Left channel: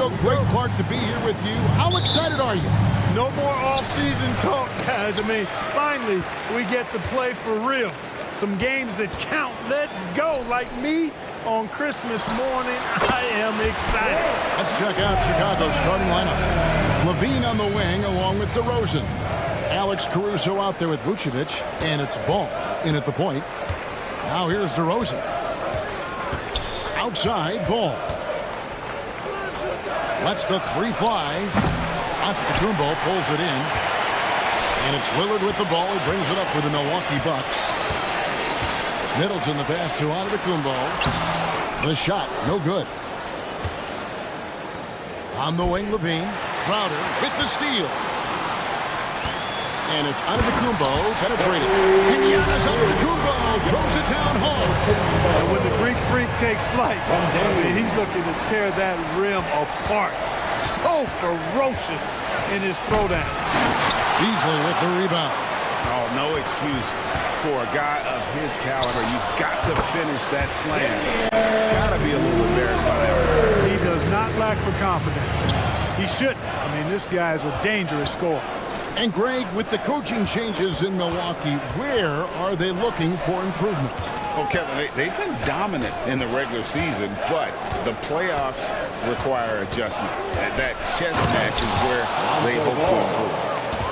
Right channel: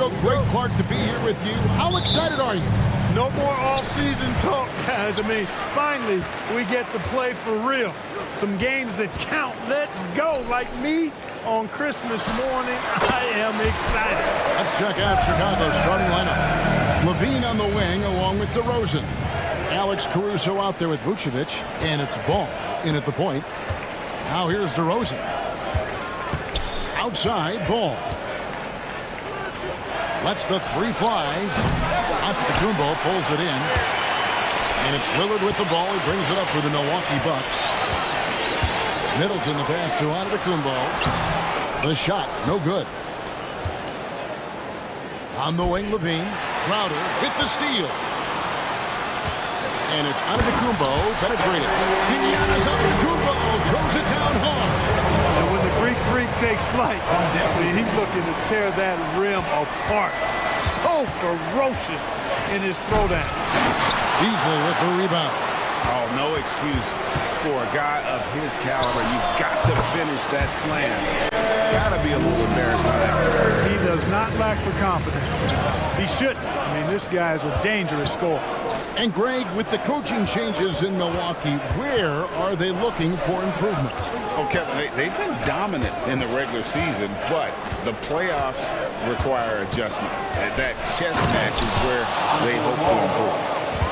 Caruso, Greg Clark to be here with you. How excited are you? No more off-season talk, guys. I mean, finally, we get to play for real. Some games that count. Let's go. Like me on Christmas morning, I am excited. Let's check out Chicago's starting lineup. Levine on the wing along with DeRozan. Alex Caruso out there with Vucevic, and it's Ball in at the point. Now here's DeRozan. Outside, Ball. Lets the three fly. Antetokounmpo pulls it in. And it's Lillard with the ball. He brings it up for the Milwaukee Bucks. Middleton the pass to Antetokounmpo. The shot, no good. On the wing, Levine. Crowder with the steal. And it's Antetokounmpo penetrated. And Giannis Antetokounmpo throws it down hard. And when the Greek freak takes flight, I mean, he's looking to tear that rim apart. So ferocious in his throwdown. Beasley with the rebound. Oh, no excuse for a guy of his caliber. You've got to finish that slam. Got to be a little embarrassed by that one. He does not lack for confidence. He shouldn't. I mean, this guy is a dangerous scorer. And Greg, with the coaching changes in Milwaukee, where are they looking for improvement? Oh, Kevin, they've been dominant in the regular season, but the playoffs require adjustments. And that chess match is where they hope to improve.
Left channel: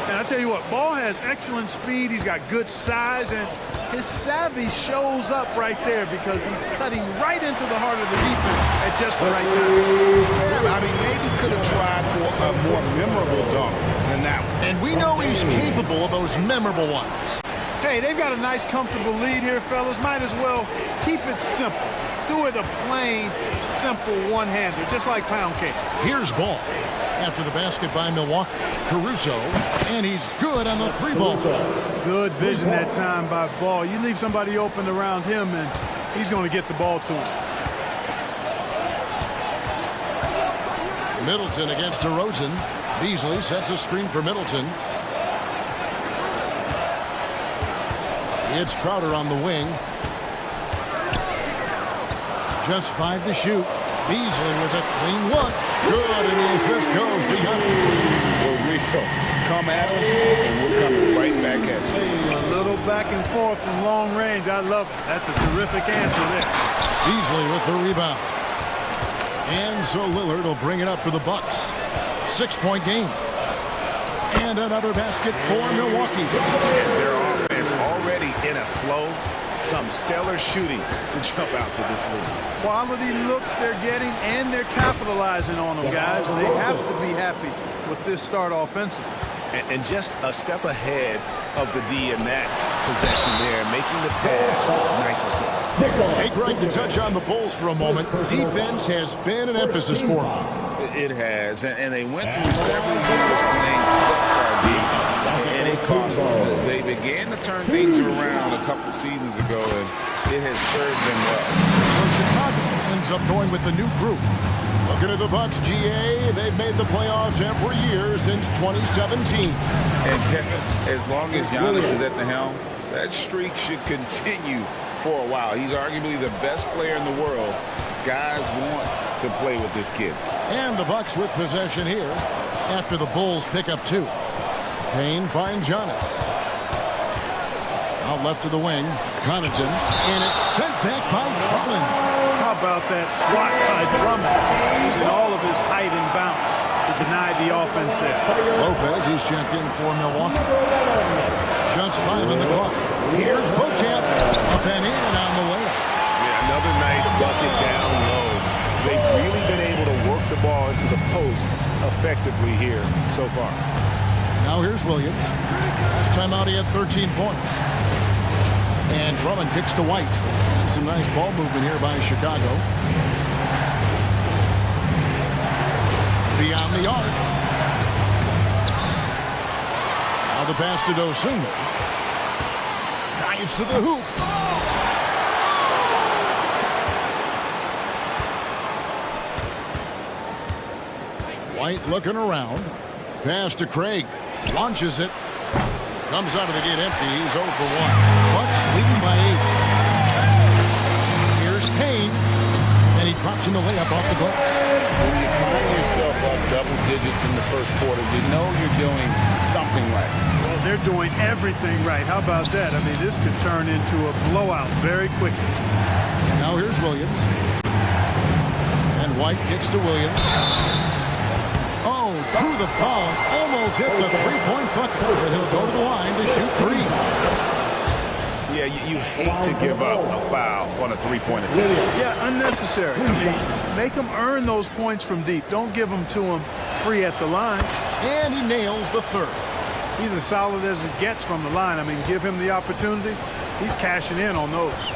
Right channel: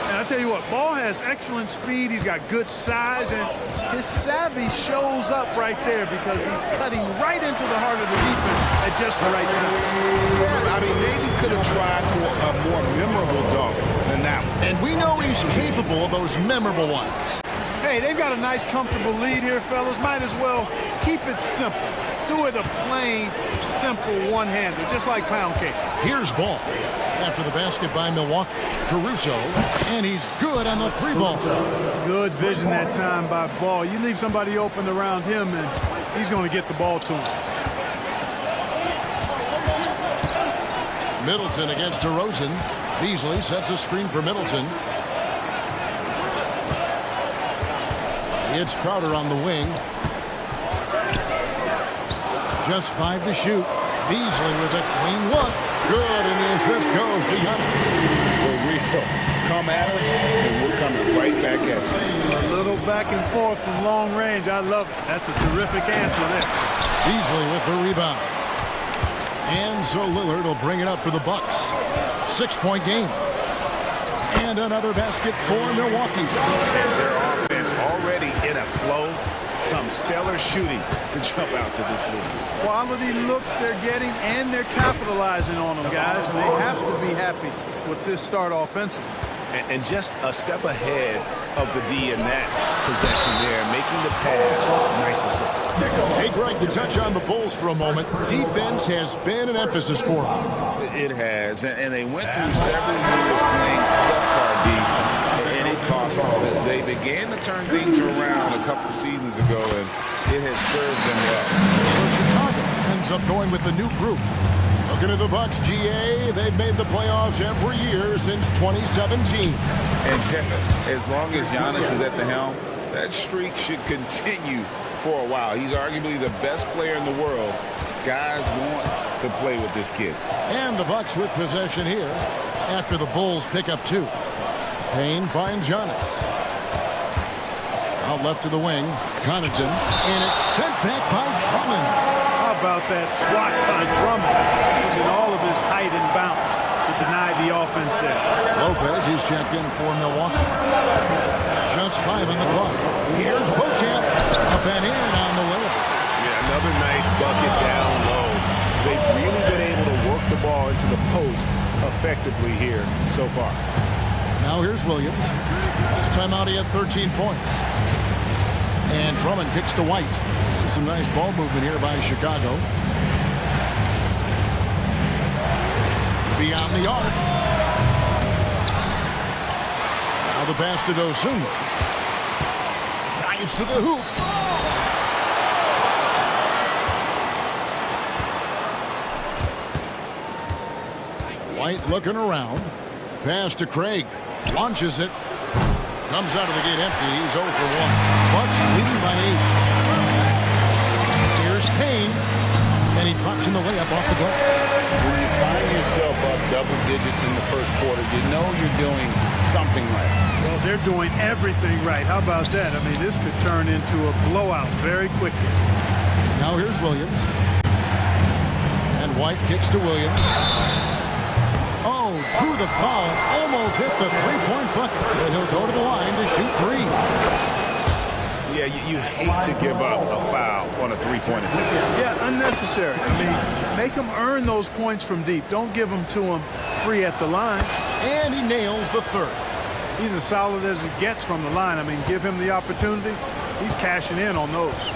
And I tell you what, Ball has excellent speed. He's got good size, and his savvy shows up right there because he's cutting right into the heart of the defense at just the right time. Yeah, I mean, maybe could have tried for a more memorable dunk than that one. And we know he's capable of those memorable ones. Hey, they've got a nice, comfortable lead here, fellas. Might as well keep it simple. Do it a plain, simple one-hander, just like pound cake. Here's Ball. After the basket by Milwaukee, Caruso, and he's good on the three ball. Good vision that time by Ball. You leave somebody open around him, and he's going to get the ball to him. Middleton against DeRozan. Beasley sets a screen for Middleton. It's Crowder on the wing. Just 5 to shoot. Beasley with a clean look. Good, and the assist goes to Giannis. We're real. Come at us, and we're coming right back at you. A little back and forth from long range. I love it. That's a terrific answer there. Beasley with the rebound. And so Lillard will bring it up for the Bucks. 6-point game. And another basket for Milwaukee. And their offense already in a flow. Some stellar shooting to jump out to this lead. Quality looks they're getting, and they're capitalizing on them, guys. They have to be happy with this start offensively. And just a step ahead of the D in that possession there, making the pass. Nice assist. Hey, Greg, to touch on the Bulls for a moment, defense has been an emphasis for them. It has, and they went through several years playing subpar D, and it cost them. They began to turn things around a couple seasons ago, and it has served them well. So Chicago ends up going with the new group. Looking at the Bucks, GA, they've made the playoffs every year since 2017. And Kevin, as long as Giannis is at the helm, that streak should continue for a while. He's arguably the best player in the world. Guys want to play with this kid. And the Bucks with possession here after the Bulls pick up 2. Payne finds Giannis. Out left to the wing, Connaughton, and it's sent back by Drummond. How about that swat by Drummond, using all of his height and bounce to deny the offense there. Lopez, he's checked in for Milwaukee. Just 5 on the clock. Here's Beauchamp, up and in on the layup. Yeah, another nice bucket down low. They've really been able to work the ball into the post effectively here so far. Now here's Williams. Last time out he had 13 points. And Drummond kicks to White. And some nice ball movement here by Chicago. Beyond the arc. Now the pass to Dosunmu. Drives to the hoop. White looking around. Pass to Craig. Launches it. Comes out of the gate empty. He's 0 for 1. Bucks leading by 8. Here's Payne. And he drops in the layup off the glass. When you find yourself up double digits in the first quarter, you know you're doing something right. Well, they're doing everything right. How about that? I mean, this could turn into a blowout very quickly. Now here's Williams. And White kicks to Williams. Oh, drew the foul and almost hit the three-point bucket. And he'll go to the line to shoot three. Yeah, you hate to give up a foul on a three-point attempt. Yeah, unnecessary. I mean, make them earn those points from deep. Don't give them to them free at the line. And he nails the third. He's as solid as it gets from the line. I mean, give him the opportunity. He's cashing in on those.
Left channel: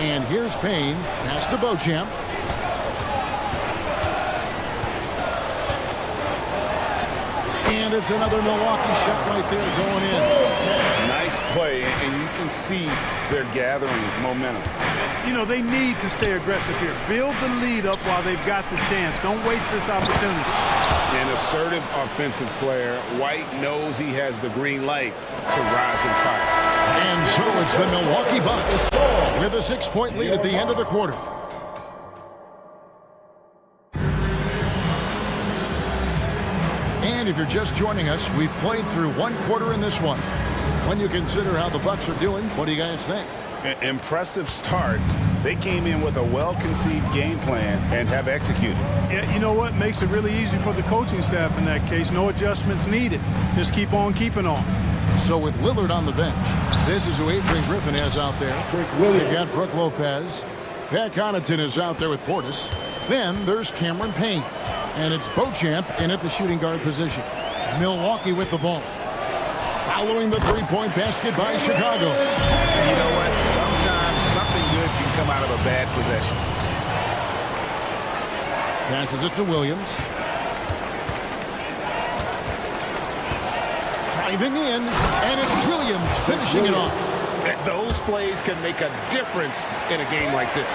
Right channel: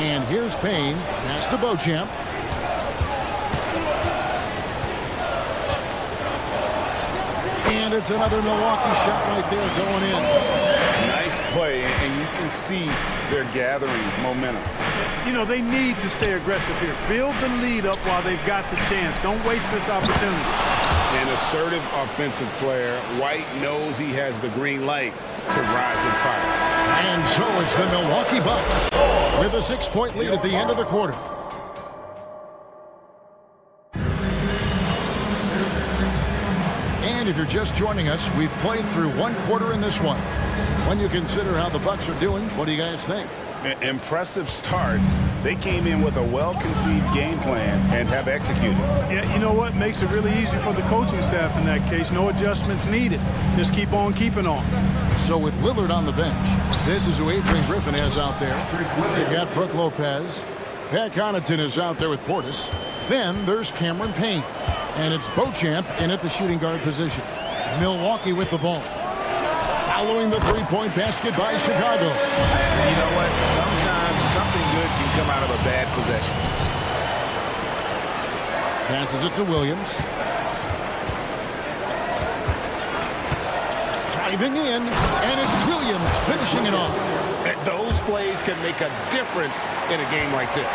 And here's Payne. Pass to Beauchamp. And it's another Milwaukee shot right there going in. Nice play, and you can see they're gathering momentum. You know, they need to stay aggressive here. Build the lead up while they've got the chance. Don't waste this opportunity. An assertive offensive player. White knows he has the green light to rise and fire. And so it's the Milwaukee Bucks with a 6-point lead at the end of the quarter. And if you're just joining us, we've played through one quarter in this one. When you consider how the Bucks are doing, what do you guys think? Impressive start. They came in with a well-conceived game plan and have executed. Yeah, you know what? Makes it really easy for the coaching staff in that case. No adjustments needed. Just keep on keeping on. So with Lillard on the bench, this is who Adrian Griffin has out there. They've got Brook Lopez. Pat Connaughton is out there with Portis. Then there's Cameron Payne. And it's Beauchamp in at the shooting guard position. Milwaukee with the ball. Following the three-point basket by Chicago. And you know what? Sometimes something good can come out of a bad possession. Passes it to Williams. Driving in, and it's Williams finishing it off. Those plays can make a difference in a game like this.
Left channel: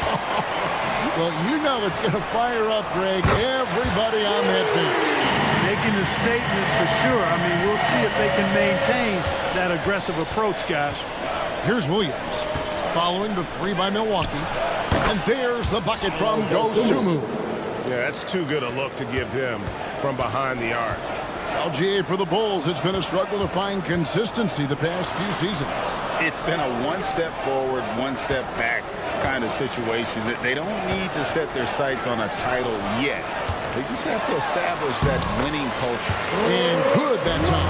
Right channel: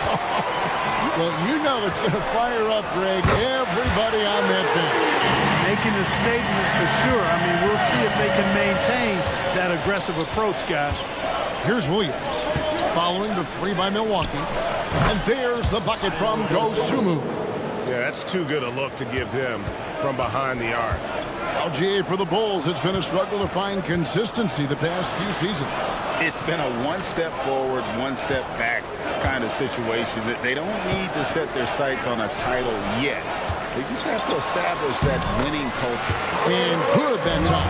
Well, you know it's going to fire up, Greg, everybody on that bench. Making a statement for sure. I mean, we'll see if they can maintain that aggressive approach, guys. Here's Williams following the three by Milwaukee. And there's the bucket from Dosunmu. Yeah, that's too good a look to give him from behind the arc. LGA for the Bulls, it's been a struggle to find consistency the past few seasons. It's been a one-step forward, one-step back kind of situation. That they don't need to set their sights on a title yet. They just have to establish that winning culture. And good that time.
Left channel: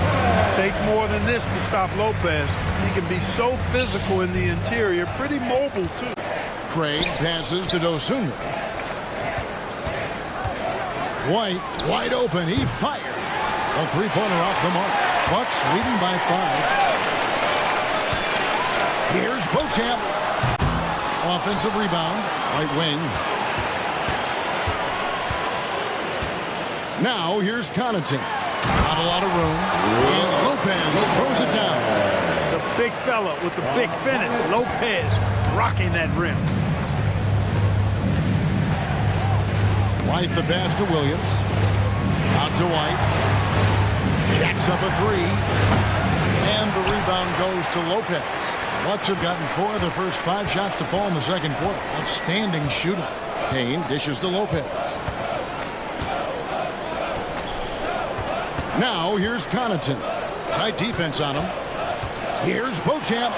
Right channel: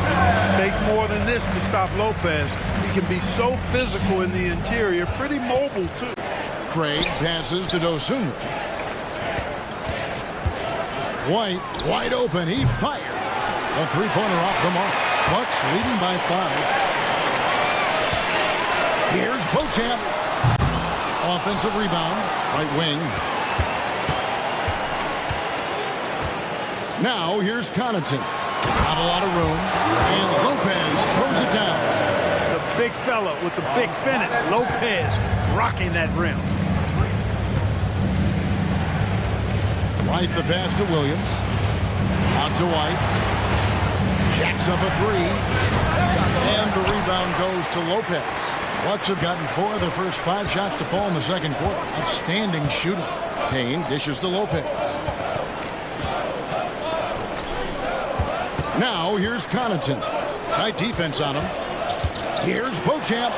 Takes more than this to stop Lopez. He can be so physical in the interior, pretty mobile too. Craig passes to Dosunmu. White, wide open, he fires. A three-pointer off the mark. Bucks leading by 5. Here's Beauchamp. Offensive rebound, right wing. Now here's Connaughton. Not a lot of room. And Lopez throws it down. The big fella with the big finish. Lopez rocking that rim. White the pass to Williams. Out to White. Jacks up a three. And the rebound goes to Lopez. Bucks have gotten 4 of their first 5 shots to fall in the second quarter. Outstanding shooting. Payne dishes to Lopez. Now here's Connaughton. Tight defense on him. Here's Beauchamp.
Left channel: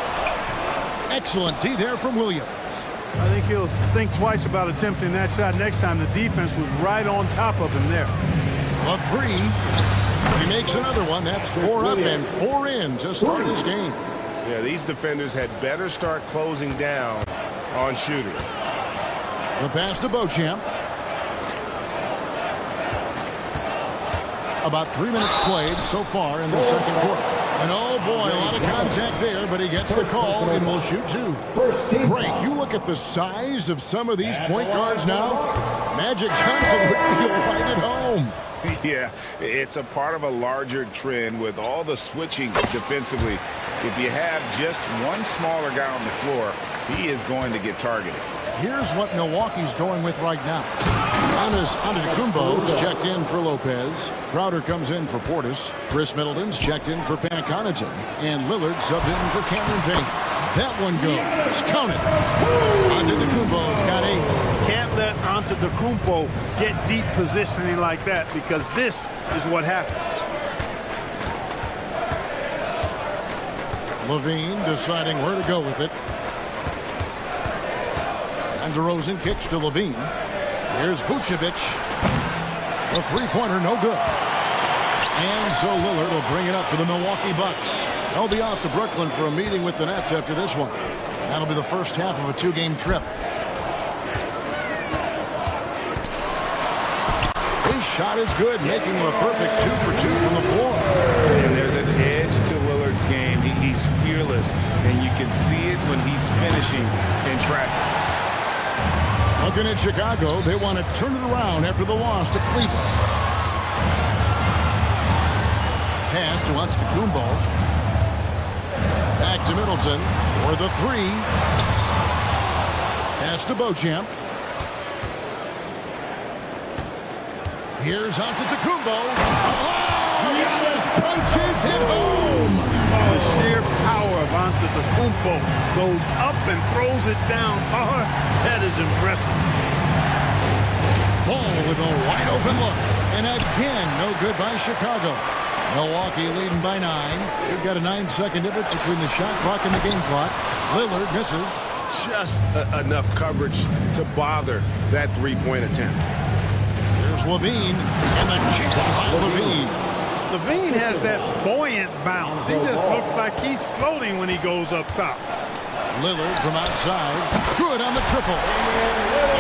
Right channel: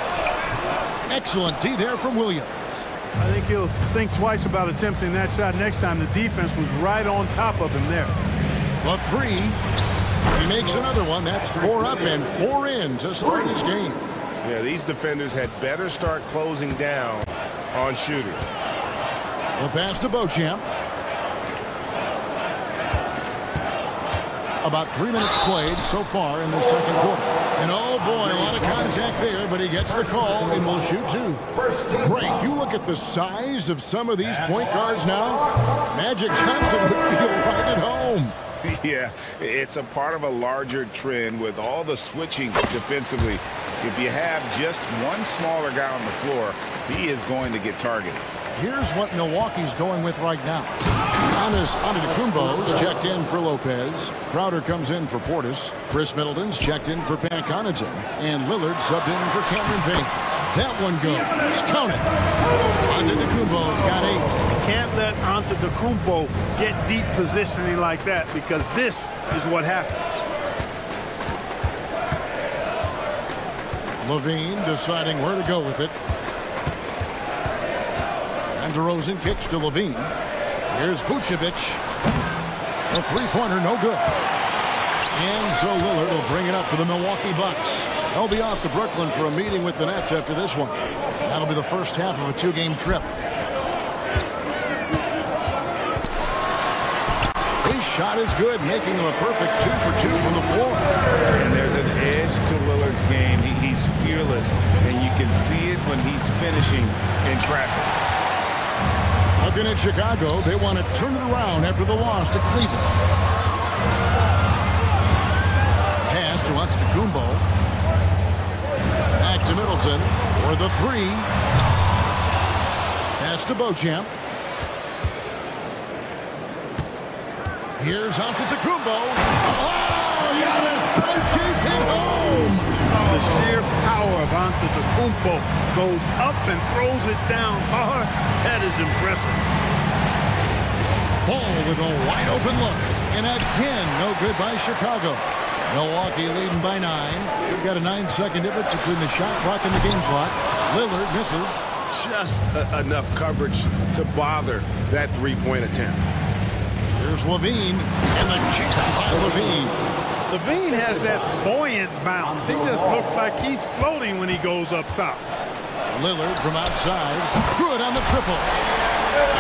Excellent D there from Williams. I think he'll think twice about attempting that shot next time. The defense was right on top of him there. A three. He makes another one. That's 4 up and 4 in to start his game. Yeah, these defenders had better start closing down on shooters. The pass to Beauchamp. About 3 minutes played so far in the second quarter. And oh boy, a lot of contact there, but he gets the call and will shoot 2. Great, you look at the size of some of these point guards now. Magic Johnson would feel right at home. Yeah, it's a part of a larger trend with all the switching defensively. If you have just one smaller guy on the floor, he is going to get targeted. Here's what Milwaukee's going with right now. Giannis Antetokounmpo's checked in for Lopez. Crowder comes in for Portis. Chris Middleton's checked in for Pat Connaughton. And Lillard subbed in for Cameron Payne. That one goes. Count it. Antetokounmpo's got 8. Can't let Antetokounmpo get deep positioning like that, because this is what happens. Levine deciding where to go with it. And DeRozan kicks to Levine. Here's Vucevic. A three-pointer, no good. And so Lillard will bring it up for the Milwaukee Bucks. They'll be off to Brooklyn for a meeting with the Nets after this one. That'll be the first half of a 2-game trip. His shot is good, making him a perfect 2 for 2 from the floor. And there's an edge to Lillard's game. He's fearless, and you can see it when he's finishing in traffic. Looking at Chicago, they want to turn it around after the loss to Cleveland. Pass to Antetokounmpo. Back to Middleton for the 3. Pass to Beauchamp. Here's Antetokounmpo. Oh, Giannis punches it home. The sheer power of Antetokounmpo goes up and throws it down hard. That is impressive. Ball with a wide open look. And again, no good by Chicago. Milwaukee leading by 9. We've got a 9-second difference between the shot clock and the game clock. Lillard misses. Just enough coverage to bother that three-point attempt. Here's Levine, and the chip by Levine. Levine has that buoyant bounce. He just looks like he's floating when he goes up top. Lillard from outside. Good on the triple.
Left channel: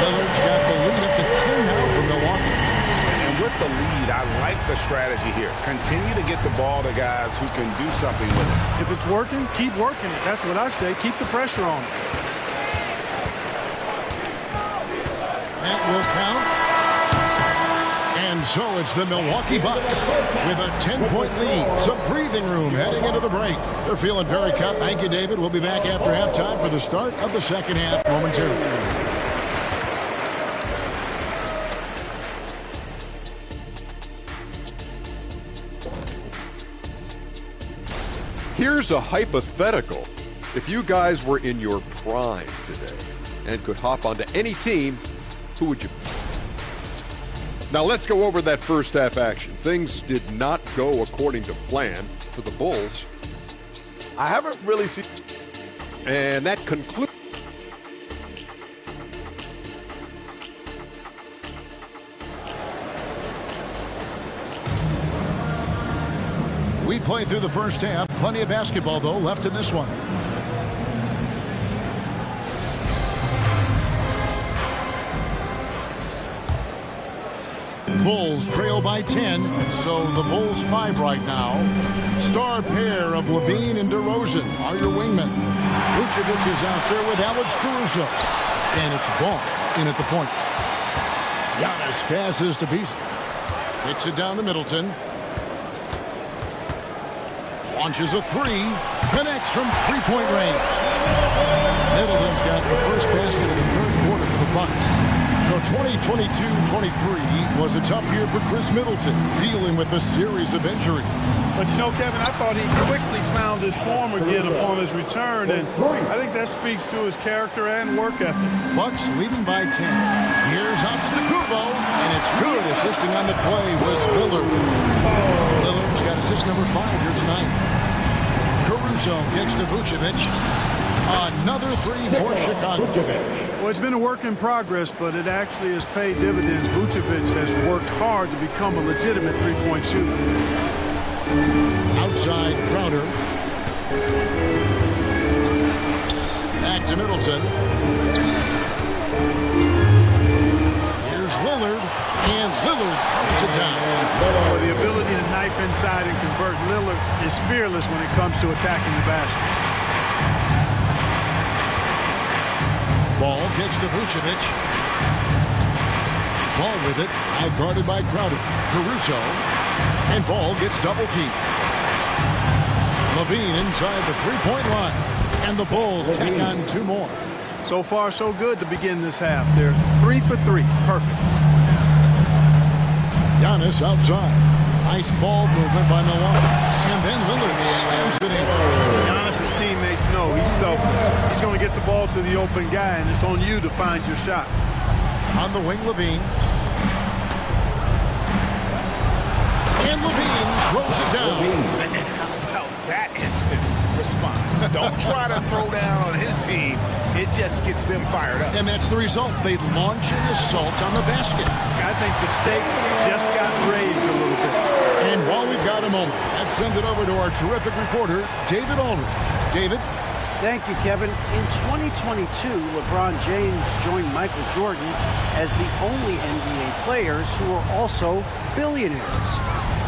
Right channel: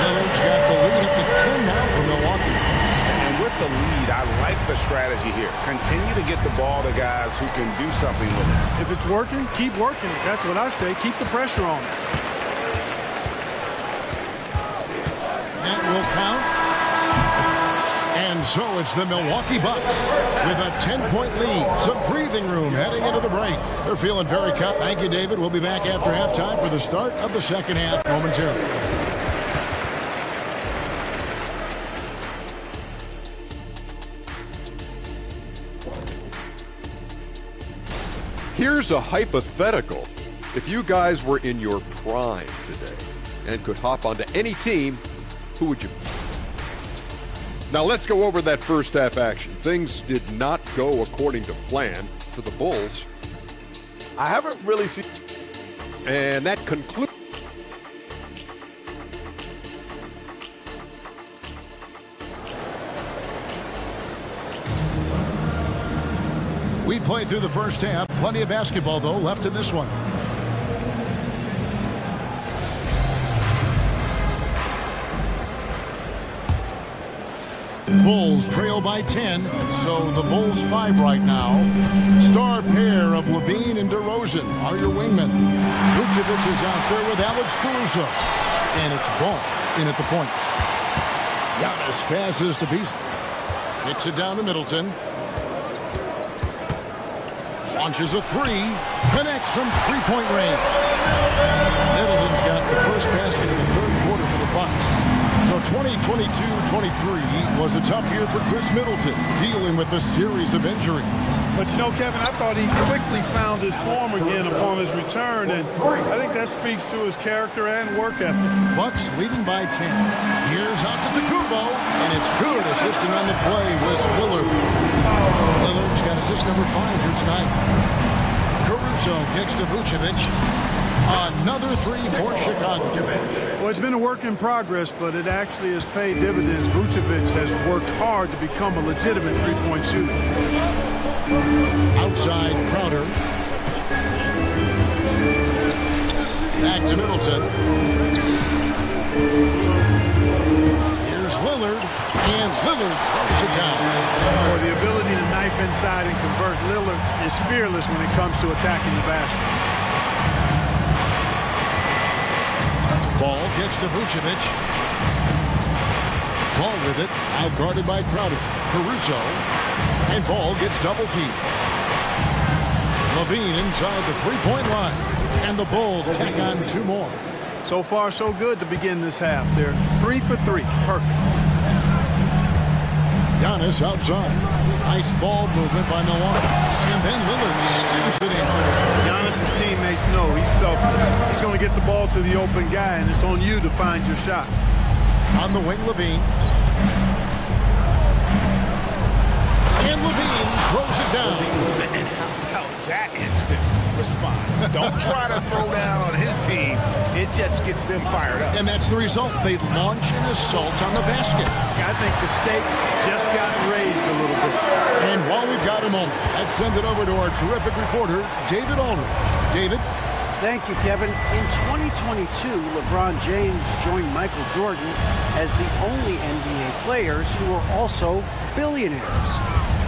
Lillard's got the lead up to 10 now for Milwaukee. And with the lead, I like the strategy here. Continue to get the ball to guys who can do something with it. If it's working, keep working it. That's what I say. Keep the pressure on it. That will count. And so it's the Milwaukee Bucks with a 10-point lead. Some breathing room heading into the break. They're feeling very cut. Thank you, David. We'll be back after halftime for the start of the second half momentarily. Here's a hypothetical. If you guys were in your prime today and could hop onto any team, who would you be? Now let's go over that first half action. Things did not go according to plan for the Bulls. I haven't really seen... And that concludes. We played through the first half. Plenty of basketball, though, left in this one. Bulls trail by 10, so the Bulls 5 right now. Star pair of Levine and DeRozan are your wingmen. Vucevic is out there with Alex Caruso. And it's Ball in at the point. Giannis passes to Beasley. Kicks it down to Middleton. Launches a 3. Connects from three-point range. Middleton's got the first basket of the third quarter for the Bucks. So 2022-23 was a tough year for Chris Middleton, dealing with a series of injuries. But you know, Kevin, I thought he quickly found his form again upon his return, and I think that speaks to his character and work ethic. Bucks leading by 10. Here's Antetokounmpo, and it's good. Assisting on the play was Lillard. Lillard's got assist number 5 here tonight. Caruso kicks to Vucevic. Another 3 for Chicago. Well, it's been a work in progress, but it actually has paid dividends. Vucevic has worked hard to become a legitimate three-point shooter. Outside Crowder. Back to Middleton. Here's Lillard, and Lillard throws it down. Well, the ability to knife inside and convert, Lillard is fearless when it comes to attacking the basket. Ball kicks to Vucevic. Ball with it, out guarded by Crowder. Caruso, and Ball gets double teamed. Levine inside the three-point line, and the Bulls tack on 2 more. So far, so good to begin this half. They're 3 for 3, perfect. Giannis outside. Nice ball movement by Milwaukee. And then Lillard slams it in. Giannis's teammates know he's selfless. He's going to get the ball to the open guy, and it's on you to find your shot. On the wing, Levine. And Levine throws it down. And how about that instant response? Don't try to throw down on his team. It just gets them fired up. And that's the result. They launch an assault on the basket. I think the stakes just got raised a little bit. And while we've got a moment, let's send it over to our terrific reporter, David Aldridge. David? Thank you, Kevin. In 2022, LeBron James joined Michael Jordan as the only NBA players who are also billionaires.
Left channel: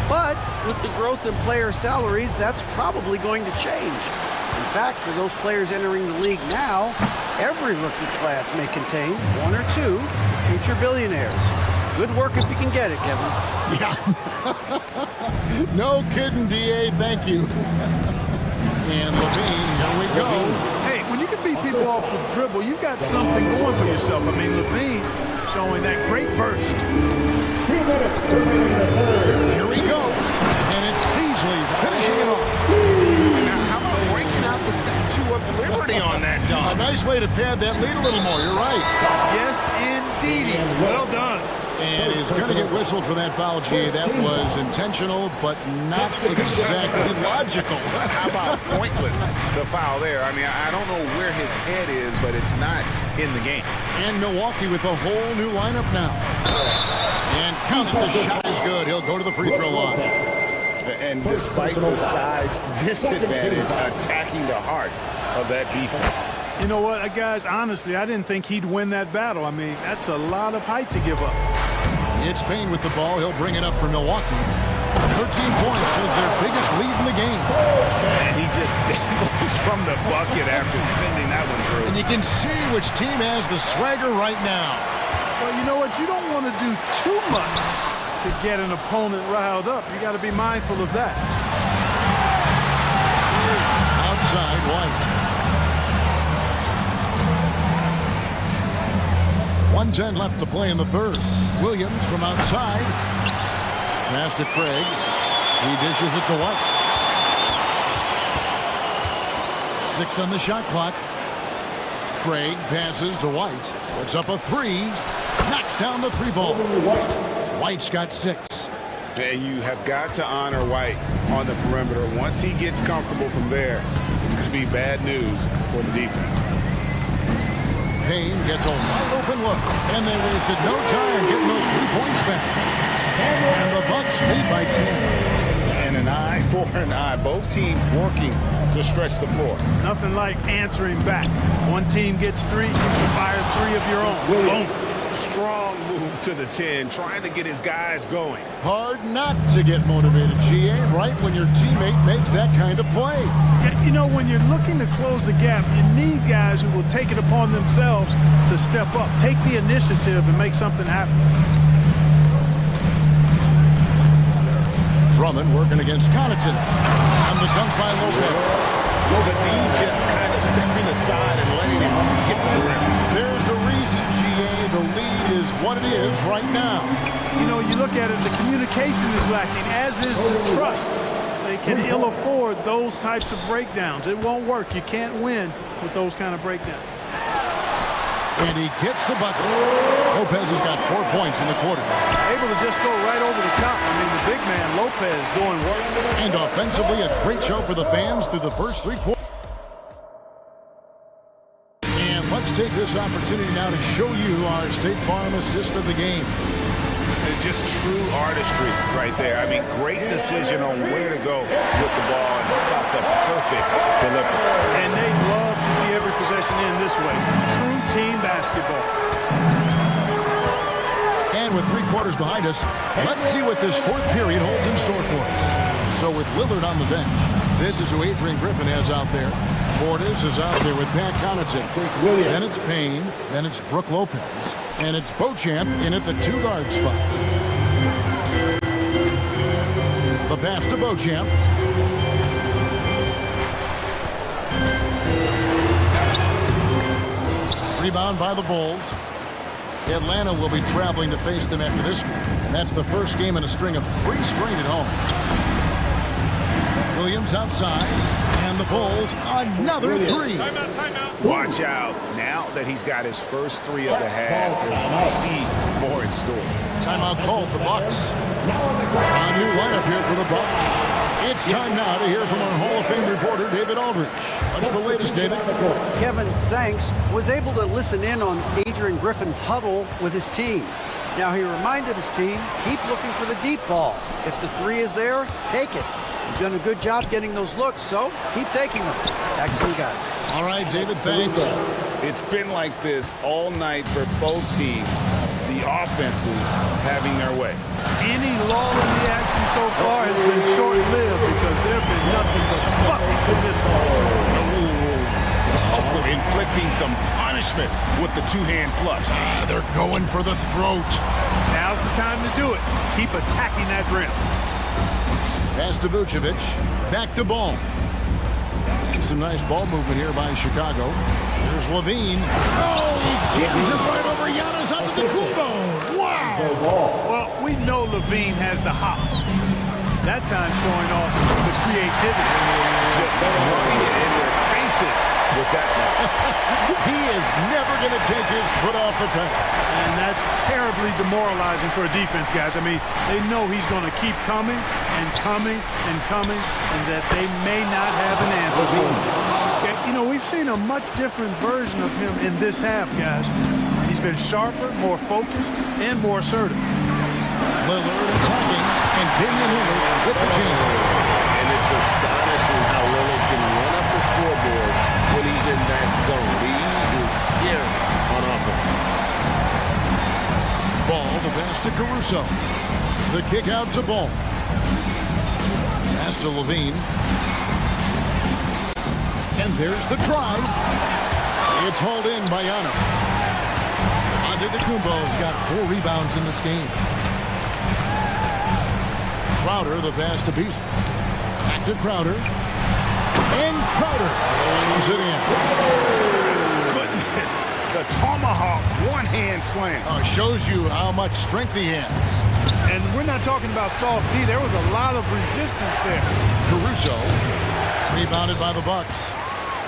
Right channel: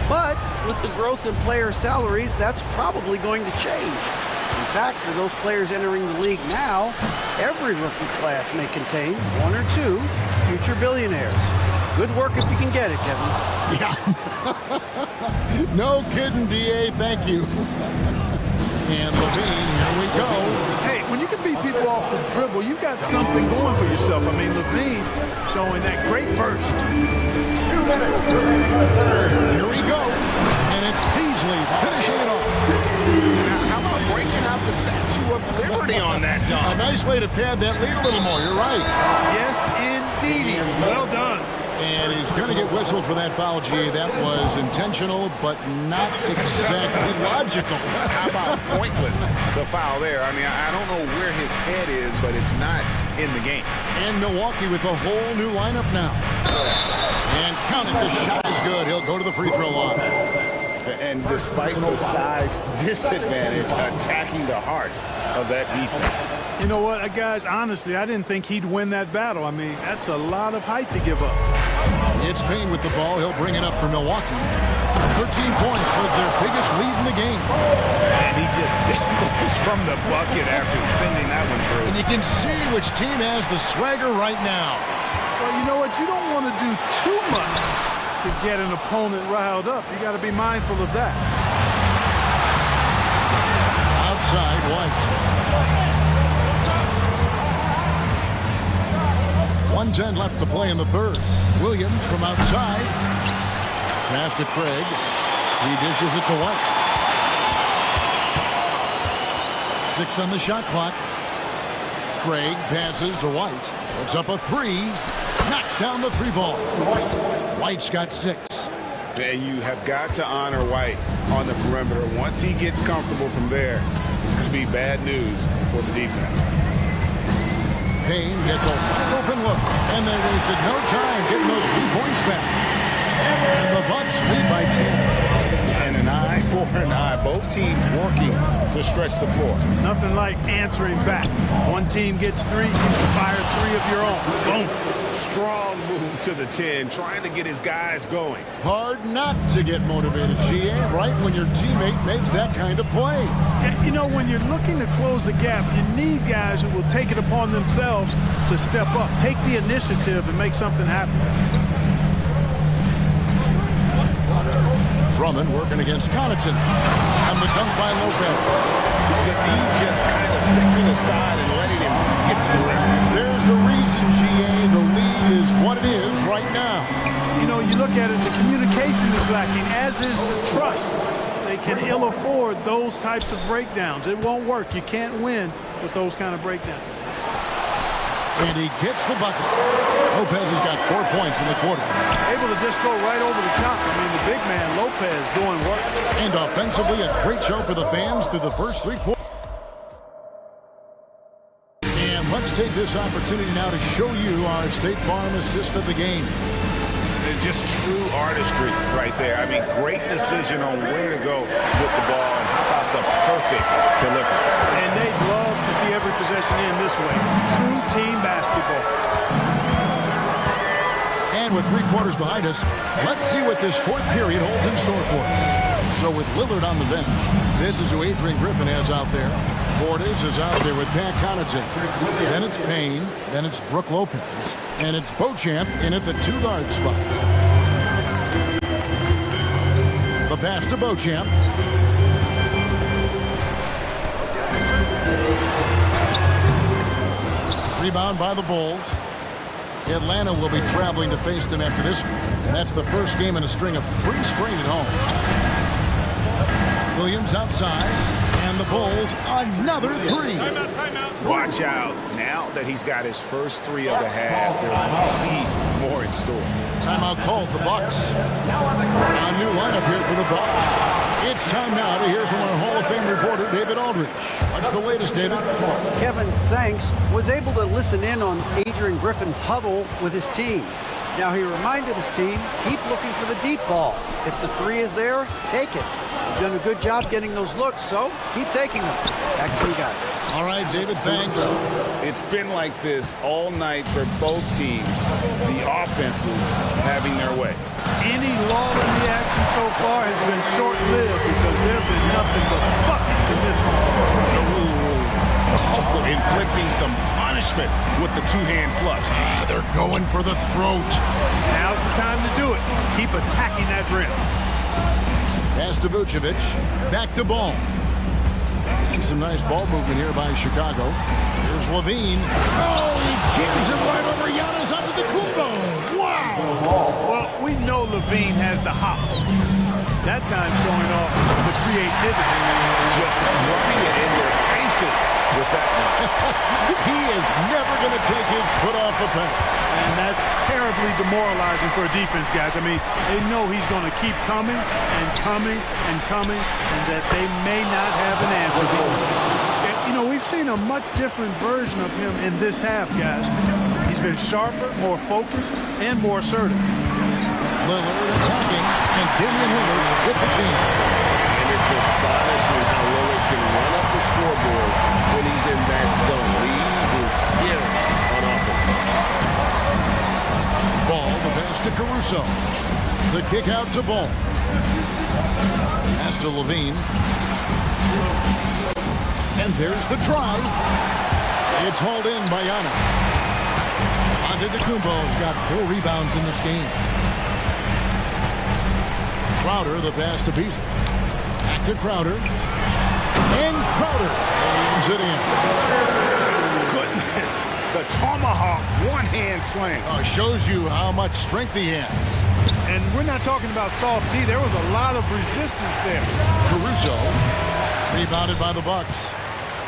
But with the growth in player salaries, that's probably going to change. In fact, for those players entering the league now, every rookie class may contain one or two future billionaires. Good work if you can get it, Kevin. Yeah. No kidding, D.A. Thank you. And Levine, here we go. Hey, when you can beat people off the dribble, you've got something going for yourself. I mean, Levine showing that great burst. Here he goes. And it's Beasley finishing it off. Now, how about breaking out the Statue of Liberty on that dunk? A nice way to pad that lead a little more. You're right. Yes, indeedy. Well done. And he's going to get whistled for that foul, G. That was intentional, but not exactly logical. How about pointless to foul there? I mean, I don't know where his head is, but it's not in the game. And Milwaukee with a whole new lineup now. And count it, the shot is good. He'll go to the free throw line. And despite the size disadvantage, attacking the heart of that defense. You know what, guys, honestly, I didn't think he'd win that battle. I mean, that's a lot of height to give up. It's Payne with the ball. He'll bring it up for Milwaukee. 13 points was their biggest lead in the game. And he just dangles from the bucket after sending that one through. And you can see which team has the swagger right now. Well, you know what? You don't want to do too much to get an opponent riled up. You got to be mindful of that. Outside, White. 1:10 left to play in the third. Williams from outside. Pass to Craig. He dishes it to White. 6 on the shot clock. Craig passes to White. Puts up a 3. Knocks down the 3 ball. White's got 6. And you have got to honor White on the perimeter. Once he gets comfortable from there, it's going to be bad news for the defense. Payne gets a wide open look, and they wasted no time getting those 3 points back. And the Bucks lead by 10. And an eye for an eye. Both teams working to stretch the floor. Nothing like answering back. One team gets 3, you fire 3 of your own. Boom. Strong move to the 10, trying to get his guys going. Hard not to get motivated, GA, right when your teammate makes that kind of play. Yeah, you know, when you're looking to close the gap, you need guys who will take it upon themselves to step up, take the initiative, and make something happen. Drummond working against Connaughton. And the dunk by Lopez. Look at me just kind of stepping aside and letting him get to the rim. There's a reason, GA, the lead is what it is right now. You know, you look at it, the communication is lacking, as is the trust. They can ill afford those types of breakdowns. It won't work. You can't win with those kind of breakdowns. And he gets the bucket. Lopez has got 4 points in the quarter. Able to just go right over the top. I mean, the big man, Lopez, doing work. And offensively, a great show for the fans through the first 3 quarters. And let's take this opportunity now to show you our State Farm assist of the game. It's just true artistry right there. I mean, great decision on where to go with the ball, and how about the perfect delivery. And they'd love to see every possession in this way. True team basketball. And with 3 quarters behind us, let's see what this 4th period holds in store for us. So with Lillard on the bench, this is who Adrian Griffin has out there. Portis is out there with Pat Connaughton. Then it's Payne. Then it's Brook Lopez. And it's Beauchamp in at the 2-guard spot. The pass to Beauchamp. Rebound by the Bulls. Atlanta will be traveling to face them after this game And that's the first game in a string of 3 straight at home. Williams outside, and the Bulls another 3. Timeout. Watch out. Now that he's got his first 3 of the half, there might be more in store. Timeout called, the Bucks. A new lineup here for the Bucks. It's time now to hear from our Hall of Fame reporter, David Aldridge. What's the latest, David? Kevin, thanks, was able to listen in on Adrian Griffin's huddle with his team. Now he reminded his team, keep looking for the deep ball. If the 3 is there, take it. You've done a good job getting those looks, so keep taking them. Back to you guys. All right, David, thanks. It's been like this all night for both teams. The offenses having their way. Any lull in the action so far has been short-lived because there have been nothing but buckets in this one. Oh, inflicting some punishment with the 2-hand flush. They're going for the throat. Now's the time to do it. Keep attacking that rim. Pass to Vucevic. Back to Ball. And some nice ball movement here by Chicago. Here's Levine. Oh, he jams it right over Giannis Antetokounmpo. Wow. Well, we know Levine has the hops. That time showing off the creativity. Just rubbing it in their faces with that one. He is never going to take his foot off the pedal. And that's terribly demoralizing for a defense, guys. I mean, they know he's going to keep coming and coming and coming, and that they may not have an answer for him. You know, we've seen a much different version of him in this half, guys. He's been sharper, more focused, and more assertive. Lillard attacking, and Damian Lillard with the jam. And it's astonishing how Lillard can run up the scoreboard when he's in that zone. He is scary on offense. Ball, the pass to Caruso. The kick out to Ball. Pass to Levine. And there's the drive. It's hauled in by Giannis. Antetokounmpo's got 4 rebounds in this game. Crowder, the pass to Beasley. Back to Crowder. And Crowder lays it in. Goodness. The tomahawk one-hand slam. Shows you how much strength he has. And we're not talking about soft D. There was a lot of resistance there. Caruso, rebounded by the Bucks.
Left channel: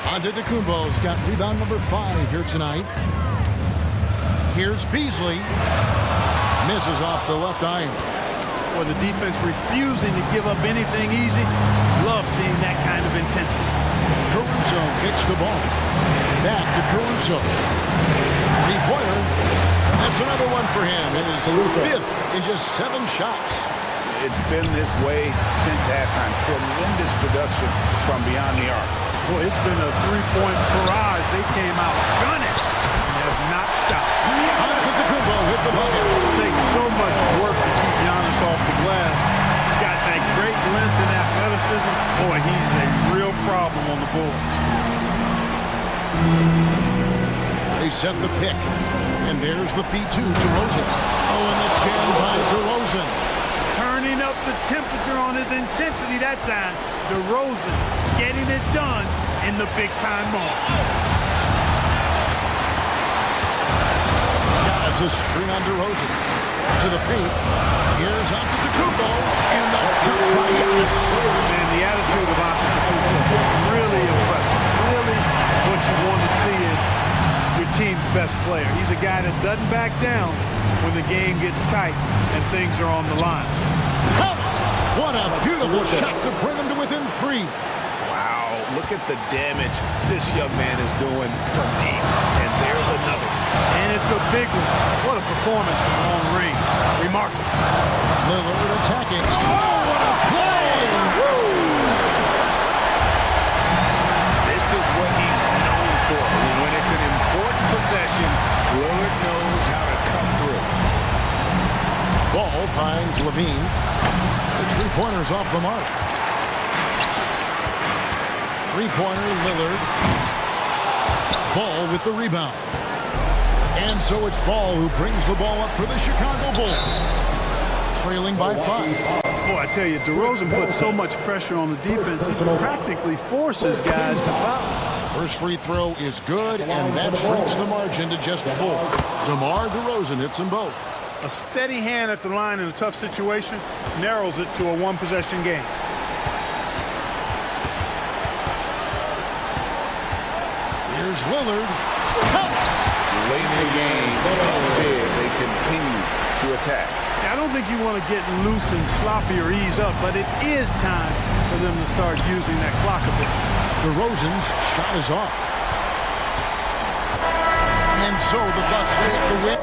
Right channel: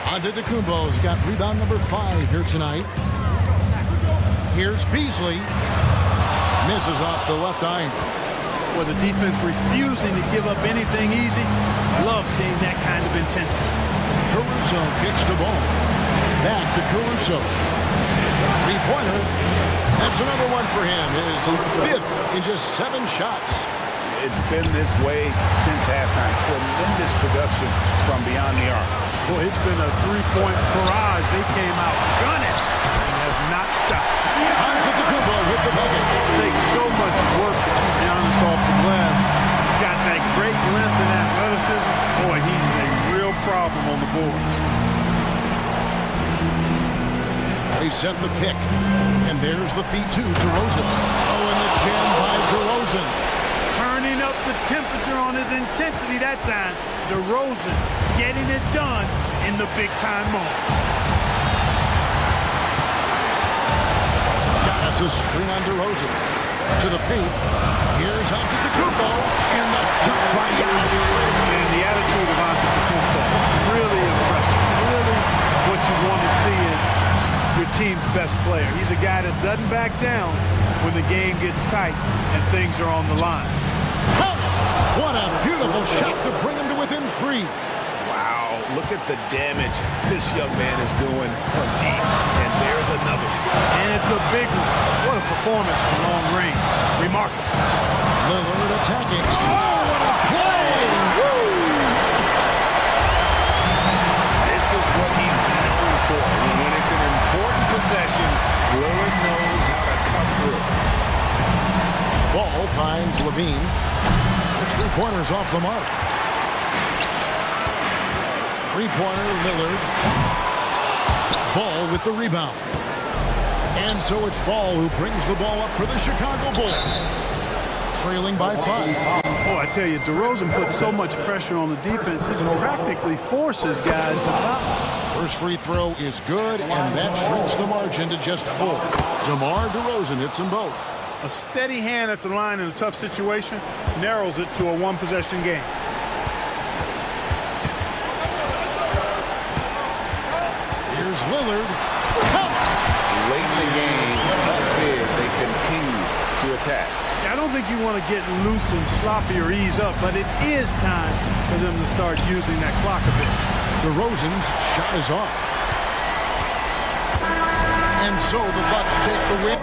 Antetokounmpo's got rebound number 5 here tonight. Here's Beasley. Misses off the left iron. Or the defense refusing to give up anything easy. Love seeing that kind of intensity. Caruso kicks the ball. Back to Caruso. 3-pointer. That's another one for him. His 5th in just 7 shots. It's been this way since halftime. Tremendous production from beyond the arc. Boy, it's been a 3-point barrage. They came out gunning and have not stopped. Antetokounmpo with the bucket. It takes so much work to keep Giannis off the glass. He's got that great length and athleticism. Boy, he's a real problem on the boards. They set the pick. And there's the feed to DeRozan. Oh, and the jam by DeRozan. Turning up the temperature on his intensity that time. DeRozan getting it done in the big-time moments. Giannis is string on DeRozan. To the paint. Here's Antetokounmpo. And the dunk by Giannis. Man, the attitude of Antetokounmpo, really impressive. Really what you want to see in your team's best player. He's a guy that doesn't back down when the game gets tight and things are on the line. Oh, what a beautiful shot to bring him to within 3. Wow, look at the damage this young man is doing from deep. And there's another one. And it's a big one. What a performance from long range. Remarkable. Lillard attacking. Oh, what a play! Woo! This is what he's known for. When it's an important possession, Lillard knows how to come through. Ball finds Levine. Those 3-pointers off the mark. 3-pointer, Lillard. Ball with the rebound. And so it's Ball who brings the ball up for the Chicago Bulls. Trailing by 5. Boy, I tell you, DeRozan puts so much pressure on the defense, he practically forces guys to foul. First free throw is good, and that shrinks the margin to just 4. DeMar DeRozan hits them both. A steady hand at the line in a tough situation narrows it to a one-possession game. Here's Lillard. Late in the game, how big they continue to attack. I don't think you want to get loose and sloppy or ease up, but it is time for them to start using that clock a bit. DeRozan's shot is off. And so the Bucks take the win.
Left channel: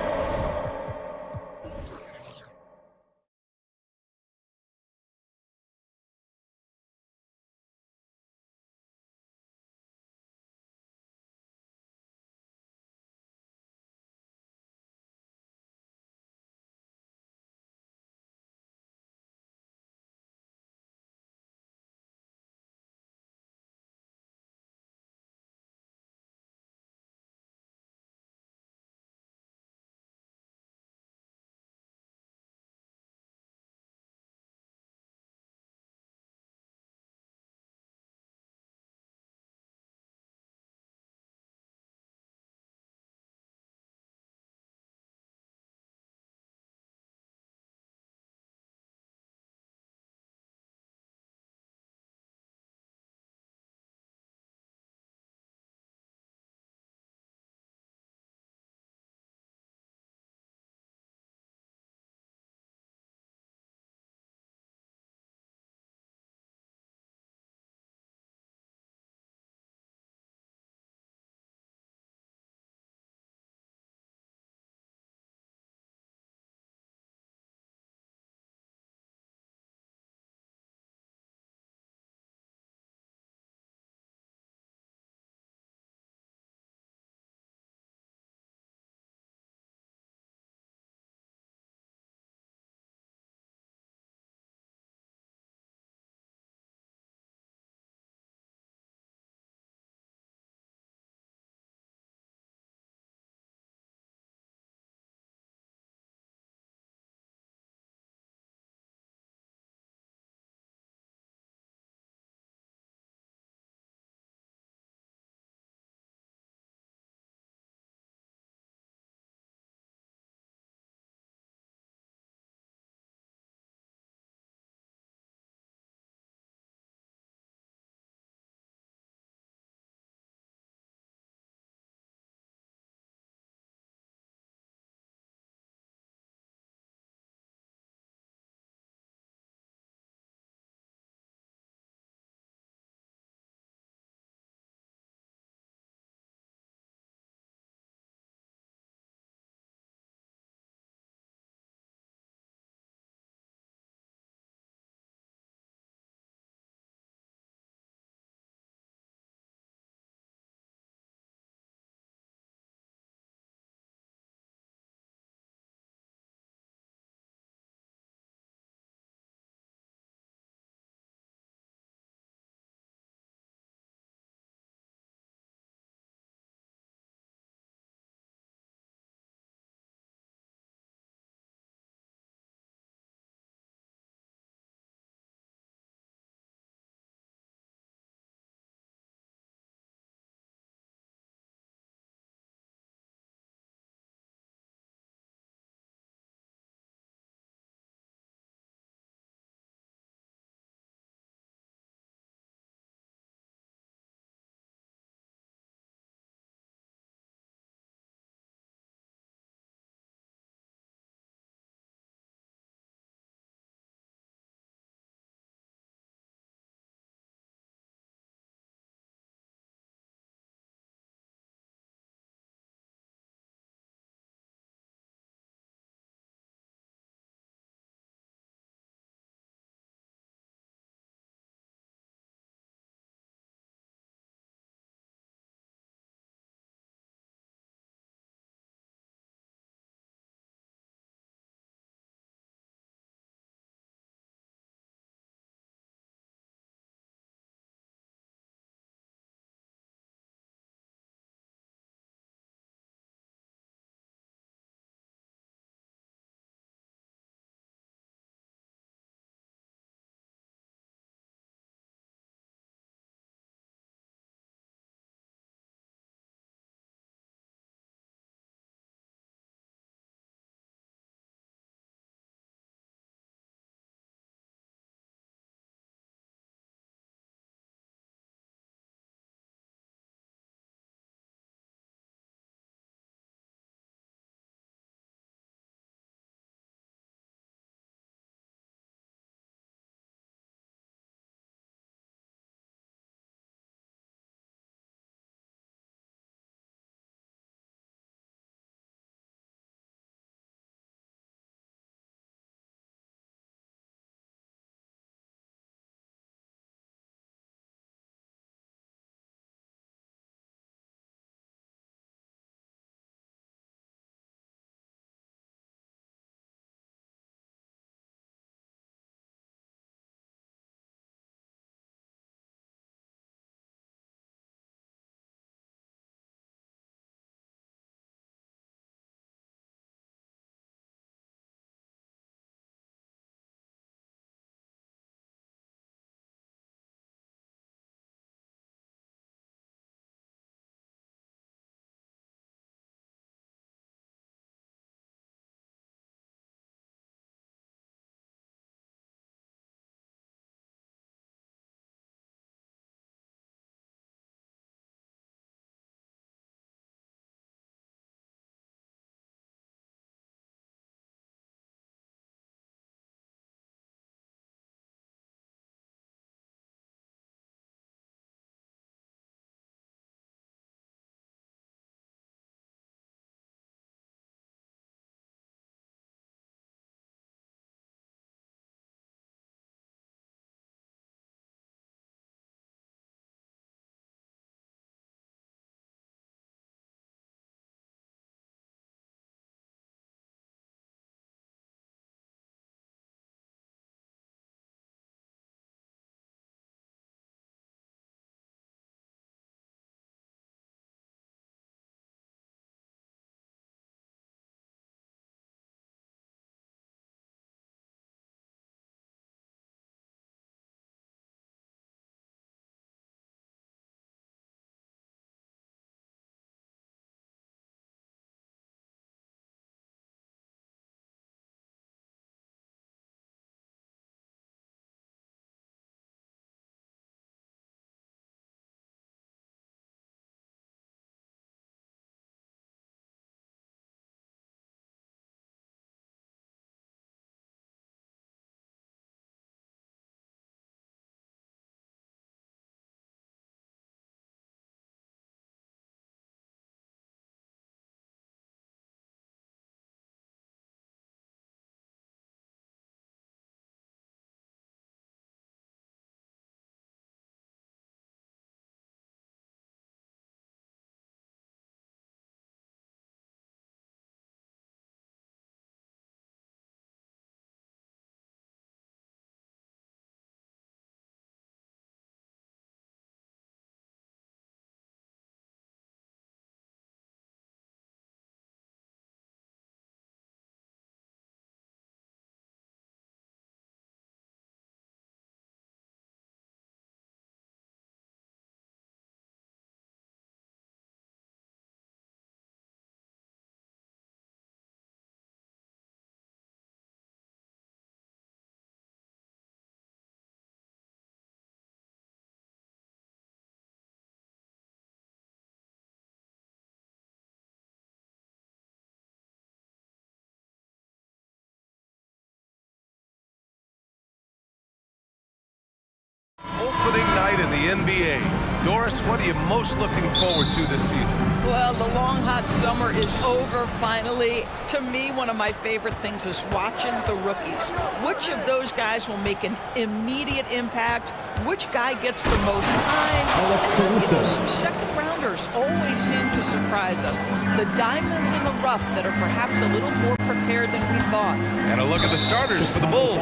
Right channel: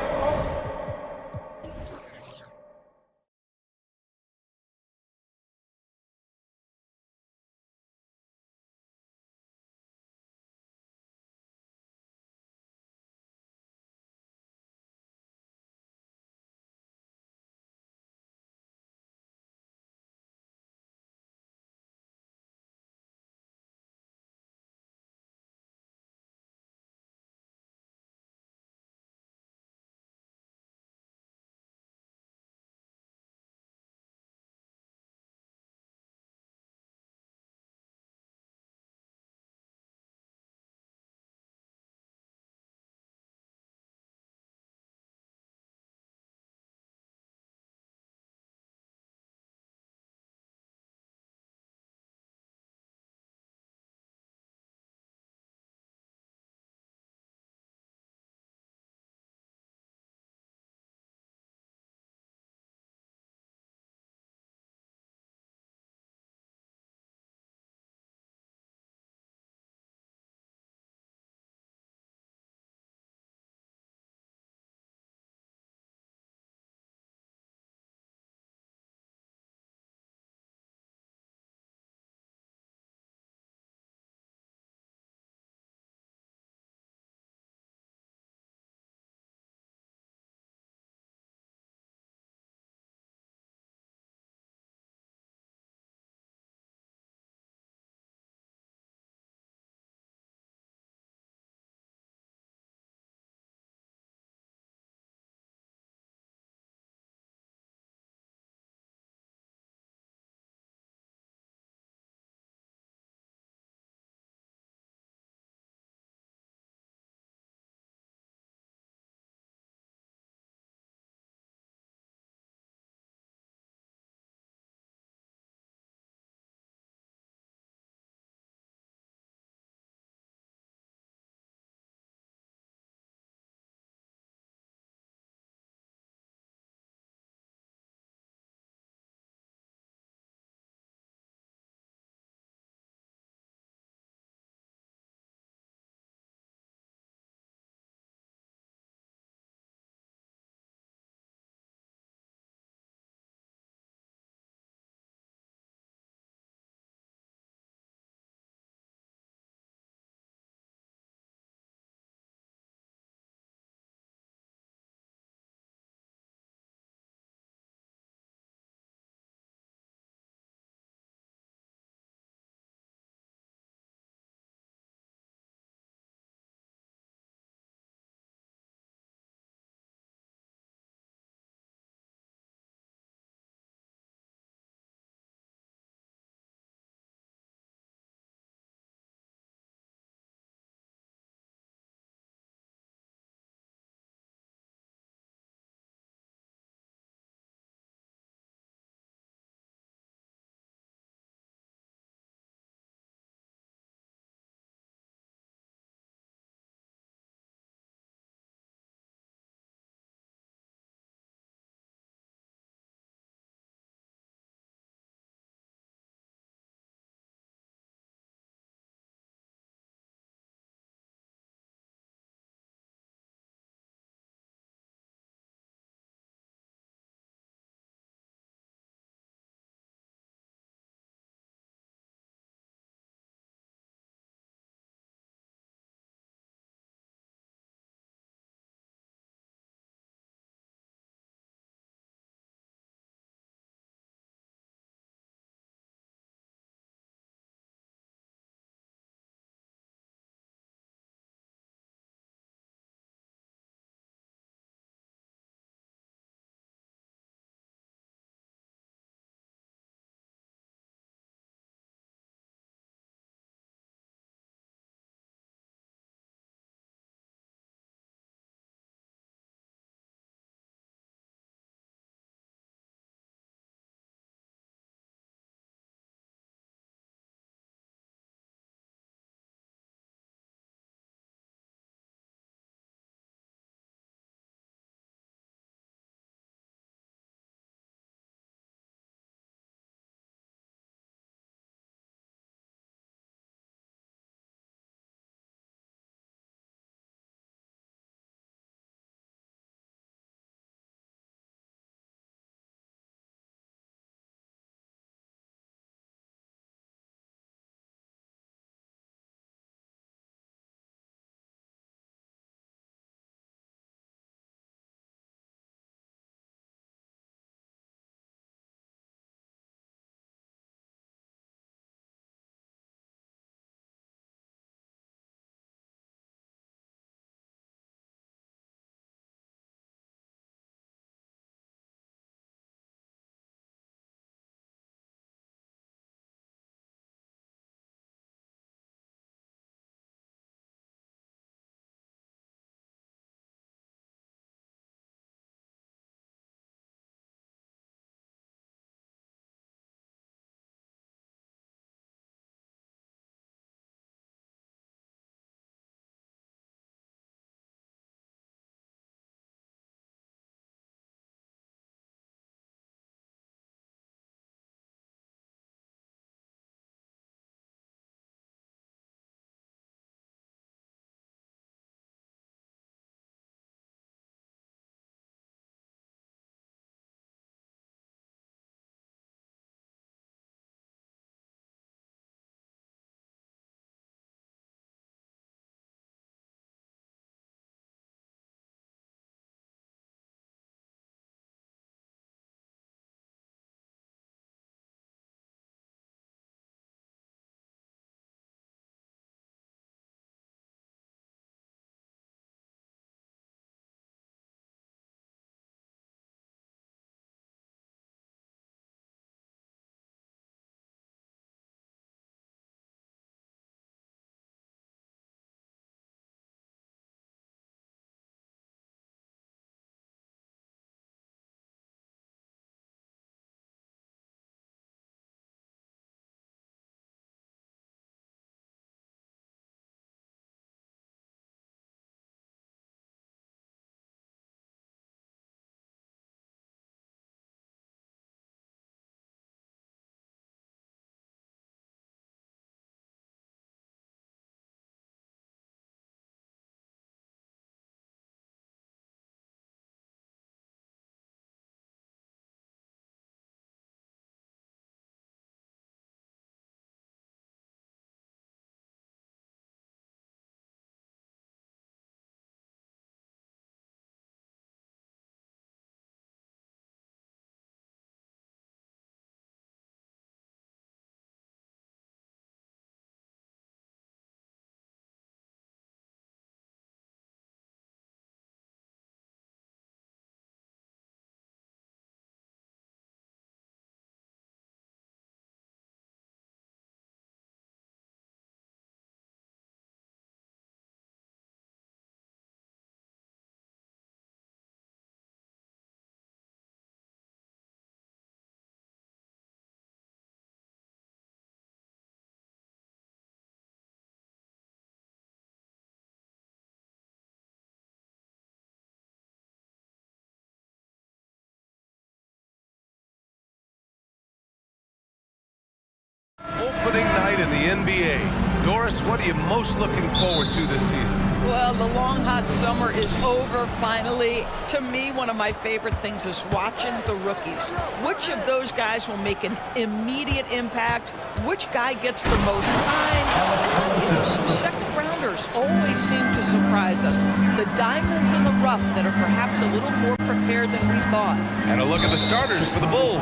opening night in the NBA. Doris, what are you most looking forward to this season? Well, the long, hot summer is over, finally. To me, one of my favorite things is watching the rookies. Which of those guys will make an immediate impact? Which guy gets the most time? And then, some second-rounders always seem to surprise us. The diamonds in the rough that are perhaps a little more prepared than we thought. And a look at the starters for the Bulls.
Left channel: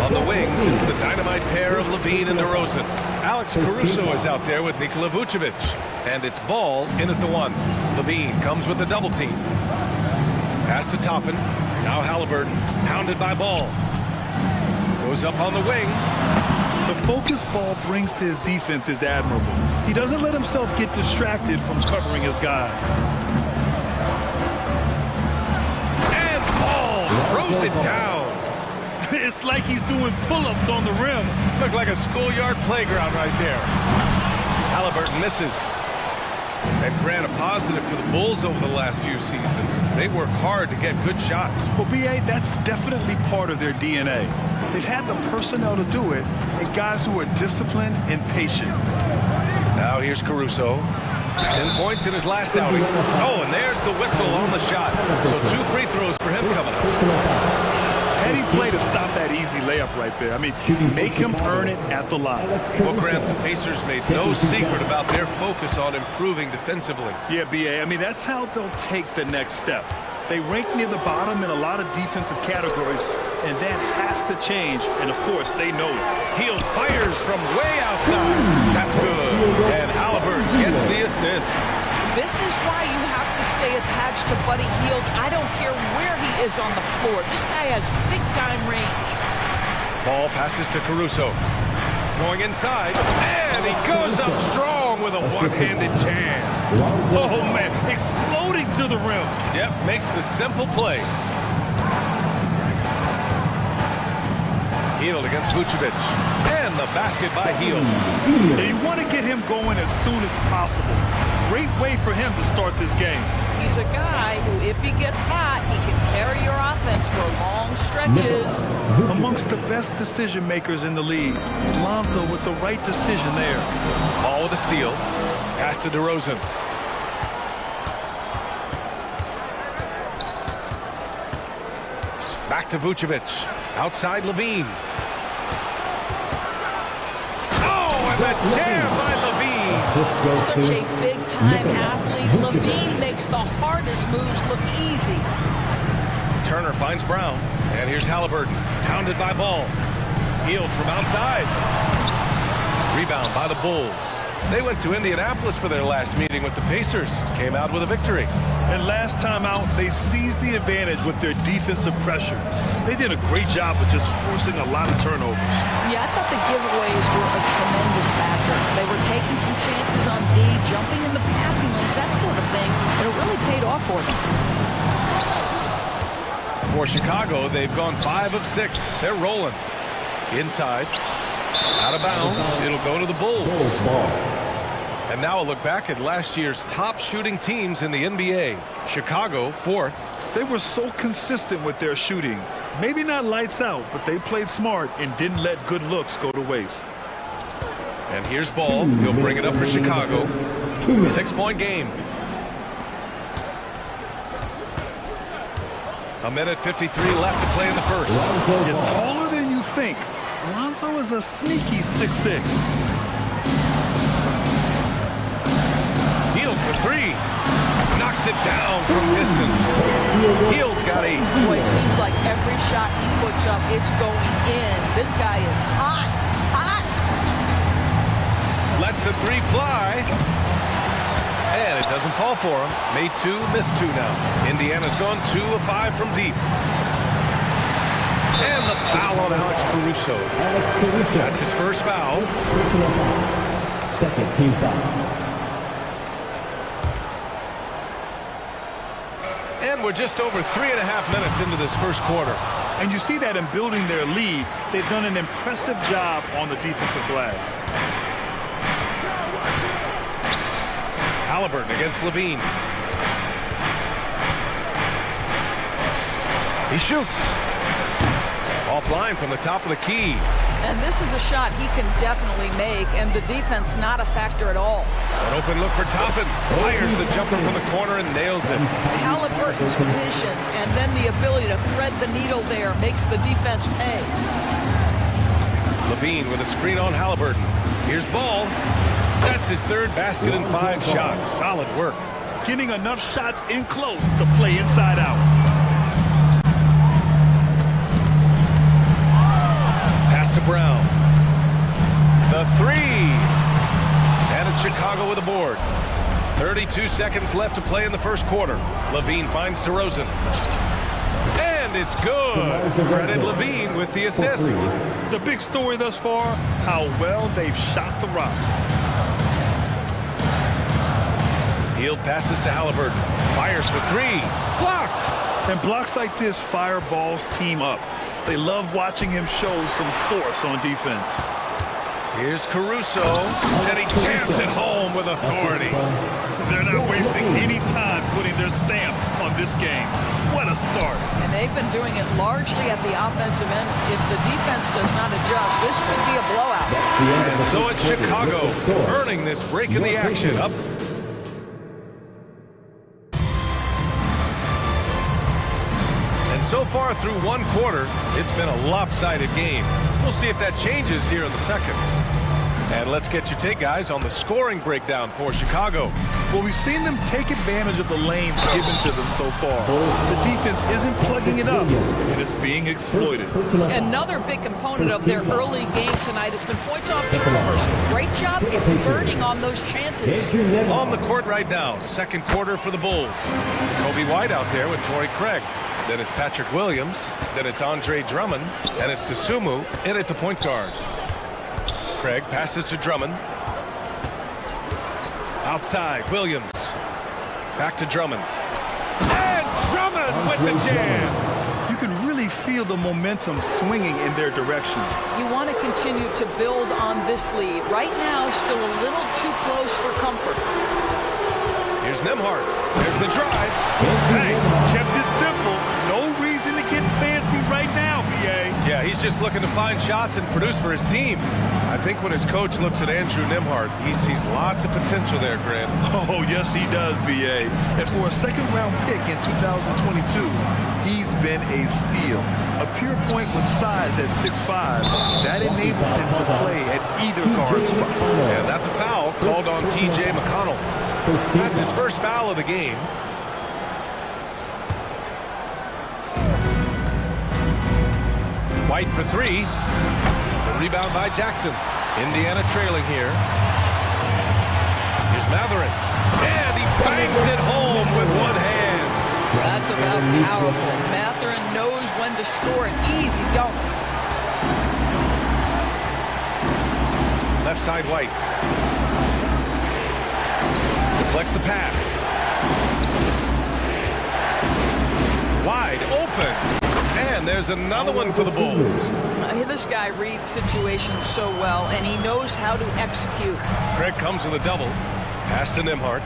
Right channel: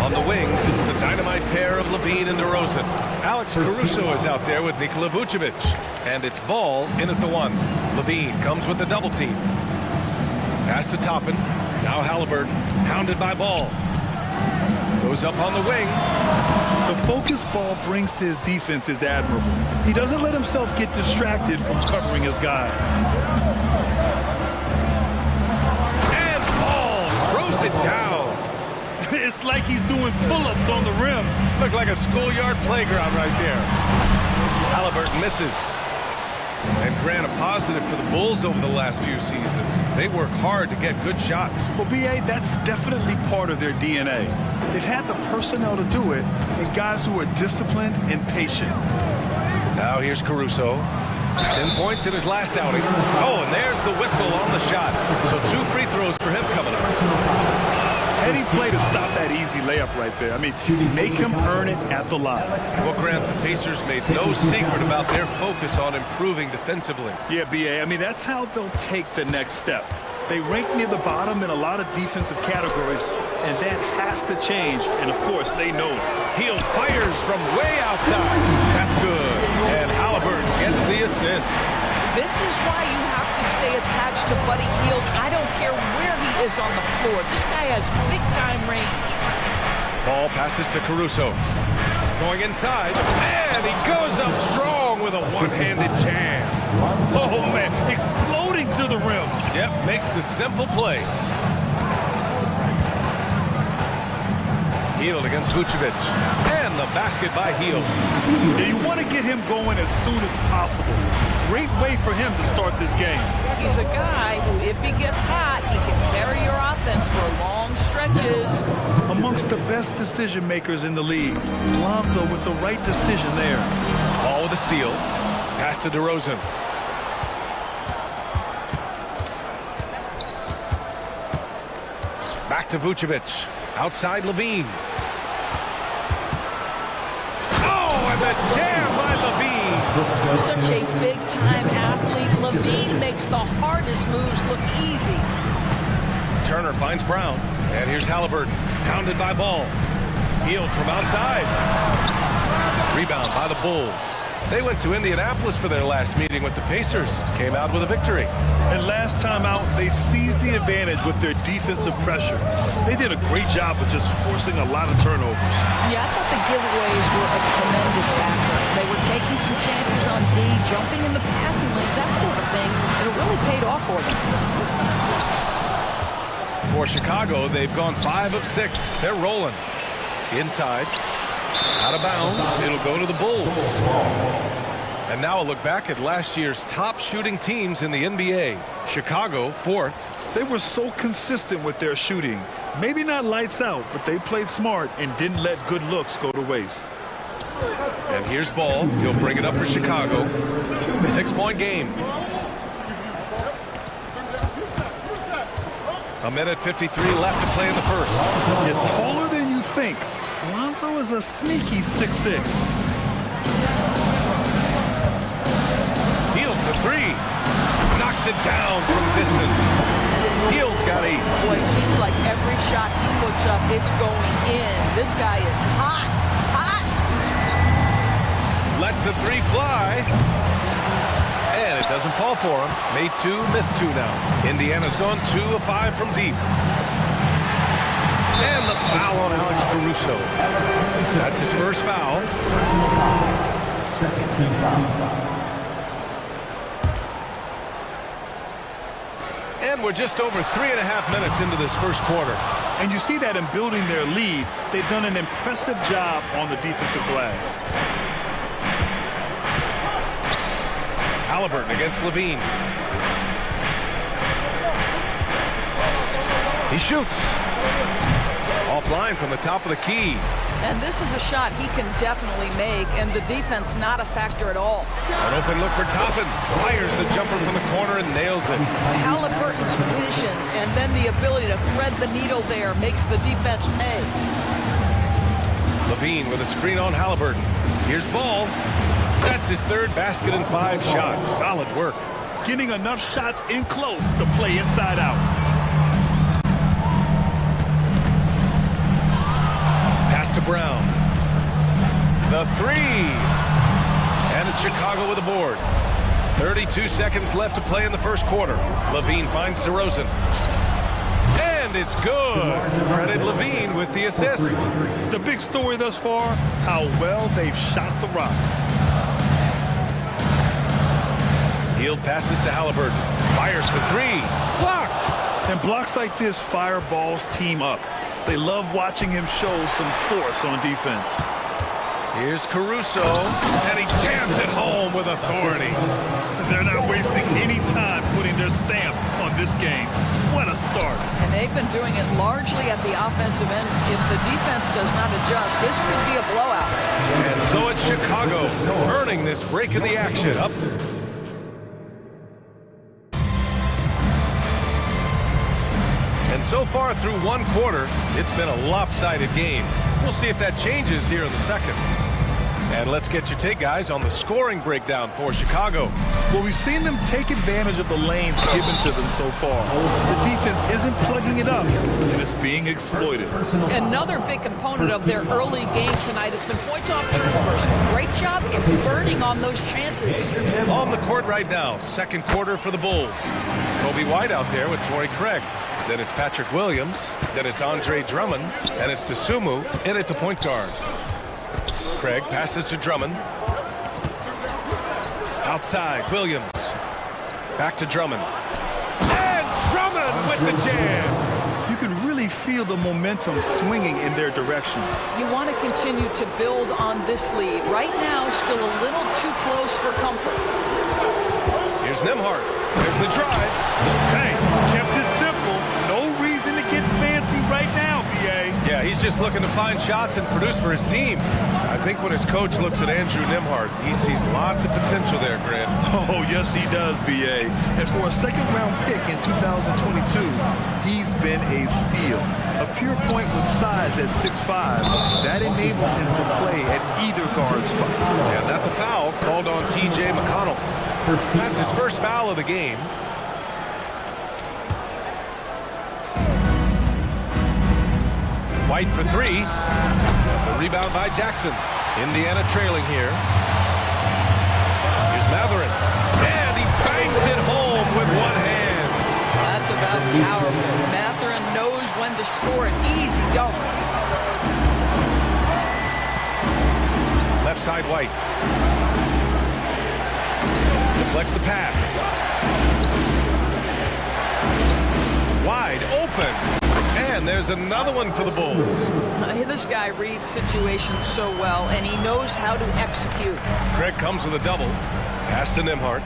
On the wings, it's the dynamite pair of Levine and DeRozan. Alex Caruso is out there with Nikola Vucevic. And it's Ball in at the one. Levine comes with the double team. Pass to Toppin. Now Halliburton, hounded by Ball. Goes up on the wing. The focus Ball brings to his defense is admirable. He doesn't let himself get distracted from covering his guy. And Ball throws it down. It's like he's doing pull-ups on the rim. Looked like a schoolyard playground right there. Halliburton misses. And Grant, a positive for the Bulls over the last few seasons. They work hard to get good shots. Well, B.A., that's definitely part of their DNA. They've had the personnel to do it, and guys who are disciplined and patient. Now here's Caruso. 10 points in his last outing. Oh, and there's the whistle on the shot. So 2 free throws for him coming up. Heady play to stop that easy layup right there. I mean, make him earn it at the line. Well, Grant, the Pacers made no secret about their focus on improving defensively. Yeah, B.A., I mean, that's how they'll take the next step. They rank near the bottom in a lot of defensive categories, and that has to change, and of course, they know it. Hield fires from way outside. That's good. And Halliburton gets the assist. This is why you have to stay attached to Buddy Hield. I don't care where he is on the floor. This guy has big-time range. Ball passes to Caruso. Going inside, and he goes up strong with a one-handed jam. Oh, man, exploding to the rim. Yep, makes the simple play. Hield against Vucevic. And the basket by Hield. Yeah, you want to get him going as soon as possible. Great way for him to start this game. He's a guy who, if he gets hot, he can carry your offense for long stretches. Amongst the best decision makers in the league, Lonzo with the right decision there. Ball with a steal. Pass to DeRozan. Back to Vucevic. Outside Levine. Oh, and the jam by Levine. Such a big-time athlete. Levine makes the hardest moves look easy. Turner finds Brown. And here's Halliburton. Hounded by Ball. Hield from outside. Rebound by the Bulls. They went to Indianapolis for their last meeting with the Pacers. Came out with a victory. And last time out, they seized the advantage with their defensive pressure. They did a great job of just forcing a lot of turnovers. Yeah, I thought the giveaways were a tremendous factor. They were taking some chances on D, jumping in the passing lanes, that sort of thing, and it really paid off for them. For Chicago, they've gone 5 of 6. They're rolling. Inside. Out of bounds. It'll go to the Bulls. And now a look back at last year's top shooting teams in the NBA. Chicago, 4th. They were so consistent with their shooting. Maybe not lights out, but they played smart and didn't let good looks go to waste. And here's Ball. He'll bring it up for Chicago. 6-point game. A minute 53 left to play in the first. You're taller than you think. Lonzo is a sneaky 6'6". Hield for 3. Knocks it down from distance. Hield's got 8. Boy, it seems like every shot he puts up, it's going in. This guy is hot, hot. Lets the 3 fly. And it doesn't fall for him. Made 2, missed 2 now. Indiana's gone 2 of 5 from deep. And the foul on Alex Caruso. That's his first foul. Second team foul. And we're just over 3.5 minutes into this first quarter. And you see that in building their lead, they've done an impressive job on the defensive glass. Halliburton against Levine. He shoots. Offline from the top of the key. And this is a shot he can definitely make, and the defense not a factor at all. An open look for Toppin. Fires the jumper from the corner and nails it. Halliburton's vision and then the ability to thread the needle there makes the defense pay. Levine with a screen on Halliburton. Here's Ball. That's his third basket in 5 shots. Solid work. Getting enough shots in close to play inside out. Pass to Brown. The 3. And it's Chicago with a board. 32 seconds left to play in the first quarter. Levine finds DeRozan. And it's good. Credit Levine with the assist. The big story thus far, how well they've shot the rock. Hield passes to Halliburton. Fires for 3. Blocked. And blocks like this fire Ball's team up. They love watching him show some force on defense. Here's Caruso, and he jams it home with authority. They're not wasting any time putting their stamp on this game. What a start. And they've been doing it largely at the offensive end. If the defense does not adjust, this could be a blowout. And so it's Chicago earning this break in the action. Up. And so far through one quarter, it's been a lopsided game. We'll see if that changes here in the second. And let's get your take, guys, on the scoring breakdown for Chicago. Well, we've seen them take advantage of the lanes given to them so far. The defense isn't plugging it up, and it's being exploited. Another big component of their early game tonight has been points off turnovers. Great job converting on those chances. On the court right now, second quarter for the Bulls. Kobe White out there with Torrey Craig. Then it's Patrick Williams. Then it's Andre Drummond. And it's Dosunmu in at the point guard. Craig passes to Drummond. Outside, Williams. Back to Drummond. And Drummond with the jam. You can really feel the momentum swinging in their direction. You want to continue to build on this lead. Right now, still a little too close for comfort. Here's Nembhard. There's the drive. Hey, kept it simple. No reason to get fancy right now, B.A. Yeah, he's just looking to find shots and produce for his team. I think when his coach looks at Andrew Nembhard, he sees lots of potential there, Grant. Oh, yes, he does, B.A. And for a second-round pick in 2022, he's been a steal. A pure point with size at 6'5". That enables him to play at either guard spot. And that's a foul called on T.J. McConnell. That's his first foul of the game. White for 3. The rebound by Jackson. Indiana trailing here. Here's Matherin. And he bangs it home with one hand. That's about powerful. Matherin knows when to score an easy dunk. Left side White. Deflects the pass. Wide open. And there's another one for the Bulls. This guy reads situations so well, and he knows how to execute. Craig comes with a double. Pass to Nembhard.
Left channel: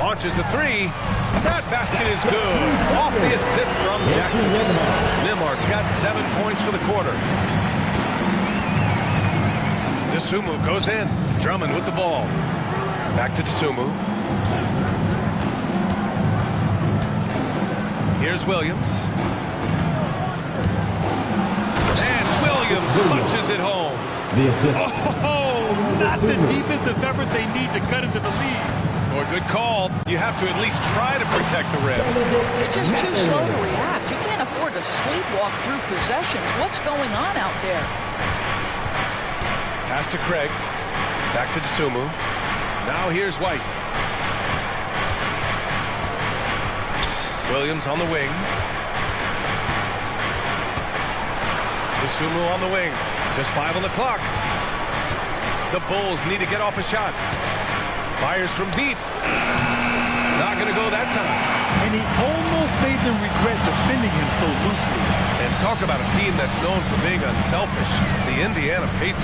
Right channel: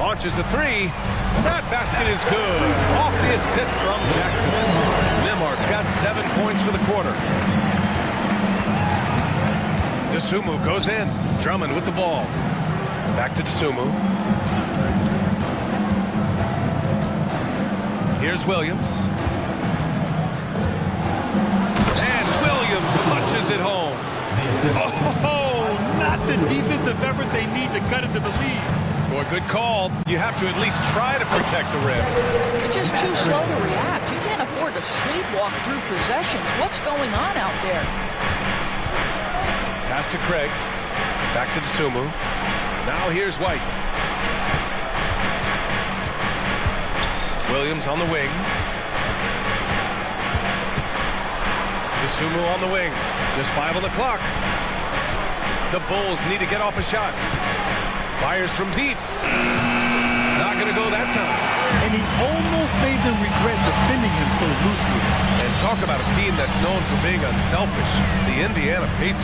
Launches a 3. That basket is good. Off the assist from Jackson. Nembhard's got 7 points for the quarter. Dosunmu goes in. Drummond with the ball. Back to Dosunmu. Here's Williams. And Williams punches it home. Oh, not the defensive effort they need to cut into the lead. Boy, good call. You have to at least try to protect the rim. You're just too slow to react. You can't afford to sleepwalk through possessions. What's going on out there? Pass to Craig. Back to Dosunmu. Now here's White. Williams on the wing. Dosunmu on the wing. Just 5 on the clock. The Bulls need to get off a shot. Fires from deep. Not going to go that time. And he almost made them regret defending him so loosely. And talk about a team that's known for being unselfish. The Indiana Pacers.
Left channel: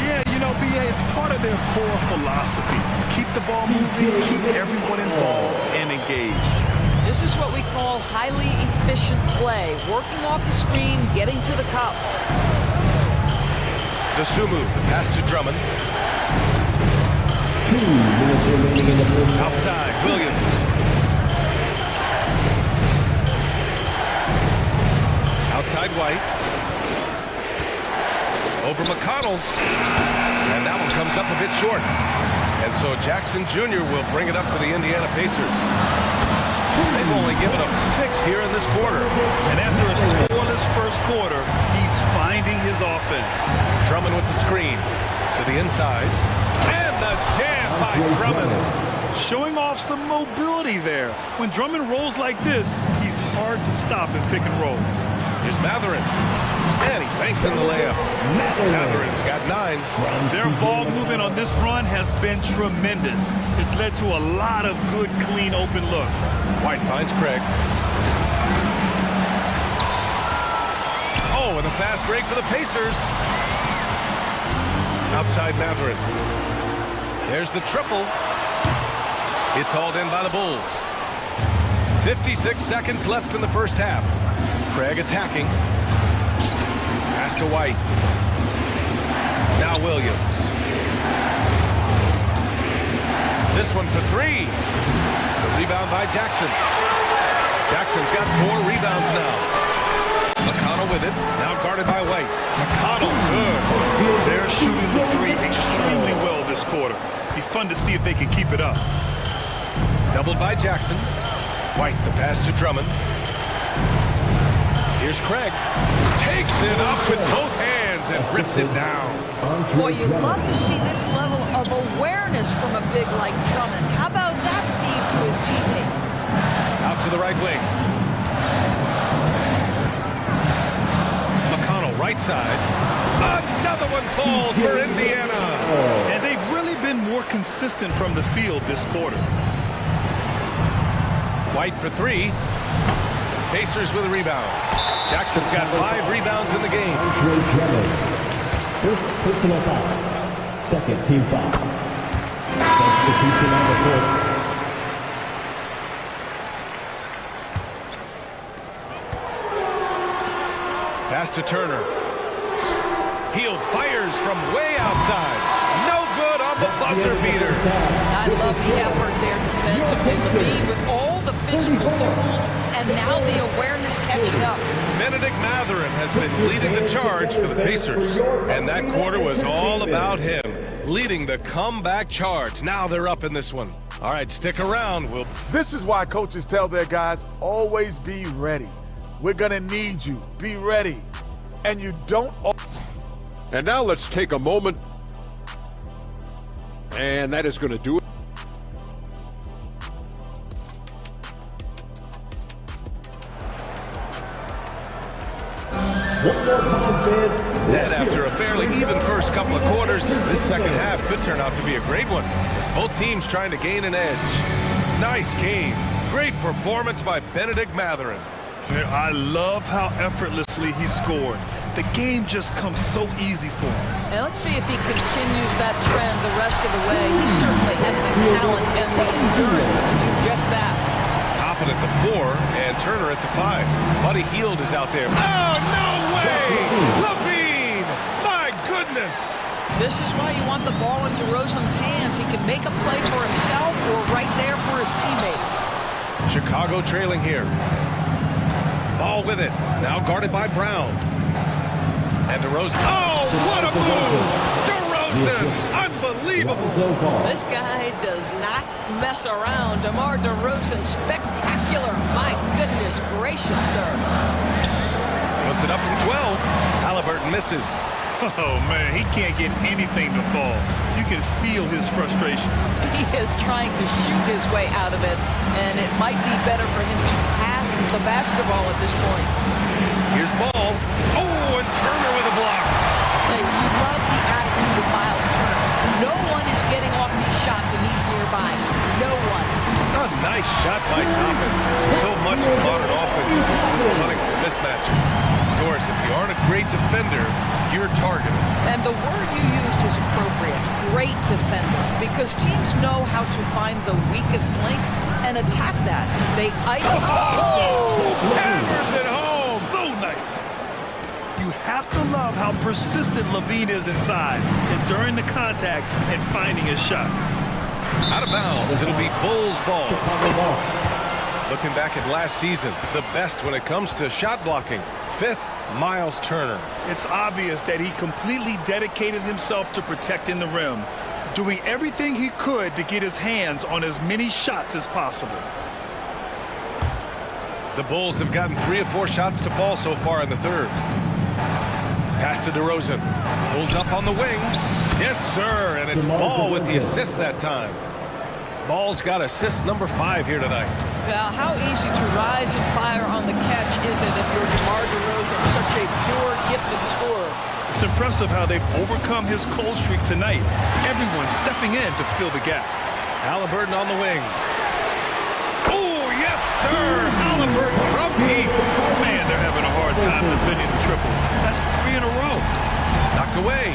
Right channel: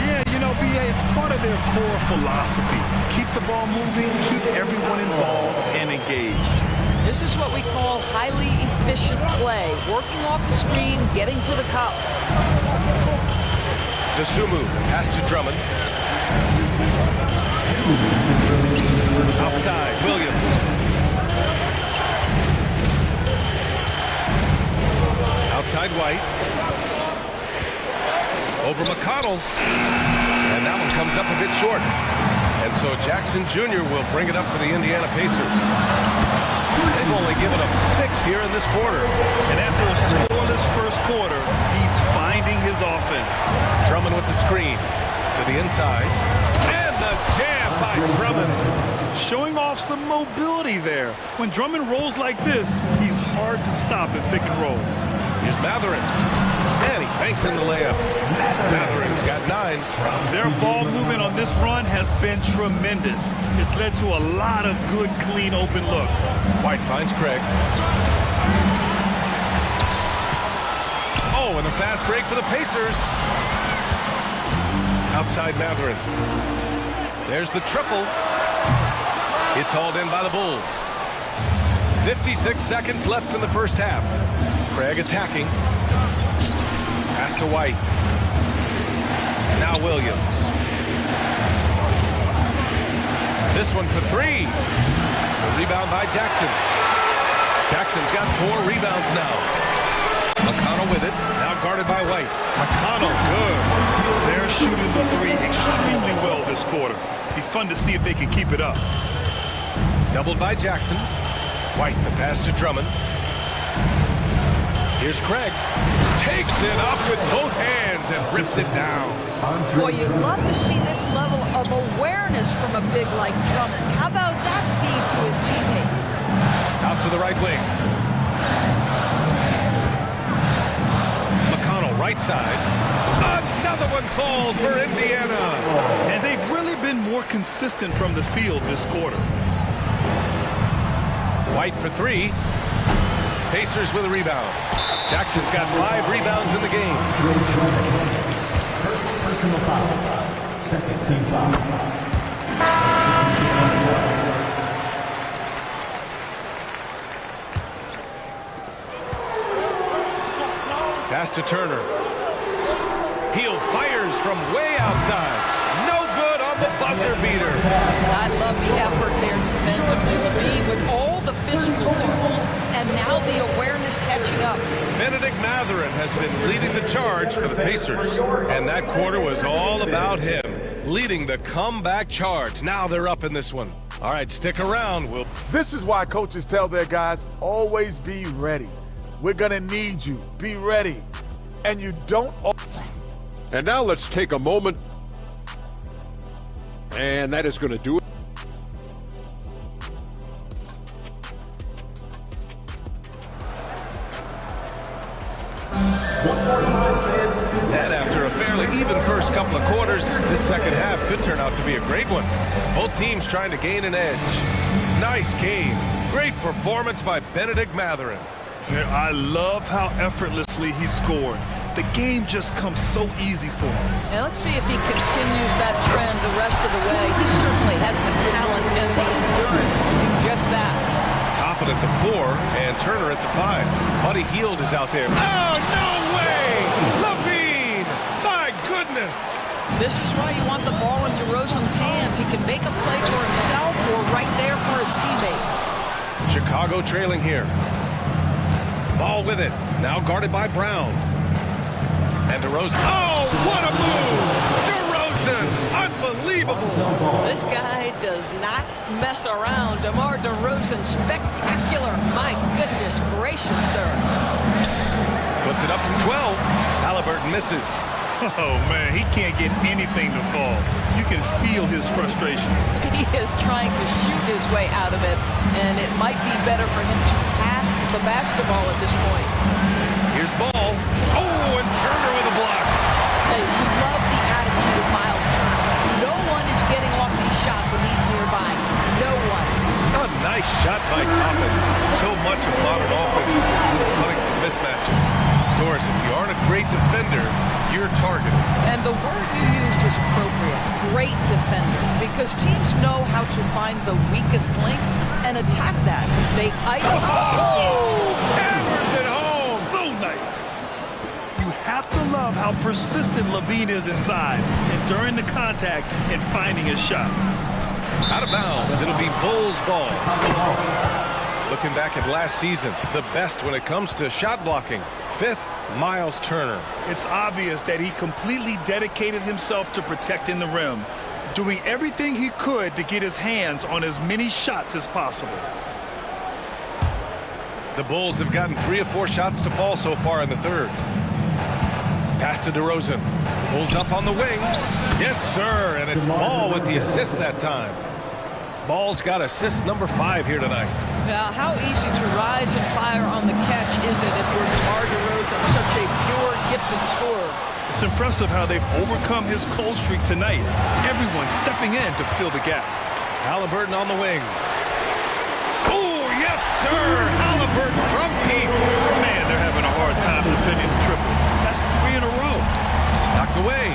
Yeah, you know, B.A., it's part of their core philosophy. Keep the ball moving, keep everyone involved and engaged. This is what we call highly efficient play. Working off the screen, getting to the cup. Dosumu, the pass to Drummond. 2 minutes remaining in the first half. Outside, Williams. Outside White. Over McConnell. And that one comes up a bit short. And so Jackson Jr. will bring it up for the Indiana Pacers. They've only given up 6 here in this quarter. And after a scoreless first quarter, he's finding his offense. Drummond with the screen to the inside. And the jam by Drummond. Showing off some mobility there. When Drummond rolls like this, he's hard to stop in pick and rolls. Here's Matherin. And he banks in the layup. Matherin's got 9. Their ball movement on this run has been tremendous. It's led to a lot of good, clean, open looks. White finds Craig. Oh, and a fast break for the Pacers. Outside Matherin. There's the triple. It's hauled in by the Bulls. 56 seconds left in the first half. Craig attacking. Pass to White. Now Williams. This one for 3. The rebound by Jackson. Jackson's got 4 rebounds now. McConnell with it. Now guarded by White. McConnell, good. They're shooting the 3 extremely well this quarter. Be fun to see if they can keep it up. Doubled by Jackson. White, the pass to Drummond. Here's Craig. Takes it up with both hands and rips it down. Boy, you love to see this level of awareness from a big like Drummond. How about that feed to his teammate? Out to the right wing. McConnell, right side. Another one falls for Indiana. And they've really been more consistent from the field this quarter. White for 3. Pacers with a rebound. Jackson's got 5 rebounds in the game. First personal foul. Second team foul. Substitution on the court. Pass to Turner. Hield fires from way outside. No good on the buzzer beater. I love the effort there defensively. Levine with all the physical tools and now the awareness catching up. Benedict Matherin has been leading the charge for the Pacers. And that quarter was all about him, leading the comeback charge. Now they're up in this one. All right, stick around. This is why coaches tell their guys, always be ready. We're going to need you. Be ready. And you don't... And now let's take a moment. And that is going to do it. And after a fairly even first couple of quarters, this second half could turn out to be a great one, as both teams trying to gain an edge. Nice game. Great performance by Benedict Matherin. I love how effortlessly he scored. The game just comes so easy for him. And let's see if he continues that trend the rest of the way. He certainly has the talent and the endurance to do just that. Toppin at the 4 and Turner at the 5. Buddy Hield is out there. Oh, no way! Levine! My goodness! This is why you want the ball in DeRozan's hands. He can make a play for himself or right there for his teammate. Chicago trailing here. Ball with it. Now guarded by Brown. And DeRozan. Oh, what a move! DeRozan! Unbelievable! This guy does not mess around. DeMar DeRozan, spectacular. My goodness gracious, sir. Puts it up from 12. Halliburton misses. Oh, man, he can't get anything to fall. You can feel his frustration. He is trying to shoot his way out of it, and it might be better for him to pass the basketball at this point. Here's ball. Oh, and Turner with a block. I'll tell you, you love the attitude of Miles Turner. No one is getting off these shots when he's nearby. No one. A nice shot by Toppin. So much of modern offenses include hunting for mismatches. Doris, if you aren't a great defender, you're targeted. And the word you used is appropriate. Great defender. Because teams know how to find the weakest link and attack that. They hammers it home. So nice. You have to love how persistent Levine is inside, enduring the contact and finding his shot. Out of bounds, it'll be Bulls ball. Looking back at last season, the best when it comes to shot blocking. 5th, Miles Turner. It's obvious that he completely dedicated himself to protecting the rim, doing everything he could to get his hands on as many shots as possible. The Bulls have gotten 3 of 4 shots to fall so far in the third. Pass to DeRozan. Pulls up on the wing. Yes, sir, and it's Ball with the assist that time. Ball's got assist number 5 here tonight. Now, how easy to rise and fire on the catch is it if you're DeMar DeRozan, such a pure, gifted scorer? It's impressive how they've overcome his cold streak tonight. Everyone stepping in to fill the gap. Halliburton on the wing. Oh, yes, sir! Halliburton from deep. Man, they're having a hard time defending the triple. That's 3 in a row. Knocked away.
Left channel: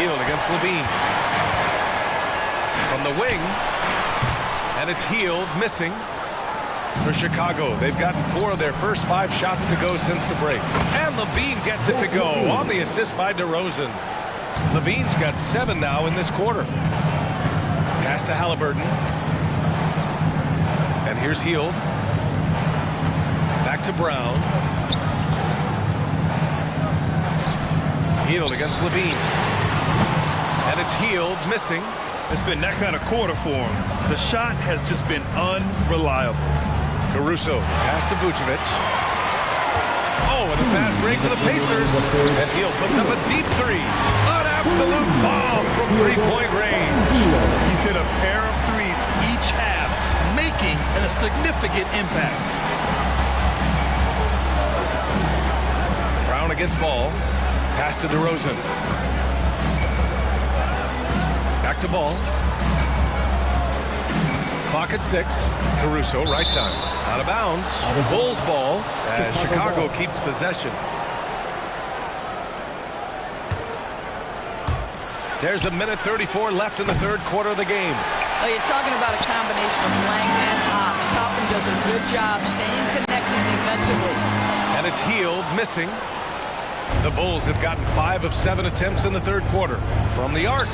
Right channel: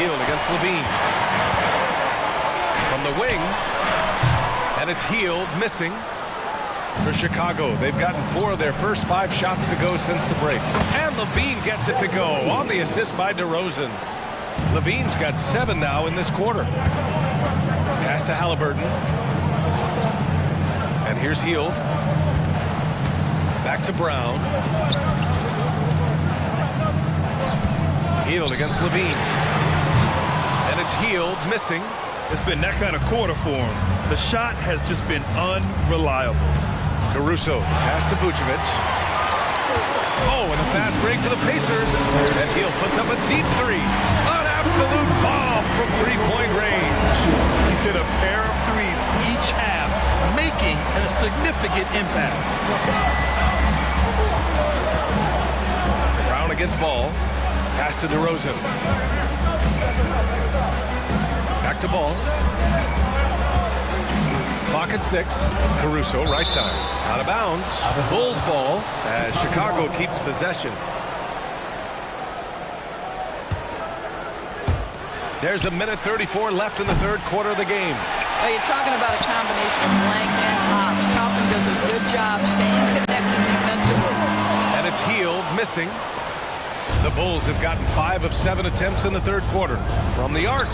Healed against Levine. From the wing. And it's Healed, missing. For Chicago, they've gotten 4 of their first 5 shots to go since the break. And Levine gets it to go on the assist by DeRozan. Levine's got 7 now in this quarter. Pass to Halliburton. And here's Healed. Back to Brown. Healed against Levine. And it's Healed, missing. It's been that kind of quarter for him. The shot has just been unreliable. Caruso, pass to Vucevic. Oh, and a fast break for the Pacers. And Healed puts up a deep 3. An absolute bomb from 3-point range. He's hit a pair of 3s each half, making a significant impact. Brown against Ball. Pass to DeRozan. Back to Ball. Clock at 6. Caruso, right side. Out of bounds. Bulls ball as Chicago keeps possession. There's a minute 34 left in the third quarter of the game. Well, you're talking about a combination of length and hops. Toppin does a good job staying connected defensively. And it's Healed, missing. The Bulls have gotten 5 of 7 attempts in the third quarter. From the arc.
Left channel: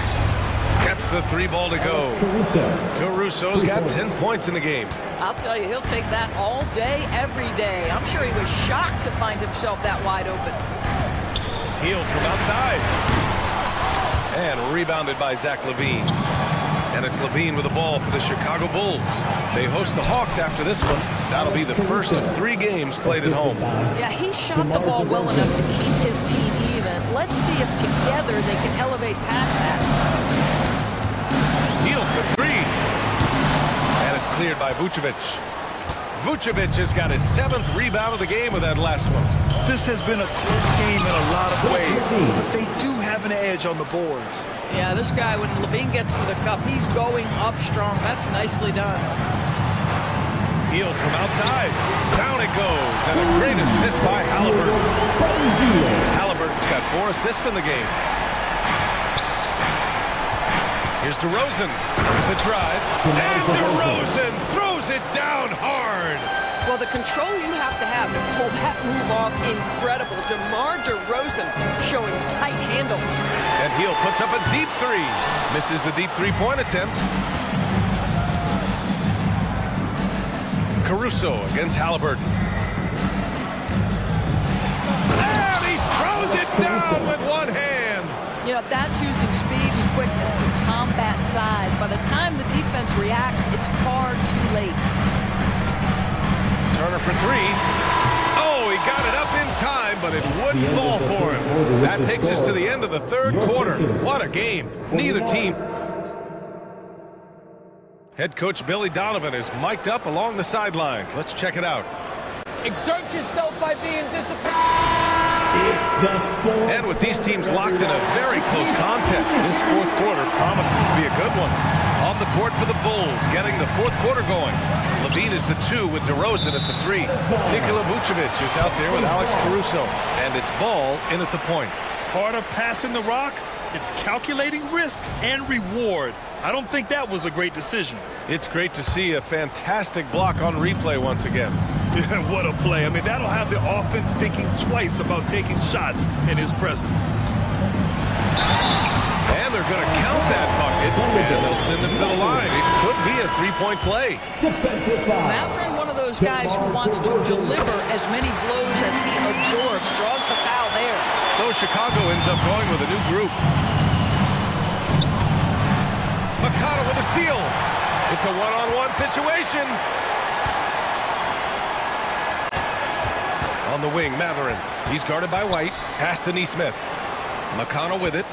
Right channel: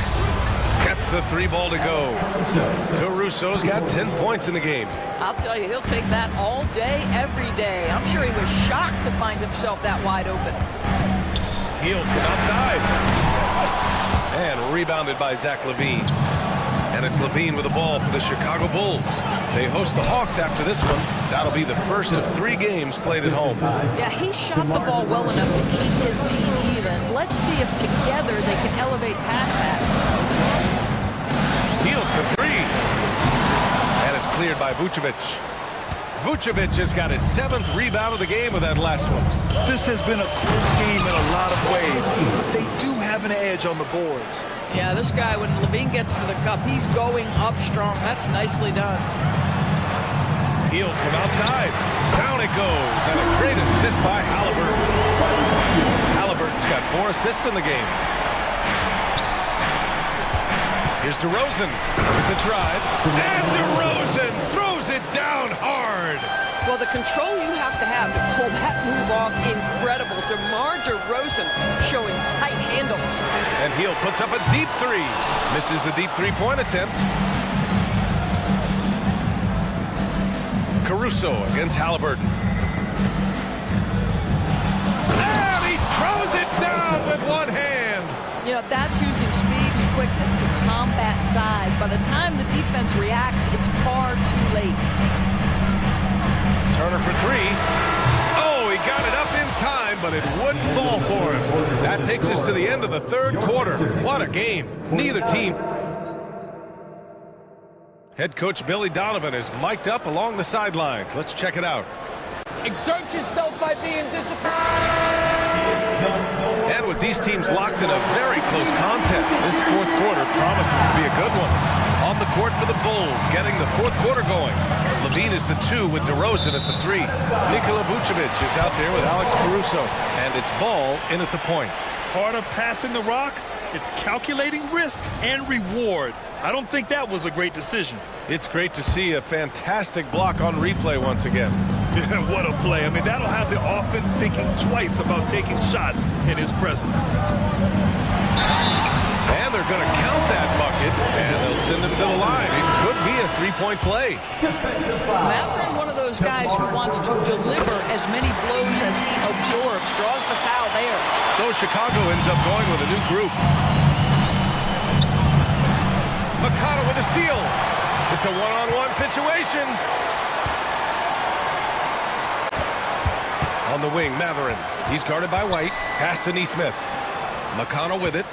Gets the 3 ball to go. Caruso's got 10 points in the game. I'll tell you, he'll take that all day, every day. I'm sure he was shocked to find himself that wide open. Healed from outside. And rebounded by Zach LaVine. And it's LaVine with the ball for the Chicago Bulls. They host the Hawks after this one. That'll be the first of 3 games played at home. Yeah, he shot the ball well enough to keep his team even. Let's see if together they can elevate past that. Healed for 3. And it's cleared by Vucevic. Vucevic has got his 7th rebound of the game with that last one. This has been a close game in a lot of ways, but they do have an edge on the boards. Yeah, this guy, when LaVine gets to the cup, he's going up strong. That's nicely done. Healed from outside. Down it goes. And a great assist by Halliburton. Halliburton's got 4 assists in the game. Here's DeRozan with the drive. And DeRozan throws it down hard. Well, the control you have to pull that move off, incredible. DeMar DeRozan showing tight handles. And Healed puts up a deep 3. Misses the deep 3-point attempt. Caruso against Halliburton. And he throws it down with one hand. You know, that's using speed and quickness to combat size. By the time the defense reacts, it's far too late. Turner for 3. Oh, he got it up in time, but it wouldn't fall for him. That takes us to the end of the third quarter. What a game. Neither team. Head coach Billy Donovan is mic'd up along the sidelines. Let's check it out. Exert yourself by being disciplined. And with these teams locked in a very close contest, this fourth quarter promises to be a good one. On the court for the Bulls, getting the fourth quarter going. LaVine is the 2 with DeRozan at the 3. Nikola Vucevic is out there with Alex Caruso. And it's Ball in at the point. Part of passing the rock, it's calculating risk and reward. I don't think that was a great decision. It's great to see a fantastic block on replay once again. What a play. I mean, that'll have the offense thinking twice about taking shots in his presence. And they're going to count that bucket, and they'll send him to the line. It could be a three-point play. Mathurin, one of those guys who wants to deliver as many blows as he absorbs, draws the foul there. So Chicago ends up going with a new group. Makata with a steal. It's a one-on-one situation. On the wing, Mathurin. He's guarded by White. Pass to Neesmith. McConnell with it.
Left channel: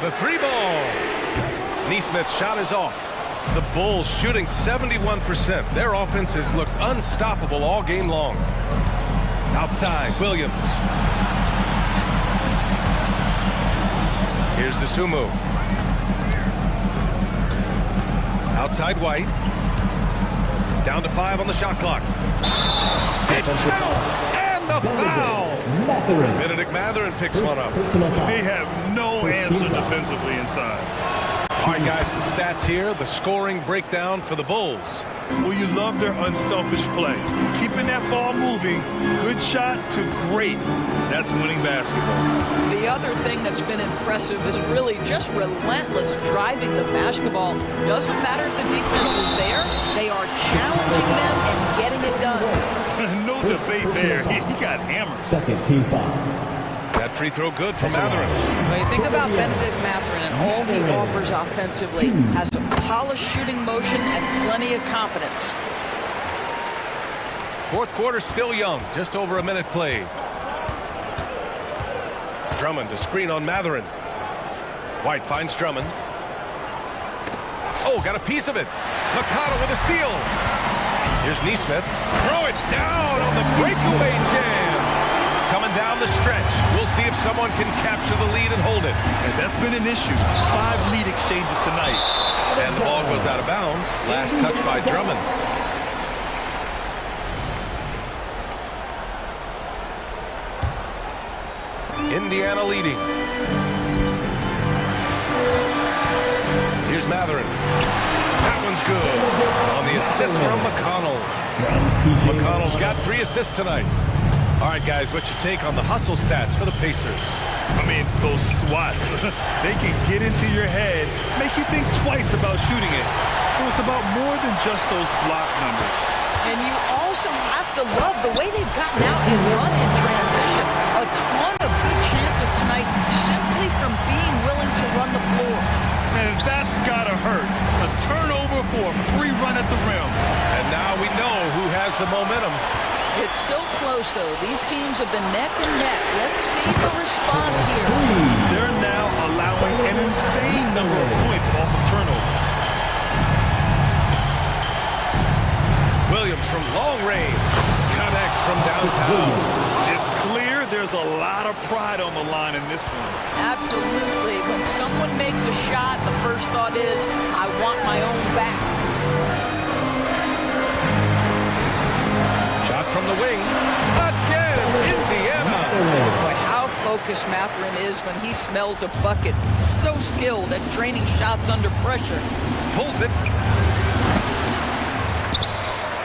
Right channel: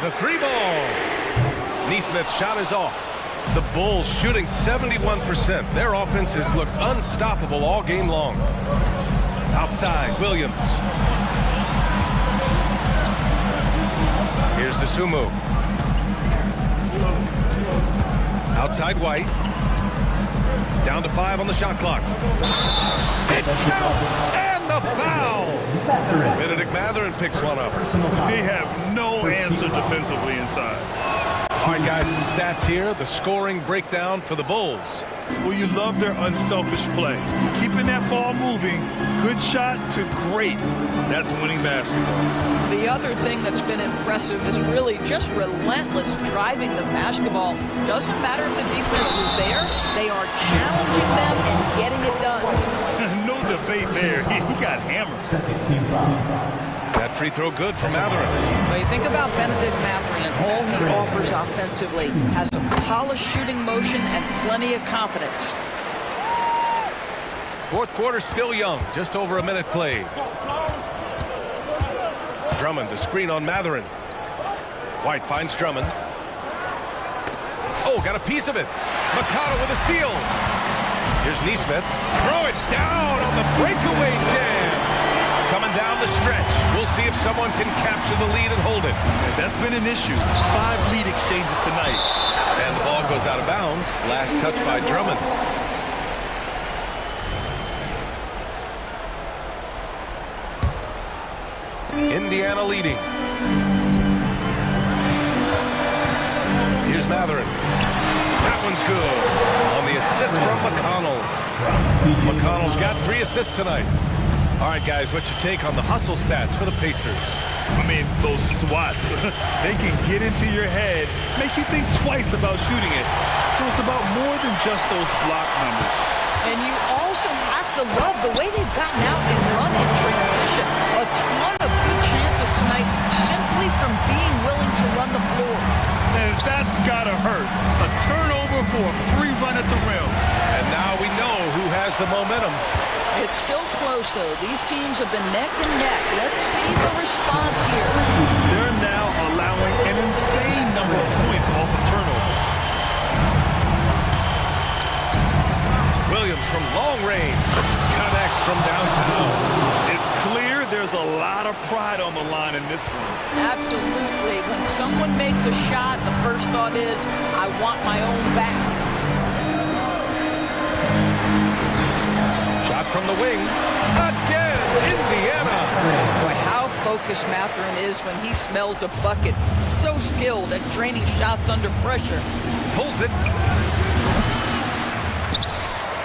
The three ball. Neesmith's shot is off. The Bulls shooting 71%. Their offense has looked unstoppable all game long. Outside, Williams. Here's DeSumo. Outside White. Down to 5 on the shot clock. It counts, and the foul. Benedict Mathurin picks one up. They have no answer defensively inside. All right, guys, some stats here. The scoring breakdown for the Bulls. Well, you love their unselfish play. Keeping that ball moving, good shot to great. That's winning basketball. The other thing that's been impressive is really just relentless driving the basketball. Doesn't matter if the defense is there, they are challenging them and getting it done. No debate there. He got hammered. Second team foul. That free throw good from Mathurin. Well, you think about Benedict Mathurin and all he offers offensively. Has a polished shooting motion and plenty of confidence. Fourth quarter still young, just over a minute played. Drummond to screen on Mathurin. White finds Drummond. Oh, got a piece of it. Makata with a steal. Here's Neesmith. Throw it down on the breakaway jam. Coming down the stretch. We'll see if someone can capture the lead and hold it. Yeah, that's been an issue. 5 lead exchanges tonight. And the ball goes out of bounds. Last touch by Drummond. Indiana leading. Here's Mathurin. That one's good. On the assist from McConnell. McConnell's got 3 assists tonight. All right, guys, what's your take on the hustle stats for the Pacers? I mean, those swats, they can get into your head, make you think twice about shooting it. So it's about more than just those block numbers. And you also have to love the way they've gotten out and run in transition. A ton of good chances tonight simply from being willing to run the floor. And that's gotta hurt. A turnover for a free run at the rim. And now we know who has the momentum. It's still close, though. These teams have been neck and neck. Let's see the response here. They're now allowing an insane number of points off of turnovers. Williams from long range connects from downtown. It's clear there's a lot of pride on the line in this one. Absolutely. When someone makes a shot, the first thought is, I want my own back. Shot from the wing. Again, Indiana. Boy, how focused Mathurin is when he smells a bucket. So skilled at draining shots under pressure. Pulls it.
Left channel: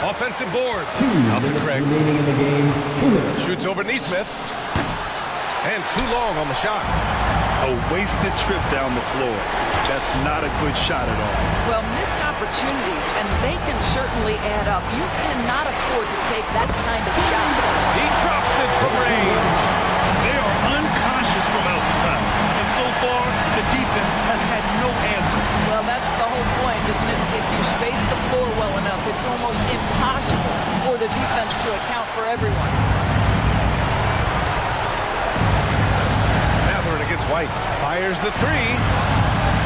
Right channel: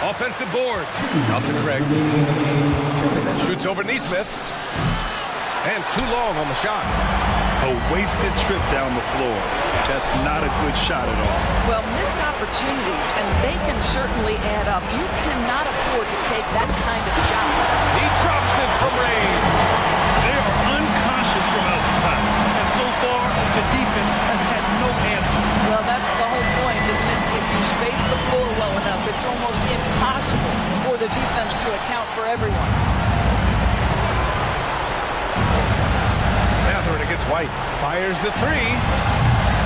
Offensive board. Out to Craig. Shoots over Neesmith. And too long on the shot. A wasted trip down the floor. That's not a good shot at all. Well, missed opportunities, and they can certainly add up. You cannot afford to take that kind of shot. He drops it from range. They are unconscious from outside. And so far, the defense has had no answer. Well, that's the whole point, isn't it? If you space the floor well enough, it's almost impossible for the defense to account for everyone. Mathurin against White. Fires the three.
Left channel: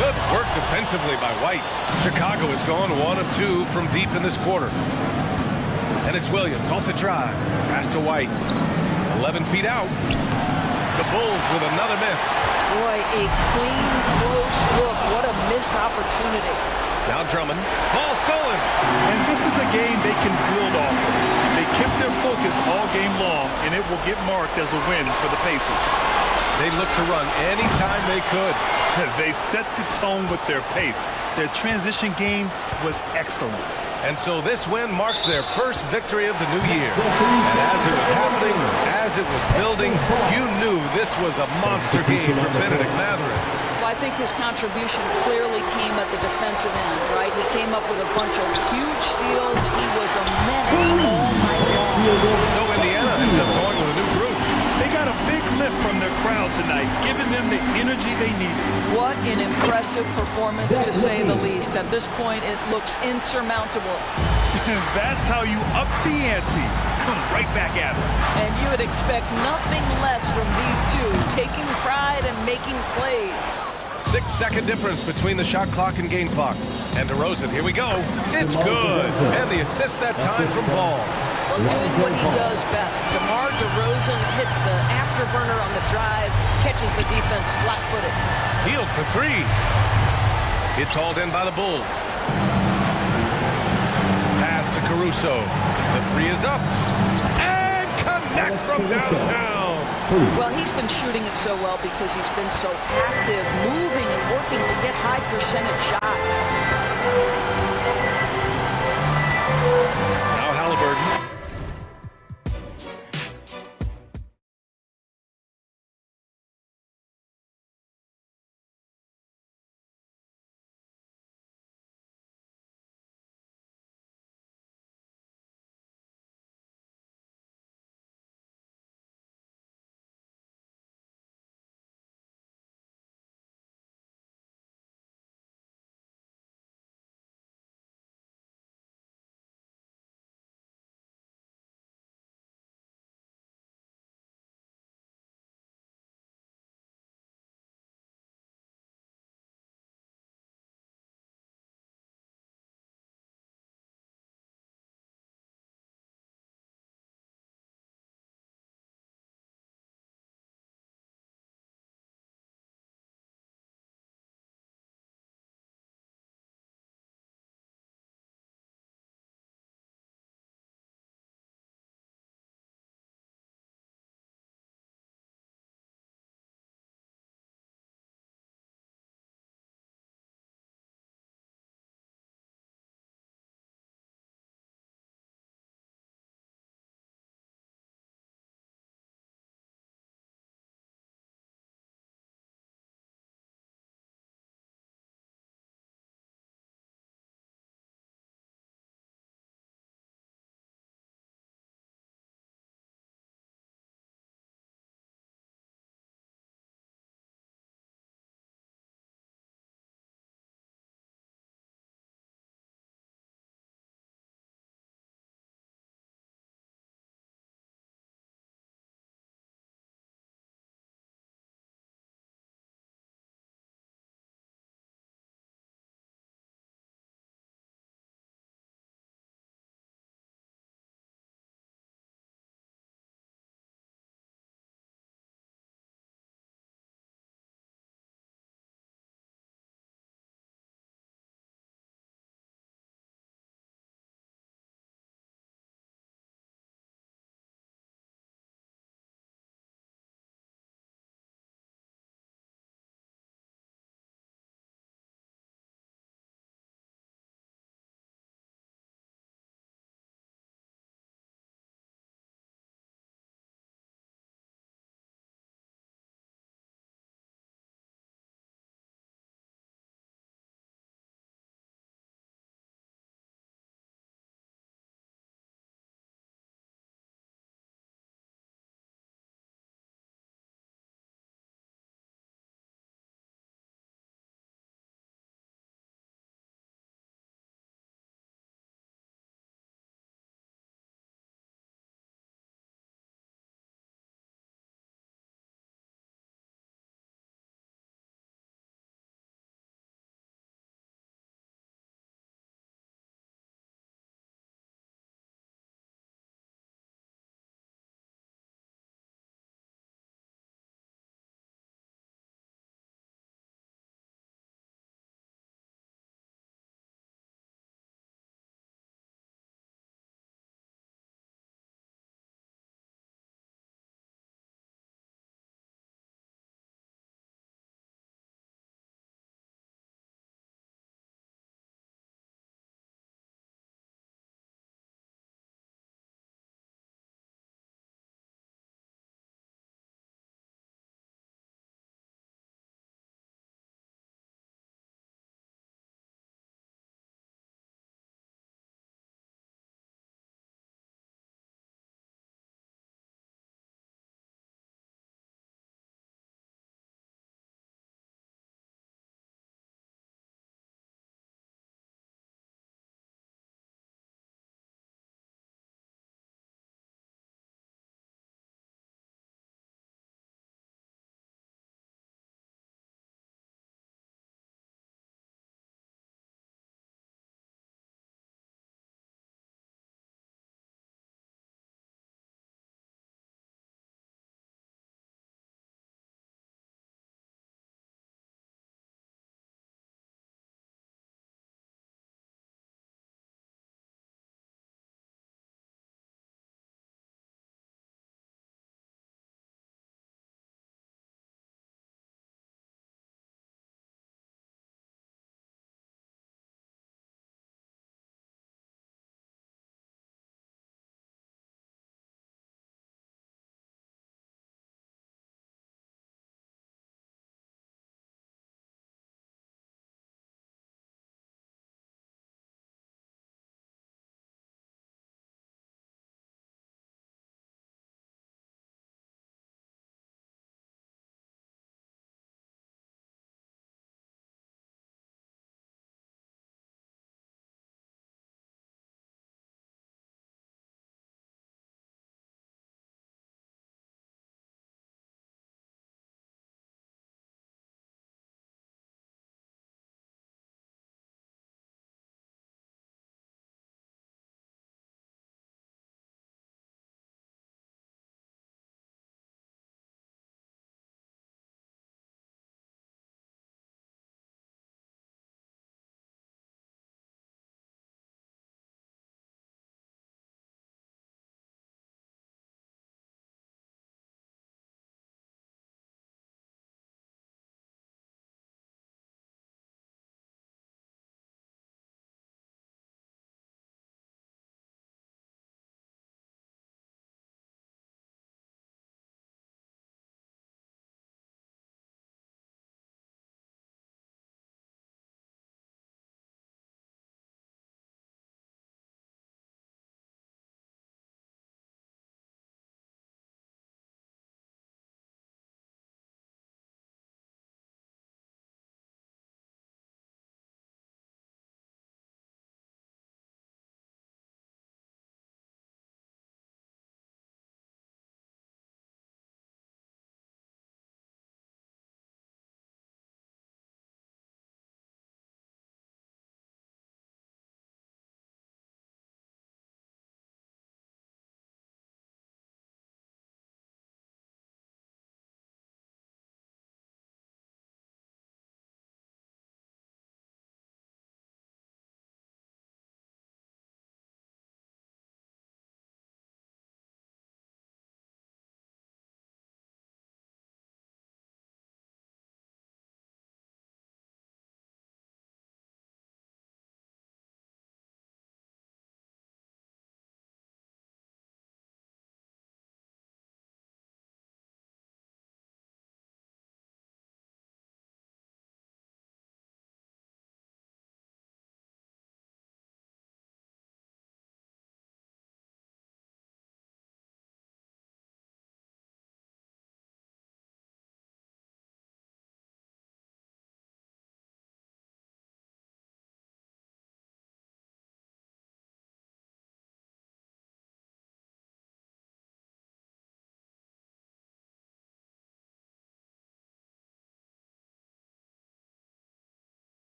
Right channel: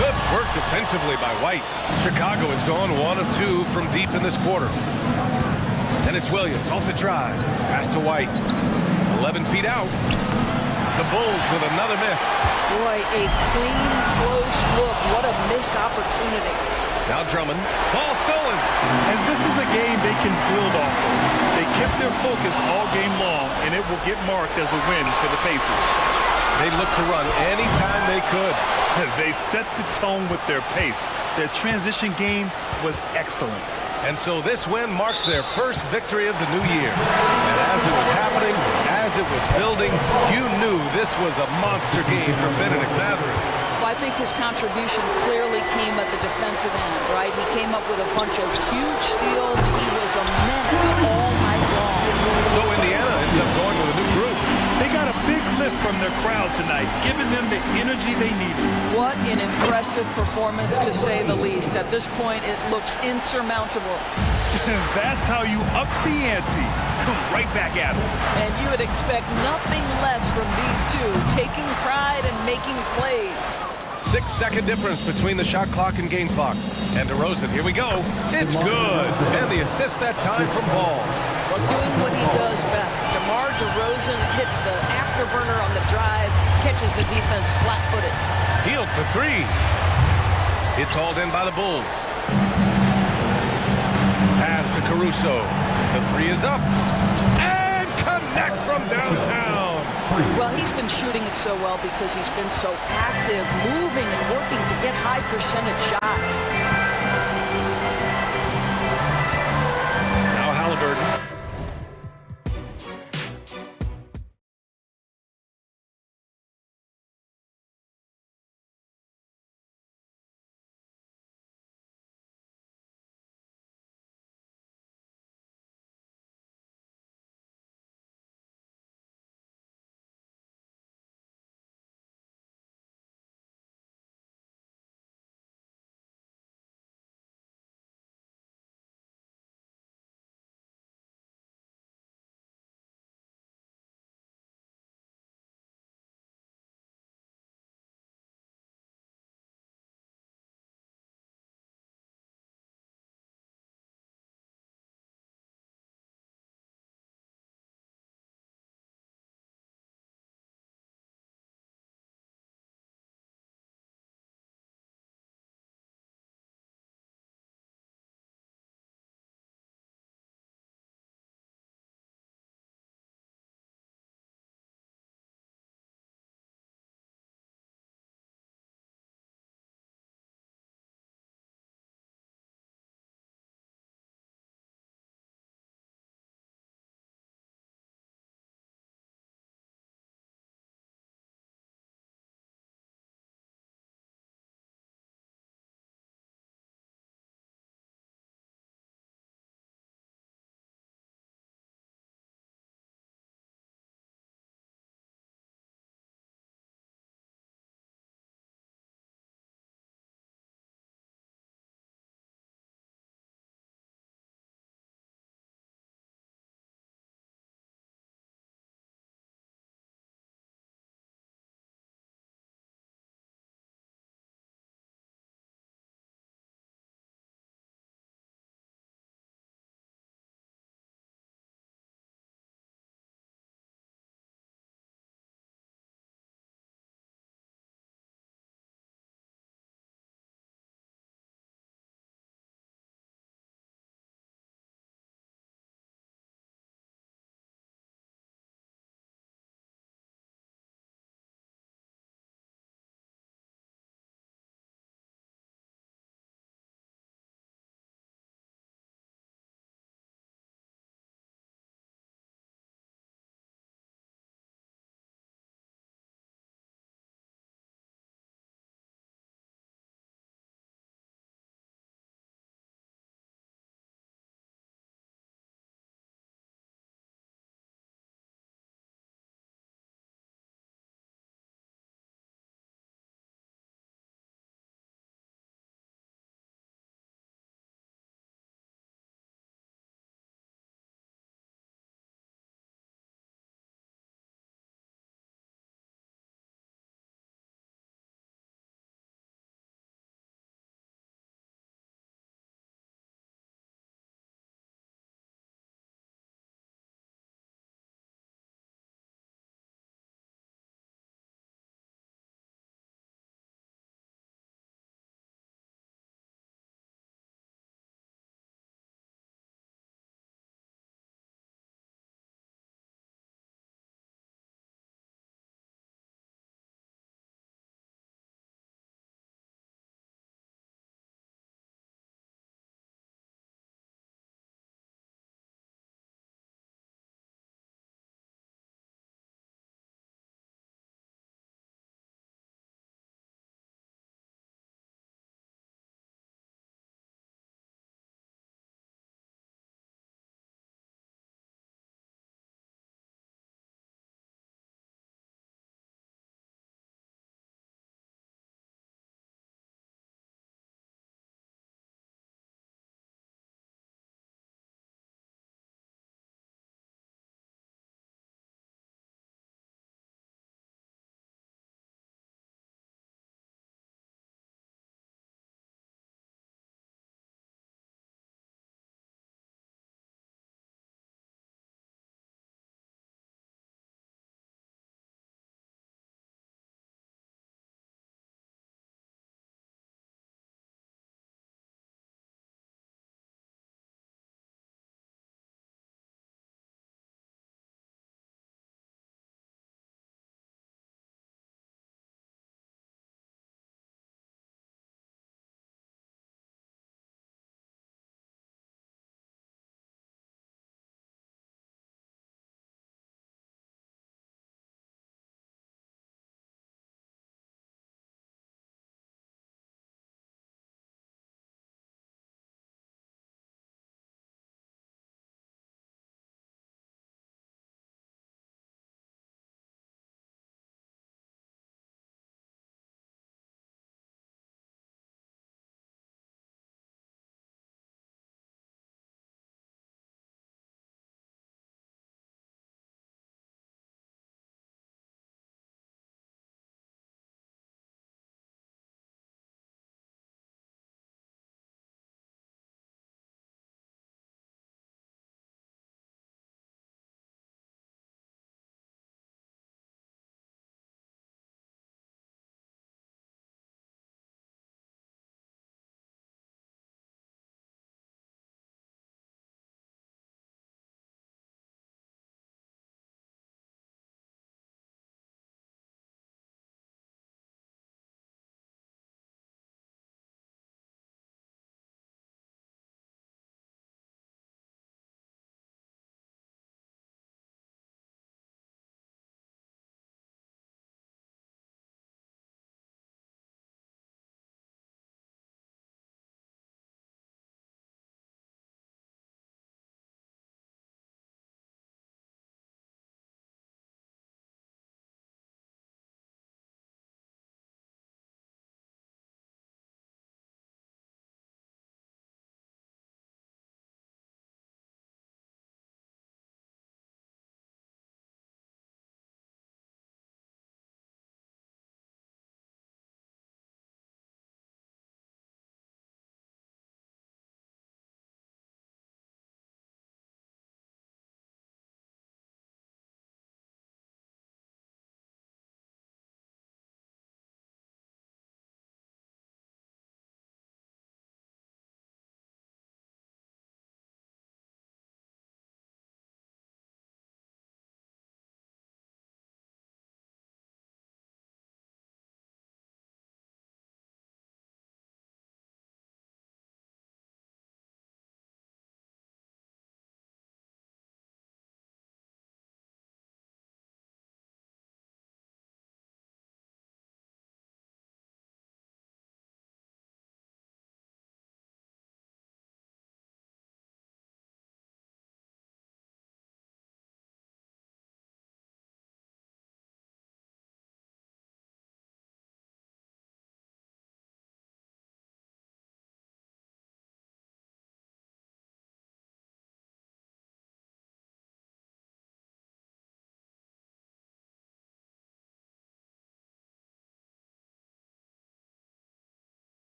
Good work defensively by White. Chicago has gone 1 of 2 from deep in this quarter. And it's Williams off the drive. Pass to White. 11 feet out. The Bulls with another miss. Boy, a clean, close look. What a missed opportunity. Now Drummond. Ball stolen. And this is a game they can build off of. They kept their focus all game long, and it will get marked as a win for the Pacers. They look to run anytime they could. They set the tone with their pace. Their transition game was excellent. And so this win marks their first victory of the new year. And as it was happening, as it was building, you knew this was a monster game from Benedict Mathurin. Well, I think his contribution clearly came at the defensive end, right? He came up with a bunch of huge steals. He was a menace all night long. So Indiana ends up going with a new group. They got a big lift from their crowd tonight, giving them the energy they needed. What an impressive performance, to say the least. At this point, it looks insurmountable. That's how you up the ante. Come right back at them. And you would expect nothing less from these two, taking pride and making plays. 6-second difference between the shot clock and game clock. And DeRozan, here we go. It's good. And the assist that time from Ball. Well, doing what he does best. DeMar DeRozan hits the afterburner on the drive, catches the defense flat-footed. Healed for three. It's hauled in by the Bulls. Pass to Caruso. The three is up. And connects from downtown. Well, he's been shooting it so well because he's been so active, moving and working to get high percentage shots. Now Halliburton.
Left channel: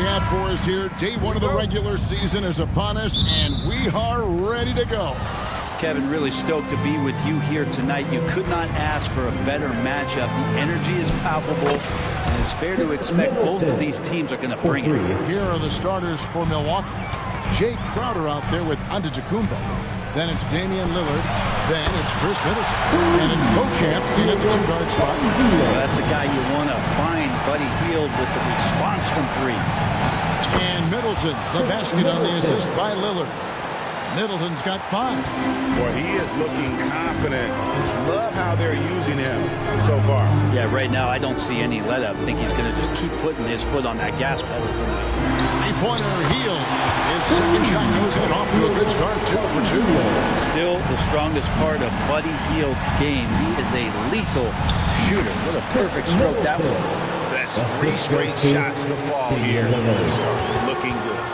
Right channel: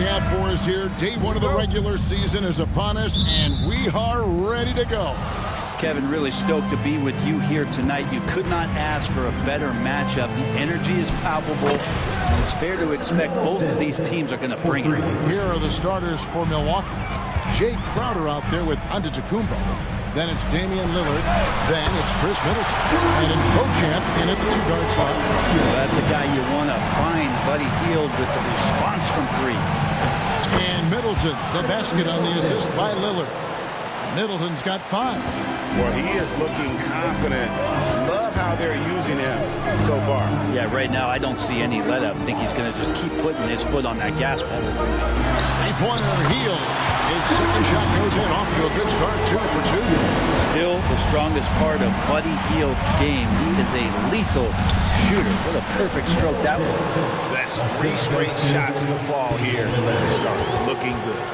we have for us here. Day one of the regular season is upon us, and we are ready to go. Kevin, really stoked to be with you here tonight. You could not ask for a better matchup. The energy is palpable, and it's fair to expect both of these teams are going to bring it. Here are the starters for Milwaukee. Jay Crowder out there with Antetokounmpo. Then it's Damian Lillard. Then it's Chris Middleton. And it's Beauchamp in at the two-guard spot. Well, that's a guy you want to find. Buddy Hield with the response from three. And Middleton, the basket on the assist by Lillard. Middleton's got 5. Well, he is looking confident. Love how they're using him so far. Yeah, right now I don't see any let-up. I think he's going to just keep putting his foot on that gas pedal tonight. Three-pointer Hield. His second shot goes in, off to a good start, 2 for 2. Still the strongest part of Buddy Hield's game. He is a lethal shooter. What a perfect stroke that was. That's 3 straight shots to fall here to start. Looking good.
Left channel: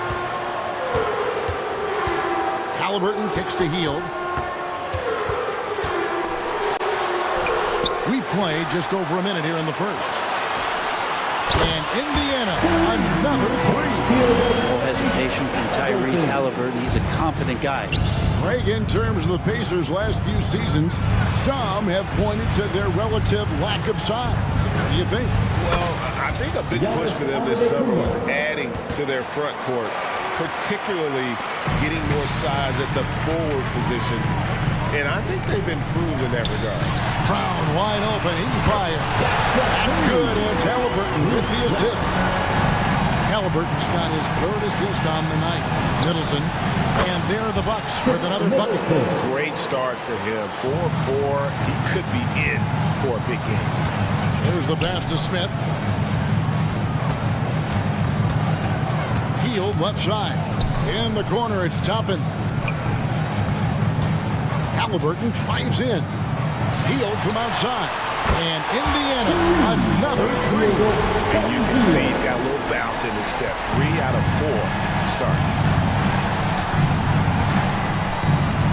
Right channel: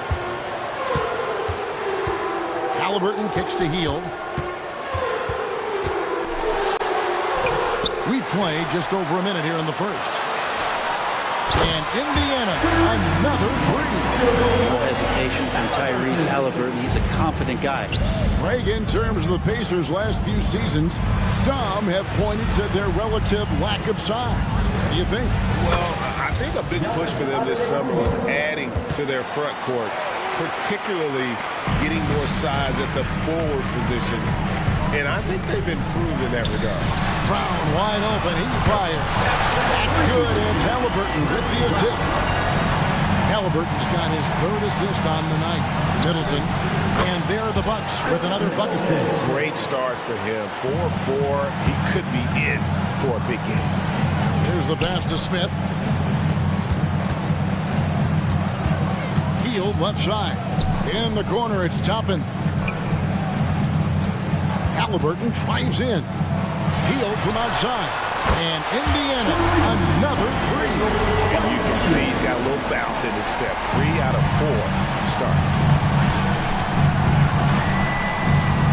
Halliburton kicks to Hield. We play just over a minute here in the first. And Indiana, another 3. No hesitation from Tyrese Halliburton. He's a confident guy. Greg, in terms of the Pacers' last few seasons, some have pointed to their relative lack of size. What do you think? Well, I think a big push for them this summer was adding to their front court, particularly getting more size at the forward positions. And I think they've improved in that regard. Brown wide open. He fires. That's good. It's Halliburton with the assist. Halliburton's got his 3rd assist on the night. Middleton. And there are the Bucks with another bucket. Great start for him. 4-4. He could be in for a big game. There's the pass to Smith. Hield left side. In the corner, it's Toppin. Halliburton drives in. Hield from outside. And Indiana, another 3. And you can see he's got a little bounce in his step. 3 out of 4 to start.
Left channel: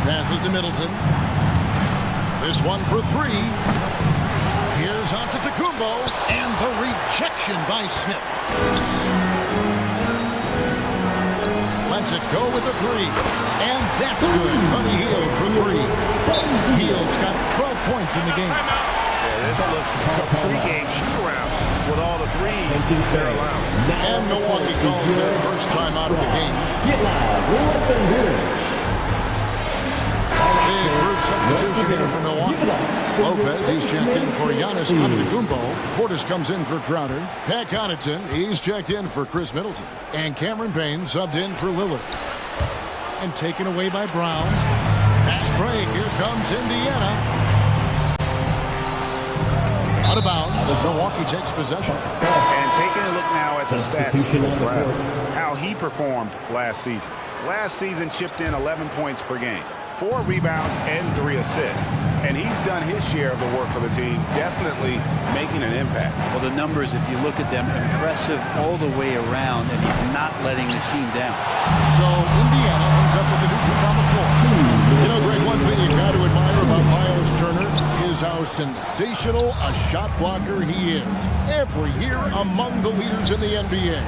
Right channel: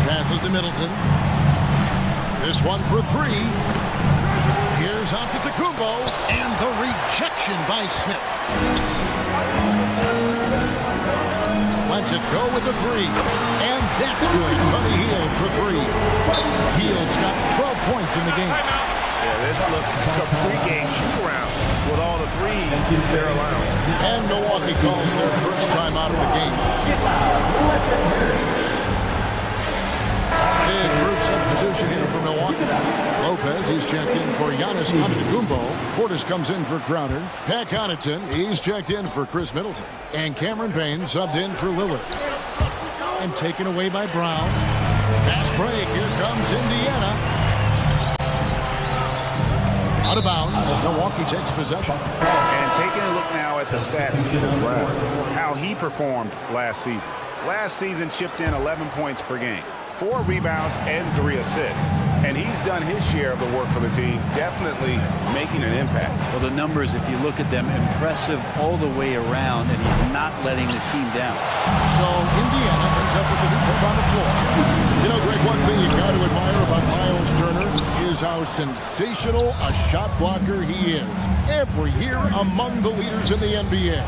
Passes to Middleton. This one for 3. Here's Antetokounmpo. And the rejection by Smith. Lets it go with the 3. And that's good. Buddy Hield for 3. Hield's got 12 points in the game. Yeah, this looks like a pregame shoot-around with all the 3s they're allowing. And Milwaukee calls their first time out of the game. Big group substitution here for Milwaukee. Lopez, he's checked in for Giannis Antetokounmpo. Portis comes in for Crowder. Pat Connaughton, he's checked in for Chris Middleton. And Cameron Payne subbed in for Lillard. And taken away by Brown. Fast break. Here comes Indiana. Out of bounds. Milwaukee takes possession. And taking a look now at the stats of Brown. How he performed last season. Last season chipped in 11 points per game. 4 rebounds and 3 assists. And he's done his share of the work for the team, definitely making an impact. Well, the numbers, if you look at them, impressive all the way around, and he's not letting the team down. So Indiana ends up with a new group on the floor. You know, Greg, one thing you got to admire about Miles Turner is how sensational a shot blocker he is. Every year among the leaders in the NBA.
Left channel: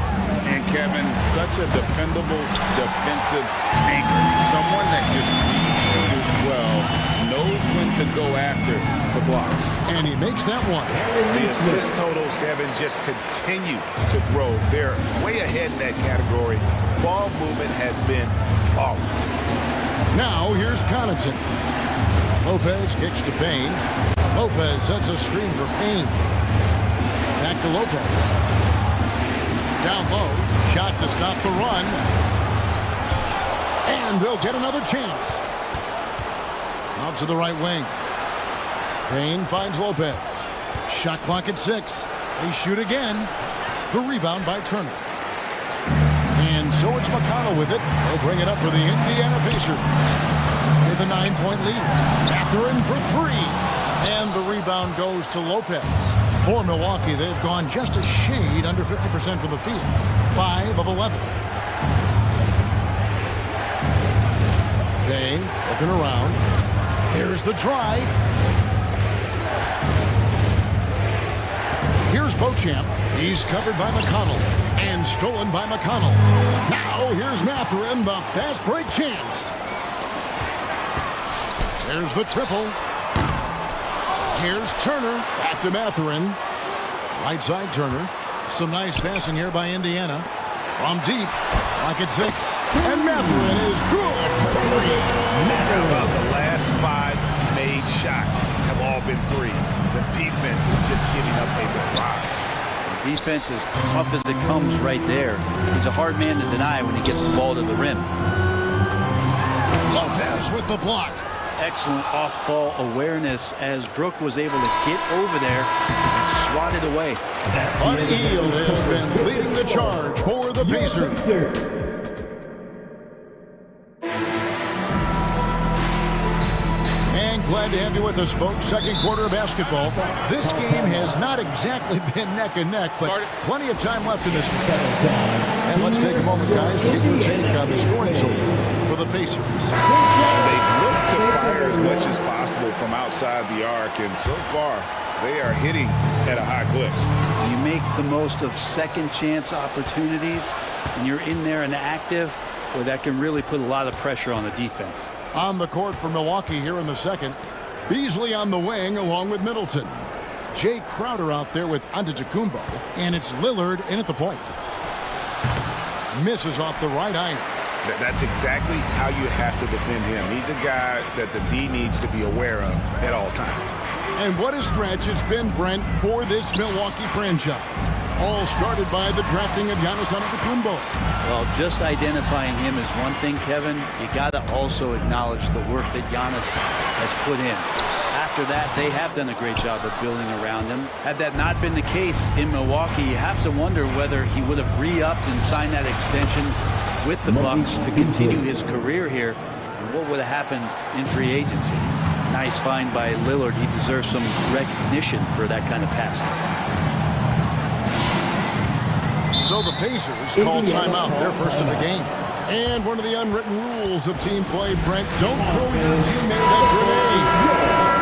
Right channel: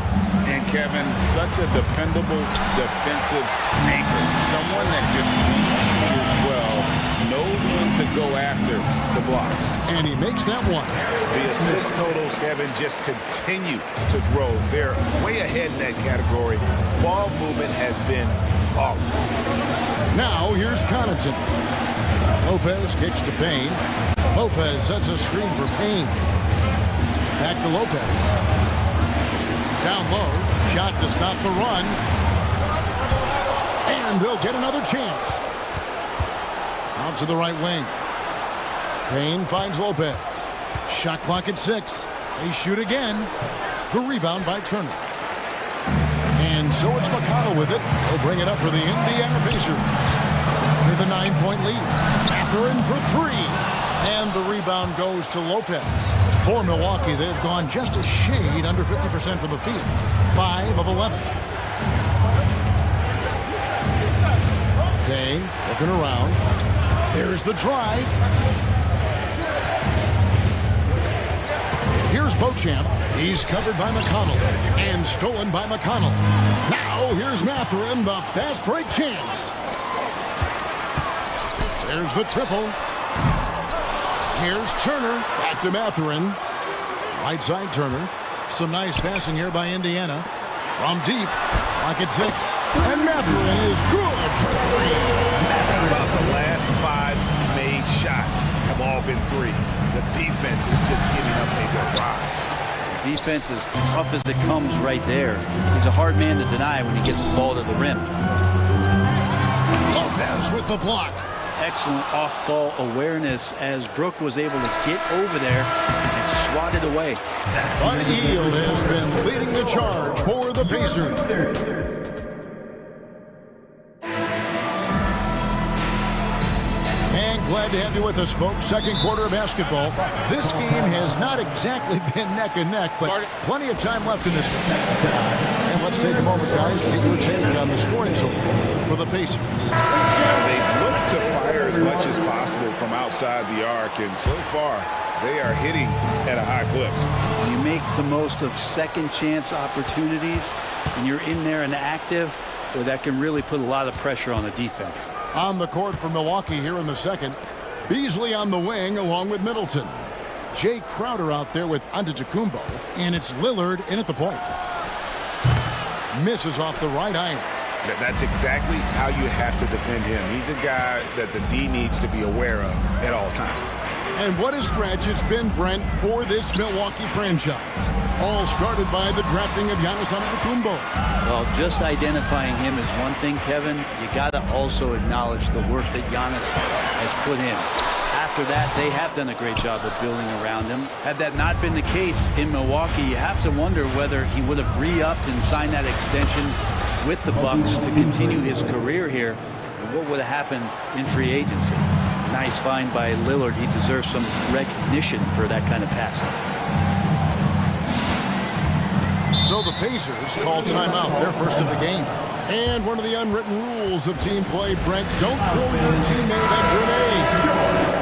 And Kevin, such a dependable defensive anchor. Someone that just reads shooters well, knows when to go after the block. And he makes that one. The assist totals, Kevin, just continue to grow. They're way ahead in that category. Ball movement has been flawless. Now here's Connaughton. Lopez kicks to Payne. Lopez sets a screen for Payne. Back to Lopez. Down low, shot to stop the run. And they'll get another chance. Out to the right wing. Payne finds Lopez. Shot clock at 6. They shoot again. The rebound by Turner. And so it's McConnell with it. They'll bring it up for the Indiana Pacers. With a 9-point lead. Mathurin for 3. And the rebound goes to Lopez. For Milwaukee, they've gone just a shade under 50% from the field. 5 of 11. Payne looking around. There's the drive. Here's Beauchamp. He's covered by McConnell and stolen by McConnell. Now here's Mathurin, the fast break chance. There's the triple. Here's Turner. Back to Mathurin. Right side Turner. Some nice passing here by Indiana. From deep. Lock at 6. And Mathurin is good for 3. How about the last 5 made shots have all been threes? The defense is just giving up a barrage. The defense is tough as it comes right there. He's a hard man to deny when he gets the ball to the rim. Lopez with the block. Excellent off-ball awareness as Brook was able to get over there and swat it away. Bud Hield has been leading the charge for the Pacers. And glad to have you with us, folks. Second quarter of basketball. This game has not exactly been neck and neck, but plenty of time left in this one. And let's take a moment, guys, to get your take on the scoring so far for the Pacers. They've looked to fire as much as possible from outside the arc, and so far they are hitting at a high clip. You make the most of second chance opportunities, and you're in there and active, well, that can really put a lot of pressure on the defense. On the court for Milwaukee here in the second. Beasley on the wing along with Middleton. Jay Crowder out there with Antetokounmpo, and it's Lillard in at the point. Misses off the right iron. That's exactly how you have to defend him. He's a guy that the D needs to be aware of at all times. And what a stretch it's been, Brent, for this Milwaukee franchise. All started by the drafting of Giannis Antetokounmpo. Well, just identifying him is one thing, Kevin. You got to also acknowledge the work that Giannis has put in. After that, they have done a great job of building around him. Had that not been the case in Milwaukee, you have to wonder whether he would have re-upped and signed that extension with the Bucks to continue his career here, and what would have happened in free agency. Nice find by Lillard. He deserves some recognition for that kind of passing. So the Pacers call timeout, their first of the game. And one of the unwritten rules of team play, Brent, don't throw your teammate a grenade.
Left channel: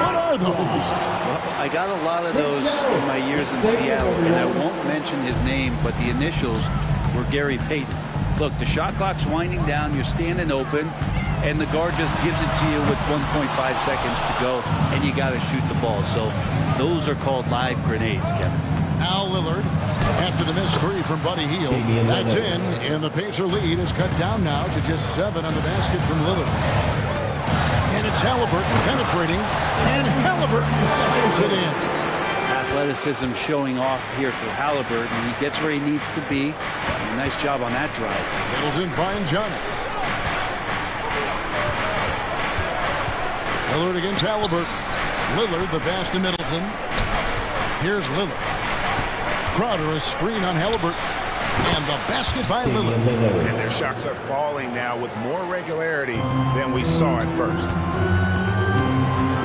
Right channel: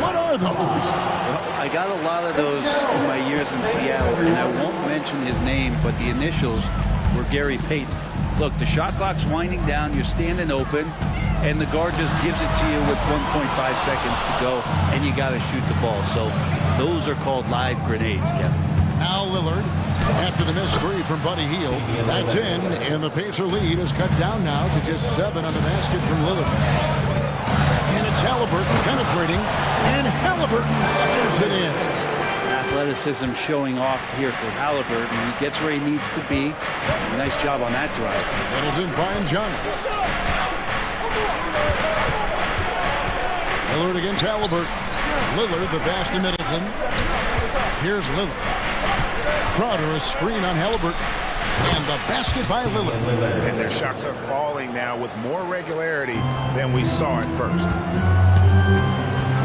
What are those? Well, I got a lot of those in my years in Seattle, and I won't mention his name, but the initials were Gary Payton. Look, the shot clock's winding down, you're standing open, and the guard just gives it to you with 1.5 seconds to go, and you got to shoot the ball. So those are called live grenades, Kevin. Now Lillard, after the missed 3 from Buddy Hield, that's in, and the Pacer lead is cut down now to just 7 on the basket from Lillard. And it's Halliburton penetrating, and Halliburton slams it in. Athleticism showing off here for Halliburton. He gets where he needs to be. Nice job on that drive. Middleton finds Giannis. Lillard against Halliburton. Lillard, the pass to Middleton. Here's Lillard. Crowder, a screen on Halliburton. And the basket by Lillard. And their shots are falling now with more regularity than we saw at first.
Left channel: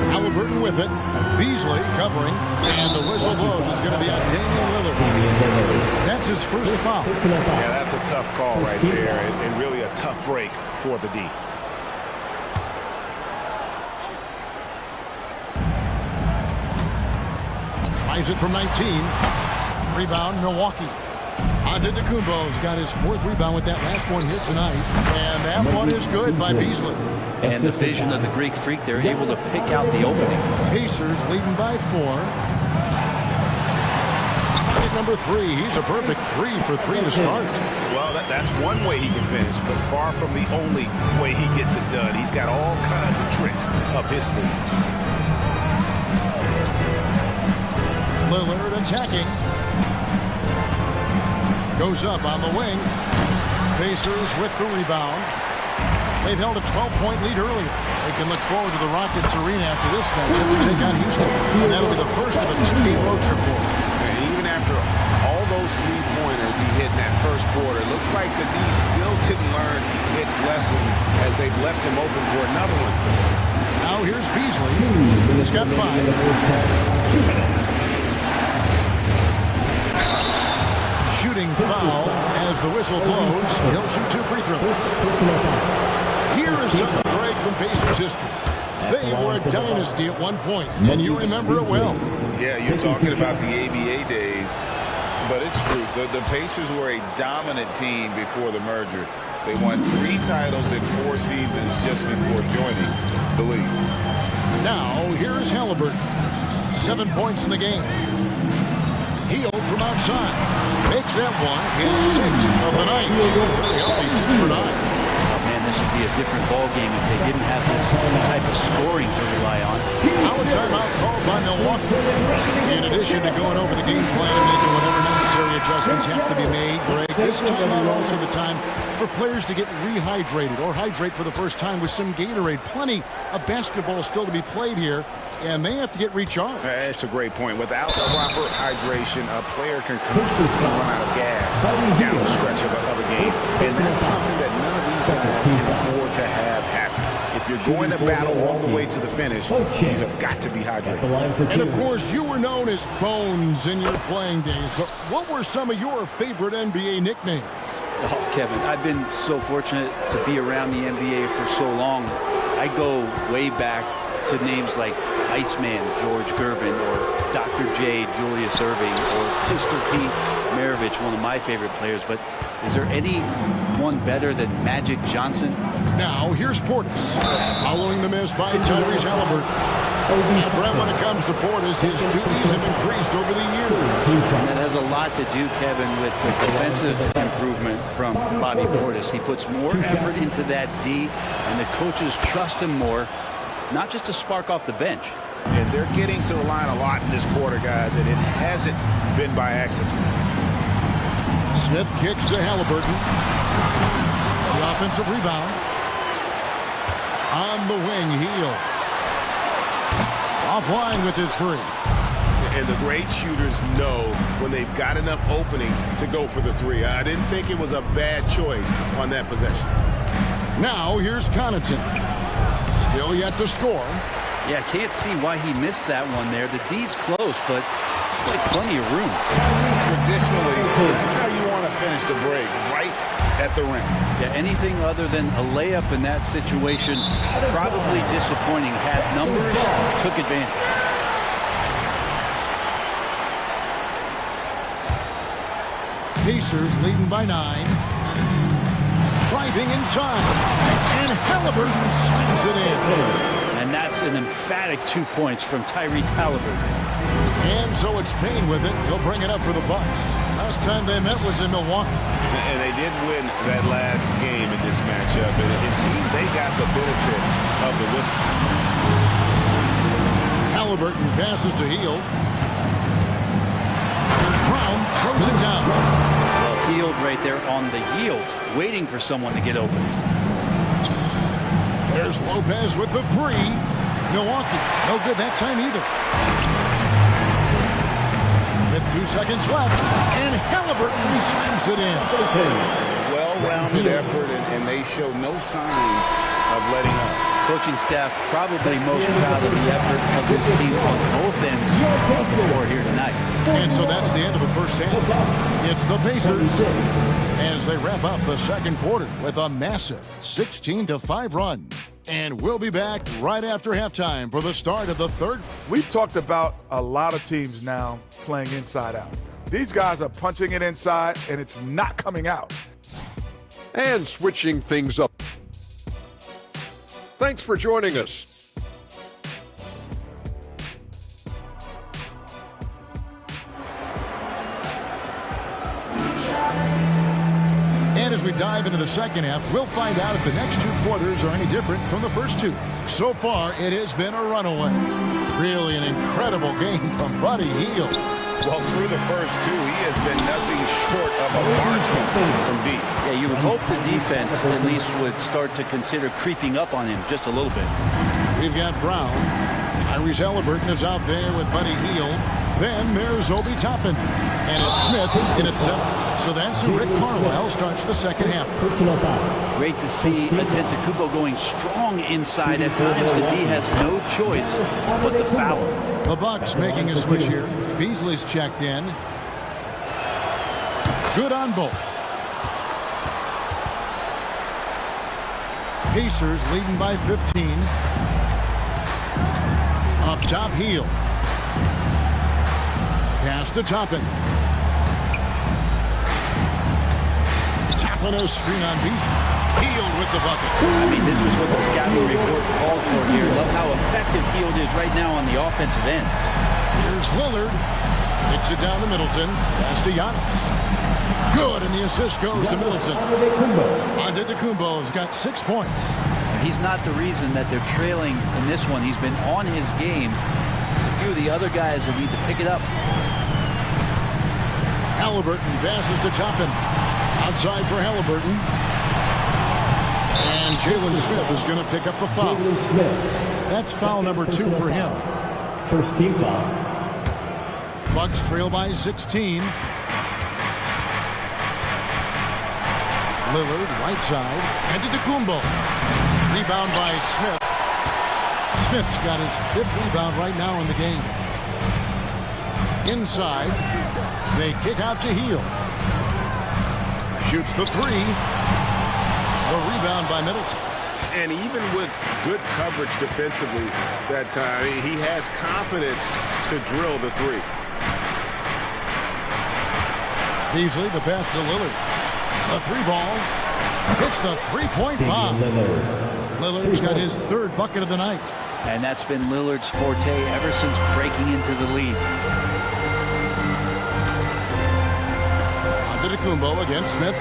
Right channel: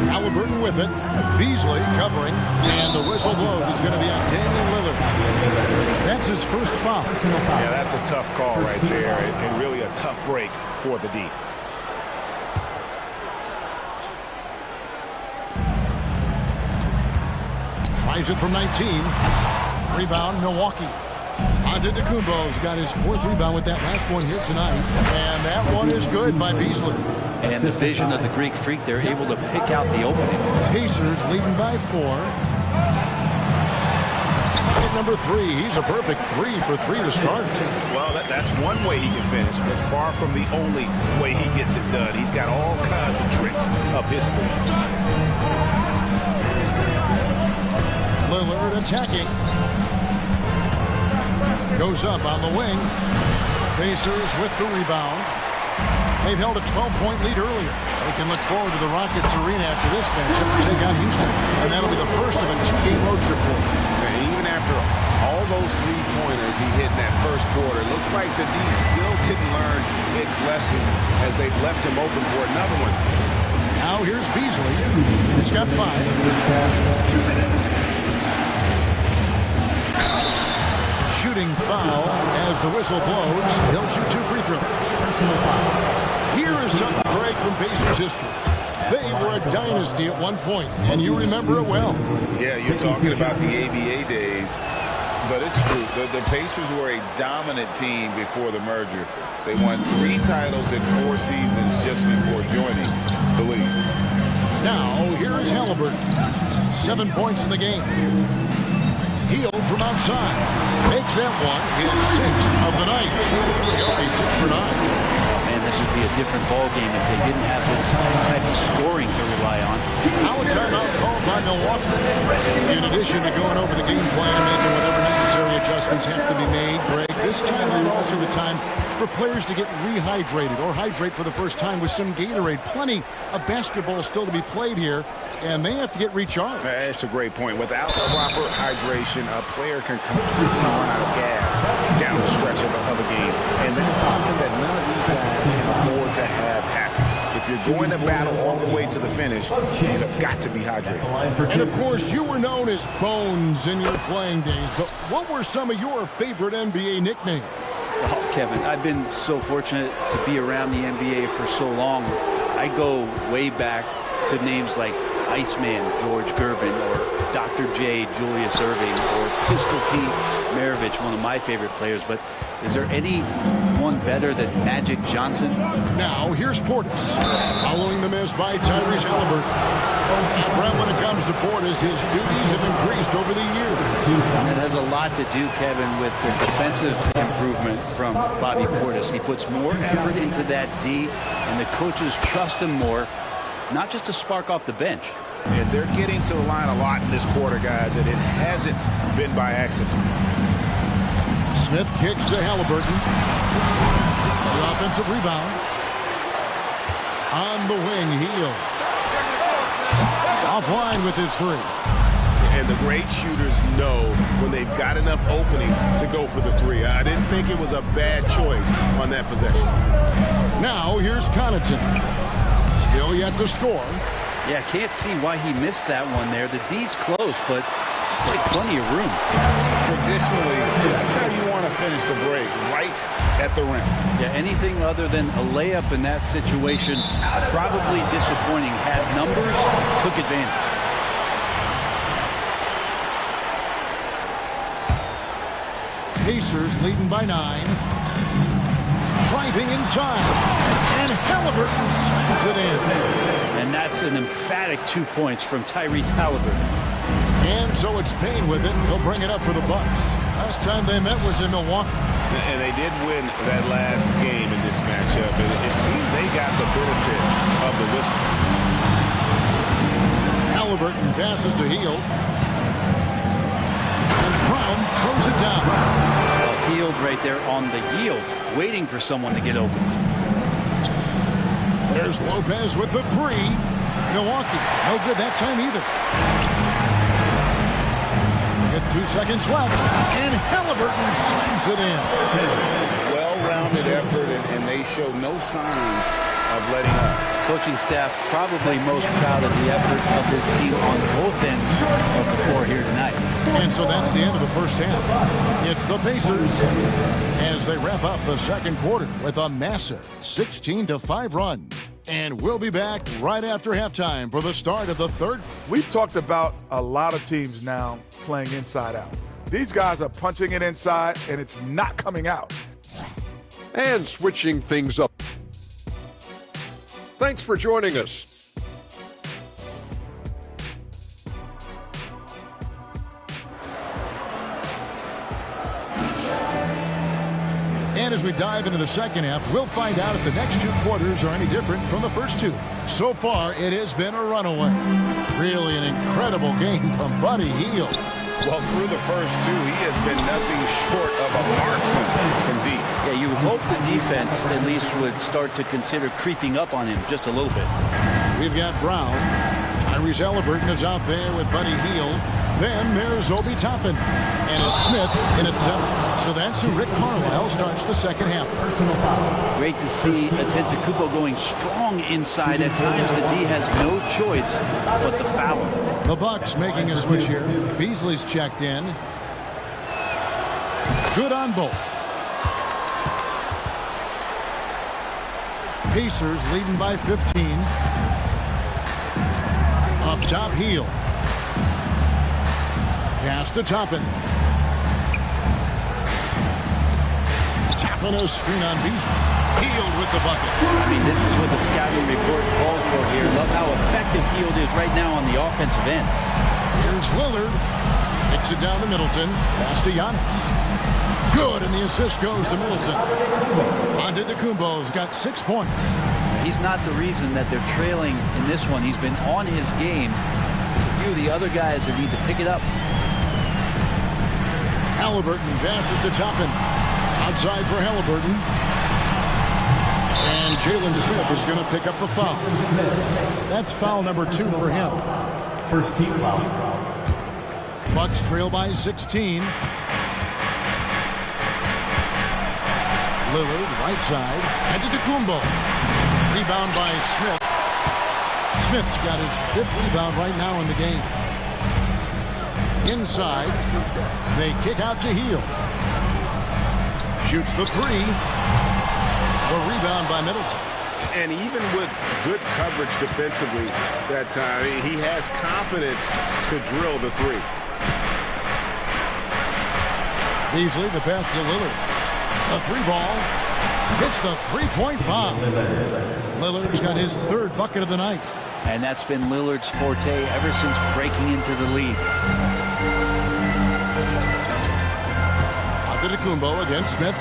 Halliburton with it. Beasley covering. And the whistle blows. It's going to be on Damian Lillard. That's his first foul. Yeah, that's a tough call right there. And really a tough break for the D. Tries it from 19. Rebound, Milwaukee. Antetokounmpo's got his 4th rebound with that last one here tonight. And that one is good by Beasley. And the vision of the Greek Freak, they're able to pick out the opening. Pacers leading by 4. At number 3, he's a perfect 3 for 3 to start. Well, that's one way he can finish, but far from the only way he gets it done. He's got all kinds of tricks up his sleeve. Lillard attacking. Goes up on the wing. Pacers with the rebound. They've held a 12-point lead earlier. They can look forward to the Rockets Arena after this matchup to take on Houston. And that'll be the first of a 2-game road trip for them. And even after all those 3-pointers he hit in that first quarter, looks like the D still didn't learn its lesson as they've left him open for another one. Now here's Beasley. He's got 5. 2 minutes. Shooting foul as the whistle blows. He'll shoot 2 free throws. Here is some break from Pacers history. They were a dynasty at one point, and you remember it well. Yeah, you're talking about the ABA days. But it's true. The Pacers were a dominant team before the merger. They won 3 titles in 4 seasons just before joining the league. Now, here is Halliburton. 7 points in the game. Healed from outside. Makes that one his 6th of the night. Shooting very healthy, 6 for 9. Oh, man, this would be a different ball game if they didn't have this type of scoring to rely on. Now a timeout called by Milwaukee. In addition to going over the game plan and making whatever necessary adjustments have to be made, Greg, this timeout also the time for players to get rehydrated or hydrate for the first time with some Gatorade. Plenty of basketball still to be played here, and they have to get recharged. That's a great point. Without proper hydration, a player can completely run out of gas down the stretch of a game. And that's something that none of these guys can afford to have happen. If you're going to battle all the way to the finish, you have got to be hydrated. And of course, you were known as Bones in your playing days, but what were some of your favorite NBA nicknames? Oh, Kevin, I've been so fortunate to be around the NBA for so long. I go way back to names like Iceman, George Gervin, or Dr. J, Julius Erving, or Pistol Pete Maravich, one of my favorite players. But is there anyone better than Magic Johnson? Now, here's Portis. Following the miss by Tyrese Halliburton. Now, Brent, when it comes to Portis, his duties have increased over the years. And that has a lot to do, Kevin, with the defensive improvement from Bobby Portis. He puts more effort into that D, and the coaches trust him more, not just to spark off the bench. And they're getting to the line a lot in this quarter, guys, and it hasn't been by accident. Smith kicks to Halliburton. The offensive rebound. On the wing, Heel. Offline with his 3. And the great shooters know when they've got enough opening to go for the 3. I didn't think it was a bad choice on that possession. Now here's Connaughton. Still yet to score. Yeah, can't see why he missed that one there. The D's close, but like plenty of room. Traditionally, that's how you want to finish the break, right at the rim. Yeah, anything other than a layup in that situation, probably disappointing. Had numbers, took advantage. Pacers leading by 9. Driving inside. And Halliburton slams it in. And that's an emphatic 2 points from Tyrese Halliburton. And so it's Payne with it. He'll bring it up for the Bucks. Last time they met was in Milwaukee. And they did win that last game in this matchup. And it seemed they got the benefit of the whistle. Halliburton passes to Heel. And Brown throws it down. Well, Healed right there on the yield, waiting for someone to get open. There's Lopez with the 3. Milwaukee, no good that time either. With 2 seconds left, and Halliburton slams it in. Well-rounded effort, and they show no signs of letting up. Coaching staff probably most proud of the effort of this team on both ends of the floor here tonight. And so that's the end of the first half. It's the Pacers as they wrap up the second quarter with a massive 16-5 run. And we'll be back right after halftime for the start of the third. We've talked about a lot of teams now playing inside out. These guys are punching it inside, and it's not coming out. And switching things up. Thanks for joining us. And as we dive into the second half, we'll find out if the next 2 quarters are any different from the first 2. So far, it has been a runaway. Really an incredible game from Buddy Hield. Well, through the first 2, he has been nothing short of a marksman from deep. Yeah, you would hope the defense at least would start to consider creeping up on him just a little bit. We've got Brown. Tyrese Halliburton is out there with Buddy Hield. Then there's Obi Toppin. And it's Smith in at 7. So that's who Rick Carlisle starts the second half. Great to see Antetokounmpo going strong inside at times. The D has no choice but to foul him. The Bucks making a switch here. Beasley's checked in. Good on both. Pacers leading by 15. Up top, Hield. Pass to Toppin. Tackling a screen on Beasley. Hield with the bucket. I mean, this is what the scouting report called for here. Love how effective Hield is right now on the offensive end. Here's Lillard. Kicks it down to Middleton. Pass to Giannis. Good, and the assist goes to Middleton. Antetokounmpo's got 6 points. He's not the reason that they're trailing in this one. He's been on his game. There's a few of the other guys that need to pick it up. Halliburton passes to Toppin. Outside for Halliburton. And Jalen Smith is going to pick up a foul. That's foul number 2 for him. First team foul. Bucks trail by 16. Lillard, right side. Antetokounmpo. Rebound by Smith. Smith's got his 5th rebound right now in the game. Inside. They kick out to Hield. Shoots the 3. The rebound by Middleton. And even with good coverage defensively that time, he has confidence to drill the 3. Beasley, the pass to Lillard. The 3 ball. Hits the 3-point bomb. Lillard's got his 3rd bucket of the night. And that's been Lillard's forte ever since breaking into the league. Antetokounmpo against Smith.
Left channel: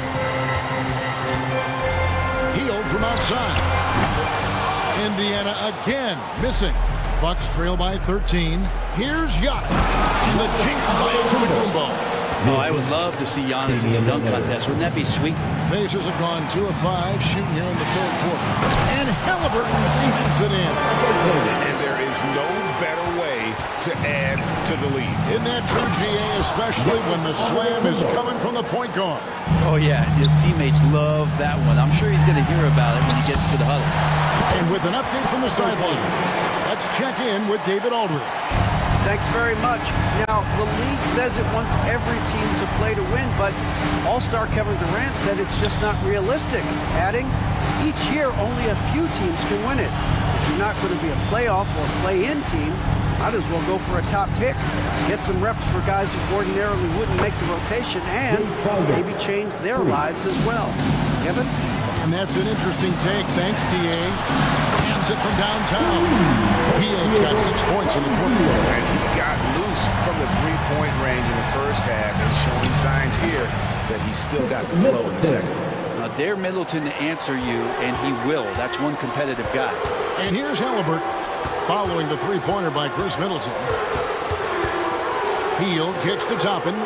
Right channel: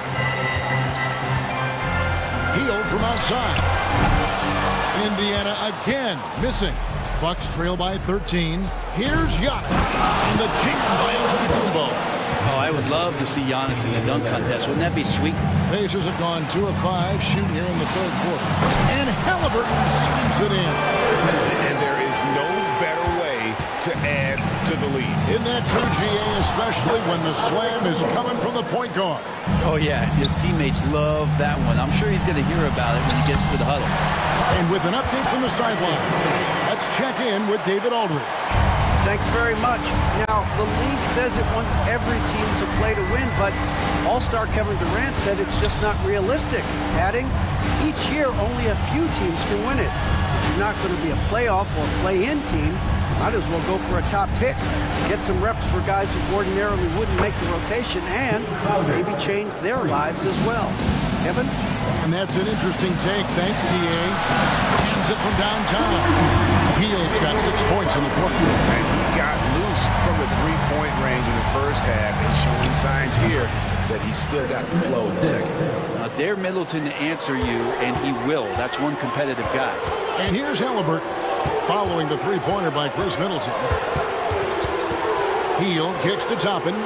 Hield from outside. Indiana again missing. Bucks trail by 13. Here's Giannis. And the jam by Antetokounmpo. Oh, I would love to see Giannis in the dunk contest. Wouldn't that be sweet? Pacers have gone 2 of 5 shooting here in the 3rd quarter. And Halliburton slams it in. And there is no better way to add to the lead. Isn't that true, GA, especially when the slam is coming from the point guard? Oh, yeah. His teammates love that one. I'm sure he's going to hear about it when he gets to the huddle. And with an update from the sideline, let's check in with David Aldridge. Thanks very much. Now, the league says it wants every team to play to win, but All-Star Kevin Durant said it's just not realistic, adding, each year only a few teams can win it. If you're not going to be a playoff or play-in team, might as well go for a top pick, get some reps for guys who ordinarily wouldn't make the rotation, and maybe change their lives as well. Kevin? And that's an interesting take. Thanks, DA. Hands it from downtown. Hield's got 6 points in the quarter. And he got loose from the 3-point range in the first half and showing signs here that he's still got the flow in the second. Now, dare Middleton to answer you, and he will. That's one competitive guy. And here's Halliburton following the 3-pointer by Chris Middleton. Hield kicks to Toppin.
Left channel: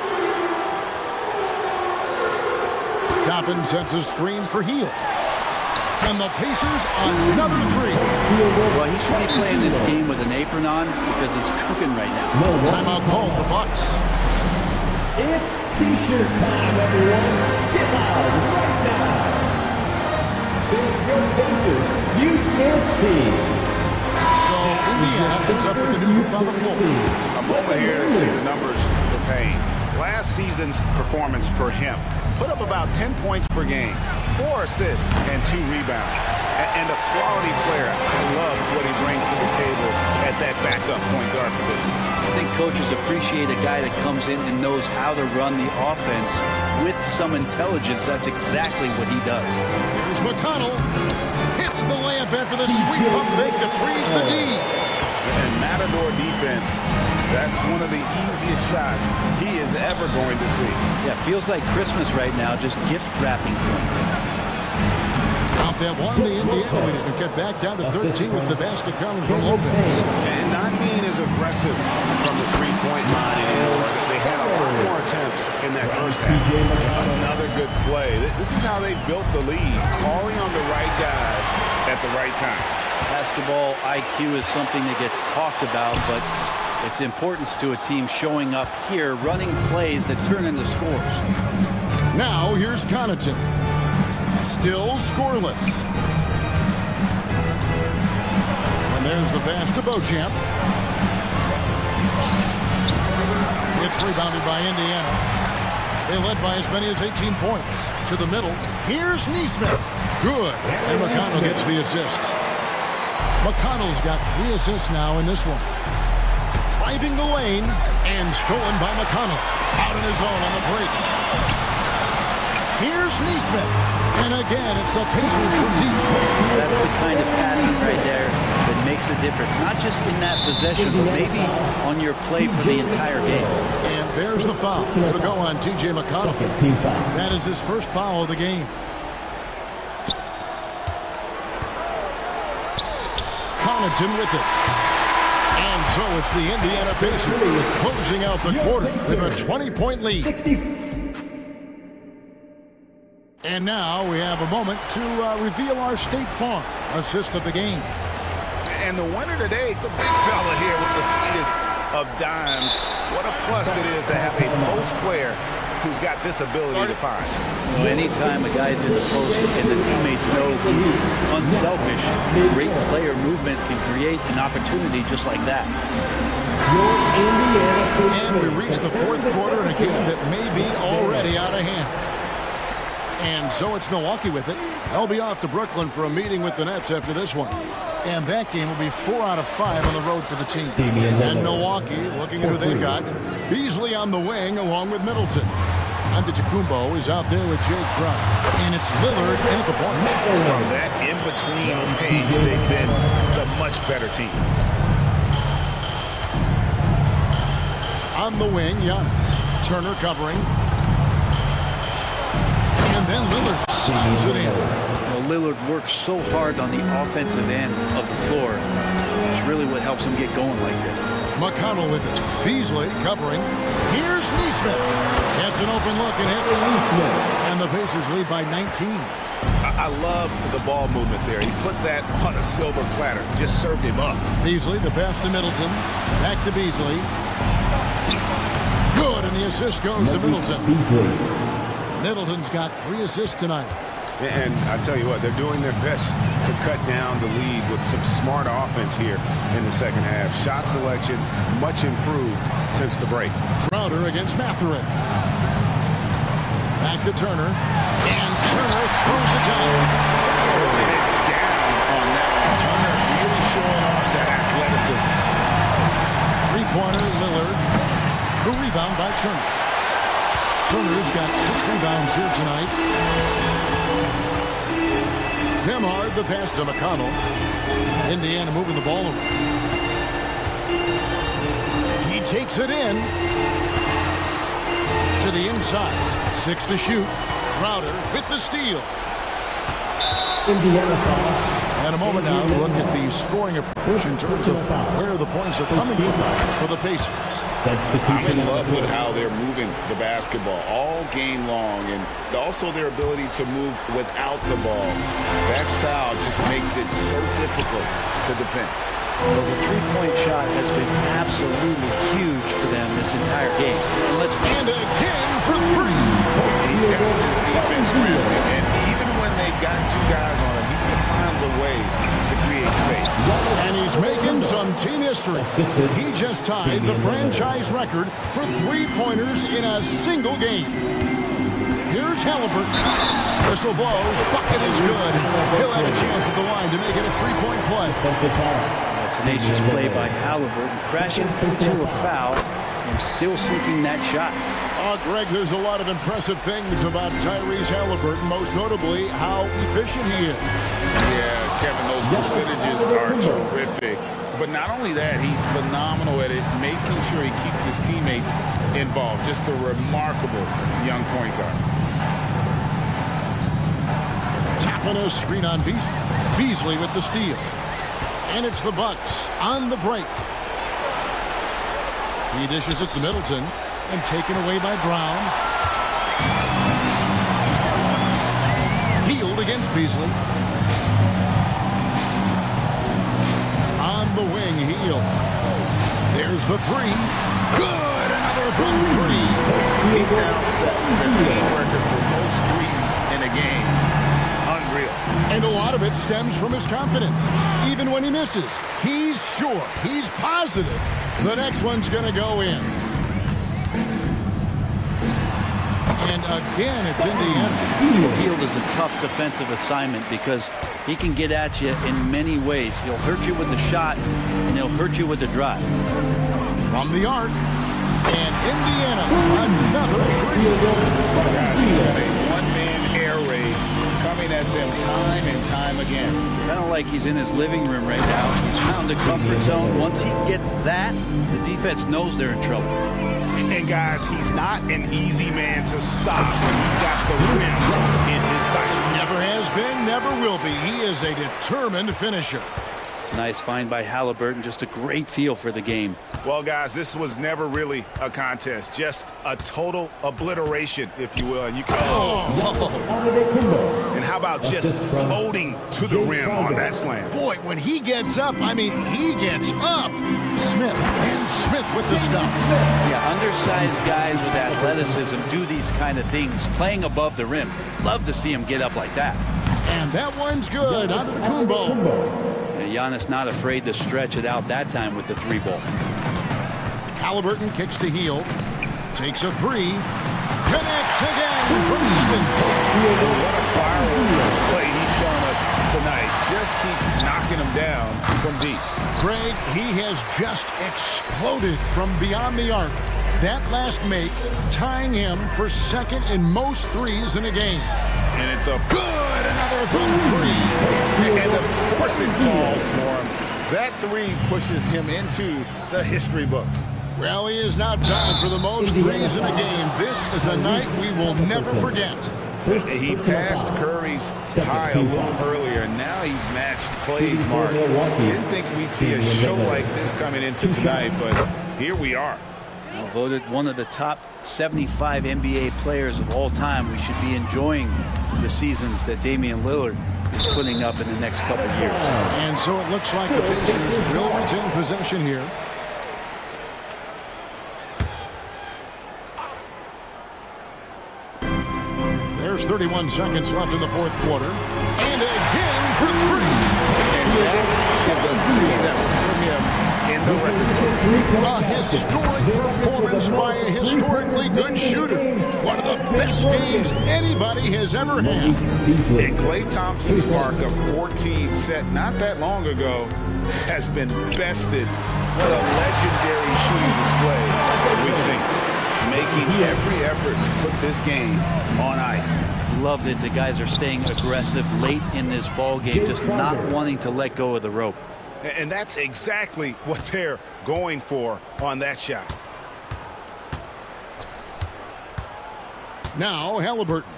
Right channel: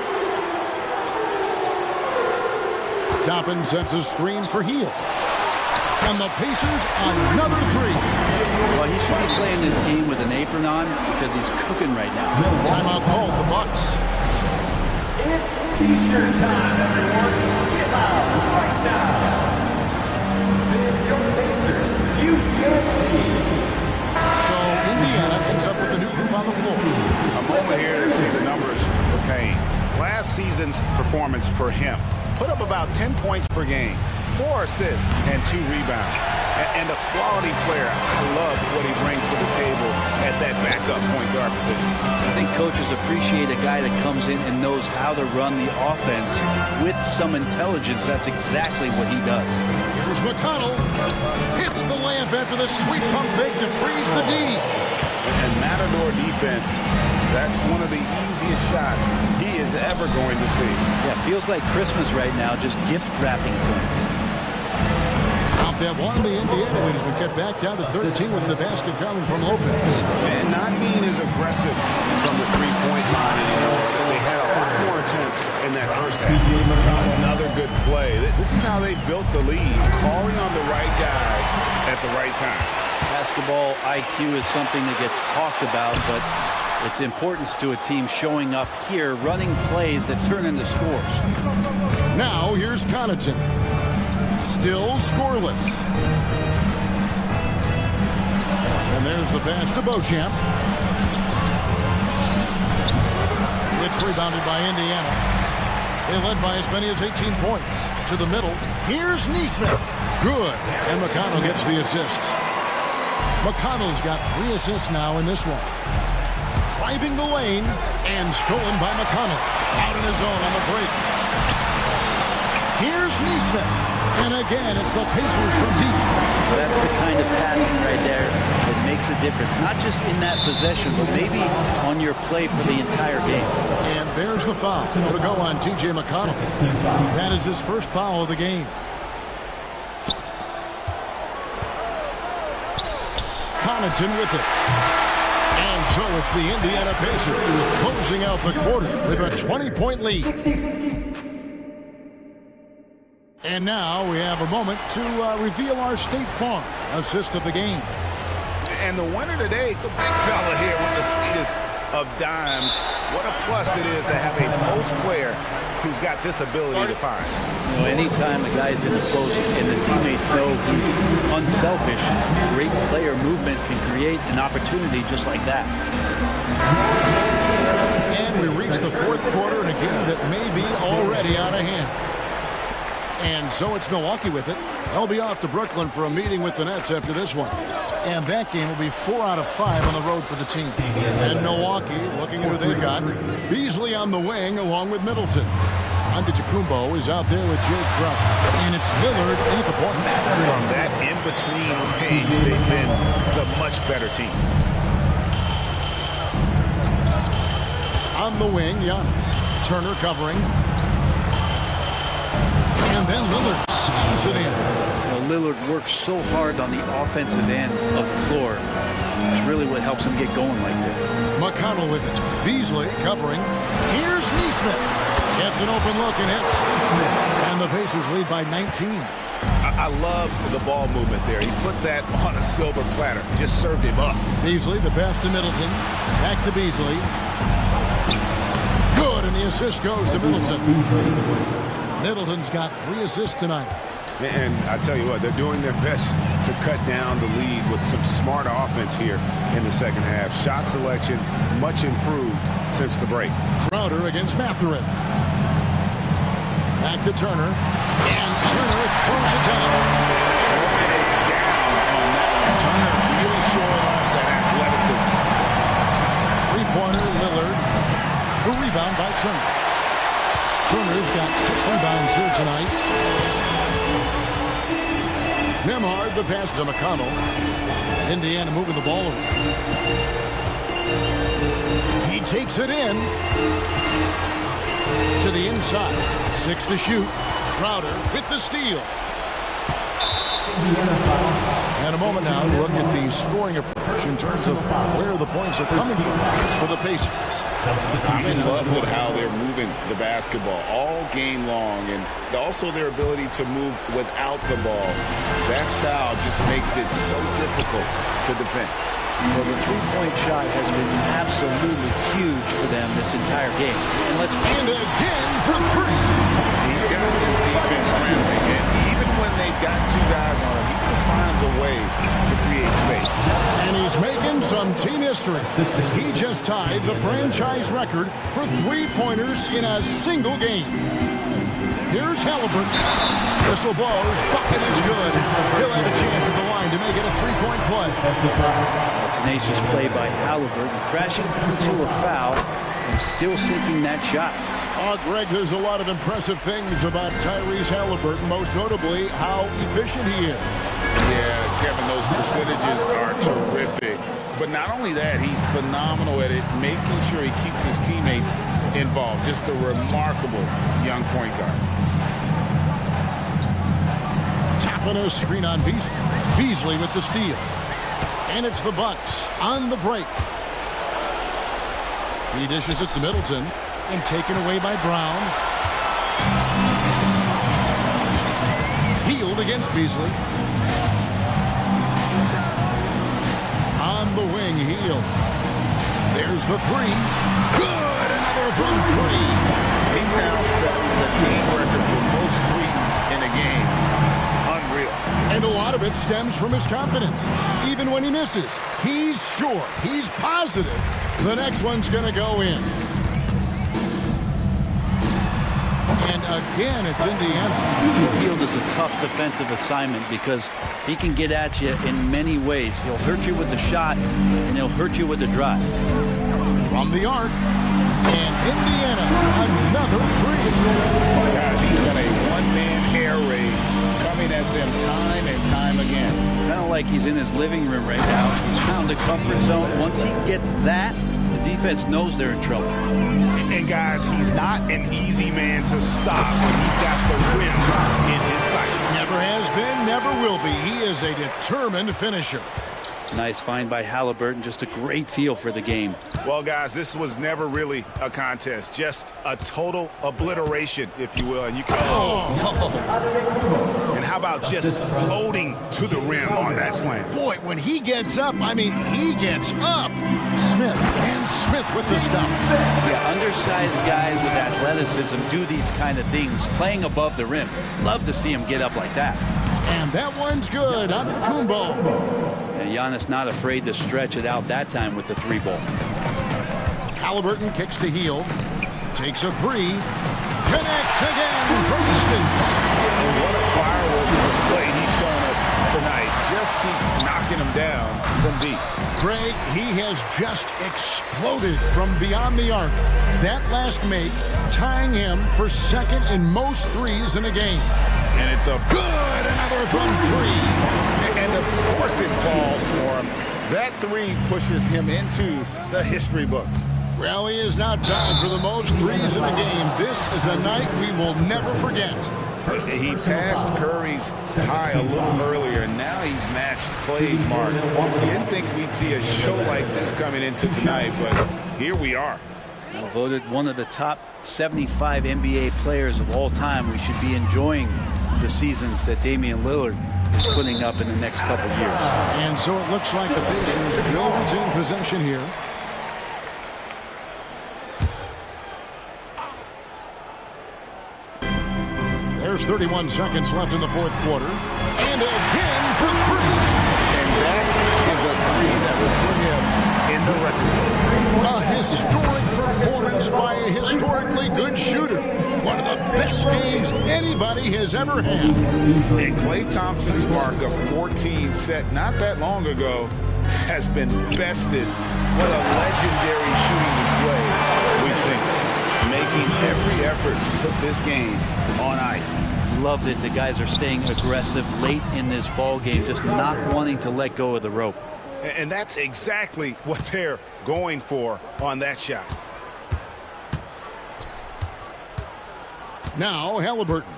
Toppin sets a screen for Hield. And the Pacers another 3. Well, he should be playing this game with an apron on because he's cooking right now. Timeout called, the Bucks. It's T-shirt time, everyone. Get loud right now. This is your Pacers Youth Dance Team. So Indiana ends up with a new group on the floor. A moment here to see the numbers for Payne. Last season's performance for him. Put up about 10 points per game, 4 assists, and 2 rebounds. And a quality player. I love what he brings to the table at that backup point guard position. I think coaches appreciate a guy that comes in and knows how to run the offense with some intelligence. That's exactly what he does. Here's McConnell. Hits the layup after the sweep pump fake to freeze the D. And Matador defense, that's one of the easiest shots he is ever going to see. Yeah, feels like Christmas right now, just gift wrapping points. Out that one, the Indiana lead has been cut back down to 13 with the basket coming from Lopez. And not being as aggressive from the three-point line anymore. They had a lot more attempts in that first half. Another good play. This is how they built the lead, calling on the right guys at the right time. Basketball IQ is something that gets talked about, but its importance to a team showing up here, running plays that turn into scores. Now here's Connaughton. Still scoreless. And there's the pass to Beauchamp. It's rebounded by Indiana. They led by as many as 18 points. To the middle. Here's Neesmith. Good. And McConnell gets the assist. McConnell's got 3 assists now in this one. Driving the lane and stolen by McConnell. Out in his own on the break. Here's Neesmith. And again, it's the Pacers from deep. That's the kind of passing right there that makes a difference, not just in that possession, but maybe on your play for the entire game. And there's the foul. It'll go on T.J. McConnell. That is his first foul of the game. Connaughton with it. And so it's the Indiana Pacers closing out the quarter with a 20-point lead. And now we have a moment to reveal our State Farm assist of the game. And the winner today, the big fella here with the sweetest of dimes. What a plus it is to have a post player who's got this ability to find. You know, anytime a guy's in the post and the teammates know he's unselfish, great player movement can create an opportunity just like that. And we reach the fourth quarter in a game that may be already out of hand. And so it's Milwaukee with it. They'll be off to Brooklyn for a meeting with the Nets after this one. And that game will be 4 out of 5 on the road for the team. And Milwaukee, looking at who they've got, Beasley on the wing along with Middleton. Antetokounmpo is out there with Jay Crowder. And it's Lillard in at the point. From that in-between range, they've been the much better team. On the wing, Giannis. Turner covering. And then Lillard slams it in. You know, Lillard works so hard on the offensive end of the floor. It's really what helps him get going like this. McConnell with it. Beasley covering. Here's Neesmith. Gets an open look and hits. And the Pacers lead by 19. I love the ball movement there. He put that on a silver platter. Just served him up. Beasley, the pass to Middleton. Back to Beasley. Good, and the assist goes to Middleton. Middleton's got 3 assists tonight. And I tell you what, they're doing their best to cut down the lead with some smart offense here in the second half. Shot selection much improved since the break. Crowder against Mathurin. Back to Turner. And Turner throws it down. Throwing it down on that one. Turner really showing off that athleticism. Three-pointer, Lillard. The rebound by Turner. Turner's got 6 rebounds here tonight. Nembhard, the pass to McConnell. Indiana moving the ball around. He takes it in. To the inside. 6 to shoot. Crowder with the steal. Indiana foul. And a moment now to look at the scoring approach in terms of where the points are coming from for the Pacers. I'm in love with how they're moving the basketball all game long, and also their ability to move without the ball. That style just makes it so difficult to defend. Well, the three-point shot has been absolutely huge for them this entire game. And again for 3. He's got this defense ramping, and even when they've got 2 guys on him, he just finds a way to create space. And he's making some team history. He just tied the franchise record for 3-pointers in a single game. Here's Halliburton. Whistle blows. Bucket is good. He'll have a chance at the line to make it a 3-point play. Tenacious play by Halliburton, crashing into a foul and still sinking that shot. Oh, Greg, there's a lot of impressive things about Tyrese Halliburton, most notably how efficient he is. Yeah, Kevin, those percentages are terrific. But not only that, he's phenomenal at it, making sure he keeps his teammates involved. Just a remarkable young point guard. Tapping a screen on Beasley. Beasley with the steal. And it's the Bucks on the break. He dishes it to Middleton and taken away by Brown. Healed against Beasley. On the wing, Heal. There's the 3. Good! Another from 3. He's now setting the team record for most threes in a game. Unreal. And a lot of it stems from his confidence. Even when he misses, he's sure, he's positive the next one's going to go in. And again, it's Indiana. Well, Hield is a tough defensive assignment because he can get at you in many ways. He'll hurt you with the shot, and he'll hurt you with the drive. From the arc, and Indiana, another 3. Guys, he's got a one-man air raid coming at them time and time again. Kind of like he's in his living room right now. He's found a comfort zone. Once he gets that, the defense knows they're in trouble. And guys, he's not an easy man to stop when he's got the rim in his sights. Never has been, never will be. He is a determined finisher. Nice find by Halliburton. Just a great feel for the game. Well, guys, this was never really a contest. Just a total obliteration, if you will. And you can. And how about just floating to the rim on that slam? Boy, when he gets up, I mean, he gets up. Smith with the stuff. Yeah, undersized guys with athleticism do these kind of things, playing above the rim. Love to see him get up like that. And that one's good. Onto the Kumbo. Giannis not afraid to stretch it out that time with the three ball. Halliburton kicks to Hield. Takes a three. Connects again from distance. And what a fireworks display he's shown us tonight. Just keeps knocking them down from deep. Greg, he has just exploded from beyond the arc. That last make tying him for second in most threes in a game. And it's a good, another from three. And of course it falls for him. That three pushes him into the history books. Well, he is now tied for the most threes in a game. This is a night we will never forget. He passed Curry's high a little earlier, and now he's matched Clay's mark. Didn't think we'd see a show like this coming into tonight, but here we are. Now voted one of the top 75 NBA players of all time. We should be enjoying the seasons that Damian Lillard is putting up in the next couple years. And so it looks like the Pacers will retain possession here. There's 31 seconds left in the fourth quarter. And again for three. And that is a three that will put him in the record books. A historic performance by a historically good shooter. One of the best games anybody has ever had. And Klay Thompson's mark of 14 set not that long ago has been bested. What a legendary shooting display we've seen. Making every effort to put this game on ice. Loved it. The guys are staying aggressive late in this ball game, just not wanting to let go of the rope. And that's exactly what they're going for on that shot. Now Halliburton.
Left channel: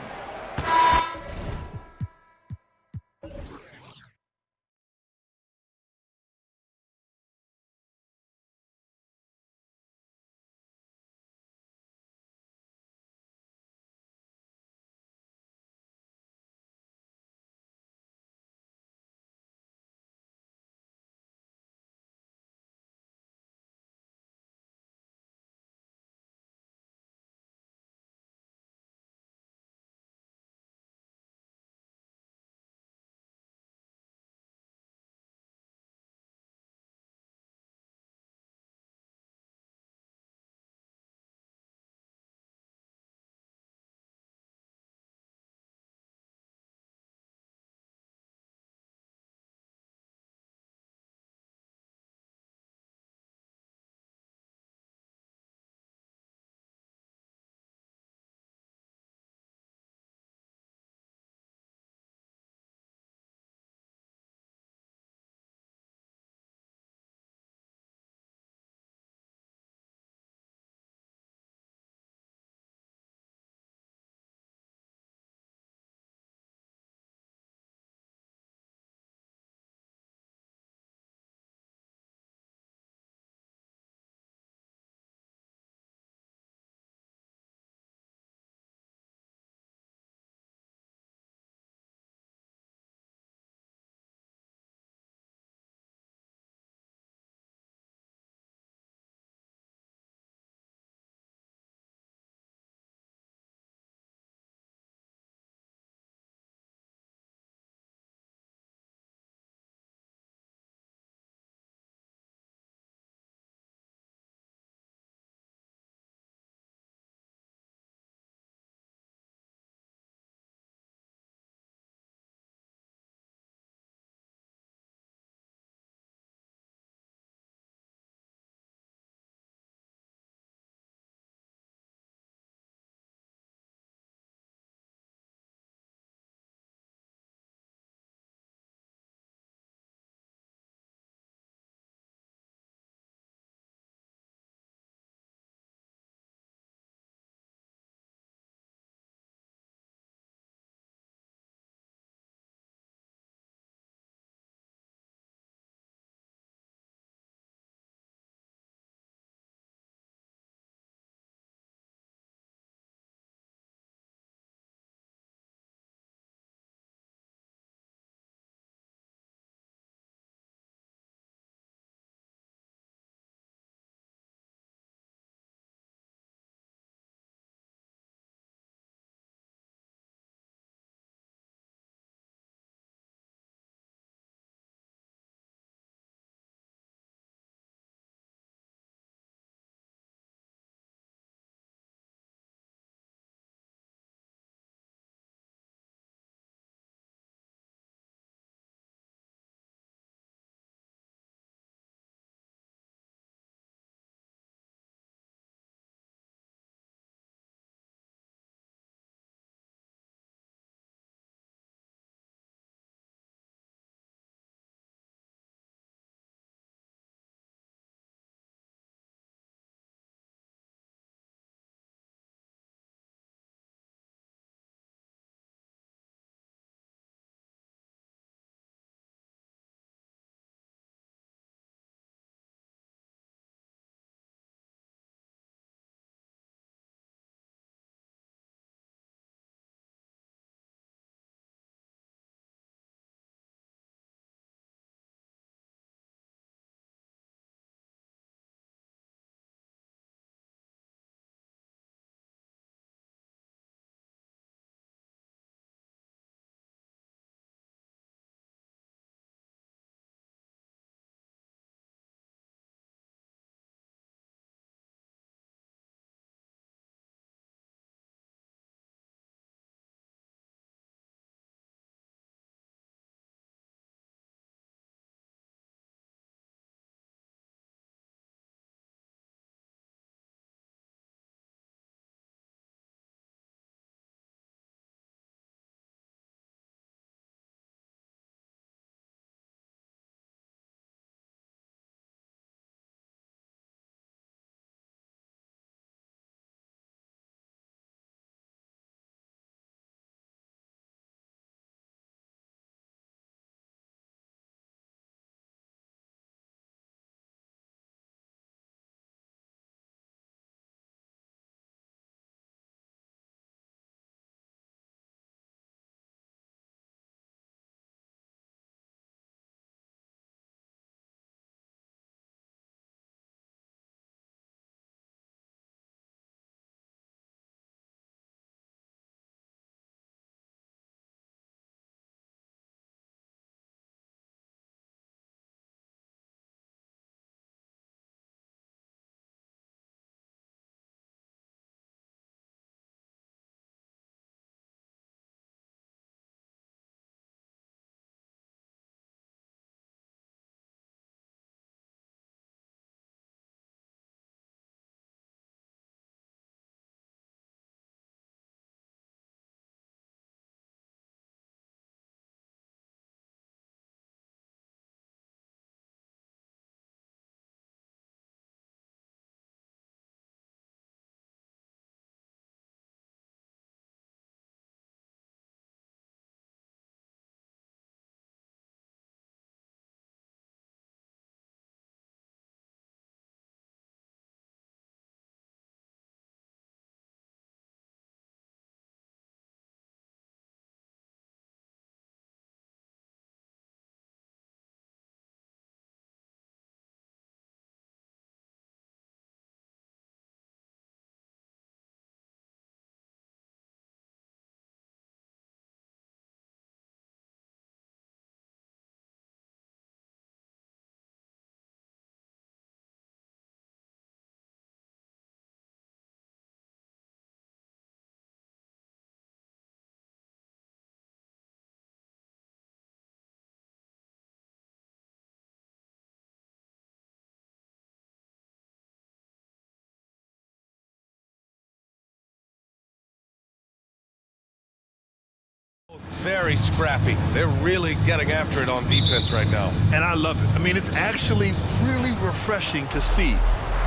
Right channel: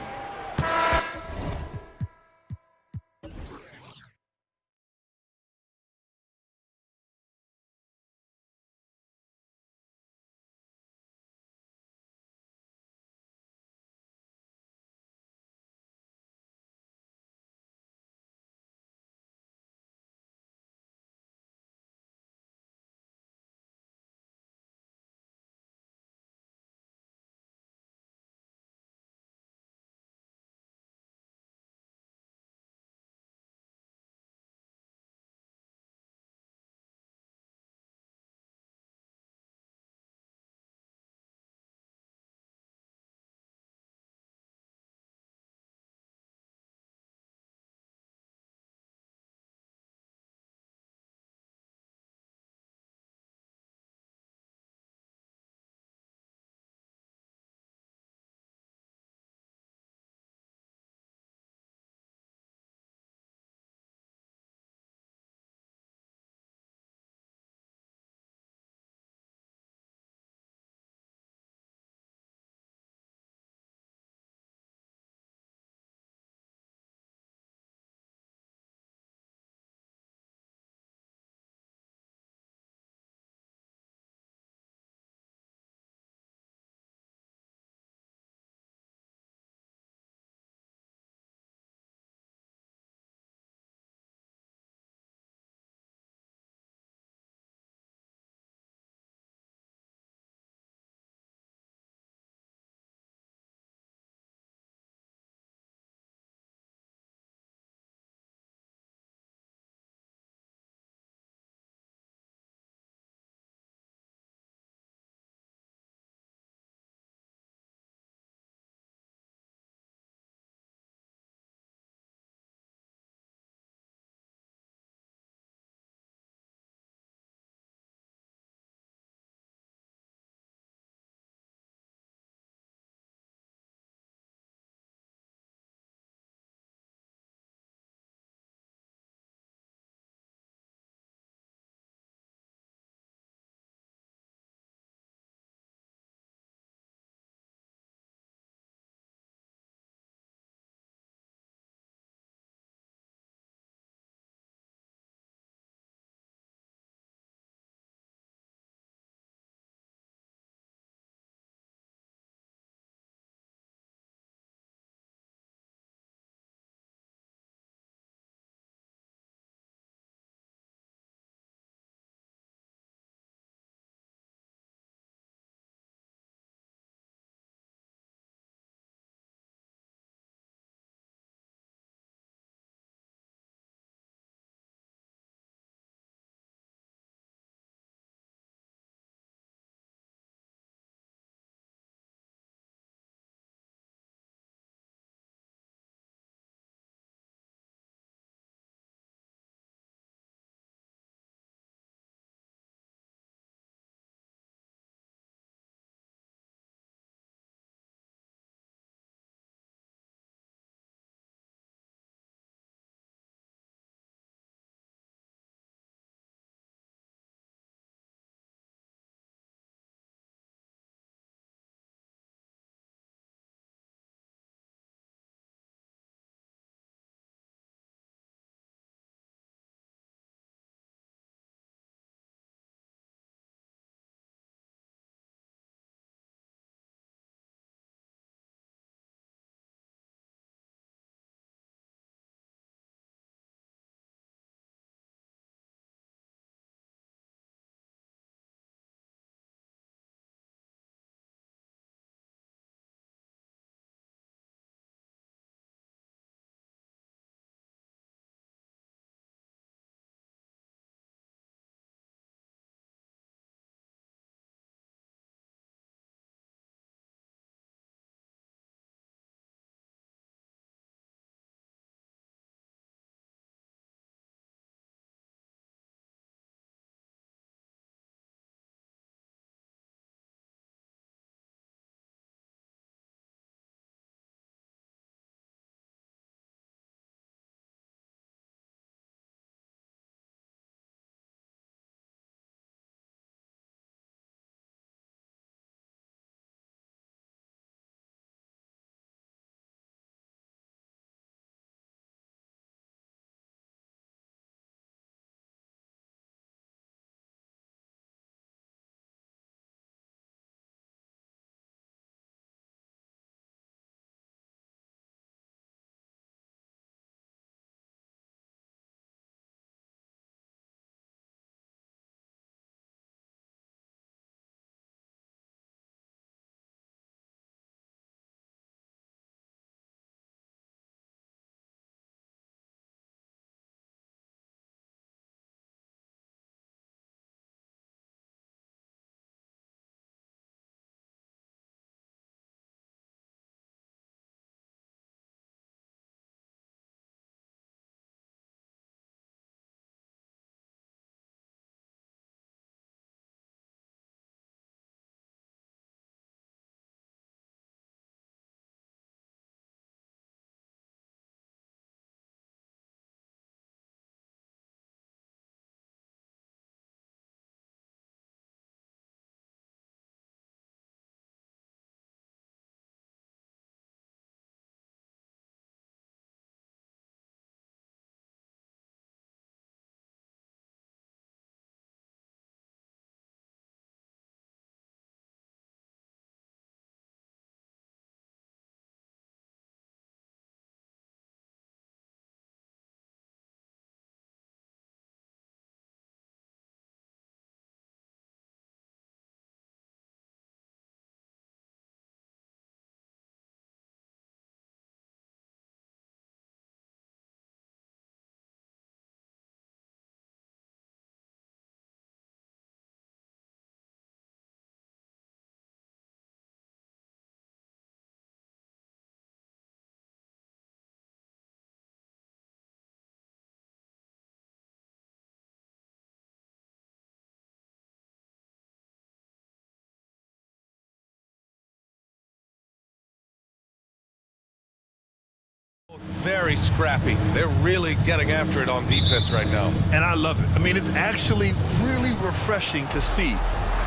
very scrappy. They're really getting after it on defense right now. And I love it. I mean, it's actually really refreshing to see.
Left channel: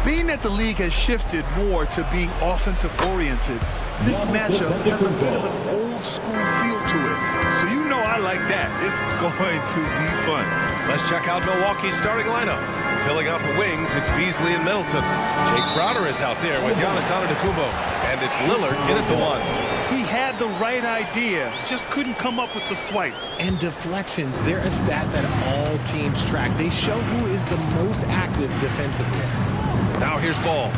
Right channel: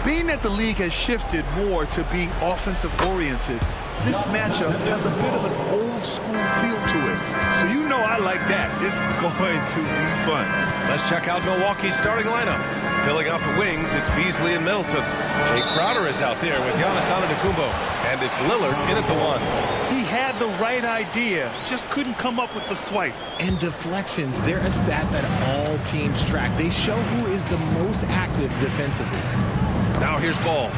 Being that the league has shifted more to being offensive-oriented, this matchup has a bit of an old-school feel to it. So you know I like that. It's going to be fun. Let's check out Milwaukee's starting lineup. Filling out the wings, it's Beasley and Middleton. Jay Crowder is out there with Giannis Antetokounmpo. And it's Lillard in at the 1. He had the right idea, just couldn't come up with the swipe. And deflections, they're a stat that all teams track. They show who is the most active defensively. Now here's Ball.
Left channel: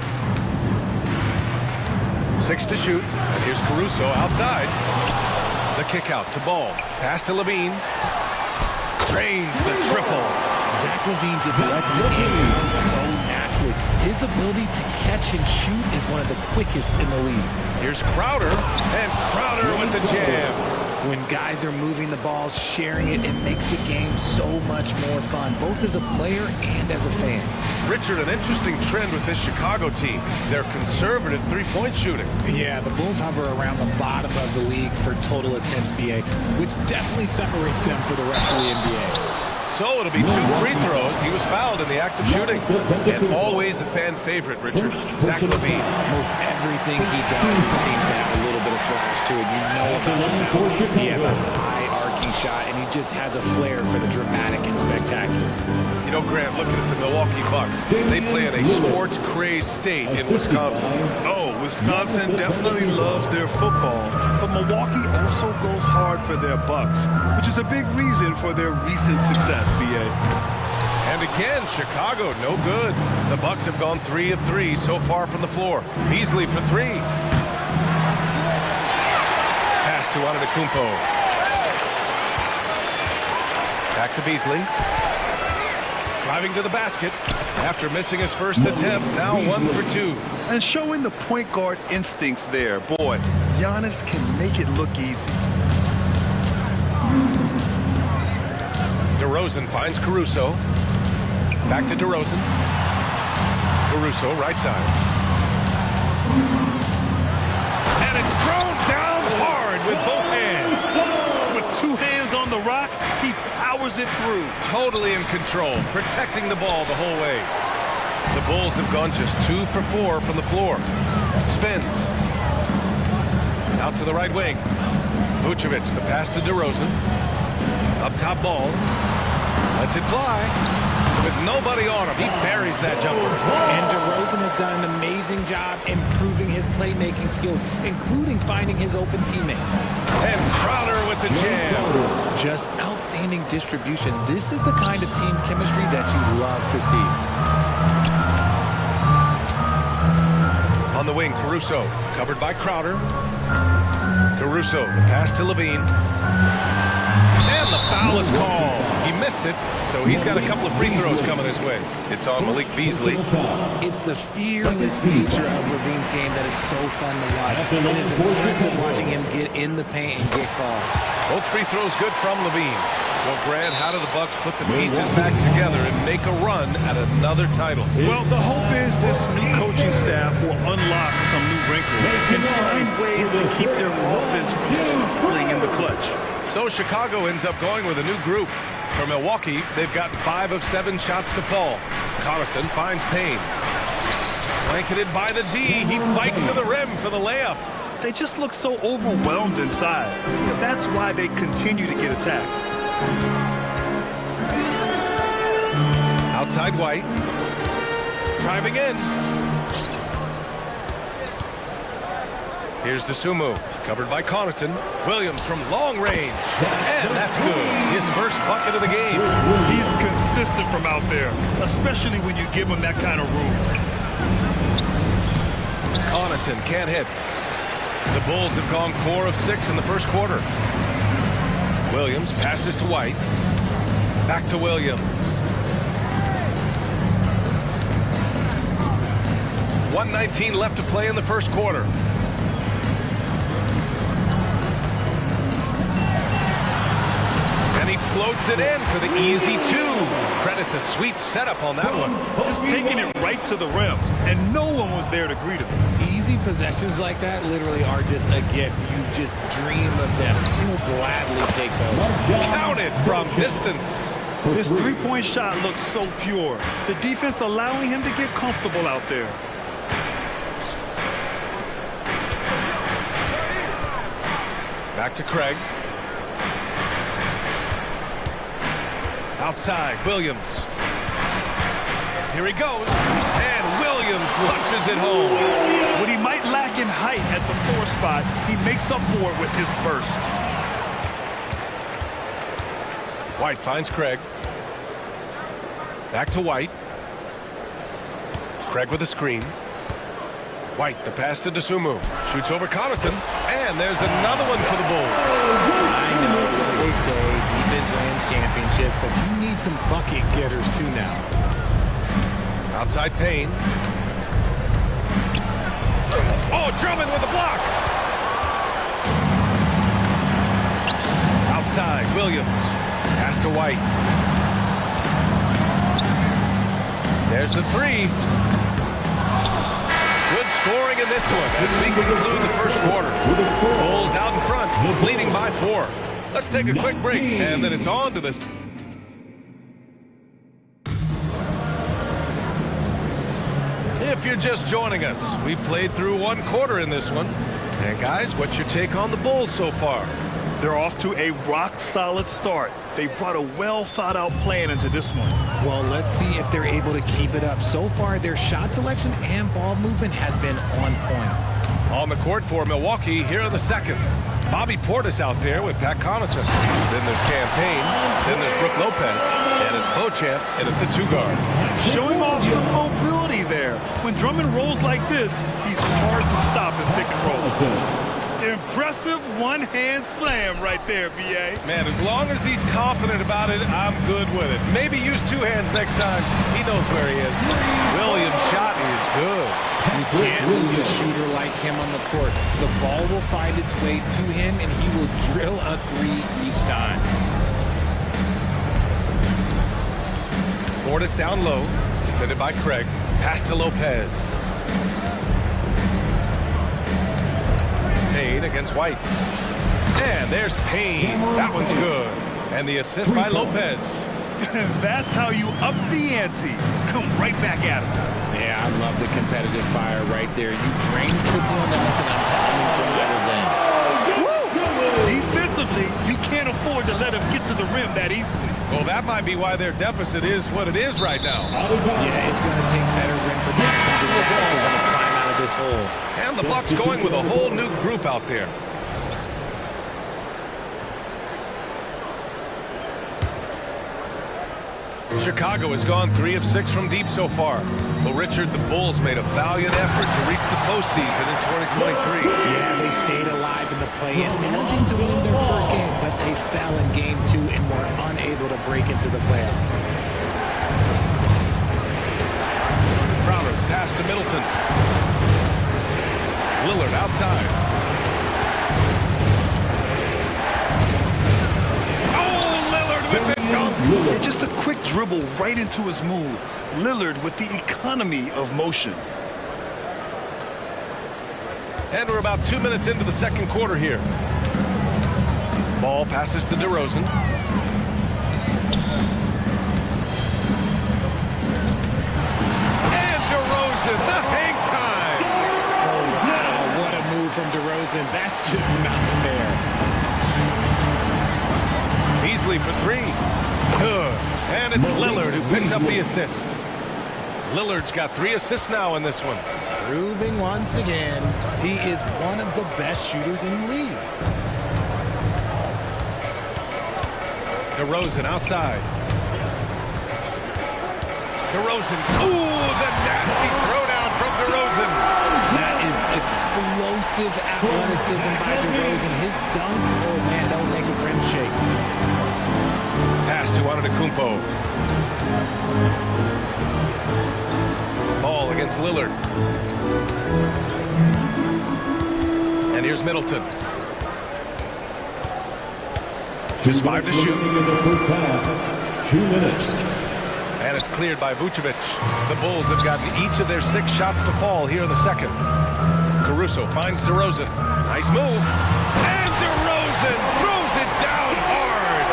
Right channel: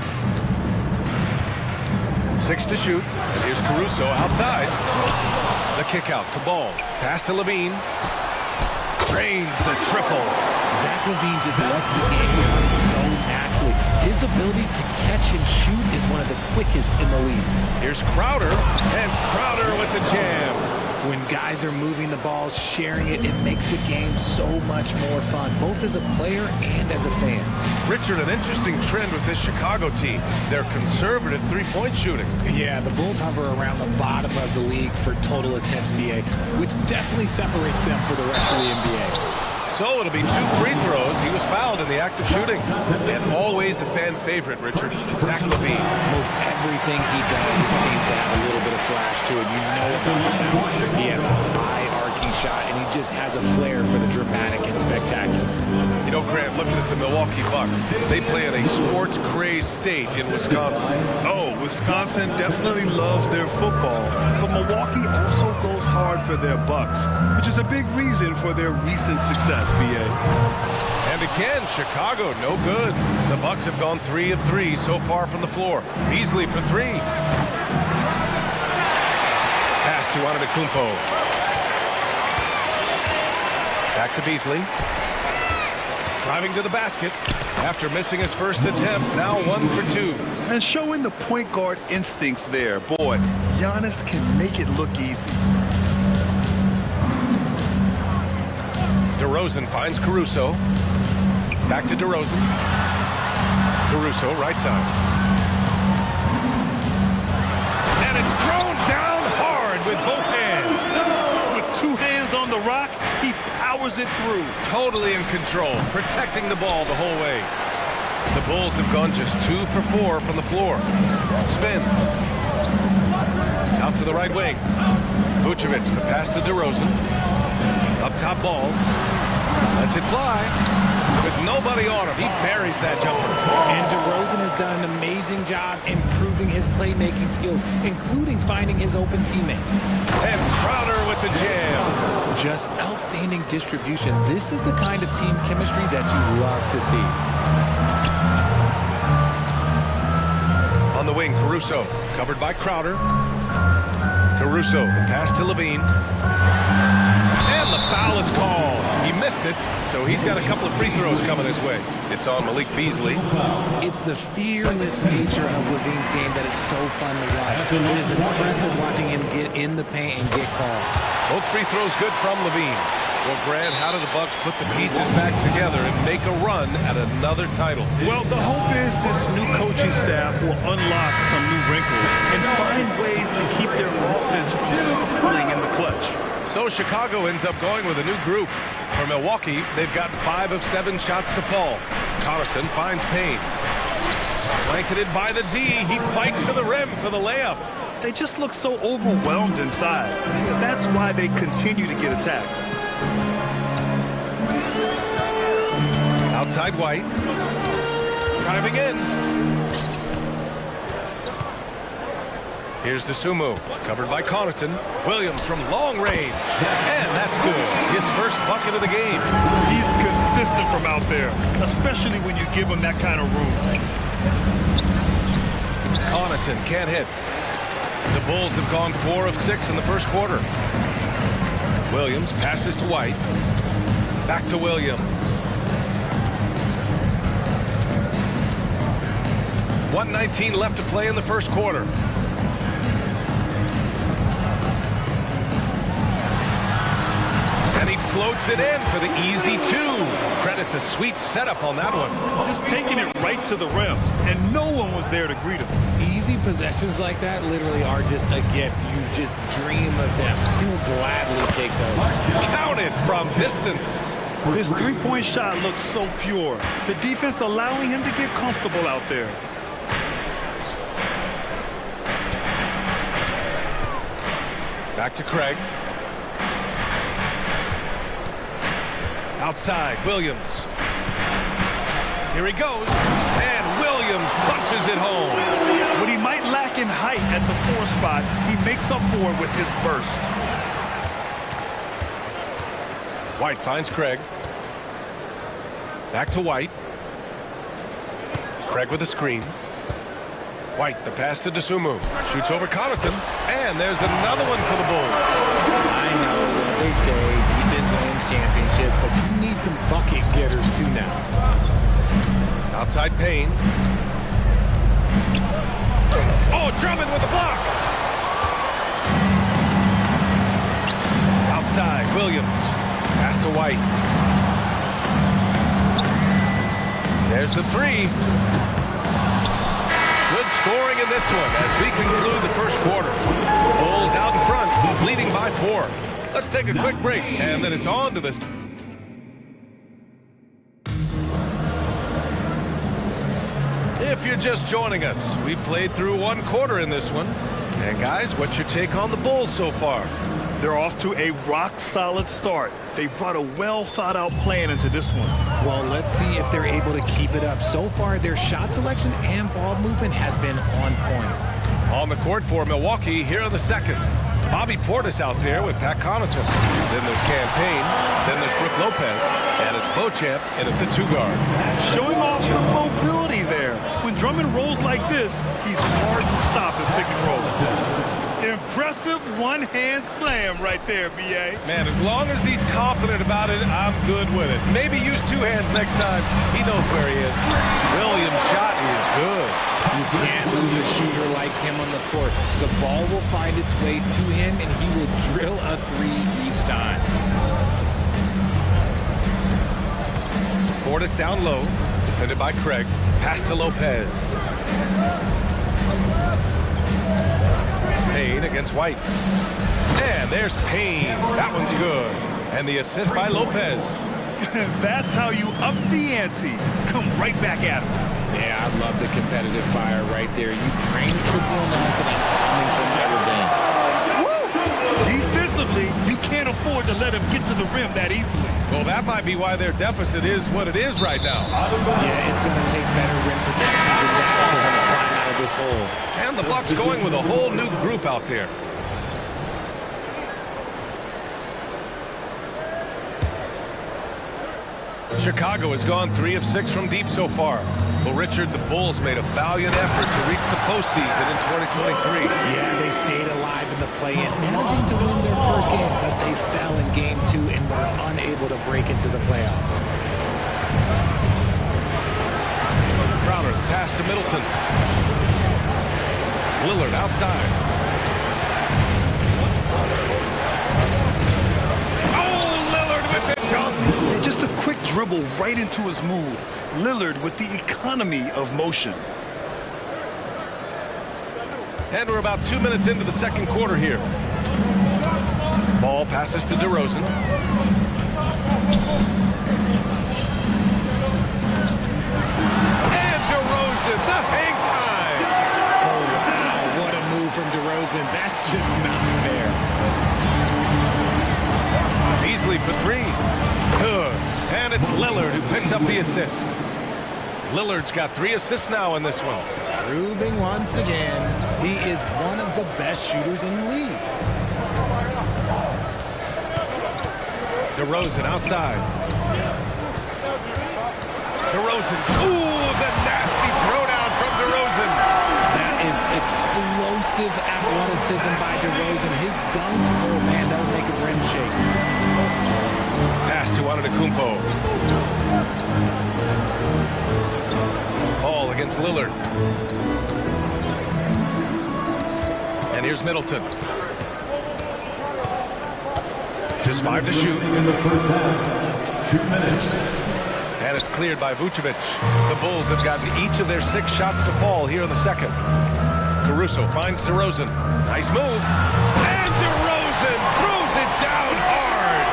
6 to shoot, and here's Caruso outside. The kick out to Ball. Pass to Levine. Drains the triple. Zach LaVine just lets the game come so naturally. His ability to catch and shoot is one of the quickest in the league. Here's Crowder, and Crowder with the jam. When guys are moving the ball, sharing it, it makes the game so much more fun, both as a player and as a fan. Richard, an interesting trend with this Chicago team. They're conservative three-point shooting. Yeah, the Bulls hover around the bottom of the league for total attempts, BA, which definitely separates them for the rest of the NBA. So it'll be 2 free throws. He was fouled in the act of shooting. And always a fan favorite, Richard, Zach LaVine. Most everything he does, it seems to have a little bit of flash to it. You know about the bounce. He has a high arcing shot, and he just has a flair for the dramatic and spectacular. You know, Grant, looking at the Milwaukee Bucks, they play in a sports-crazed state in Wisconsin. Oh, Wisconsin definitely loves their football, but Milwaukee also goes hard for their Bucks, which is a big reason for their recent success, BA. And again, Chicago, no good. The Bucks have gone 3 of 3 so far from the floor. Beasley for 3. Pass to Antetokounmpo. Back to Beasley. Driving to the basket. After missing his first attempt, now 1 for 2. And showing the point guard instincts there. Boy, Giannis can make it look easy. DeRozan finds Caruso. Back to DeRozan. Caruso, right side. And it's thrown down hard with both hands. With 2 hands on the rock, he powers it through. Totally in control, protecting the ball the whole way. The Bulls have gone just 2 for 4 from the floor. Spins. Out to the right wing. Vucevic, the pass to DeRozan. Up top Ball. Lets it fly. With nobody on him, he buries that jumper. And DeRozan has done an amazing job improving his playmaking skills, including finding his open teammates. And Crowder with the jam. Just outstanding distribution. This is the kind of team chemistry that you love to see. On the wing, Caruso, covered by Crowder. Caruso, the pass to Levine. And the foul is called. He missed it, so he's got a couple of free throws coming his way. It's on Malik Beasley. It's the fearless nature of Levine's game that is so fun to watch. It is impressive watching him get in the paint and get calls. Both free throws good from Levine. Well, Grant, how do the Bucks put the pieces back together and make a run at another title? Well, the hope is this new coaching staff will unlock some new wrinkles and find ways to keep their offense from stalling in the clutch. So Chicago ends up going with a new group. For Milwaukee, they've got 5 of 7 shots to fall. Connaughton finds Payne. Blanketed by the D, he fights to the rim for the layup. They just look so overwhelmed inside. That's why they continue to get attacked. Outside White. Driving in. Here's DeSumo, covered by Connaughton. Williams from long range. And that's good. His first bucket of the game. He's consistent from out there, especially when you give him that kind of room. Connaughton can't hit. The Bulls have gone 4 of 6 in the first quarter. Williams passes to White. Back to Williams. 1:19 left to play in the first quarter. And he floats it in for the easy two. Credit the sweet setup on that one. Just taking it right to the rim, and no one was there to greet him. Easy possessions like that literally are just a gift. You just dream of them. He'll gladly take those. Counted from distance. His three-point shot looks so pure. The defense allowing him to get comfortable out there. Back to Craig. Outside, Williams. Here he goes, and Williams punches it home. What he might lack in height at the 4 spot, he makes up for it with his burst. White finds Craig. Back to White. Craig with a screen. White, the pass to Dosunmu. Shoots over Connaughton, and there's another one for the Bulls. I know what they say, defense wins championships, but you need some bucket getters too now. Outside Payne. Oh, Drummond with a block. Outside, Williams. Pass to White. There's the three. Good scoring in this one as we conclude the first quarter. Bulls out in front, leading by 4. Let's take a quick break, and then it's on to this. If you're just joining us, we played through 1 quarter in this one. And guys, what's your take on the Bulls so far? They're off to a rock-solid start. They brought a well-thought-out plan into this one. Well, let's see if they're able to keep it up. So far, their shot selection and ball movement has been on point. On the court for Milwaukee here in the second. Bobby Portis out there with Pat Connaughton. Then there's Campaign. Then there's Brook Lopez. And it's Beauchamp in at the 2-guard. Showing off some mobility there. When Drummond rolls like this, he's hard to stop in pick and rolls. Impressive one-hand slam right there, B.A. Man, as long as he's confident about it, I'm good with it. Maybe use 2 hands next time. He knows where he is. Williams' shot is good. You can't lose a shooter like him on the court. The ball will find its way to him, and he will drill a 3 each time. Portis down low, defended by Craig. Pass to Lopez. Payne against White. And there's Payne. That one's good. And the assist by Lopez. That's how you up the ante. Come right back at him. Yeah, I love the competitive fire right there. You drain the triple on us, and I'm coming for my revenge. Woo! Defensively, you can't afford to let him get to the rim that easily. Well, that might be why their deficit is what it is right now. Yeah, it's going to take better rim protection than that if they're going to climb out of this hole. And the Bucks going with a whole new group out there. Chicago has gone 3 of 6 from deep so far. Well, Richard, the Bulls made a valiant effort to reach the postseason in 2023. Yeah, they stayed alive in the play-in, managing to win their first game, but they fell in game 2 and were unable to break into the playoffs. Crowder, the pass to Middleton. Lillard outside. Oh, Lillard with the dunk. And just a quick dribble right into his move. Lillard with the economy of motion. And we're about 2 minutes into the second quarter here. Ball passes to DeRozan. And DeRozan, the hang time. Oh, wow, what a move from DeRozan. That's just not fair. Beasley for 3. Good. And it's Lillard who picks up the assist. Lillard's got 3 assists now in this one. Proving once again, he is one of the best shooters in the league. DeRozan outside. DeRozan. Ooh, the nasty throwdown from DeRozan. That is explosive athleticism by DeRozan. His dunks, oh man, they'll make a rim shake. Pass to Antetokounmpo. Ball against Lillard. And here's Middleton. Just 5 to shoot. In the first half, 2 minutes. And it's cleared by Vucevic. The Bulls have gotten each of their 6 shots to fall here in the second. Caruso finds DeRozan. Nice move. And DeRozan throws it down hard.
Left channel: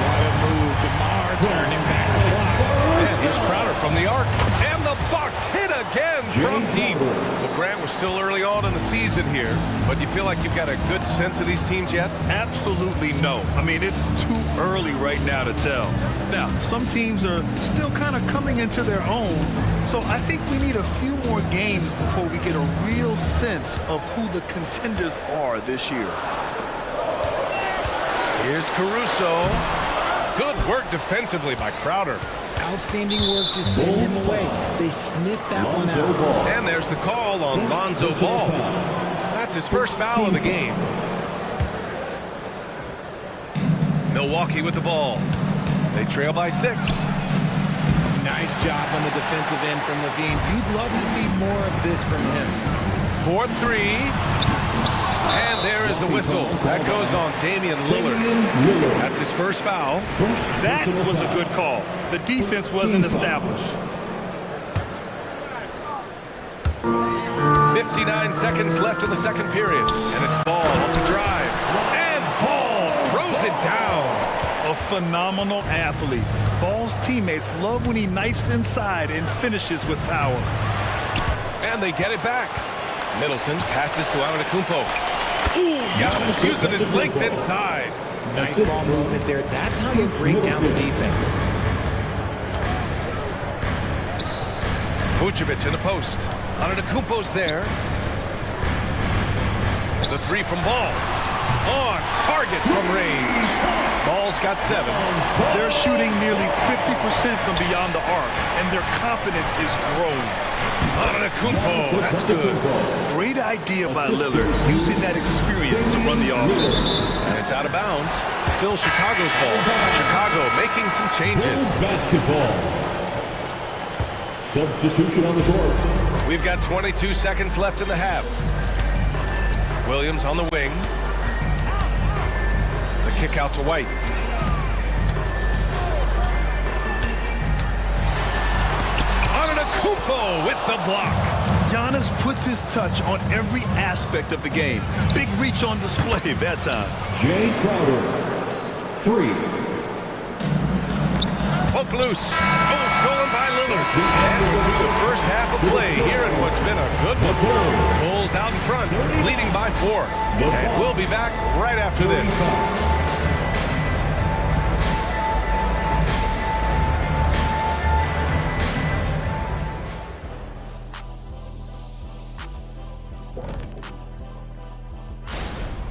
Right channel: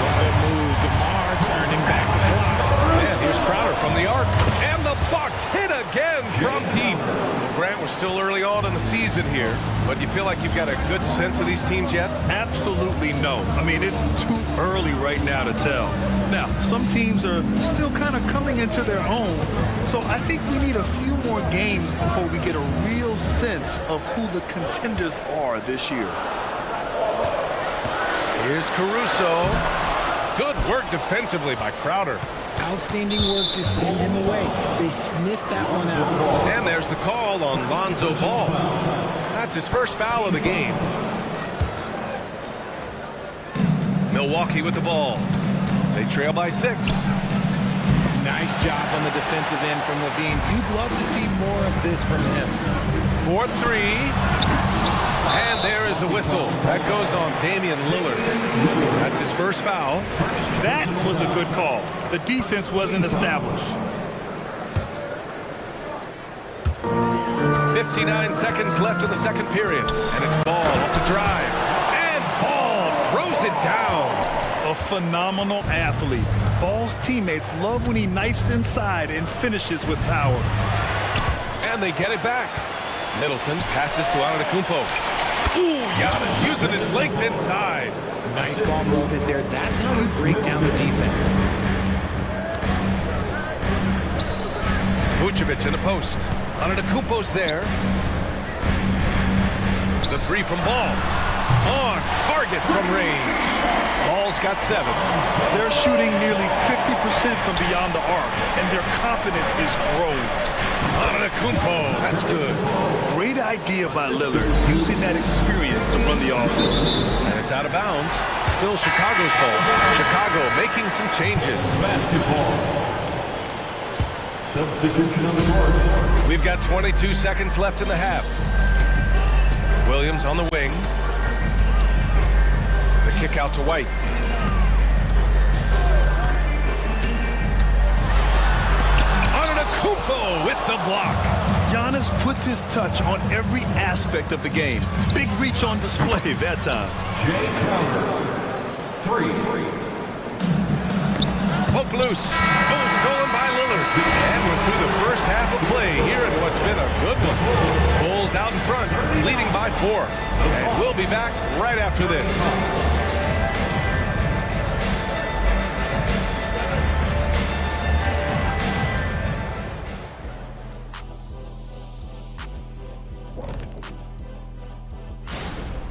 What a move. DeMar turning back the clock. And here's Crowder from the arc. And the Bucks hit again from deep. Well, Grant, we're still early on in the season here, but you feel like you've got a good sense of these teams yet? Absolutely no. I mean, it's too early right now to tell. Now, some teams are still kind of coming into their own, so I think we need a few more games before we get a real sense of who the contenders are this year. Here's Caruso. Good work defensively by Crowder. Outstanding work to send him away. They sniffed that one out. And there's the call on Lonzo Ball. That's his first foul of the game. Milwaukee with the ball. They trail by 6. Nice job on the defensive end from Levine. You'd love to see more of this from him. 4-3. And there is the whistle. That goes on Damian Lillard. That's his first foul. That was a good call. The defense wasn't established. 59 seconds left in the second period. And it's Ball off the drive. And Ball throws it down. A phenomenal athlete. Ball's teammates love when he knifes inside and finishes with power. And they get it back. Middleton passes to Antetokounmpo. Ooh, Giannis using his length inside. Nice ball movement there. That's how you break down the defense. Vucevic in the post. Antetokounmpo's there. The 3 from Ball. On target from range. Ball's got 7. They're shooting nearly 50% from beyond the arc, and their confidence is growing. Antetokounmpo, that's good. Great idea by Lillard, using that experience to run the offense. And it's out of bounds. Still Chicago's ball. Chicago making some changes. Basketball. Substitution on the court. We've got 22 seconds left in the half. Williams on the wing. The kick out to White. Antetokounmpo with the block. Giannis puts his touch on every aspect of the game. Big reach on display that time. Jay Crowder, 3. Poke loose. Oh, stolen by Lillard. And we're through the first half of play here in what's been a good one. Bulls out in front, leading by 4. And we'll be back right after this.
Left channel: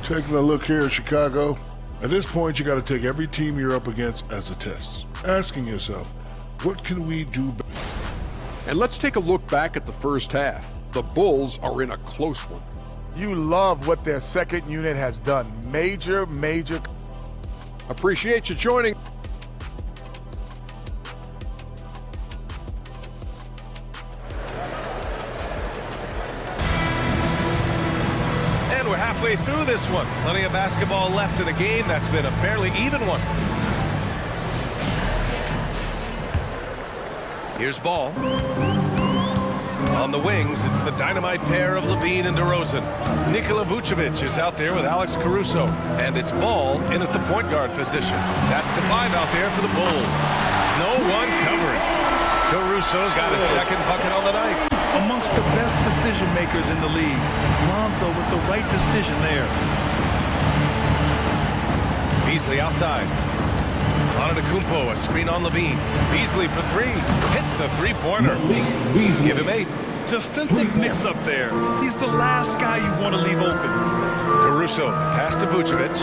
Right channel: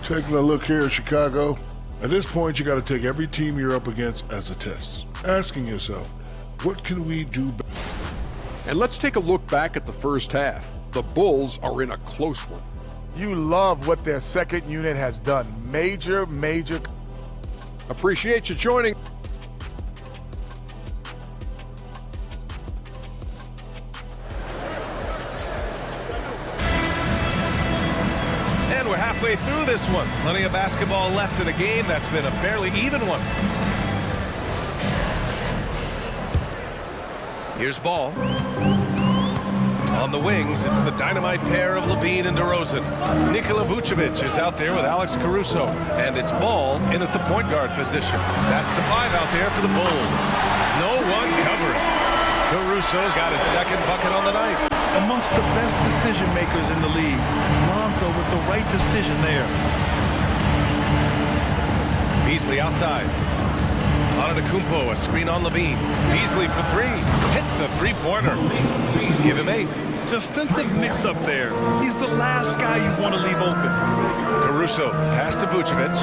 Taking a look here at Chicago, at this point you got to take every team you're up against as a test, asking yourself, what can we do better? And let's take a look back at the first half. The Bulls are in a close one. You love what their second unit has done. Major. Appreciate you joining. And we're halfway through this one. Plenty of basketball left in a game that's been a fairly even one. Here's Ball. On the wings, it's the dynamite pair of Levine and DeRozan. Nikola Vucevic is out there with Alex Caruso. And it's Ball in at the point guard position. That's the 5 out there for the Bulls. No one covering. Caruso's got his second bucket on the night. Amongst the best decision makers in the league. Lonzo with the right decision there. Beasley outside. Antetokounmpo, a screen on Levine. Beasley for 3. Hits the 3-pointer. Give him 8. Defensive mix-up there. He's the last guy you want to leave open. Caruso, pass to Vucevic.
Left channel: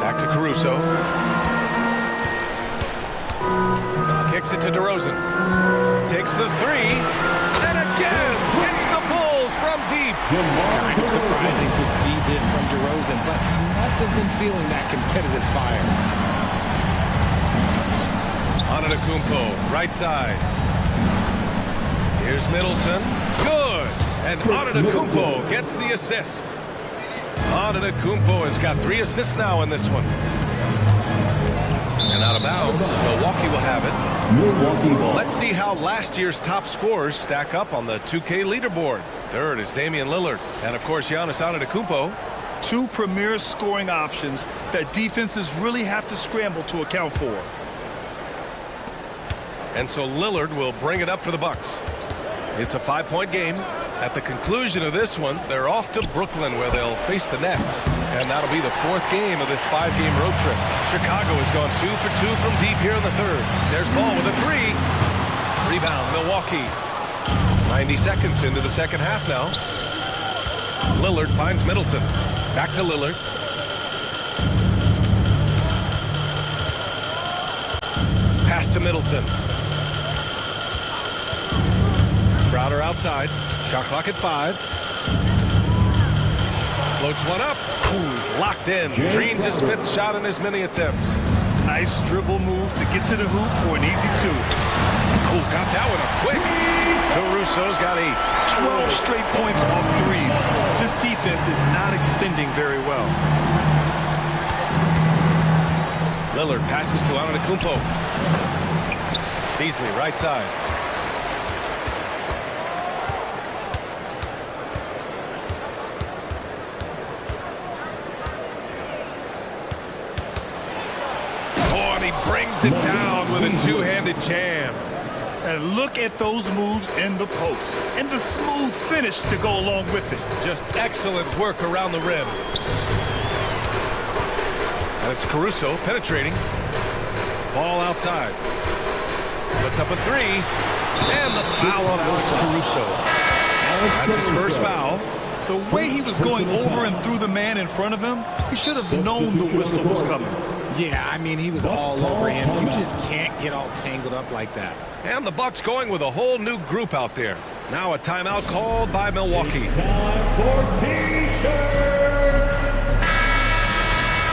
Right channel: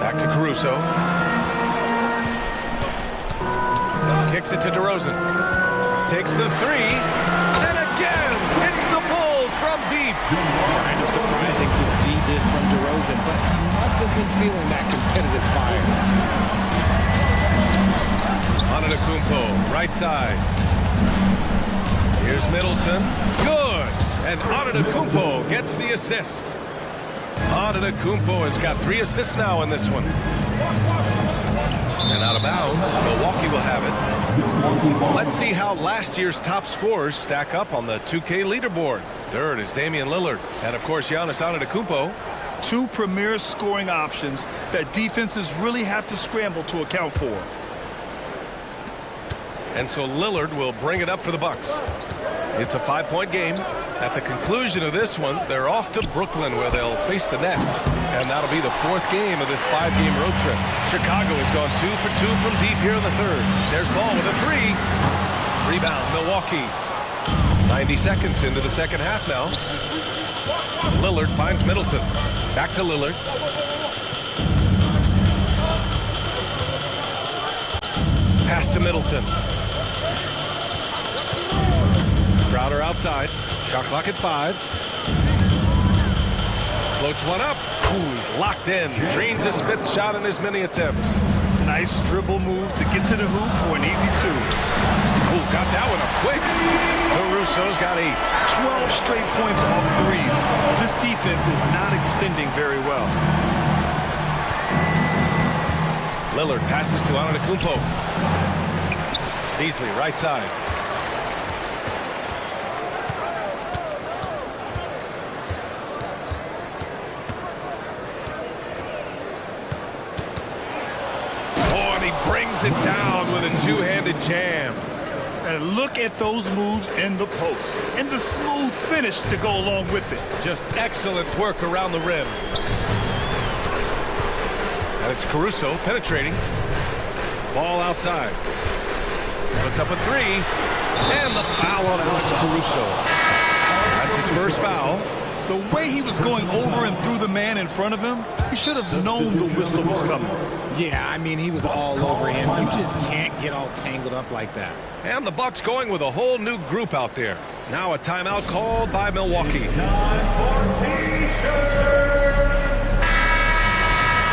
Back to Caruso. Kicks it to DeRozan. Takes the 3. And again, it's the Bulls from deep. Kind of surprising to see this from DeRozan, but he must have been feeling that competitive fire. Antetokounmpo, right side. Here's Middleton. Good. And Antetokounmpo gets the assist. Antetokounmpo has got 3 assists now in this one. And out of bounds, Milwaukee will have it. Let's see how last year's top scorers stack up on the 2K leaderboard. Third is Damian Lillard. And of course, Giannis Antetokounmpo. Two premier scoring options that defenses really have to scramble to account for. And so Lillard will bring it up for the Bucks. It's a 5-point game. At the conclusion of this one, they're off to Brooklyn where they'll face the Nets. And that'll be the 4th game of this 5-game road trip. Chicago has gone 2 for 2 from deep here in the 3rd. There's Ball with a 3. Rebound, Milwaukee. 90 seconds into the second half now. Lillard finds Middleton. Back to Lillard. Pass to Middleton. Crowder outside. Shot clock at 5. Floats one up. Ooh, he's locked in. Dreams his 5th shot in his many attempts. Nice dribble move to get to the hoop for an easy 2. Ooh, got that one up quick. Caruso's got 8. 12 straight points off threes. This defense is not extending very well. Lillard passes to Antetokounmpo. Beasley, right side. Oh, and he brings it down with a 2-handed jam. And look at those moves in the post. And the smooth finish to go along with it. Just excellent work around the rim. And it's Caruso penetrating. Ball outside. Puts up a 3. And the foul on Alex Caruso. That's his first foul. The way he was going over and through the man in front of him, he should have known the whistle was coming. Yeah, I mean, he was all over him. You just can't get all tangled up like that. And the Bucks going with a whole new group out there. Now a timeout called by Milwaukee. Time for T-shirts.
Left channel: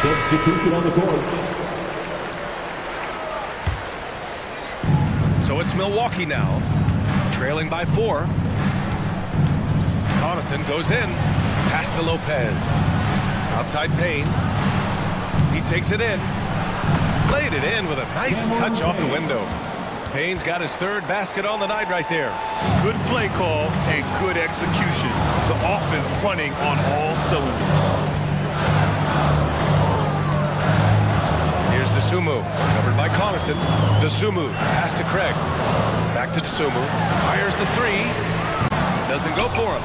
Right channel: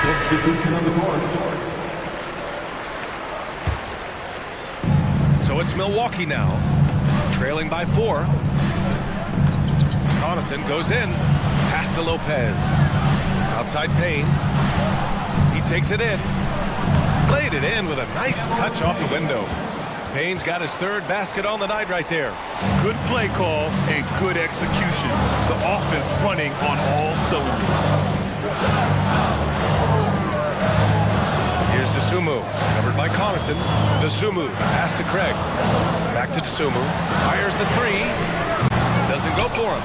Substitution on the court. So it's Milwaukee now, trailing by 4. Connaughton goes in. Pass to Lopez. Outside Payne. He takes it in. Played it in with a nice touch off the window. Payne's got his 3rd basket on the night right there. Good play call and good execution. The offense running on all cylinders. Here's Dosunmu, covered by Connaughton. Dosunmu, pass to Craig. Back to Dosunmu. Fires the 3. Doesn't go for him.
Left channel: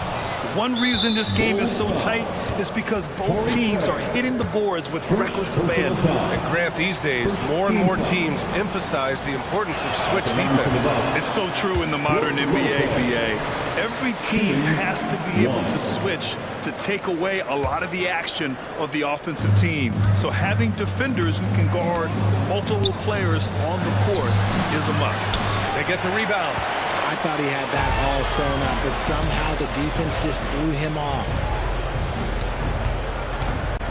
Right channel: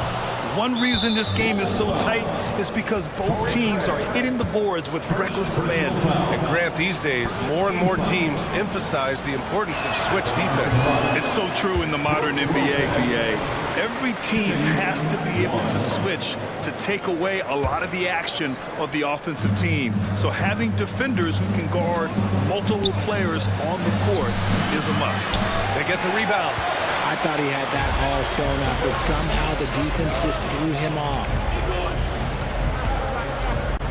One reason this game is so tight is because both teams are hitting the boards with reckless abandon. And Grant, these days, more and more teams emphasize the importance of switch defense. It's so true in the modern NBA, BA. Every team has to be able to switch to take away a lot of the action of the offensive team. So having defenders who can guard multiple players on the court is a must. They get the rebound. I thought he had that all sewn up, but somehow the defense just threw him off.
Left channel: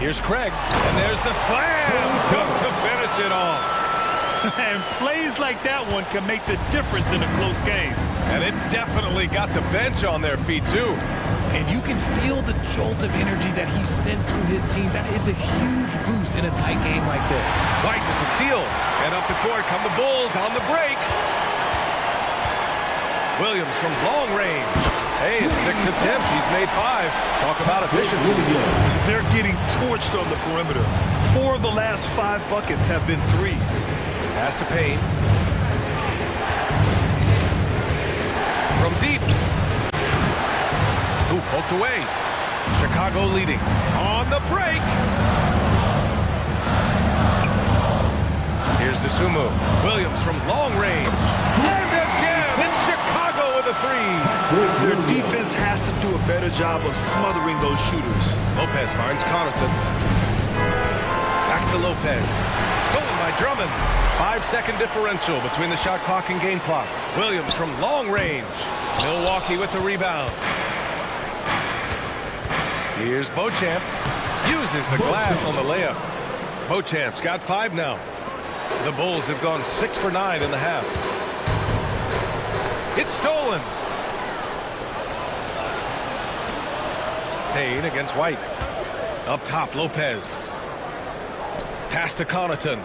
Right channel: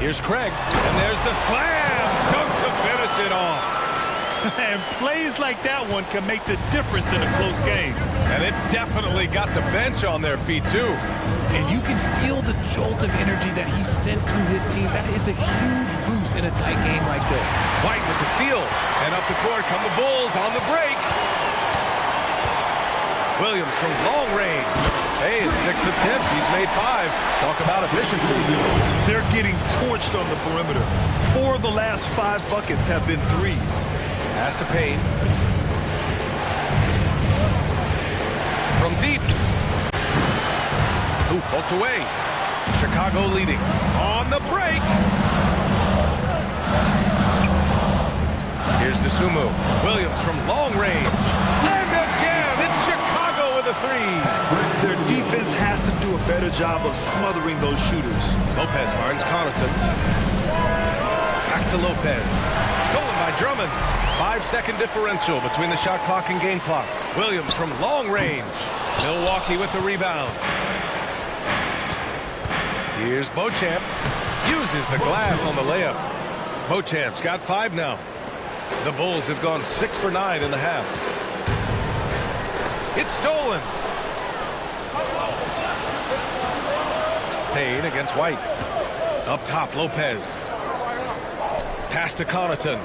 Here's Craig, and there's the slam dunk to finish it off. And plays like that one can make the difference in a close game. And it definitely got the bench on their feet, too. And you can feel the jolt of energy that he sent through his team. That is a huge boost in a tight game like this. White with the steal, and up the court come the Bulls on the break. Williams from long range. Hey, in 6 attempts, he's made 5. Talk about efficiency. They're getting torched on the perimeter. 4 of the last 5 buckets have been threes. Pass to Payne. From deep. Ooh, poked away. Chicago leading. On the break. Here's Dosunmu. Williams from long range. And again, it's Chicago with a 3. Their defense has to do a better job of smothering those shooters. Lopez finds Connaughton. Back to Lopez. Stolen by Drummond. 5-second differential between the shot clock and game clock. Williams from long range. Milwaukee with the rebound. Here's Beauchamp. Uses the glass on the layup. Beauchamp's got 5 now. The Bulls have gone 6 for 9 in the half. It's stolen. Payne against White. Up top, Lopez. Pass to Connaughton.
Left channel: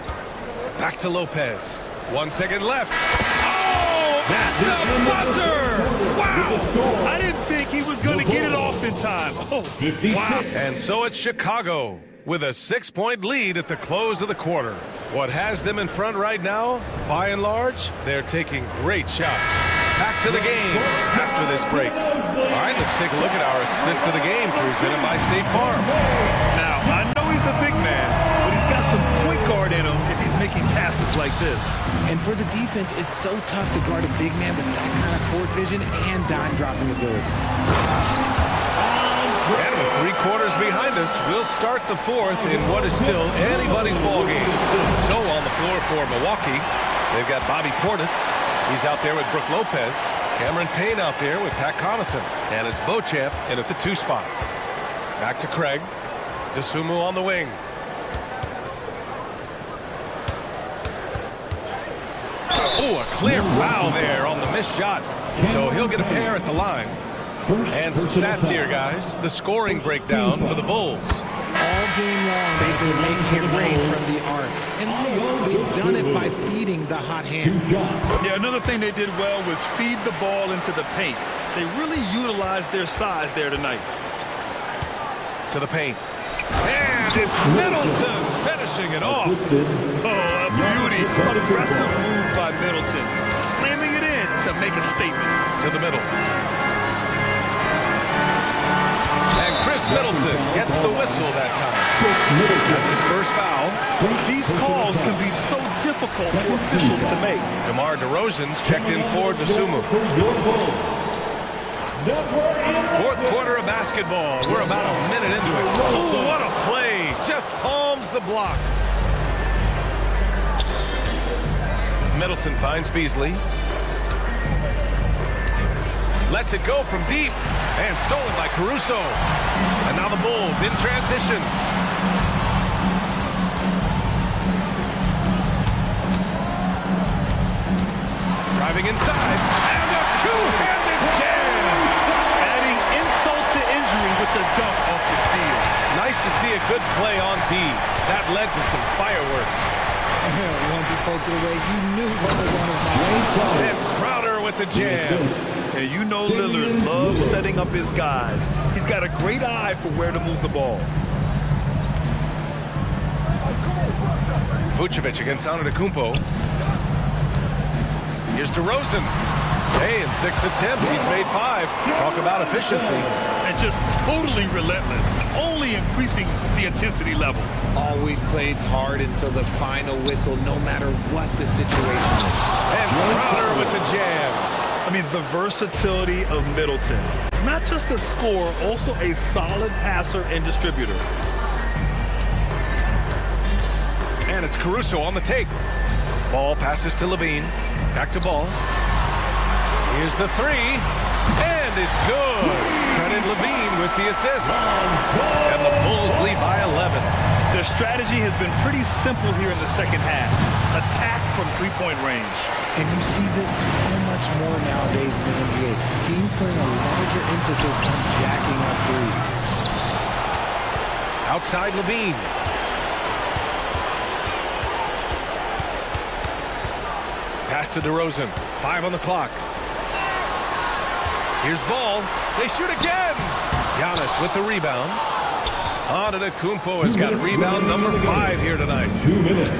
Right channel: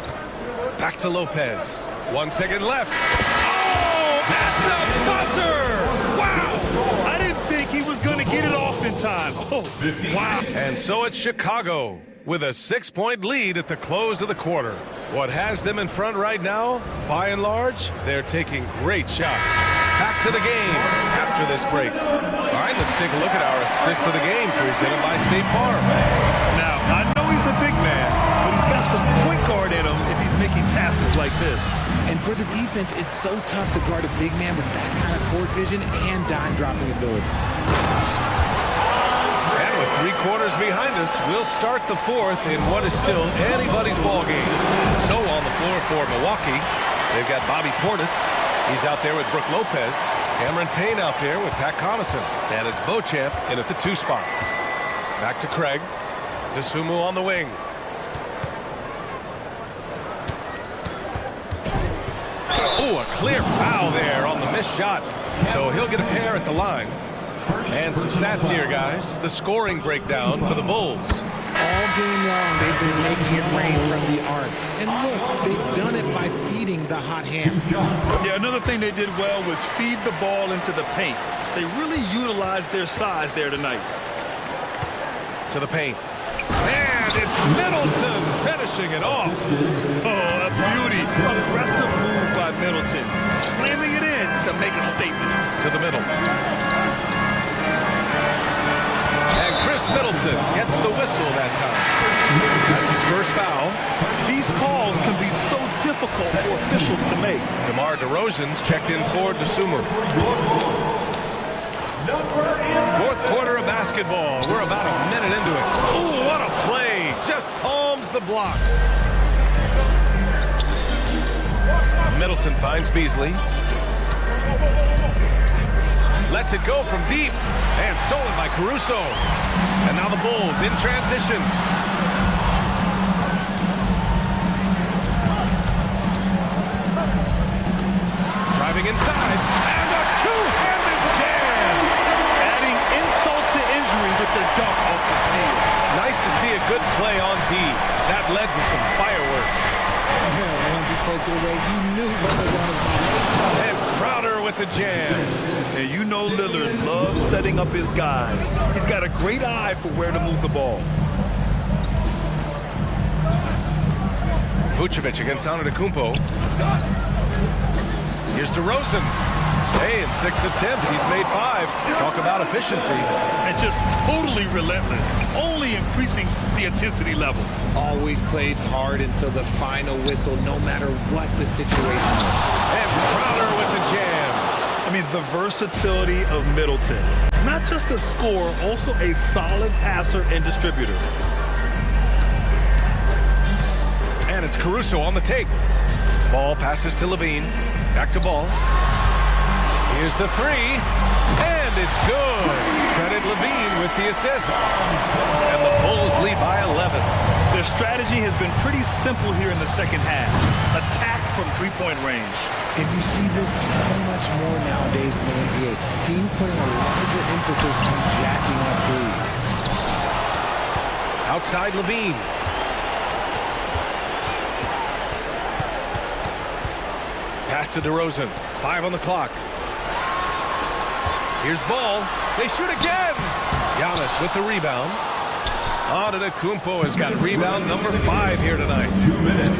Back to Lopez. 1 second left. Oh, at the buzzer! Wow! I didn't think he was going to get it off in time. Oh, wow. And so it's Chicago with a 6-point lead at the close of the quarter. What has them in front right now, by and large, they're taking great shots. Back to the game after this break. All right, let's take a look at our assist of the game presented by State Farm. Now, I know he's a big man, but he's got some point guard in him if he's making passes like this. And for the defense, it's so tough to guard a big man with that kind of court vision and dime-dropping ability. And with 3 quarters behind us, we'll start the fourth in what is still anybody's ball game. So on the floor for Milwaukee, they've got Bobby Portis. He's out there with Brooke Lopez. Cameron Payne out there with Pat Connaughton. And it's Beauchamp in at the 2 spot. Back to Craig. Dosunmu on the wing. Oh, a clear foul there on the missed shot. So he'll get a pair at the line. And some stats here, guys. The scoring breakdown for the Bulls. All game long, they've been making it rain from the arc. And look, they've done it by feeding the hot hands. Yeah, another thing they did well was feed the ball into the paint. They really utilized their size there tonight. To the paint. And it's Middleton finishing it off. Oh, a beauty. Aggressive move by Middleton. Slamming it in to make a statement. To the middle. And Chris Middleton gets the whistle that time. That's his first foul. These calls can be so difficult for officials to make. DeMar DeRozan's checked in for Dosunmu. Fourth quarter of basketball. We're about a minute into it. Oh, what a play. Just palms the block. Middleton finds Beasley. Lets it go from deep. And stolen by Caruso. And now the Bulls in transition. Driving inside. And a two-handed jam. Adding insult to injury with the dunk off the steal. Nice to see a good play on D. That led to some fireworks. Once he poked it away, you knew what was on his mind. And Crowder with the jam. And you know Lillard loves setting up his guys. He's got a great eye for where to move the ball. Vucevic against Antetokounmpo. Here's DeRozan. Hey, in 6 attempts, he's made 5. Talk about efficiency. And just totally relentless, only increasing the intensity level. Always plays hard until the final whistle, no matter what the situation is. And Crowder with the jam. I mean, the versatility of Middleton. Not just a scorer, also a solid passer and distributor. And it's Caruso on the take. Ball passes to Levine. Back to Ball. Here's the 3. And it's good. Credit Levine with the assist. And the Bulls lead by 11. Their strategy has been pretty simple here in the second half. Attack from 3-point range. And you see this so much more nowadays in the NBA. Teams putting a larger emphasis on jacking up threes. Outside Levine. Pass to DeRozan. 5 on the clock. Here's Ball. They shoot again. Giannis with the rebound. Antetokounmpo has got rebound number 5 here tonight. 2 minutes.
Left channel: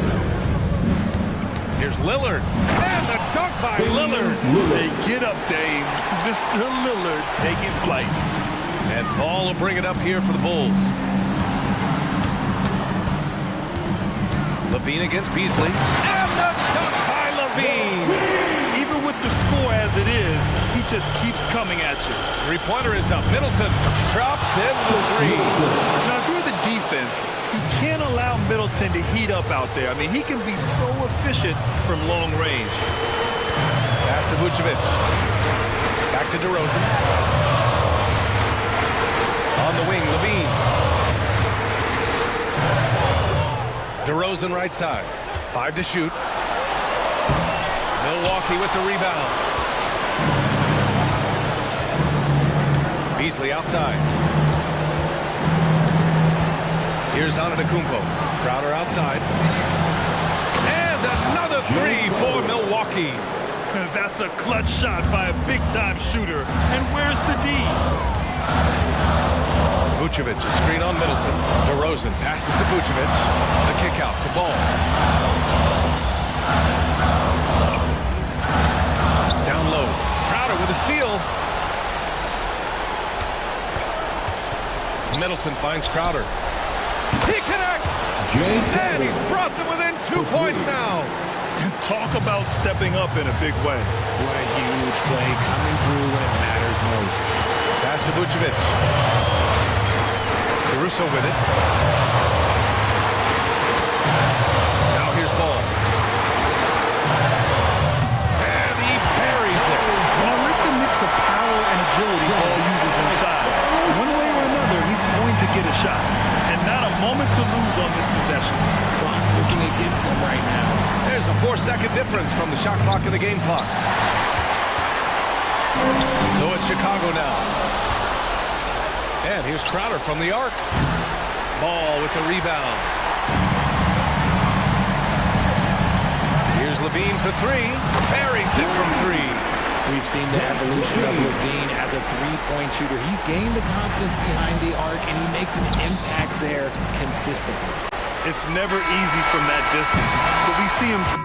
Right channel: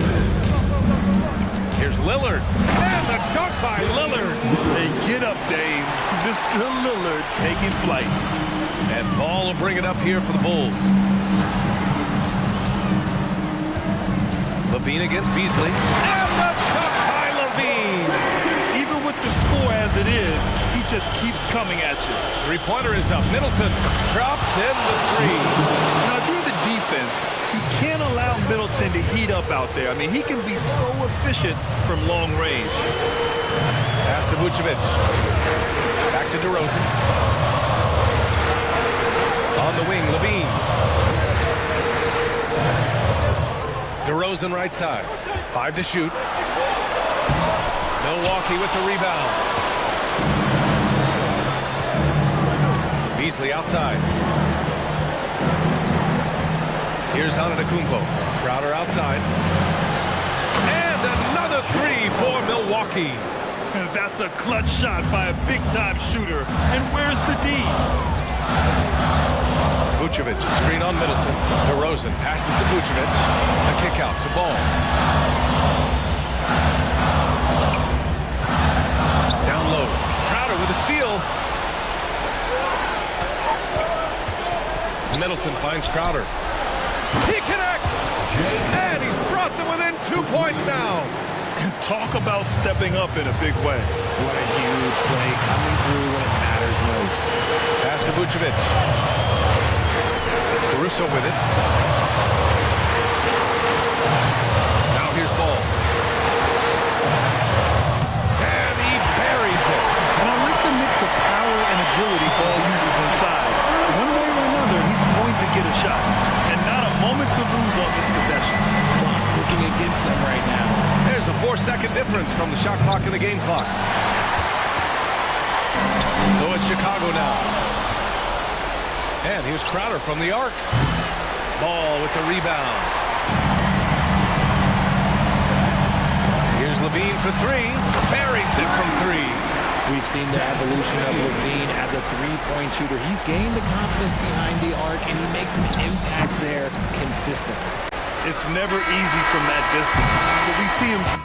Here's Lillard. And the dunk by Lillard. Hey, get up, Dame. Mr. Lillard taking flight. And Ball will bring it up here for the Bulls. Levine against Beasley. And the dunk by Levine. Even with the score as it is, he just keeps coming at you. 3-pointer is up. Middleton drops in the 3. Now, if you're the defense, you can't allow Middleton to heat up out there. I mean, he can be so efficient from long range. Pass to Vucevic. Back to DeRozan. On the wing, Levine. DeRozan right side. 5 to shoot. Milwaukee with the rebound. Beasley outside. Here's Antetokounmpo. Crowder outside. And the three for Milwaukee. That's a clutch shot by a big-time shooter. And where's the D? Vucevic, a screen on Middleton. DeRozan passes to Vucevic. The kick out to Ball. Down low. Crowder with a steal. Middleton finds Crowder. He connects! And he's brought them within 2 points now. And talk about stepping up in a big way. What a huge play coming through when it matters most. Pass to Vucevic. Caruso with it. Now here's Ball. And he buries it. And I like the mix of power and agility Ball uses inside. One way or another, he's going to get a shot. And not a moment to lose on this possession. Clock working against them right now. There's a 4-second difference from the shot clock and the game clock. So it's Chicago now. And here's Crowder from the arc. Ball with the rebound. Here's Levine for three. Buries it from three. We've seen the evolution of Levine as a three-point shooter. He's gained the confidence behind the arc, and he makes an impact there consistently. It's never easy from that distance, but we see him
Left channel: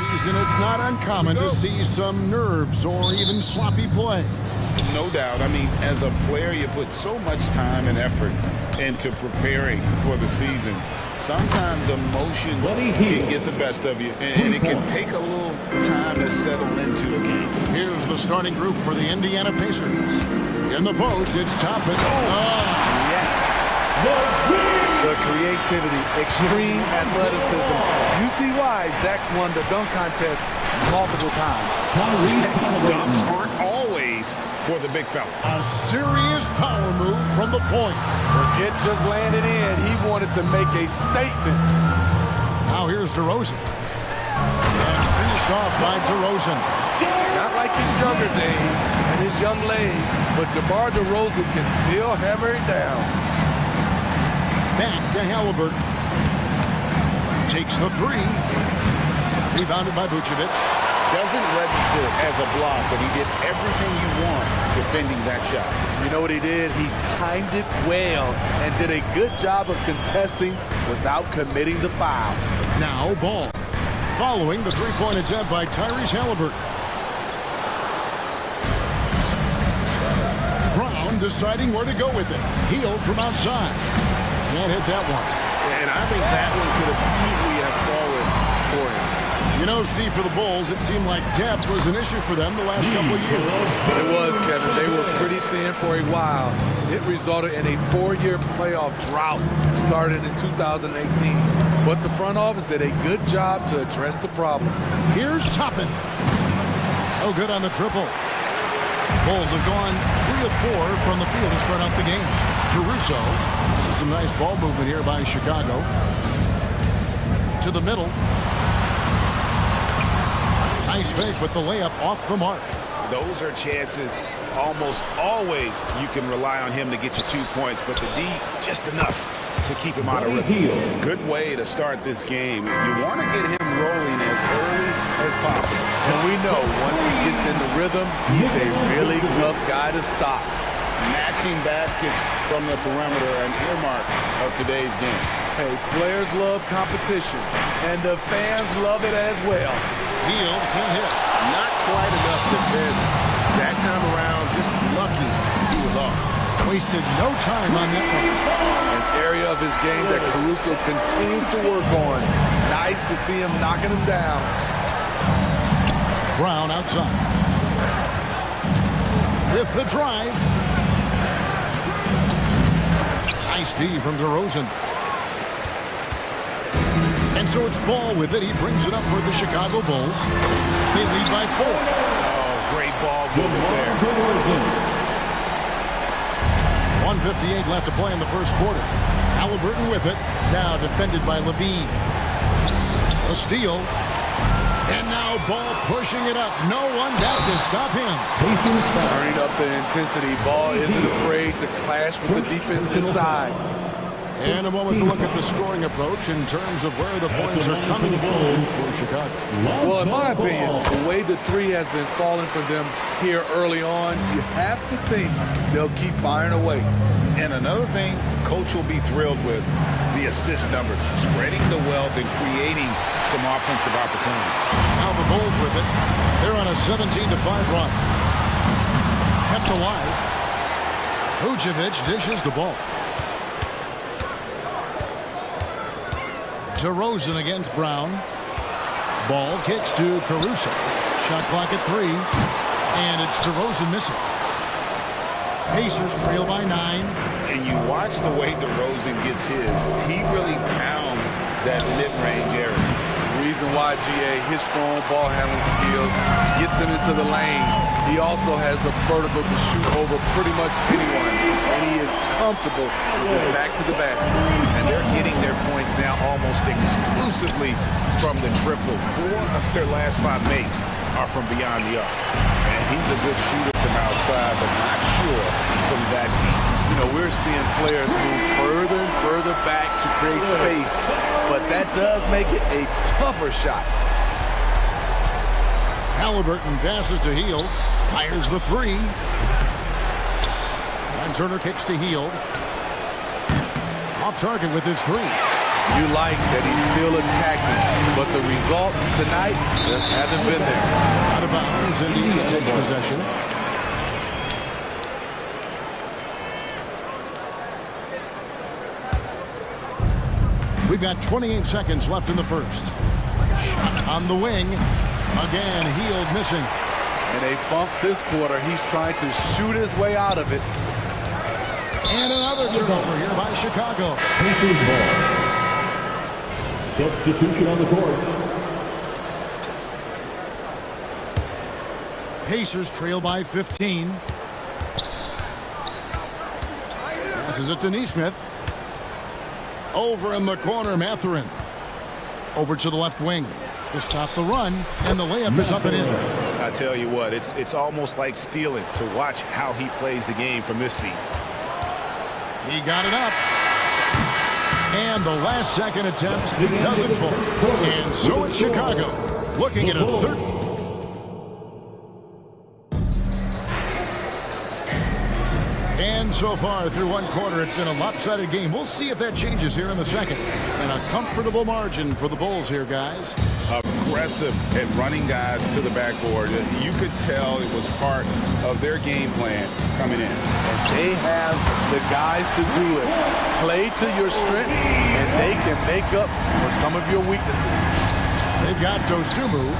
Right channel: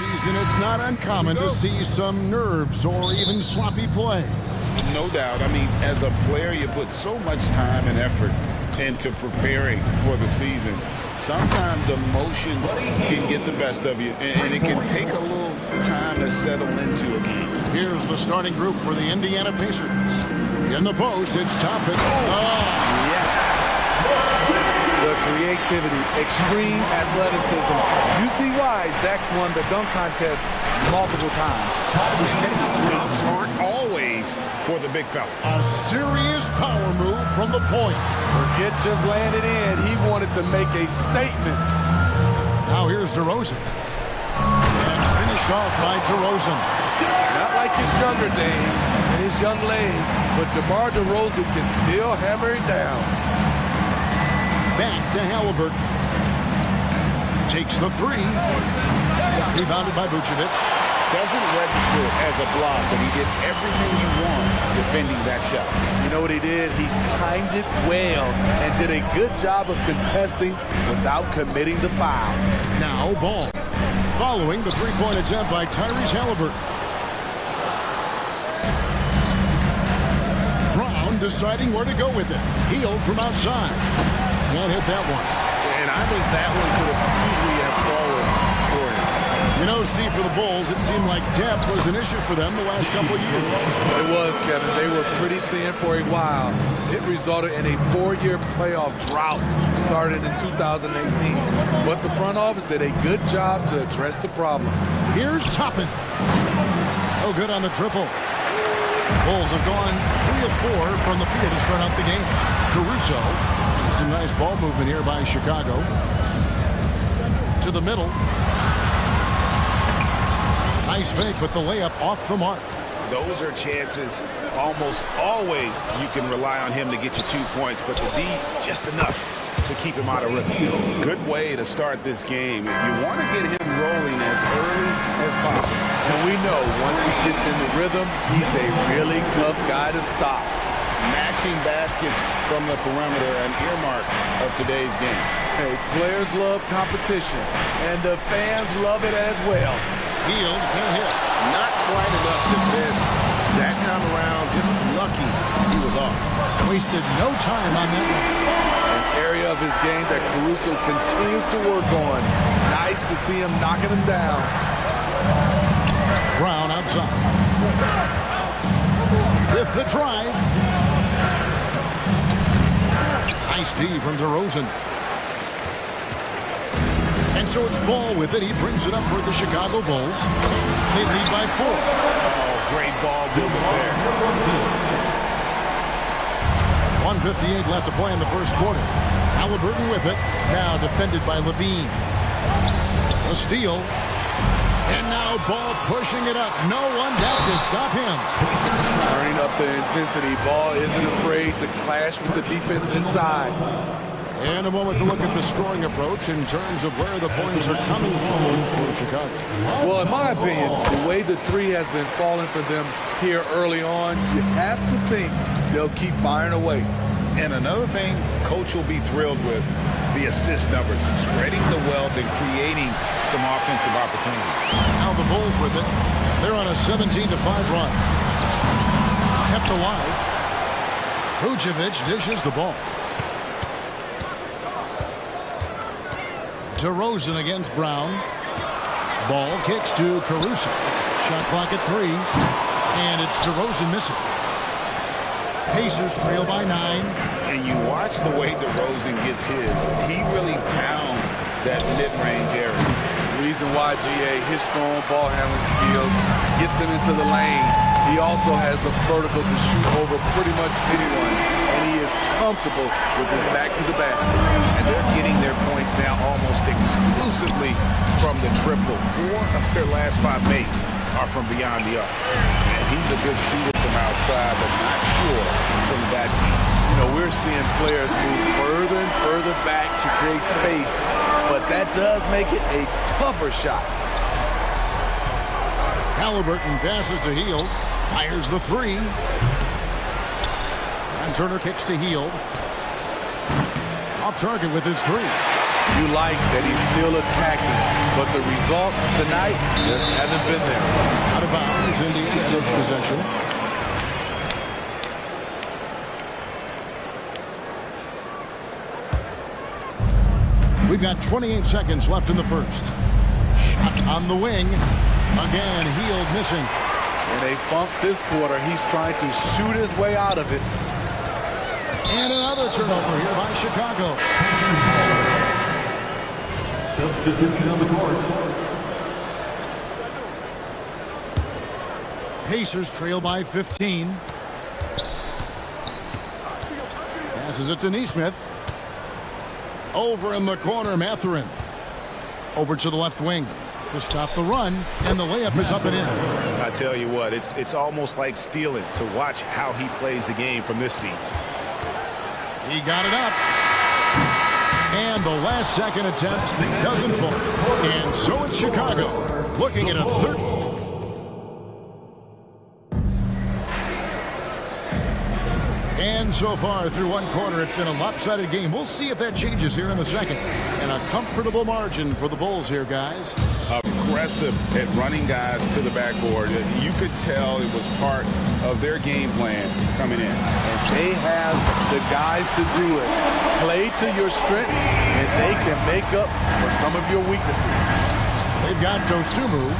season, it's not uncommon to see some nerves or even sloppy play. No doubt. I mean, as a player, you put so much time and effort into preparing for the season. Sometimes emotions can get the best of you, and it can take a little time to settle into a game. Here's the starting group for the Indiana Pacers. In the post, it's Toppin. Oh. Yes. The creativity, extreme athleticism. You see why Zach's won the dunk contest multiple times. Dunks aren't always for the big fella. A serious power move from the point. Forget just laying it in. He wanted to make a statement. Now here's DeRozan. And finished off by DeRozan. Not like his younger days and his young legs, but DeMar DeRozan can still hammer it down. Back to Halliburton. Takes the three. Rebounded by Vucevic. Doesn't register as a block, but he did everything you want defending that shot. You know what he did? He timed it well and did a good job of contesting without committing the foul. Now Ball. Following the three-point attempt by Tyrese Halliburton. Brown deciding where to go with it. Healed from outside. Can't hit that one. And I think that one could have easily have fallen for him. You know, Steve, for the Bulls, it seemed like depth was an issue for them the last couple of years. It was, Kevin. They were pretty thin for a while. It resulted in a 4-year playoff drought started in 2018. But the front office did a good job to address the problem. Here's Toppin. Oh, good on the triple. Bulls have gone 3 of 4 from the field to start out the game. Caruso, and some nice ball movement here by Chicago. To the middle. Nice fake, but the layup off the mark. Those are chances almost always you can rely on him to get you 2 points, but the D just enough to keep him out of rhythm. Good way to start this game. You want to get him rolling as early as possible. And we know once he gets in the rhythm, he's a really tough guy to stop. Matching baskets from the perimeter, an earmark of today's game. Hey, players love competition, and the fans love it as well. Healed, can't hit. Not quite enough defense that time around. Just lucky he was off. Wasted no time on that one. An area of his game that Caruso continues to work on. Nice to see him knocking him down. Brown outside. With the drive. Nice D from DeRozan. And so it's Ball with it. He brings it up for the Chicago Bulls. They lead by 4. Oh, great ball movement there. 1:58 left to play in the first quarter. Halliburton with it. Now defended by Levine. A steal. And now Ball pushing it up. No one down to stop him. Turning up the intensity. Ball isn't afraid to clash with the defense inside. And a moment to look at the scoring approach in terms of where the points are coming from for Chicago. Well, in my opinion, the way the three has been falling for them here early on, you have to think they'll keep firing away. And another thing Coach will be thrilled with, the assist numbers, spreading the wealth and creating some offensive opportunities. Now the Bulls with it. They're on a 17-5 run. Kept alive. Vucevic dishes the ball. DeRozan against Brown. Ball kicks to Caruso. Shot clock at 3. And it's DeRozan missing. Pacers trail by 9. And you watch the way DeRozan gets his. He really pounds that mid-range area. Reason why, GA, his strong ball handling skills gets him into the lane. He also has the vertical to shoot over pretty much anyone, and he is comfortable with his back to the basket. And they're getting their points now almost exclusively from the triple. 4 of their last 5 makes are from beyond the arc. And he's a good shooter from outside, but not sure from that deep. You know, we're seeing players move further and further back to create space, but that does make it a tougher shot. Halliburton passes to Hield, fires the 3. And Turner kicks to Hield. Off target with his 3. You like that he's still attacking, but the results tonight just haven't been there. Out of bounds, Indiana takes possession. We've got 28 seconds left in the first. Shot on the wing. Again, Heald missing. And they bumped this quarter. He's trying to shoot his way out of it. And another turnover here by Chicago. Substitution on the court. Pacers trail by 15. Passes it to Neesmith. Over in the corner, Mathurin. Over to the left wing to stop the run, and the layup is up and in. I tell you what, it's almost like stealing to watch how he plays the game from this seat. He got it up. And the last second attempt doesn't fall. And so it's Chicago looking at a third. And so far through one quarter, it's been a lopsided game. We'll see if that changes here in the second. And a comfortable margin for the Bulls here, guys. Aggressive at running guys to the backboard. You could tell it was part of their game plan coming in. And they have the guys to do it. Play to your strengths, and they can make up for some of your weaknesses. They've got Dosumu.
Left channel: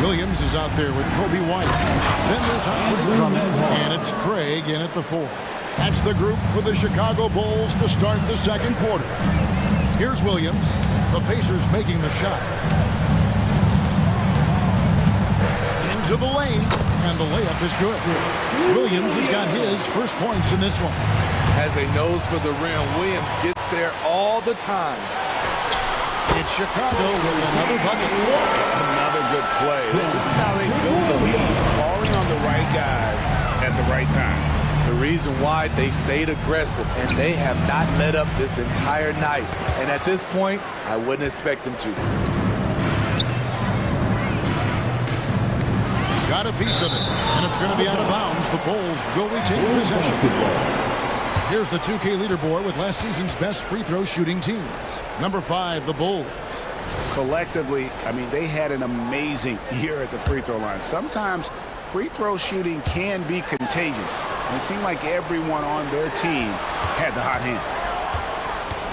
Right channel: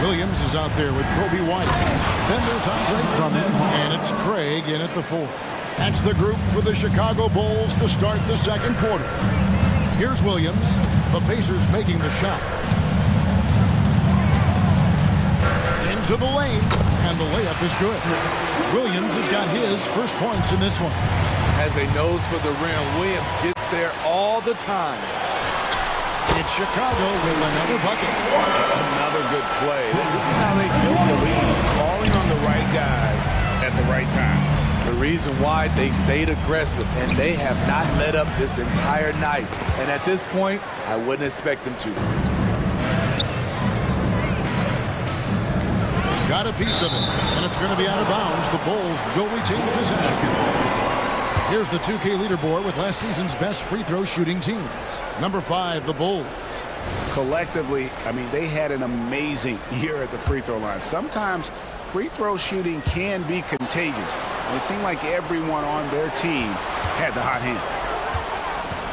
Williams is out there with Kobe White. Then there's Andre Drummond, and it's Craig in at the 4. That's the group for the Chicago Bulls to start the second quarter. Here's Williams. The Pacers making the shot. Into the lane, and the layup is good. Williams has got his first points in this one. Has a nose for the rim. Williams gets there all the time. It's Chicago with another bucket. Another good play. This is how they build the lead, calling on the right guys at the right time. The reason why they stayed aggressive, and they have not let up this entire night. And at this point, I wouldn't expect them to. Got a piece of it, and it's going to be out of bounds. The Bulls will retain possession. Here's the 2K leaderboard with last season's best free throw shooting teams. Number 5, the Bulls. Collectively, I mean, they had an amazing year at the free throw line. Sometimes free throw shooting can be contagious. And it seemed like everyone on their team had the hot hand.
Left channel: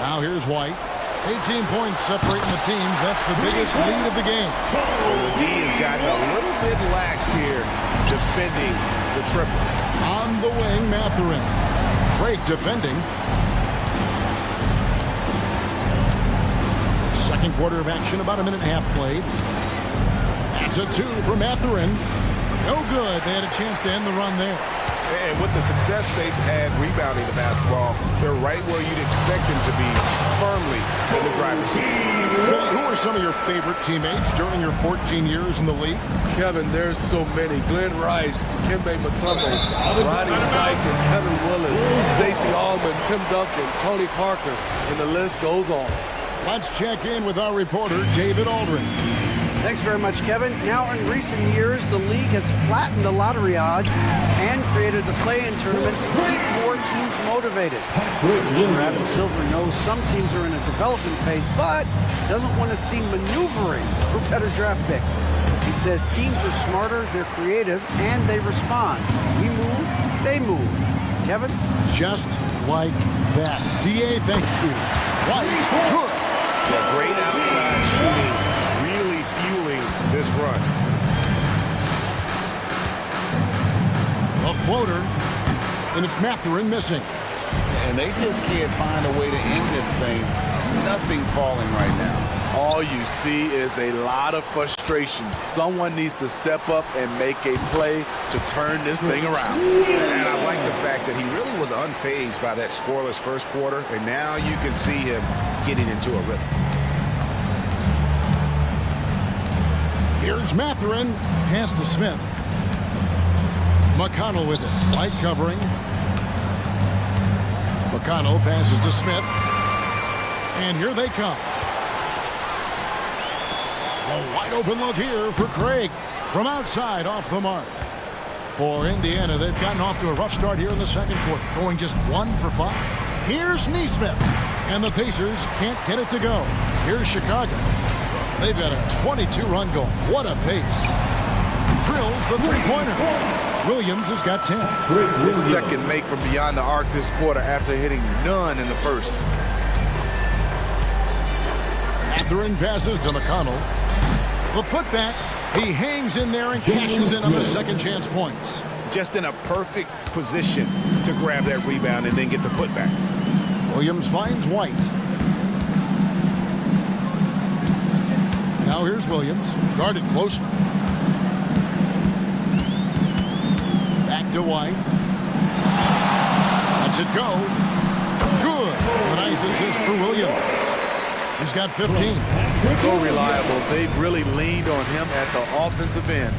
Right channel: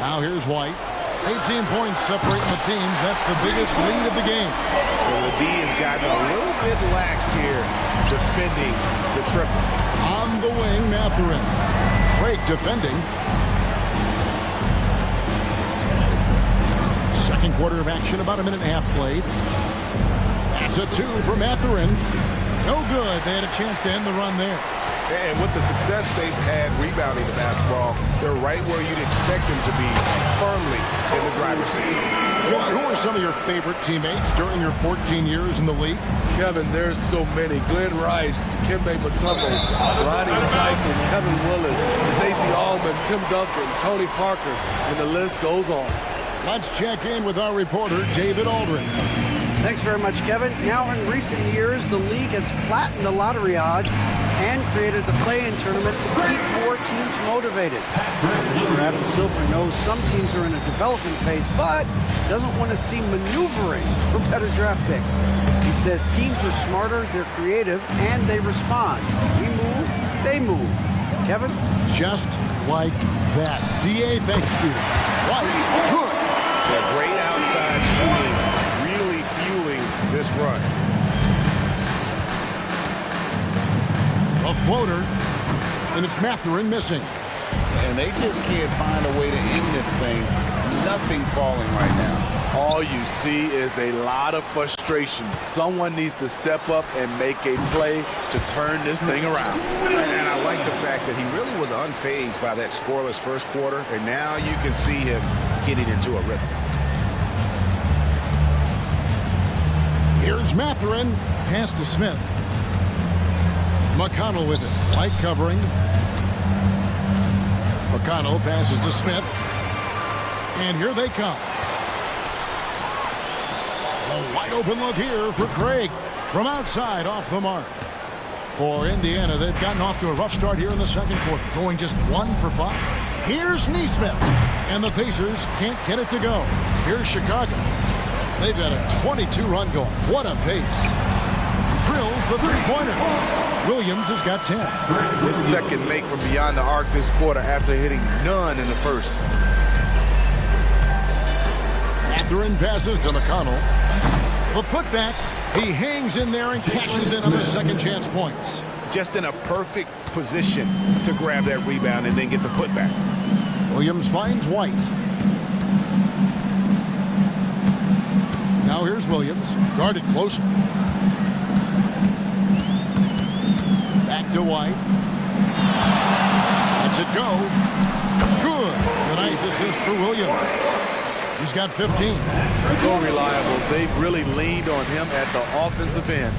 Now here's White. 18 points separating the teams. That's the biggest lead of the game. Well, the D has gotten a little bit laxed here defending the triple. On the wing, Mathurin. Craig defending. Second quarter of action, about a minute and a half played. That's a 2 for Mathurin. No good. They had a chance to end the run there. And with the success they've had rebounding the basketball, they're right where you'd expect them to be, firmly in the driver's seat. Who are some of your favorite teammates during your 14 years in the league? Kevin, there's so many. Glenn Rice, Dikembe Mutombo, Ronnie Seifert, Kevin Willis, Stacey Allman, Tim Duncan, Tony Parker, and the list goes on. Let's check in with our reporter, David Aldrin. Thanks very much, Kevin. Now, in recent years, the league has flattened the lottery odds and created the play-in tournament to keep more teams motivated. Commissioner Adam Silver knows some teams are in a development phase, but doesn't want to see maneuvering for better draft picks. He says teams are smarter, they're creative, and they respond. We move, they move. Kevin? Just like that. DA, thank you. White, good. Yeah, great outside shooting, really fueling this run. A floater, and it's Mathurin missing. And they just can't find a way to end this thing. Nothing falling right now. All you see is a lot of frustration. Someone needs to step up and make a play to turn this thing around. And I like the fact that he really was unfazed by that scoreless first quarter, and now you can see him getting into a rhythm. Here's Mathurin, pass to Smith. McConnell with it, White covering. McConnell passes to Smith. And here they come. A wide open look here for Craig. From outside, off the mark. For Indiana, they've gotten off to a rough start here in the second quarter, going just 1 for 5. Here's Neesmith. And the Pacers can't get it to go. Here's Chicago. They've got a 22-run going. What a pace. Drills the three-pointer. Williams has got 10. His second make from beyond the arc this quarter after hitting none in the first. Mathurin passes to McConnell. The putback. He hangs in there and cashes in on the second chance points. Just in a perfect position to grab that rebound and then get the putback. Williams finds White. Now here's Williams, guarded closely. Back to White. Lets it go. Good. A nice assist for Williams. He's got 15. So reliable. They've really leaned on him at the offensive end.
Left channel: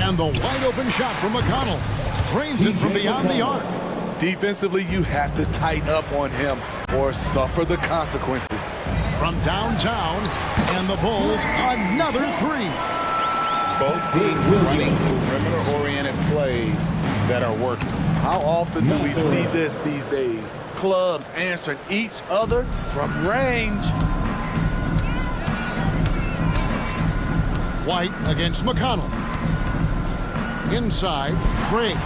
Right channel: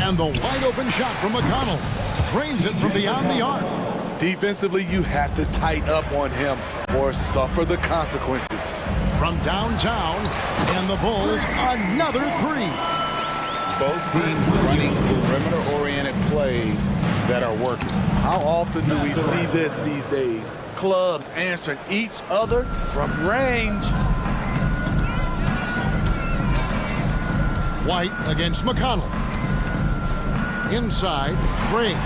And the wide open shot from McConnell. Drains it from beyond the arc. Defensively, you have to tighten up on him or suffer the consequences. From downtown, and the Bulls, another three. Both teams running perimeter-oriented plays that are working. How often do we see this these days? Clubs answering each other from range. White against McConnell. Inside, Craig.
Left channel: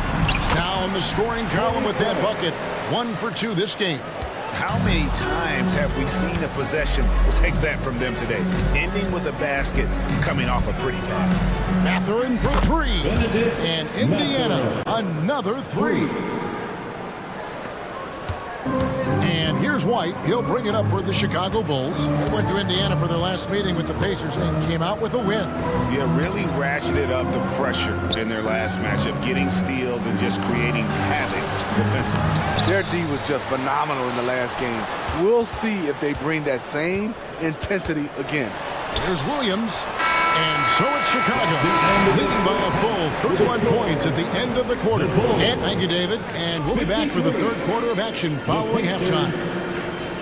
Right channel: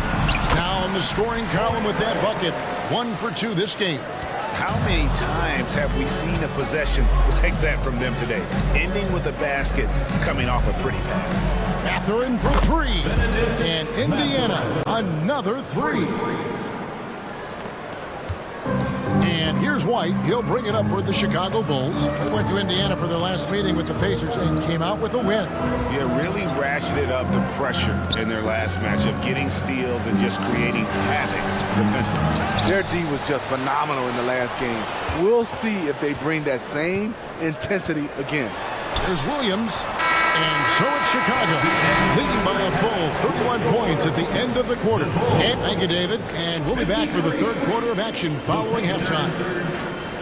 Now in the scoring column with that bucket. 1 for 2 this game. How many times have we seen a possession like that from them today? Ending with a basket, coming off a pretty pass. Mathurin for 3. And Indiana, another 3. And here's White. He'll bring it up for the Chicago Bulls. They went to Indiana for their last meeting with the Pacers and came out with a win. Yeah, really ratcheted up the pressure in their last matchup, getting steals and just creating havoc defensively. Their D was just phenomenal in the last game. We'll see if they bring that same intensity again. Here's Williams. And so it's Chicago, leading by a full 31 points at the end of the quarter. And thank you, David. And we'll be back for the third quarter of action following halftime.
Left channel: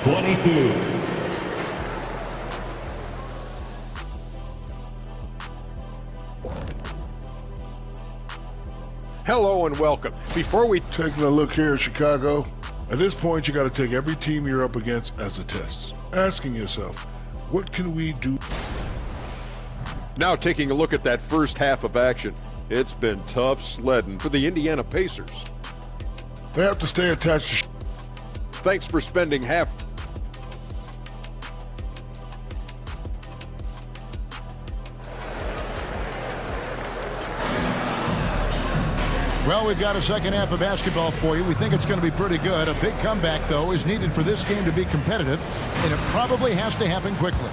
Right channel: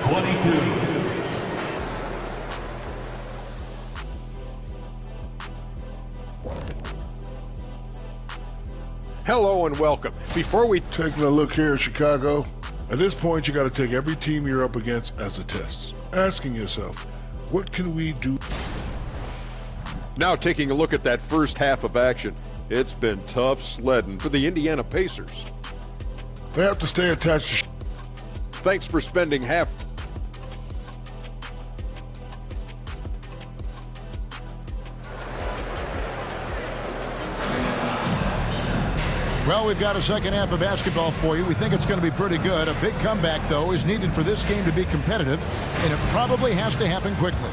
22. Hello and welcome. Before we taking a look here at Chicago, at this point you got to take every team you're up against as a test, asking yourself, what can we do? Now taking a look at that first half of action, it's been tough sledding for the Indiana Pacers. They have to stay attached to Thanks for spending half. Well, we've got a second half of basketball for you. We think it's going to be pretty good. A big comeback, though, is needed for this game to be competitive, and it probably has to happen quickly.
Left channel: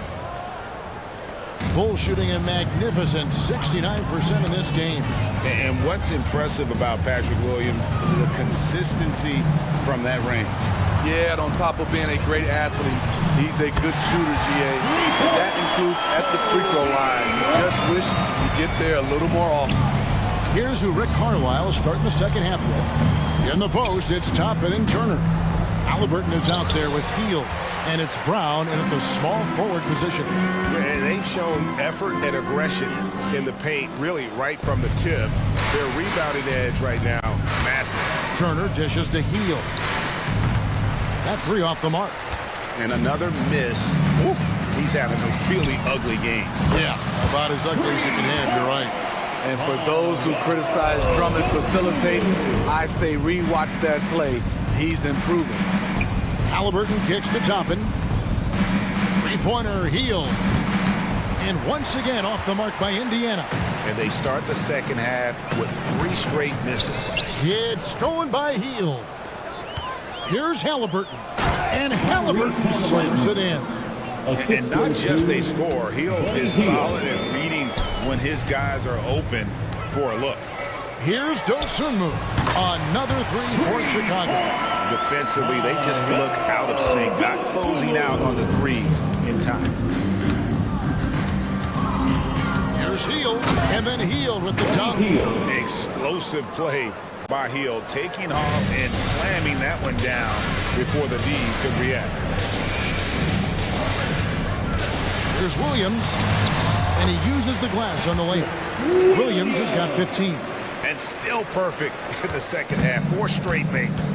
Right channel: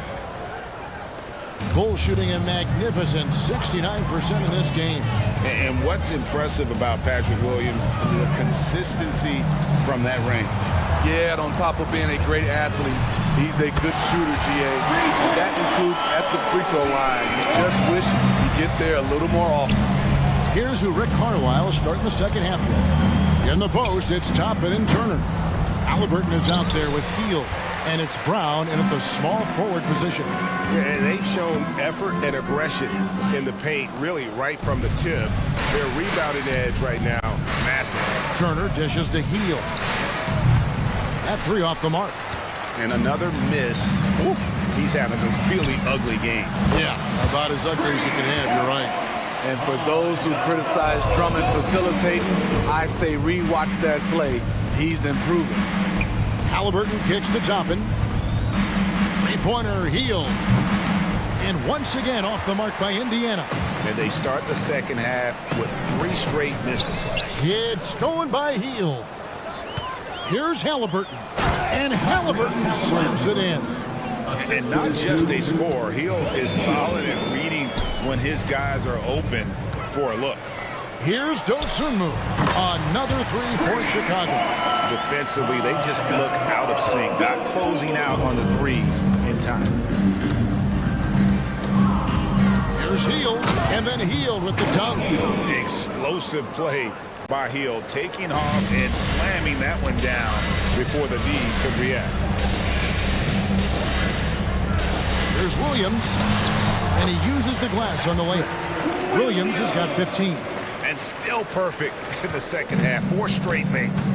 Bulls shooting a magnificent 69% in this game. And what's impressive about Patrick Williams, the consistency from that range. Yeah, on top of being a great athlete, he's a good shooter, GA. And that includes at the free throw line. You just wish you get there a little more often. Here's who Rick Carlisle is starting the second half with. In the post, it's Toppin and Turner. Halliburton is out there with Hield. And it's Brown in at the small forward position. And they've shown effort and aggression in the paint, really right from the tip. Their rebounding edge right now, massive. Turner dishes to Hield. That three off the mark. And another miss. Ooh, he's having a really ugly game. Yeah, about as ugly as you can have, you're right. And for those who criticize Drummond facilitating, I say rewatch that play. He's improving. Halliburton kicks to Toppin. Three-pointer, Hield. And once again off the mark by Indiana. And they start the second half with 3 straight misses. It's stolen by Hield. Here's Halliburton. And Halliburton slams it in. And not just a score. Hield is solid at reading when his guys are open for a look. Here's Dosunmu. Another three for Chicago. Defensively, they just look out of sync, not closing out on the threes in time. Here's Hield, and then Hield with the dunk. Explosive play by Hield, taking off and slamming that one down before the D could react. Here's Williams, and he uses the glass on the layup. Williams has got 15. And still perfect in the second half. 4 straight makes.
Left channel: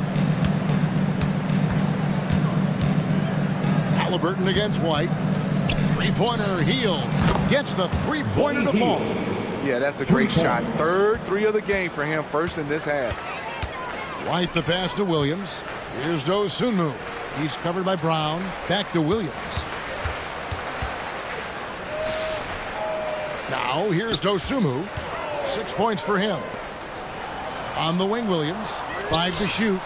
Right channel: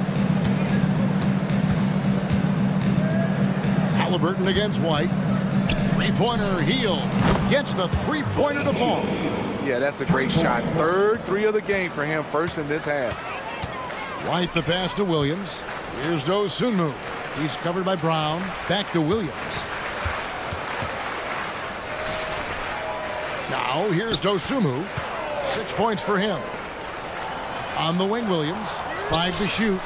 Halliburton against White. Three-pointer, Hield gets the three-pointer to fall. Yeah, that's a great shot. Third three of the game for him, first in this half. White the pass to Williams. Here's Dosunmu. He's covered by Brown. Back to Williams. Now here's Dosunmu. 6 points for him. On the wing, Williams. 5 to shoot.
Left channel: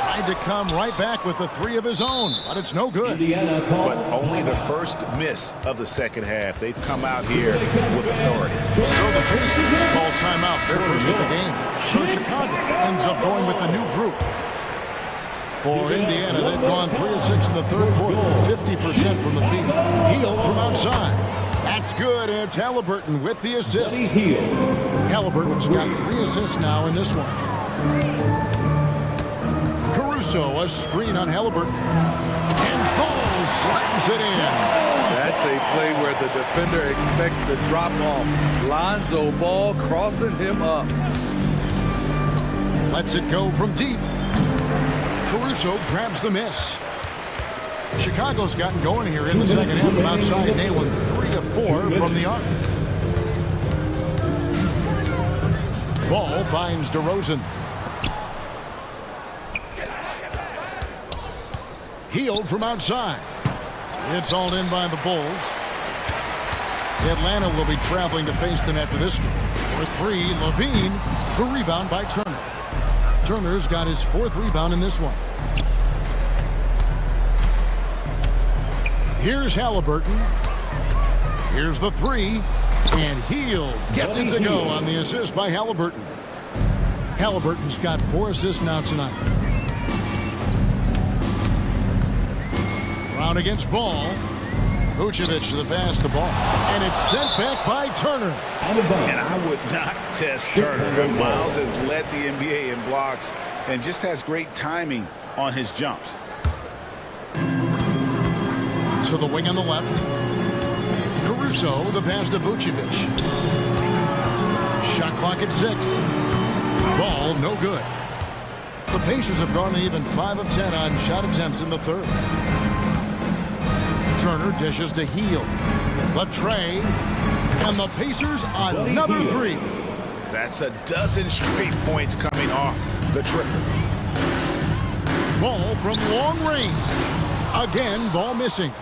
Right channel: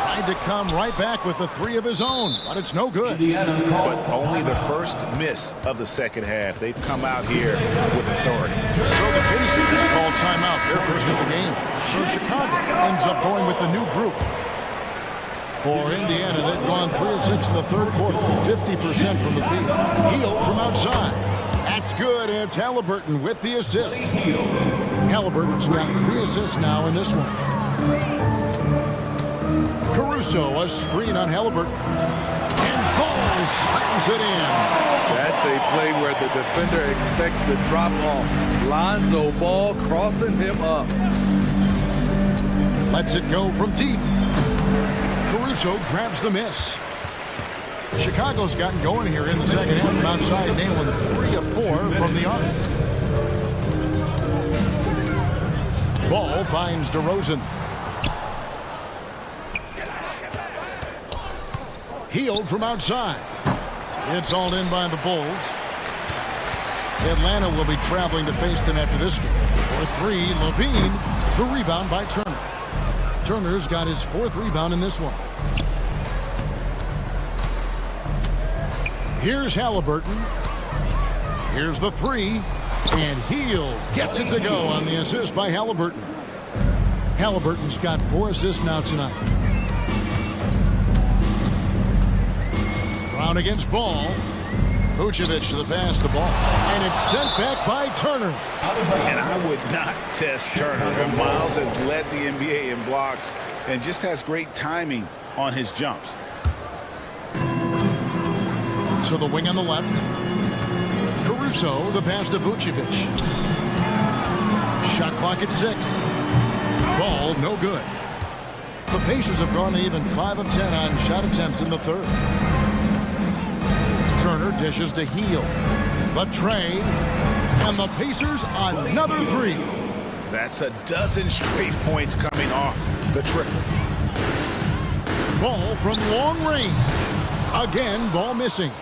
Tried to come right back with the three of his own, but it's no good. But only the first miss of the second half. They've come out here with authority. So the Pacers call timeout, their first of the game. So Chicago ends up going with the new group. For Indiana, they've gone 3 of 6 in the third quarter, 50% from the field. Hield from outside. That's good. It's Halliburton with the assist. Halliburton's got 3 assists now in this one. Caruso, a screen on Halliburton. And Ball slams it in. That's a play where the defender expects the drop off. Lonzo Ball crossing him up. Lets it go from deep. Caruso grabs the miss. Chicago's gotten going here in the second half from outside, nailing 3 of 4 from the arc. Ball finds DeRozan. Hield from outside. It's all in by the Bulls. Atlanta will be traveling to face them after this game. For 3, Levine. The rebound by Turner. Turner's got his 4th rebound in this one. Here's Halliburton. Here's the 3. And Hield gets it to go on the assist by Halliburton. Halliburton's got 4 assists now tonight. Brown against Ball. Vucevic to the pass to Ball. And it's sent back by Turner. And I would not test Turner. Miles has led the NBA in blocks and just has great timing on his jumps. To the wing on the left. Caruso, the pass to Vucevic. Shot clock at 6. Ball, no good. The Pacers have gone even 5 of 10 on shot attempts in the third. Turner dishes to Hield. The tray. And the Pacers another 3. That's a dozen straight points coming off the triple. Ball from long range. Again, Ball missing.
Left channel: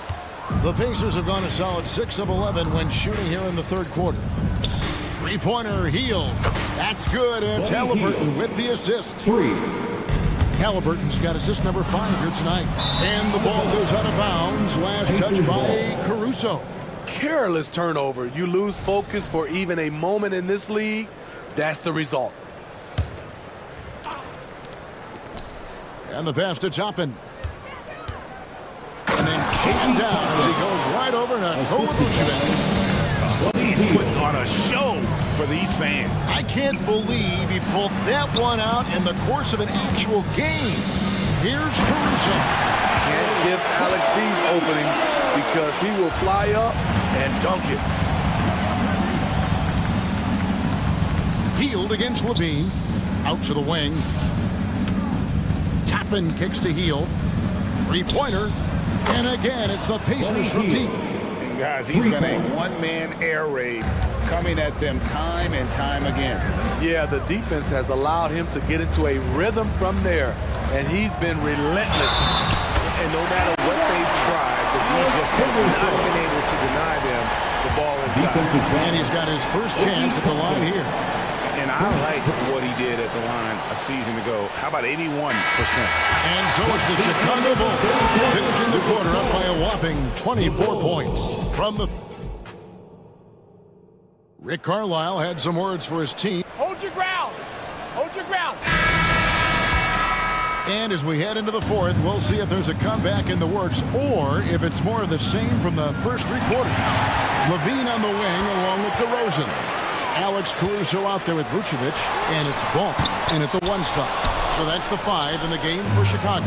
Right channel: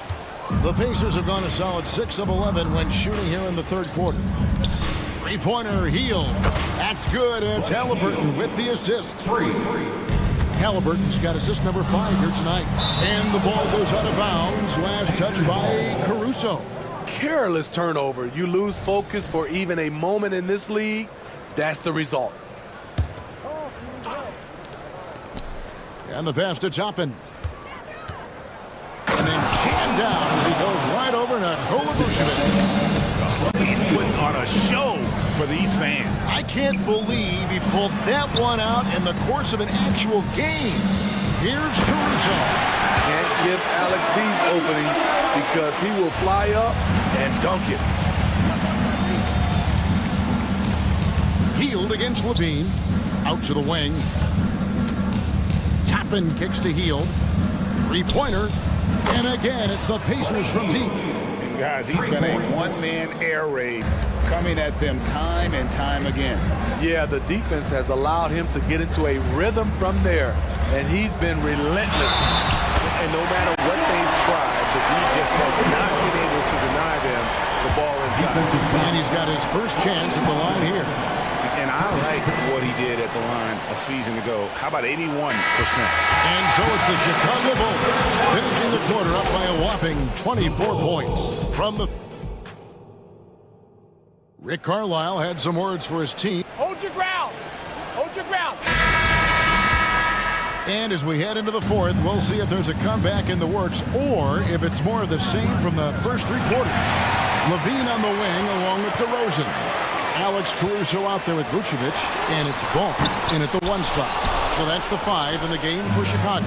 The Pacers have gone a solid 6 of 11 when shooting here in the third quarter. Three-pointer, Hield. That's good. It's Halliburton with the assist. 3. Halliburton's got assist number 5 here tonight. And the ball goes out of bounds. Last touch by Caruso. Careless turnover. You lose focus for even a moment in this league. That's the result. And the pass to Toppin. And then jammed down as he goes right over to Nikola Vucevic. He's putting on a show for these fans. I can't believe he pulled that one out in the course of an actual game. Here's Caruso. Can't give Alex these openings because he will fly up and dunk it. Hield against Levine. Out to the wing. Toppin kicks to Hield. Three-pointer. And again, it's the Pacers from deep. And guys, he's been a one-man air raid coming at them time and time again. Yeah, the defense has allowed him to get into a rhythm from there, and he's been relentless. And no matter what they've tried, the D just has not been able to deny them the ball inside. And he's got his first chance at the line here. And I like what he did at the line a season ago. How about 81%? And so it's the Chicago Bulls finishing the quarter up by a whopping 24 points. From the Rick Carlisle had some words for his team. Hold your ground. Hold your ground. And as we head into the fourth, we'll see if there's a comeback in the works or if it's more of the same from the first 3 quarters. Levine on the wing along with DeRozan. Alex Caruso out there with Vucevic, and it's Ball in at the 1 spot. So that's the 5 in the game for Chicago.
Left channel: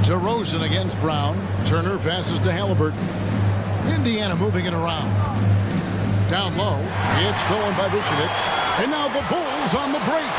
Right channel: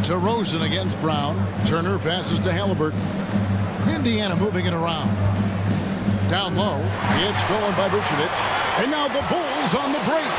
DeRozan against Brown. Turner passes to Halliburton. Indiana moving it around. Down low, it's stolen by Vucevic. And now the Bulls on the break.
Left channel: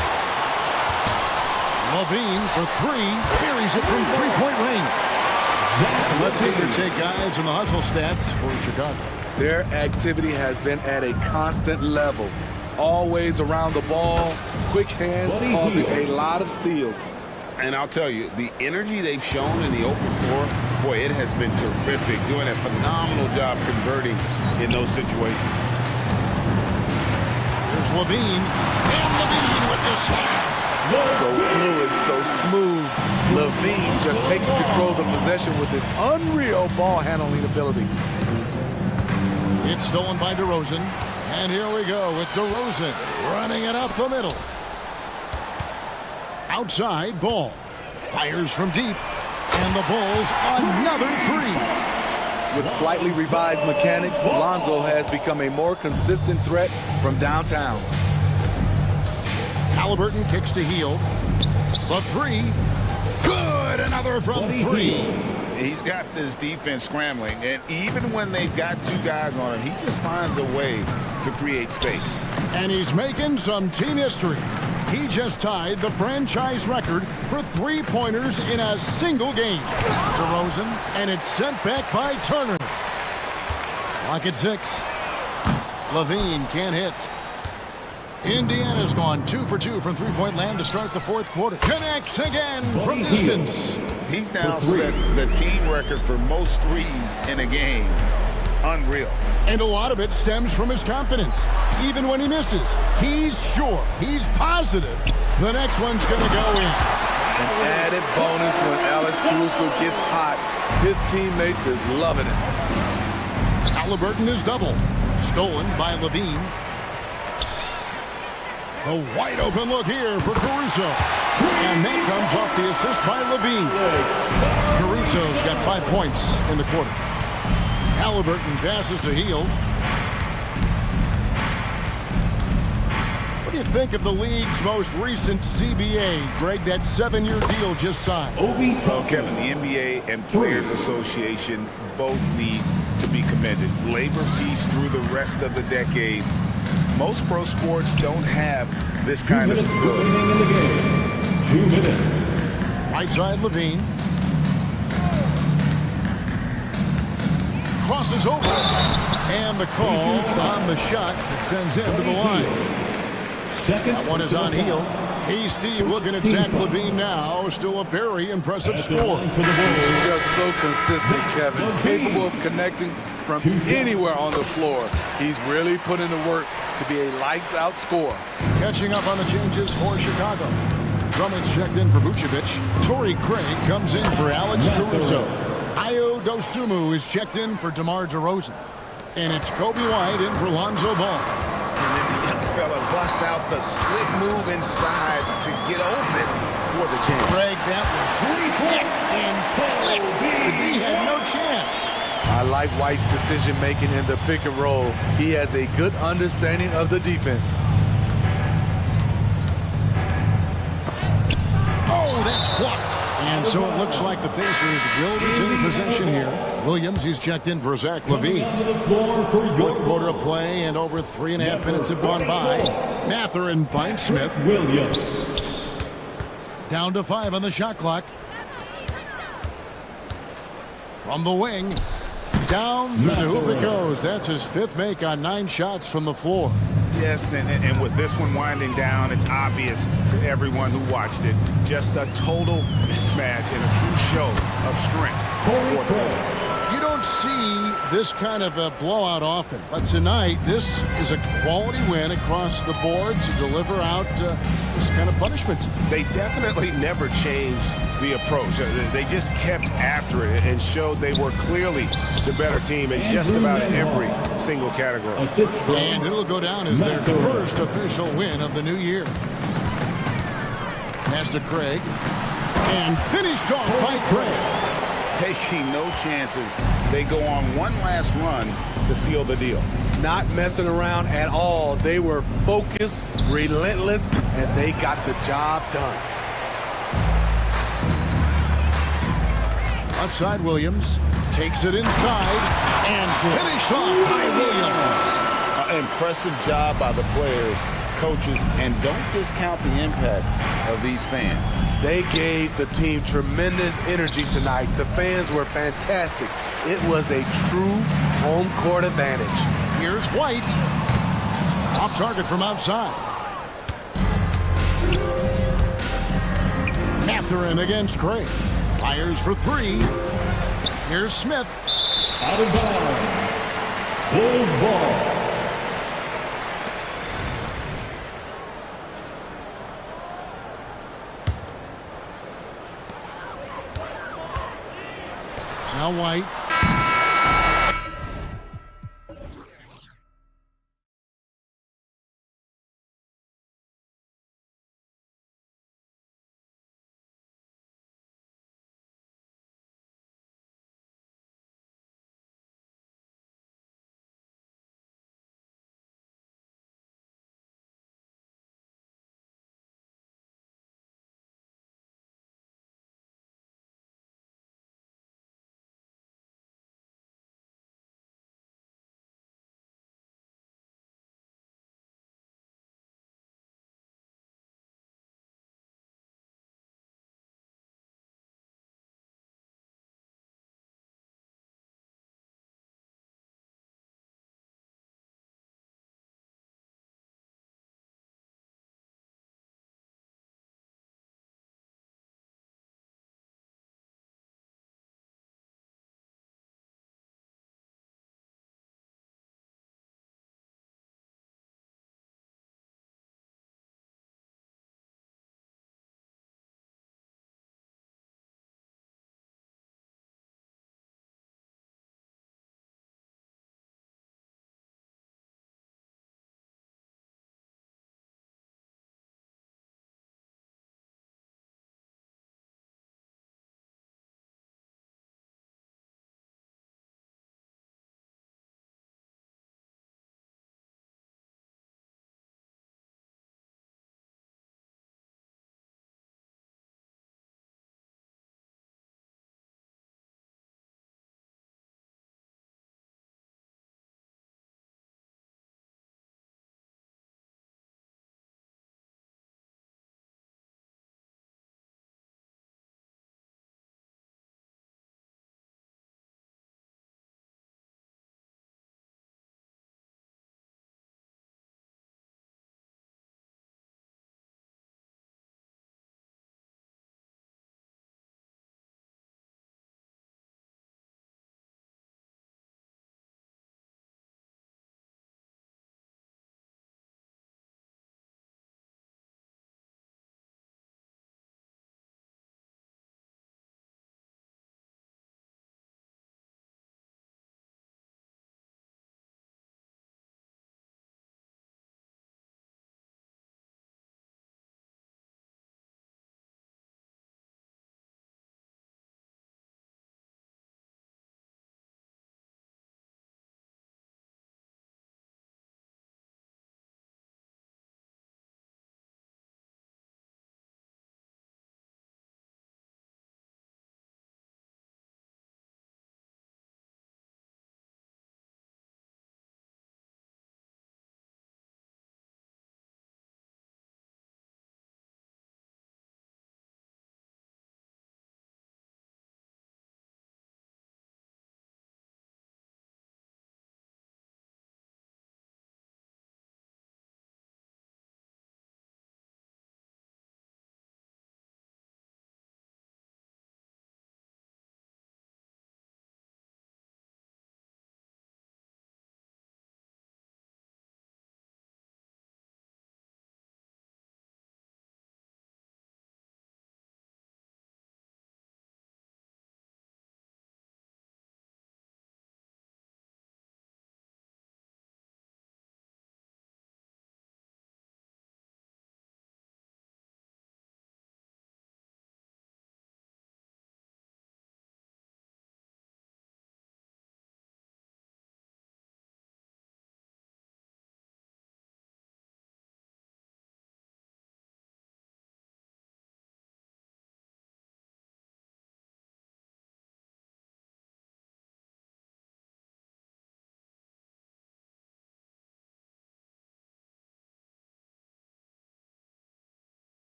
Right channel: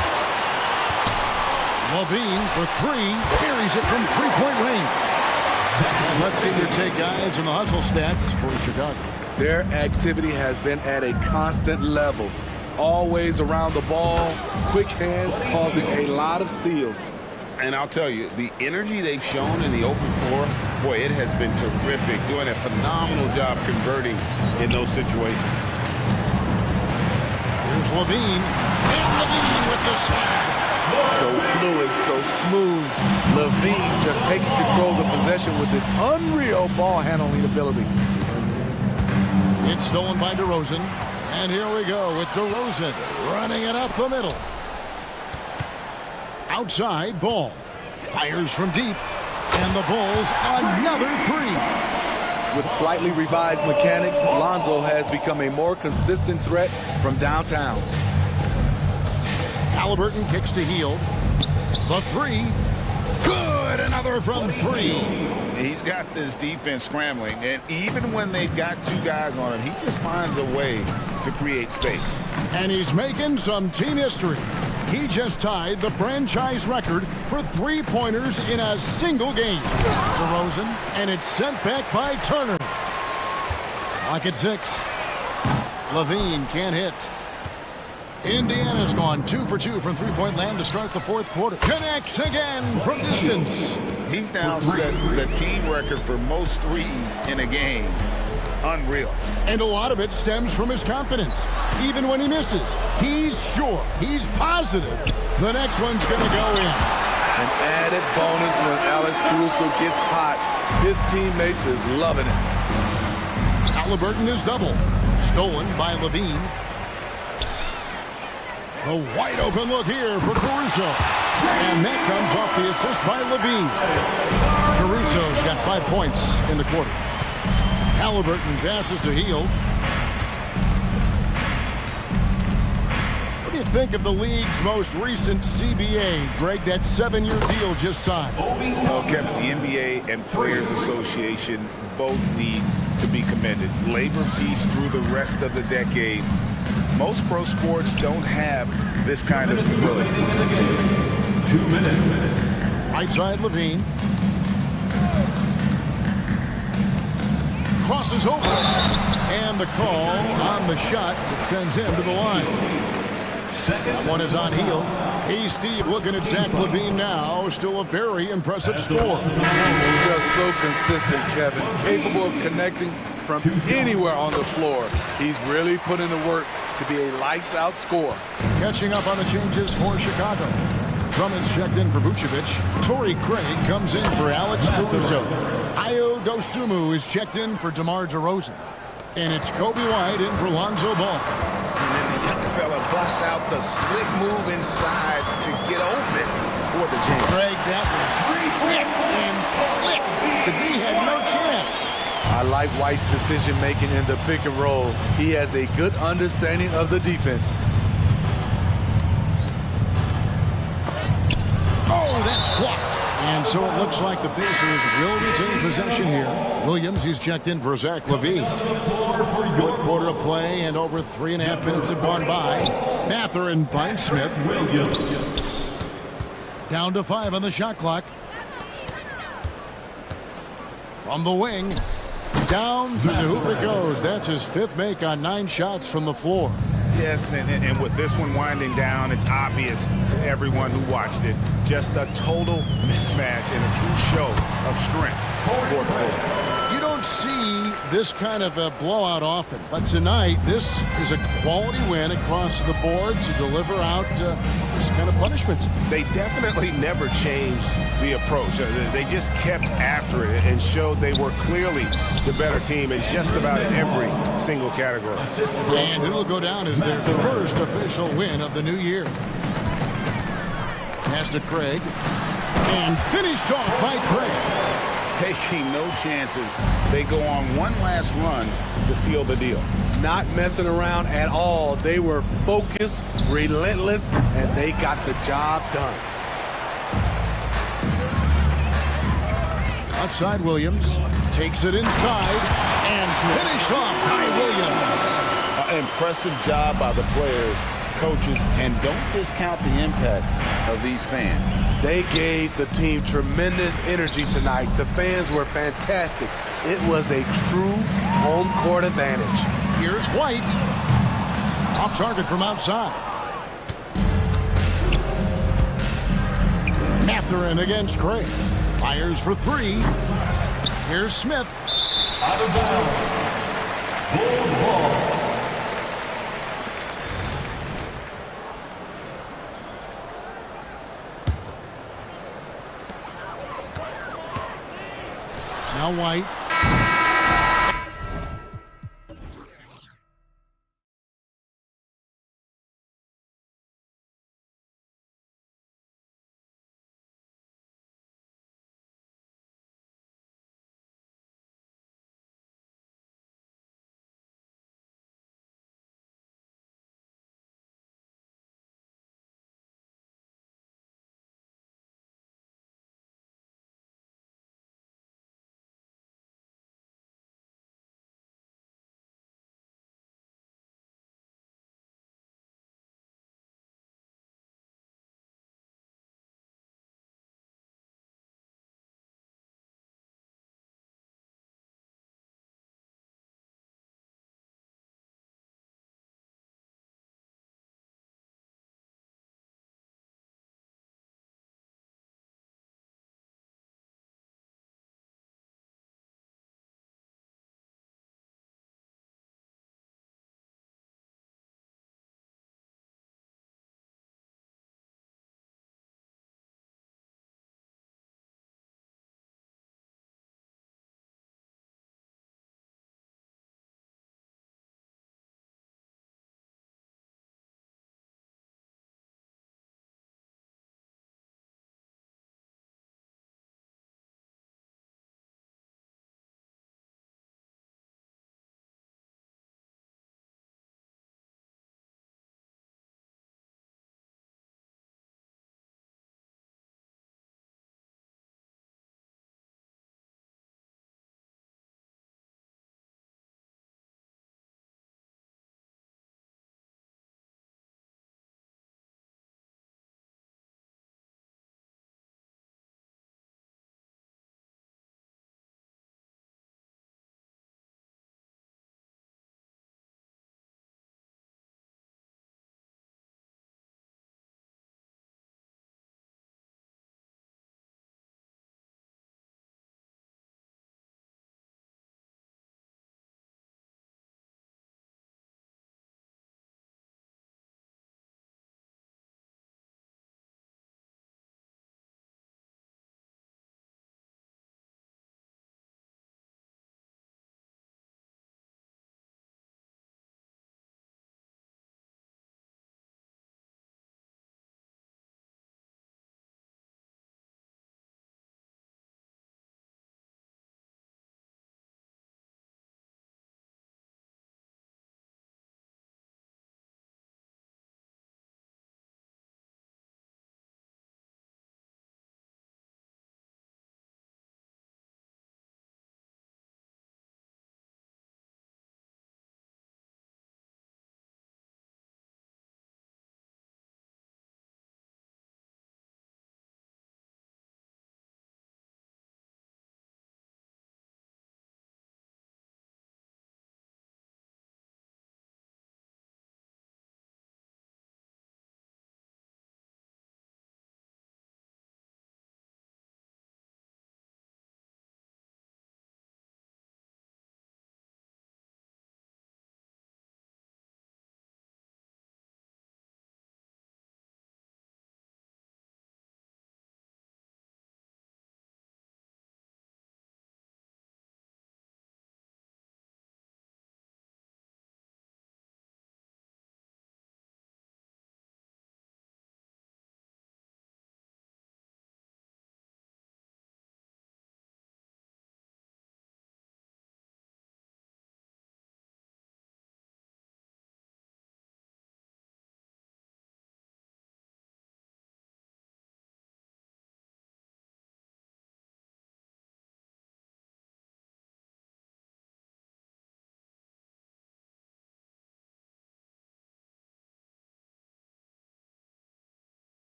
Levine for three. Carries it from three-point range. And let's get your take, guys, on the hustle stats for Chicago. Their activity has been at a constant level. Always around the ball, quick hands, causing a lot of steals. And I'll tell you, the energy they've shown in the open floor, boy, it has been terrific, doing a phenomenal job converting in those situations. Here's Levine, and Levine with the slam. So fluid, so smooth. Levine just taking control of the possession with his unreal ball handling ability. It's stolen by DeRozan. And here we go with DeRozan running it up the middle. Outside ball. Fires from deep. And the Bulls another three. With slightly revised mechanics, Lonzo has become a more consistent threat from downtown. Halliburton kicks to Hield. The three. Good. Another from three. He's got this defense scrambling, and even when they've got two guys on him, he just finds a way to create space. And he's making some team history. He just tied the franchise record for three-pointers in a single game. DeRozan, and it's sent back by Turner. Lock at 6. Levine can't hit. Indiana's gone 2 for 2 from three-point land to start the fourth quarter. Connects again from distance. He's now set the team record for most threes in a game. Unreal. And a lot of it stems from his confidence. Even when he misses, he's sure, he's positive the next one's going to go in. An added bonus when Alex Caruso gets hot. His teammates is loving it. Halliburton is double. Stolen by Levine. The wide open look here for Caruso. And that comes off the assist by Levine. Caruso's got 5 points in the quarter. Halliburton passes to Hield. What do you think of the league's most recent CBA, Greg? That 7-year deal just signed. Well, Kevin, the NBA and Players Association both need to be commended. Labor peace through the rest of the decade. Most pro sports don't have this kind of stability. 2 minutes. Right side Levine. Crosses over. And the call on the shot that sends him to the line. That one is on Hield. Hey, Steve, looking at Zach Levine now. Still a very impressive score. He's just so consistent, Kevin. Capable of connecting from anywhere on the floor. He's really put in the work to be a lights-out scorer. Catching up on the changes for Chicago. Drummond's checked in for Vucevic. Torrey Craig comes in for Alex Caruso. Ayo Dosunmu is checked in for DeMar DeRozan. And it's Kobe White in for Lonzo Ball. And then the young fella busts out the slick move inside to get open for the jam. Craig, that was slick and slick. The D had no chance. I like White's decision-making in the pick and roll. He has a good understanding of the defense. Oh, that's blocked. And so it looks like the Pacers will retain possession here. Williams, he's checked in for Zach Levine. Fourth quarter of play, and over 3.5 minutes have gone by. Mathurin finds Smith. Williams. Down to 5 on the shot clock. From the wing. Down through the hoop it goes. That's his 5th make on 9 shots from the floor. Yes, and with this one winding down, it's obvious to everyone who watched it. Just a total mismatch and a true show of strength for the Bulls. You don't see this kind of a blowout often, but tonight this is a quality win across the board to deliver out this kind of punishment. They definitely never changed the approach. They just kept after it and showed they were clearly the better team in just about every single category. And it'll go down as their first official win of the new year. Pass to Craig. And finished off by Craig. Taking no chances. They go on one last run to seal the deal. Not messing around at all. They were focused, relentless, and they got the job done. Left side Williams takes it inside and finished off by Williams. Impressive job by the players coaches, and don't discount the impact of these fans. They gave the team tremendous energy tonight. The fans were fantastic. It was a true home court advantage. Here's White. Off target from outside. Mathurin against Craig. Fires for three. Here's Smith. Out of bounds. Bulls ball. Now White.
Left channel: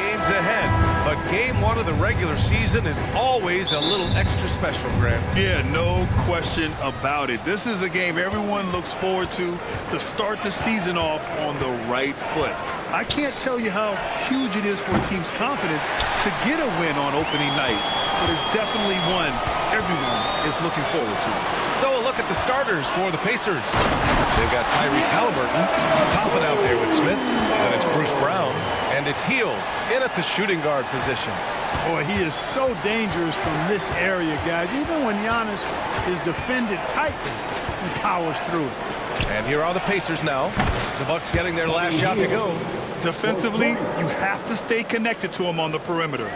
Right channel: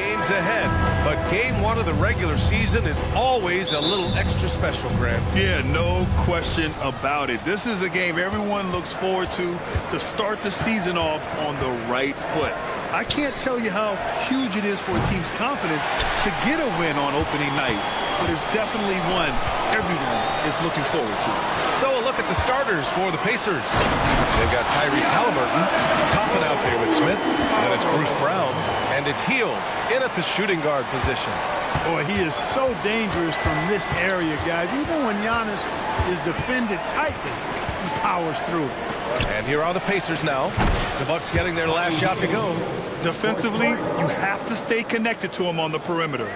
games ahead, but game one of the regular season is always a little extra special, Grant. Yeah, no question about it. This is a game everyone looks forward to start the season off on the right foot. I can't tell you how huge it is for a team's confidence to get a win on opening night, but it's definitely one everyone is looking forward to. So a look at the starters for the Pacers. They've got Tyrese Halliburton topping out there with Smith. Then it's Bruce Brown, and it's Hield in at the shooting guard position. Boy, he is so dangerous from this area, guys. Even when Giannis is defended tightly, he powers through it. And here are the Pacers now. The Bucks getting their last shot to go. Defensively, you have to stay connected to him on the perimeter.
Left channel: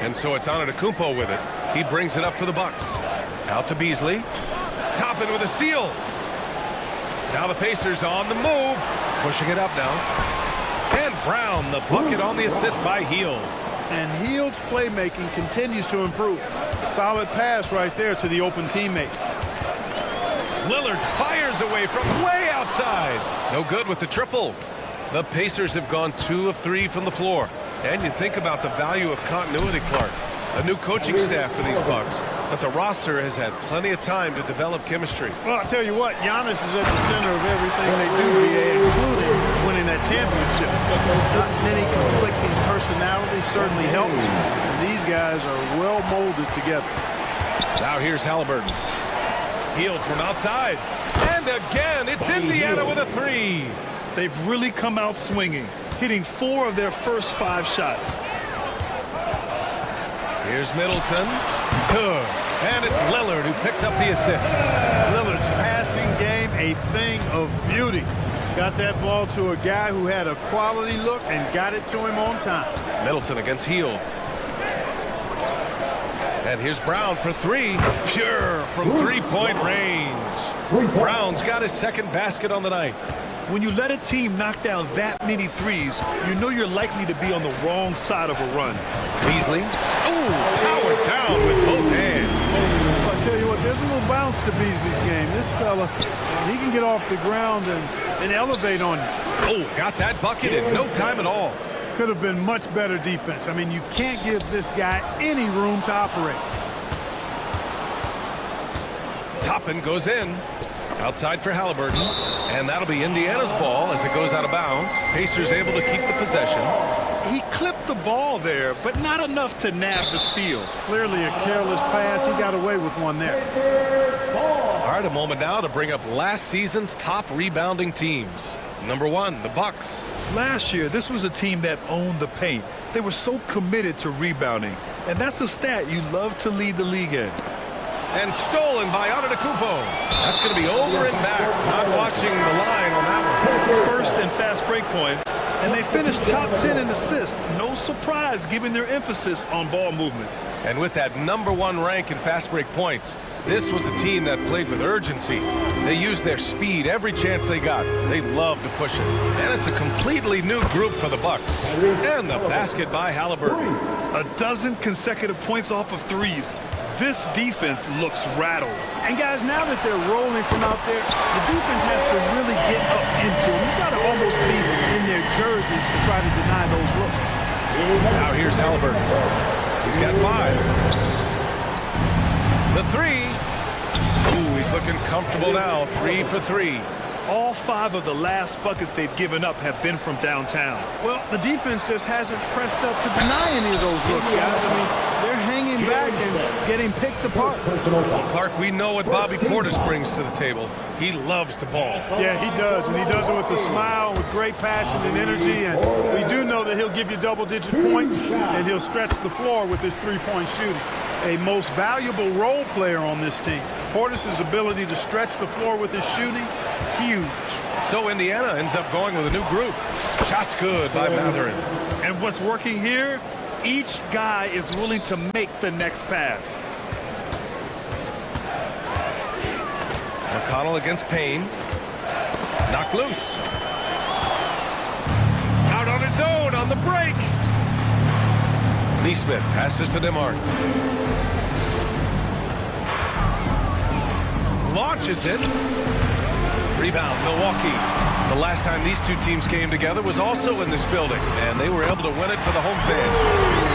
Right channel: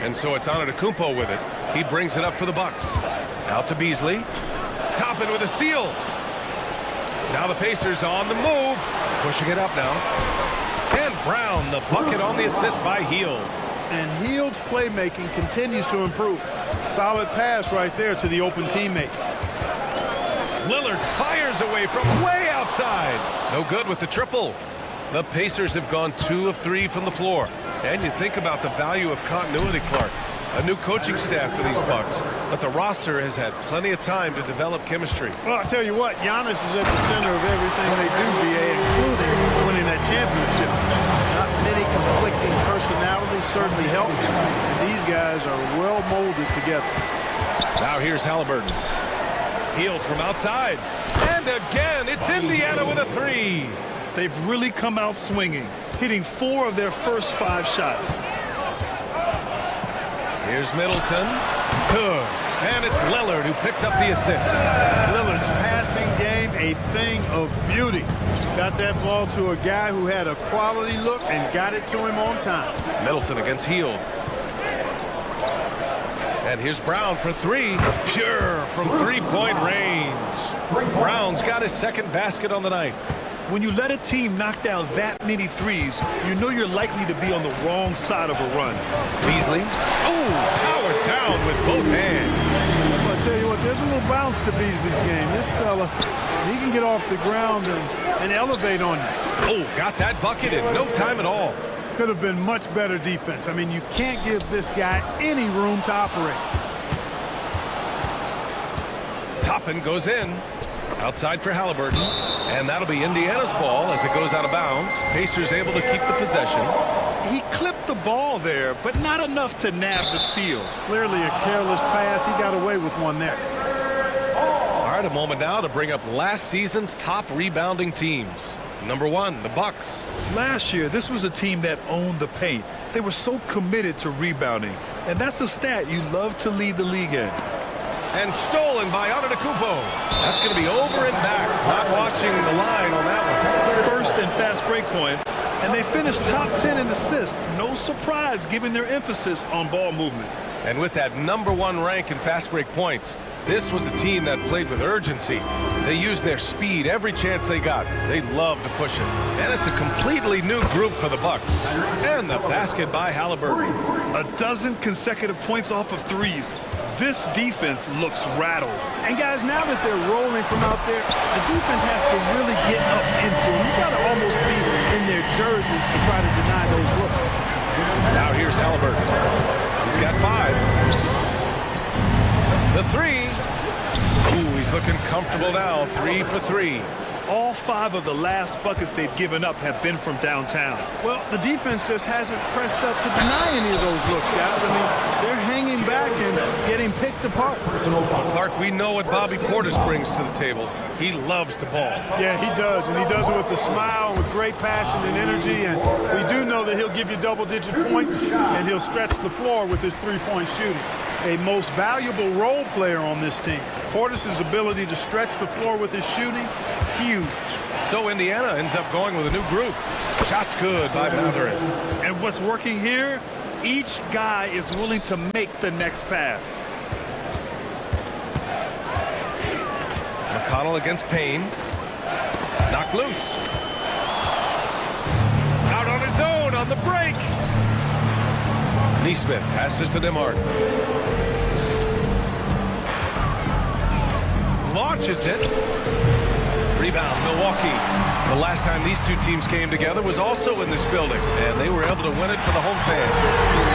And so it's Antetokounmpo with it. He brings it up for the Bucks. Out to Beasley. Toppin with a steal. Now the Pacers on the move. Pushing it up now. And Brown, the bucket on the assist by Hield. And Hield's playmaking continues to improve. Solid pass right there to the open teammate. Lillard fires away from way outside. No good with the triple. The Pacers have gone 2 of 3 from the floor. And you think about the value of continuity, Clark. A new coaching staff for these Bucks, but the roster has had plenty of time to develop chemistry. Well, I'll tell you what, Giannis is at the center of everything they do, BA, including winning that championship. Not many conflicting personalities certainly helps, and these guys are well molded together. Now here's Halliburton. Hield from outside. And again, it's Indiana with a 3. They've really come out swinging, hitting 4 of their first 5 shots. Here's Middleton. Good. And it's Lillard who picks up the assist. Lillard's passing game, a thing of beauty. Got that ball to a guy who had a quality look and got it to him on time. Middleton against Hield. And here's Brown for 3. Pure from three-point range. Brown's got his second basket on the night. When you let a team knock down that many threes, you know you're likely to be on the wrong side of a run. Beasley. Ooh, powered down with both hands. Well, I'll tell you what, there's a little bounce to Beasley's game. This fella, he can get off the ground and elevate on you. Oh, got that bucket in no time at all. Could have been much better defense. I mean, you can't give this guy any room to operate. Toppin goes in. Outside for Halliburton. And that'll be Indiana's ball as it goes out of bounds. Pacers able to keep the possession. He clipped the ball there, but not enough to nab the steal. Clearly a careless pass. He got away with one there. All right, a moment now to bring up last season's top rebounding teams. Number 1, the Bucks. Last year, this was a team that owned the paint. They were so committed to rebounding. And that's a stat you love to lead the league in. And stolen by Antetokounmpo. That's going to be over and back. Not watching the line on that one. First and fast break points. And they finished top 10 in assists. No surprise given their emphasis on ball movement. And with that number 1 rank in fast break points, this was a team that played with urgency. They used their speed every chance they got. They loved to push it. And it's a completely new group for the Bucks. And the basket by Halliburton. 12 consecutive points off of threes. This defense looks rattled. And guys, now that they're rolling from out there, the defense has to really get up into them. You've got to almost be in their jerseys to try to deny those looks. Now here's Halliburton. He's got 5. The 3. Ooh, he's looking comfortable now. 3 for 3. All 5 of the last buckets they've given up have been from downtown. Well, the defense just hasn't pressed up to deny any of those looks, guys. I mean, they're hanging back and getting picked apart. Well, Clark, we know what Bobby Portis brings to the table. He loves to ball. Yeah, he does, and he does it with a smile, with great passion and energy, and we do know that he'll give you double-digit points, and he'll stretch the floor with his three-point shooting. A most valuable role player on this team. Portis' ability to stretch the floor with his shooting, huge. So Indiana ends up going with a new group. Shots good by Matherin. And what's working here? Each guy is willing to make the next pass. McConnell against Payne. Knocked loose. Out on his own on the break. Neesmith passes to DeMarc. Launches it. Rebound, Milwaukee. The last time these two teams came together was also in this building, and they were able to win it for the home fans.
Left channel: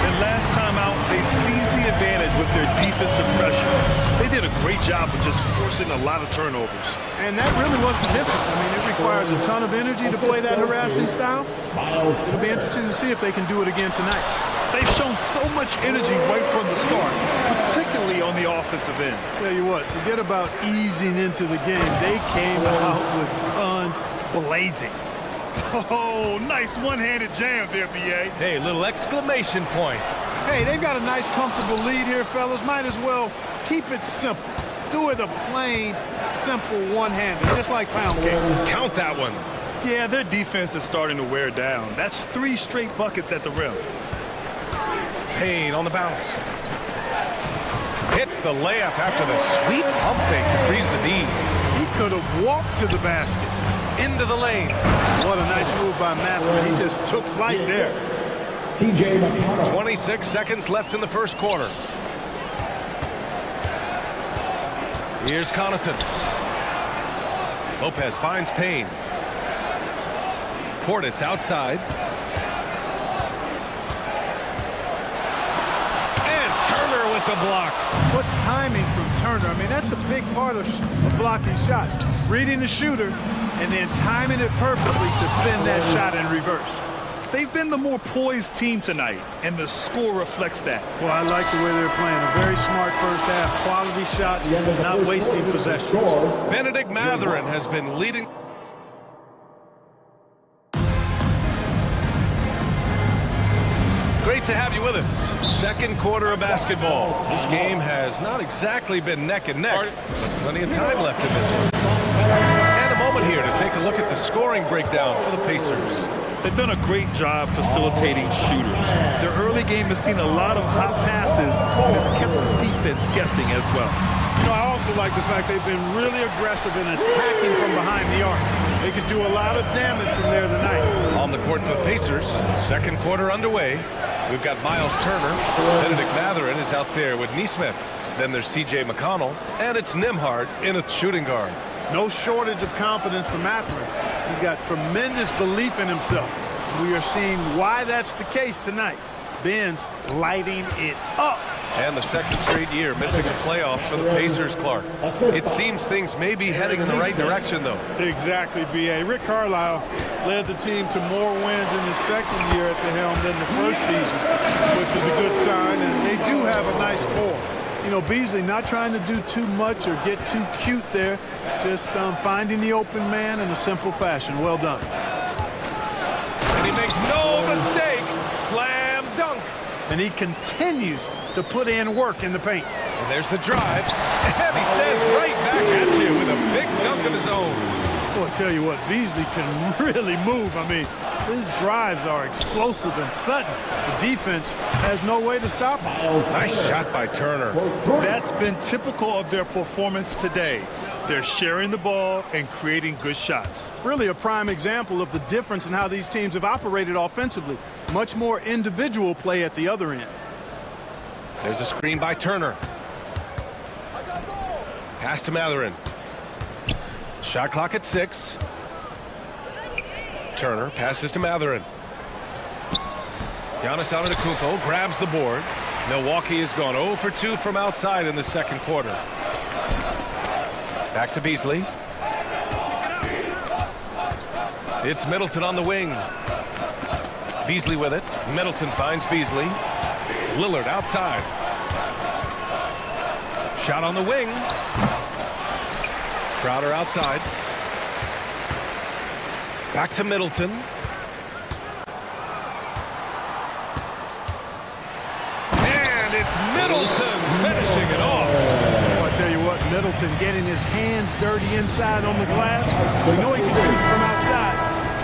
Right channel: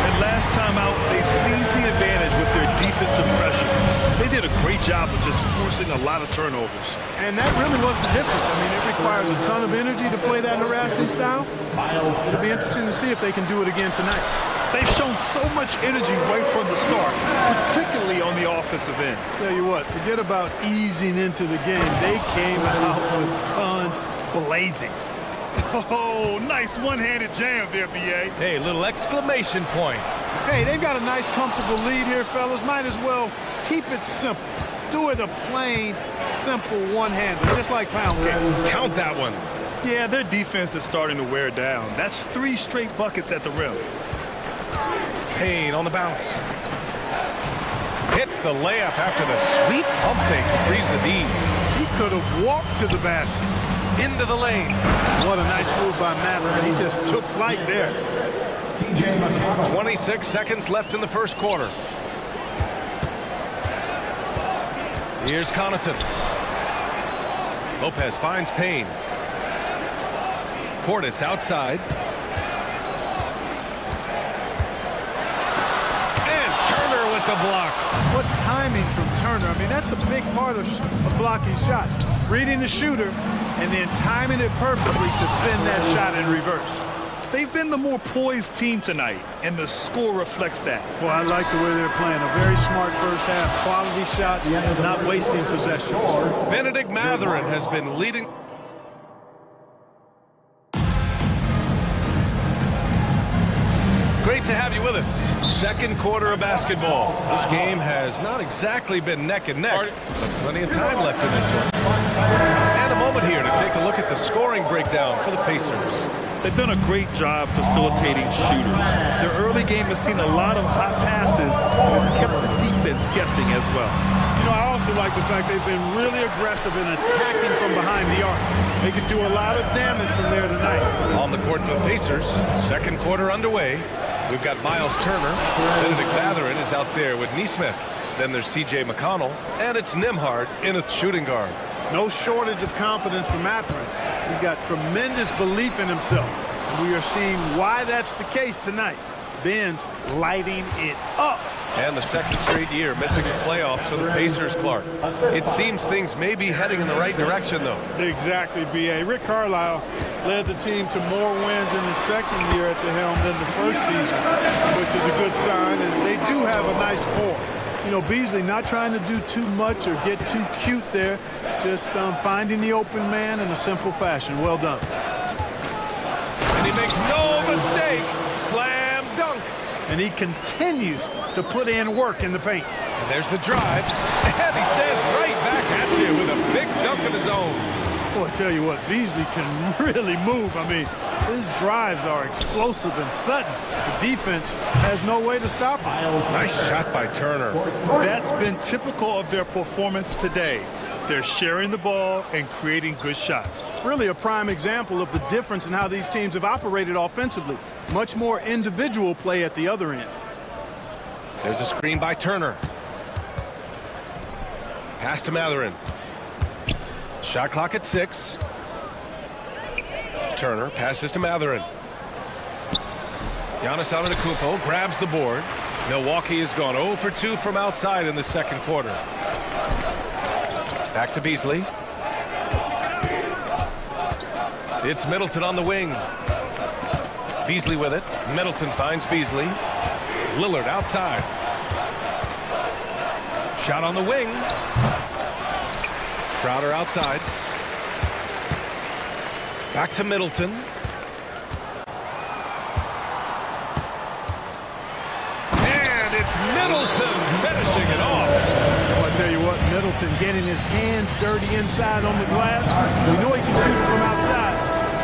And last time out, they seized the advantage with their defensive pressure. They did a great job of just forcing a lot of turnovers. And that really was the difference. I mean, it requires a ton of energy to play that harassing style. It'll be interesting to see if they can do it again tonight. They've shown so much energy right from the start, particularly on the offensive end. Tell you what, forget about easing into the game. They came out with guns blazing. Oh, nice one-handed jam there, B.A. Hey, little exclamation point. Hey, they've got a nice, comfortable lead here, fellas. Might as well keep it simple. Do it a plain, simple one-hander, just like pound cake. Count that one. Yeah, their defense is starting to wear down. That's 3 straight buckets at the rim. Payne on the bounce. Hits the layup after the sweet pump fake to freeze the D. He could have walked to the basket. Into the lane. What a nice move by Matthew. He just took flight there. 26 seconds left in the first quarter. Here's Connaughton. Lopez finds Payne. Portis outside. And Turner with the block. What timing from Turner. I mean, that's a big part of blocking shots. Reading the shooter and then timing it perfectly to send that shot in reverse. They've been the more poised team tonight, and the score reflects that. Well, I like the way they're playing. A very smart first half. Quality shots, not wasting possession. Benedict Mathurin has been leading. Great to have you with us. Second quarter of basketball. This game has not exactly been neck and neck, but plenty of time left in this one. And a moment here to take a look at the scoring breakdown for the Pacers. They've done a great job facilitating shooters. Their early game has seen a lot of hot passes and has kept the defense guessing as well. You know, I also like the fact they've been really aggressive in attacking from behind the arc. They could do a lot of damage from there tonight. On the court for the Pacers, second quarter underway. We've got Miles Turner. Benedict Mathurin is out there with Neesmith. Then there's T.J. McConnell, and it's Nembhard in a shooting guard. No shortage of confidence for Mathurin. He's got tremendous belief in himself. And we are seeing why that's the case tonight. Ben's lighting it up. And the second straight year missing the playoffs for the Pacers, Clark. It seems things may be heading in the right direction, though. Exactly, B.A. Rick Carlisle led the team to more wins in his second year at the helm than the first season, which is a good sign. And they do have a nice core. You know, Beasley not trying to do too much or get too cute there, just finding the open man in a simple fashion. Well done. And he makes no mistake. Slam dunk. And he continues to put in work in the paint. And there's the drive. And he says right back at you with a big dunk of his own. Boy, I tell you what, Beasley can really move. I mean, his drives are explosive and sudden. The defense has no way to stop him. Nice shot by Turner. That's been typical of their performance today. They're sharing the ball and creating good shots. Really a prime example of the difference in how these teams have operated offensively. Much more individual play at the other end. There's a screen by Turner. Pass to Mathurin. Shot clock at 6. Turner passes to Mathurin. Giannis Antetokounmpo grabs the board. Milwaukee has gone 0 for 2 from outside in the second quarter. Back to Beasley. It's Middleton on the wing. Beasley with it. Middleton finds Beasley. Lillard outside. Shot on the wing. Crowder outside. Back to Middleton. And it's Middleton finishing it off. Well, I tell you what, Middleton getting his hands dirty inside on the glass. We know he can shoot it from outside,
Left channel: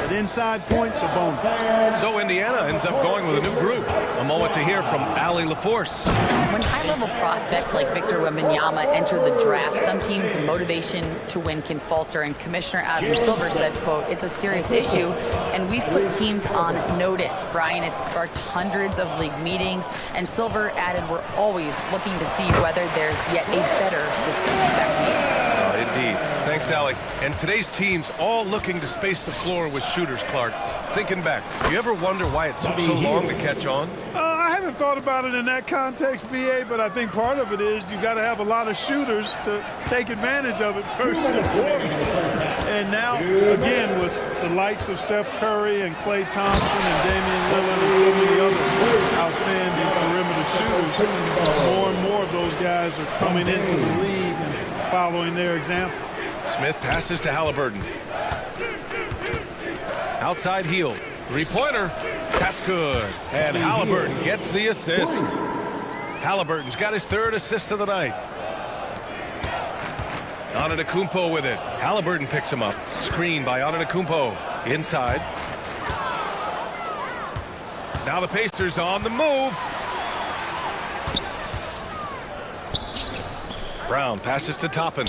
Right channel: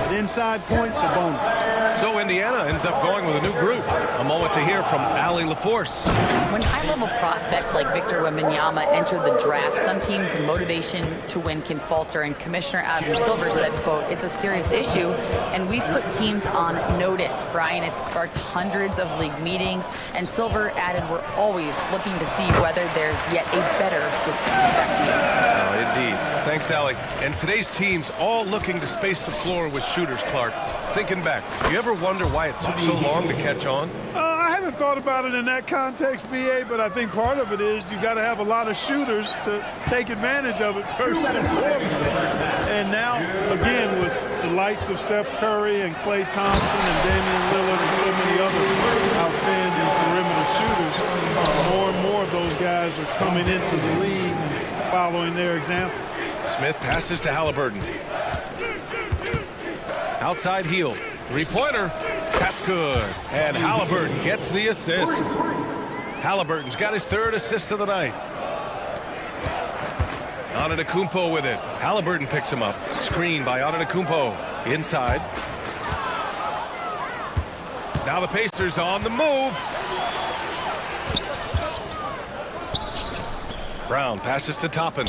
but inside points are bonus. So Indiana ends up going with a new group. A moment to hear from Allie LaForce. When high-level prospects like Victor Wembanyama enter the draft, some teams' motivation to win can falter, and Commissioner Adam Silver said, quote, "It's a serious issue, and we've put teams on notice." Brian, it's sparked hundreds of league meetings, and Silver added, "We're always looking to see whether there's yet a better system." Back to you. Indeed. Thanks, Alec. And today's team's all looking to space the floor with shooters, Clark. Thinking back, do you ever wonder why it took so long to catch on? I haven't thought about it in that context, BA, but I think part of it is you got to have a lot of shooters to take advantage of it first and foremost. And now, again, with the likes of Steph Curry and Klay Thompson and Damian Lillard and so many other outstanding perimeter shooters, more and more of those guys are coming into the league and following their example. Smith passes to Halliburton. Outside heel. Three-pointer. That's good. And Halliburton gets the assist. Halliburton's got his third assist of the night. Antetokounmpo with it. Halliburton picks him up. Screen by Antetokounmpo. Inside. Now the Pacers on the move. Brown passes to Toppin.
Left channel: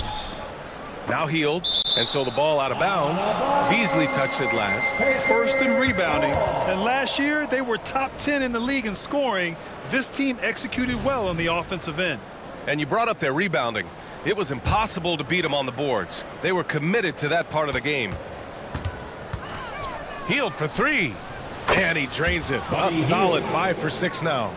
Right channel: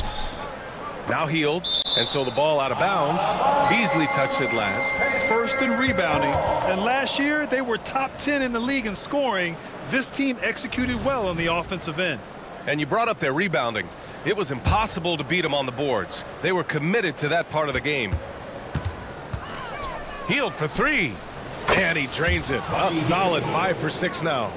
Now healed, and so the ball out of bounds. Beasley touched it last. First in rebounding, and last year they were top 10 in the league in scoring. This team executed well on the offensive end. And you brought up their rebounding. It was impossible to beat them on the boards. They were committed to that part of the game. Healed for three, and he drains it. A solid 5 for 6 now.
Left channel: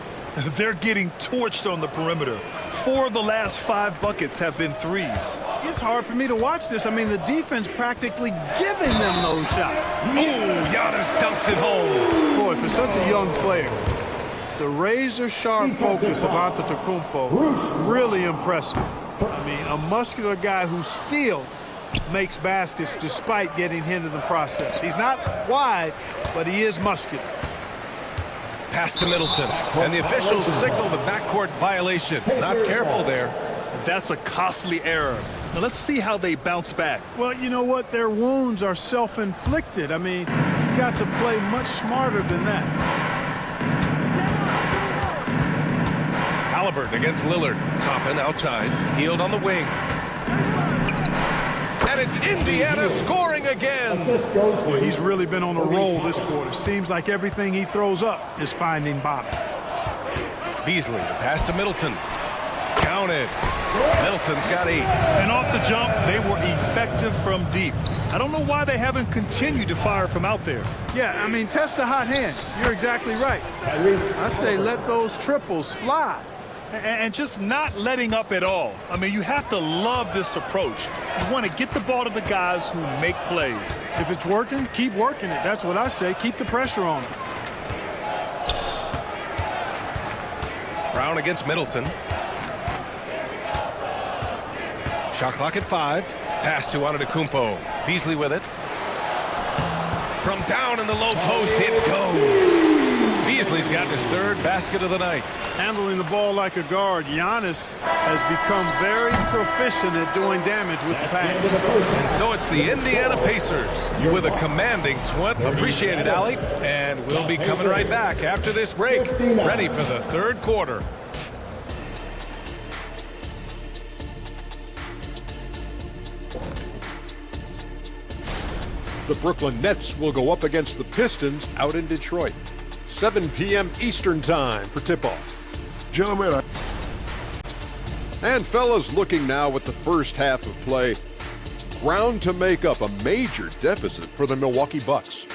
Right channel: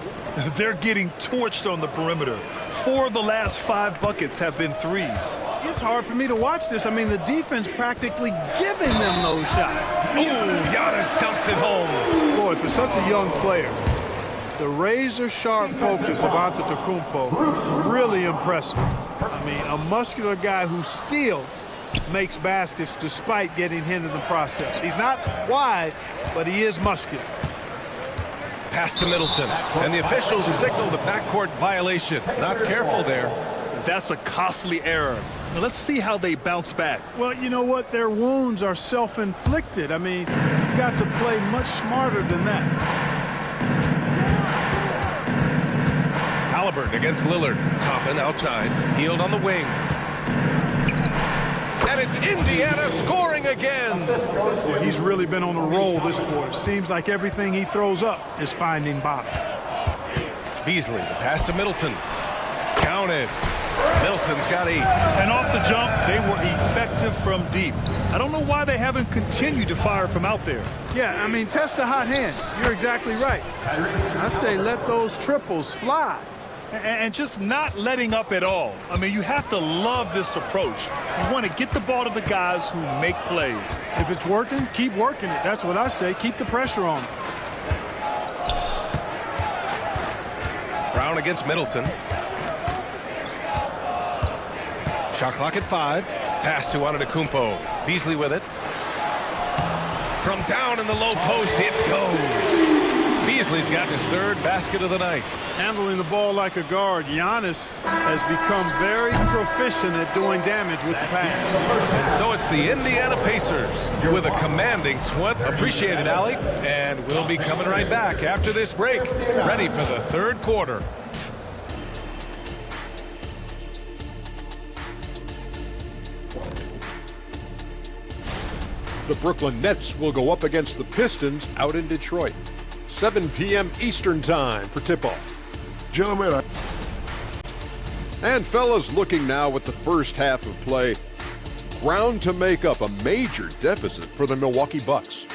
They're getting torched on the perimeter. 4 of the last 5 buckets have been threes. It's hard for me to watch this. I mean, the defense practically giving them those shots. Ooh, Giannis dunks it home. Boy, for such a young player, the razor-sharp focus of Antetokounmpo, really impressive. I mean, a muscular guy who still makes baskets despite getting hit in the process. He's not wide, but he is muscular. Pass to Middleton, and the officials signal the backcourt violation. Not careful there. That's a costly error. Now let's see how they bounce back. Well, you know what? Their wounds are self-inflicted. I mean, you've got to play much smarter than that. Halliburton against Lillard. Toppin outside. Healed on the wing. And it's Indiana scoring again. Well, he's really been on a roll this quarter. Seems like everything he throws up is finding bottom. Beasley, the pass to Middleton. Counted. Middleton's got 8. And off the jump, they were effective from deep. I don't know why they haven't continued to fire from out there. Yeah, I mean, test the hot hand. You're exactly right. I say let those triples fly. And just not letting up at all. I mean, you have to love this approach. You want to get the ball to the guys who make plays. If it's working, keep working it. That's what I say. Keep the pressure on them. Brown against Middleton. Shot clock at 5. Pass to Antetokounmpo. Beasley with it. From down in the low post, it goes. Beasley's got his third basket of the night. Handling the ball like a guard, Giannis has become very proficient at doing damage with the pass. And so it's the Indiana Pacers with a commanding 20. Appreciate it, Allie. And we'll be coming right back after this break, ready for the third quarter. The Brooklyn Nets will go up against the Pistons out in Detroit. 7 p.m. Eastern Time for tip-off. Gentlemen, And fellas, looking now at the first half of play, ground to make up a major deficit for the Milwaukee Bucks.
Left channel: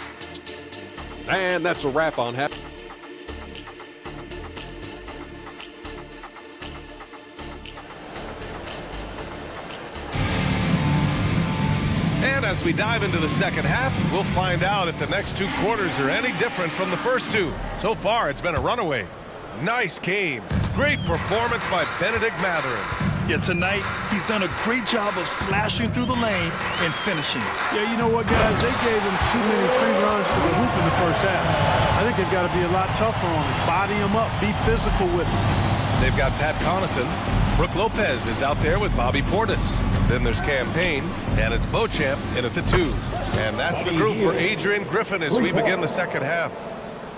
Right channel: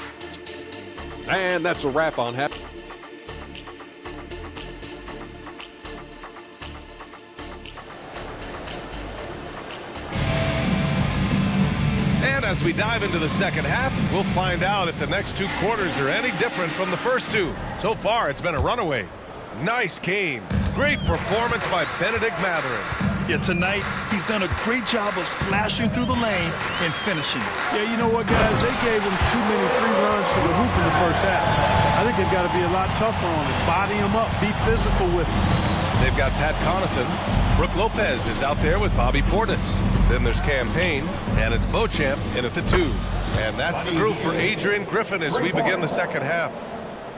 And that's a wrap on half. And as we dive into the second half, we'll find out if the next 2 quarters are any different from the first 2. So far, it's been a runaway. Nice game. Great performance by Benedict Mathurin. Yeah, tonight, he's done a great job of slashing through the lane and finishing. Yeah, you know what, guys? They gave him too many free runs to the hoop in the first half. I think they've got to be a lot tougher on it. Body him up. Be physical with him. They've got Pat Connaughton. Brooke Lopez is out there with Bobby Portis. Then there's Cam Payne, and it's Beauchamp in at the 2. And that's the group for Adrian Griffin as we begin the second half.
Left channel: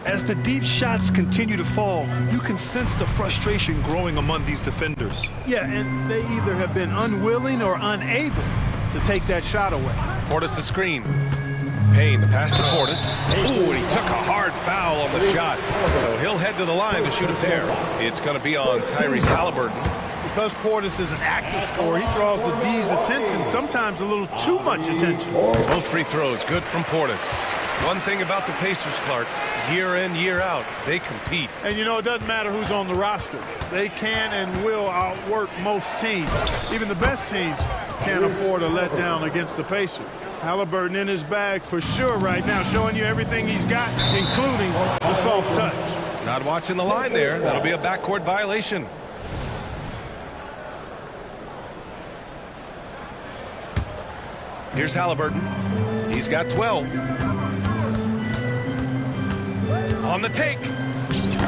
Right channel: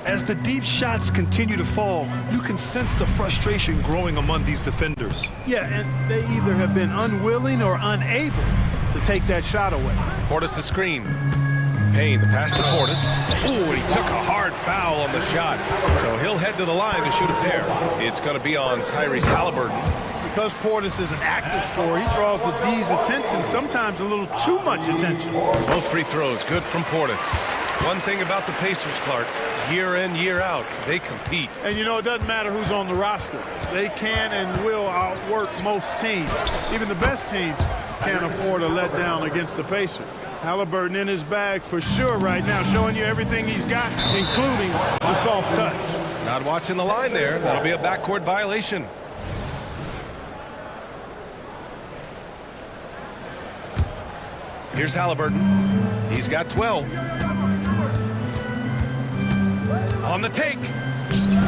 As the deep shots continue to fall, you can sense the frustration growing among these defenders. Yeah, and they either have been unwilling or unable to take that shot away. Portis a screen. Payne, the pass to Portis. Ooh, and he took a hard foul on the shot. So he'll head to the line to shoot a pair. It's going to be on Tyrese Halliburton. because Portis is an active scorer, he draws the D's attention, sometimes a little too much attention. Both free throws good from Portis. One thing about the Pacers, Clark, year in, year out, they compete. And you know, it doesn't matter who's on the roster. They can and will outwork most teams. Even the best teams can't afford a letdown against the Pacers. Halliburton in his bag for sure right now, showing you everything he's got, including the soft touch. Not watching the line there. That'll be a backcourt violation. Here's Halliburton. He's got 12. On the take.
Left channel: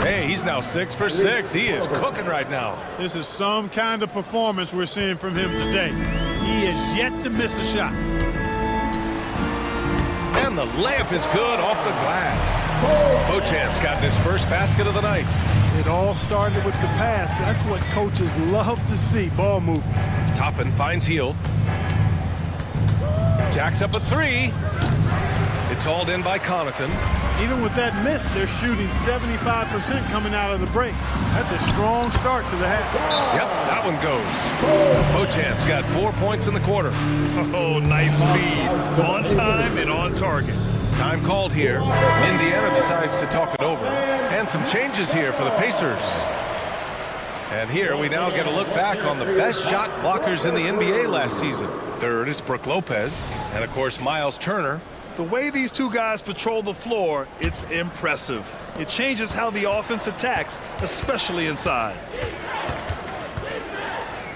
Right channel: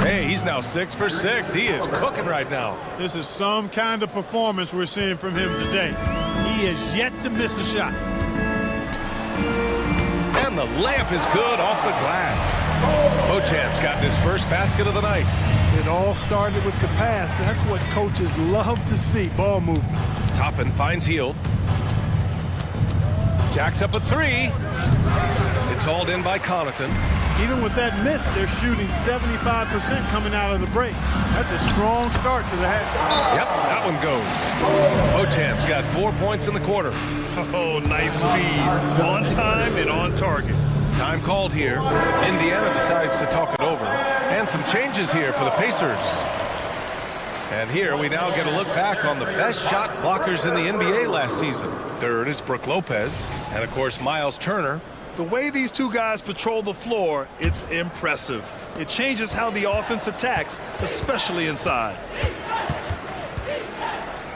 Hey, he's now 6 for 6. He is cooking right now. This is some kind of performance we're seeing from him today. He has yet to miss a shot. And the layup is good off the glass. Bochamp's gotten his first basket of the night. It all started with the pass. That's what coaches love to see, ball movement. Toppin finds Hield. Jacks up a 3. It's hauled in by Connaughton. Even with that miss, they're shooting 75% coming out of the break. That's a strong start to the half. Yep, that one goes. Bochamp's got 4 points in the quarter. Oh, nice feed. On time and on target. Time called here. Indiana decides to talk it over. And some changes here for the Pacers. And here we now get a look back on the best shot blockers in the NBA last season. Third is Brook Lopez. And, of course, Miles Turner. The way these two guys patrol the floor, it's impressive. It changes how the offense attacks, especially inside.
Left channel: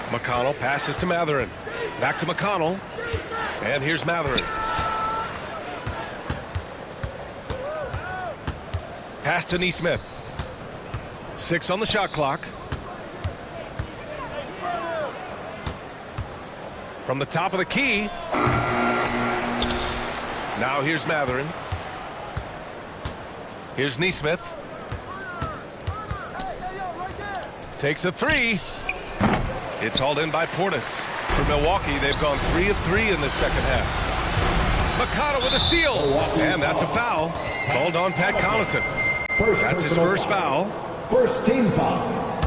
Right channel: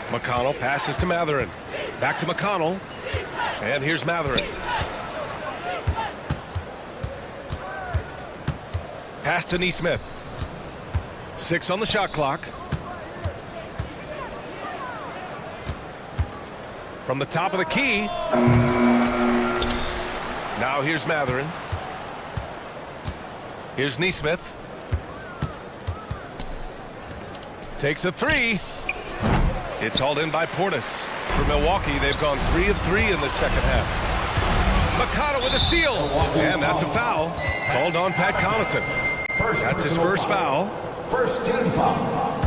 McConnell passes to Mathurin. Back to McConnell. And here's Mathurin. Pass to Nesmith. 6 on the shot clock. From the top of the key. Now here's Mathurin. Here's Nesmith. Takes a 3. It's hauled in by Portis. For Milwaukee, they've gone 3 of 3 in the second half. McConnell with a steal. And that's a foul. Called on Pat Connaughton. That's his first foul. First team foul.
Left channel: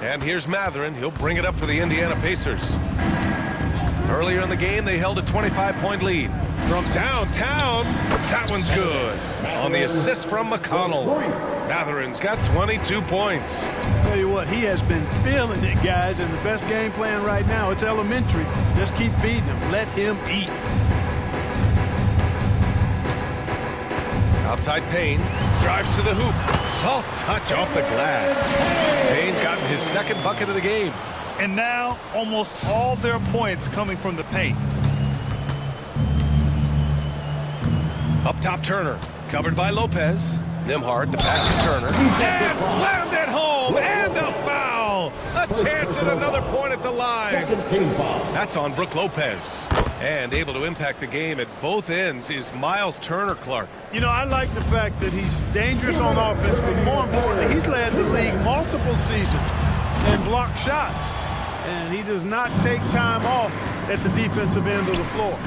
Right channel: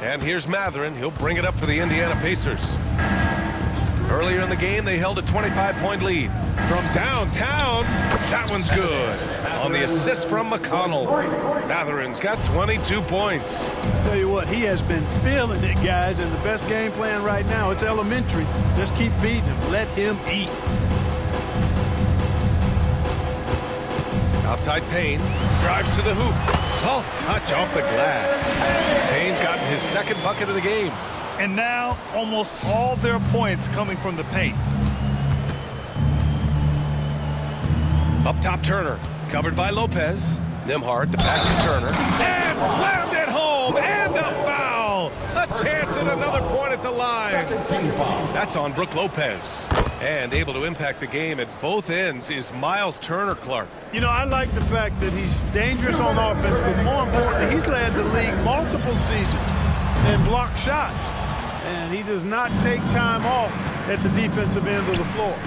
And here's Mathurin. He'll bring it up for the Indiana Pacers. Earlier in the game, they held a 25-point lead. From downtown, that one's good. On the assist from McConnell. Mathurin's got 22 points. Tell you what, he has been feeling it, guys, and the best game plan right now, it's elementary. Just keep feeding him. Let him eat. Outside Payne. Drives to the hoop. Soft touch off the glass. Payne's gotten his second bucket of the game. And now, almost all their points coming from the paint. Up top, Turner. Covered by Lopez. Nimhard, the pass to Turner. And slammed it home. And a foul. A chance at another point at the line. Second team foul. That's on Brook Lopez. And able to impact the game at both ends is Miles Turner, Clark. You know, I like the fact that he's dangerous on offense, but more importantly, he's led the league multiple seasons and blocked shots. And he does not take time off at the defensive end of the floor.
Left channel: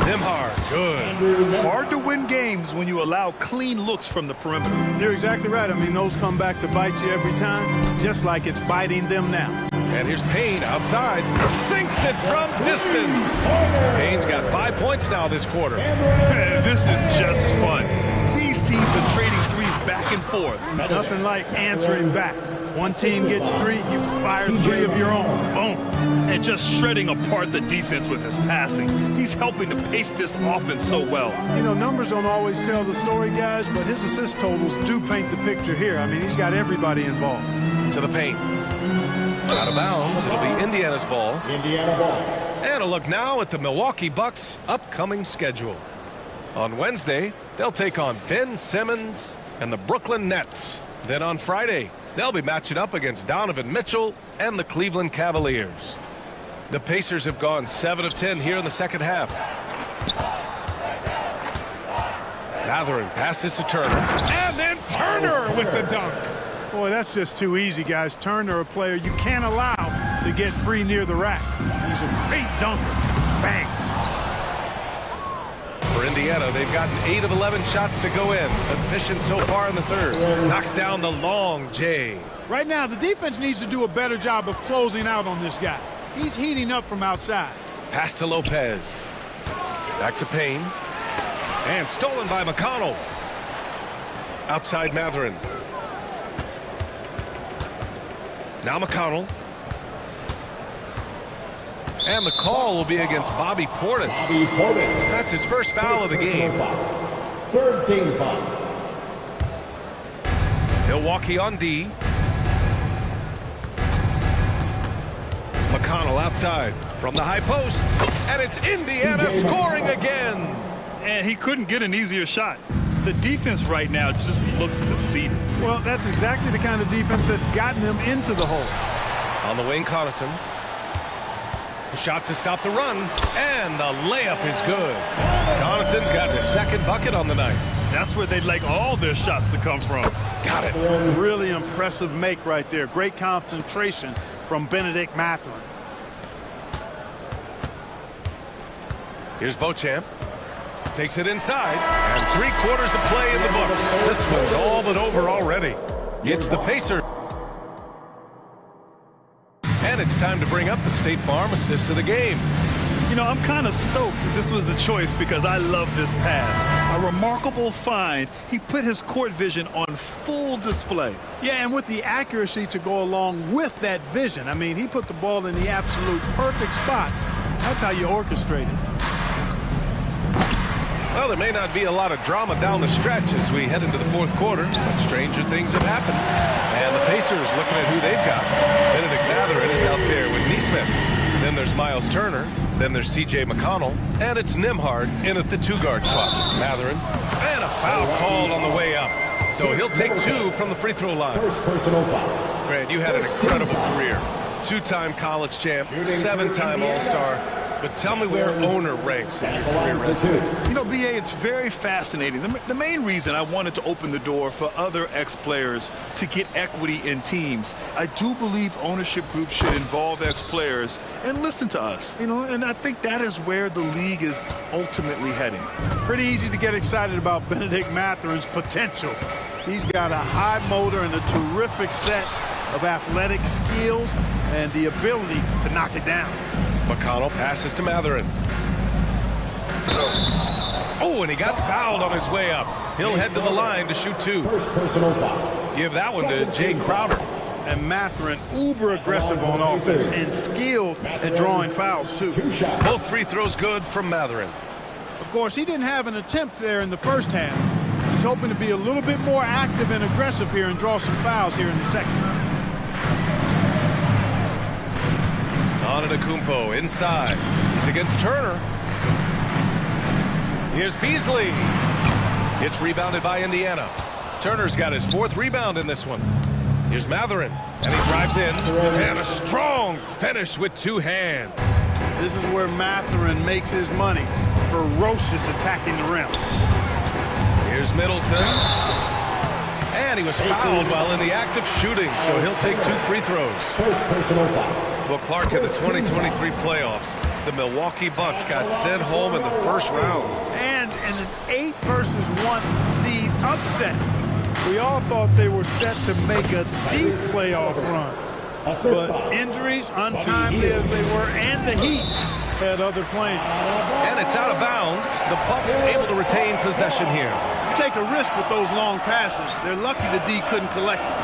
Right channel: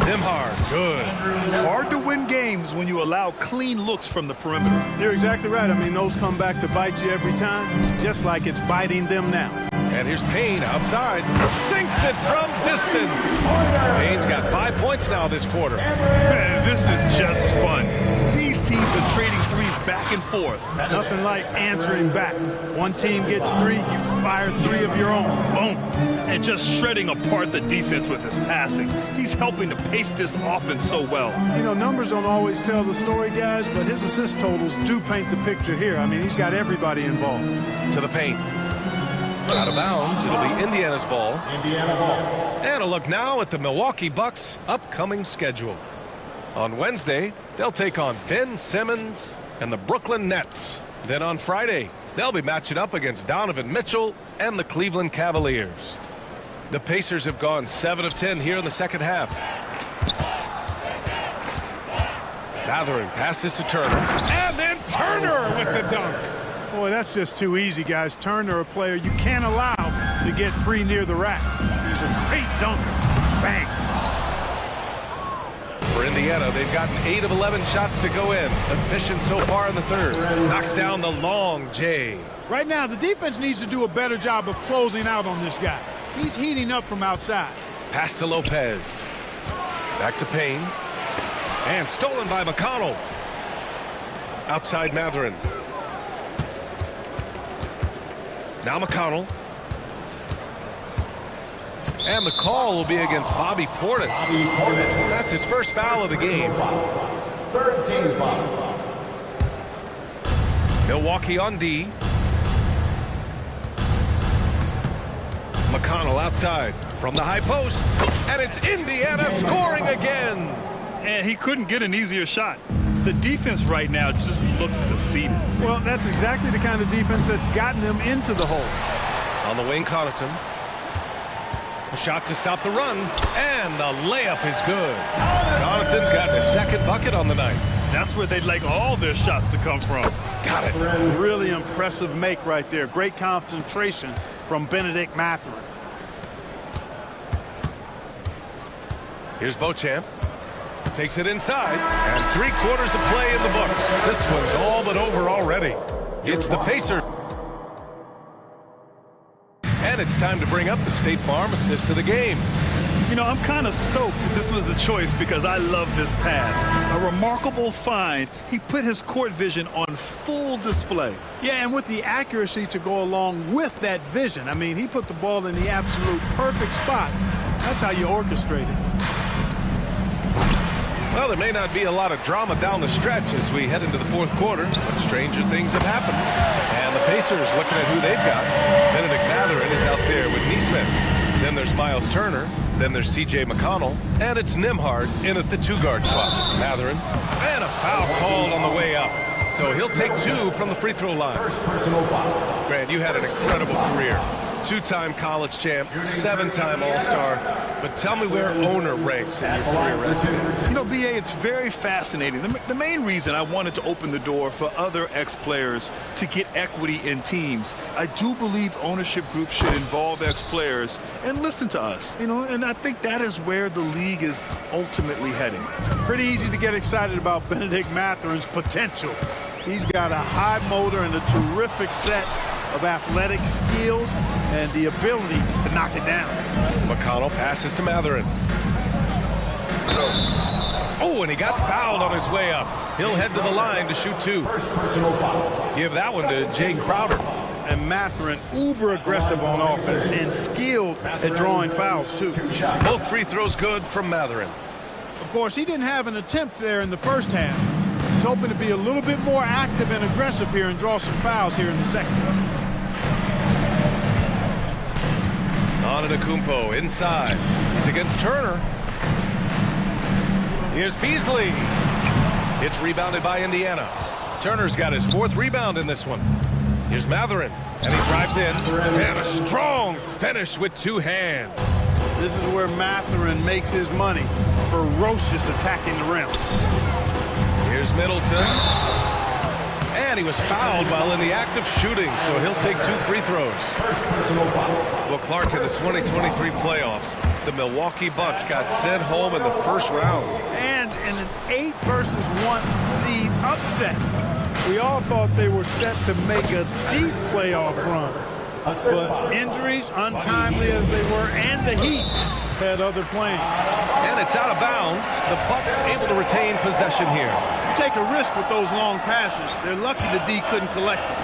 Nimhard, good. Hard to win games when you allow clean looks from the perimeter. You're exactly right. I mean, those come back to bite you every time, just like it's biting them now. And here's Payne outside. Sinks it from distance. Payne's got 5 points now this quarter. This is just fun. These teams are trading threes back and forth. Nothing like answering back. One team gets 3, you fire 3 of your own. Boom. And just shredding apart the defense with his passing. He's helping to pace this offense so well. You know, numbers don't always tell the story, guys, but his assist totals do paint the picture here. I mean, he's got everybody involved. To the paint. Out of bounds. It'll be Indiana's ball. Indiana ball. And a look now at the Milwaukee Bucks' upcoming schedule. On Wednesday, they'll take on Ben Simmons and the Brooklyn Nets. Then on Friday, they'll be matching up against Donovan Mitchell and the Cleveland Cavaliers. The Pacers have gone 7 of 10 here in the second half. Mathurin passes to Turner. And then Turner with the dunk. Boy, that's just too easy, guys. Turner, a player you can't allow to get free near the rack. He's a great dunker. Bang. For Indiana. They've gotten 8 of 11 shots to go in. Efficient so far in the third. Knocks down the long J. Right now, the defense needs to do a better job of closing out on this guy. He's heating up from outside. Pass to Lopez. Back to Payne. And stolen by McConnell. Outside Matherin. Now McConnell. And the call will be against Bobby Portis. That's his first foul of the game. Third team foul. Milwaukee on D. McConnell outside from the high post. And it's Indiana scoring again. And he couldn't get an easier shot. The defense right now just looks defeated. Well, that's exactly the kind of defense that's gotten them into the hole. On the wing, Connaughton. A shot to stop the run, and the layup is good. Connaughton's got the second bucket on the night. That's where they'd like all their shots to come from. Got it. Really impressive make right there. Great concentration from Benedict Matherin. Here's Beauchamp. Takes it inside, and 3/4 of play in the books. This one's all but over already. It's the Pacers. And it's time to bring up the State Farm assist to the game. You know, I'm kind of stoked that this was a choice because I love this pass. A remarkable find. He put his court vision on full display. Yeah, and with the accuracy to go along with that vision. I mean, he put the ball in the absolute perfect spot. That's how you orchestrate it. Well, there may not be a lot of drama down the stretch as we head into the fourth quarter, but stranger things have happened. And the Pacers looking at who they've got. Benedict Matherin is out there with Neesmith. Then there's Miles Turner. Then there's T.J. McConnell. And it's Nembhard in at the 2-guard spot. Matherin. And a foul called on the way up. So he'll take 2 from the free throw line. First personal foul. Grant, you had an incredible career. 2-time college champ, 7-time All-Star. But tell me where owner ranks in your career resume. You know, B.A., it's very fascinating. The main reason I wanted to open the door for other ex-players to get equity in teams, I do believe ownership groups should involve ex-players and listen to us. You know, and I think that is where the league is ultimately heading. Pretty easy to get excited about Benedict Matherin's potential. He's got a high motor and a terrific set of athletic skills and the ability to knock it down. McConnell passes to Matherin. Oh, and he got fouled on his way up. He'll head to the line to shoot 2. First personal foul. Give that one to Jay Crowder. And Matherin, uber aggressive on offense and skilled at drawing fouls, too. Both free throws good from Matherin. Of course, he didn't have an attempt there in the first half. He's hoping to be a little bit more active and aggressive here and draw some fouls here in the second. Antetokounmpo inside. He's against Turner. Here's Beasley. It's rebounded by Indiana. Turner's got his 4th rebound in this one. Here's Matherin, and he drives in. And a strong finish with 2 hands. This is where Matherin makes his money. Ferocious attacking the rim. Here's Middleton. And he was fouled while in the act of shooting, so he'll take 2 free throws. First personal foul. Well, Clark, in the 2023 playoffs, the Milwaukee Bucks got sent home in the first round. And in an 8-versus-1 seed upset. We all thought they were set to make a deep playoff run. But injuries, untimely as they were, and the Heat had other plans. And it's out of bounds. The Bucks able to retain possession here. You take a risk with those long passes. They're lucky the D couldn't collect it.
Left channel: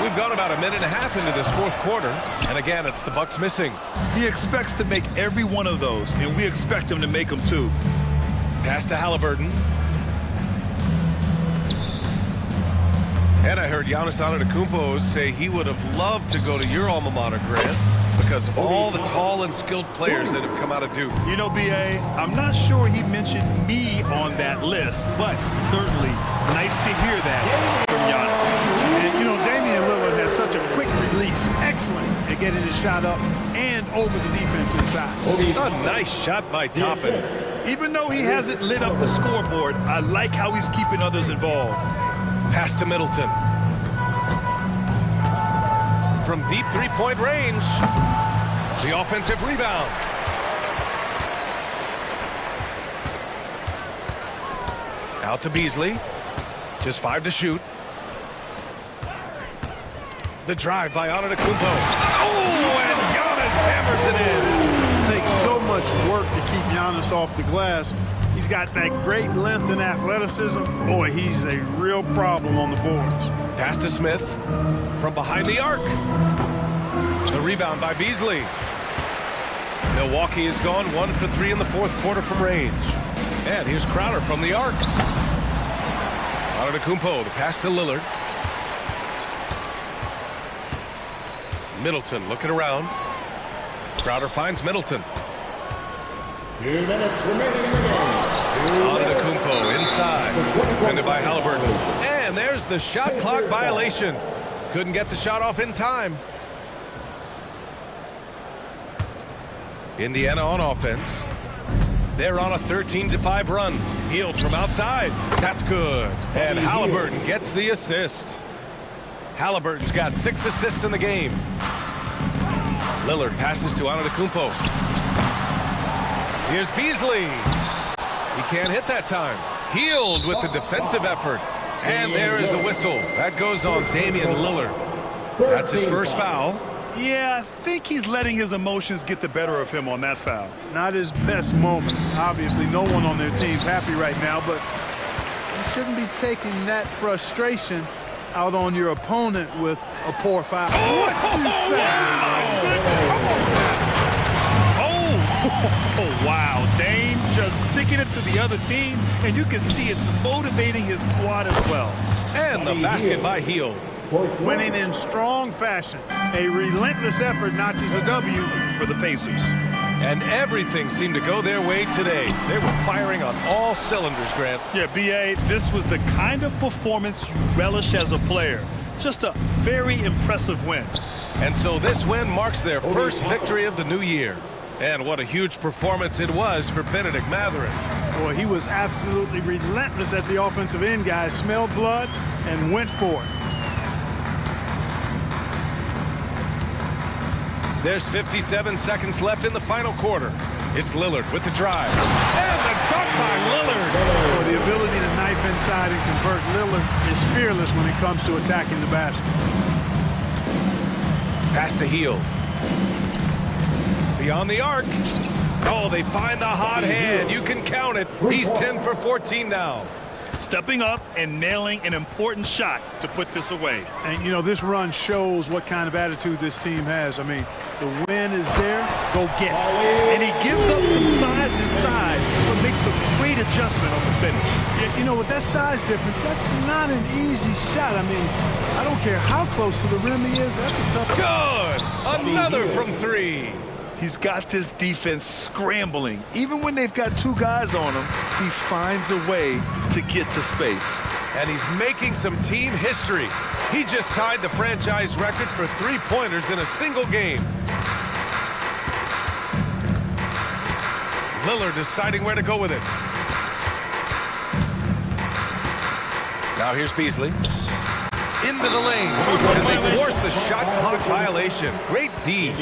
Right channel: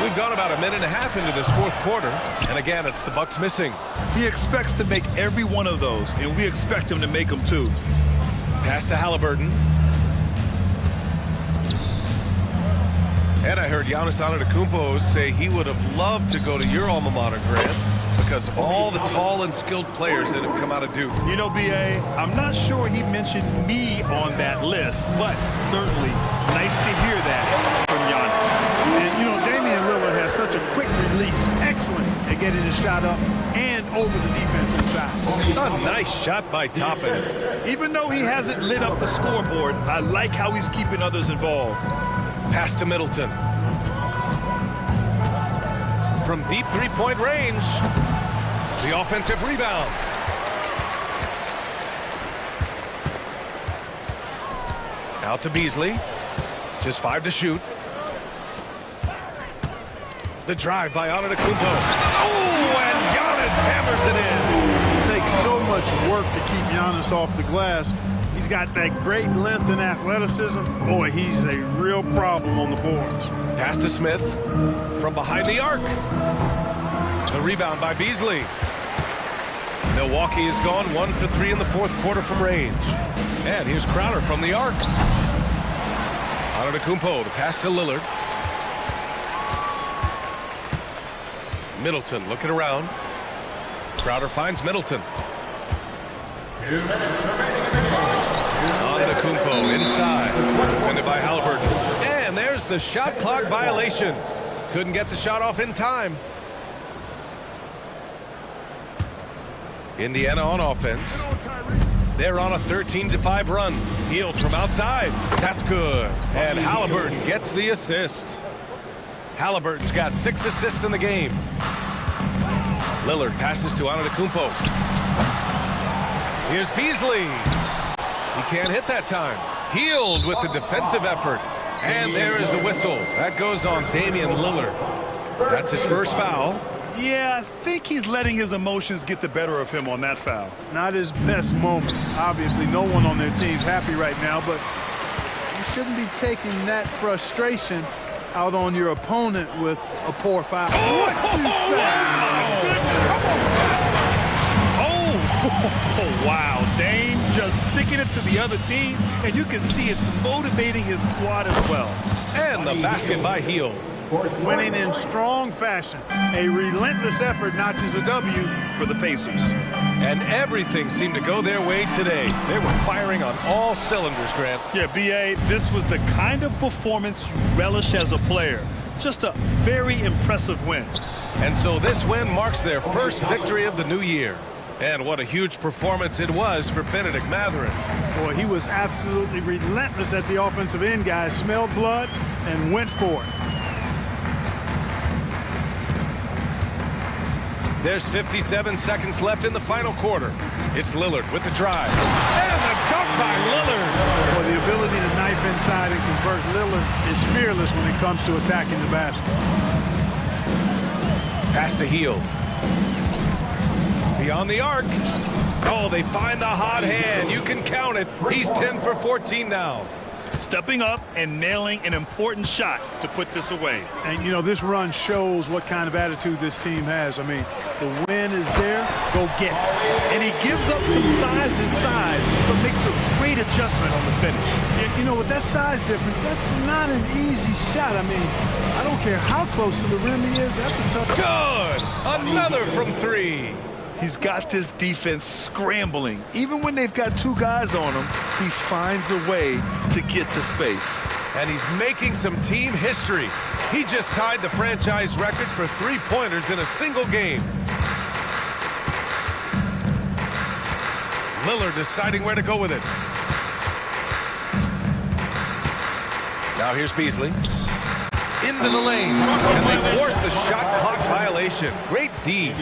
We've gone about a minute and a half into this fourth quarter, and again, it's the Bucks missing. He expects to make every one of those, and we expect him to make them too. Pass to Halliburton. And I heard Giannis Antetokounmpo say he would have loved to go to your alma mater, Grant, because of all the tall and skilled players that have come out of Duke. You know, B.A., I'm not sure he mentioned me on that list, but certainly nice to hear that from Giannis. And, you know, Damian Lillard has such a quick release. Excellent at getting his shot up and over the defense inside. A nice shot by Toppin. Even though he hasn't lit up the scoreboard, I like how he's keeping others involved. Pass to Middleton. From deep three-point range, the offensive rebound. Out to Beasley. Just 5 to shoot. The drive by Antetokounmpo. Oh, and Giannis hammers it in. It takes so much work to keep Giannis off the glass. He's got that great length and athleticism. Boy, he's a real problem on the boards. Pass to Smith from behind the arc. The rebound by Beasley. Milwaukee has gone 1 for 3 in the fourth quarter from range. And here's Crowder from the arc. Antetokounmpo, the pass to Lillard. Middleton looking around. Crowder finds Middleton. 2 minutes remaining. Antetokounmpo inside, defended by Halliburton. And there's the shot clock violation. Couldn't get the shot off in time. Indiana on offense. They're on a 13-5 run. Healed from outside. That's good. And Halliburton gets the assist. Halliburton's got 6 assists in the game. Lillard passes to Antetokounmpo. Here's Beasley. He can't hit that time. Healed with the defensive effort. And there is a whistle. That goes on Damian Lillard. That's his first foul. Yeah, I think he's letting his emotions get the better of him on that foul. Not his best moment. Obviously, no one on their team's happy right now, but you shouldn't be taking that frustration out on your opponent with a poor foul. What you say? Oh, wow. Dame just sticking it to the other team, and you can see it's motivating his squad as well. And the basket by Hield. Winning in strong fashion. A relentless effort notches a W for the Pacers. And everything seemed to go their way today. They were firing on all cylinders, Grant. Yeah, B.A., this was the kind of performance you relish as a player. Just a very impressive win. And so this win marks their first victory of the new year. And what a huge performance it was for Benedict Mathurin. Boy, he was absolutely relentless at the offensive end, guys. Smelled blood and went for it. There's 57 seconds left in the final quarter. It's Lillard with the drive. And the dunk by Lillard. Boy, the ability to knife inside and convert. Lillard is fearless when it comes to attacking the basket. Pass to Hield. Beyond the arc. Oh, they find the hot hand. You can count it. He's 10 for 14 now. Stepping up and nailing an important shot to put this away. And, you know, this run shows what kind of attitude this team has. I mean, the win is there. Go get it. And he gives up some size inside, but makes a great adjustment on the finish. You know, with that size difference, that's not an easy shot. I mean, I don't care how close to the rim he is. That's a tough. Good. Another from 3. He's got this defense scrambling. Even when they've got 2 guys on him, he finds a way to get to space. And he's making some team history. He just tied the franchise record for 3-pointers in a single game. Lillard deciding where to go with it. Now here's Beasley. Into the lane. And they force the shot clock violation. Great D.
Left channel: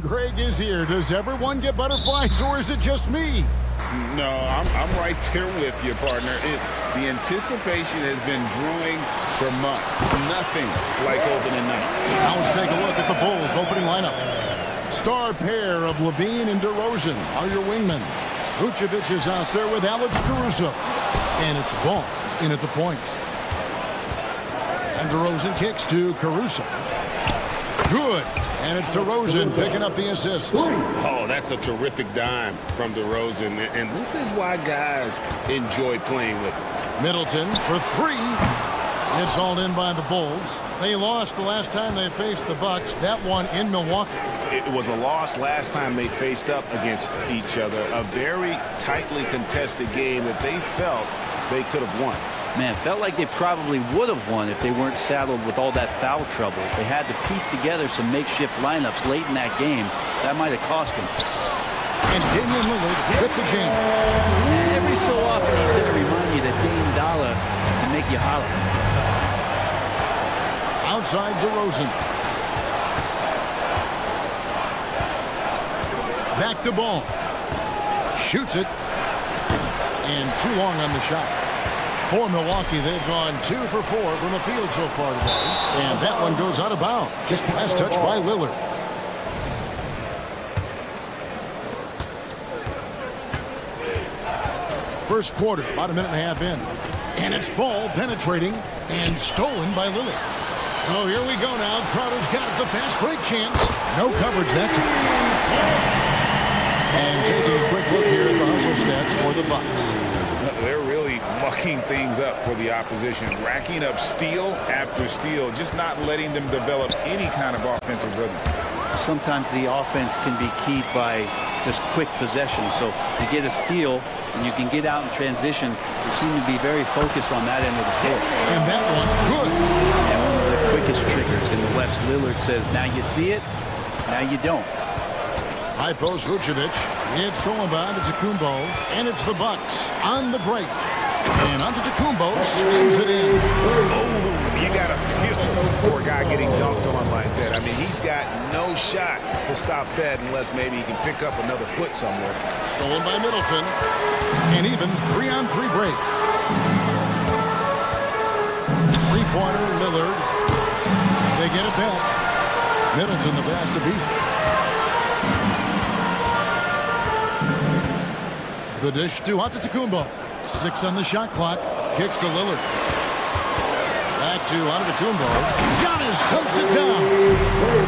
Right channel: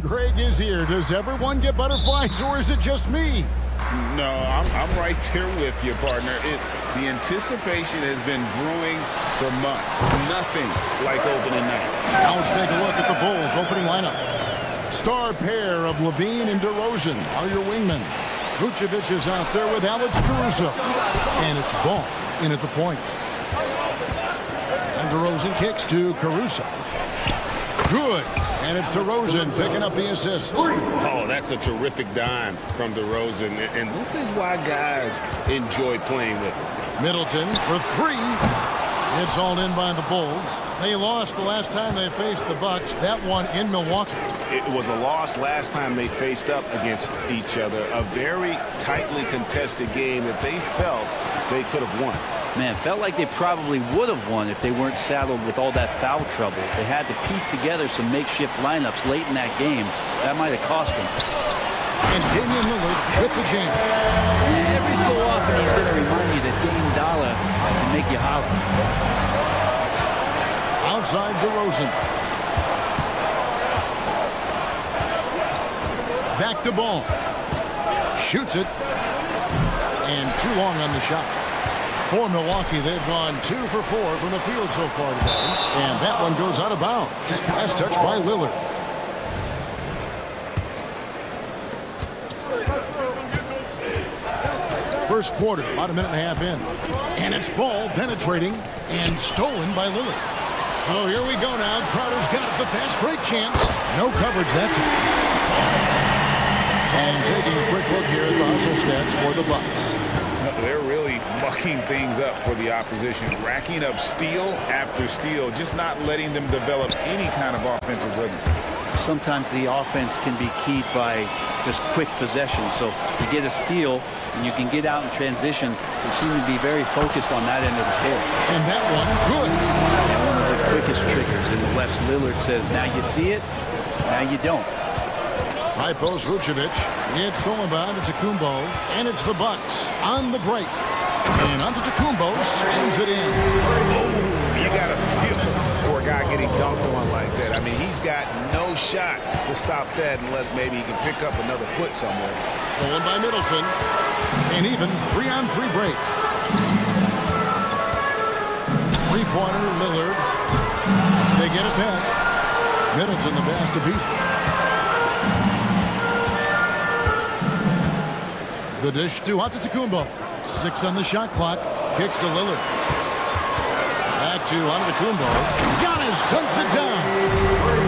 Greg is here. Does everyone get butterflies, or is it just me? No, I'm right there with you, partner. The anticipation has been brewing for months. Nothing like opening night. Now let's take a look at the Bulls' opening lineup. Star pair of Levine and DeRozan are your wingmen. Vucevic is out there with Alex Caruso. And it's Ball in at the point. And DeRozan kicks to Caruso. Good. And it's DeRozan picking up the assist. Oh, that's a terrific dime from DeRozan. And this is why guys enjoy playing with him. Middleton for three. It's all in by the Bulls. They lost the last time they faced the Bucks. That one in Milwaukee. It was a loss last time they faced up against each other. A very tightly contested game that they felt they could have won. Man, felt like they probably would have won if they weren't saddled with all that foul trouble. They had to piece together some makeshift lineups late in that game. That might have cost them. And Damian Lillard with the jam. Every so often he's going to remind you that Dame Dollar can make you holler. Outside DeRozan. Back to Ball. Shoots it. And too long on the shot. For Milwaukee, they've gone 2 for 4 from the field so far today. And that one goes out of bounds. Last touch by Lillard. First quarter, about a minute and a half in. And it's Ball penetrating and stolen by Lillard. Oh, here we go now. Crowder's got it, the fast break chance. No coverage that time. And taking a quick look here at the hustle stats for the Bucks. They're really mucking things up for the opposition, racking up steal after steal, just not letting them develop any kind of offensive rhythm. Sometimes the offense can be keyed by just quick possession. So you get a steal and you can get out in transition. They seem to be very focused on that end of the floor. And that one, good. And one of the quickest triggers in the West. Lillard says, now you see it, now you don't. High post Vucevic. It's stolen by Antetokounmpo. And it's the Bucks on the break. And Antetokounmpo slams it in. Oh, you got to feel for a guy getting dunked on like that. I mean, he's got no shot to stop that unless maybe he can pick up another foot somewhere. Stolen by Middleton. And even 3-on-3 break. Three-pointer, Lillard. They get it back. Middleton the pass to Beasley. The dish to Antetokounmpo. 6 on the shot clock. Kicks to Lillard. Back to Antetokounmpo. Giannis dunks it down.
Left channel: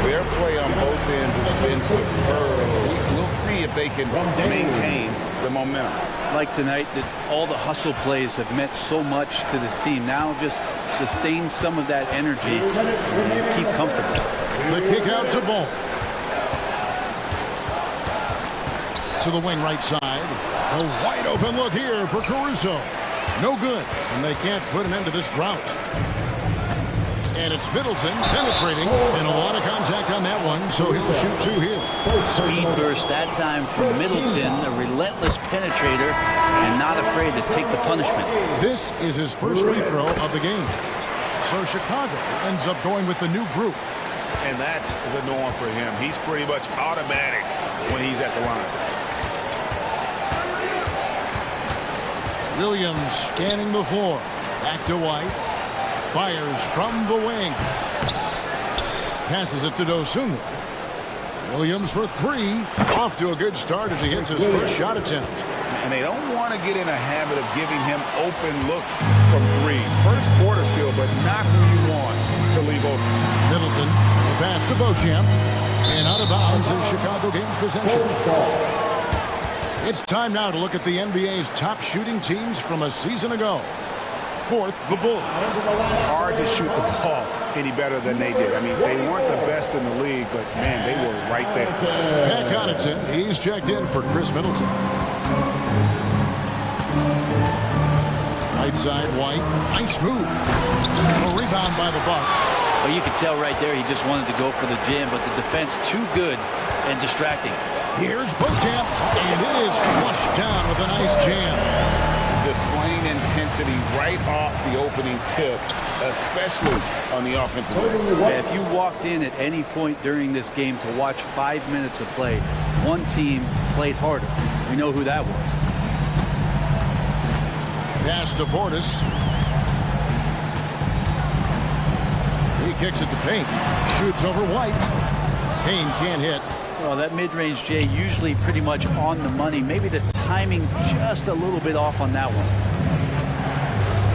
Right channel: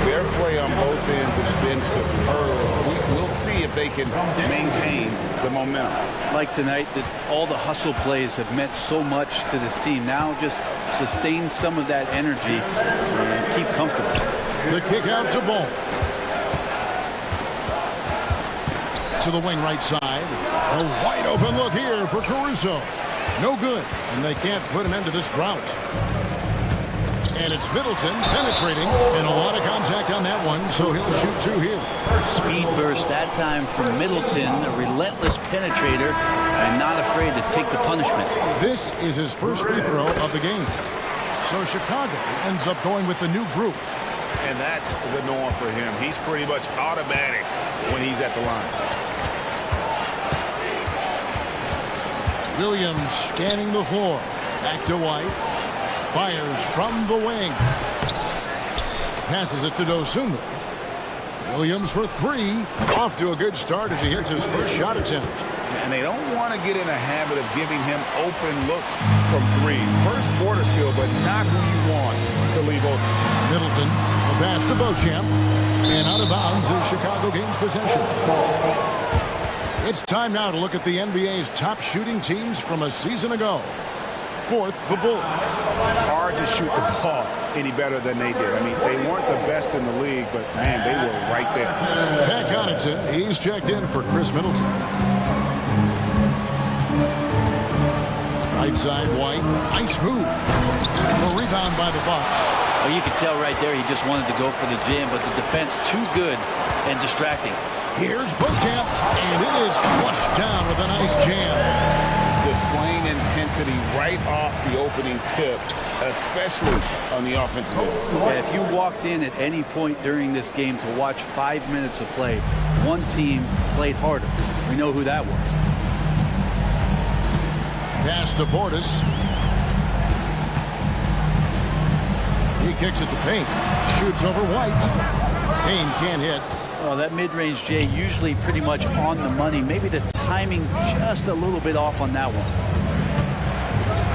Their play on both ends has been superb. We'll see if they can maintain the momentum. Like tonight, that all the hustle plays have meant so much to this team. Now just sustain some of that energy and keep comfortable. The kick out to Ball. To the wing right side. A wide open look here for Caruso. No good. And they can't put an end to this drought. And it's Middleton penetrating. And a lot of contact on that one, so he'll shoot 2 here. Speed burst that time from Middleton, a relentless penetrator, and not afraid to take the punishment. This is his first free throw of the game. So Chicago ends up going with the new group. And that's the norm for him. He's pretty much automatic when he's at the line. Williams scanning the floor. Back to White. Fires from the wing. Passes it to Dosunmu. Williams for 3. Off to a good start as he hits his first shot attempt. And they don't want to get in a habit of giving him open looks from 3. First quarter still, but not who you want to leave open. Middleton, the pass to Beauchamp. And out of bounds is Chicago gains possession. It's time now to look at the NBA's top shooting teams from a season ago. Fourth, the Bulls. Hard to shoot the ball any better than they did. I mean, they weren't the best in the league, but, man, they were right there. Pat Connaughton, he's checked in for Chris Middleton. Right side, White. Nice move. A rebound by the Bucks. Well, you could tell right there he just wanted to go for the jam, but the defense too good and distracting. Here's Beauchamp, and it is flushed down with a nice jam. Displaying intensity right off the opening tip. especially on the offensive end. Yeah, if you walked in at any point during this game to watch 5 minutes of play, one team played harder. We know who that was. Pass to Portis. He kicks it to Payne. Shoots over White. Payne can't hit. Well, that mid-range, Jay, usually pretty much on the money. Maybe the timing just a little bit off on that one.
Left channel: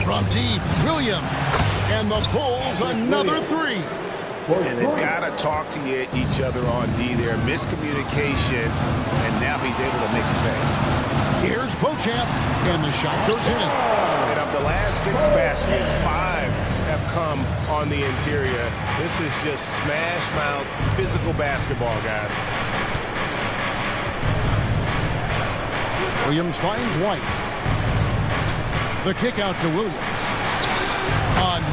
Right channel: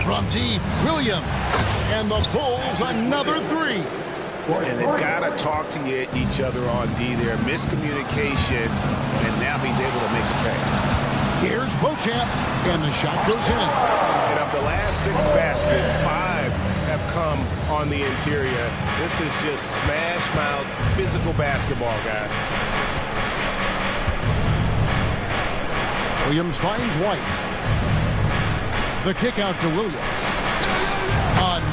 From deep, Williams. And the Bulls another three. And they've got to talk to each other on D there. Miscommunication, and now he's able to make a pay. Here's Beauchamp, and the shot goes in. And of the last 6 baskets, 5 have come on the interior. This is just smash-mouth, physical basketball, guys. Williams finds White. The kick out to Williams.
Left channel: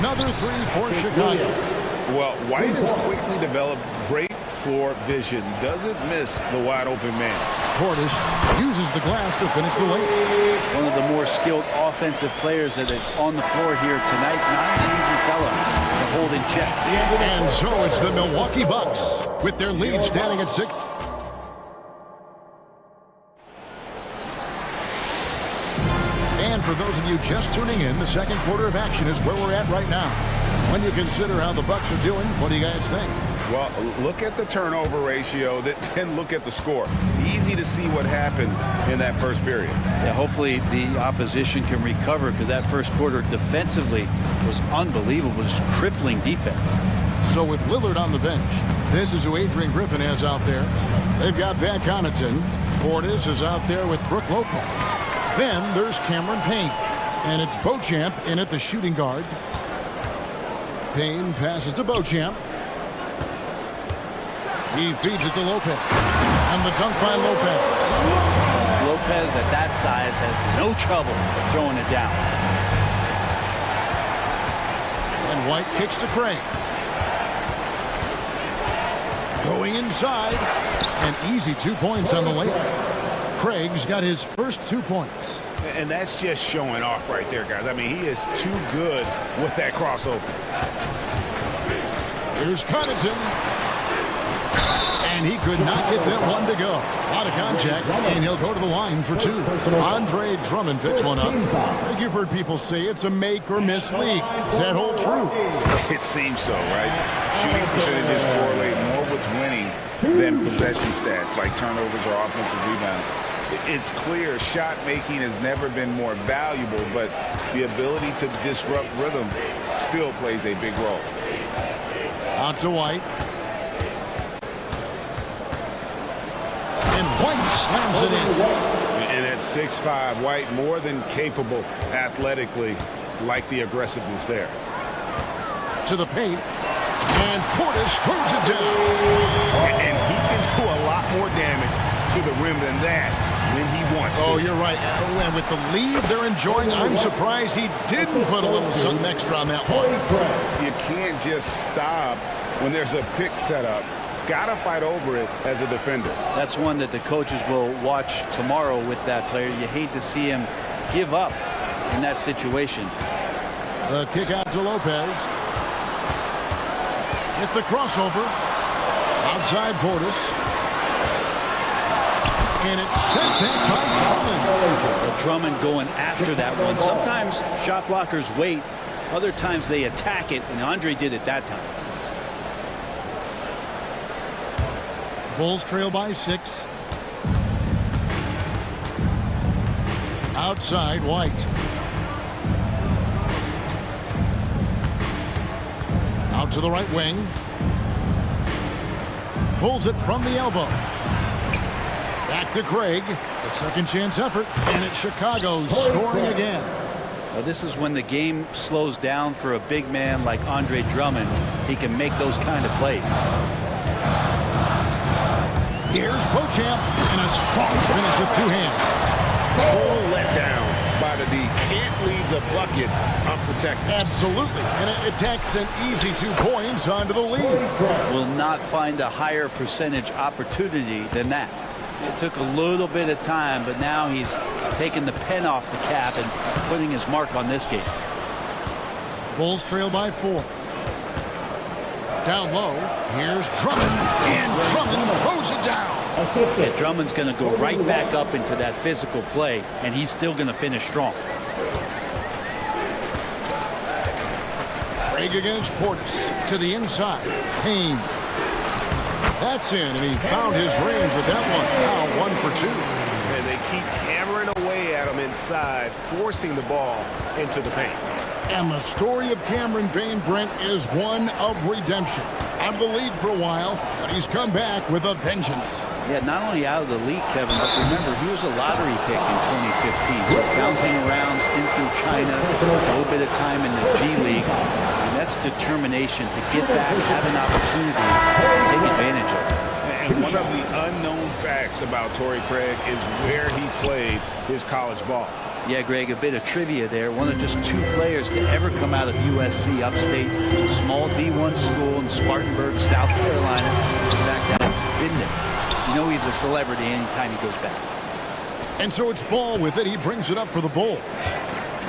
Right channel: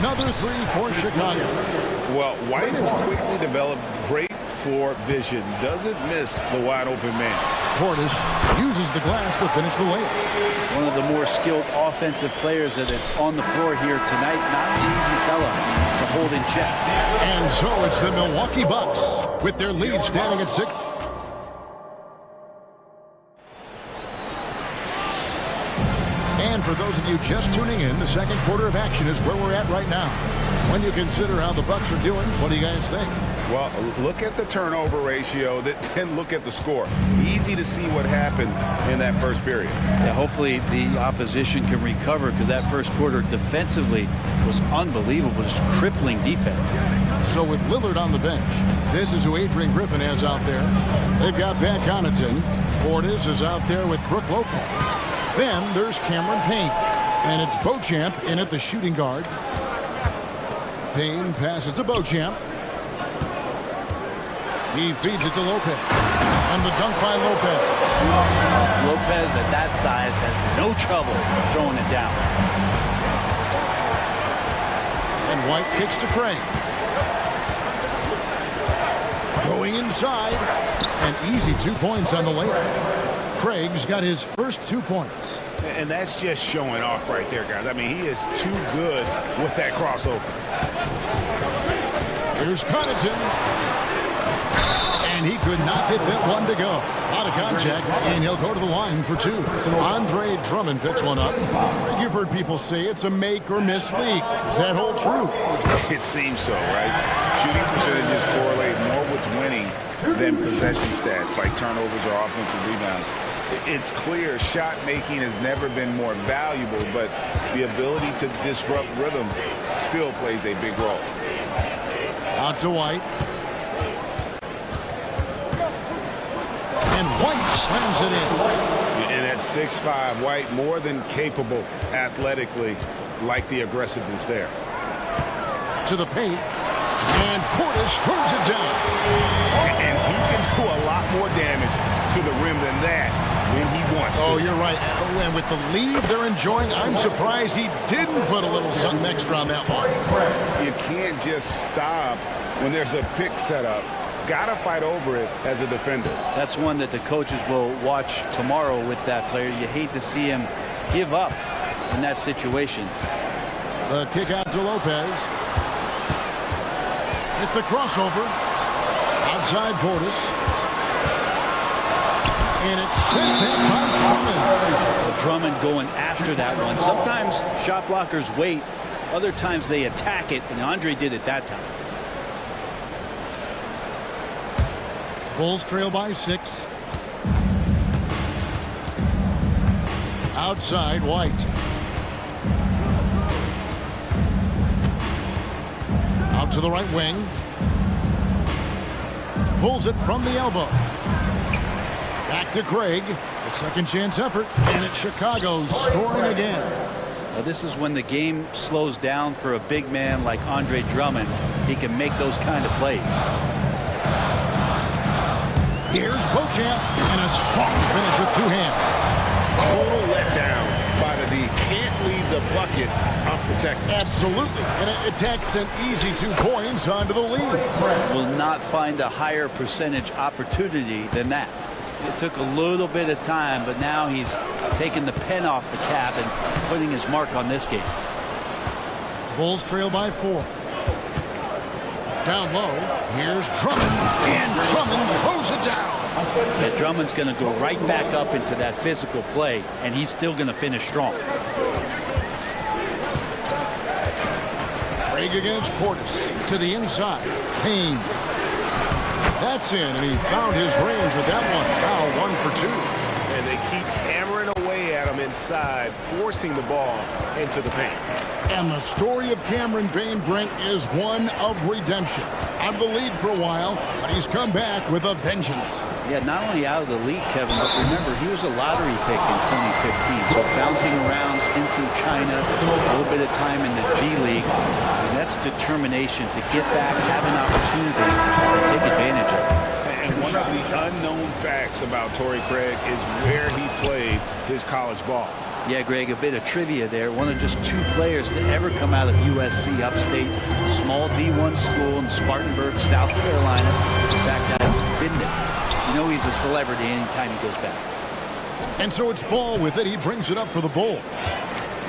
Another three for Chicago. Well, White has quickly developed great floor vision. Doesn't miss the wide-open man. Portis uses the glass to finish the layup. One of the more skilled offensive players that is on the floor here tonight. Not an easy fella to hold in check. And so it's the Milwaukee Bucks with their lead standing at 6. And for those of you just tuning in, the second quarter of action is where we're at right now. When you consider how the Bucks are doing, what do you guys think? Well, look at the turnover ratio, then look at the score. Easy to see what happened in that first period. Yeah, hopefully the opposition can recover, because that first quarter defensively was unbelievable, just crippling defense. So with Lillard on the bench, this is who Adrian Griffin has out there. They've got Pat Connaughton. Portis is out there with Brook Lopez. Then there's Cameron Payne. And it's Beauchamp in at the shooting guard. Payne passes to Beauchamp. He feeds it to Lopez. And the dunk by Lopez. Lopez at that size has no trouble throwing it down. And White kicks to Craig. Going inside. An easy 2 points on the layup. Craig's got his first 2 points. And that's just showing off right there, guys. I mean, he is too good with that crossover. Here's Connaughton. And he could not get that one to go. A lot of contact, and he'll go to the line for 2. Andre Drummond picks one up. You've heard people say it's a make-or-miss league. Does that hold true? It seems so, right? Shooting percentages correlate more with winning than possession stats, like turnovers or offensive rebounds. It's clear shot making has never been more valuable, but the ability to disrupt rhythm still plays a big role. Out to White. And White slams it in. And at 6'5", White more than capable athletically, like the aggressiveness there. To the paint. And Portis throws it down. And he can do a lot more damage to the rim than that when he wants to. Oh, you're right. And with the lead they're enjoying, I'm surprised he didn't put a little something extra on that one. You can't just stop when there's a pick set up. Gotta fight over it as a defender. That's one that the coaches will watch tomorrow with that player. You hate to see him give up in that situation. The kick out to Lopez. It's the crossover. Outside Portis. And it's sent back by Drummond. Well, Drummond going after that one. Sometimes shot blockers wait. Other times they attack it, and Andre did it that time. Bulls trail by 6. Outside White. Out to the right wing. Pulls it from the elbow. Back to Craig. The second chance effort. And it's Chicago scoring again. Now, this is when the game slows down for a big man like Andre Drummond. He can make those kind of plays. Here's Beauchamp. And a strong finish with 2 hands. Total letdown by the D. Can't leave the bucket unprotected. Absolutely. And it takes an easy 2 points onto the lead. Will not find a higher percentage opportunity than that. It took a little bit of time, but now he's taking the pen off the cap and putting his mark on this game. Bulls trail by 4. Down low, here's Drummond, and Drummond throws it down. Yeah, Drummond's going to go right back up into that physical play, and he's still going to finish strong. Craig against Portis to the inside. Payne. That's in, and he found his range with that one. Now 1 for 2. And they keep hammering away at him inside, forcing the ball into the paint. And the story of Cameron Payne, Brent, is one of redemption. Out of the league for a while, but he's come back with a vengeance. Yeah, not only out of the league, Kevin, but remember, he was a lottery pick in 2015. So bouncing around, stints in China, a little bit of time in the G League. I mean, that's determination to get back, have an opportunity, and take advantage of it. And one of the unknown facts about Torrey Craig is where he played his college ball. Yeah, Greg, a bit of trivia there. One of just 2 players to ever come out of USC upstate, a small D1 school in Spartanburg, South Carolina. In fact, I've been there. You know he's a celebrity anytime he goes back. And so it's Ball with it. He brings it up for the Bulls.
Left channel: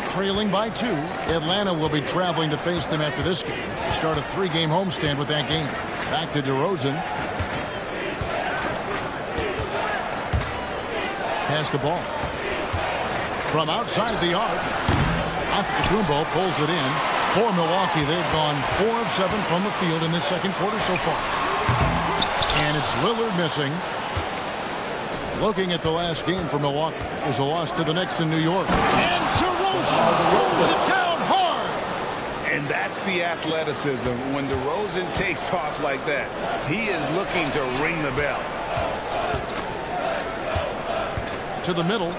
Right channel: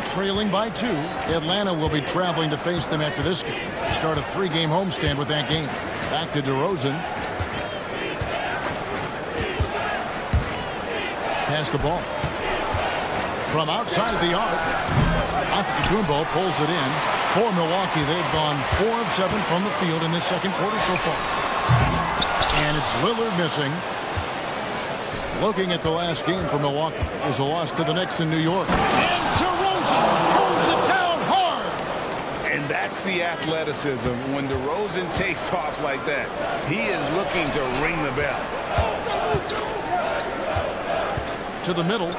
Trailing by 2, Atlanta will be traveling to face them after this game. They start a 3-game homestand with that game. Back to DeRozan. Pass the ball. From outside the arc, Antetokounmpo pulls it in. For Milwaukee, they've gone 4 of 7 from the field in this second quarter so far. And it's Lillard missing. Looking at the last game for Milwaukee, it was a loss to the Knicks in New York. And DeRozan throws it down hard. And that's the athleticism. When DeRozan takes off like that, he is looking to ring the bell. To the middle.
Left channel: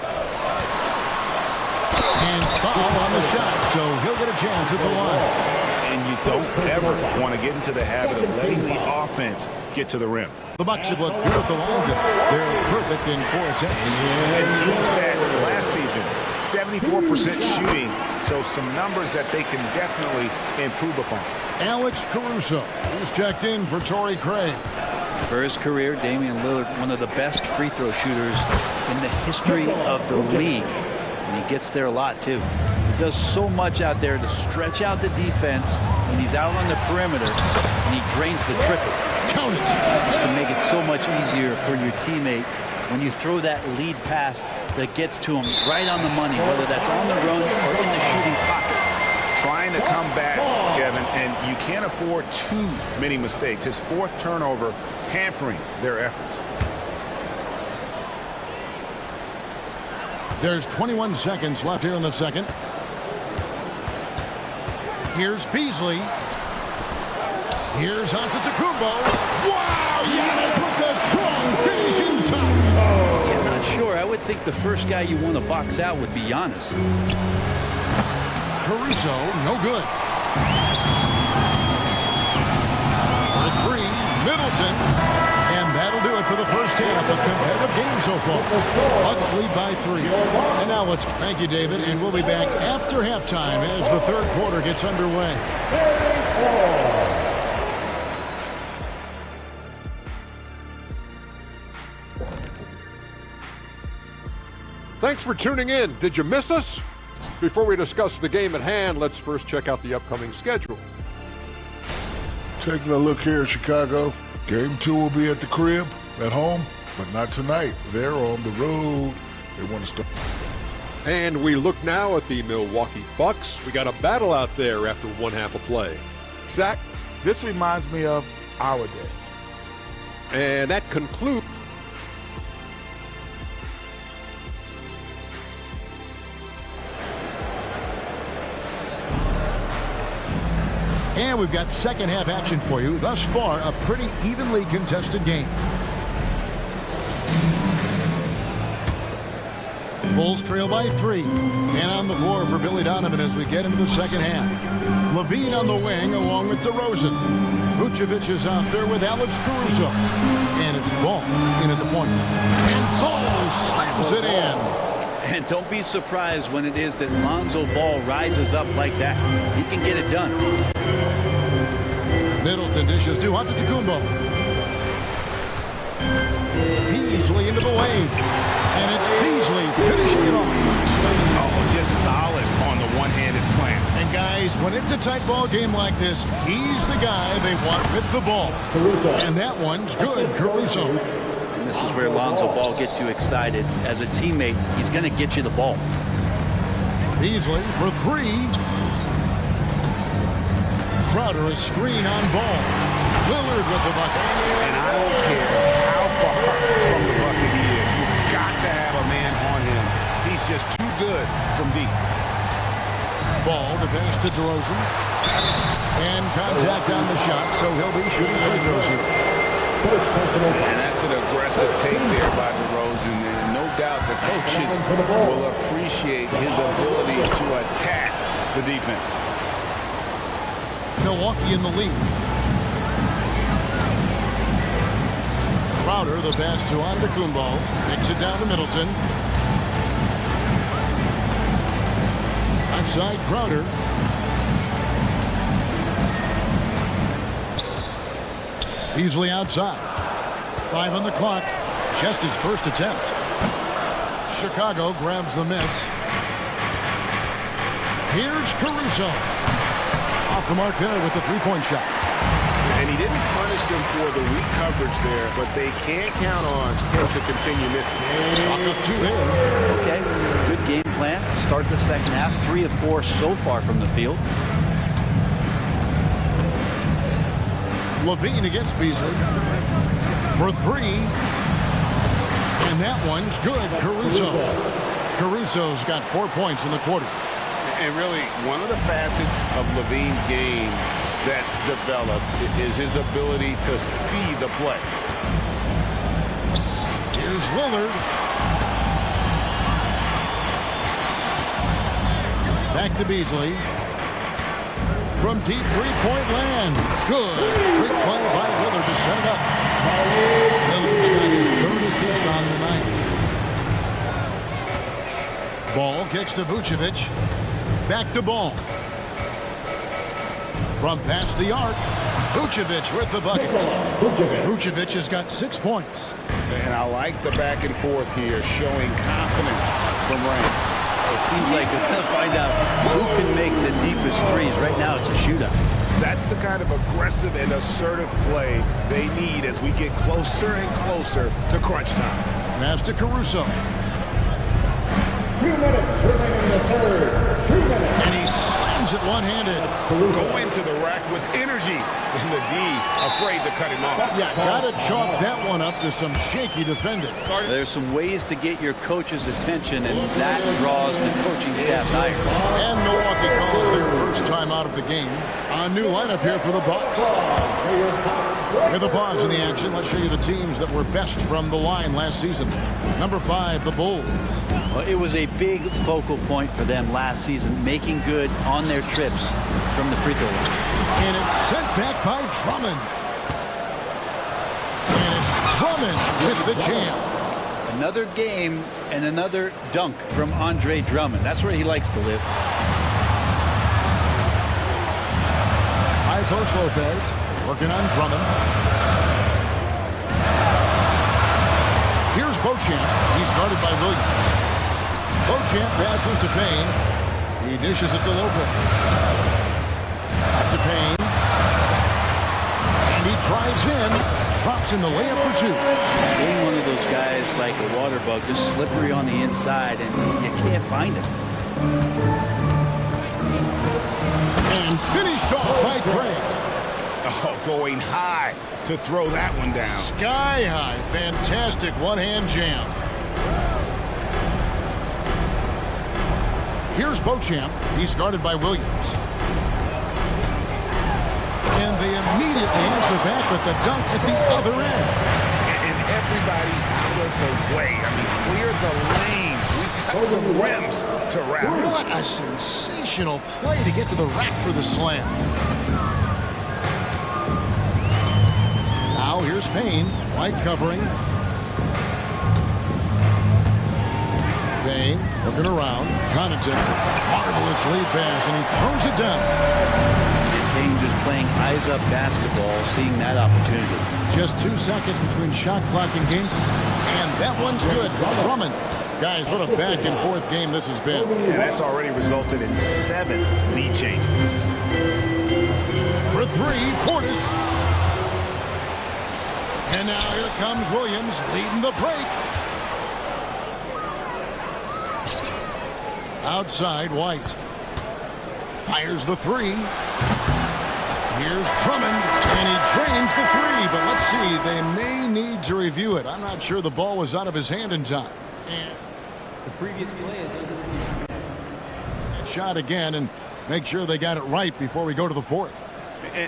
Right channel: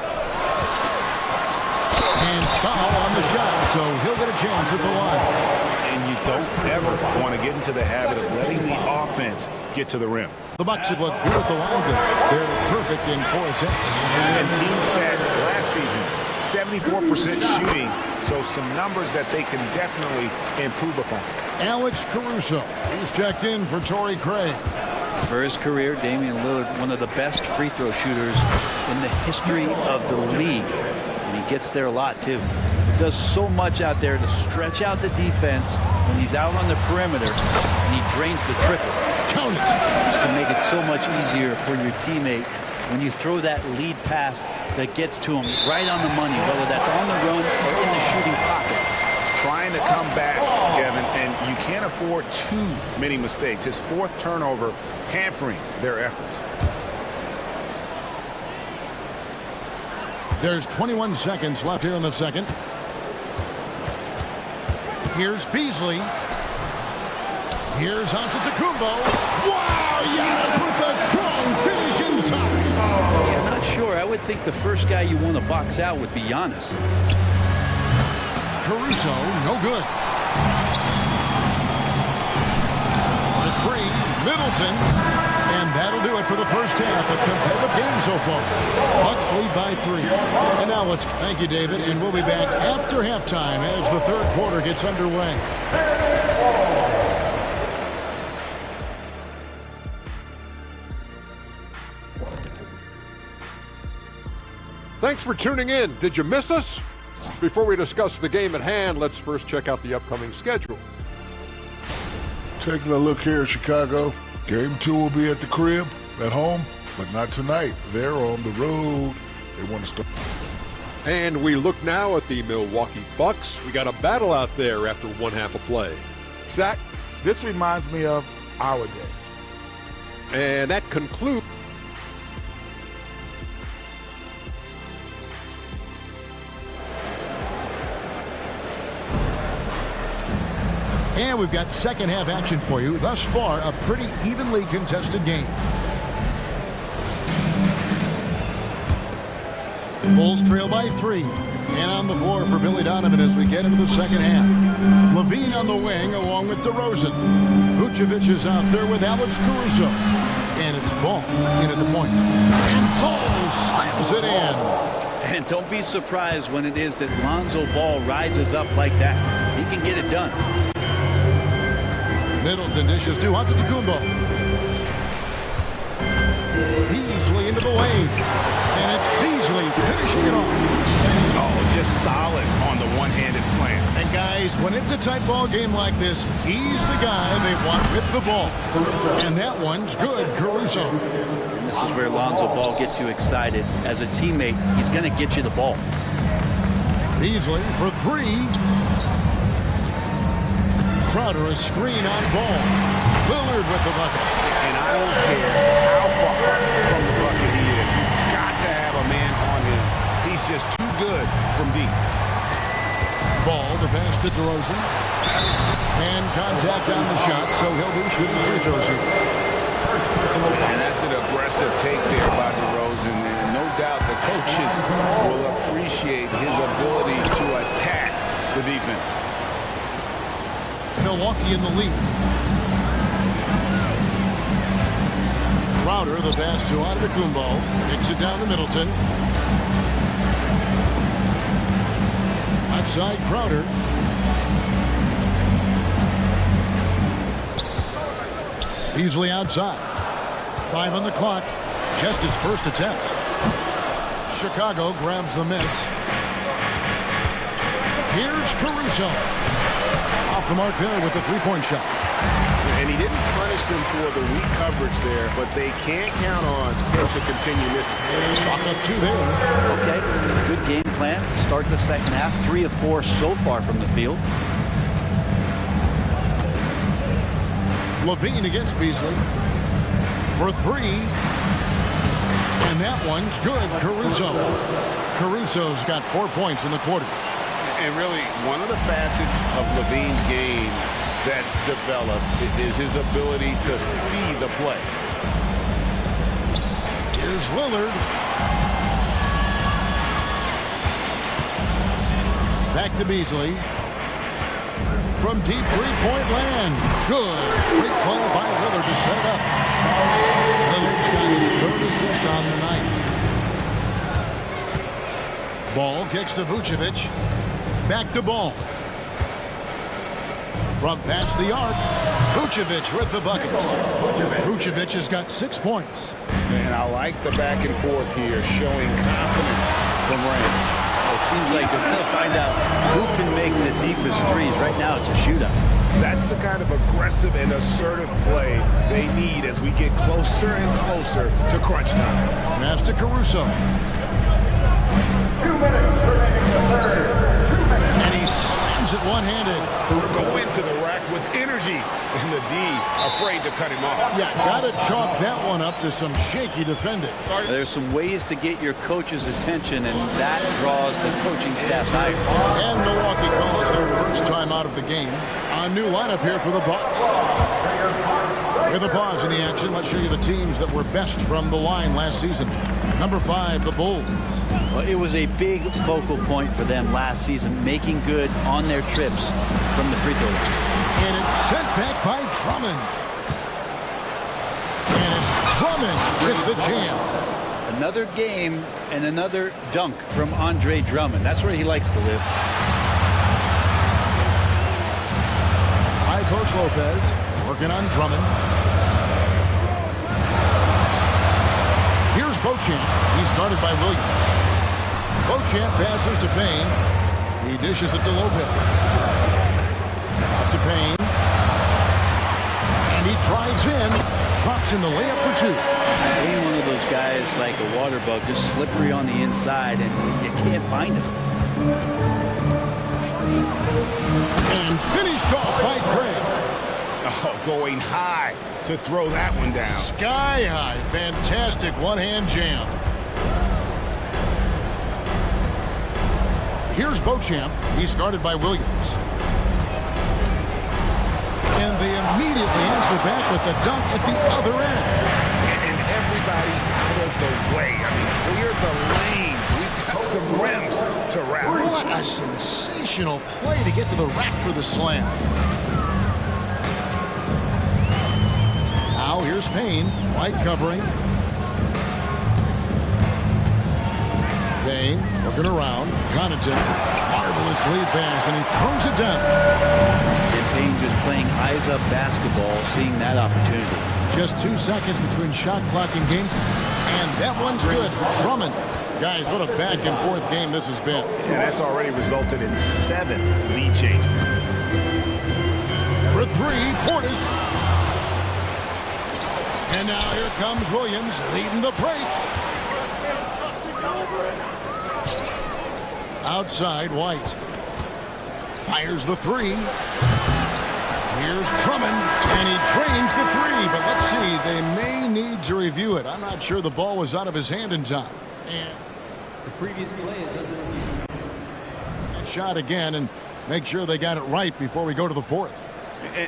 And foul on the shot, so he'll get a chance at the line. And you don't ever want to get into the habit of letting the offense get to the rim. The Bucks have looked good at the line tonight. They're perfect in 4 attempts. And team stats last season, 74% shooting, so some numbers that they can definitely improve upon. Alex Caruso, he's checked in for Torrey Craig. For his career, Damian Lillard, one of the best free throw shooters in the history of the league. And he gets there a lot, too. He does so much out there to stretch out the defense when he's out on the perimeter, and he drains the triple. Count it. Just can make it so much easier for your teammate when you throw that lead pass that gets to him right on the money, whether that's on the run or in the shooting pocket. Trying to come back, Kevin, and you can't afford too many mistakes. His 4th turnover hampering their efforts. There's 21 seconds left here in the second. Here's Beasley. Here's Antetokounmpo. Wow, Giannis with a strong finish inside. Yeah, I'm not sure. I would think the first guy you want to box out would be Giannis. Caruso, no good. For 3, Middleton. And that'll do it for the first half. A competitive game so far. Bucks lead by 3. And now let's thank you, David. And we'll be back after halftime as the 3rd quarter gets underway. Thanks for tuning in. Did you miss us? Before we discuss the game at hand, let's first check out the upcoming schedule. Taking a look here at Chicago. Game 2 will be at the crib, at home, but not tonight. They're on the road. They want to start. And we look now at the Milwaukee Bucks. We got a battle out there after 1 half of play. Zach, this reminds me of our day. And that concludes. And we've got second half action for you. Thus far, a pretty evenly contested game. Bulls trail by 3. And on the floor for Billy Donovan as we get into the second half. Levine on the wing along with DeRozan. Vucevic is out there with Alex Caruso. And it's Ball in at the point. And Ball slams it in. And don't be surprised when it is that Lonzo Ball rises up like that. He can get it done. Middleton dishes to Antetokounmpo. Beasley into the lane. And it's Beasley finishing it off. Oh, just solid on the one-handed slam. And guys, when it's a tight ball game like this, he's the guy they want with the ball. And that one's good, Caruso. And this is where Lonzo Ball gets you excited. As a teammate, he's going to get you the ball. Beasley for three. Crowder a screen on Ball. Lillard with the bucket. And I don't care how far from the bucket he is. You've got to have a man on him. He's just too good from deep. Ball, the pass to DeRozan. And contact on the shot, so he'll be shooting free throws here. And that's an aggressive take there by DeRozan. And no doubt the coaches will appreciate his ability to attack the defense. Milwaukee in the lead. Crowder, the pass to Antetokounmpo. Kicks it down to Middleton. Left side, Crowder. Beasley outside. 5 on the clock. Just his first attempt. Chicago grabs the miss. Here's Caruso. Off the mark there with the three-point shot. And he didn't punish them for the weak coverage there, but they can't count on him to continue missing. Chalk up 2 there. Okay, good game plan. Start the second half. 3 of 4 so far from the field. Levine against Beasley for 3. And that one's good. Caruso. Caruso's got 4 points in the quarter. And really, one of the facets of Levine's game that's developed is his ability to see the play. Here's Lillard. Back to Beasley. From deep three-point land. Good. Great play by Lillard to set it up. Lillard's got his 3rd assist on the night. Ball kicks to Vucevic. Back to Ball. From past the arc, Vucevic with the bucket. Vucevic has got 6 points. And I like the back and forth here, showing confidence from Rain. It seems like we're going to find out who can make the deepest threes. Right now, it's a shootout. That's the kind of aggressive and assertive play they need as we get closer and closer to crunch time. Pass to Caruso. 2 minutes remaining in the third. 2 minutes. And he slams it one-handed. Go into the rack with energy, and the D afraid to cut him off. Yeah, got to chalk that one up to some shaky defending. There's some ways to get your coach's attention, and that draws the coaching staff's ire. And Milwaukee calls their first time out of the game. A new lineup here for the Bucks. With a pause in the action, let's show you the teams that were best from the line last season. Number 5, the Bulls. Well, it was a big focal point for them last season, making good on their trips from the free throw line. And it's sent back by Drummond. And it's Drummond with the jam. Another game and another dunk from Andre Drummond. That's where he likes to live. High post Lopez working on Drummond. Here's Beauchamp. He's guarded by Williams. Beauchamp passes to Payne. He dishes it to Lopez. Up to Payne. And he drives in. Drops in the layup for 2. Being one of those guys like a water bug, just slippery on the inside, and you can't find him. And finished off by Craig. Oh, going high to throw that one down. Sky high. Fantastic one-hand jam. Here's Beauchamp. He's guarded by Williams. And they immediately answer back with the dunk at the other end. And everybody out of the way. I mean, clear the lane. We've got some rims to wrap. What a sensational play to get to the rack for the slam. Now here's Payne. White covering. Payne looking around. Connaughton. Marvelous lead pass, and he throws it down. And Payne just playing eyes-up basketball, seeing that opportunity. Just 2 seconds between shot clock and game. And that one's good. Drummond. Guys, what a back-and-forth game this has been. And that's already resulted in 7 lead changes. For 3, Portis. And now here comes Williams leading the break. Outside, White. Fires the 3. Here's Drummond, and he drains the 3. But let's see, they may need to review it. I'm not sure the ball was out of his hand in time. And the previous play is under review. Shot again, and make sure they got it right before we go to the 4th.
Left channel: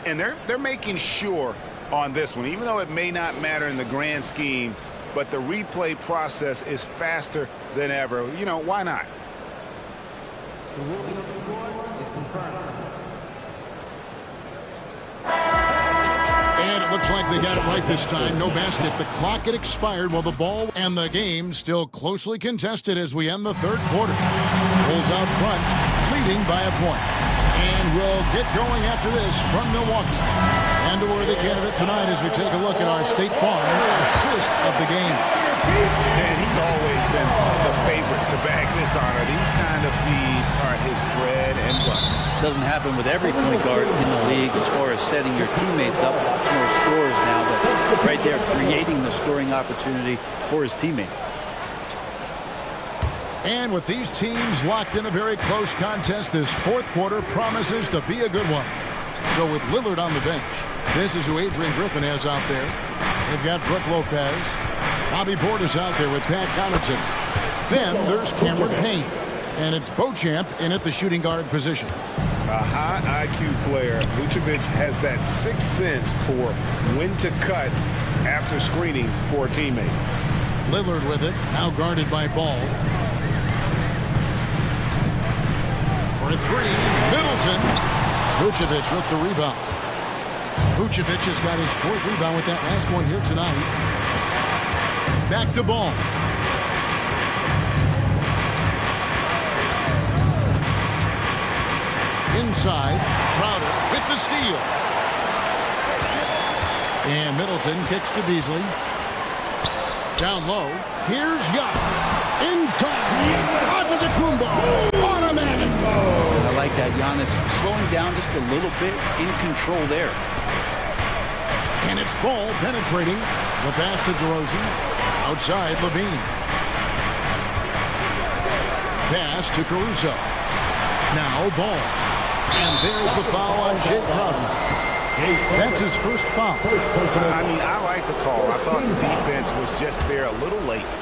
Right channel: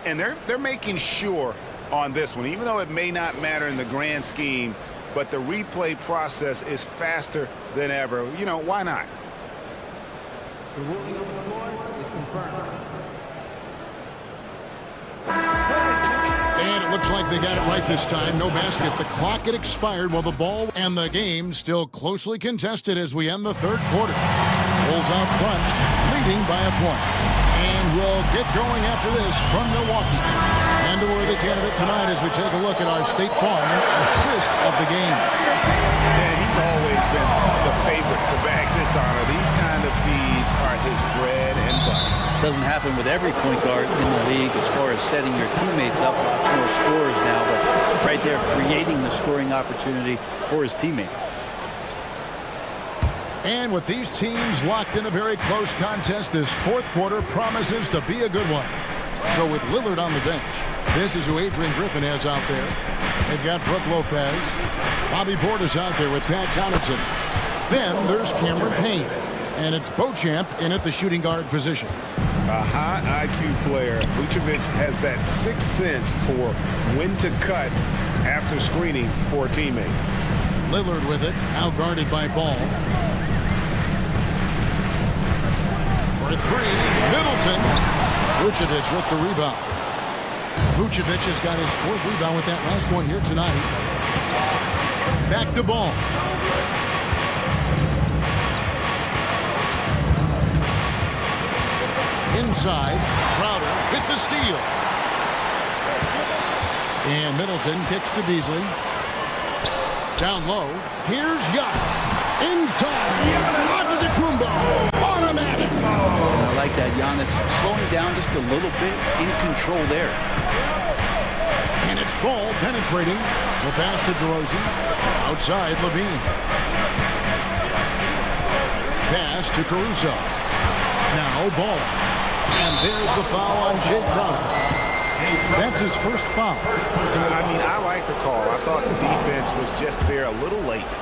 And they're making sure on this one, even though it may not matter in the grand scheme, but the replay process is faster than ever. You know, why not? The ruling on the floor is confirmed. And it looks like they got it right this time. No basket. The clock had expired while the ball and the game still closely contested as we end the 3rd quarter. Bulls out front, leading by a point. And we'll get going after this from Milwaukee. And a worthy candidate tonight as we take a look at our State Farm assist of the game. And he's always been the favorite to bag this honor. These kind of feeds are his bread and butter. Doesn't happen with every point guard in the league as far as setting your teammates up. Lots more scorers now, but right there creating the scoring opportunity for his teammate. And with these teams locked in a very close contest, this 4th quarter promises to be a good one. So with Lillard on the bench, this is who Adrian Griffin has out there. They've got Brooke Lopez. Bobby Portis out there with Pat Connaughton. Then there's Cameron Payne. And it's Beauchamp in at the shooting guard position. A high IQ player. Vucevic has that 6th sense for when to cut after screening for a teammate. Lillard with it, now guarded by Ball. For 3, Middleton. Vucevic with the rebound. Vucevic has got his 4th rebound with that last one here tonight. Back to Ball. Inside, Crowder with the steal. And Middleton kicks to Beasley. Down low, here's Giannis. Inside, Antetokounmpo, automatic. I like that. Giannis slowing down just a little bit, in control there. And it's Ball penetrating. The pass to DeRozan. Outside, Levine. Pass to Caruso. Now Ball. And there's the foul on Jay Crowder. That's his 1st foul. I mean, I like the call. I thought the defense was just there a little late.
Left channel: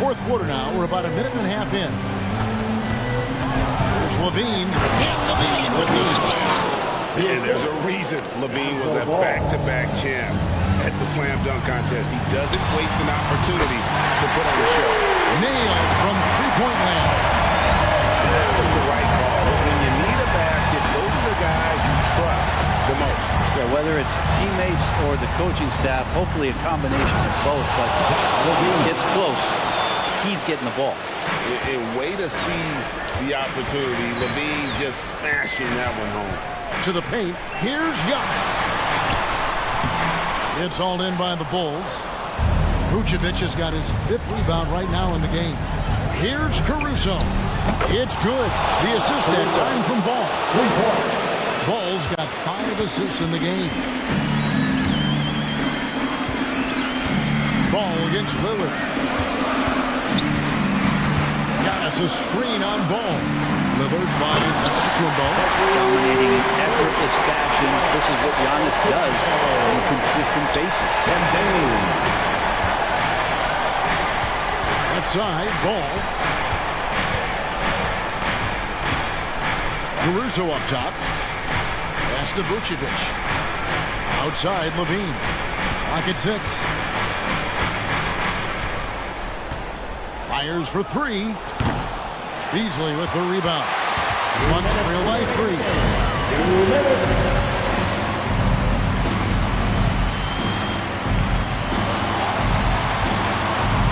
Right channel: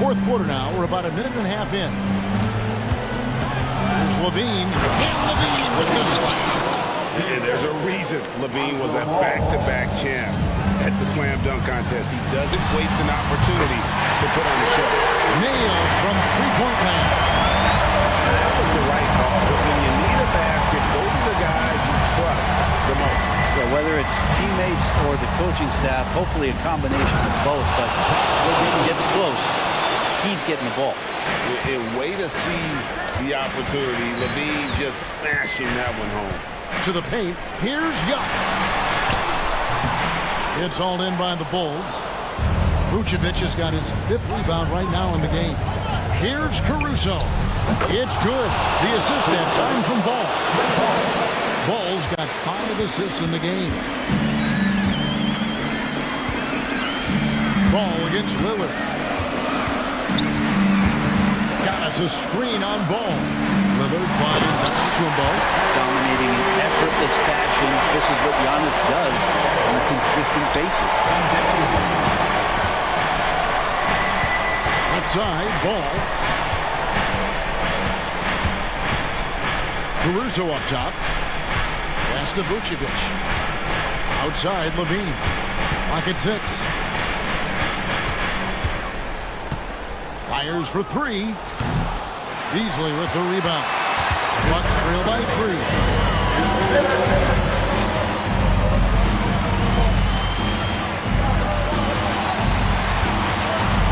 4th quarter now. We're about a minute and a half in. There's Levine. And Levine with the slam. And there's a reason Levine was a back-to-back champ at the slam dunk contest. He doesn't waste an opportunity to put on a show. Nailed from 3-point land. And that was the right call. But when you need a basket, go to the guys you trust the most. Yeah, whether it's teammates or the coaching staff, hopefully a combination of both, but gets close. He's getting the ball. A way to seize the opportunity. Levine just smashing that one home. To the paint, here's Giannis. It's all in by the Bulls. Vucevic has got his 5th rebound right now in the game. Here's Caruso. It's good. The assist that time from Ball. Ball's got 5 assists in the game. Ball against Lillard. Got us a screen on Ball. Lillard finding Antetokounmpo. Dominating in effortless fashion. This is what Giannis does on a consistent basis. Left side, Ball. Caruso up top. Pass to Vucevic. Outside, Levine. Clock at 6. Fires for 3. Beasley with the rebound. Bucks trail by 3.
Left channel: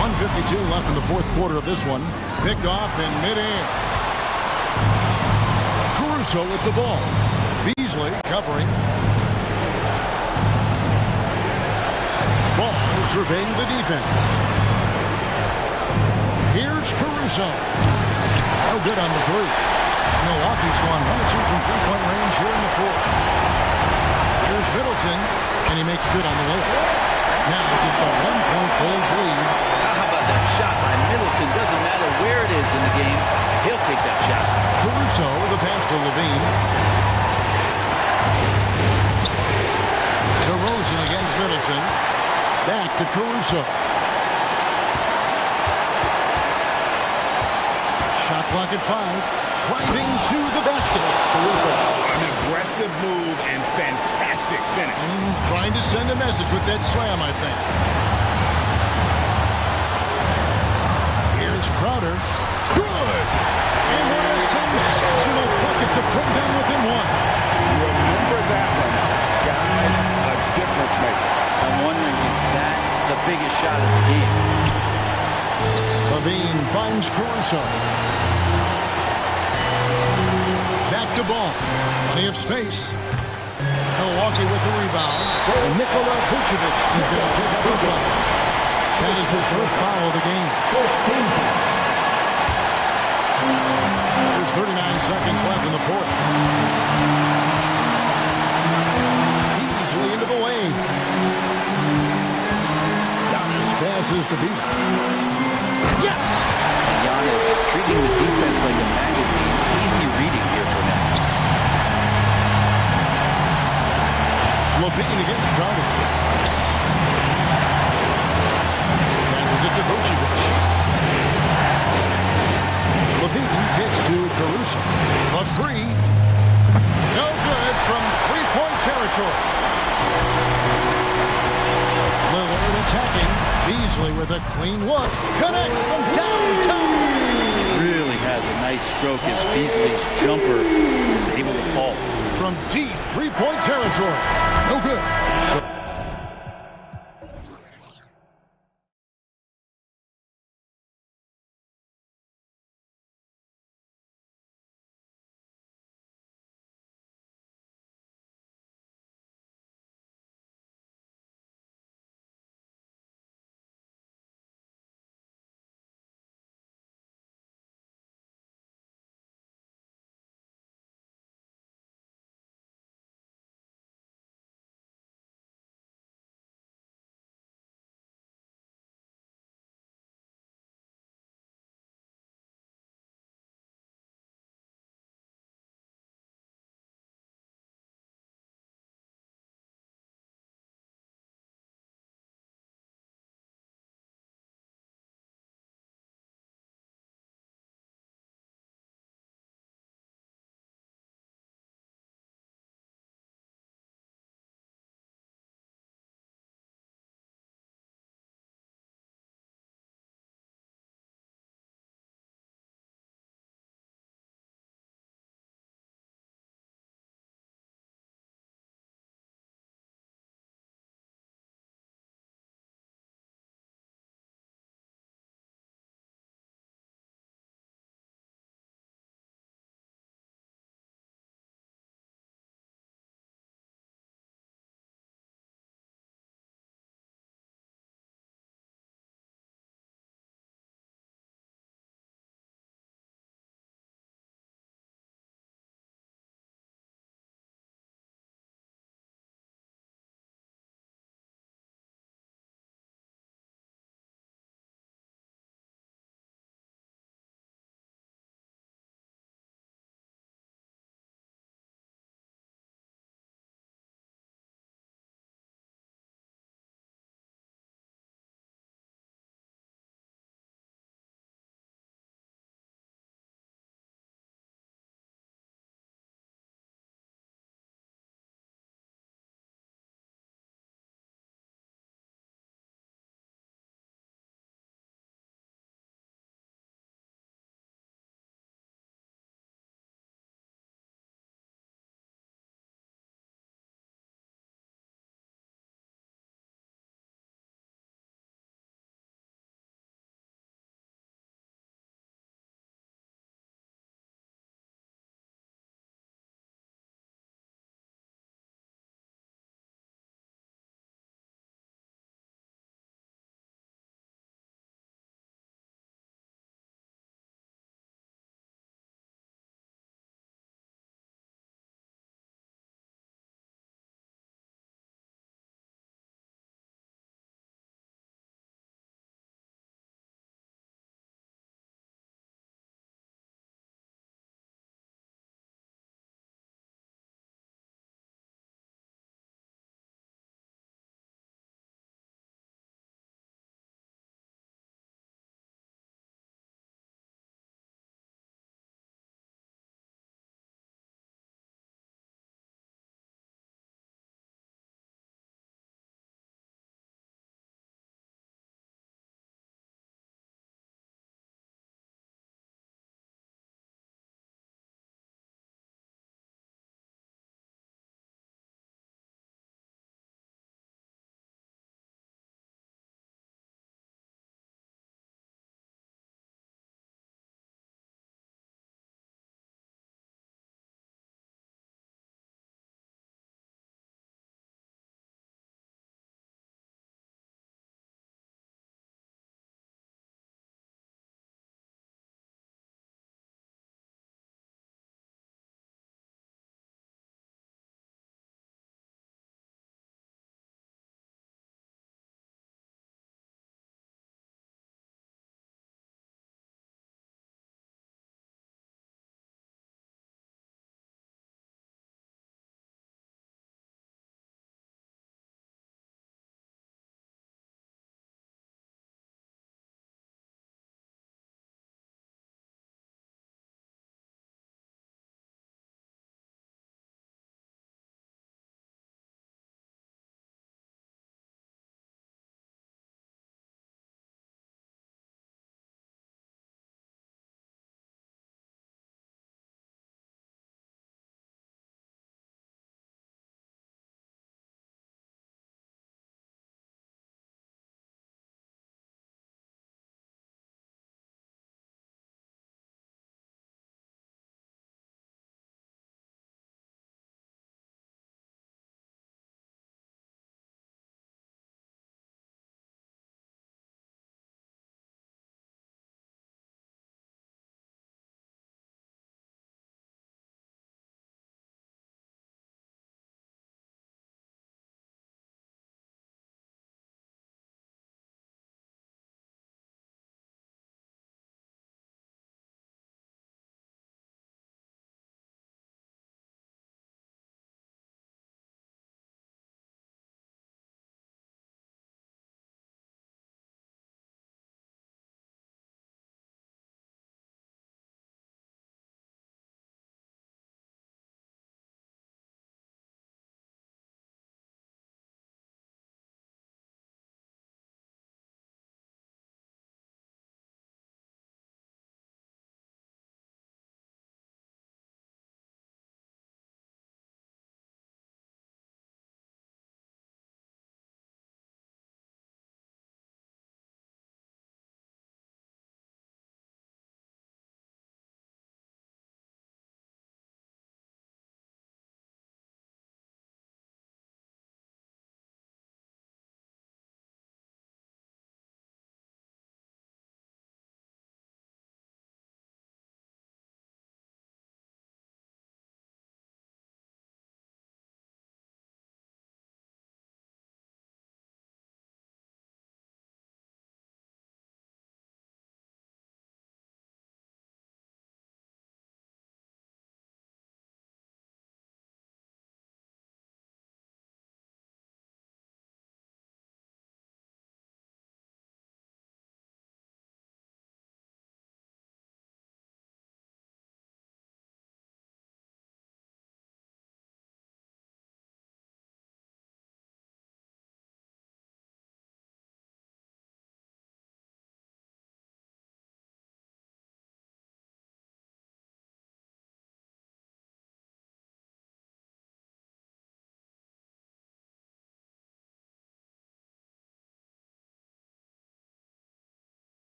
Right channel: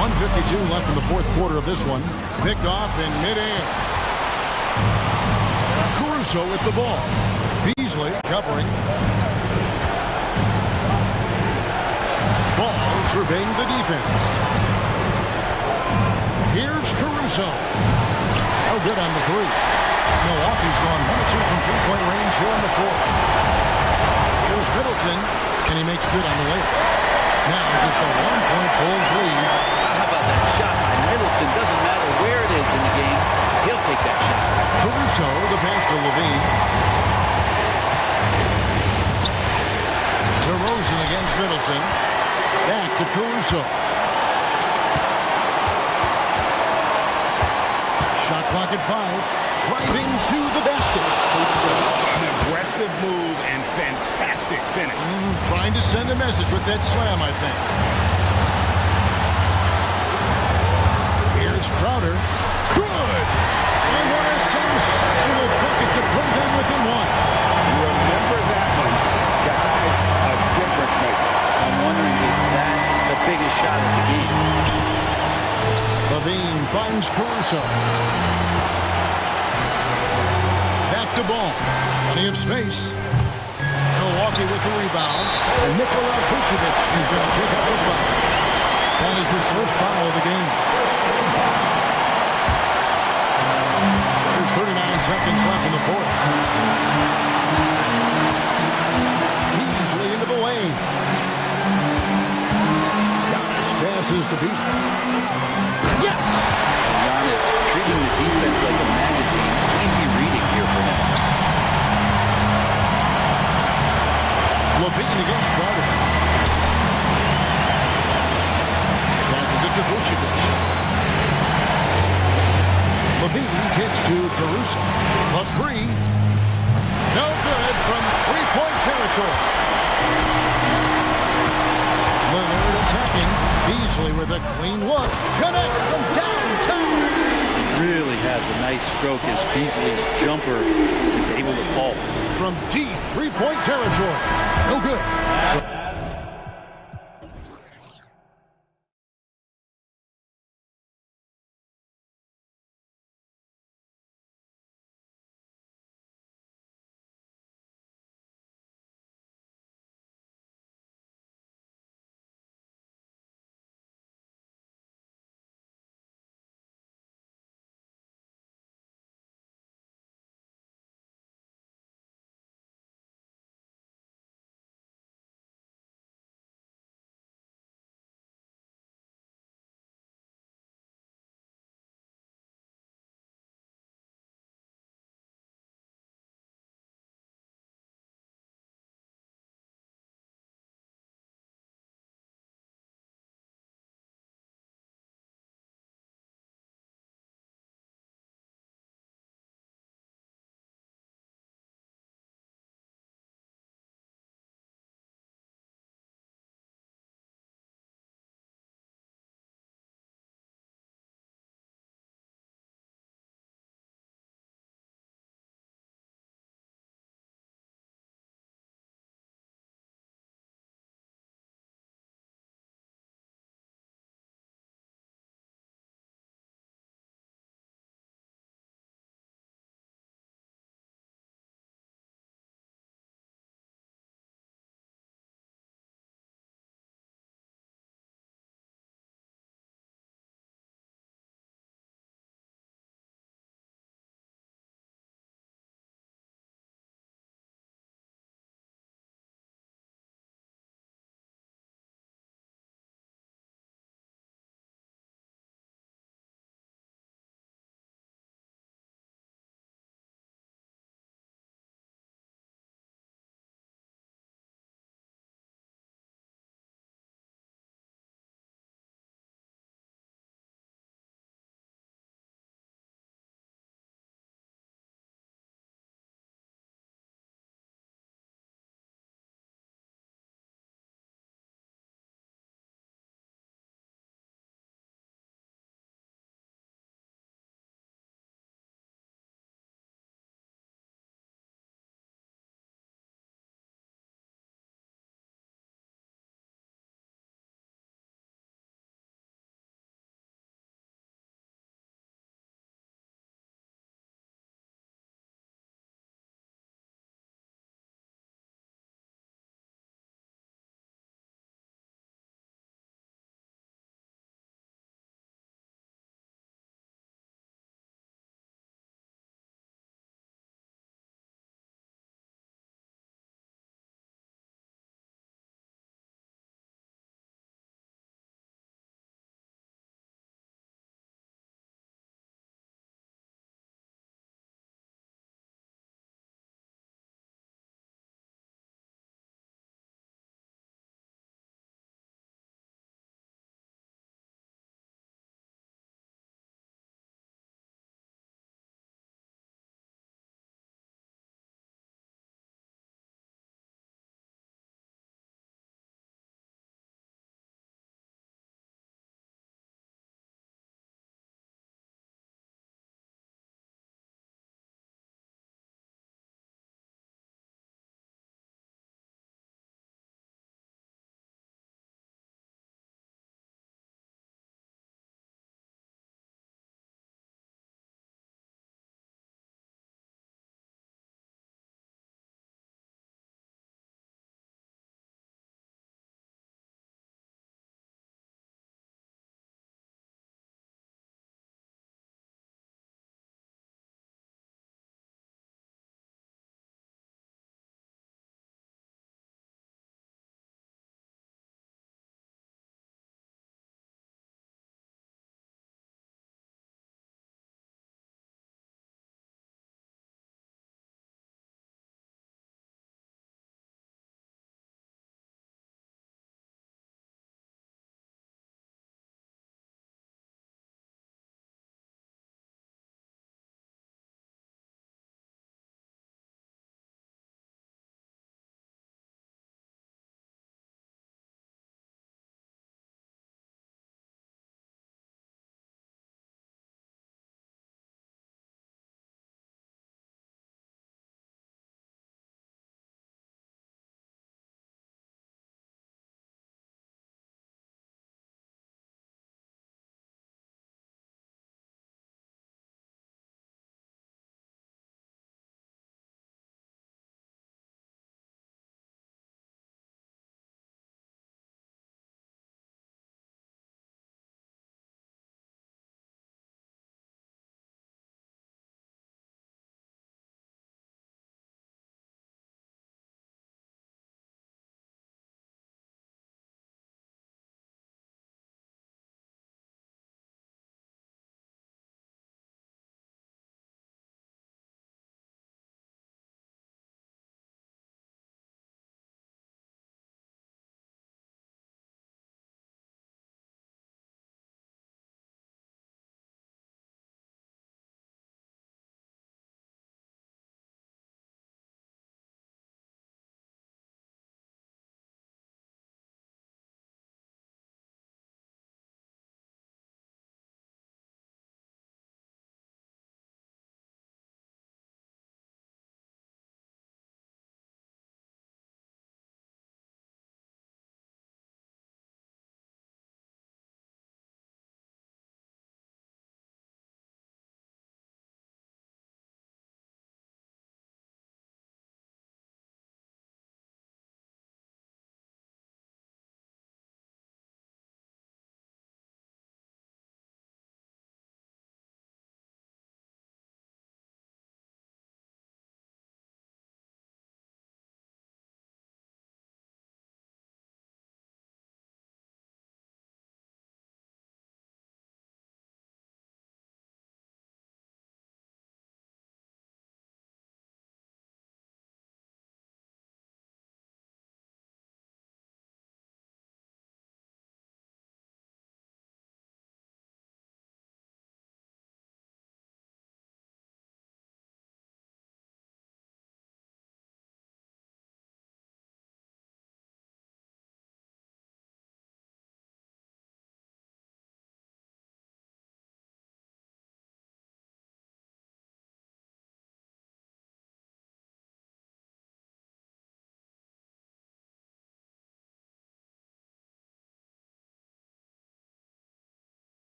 .152 left in the 4th quarter of this one. Picked off in midair. Caruso with the ball. Beasley covering. Ball surveying the defense. Here's Caruso. No good on the three. Milwaukee's gone 1 of 2 from three-point range here in the fourth. Here's Middleton, and he makes good on the layup. Now just a 1-point Bulls lead. How about that shot by Middleton? Doesn't matter where it is in the game. He'll take that shot. Caruso, the pass to Levine. DeRozan against Middleton. Back to Caruso. Shot clock at 5. Driving to the basket. An aggressive move and fantastic finish. Trying to send a message with that slam, I think. Here's Crowder. Good! And what a sensational bucket to bring them within one. Remember that one. Guys, a difference maker. I'm wondering, is that the biggest shot of the game? Levine finds Caruso. Back to Ball. Plenty of space. Milwaukee with the rebound. And Nikola Vucevic is going to pick up a foul. That is his first foul of the game. There's 39 seconds left in the fourth. Beasley into the lane. Giannis passes to Beasley. Yes! And Giannis treating the defense like a magazine. Easy reading here for him. Levine against Crowder. Passes it to Vucevic. Levine kicks to Caruso. A three. No good from three-point territory. Lillard attacking. Beasley with a clean look. Connects from downtown. He really has a nice stroke as Beasley's jumper is able to fall. From deep three-point territory. No good. So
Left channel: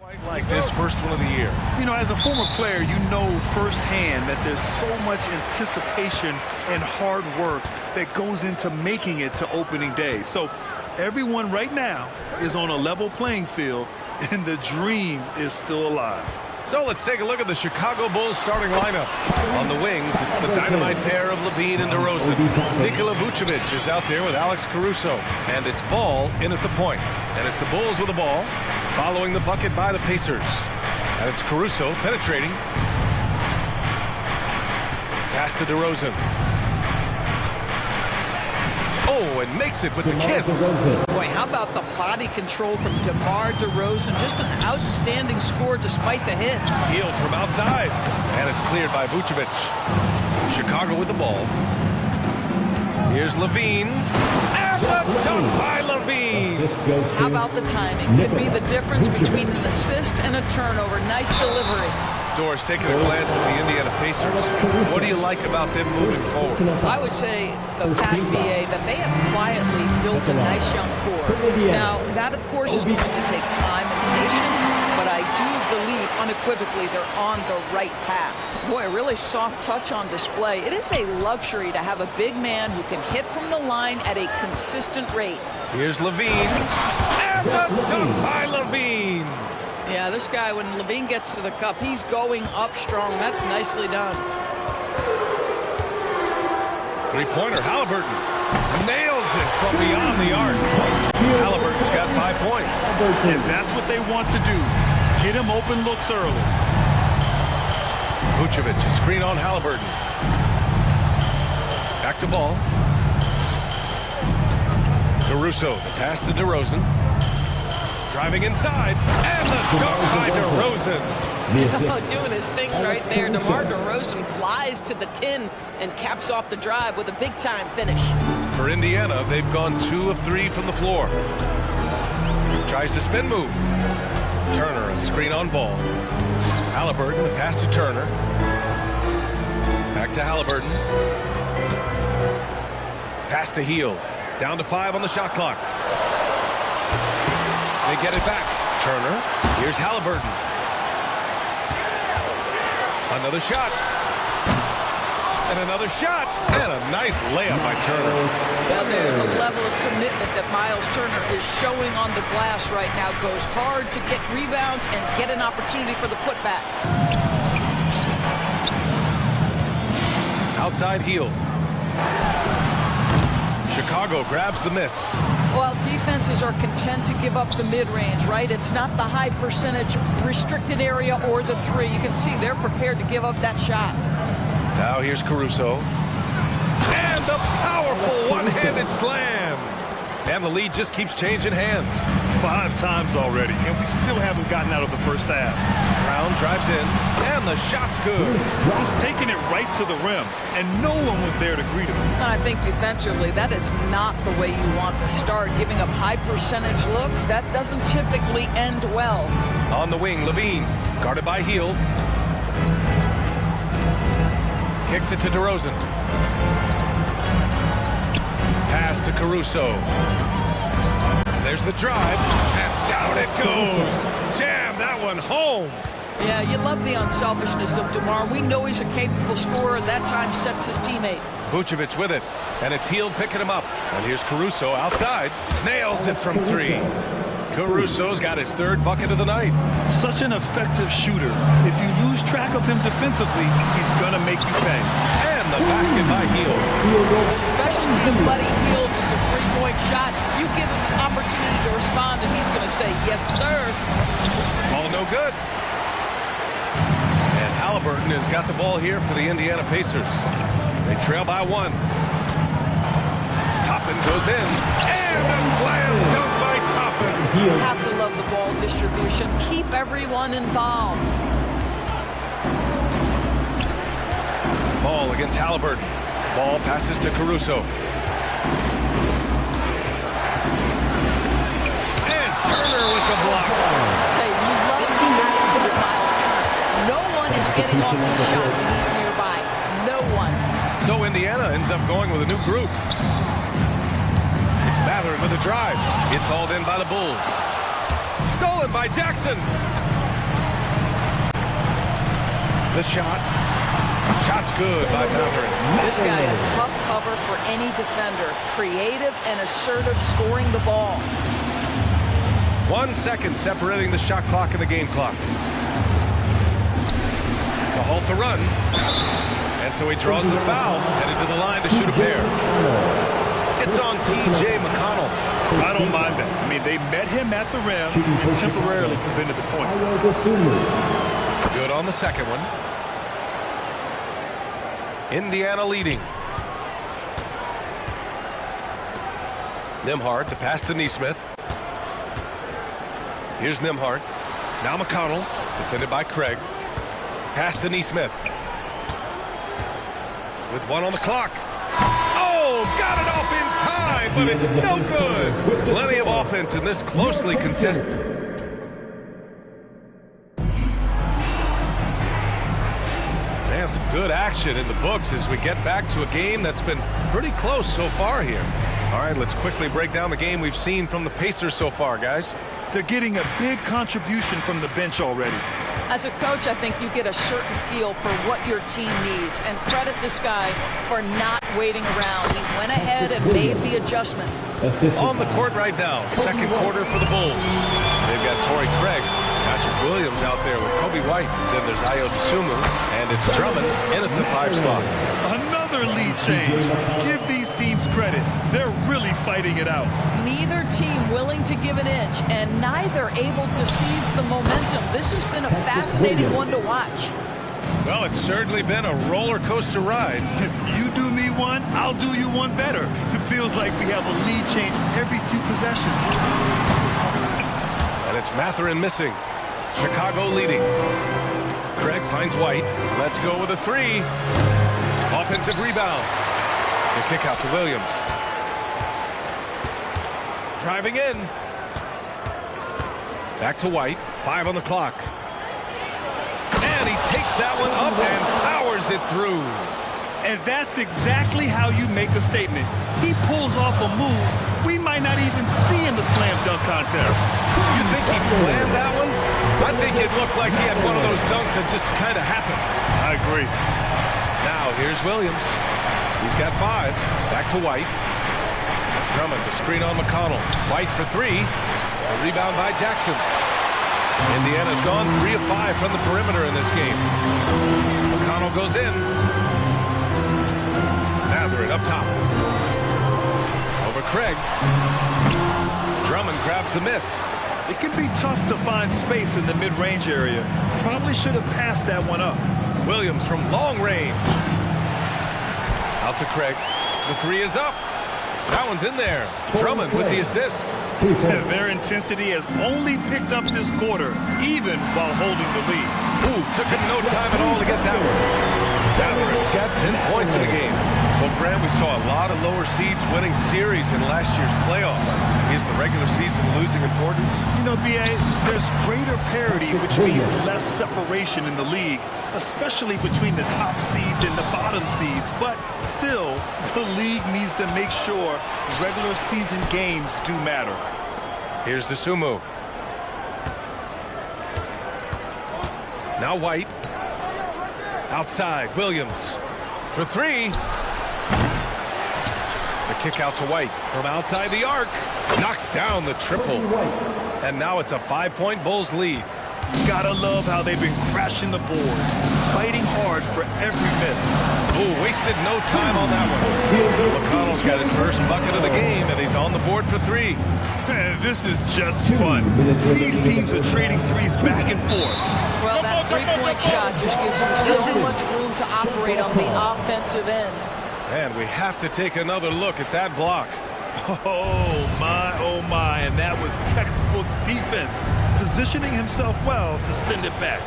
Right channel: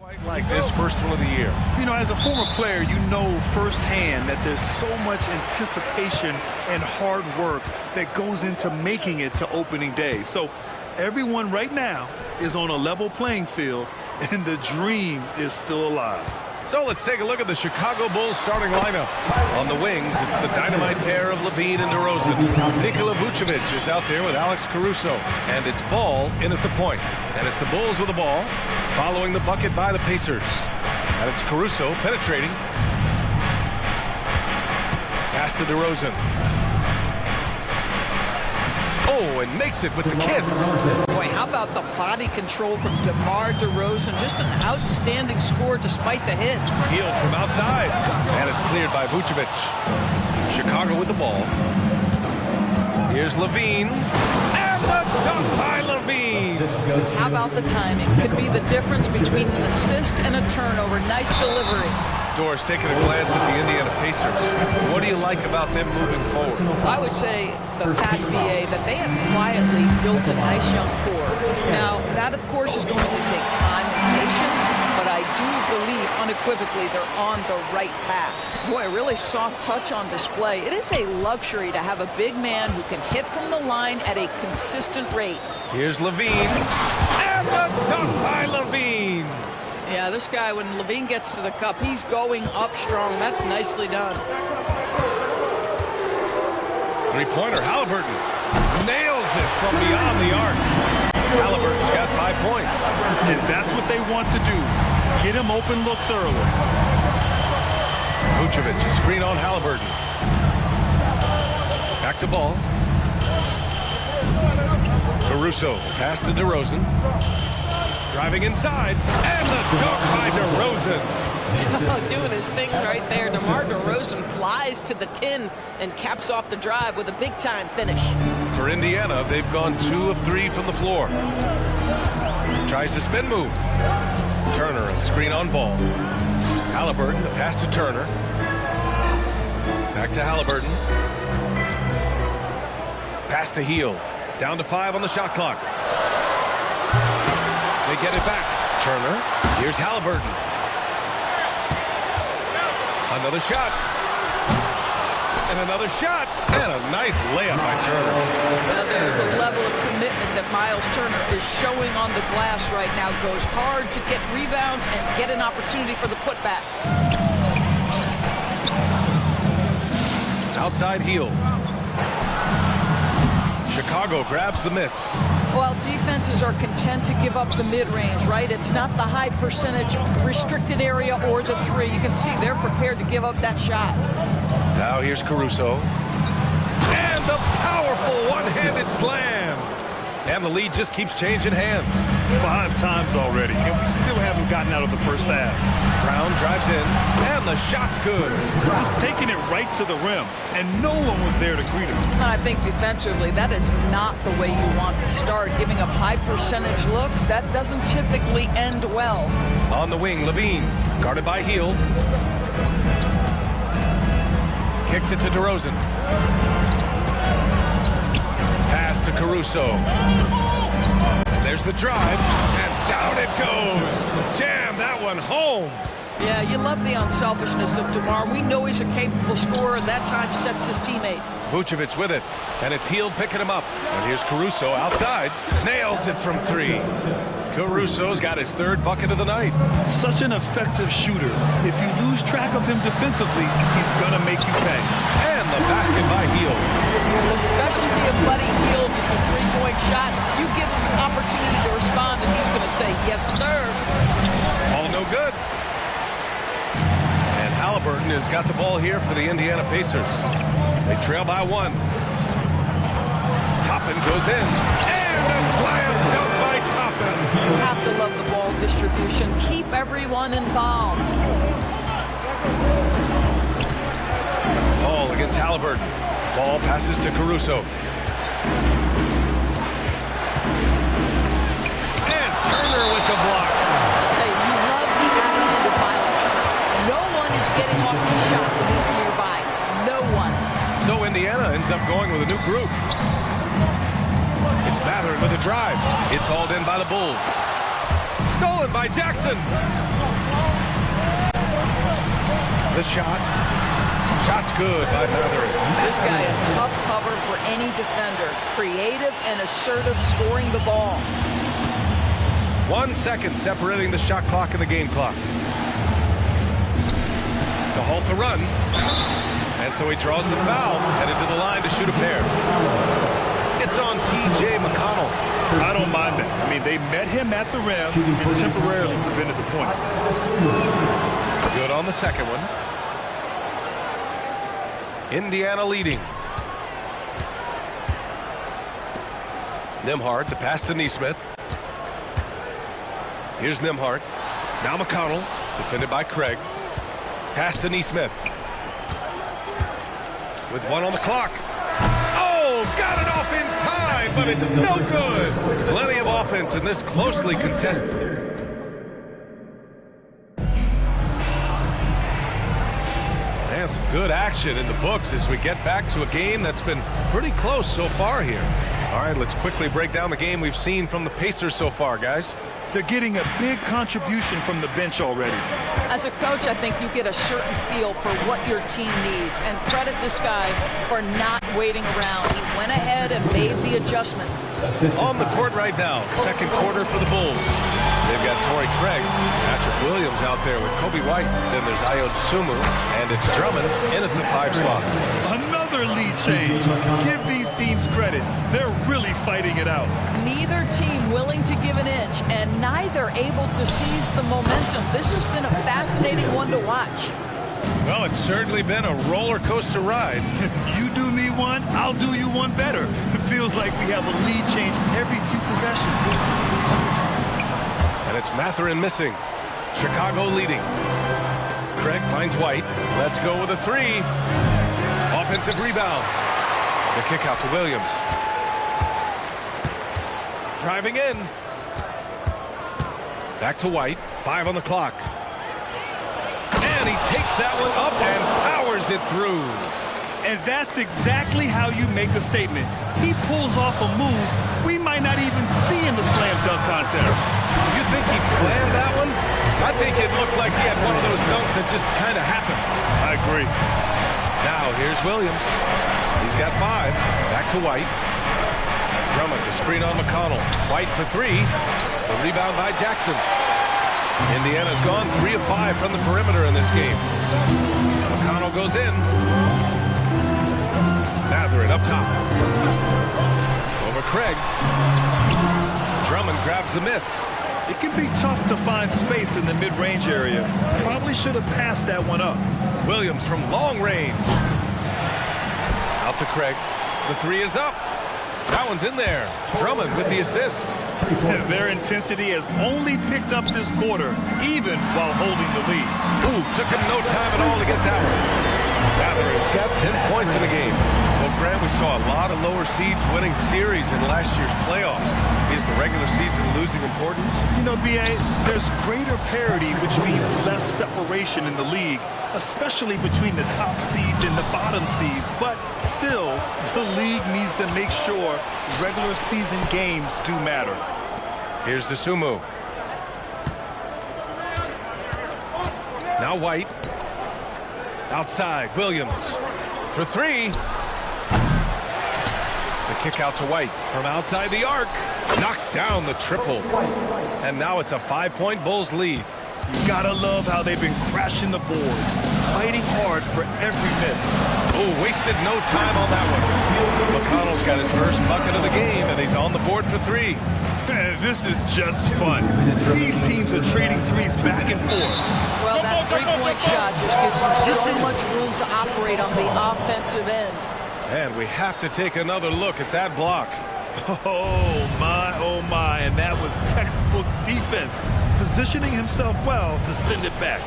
Quite like this first one of the year. You know, as a former player, you know firsthand that there's so much anticipation and hard work that goes into making it to opening day. So everyone right now is on a level playing field, and the dream is still alive. So let's take a look at the Chicago Bulls starting lineup. On the wings, it's the dynamite pair of Levine and DeRozan. Nikola Vucevic is out there with Alex Caruso. And it's Ball in at the point. And it's the Bulls with the ball, following the bucket by the Pacers. And it's Caruso penetrating. Pass to DeRozan. Oh, and makes it with the kiss. Boy, how about the body control from DeMar DeRozan? Just an outstanding score despite the hit. Healed from outside. And it's cleared by Vucevic. Chicago with the ball. Here's Levine. And the dunk by Levine. How about the timing? Could be the difference between an assist and a turnover. Nice delivery. Doris, taking a glance at the Indiana Pacers, what do you like about them moving forward? I would say the fact, BA, that they have quietly built a nice young core. Now, that, of course, is going to take time and patience, but I do believe unequivocally they're on the right path. Boy, a really soft touch on display. It is a luxury to have a big man who can hit from the line at a consistent rate. Here's Levine, and the dunk by Levine. Yeah, this guy, when Levine gets to the cup, he's going up strong. That's nicely done. Three-pointer, Halliburton nails it from beyond the arc. Halliburton's got 5 points. And that's what they want to do. Get him open looks early. Vucevic, a screen on Halliburton. Back to Ball. Caruso, the pass to DeRozan. Driving inside, and the dunk by DeRozan. Oh, doing his thing right there. DeMar DeRozan flies to the tin and caps off the drive with a big-time finish. For Indiana, they've gone 2 of 3 from the floor. Tries to spin move. Turner, a screen on Ball. Halliburton, the pass to Turner. Back to Halliburton. Pass to Hield. Down to 5 on the shot clock. They get it back. Turner. Here's Halliburton. Another shot. And another shot. And a nice layup by Turner. Well, there's a level of commitment that Miles Turner is showing on the glass right now. Goes hard to get rebounds and get an opportunity for the putback. Outside heel. Chicago grabs the miss. Well, defenses are content to give up the mid-range, right? It's not the high percentage restricted area or the three. You can see they're prepared to give up that shot. Now here's Caruso. And the powerful one-handed slam. And the lead just keeps changing hands. 5 times already, and we still haven't gotten out of the first half. Brown drives in, and the shot's good. Just taking it right to the rim, and no one was there to greet him. I think defensively, that is not the way you want to start. Giving up high percentage looks, that doesn't typically end well. On the wing, Levine, guarded by Hield. Kicks it to DeRozan. Pass to Caruso. And there's the drive, and down it goes. Jam that one home. Yeah, you love the unselfishness of DeMar. We know he's a capable scorer, and that time sets his teammate. Vucevic with it, and it's Hield picking him up. And here's Caruso outside. Nails it from 3. Caruso's got his 3rd bucket of the night. Such an effective shooter. If you lose track of him defensively, he's going to make you pay. And the basket by Hield. The specialty of Buddy Hield is a 3-point shot. You give him an opportunity to respond, and he's going to say, yes, sir. All no good. And Halliburton has got the ball here for the Indiana Pacers. They trail by 1. Toppin goes in. And a slam dunk by Toppin. You have to love the ball distribution. Keep everyone involved. Ball against Halliburton. Ball passes to Caruso. And Turner with the block. Say, you love the attitude of Miles Turner. No one is getting off these shots when he's nearby. No one. So Indiana ends up going with a new group. It's Mathurin with a drive. It's hauled in by the Bulls. Stolen by Jackson. The shot. Shot's good by Matherin. This guy a tough cover for any defender. Creative and assertive scoring the ball. 1 second separating the shot clock and the game clock. To halt the run. And so he draws the foul, headed to the line to shoot a pair. It's on T.J. McConnell. I don't mind that. I mean, they met him at the rim and temporarily prevented the points. Good on the second one. Indiana leading. Nembhard, the pass to Neesmith. Here's Nembhard. Now McConnell, defended by Craig. Pass to Neesmith. With 1 on the clock. Oh, got it off in time, but it's no good. Plenty of offense in this closely contested. And some good action in the books as we get back to a game that's been pretty close so far here. All right, let's quickly break down the game we've seen from the Pacers so far, guys. They're getting a big contribution from the bench already. As a coach, I think you get a certain feel for what your team needs, and credit this guy for not waiting around. He went ahead and made the adjustment. On the court right now, second quarter for the Bulls. They've got Torrey Craig, Patrick Williams out there with Kobe White. Then there's Ayo Dosunmu, and it's Drummond in at the 5 spot. Another lead change. Give these teams credit. They're really fighting it out. Neither team willing to give an inch, and neither able to seize the momentum. This has been a fascinating one to watch. Well, it's certainly been a roller coaster ride. You do me one, I'll do you one better. It feels like we have a lead change every few possessions. And it's Matherin missing. Chicago leading. Craig finds White. Let's go with a 3. Offensive rebound. The kick out to Williams. Driving in. Back to White. 5 on the clock. And he takes that one up and powers it through. And that's exactly how you make a statement. He pulls off a move we might not even see in the slam dunk contest. You think he planned that one? I think it looked like he had one of those dunks that just kind of happens. I agree. Now here's Williams. He's got 5. Back to White. Drummond, the screen on McConnell. White for 3. The rebound by Jackson. Indiana's gone 3 of 5 from the perimeter in this game. McConnell goes in. Matherin up top. Over Craig. Drummond grabs the miss. It can be tough to find space in the mid-range area. Probably should have passed that one up. Williams from long range. Out to Craig. The 3 is up. That one's in there. Drummond with the assist. Their intensity has only picked up this quarter, even while holding the lead. Ooh, took him no time at all to get that one. Matherin's got 10 points in the game. Well, Grant, we saw a lot of lower seeds winning series in last year's playoffs. Is the regular season losing importance? You know, B.A., there's greater parity, which means less separation in the league, especially between the top seeds and the bottom seeds. But still, the league needs to make sure regular season games do matter. Here's Dosunmu. Now White. Outside, Williams. For 3. The kick out to White from outside the arc. Knocks down the triple. And now it's a 5-point Bulls lead. You gotta love how they've been crashing the boards, fighting hard for every miss. Oh, wasted no time on that one. McConnell's got his first bucket of the game, and he's on the board for 3. This is just fun. These teams are trading threes back and forth. Well, that three-point shot just gives you so much room to operate on the offensive end. And we have to take another look at that block. Oh my, and that was textbook defense, positioning himself well to send it back.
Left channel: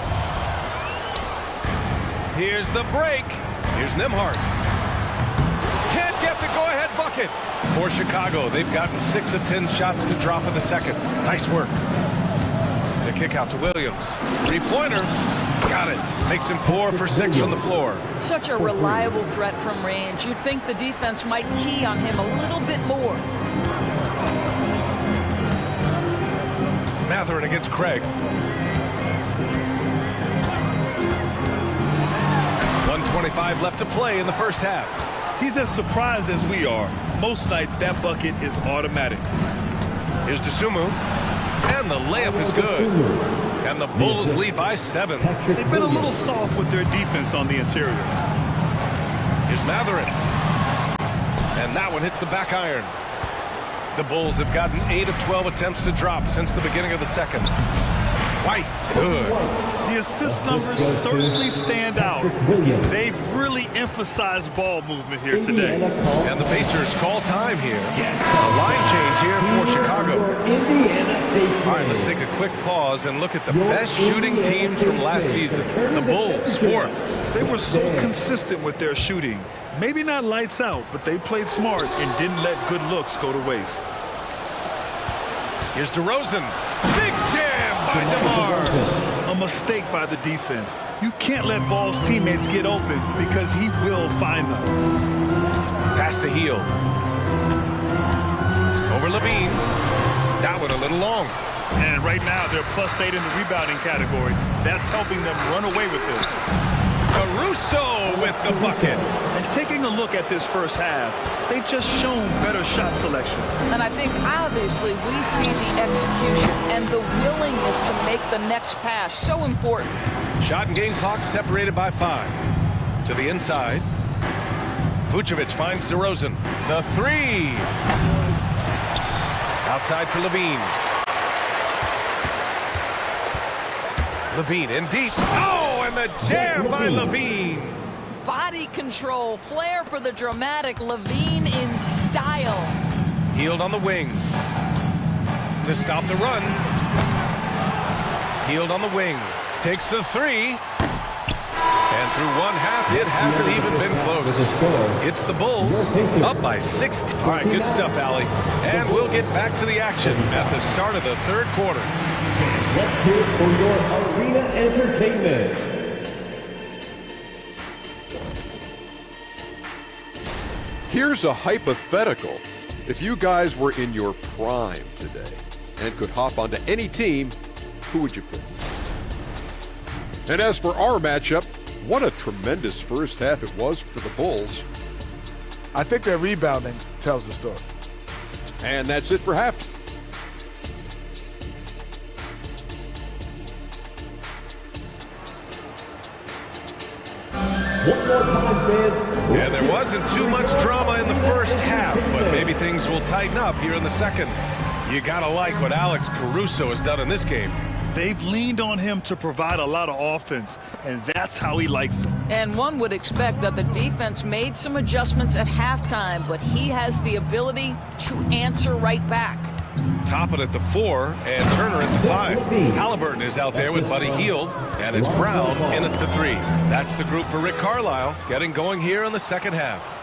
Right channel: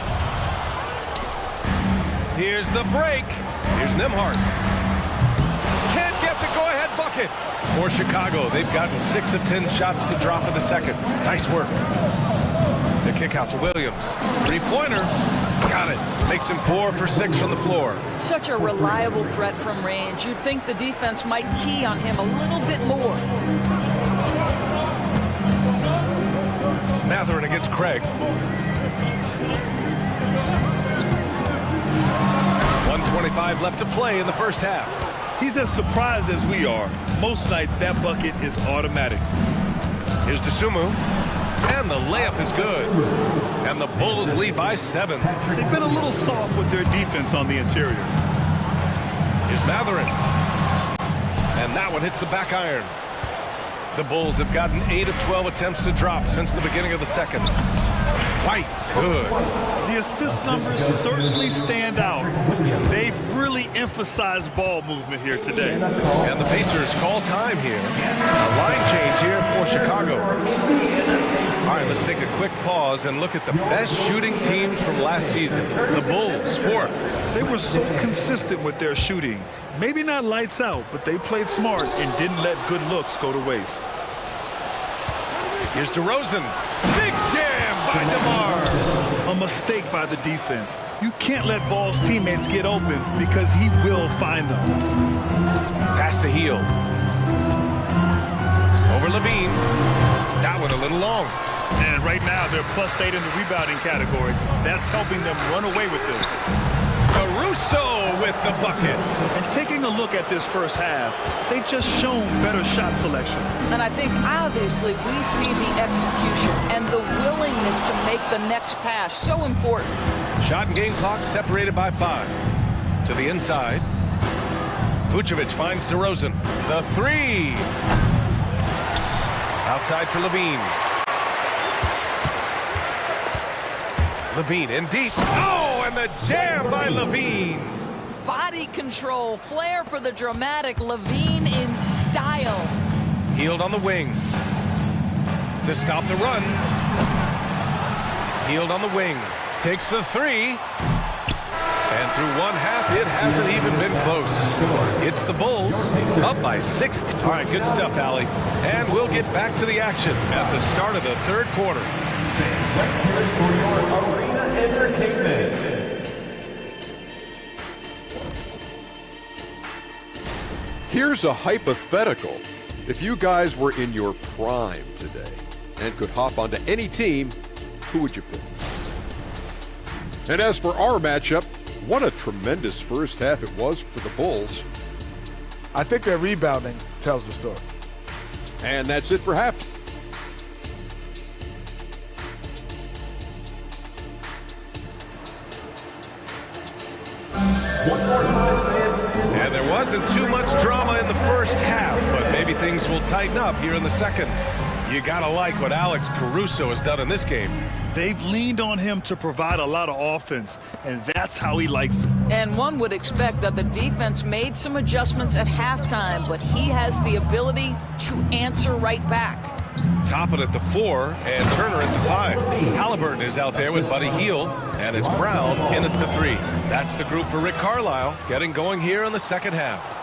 Here's the break. Here's Nembhard. Can't get the go-ahead bucket. For Chicago, they've gotten 6 of 10 shots to drop in the second. Nice work. The kick out to Williams. Three-pointer. Got it. Makes him 4 for 6 from the floor. Such a reliable threat from range. You'd think the defense might key on him a little bit more. Matherin against Craig. 1:25 left to play in the first half. He's as surprised as we are. Most nights, that bucket is automatic. Here's Dosunmu, and the layup is good. And the Bulls lead by 7. They've been a little soft with their defense on the interior. Here's Matherin. And that one hits the back iron. The Bulls have gotten 8 of 12 attempts to drop since the beginning of the second. White, good. The assist numbers certainly stand out. They've really emphasized ball movement here today. And the Pacers call time here. A line change here for Chicago. All right, let's take a quick pause and look at the best shooting teams from last season. The Bulls, 4th. They were so consistent with their shooting. Maybe not lights out, but they played smart and didn't let good looks go to waste. Here's DeRozan. Big jam by DeMar. A mistake by the defense. You can't let Ball's teammates get open because he will find them. Pass to Hield. Over Levine. That one a little long. And right now they're +8 in the rebounding category. That's helping them run away with this. Caruso with the bucket. And taking a look at this first half, they've just shown better shot selection. And I think obviously we see the execution and the willingness to make the next pass so important. Shot and game clock separated by 5. To the inside. Vucevic finds DeRozan. The 3. Outside for Levine. Levine in deep. Oh, and the jam by Levine. Body control, flair for the dramatic. Levine in style. Hield on the wing. To stop the run. Hield on the wing. Takes the 3. And through one half, it hasn't even been close. It's the Bulls up by 16. All right, good stuff, Allie. And we'll get back to the action at the start of the third quarter. Let's hear it for your arena entertainment. Here's a hypothetical. If you guys were in your prime today and could hop onto any team, who would you pick? And as for our matchup, what a tremendous first half it was for the Bulls. I think their rebounding tells the story. And that's it for half. One more time, fans. And there wasn't too much drama in the first half, but maybe things will tighten up here in the second. You gotta like what Alex Caruso has done in this game. They've leaned on him to provide a lot of offense, and that's how he likes it. And one would expect that the defense made some adjustments at halftime, but he has the ability to answer right back. Toppin at the 4 and Turner at the 5. Halliburton is out there with Buddy Hield, and it's Brown in at the 3. That's the group for Rick Carlisle, getting going here in the second half.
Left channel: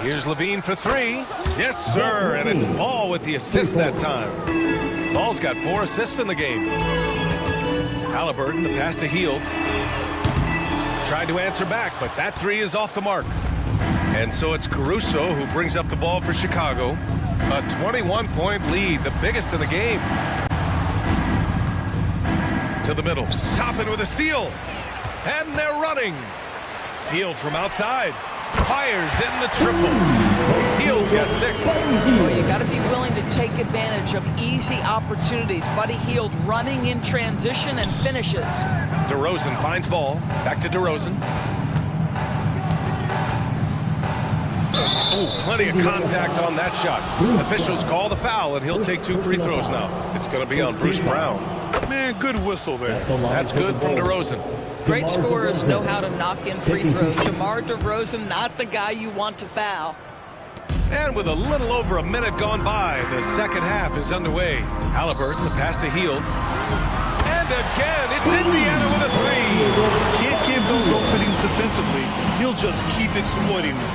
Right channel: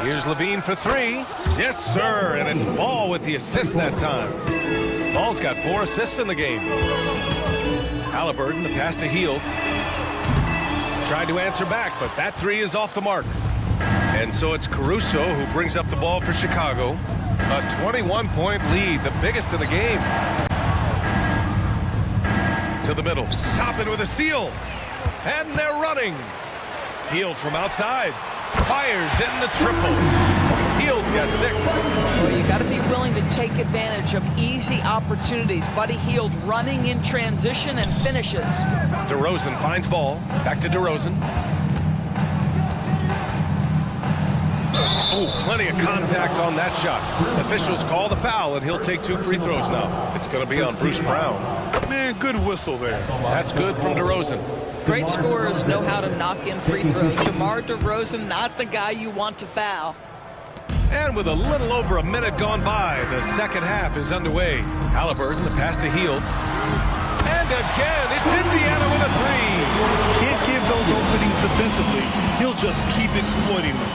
Here's Levine for 3. Yes, sir, and it's Ball with the assist that time. Ball's got 4 assists in the game. Halliburton, the pass to Hield. Tried to answer back, but that 3 is off the mark. And so it's Caruso who brings up the ball for Chicago. A 21-point lead, the biggest in the game. To the middle. Toppin with a steal. And they're running. Hield from outside. Fires in the triple. Hield's got 6. Well, you got to be willing to take advantage of easy opportunities. Buddy Hield running in transition and finishes. DeRozan finds Ball. Back to DeRozan. Oh, plenty of contact on that shot. Officials call the foul, and he'll take 2 free throws now. It's going to be on Bruce Brown. Man, good whistle there. That's good from DeRozan. Great scorers know how to knock in free throws. DeMar DeRozan, not the guy you want to foul. And with a little over a minute gone by, the second half is underway. Halliburton, the pass to Hield. And again, it's Indiana with a 3. Can't give those openings defensively. He'll just keep exploiting them.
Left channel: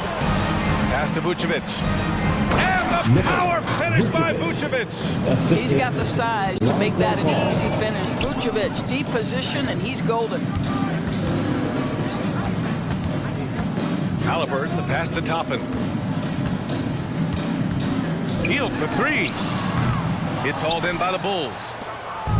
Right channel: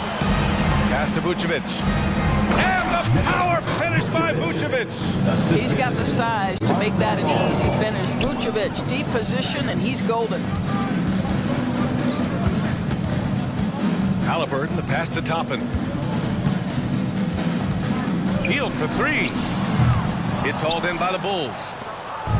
Pass to Vucevic. And the power finish by Vucevic. He's got the size to make that an easy finish. Vucevic, deep position, and he's golden. Halliburton, the pass to Toppin. Hield for 3. It's hauled in by the Bulls.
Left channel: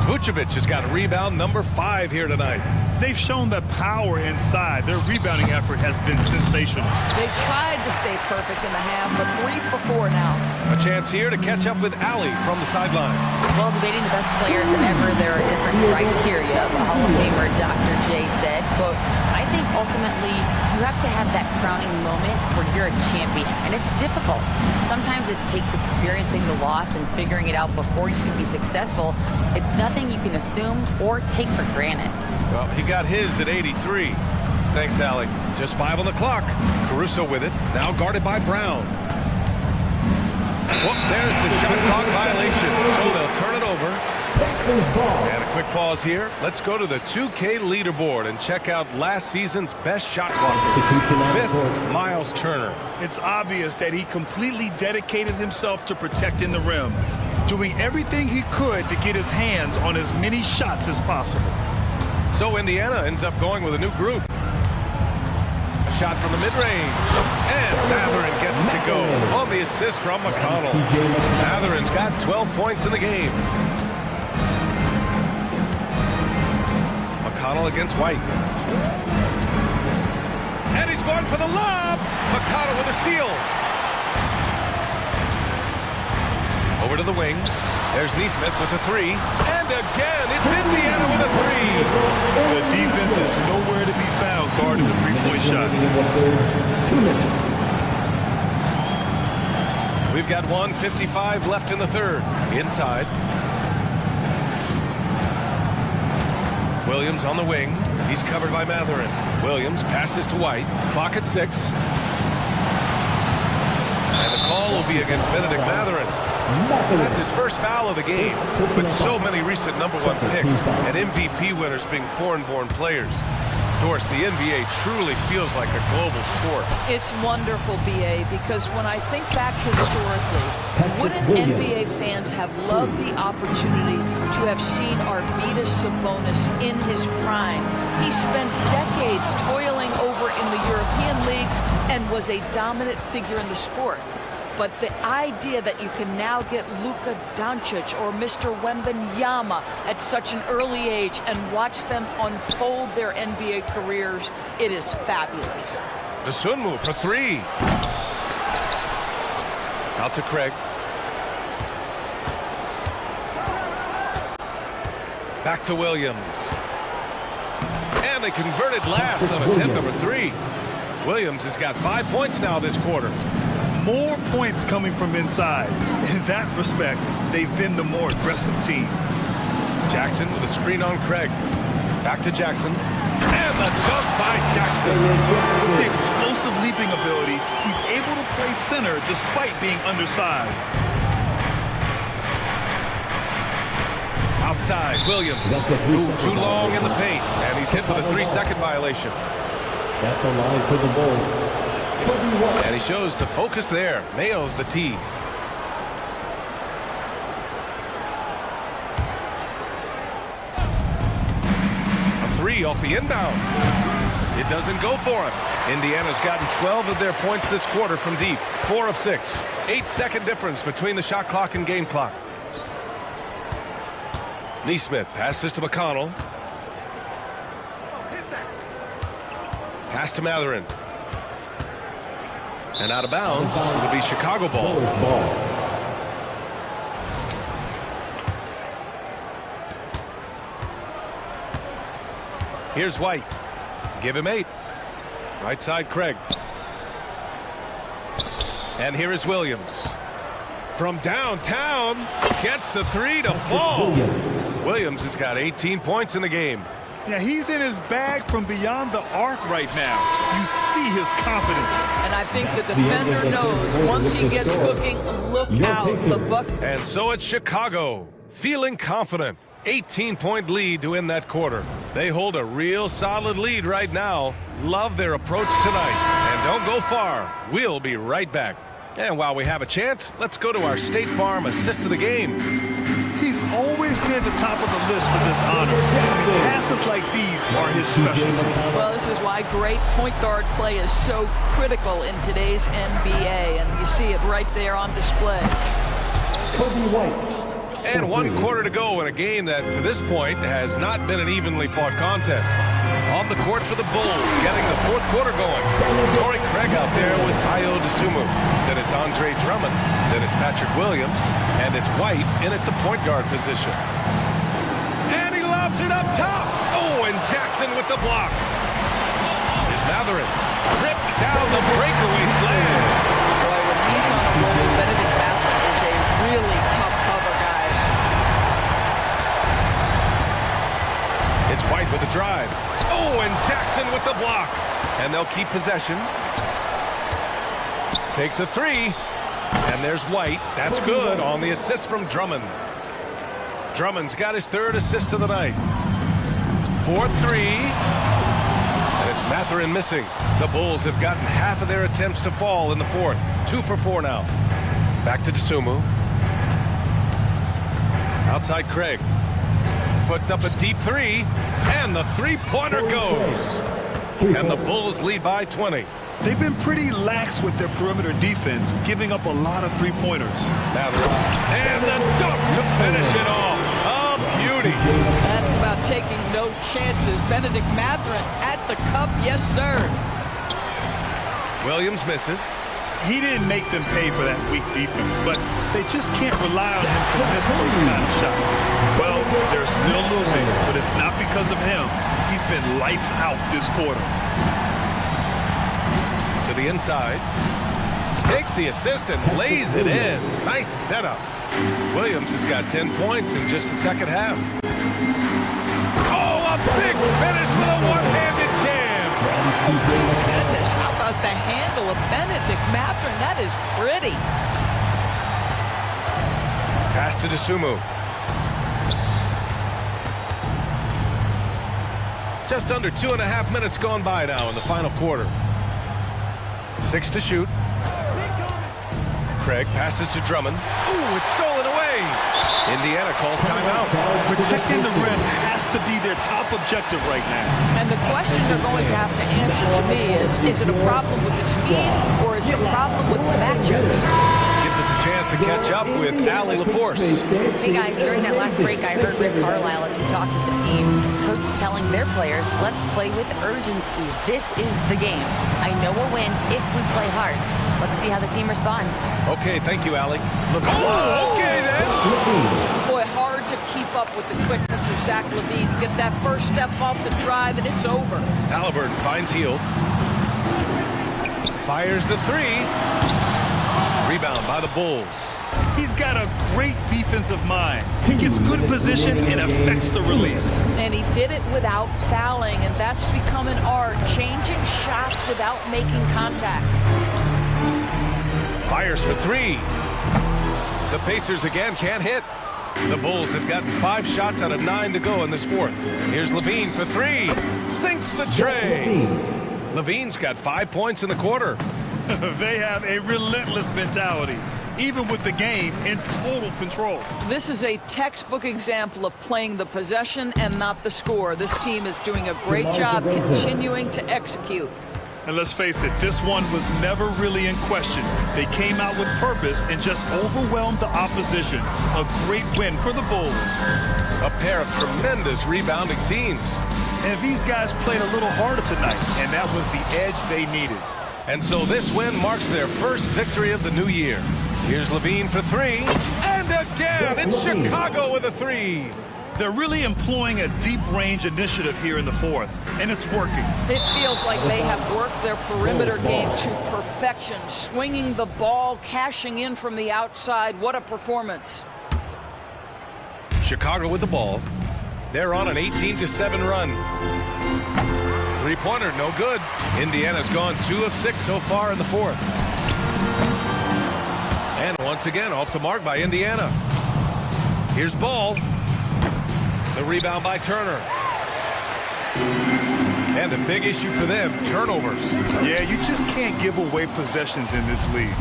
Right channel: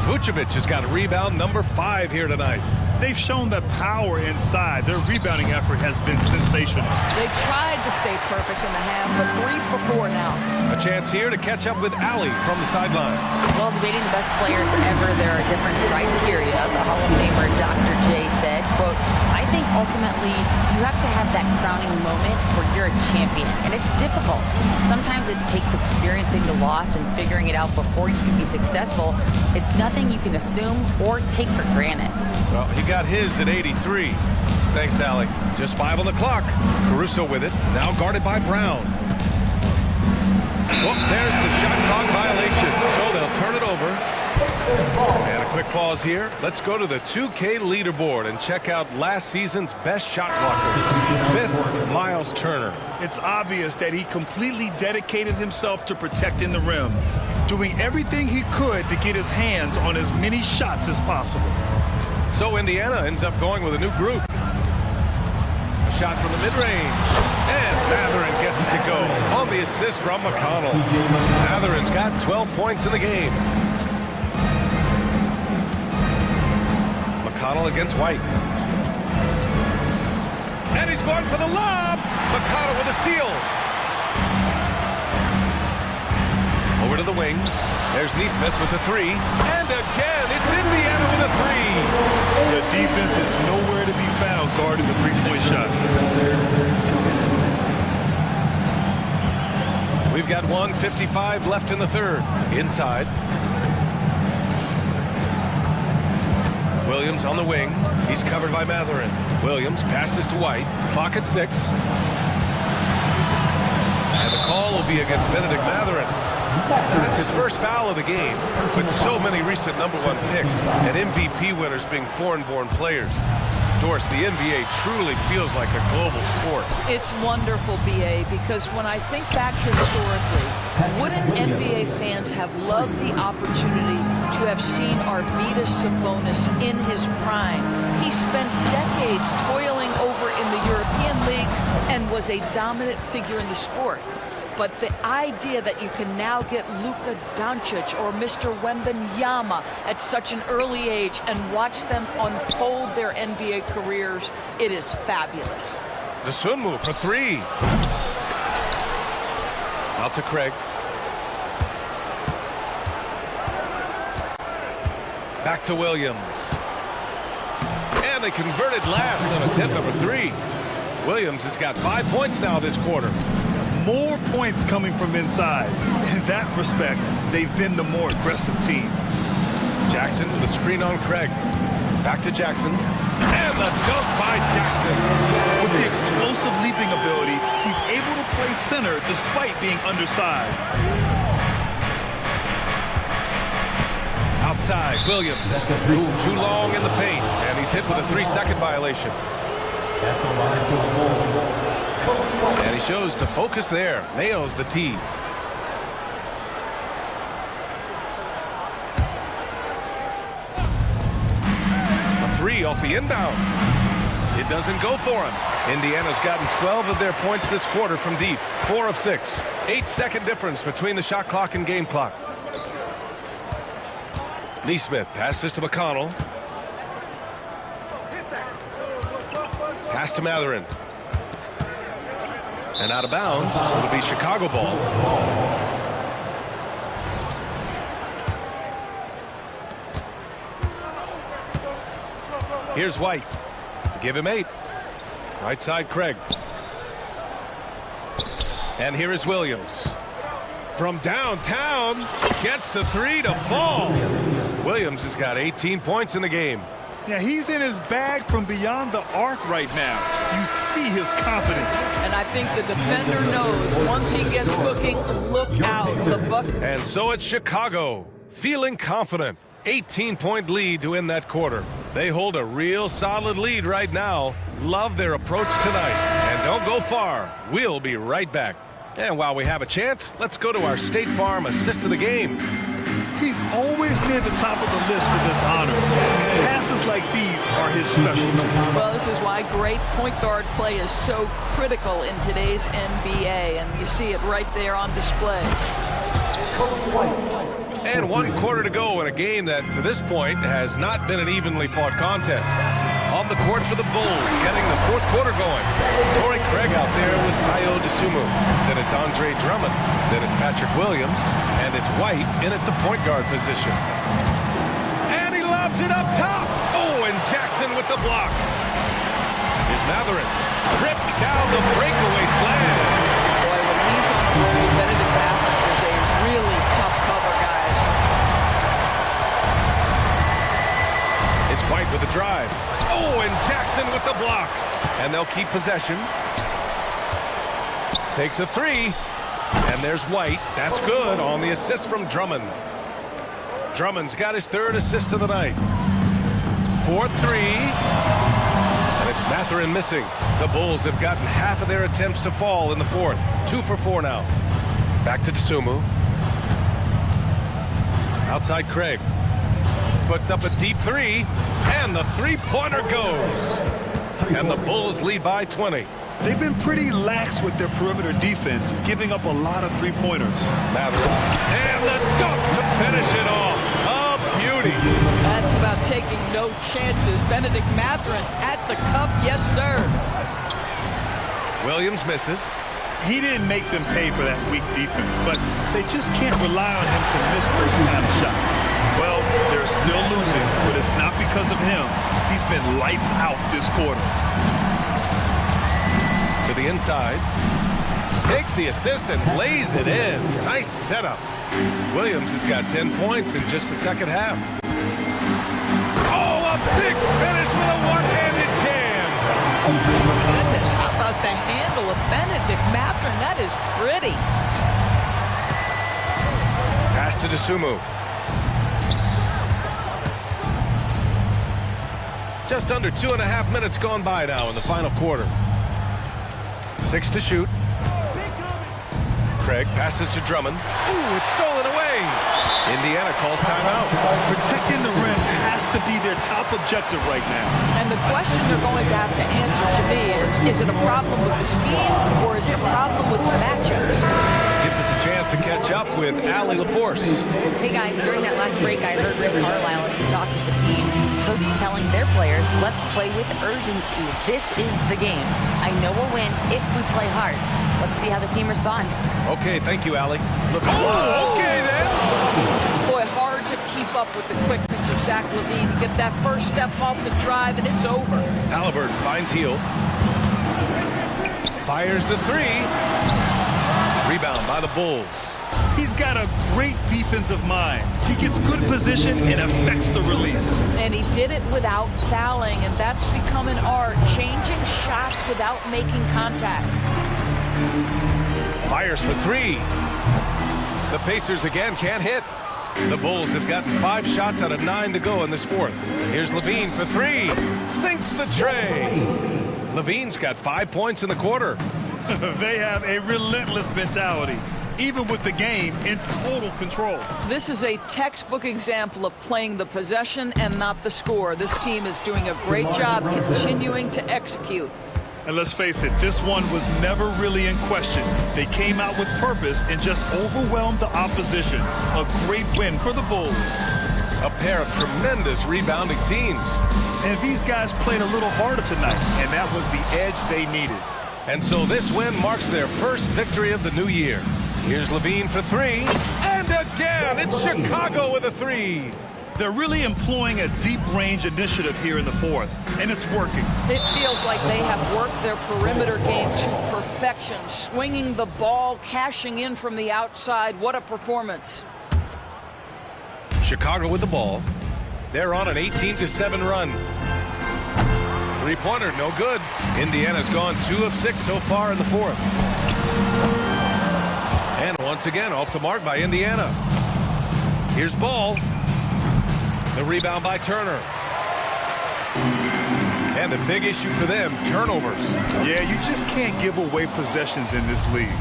Vucevic has got rebound number 5 here tonight. They've shown that power inside. Their rebounding effort has been sensational. They tried to stay perfect in the half, but 3 for 4 now. A chance here to catch up with Allie from the sideline. While debating the best players ever, there are different criteria. The Hall of Famer Dr. J said, quote, I think ultimately you have to have that crowning moment where you're a champion, and it's difficult. Sometimes it takes experiencing the loss and figuring it out before you can be successful. It's nothing you can assume or take for granted. Well, he got his at 83. Thanks, Allie. Just 5 on the clock. Caruso with it, now guarded by Brown. Whoop, there's the shot clock violation, so they'll turn it over. And a quick pause here. Let's go to the 2K leaderboard and check out last season's best shot blocker. 5th, Miles Turner. It's obvious that he completely dedicated himself to protecting the rim, doing everything he could to get his hands on as many shots as possible. So Indiana ends up going with a new group. A shot from the mid-range. And Matherin gets it to go on the assist from McConnell. Matherin's got 12 points in the game. McConnell against White. And he's going for the lob. McConnell with a steal. Over to the wing. There's Neesmith with a 3. And again, it's Indiana with a 3. The defense is nowhere to be found guarding the three-point shot. 2 minutes. We've got 1:55 left in the third. Inside. Williams on the wing. He's covered by Matherin. Williams passes to White. Clock at 6. And the call will be against Benedict Matherin. That's his first foul of the game, with so many recent #1 picks and MVP winners being foreign-born players. Doris, the NBA truly feels like a global sport. It's wonderful, BA, because when I think back historically, wouldn't NBA fans have loved the opportunity to have seen Arvydas Sabonis in his prime? He spent decades toiling over in the European leagues and was a dominant figure in the sport. But the idea that you can now get Luka Doncic or Mr. Wembanyama at such an early age and watch them unfold their NBA careers, it is fabulous. Dosunmu for 3. Out to Craig. Back to Williams. And they converted last on attempt number 3. Williams has got 5 points now this quarter. More points coming from inside. In that respect, they've been the more aggressive team. Jackson with a screen on Craig. Back to Jackson. And the dunk by Jackson. With the explosive leaping ability, he's able to play center despite being undersized. Outside, Williams. Too long in the paint. And he's hit with a 3-second violation. At the line for the Bulls. And he shows the focus there. Nails the tee. A 3 off the inbound. It doesn't go for him. Indiana's gotten 12 of their points this quarter from deep. 4 of 6. 8-second difference between the shot clock and game clock. Neesmith passes to McConnell. Pass to Matherin. And out of bounds, it'll be Chicago ball. Here's White. Give him 8. Right side, Craig. And here is Williams. From downtown, gets the 3 to fall. Williams has got 18 points in the game. Yeah, he's in his bag from beyond the arc right now. You see his confidence. And I think the defender knows once he gets cooking, look out. The buck. And so it's Chicago, feeling confident. 18-point lead to end that quarter. They hold a real solid lead right now. Love their approach tonight. And don't go far. We'll be right back. And while we have a chance, let's go to our State Farm assist of the game. He's always near the top of the list for this honor. Passes like these are his specialty. Well, this is why great point guard play is so critical in today's NBA, and you see it right there on display. And 1 quarter to go in a game that, to this point, has not been an evenly fought contest. On the court for the Bulls, getting the 4th quarter going. Torrey Craig out there with Ayo Dosunmu. Then it's Andre Drummond. Then it's Patrick Williams. And it's White in at the point guard position. And he lobs it up top. Oh, and Jackson with the block. Here's Matherin. Rips down the breakaway slam. Boy, when he's on a roll, Benedict Matherin is a really tough cover, guys. It's White with the drive. Oh, and Jackson with the block. And they'll keep possession. Takes a 3. And there's White. That's good on the assist from Drummond. Drummond's got his 3rd assist of the night. 4-3. And it's Matherin missing. The Bulls have gotten half of their attempts to fall in the 4th. 2 for 4 now. Back to Dosunmu. Outside Craig. Puts up a deep 3. And the 3-pointer goes. And the Bulls lead by 20. They've been pretty lax with their perimeter defense, giving up a lot of 3-pointers. Matherin. And the dunk to finish it off. A beauty. That's about taking no chances. Benedict Matherin at the cup. Yes, sir. Williams misses. He didn't make them pay for that weak defense, but they just can't rely on him to miss those kind of shots. Well, they're still losing, but it's not because of him. He's been lights out this quarter. To the inside. Takes the assist and lays it in. Nice setup. Williams has got 10 points in just the 2nd half. Oh, a big finish with a one-handed jam. Oh, my goodness. How about the handle of Benedict Matherin? That is pretty. Pass to Dosunmu. Just under 2.5 minutes gone by now in the final quarter. 6 to shoot. Craig passes to Drummond. Ooh, it's stolen away. Indiana calls timeout. Protecting the rim has to be their top objective right now. And the question they're going to have to answer to me is it a problem with the scheme or is it a problem with the matchups? Gives us a chance to catch up with Allie LaForce. Hey guys, during that last break, I heard Rick Carlisle as he talked with the team, coach telling their players, let's play with urgency. This is the game. I know we'll win if we play hard. Let's see how the team responds. Okay, thank you, Allie. Oh, okay then. Boy, hard to keep up with the quickness of Zach LaVine. You get that first step off the drive and it's over. Halliburton finds Heel. Fires the 3. Rebound by the Bulls. He's got a great defensive mind. He gets good position and affects the release. And he did it without fouling, and that's become an art, changing shots without making contact. Fires for 3. The Pacers again can't hit. The Bulls have gotten 5 shots out of 9 to go in this 4th. Here's LaVine for 3. Sinks the tray. LaVine's got 5 points in the quarter. They have a relentless mentality, even with the game in total control. This is a textbook example of playing the possession and not the score. This team is doing a great job continuing to execute. And let's face it, this one was never really in question. They came out with purpose and just overwhelmed the opposition. A great win for the Bulls. A pair of tremendous rebounding teams. And these guys played a little harder tonight, and that was the edge they needed. And so this win marks their first victory of the new year. Here's LaVine for 3. And again, it's Chicago with a 3. They're really employing a deep range initiative here in the 4th, and it's working. It feels like they have worked their perimeter game to perfection, swinging the ball, cashing in from the outside. What a performance. Chicago with the ball. They're on an 18-7 run. 3-pointer, no good. Indiana's gone 2 of 6 so far in the 4th. And once again, off the mark by Indiana. Here's Ball. The rebound by Turner. And a big issue for them, turnovers. Yeah, you just can't give away possessions in this league.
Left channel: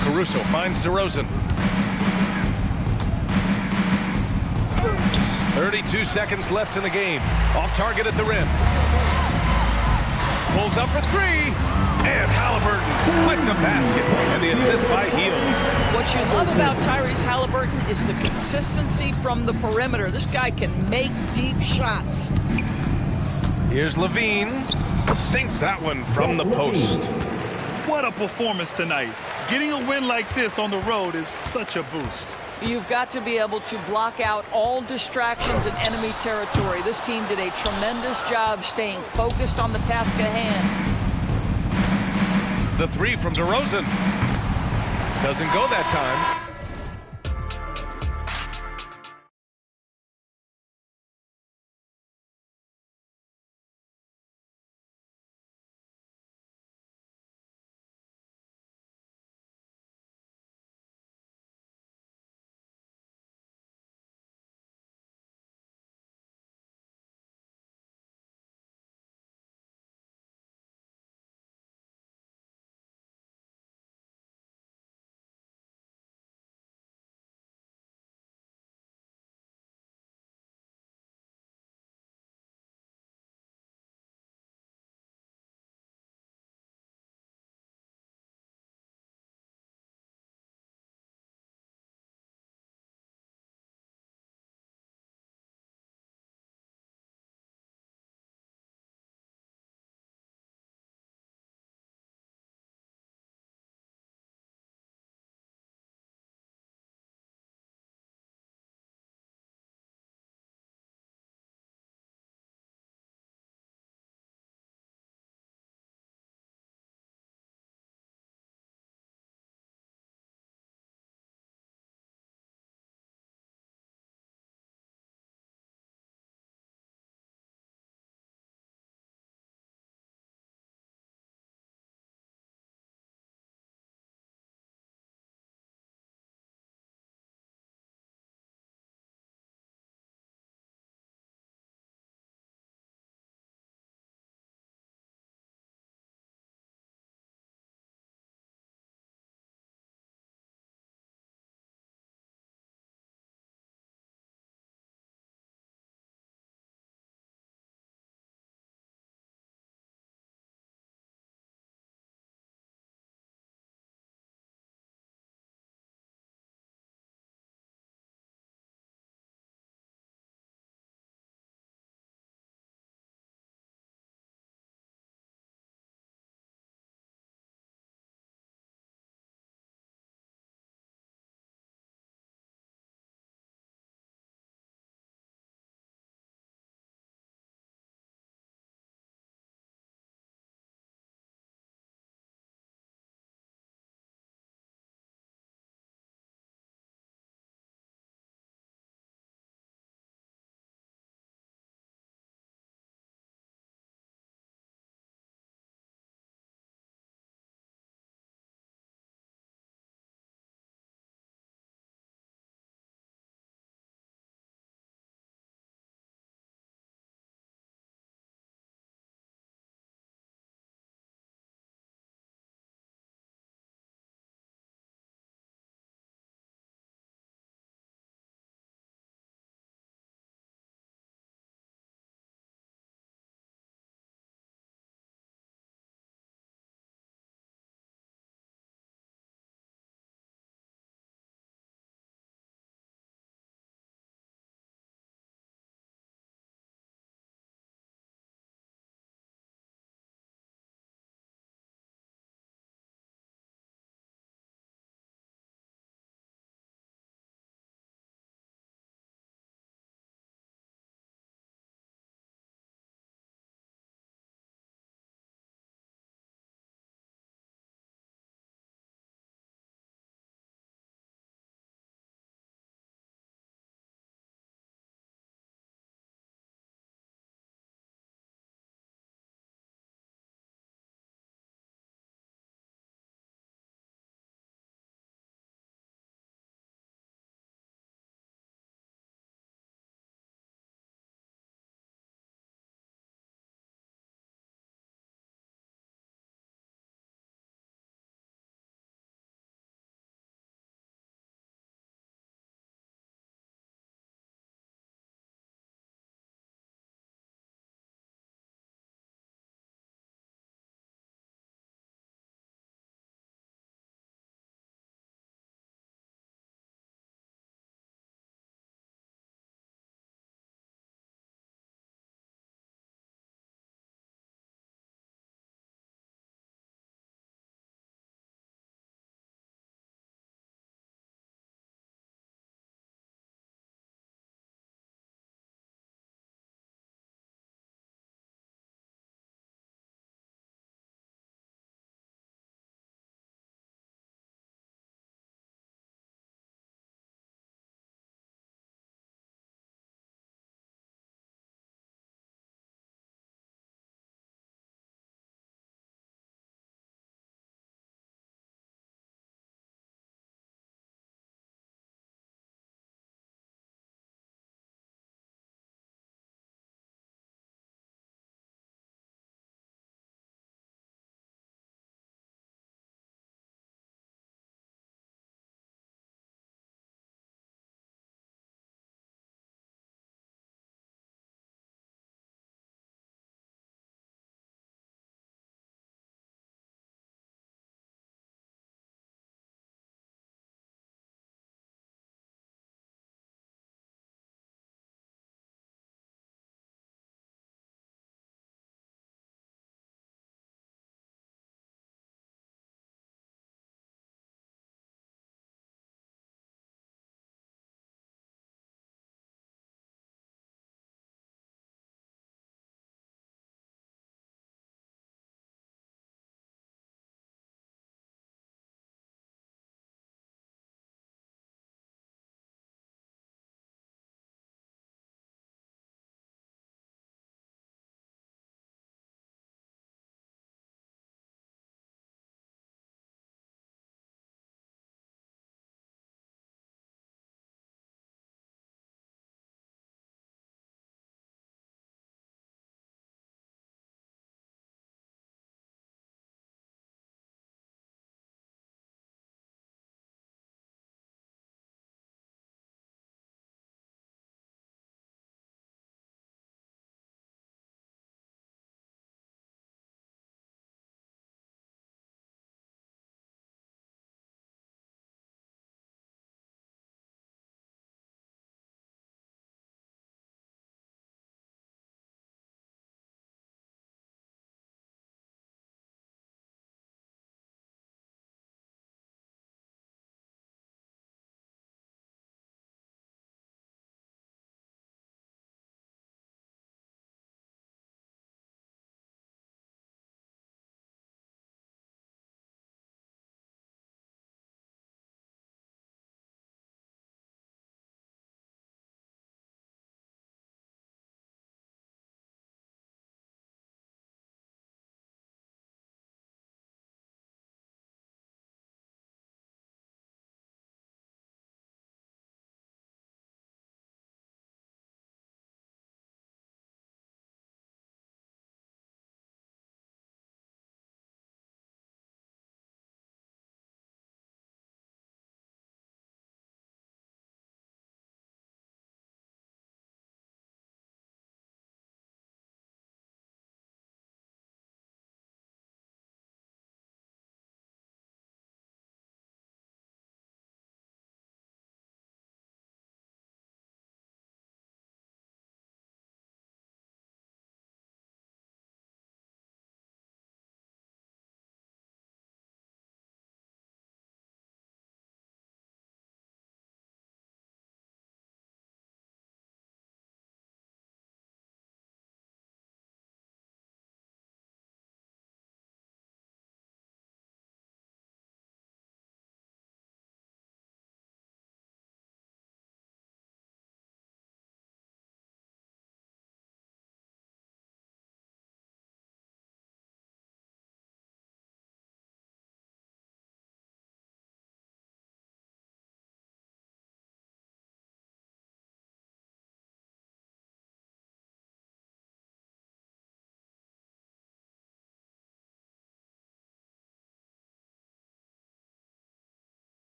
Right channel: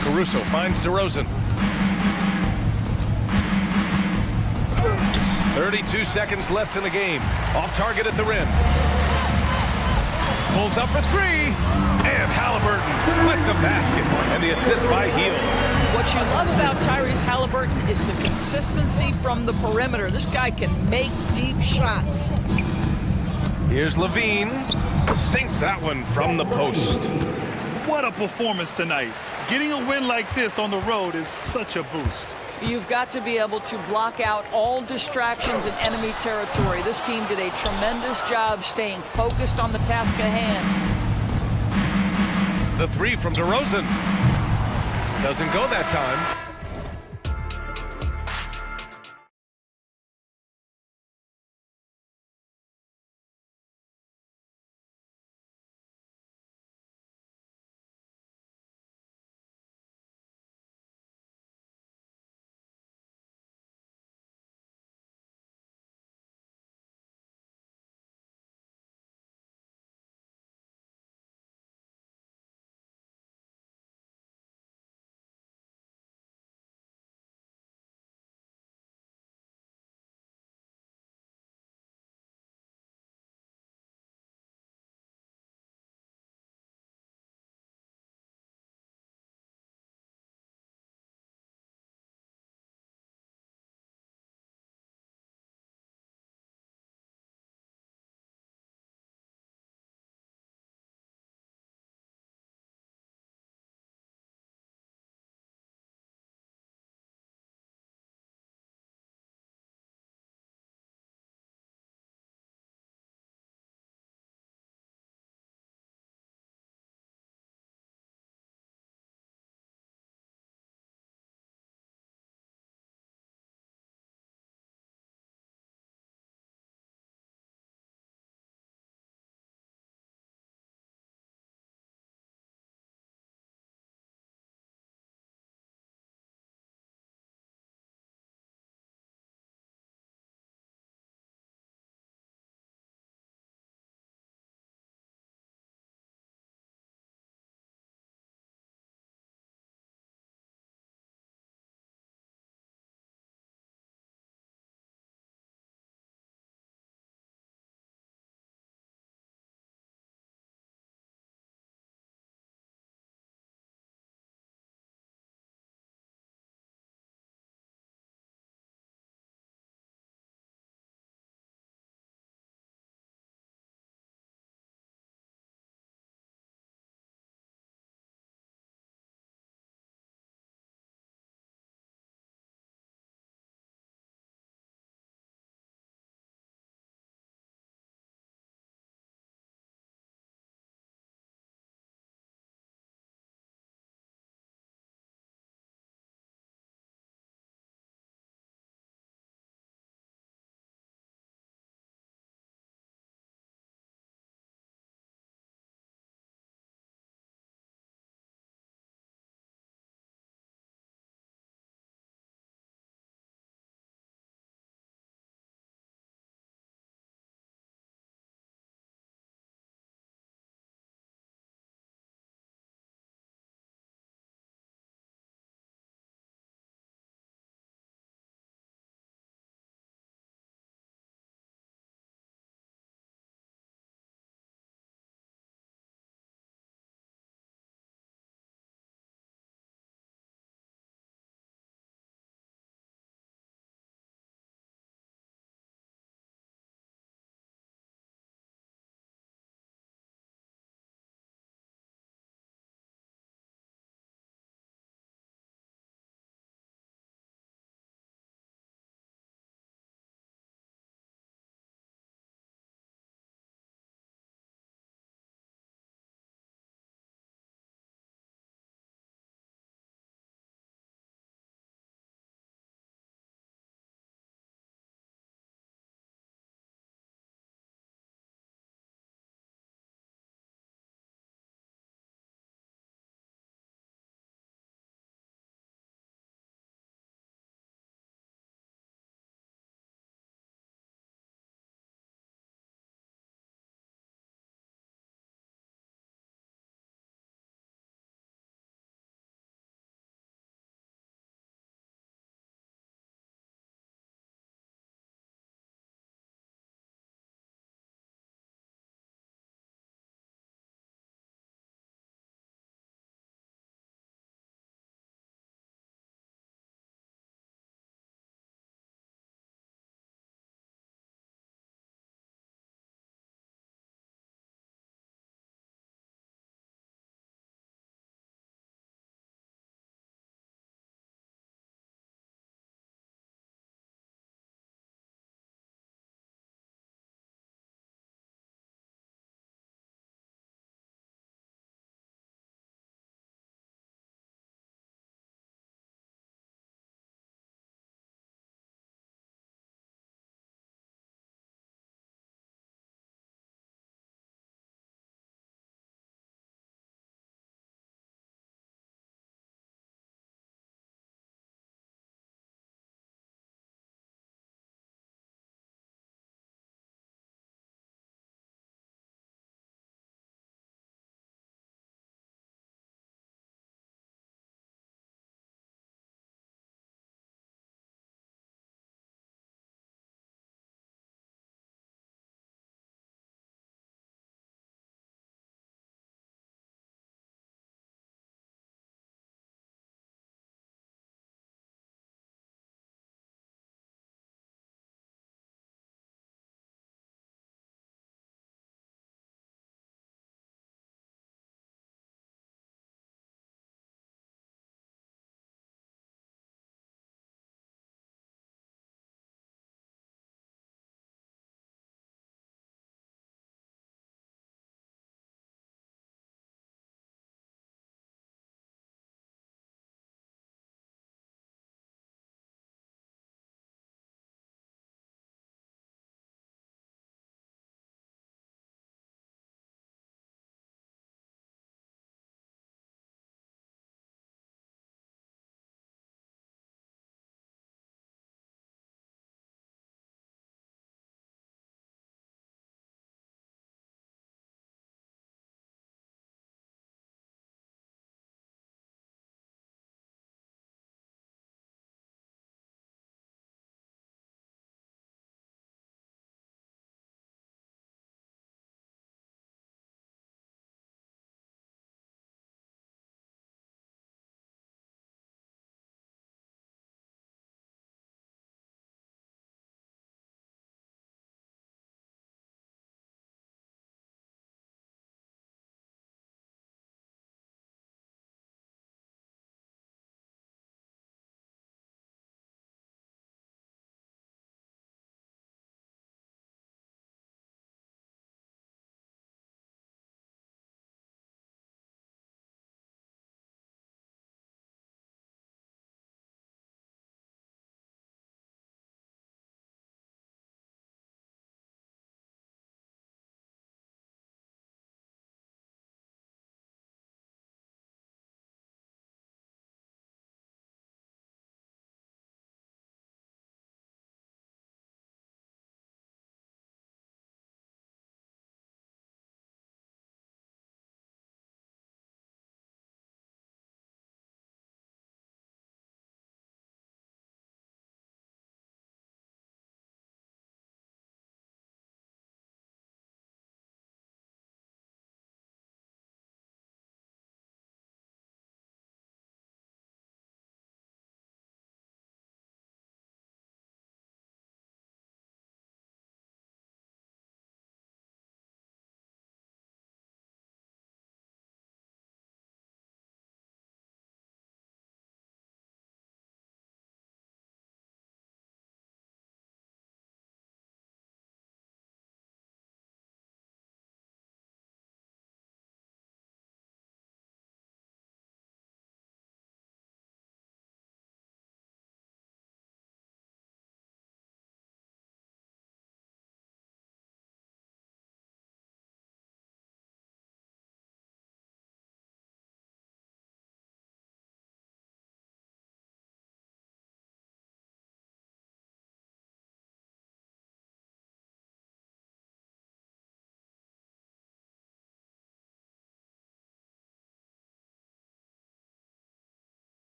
Caruso finds DeRozan. 32 seconds left in the game. Off target at the rim. Pulls up for three. And Halliburton with the basket and the assist by Heels. What you love about Tyrese Halliburton is the consistency from the perimeter. This guy can make deep shots. Here's Levine. Sinks that one from the post. What a performance tonight. Getting a win like this on the road is such a boost. You've got to be able to block out all distractions in enemy territory. This team did a tremendous job staying focused on the task at hand. The three from DeRozan. Doesn't go that time.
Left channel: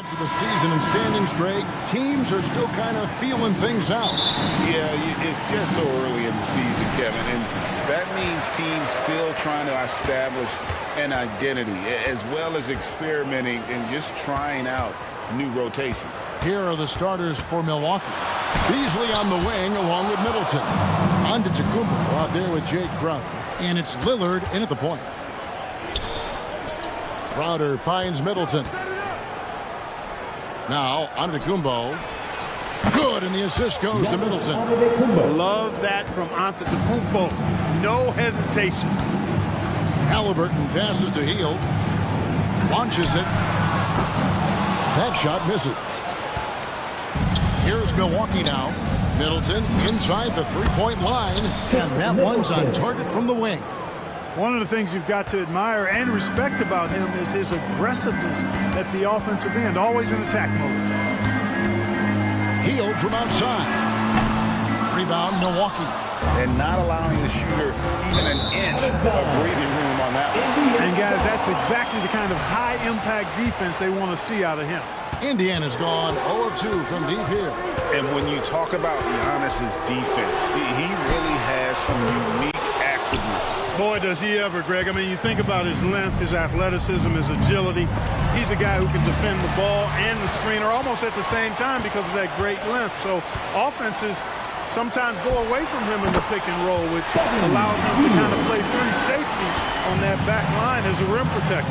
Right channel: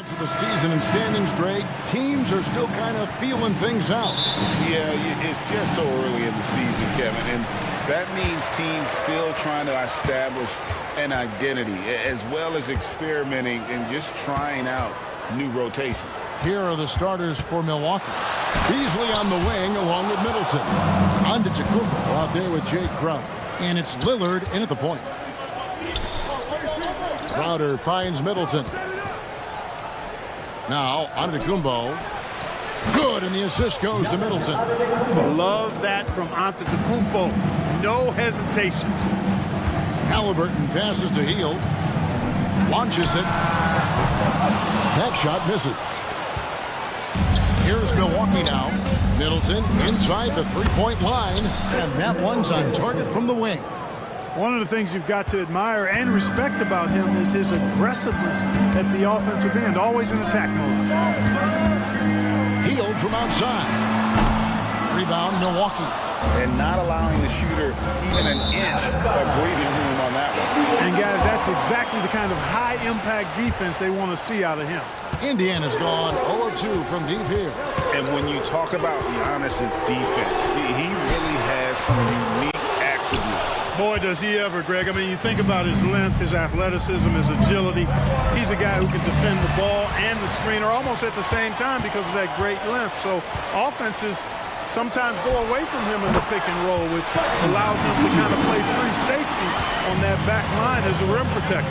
Into the season and standings, Greg, teams are still kind of feeling things out. Yeah, it's just so early in the season, Kevin, and that means teams still trying to establish an identity as well as experimenting and just trying out new rotations. Here are the starters for Milwaukee. Beasley on the wing along with Middleton. Antetokounmpo out there with Jay Crowder. And it's Lillard in at the point. Crowder finds Middleton. Now, Antetokounmpo. Good, and the assist goes to Middleton. Love that from Antetokounmpo. No hesitation. Halliburton passes to Hield. Launches it. That shot misses. Here's Milwaukee now. Middleton inside the three-point line, and that one's on target from the wing. One of the things you've got to admire and respect about him is his aggressiveness at the offensive end, always in attack mode. Hield from outside. Rebound, Milwaukee. And not allowing the shooter even an inch of breathing room on that one. And guys, that's exactly the kind of high-impact defense they want to see out of him. Indiana's gone 0 of 2 from deep here. And when you talk about Giannis's defense, he really has some unique attributes. Boy, does he ever, Greg. I mean, you think about his length, his athleticism, his agility. He's a guy who can defend the ball and the screener almost at the same time because of that great length. So offenses sometimes go away from him in the pick and roll, which allows him to kind of play free safety on that back line as a rim protector.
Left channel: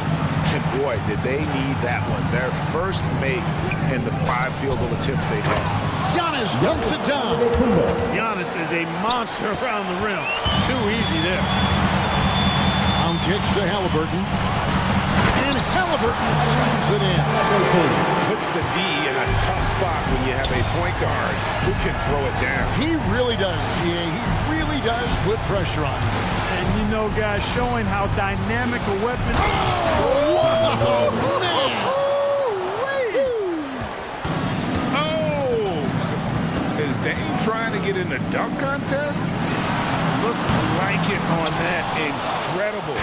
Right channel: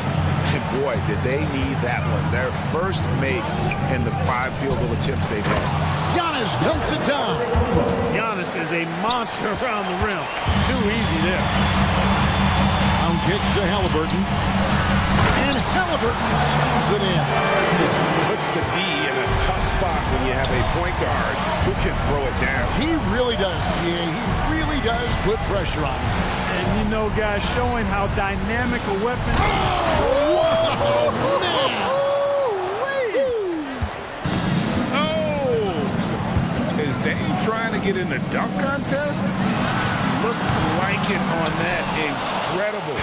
And boy, did they need that one. Their first make in the 5 field goal attempts they've had. Giannis dunks it down. Giannis is a monster around the rim. Too easy there. Round kicks to Halliburton. And Halliburton slams it in. Puts the D in a tough spot when you have a point guard who can throw it down. He really does, GA. He really does put pressure on him. And you know, guys, showing how dynamic a weapon. Oh, man. Is Dame trying to get in the dunk contest? Looked like it on that incredible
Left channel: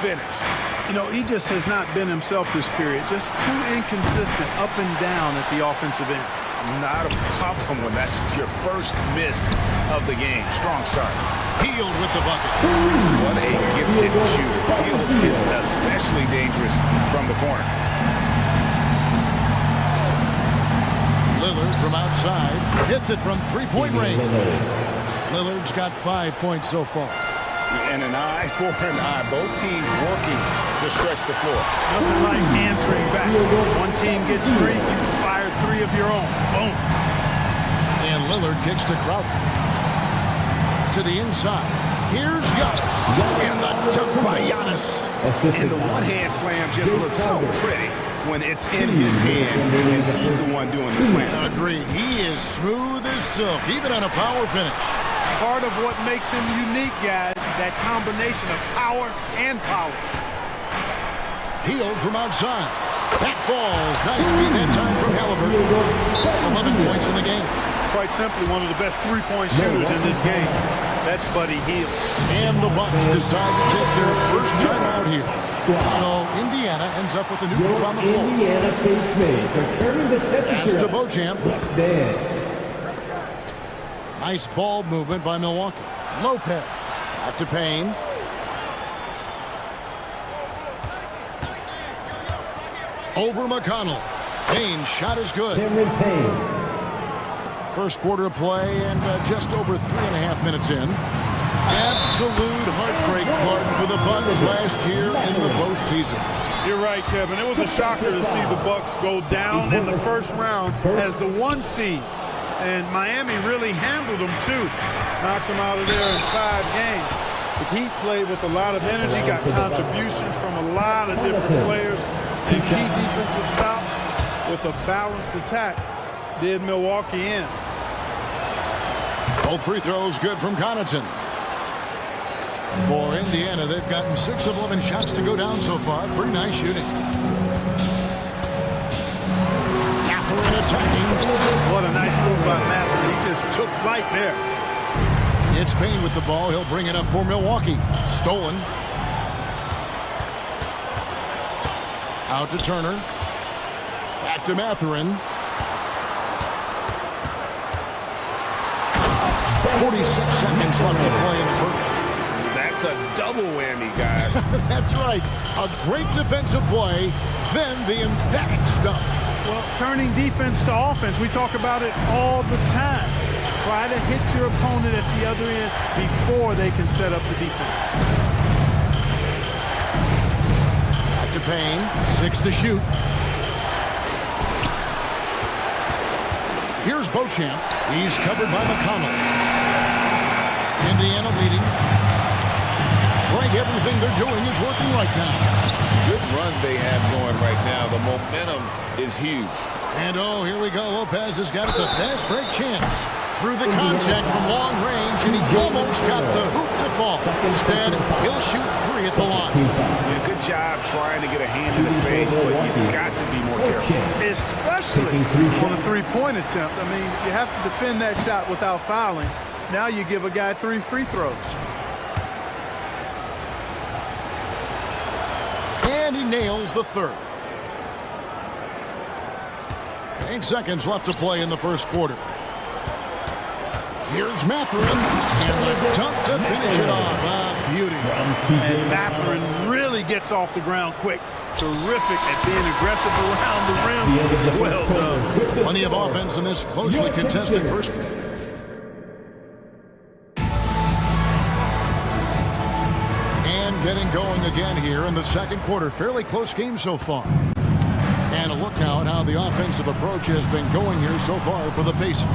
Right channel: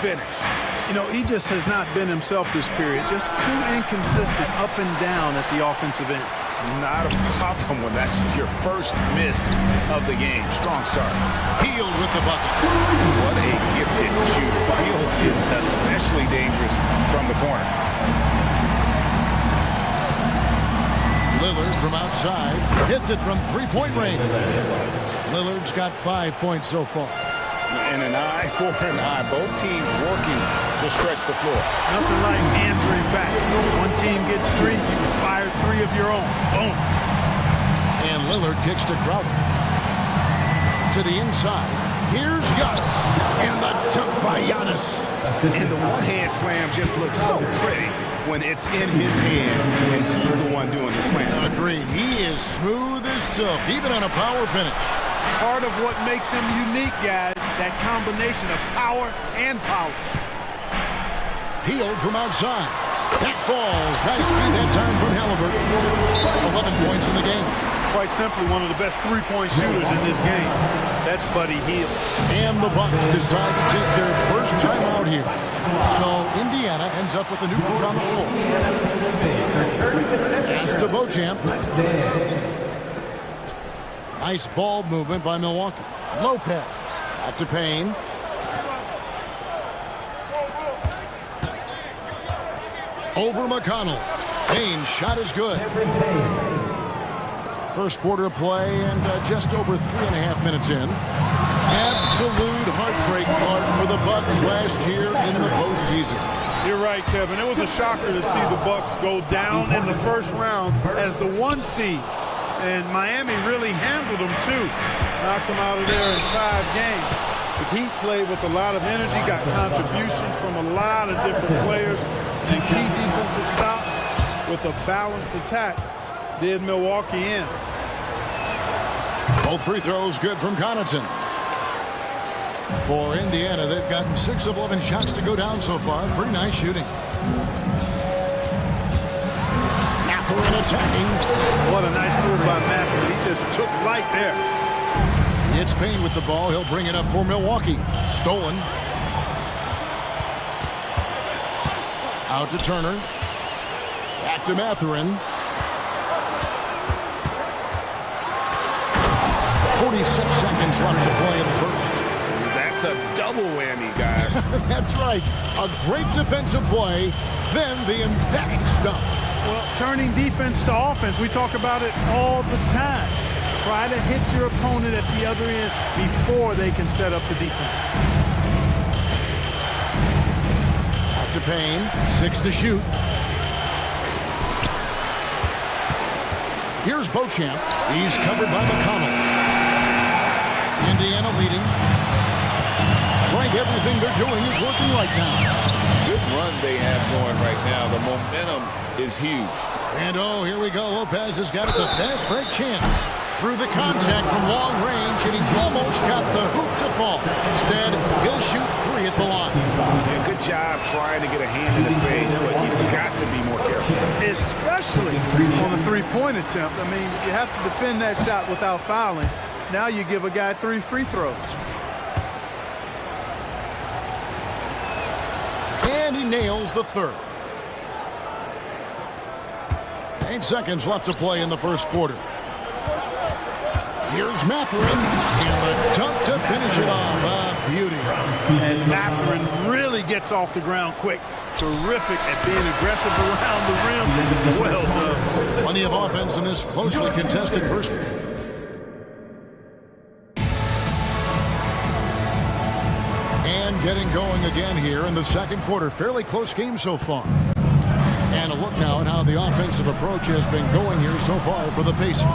finish. You know, he just has not been himself this period. Just too inconsistent up and down at the offensive end. Not a problem when that's your first miss of the game. Strong start. Hield with the bucket. What a gifted shooter. Hield is especially dangerous from the corner. Lillard from outside hits it from three-point range. Lillard's got 5 points so far. And an eye for an eye. Both teams working to stretch the floor. Nothing like answering back. One team gets 3, you fire 3 of your own. Boom. And Lillard kicks to Crowder. To the inside. Here's Giannis. And the dunk by Giannis. And the one-hand slam just looks so pretty when it's in his hand and he's the one doing the slam. Agreed. He is smooth as silk, even on a power finish. Part of what makes him unique, guys, that combination of power and polish. Hield from outside. That falls. Nice feed that time from Halliburton. 11 points in the game. Quite simply, one of the best three-point shooters in this game. That's Buddy Hield. And the Bucks decide to take their first time out here. So Indiana ends up with a new group on the floor. Pass to Beauchamp. Nice ball movement by Milwaukee. Lopez. Back to Payne. Over McConnell. Payne's shot is good. First quarter of play and just over 3.5 minutes in. Absolute heartbreak, Clark, for the Bucks last year in the postseason. You're right, Kevin. It was a shocker to see the Bucks go down in the first round as the 1 seed. And Miami really handled them, too. Knocked them out of there in 5 games. The Heat played with a lot of energy, got contributions from a lot of different players, and key defensive stops with a balanced attack did Milwaukee in. Both free throws good from Connaughton. For Indiana, they've gotten 6 of 11 shots to go down so far. Pretty nice shooting. Mathurin attacking. What a nice move by Mathurin. He just took flight there. It's Payne with the ball. He'll bring it up for Milwaukee. Stolen. Out to Turner. Back to Mathurin. 46 seconds left to play in the first. That's a double whammy, guys. That's right. A great defensive play, then the emphatic stuff. Well, turning defense to offense, we talk about it all the time. Try to hit your opponent at the other end before they can set up the defense. Back to Payne, 6 to shoot. Here's Beauchamp. He's covered by McConnell. Indiana leading. Right, everything they're doing is working right now. Good run they have going right now. The momentum is huge. And oh, here we go. Lopez has got the fast break chance. Through the contact from long range, and he almost got the hoop to fall. Instead, he'll shoot 3 at the line. Yeah, good job trying to get a hand in the face, but you've got to be more careful. Especially on the three-point attempt. I mean, you have to defend that shot without fouling. Now you give a guy 3 free throws. And he nails the third. 8 seconds left to play in the first quarter. Here's Mathurin, and the dunk to finish it off. A beauty. And Mathurin really gets off the ground quick. Terrific at being aggressive around the rim. Well done. Plenty of offense in this closely contested first. And getting going again here in the second quarter. Fairly close game so far. And a look now at how the offensive approach has been going here so far for the Pacers.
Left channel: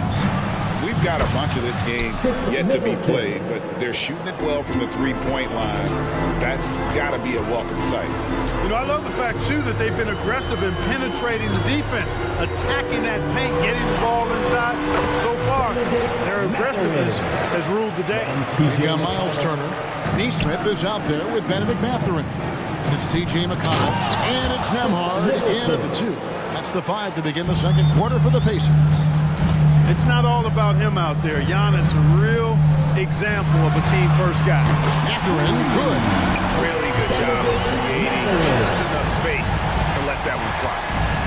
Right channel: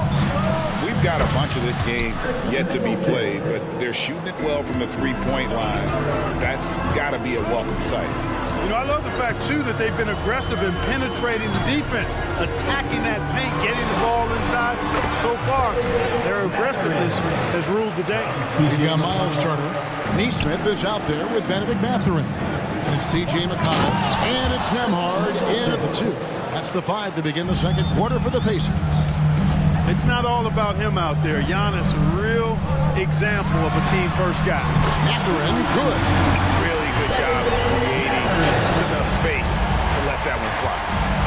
We've got a bunch of this game yet to be played, but they're shooting it well from the three-point line. That's got to be a welcome sight. You know, I love the fact, too, that they've been aggressive in penetrating the defense, attacking that paint, getting the ball inside. So far, their aggressiveness has ruled the day. We've got Miles Turner. Neesmith is out there with Benedict Mathurin. And it's T.J. McConnell. And it's Nembhard in at the 2. That's the 5 to begin the second quarter for the Pacers. It's not all about him out there. Giannis, a real example of a team-first guy. Mathurin, good. Really good job of creating just enough space to let that one fly.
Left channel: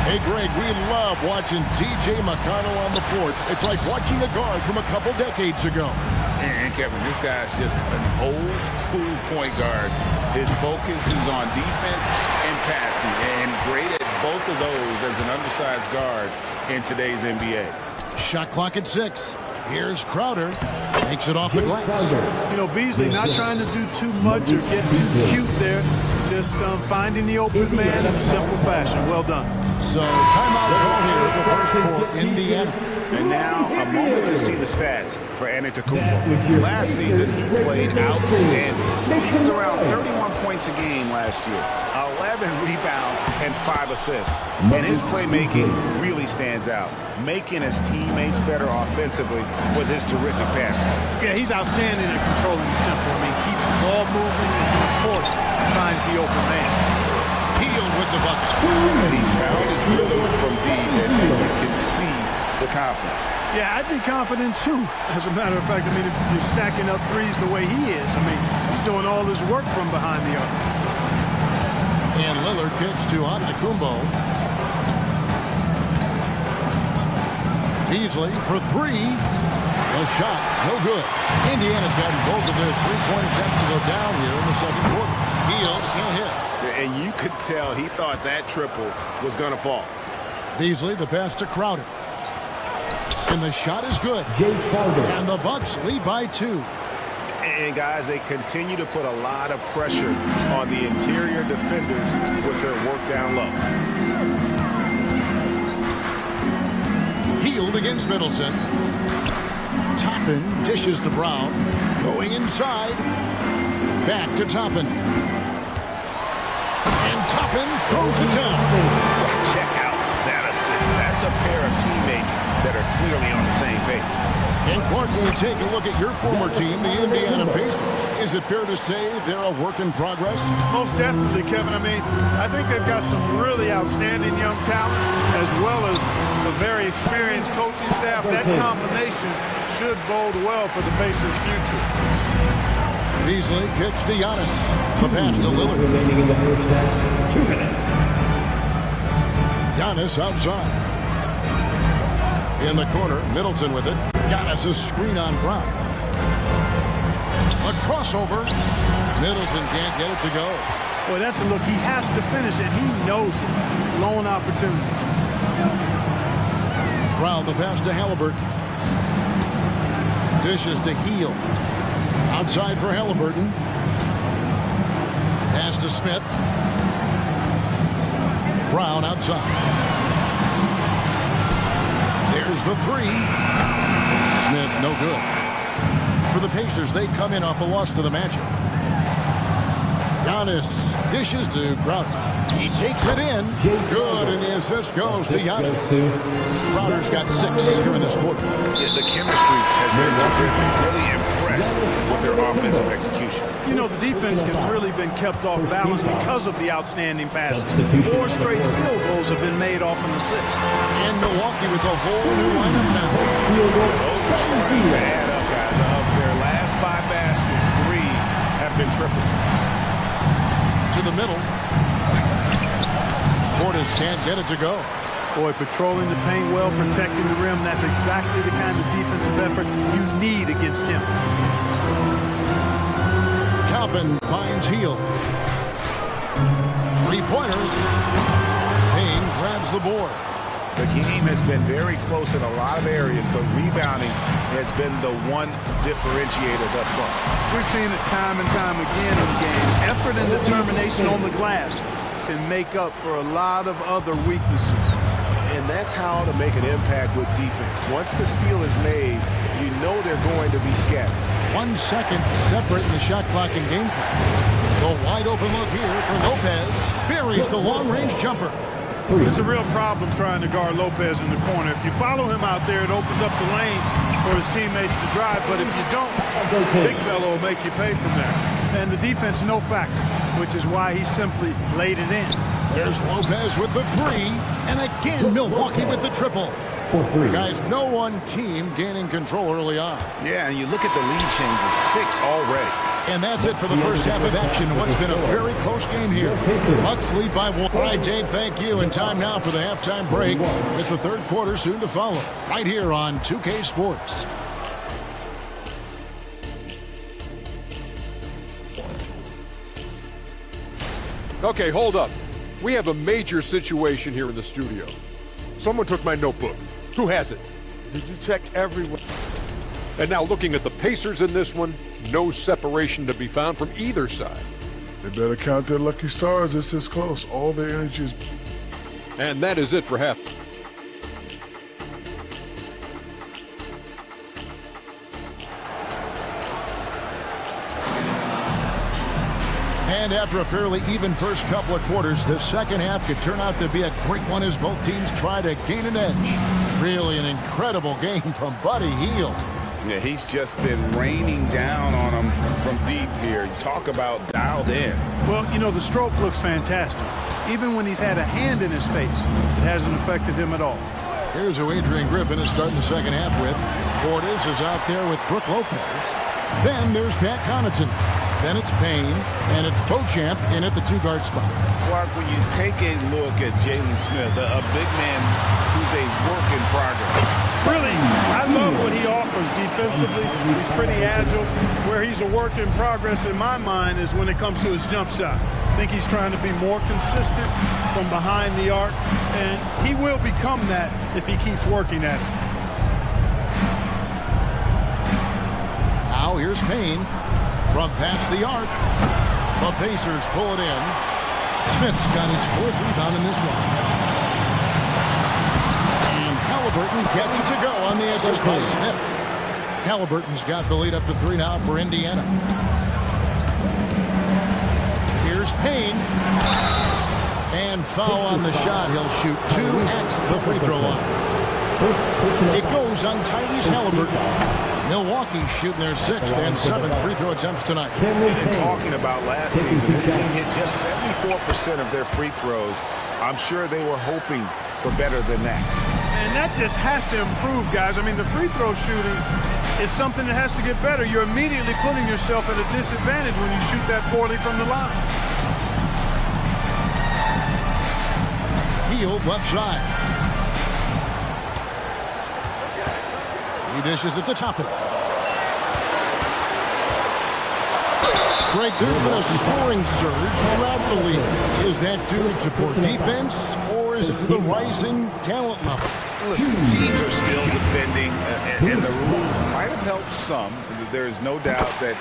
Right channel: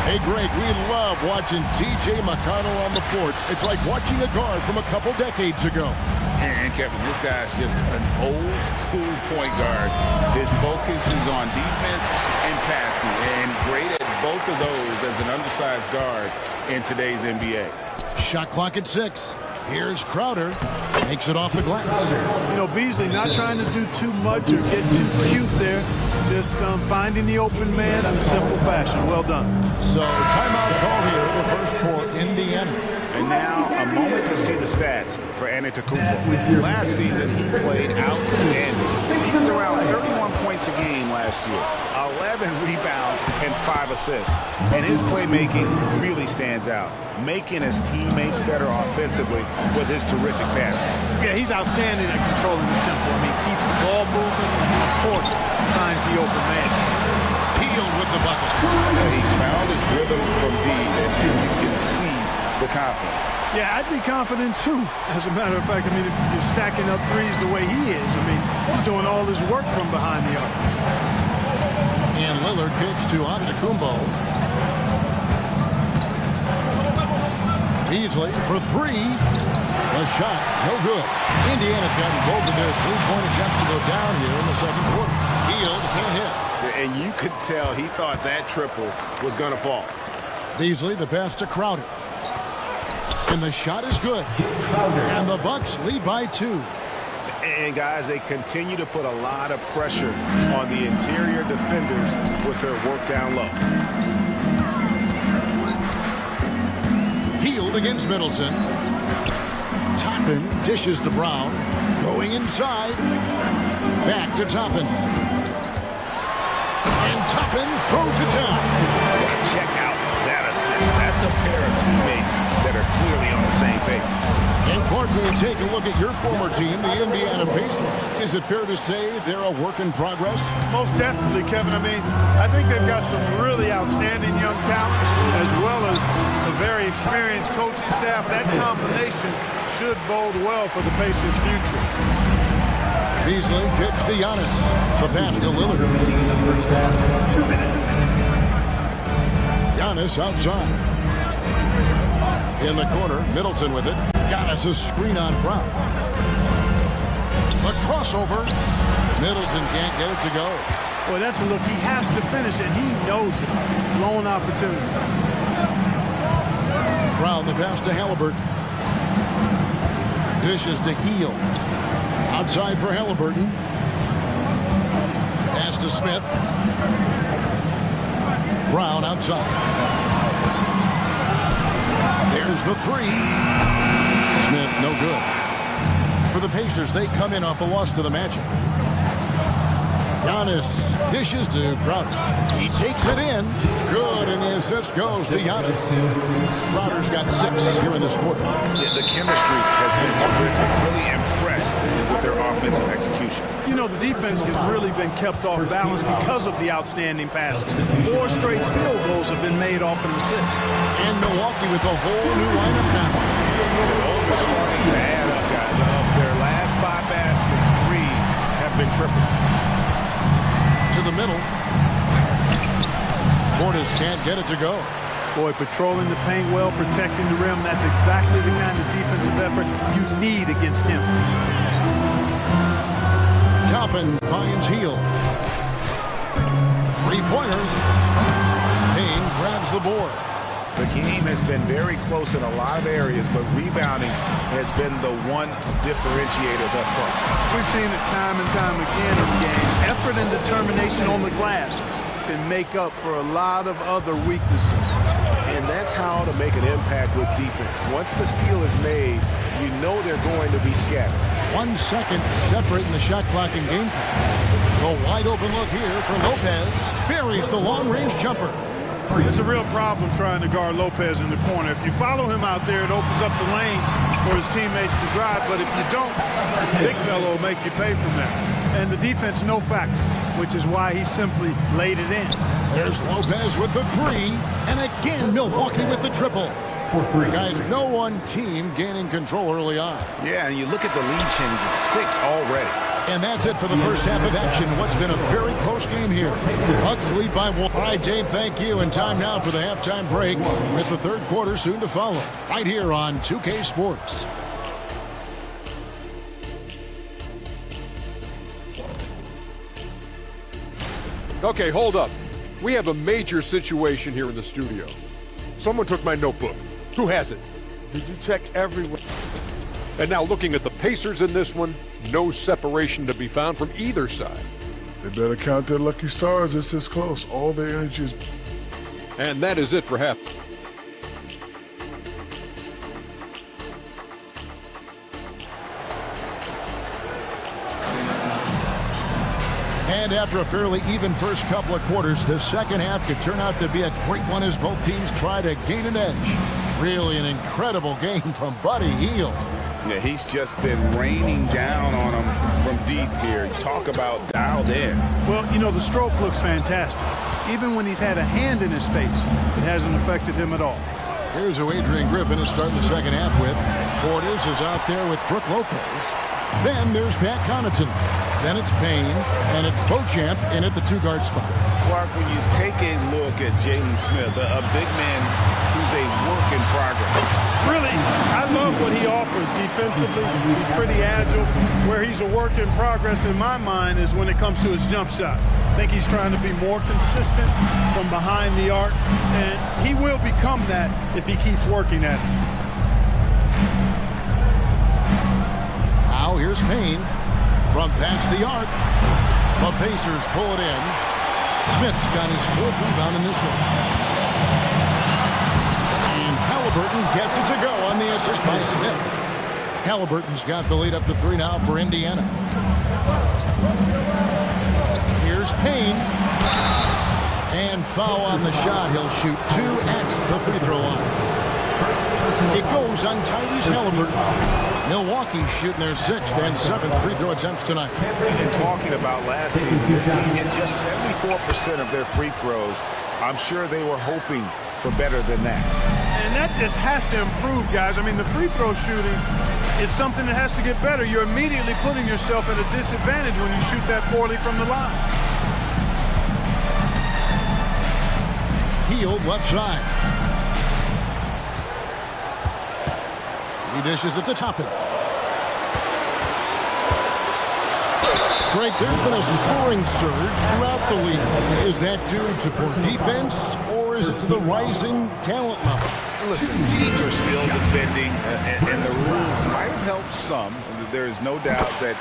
Hey, Greg, we love watching T.J. McConnell on the floor. It's like watching a guard from a couple decades ago. And Kevin, this guy's just an old school point guard. His focus is on defense and passing, and great at both of those as an undersized guard in today's NBA. Shot clock at 6. Here's Crowder. Makes it off the glass. You know, Beasley not trying to do too much or get too cute there. Just finding the open man in a simple fashion. Well done. So, timeout call here, the first for Indiana. And now, a moment to see the stats for Antetokounmpo. Last season, he played outstanding. He was around 31 points a game last year, 11 rebounds, and 5 assists. And his playmaking really stands out, making his teammates better offensively with his terrific passing. Yeah, he's outstanding at controlling the tempo. I mean, keeps the ball moving, and of course, finds the open man. Healed with the bucket. He's found his rhythm from deep, and you can see the confidence. Yeah, I'd be confident too. As a matter of fact, I mean, if you're stacking up threes the way he is, I mean, he's doing all his work from behind the arc. And Lillard kicks to Antetokounmpo. Beasley for 3. The shot, no good. Indiana's gotten both of their three-point attempts to go down here in the second quarter. Hield can't hit. And you could tell he thought that triple was going to fall. Beasley, the pass to Crowder. And the shot is good. And the Bucks lead by 2. And guys, they continue to put a lot of pressure on the interior defenders with their work down low. Hield against Middleton. Toppin dishes to Brown. Going inside. Back to Toppin. And Toppin throws it down. Well, check out that assist. That's a pair of teammates that are clearly on the same page. And Clark, when we take a look at your former team, the Indiana Pacers, is it fair to say they're a work in progress? Most definitely, Kevin. I mean, I think they've got some really outstanding young talent, as well as a very experienced coaching staff. That combination should bode well for the Pacers' future. Beasley kicks to Giannis. The pass to Lillard. Remaining in the first half, 2 minutes. Giannis outside. In the corner, Middleton with it. Giannis a screen on Brown. A crossover. Middleton can't get it to go. Boy, that's a look. He has to finish it. He knows it. Lone opportunity. Brown the pass to Halliburton. Dishes to Heel. Outside for Halliburton. Pass to Smith. Brown outside. There's the three. Smith no good. For the Pacers, they come in off a loss to the Magic. Giannis dishes to Crowder. He takes it in. Good, and the assist goes to Giannis. Crowder's got 6 here in this quarter. Yeah, the chemistry has been terrific. Really impressed with their offensive execution. You know, the defense has really been kept off balance because of the outstanding passes. 4 straight field goals have been made off an assist. And Milwaukee with a whole new lineup now. Yeah, those are starting to add up, guys. Of their last 5 baskets, 3 have been triples. To the middle. Portis can't get it to go. Boy, patrolling the paint well, protecting the rim. That's exactly the kind of defensive effort you need against him. Toppin finds Heel. 3-pointer. Payne grabs the board. The game has been very close in a lot of areas, but rebounding has been the one differentiator thus far. We've seen it time and time again in the game. Effort and determination on the glass can make up for a lot of other weaknesses. And that's how to make an impact with defense. Once the steal is made, you know they're going to be scattered. 1 second separating the shot clock and game clock. The wide open look here for Lopez. Buries the long-range jumper. It's a real problem trying to guard Lopez in the corner. If you follow him out there, it opens up the lane for his teammates to drive. But if you don't, big fellow will make you pay from there. And the defense, no factor, which is why he simply laid it in. There's Lopez with the 3. And again, Milwaukee with the triple. Guys, no one team gaining control early on. Yeah, and you look at the lead changes, 6 already. And that's it for the first half of action. What's been a very close game here. Bucks lead by 1. All right, Dave, thank you. And time now for the halftime break with the third quarter soon to follow. Right here on 2K Sports. Okay, hold up. We have a major situation here in the studio. Someone took my notebook. Who has it? Did you check everywhere? And now looking at the Pacers in this one, no separation to be found from either side. They better count their lucky stars. It's this close. All their energy is... And that is it for half. And after a fairly even first couple of quarters, the second half could turn out to be a great one as both teams try to gain an edge. Really an incredible game from Buddy Hield. Yeah, he's just been raining down on him from deep here. You talk about dialed in. Well, you know, the stroke looks fantastic. Even when he's had a hand in his face, it hasn't affected him at all. Here's who Adrian Griffin is starting the second half with. Portis is out there with Brook Lopez. Then there's Pat Connaughton. Then it's Payne, and it's Beauchamp in at the 2-guard spot. Clark, when you take a look at Jalen Smith, a big man who's a work in progress. Really, I love what he offers defensively. He's pretty agile. Where he's a work in progress in my mind is when it comes to his jump shot. I think he's trying to be more consistent from behind the arc, and he will become that if he keeps working at it. Now here's Payne from past the arc. The Pacers pull it in. Smith's got his 4th rebound in this one. And Halliburton gets it to go on the assist by Smith. Halliburton's got the lead up to 3 now for Indiana. Here's Payne. And foul on the shot. He'll shoot 2 at the free throw line. It goes on Tyrese Halliburton. Milwaukee shooting their 6th and 7th free throw attempts tonight. And talking about last season, this team hit just 74% of their free throws. I'm sure they were hoping for better than that. And that just has to improve, guys. I mean, the free throw shooting is something that has to get better. You're immediately putting yourself at a disadvantage when you shoot that poorly from the line. Healed left side. He dishes it to Toppin. Greg, there's been a scoring surge throughout the league. Is that due to poor defense, or is it to the rising talent level? Listen, teams are still defending, and the rules might have helped some. There is no doubt that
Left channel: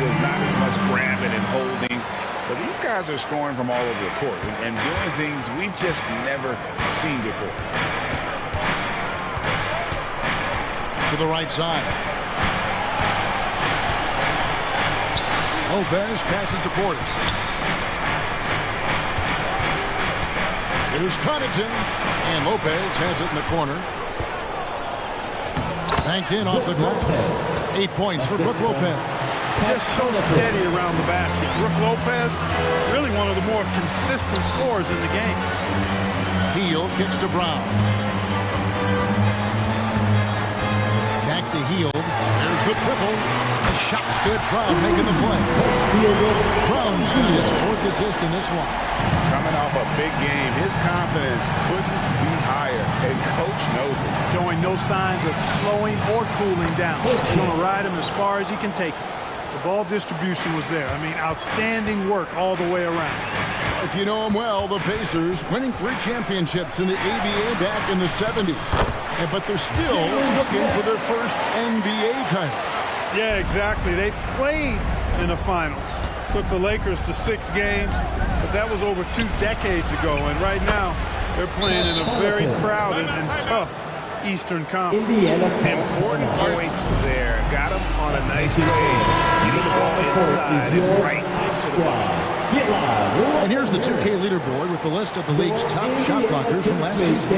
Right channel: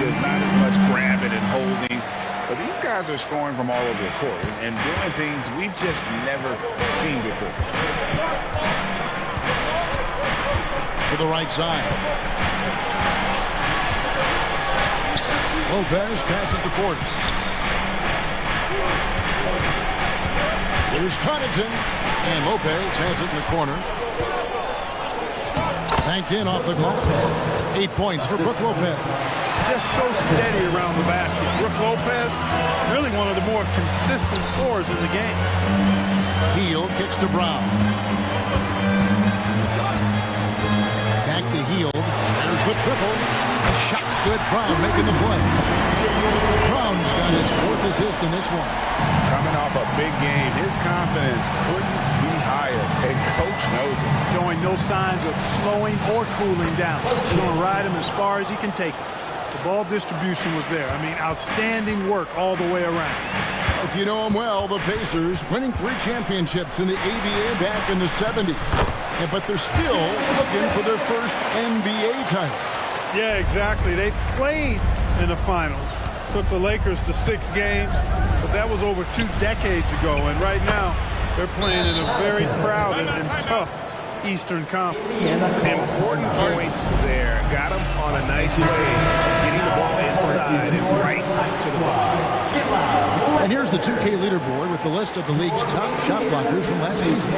there's not as much grabbing and holding. But these guys are scoring from all over the court and doing things we've just never seen before. To the right side. Lopez passes to Portis. Here's Connaughton, and Lopez has it in the corner. Banked in off the glass. 8 points for Brook Lopez. Just so steady around the basket. Brook Lopez, really one of the more consistent scorers in the game. Hield kicks to Brown. Back to Hield. There's the triple. The shot's good. Brown making the play. Brown's got his 4th assist in this one. Coming off a big game, his confidence couldn't be higher, and coach knows it. Showing no signs of slowing or cooling down. He's going to ride him as far as he can take him. The ball distribution was there. I mean, outstanding work all the way around. You know them well, the Pacers, winning 3 championships in the ABA back in the 70s. But they're still looking for their first NBA title. Yeah, exactly. They've played in the finals. Took the Lakers to 6 games, but that was over 2 decades ago. And right now, they're playing in a very crowded and tough Eastern Conference. Important points there. Got him on a nice play, getting the ball inside and right to the bucket. And here's the 2K leaderboard with the list of the league's top shot blockers from last season.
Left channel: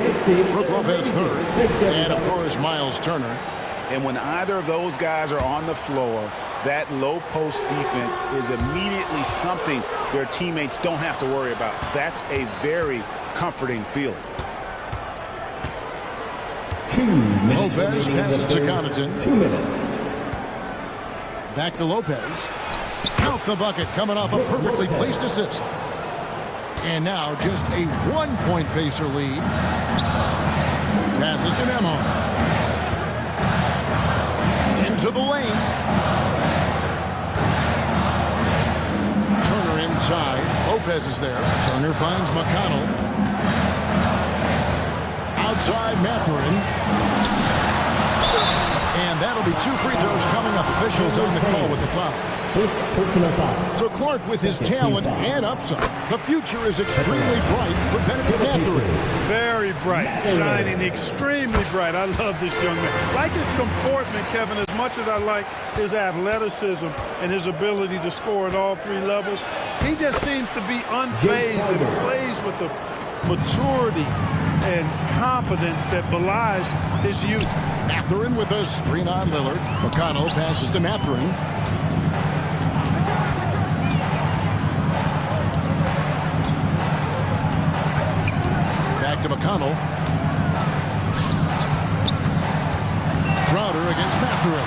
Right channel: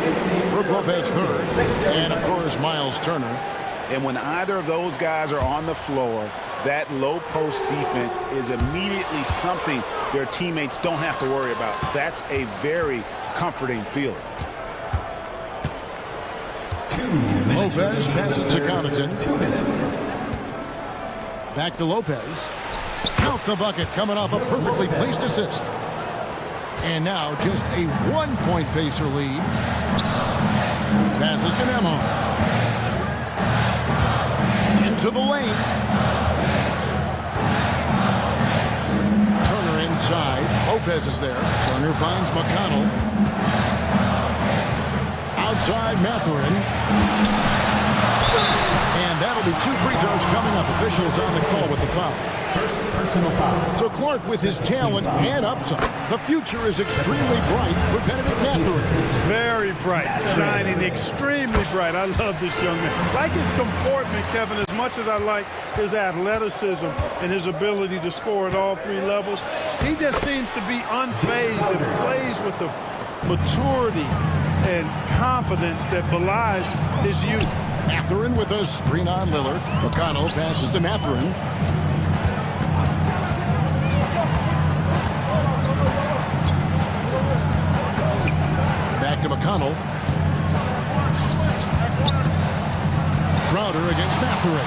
Brook Lopez 3rd, and of course Miles Turner. And when either of those guys are on the floor, that low post defense is immediately something their teammates don't have to worry about. That's a very comforting feeling. Lopez passes to Connaughton. 2 minutes. Back to Lopez. Count the bucket, coming off a perfectly placed assist. And now just a 1-point Pacer lead. Passes to Nemo. Into the lane. Turner inside. Lopez is there. Turner finds McConnell. Outside Mathurin. And that'll be 2 free throws coming up. Officials on the call with the foul. First personal foul. So Clark, with his talent and upside, the future is extremely bright for Benedict Mathurin. Very bright, shining extremely bright. I love this young man. Like his comportment, Kevin, as much as I like his athleticism and his ability to score at all 3 levels, he just seems to be unfazed and plays with the maturity and confidence that belies his youth. Mathurin with a screen on Lillard. McConnell passes to Mathurin. Back to McConnell. Crowder against Mathurin.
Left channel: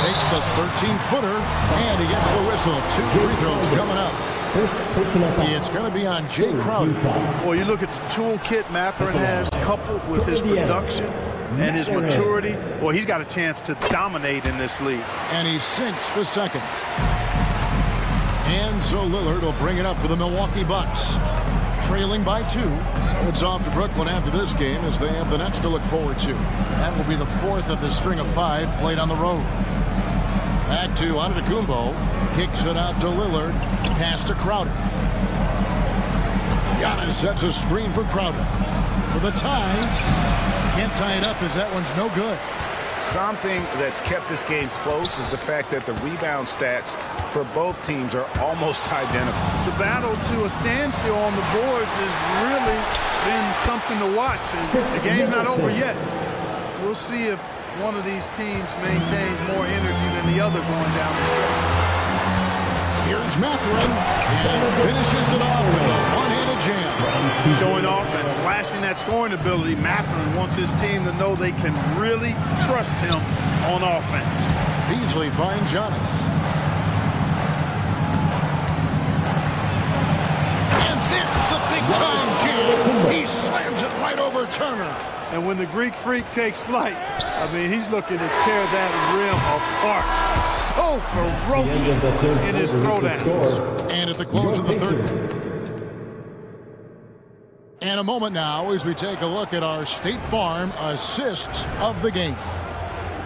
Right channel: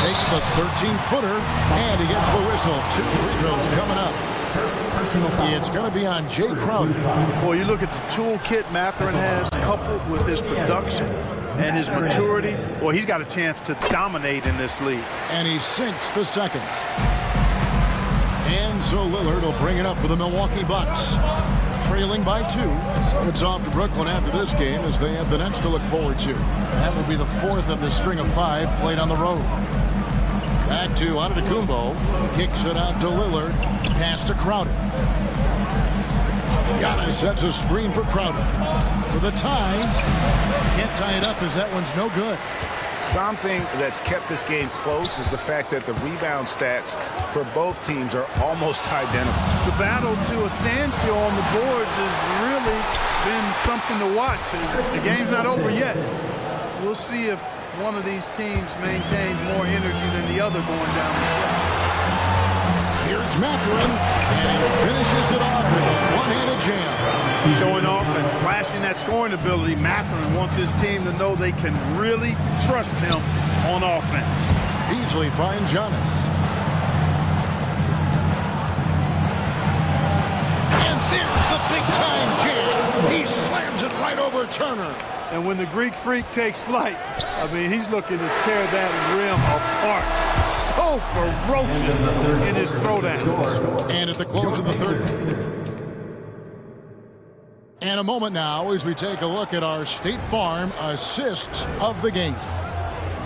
Takes the 13-footer, and he gets the whistle. 2 free throws coming up. First personal foul. It's going to be on Jay Crowder. Well, you look at the toolkit Mathurin has, coupled with his production and his maturity. Well, he's got a chance to dominate in this league. And he sinks the second. And so Lillard will bring it up for the Milwaukee Bucks. Trailing by 2. So it's off to Brooklyn after this game as they have the Nets to look forward to. That will be the 4th of the string of 5 played on the road. Back to Antetokounmpo. Kicks it out to Lillard. Pass to Crowder. Giannis sets a screen for Crowder. For the tie. Can't tie it up as that one's no good. Something that's kept this game close is the fact that the rebound stats for both teams are almost identical. The battle to a standstill on the boards has really been something to watch. And the game's not over yet. We'll see if one of these teams maintains more energy than the other going down the stretch. Here's Mathurin, and he finishes it off with a one-handed jam. Showing off and flashing that scoring ability, Mathurin wants his team to know they can really trust him on offense. Beasley finds Giannis. And there's the big-time jam. He He slams it right over Turner. And when the Greek Freak takes flight, I mean, he's looking to tear that rim apart. So ferocious in his throwdown. And at the close of the third. And a moment now as we take a look at our State Farm assists of the game.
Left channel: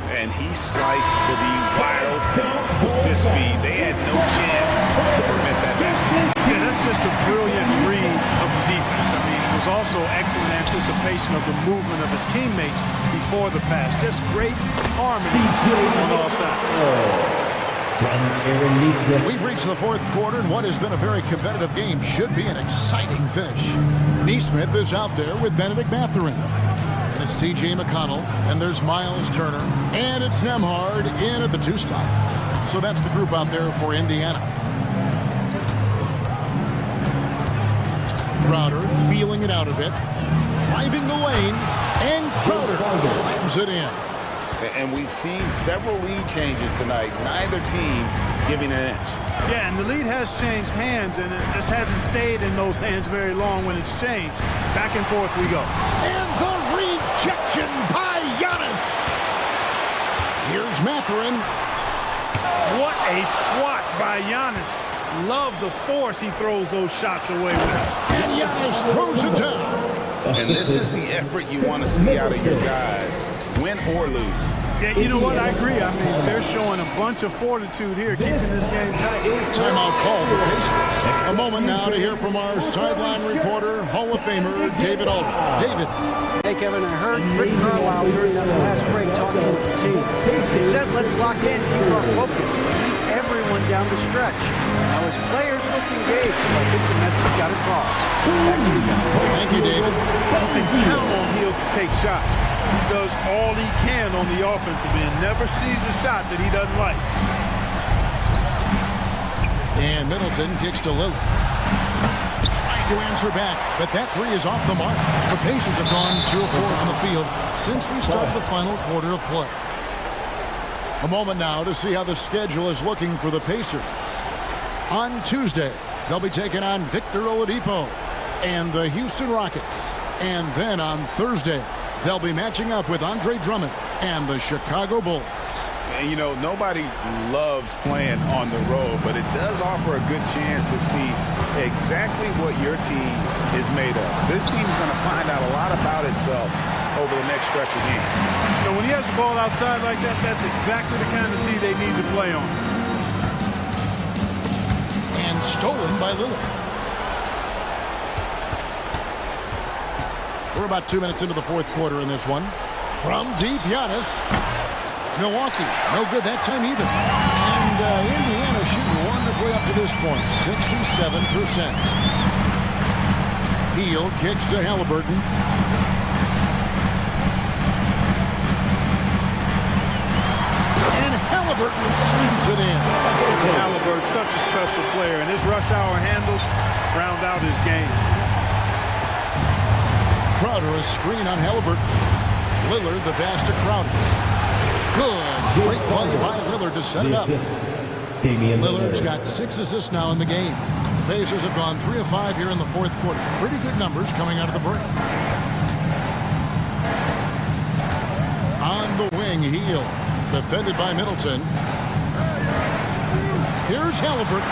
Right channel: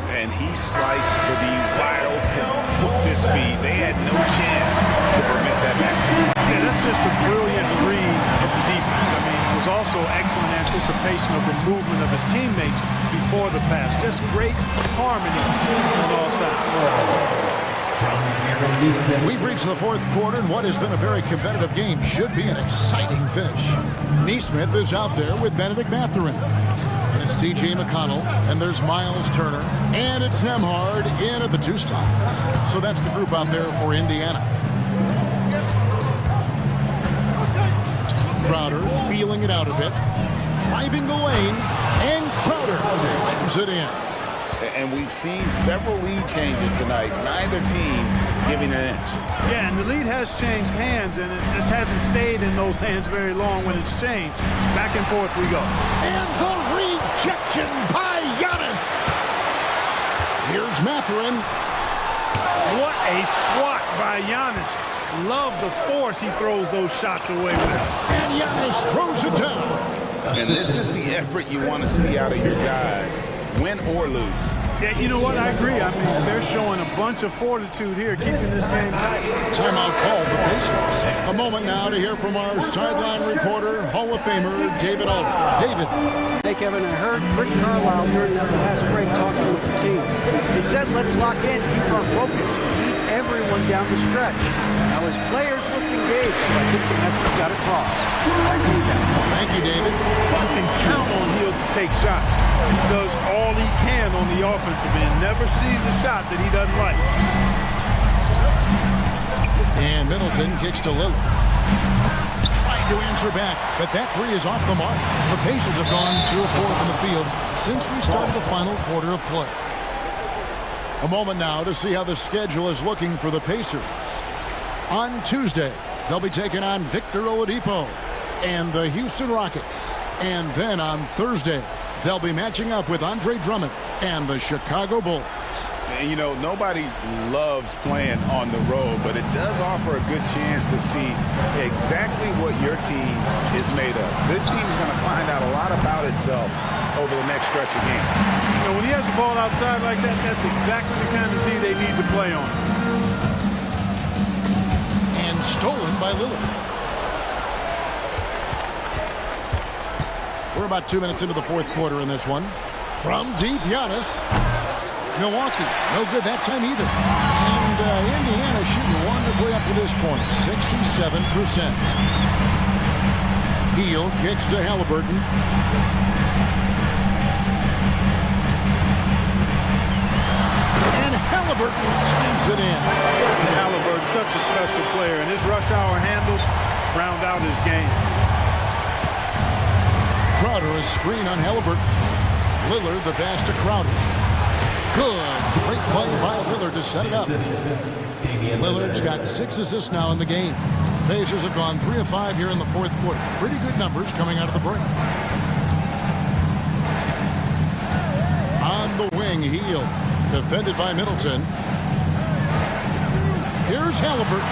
And he sliced the wide open with his feet. They had no chance to prevent that basket. Yeah, that's just a brilliant read of the defense. I mean, it was also excellent anticipation of the movement of his teammates before the pass. Just great harmony on all sides. We've reached the fourth quarter, and what has been a very competitive game should be an exciting finish. Neesmith is out there with Benedict Mathurin. And it's T.J. McConnell, and there's Miles Turner, and it's Nembhard in at the 2 spot. So that's the group out there for Indiana. Crowder feeling it out a bit, driving the lane, and Crowder slams it in. And we've seen several lead changes tonight, neither team giving an inch. Yeah, and the lead has changed hands, and it just hasn't stayed in those hands very long when it's changed. Back and forth we go. And the rejection by Giannis. Here's Mathurin. What a swat by Giannis. Love the force he throws those shots away with. And Giannis throws it down. And this is the effort you want to see out of your guys, win or lose. Yeah, you know what? I agree. I mean, they're showing a bunch of fortitude here, keeping this game tight. Timeout called the Pacers. A moment now to hear from our sideline reporter, Hall of Famer David Aldridge. David. Hey, Kevin, I heard Rick Carlisle during that last break talking with the team. He said, let's lock in, keep our focus. We need everyone down the stretch. Now, his players looked engaged, so I think the message got across. Back to you guys. Thank you, David. You can count on Hill to take shots. He does all he can on the offensive end. Never sees a shot that he doesn't like. And Middleton kicks to Lillard. Trying to answer back, but that three is off the mark. The Pacers have gone 2 of 4 from the field since we started the final quarter of play. A moment now to see how the schedule is looking for the Pacers. On Tuesday, they'll be taking on Victor Oladipo and the Houston Rockets. And then on Thursday, they'll be matching up with Andre Drummond and the Chicago Bulls. And, you know, nobody loves playing on the road, but it does offer a good chance to see exactly what your team is made of. This team's going to find out a lot about itself over the next stretch of games. You know, when he has the ball outside like that, that's exactly the kind of D they need to play on. And stolen by Lillard. We're about 2 minutes into the fourth quarter in this one. From deep, Giannis. Milwaukee, no good that time either. And Indiana shooting wonderfully up to this point, 67%. Heel kicks to Halliburton. And Halliburton slams it in. Halliburton, such a special player, and his rush hour handles round out his game. Crowder, a screen on Halliburton. Lillard, the pass to Crowder. Good. Great play by Lillard to set it up. Lillard's got 6 assists now in the game. The Pacers have gone 3 of 5 here in the fourth quarter. Pretty good numbers coming out of the break. On the wing, Heel. Defended by Middleton. Here's Halliburton.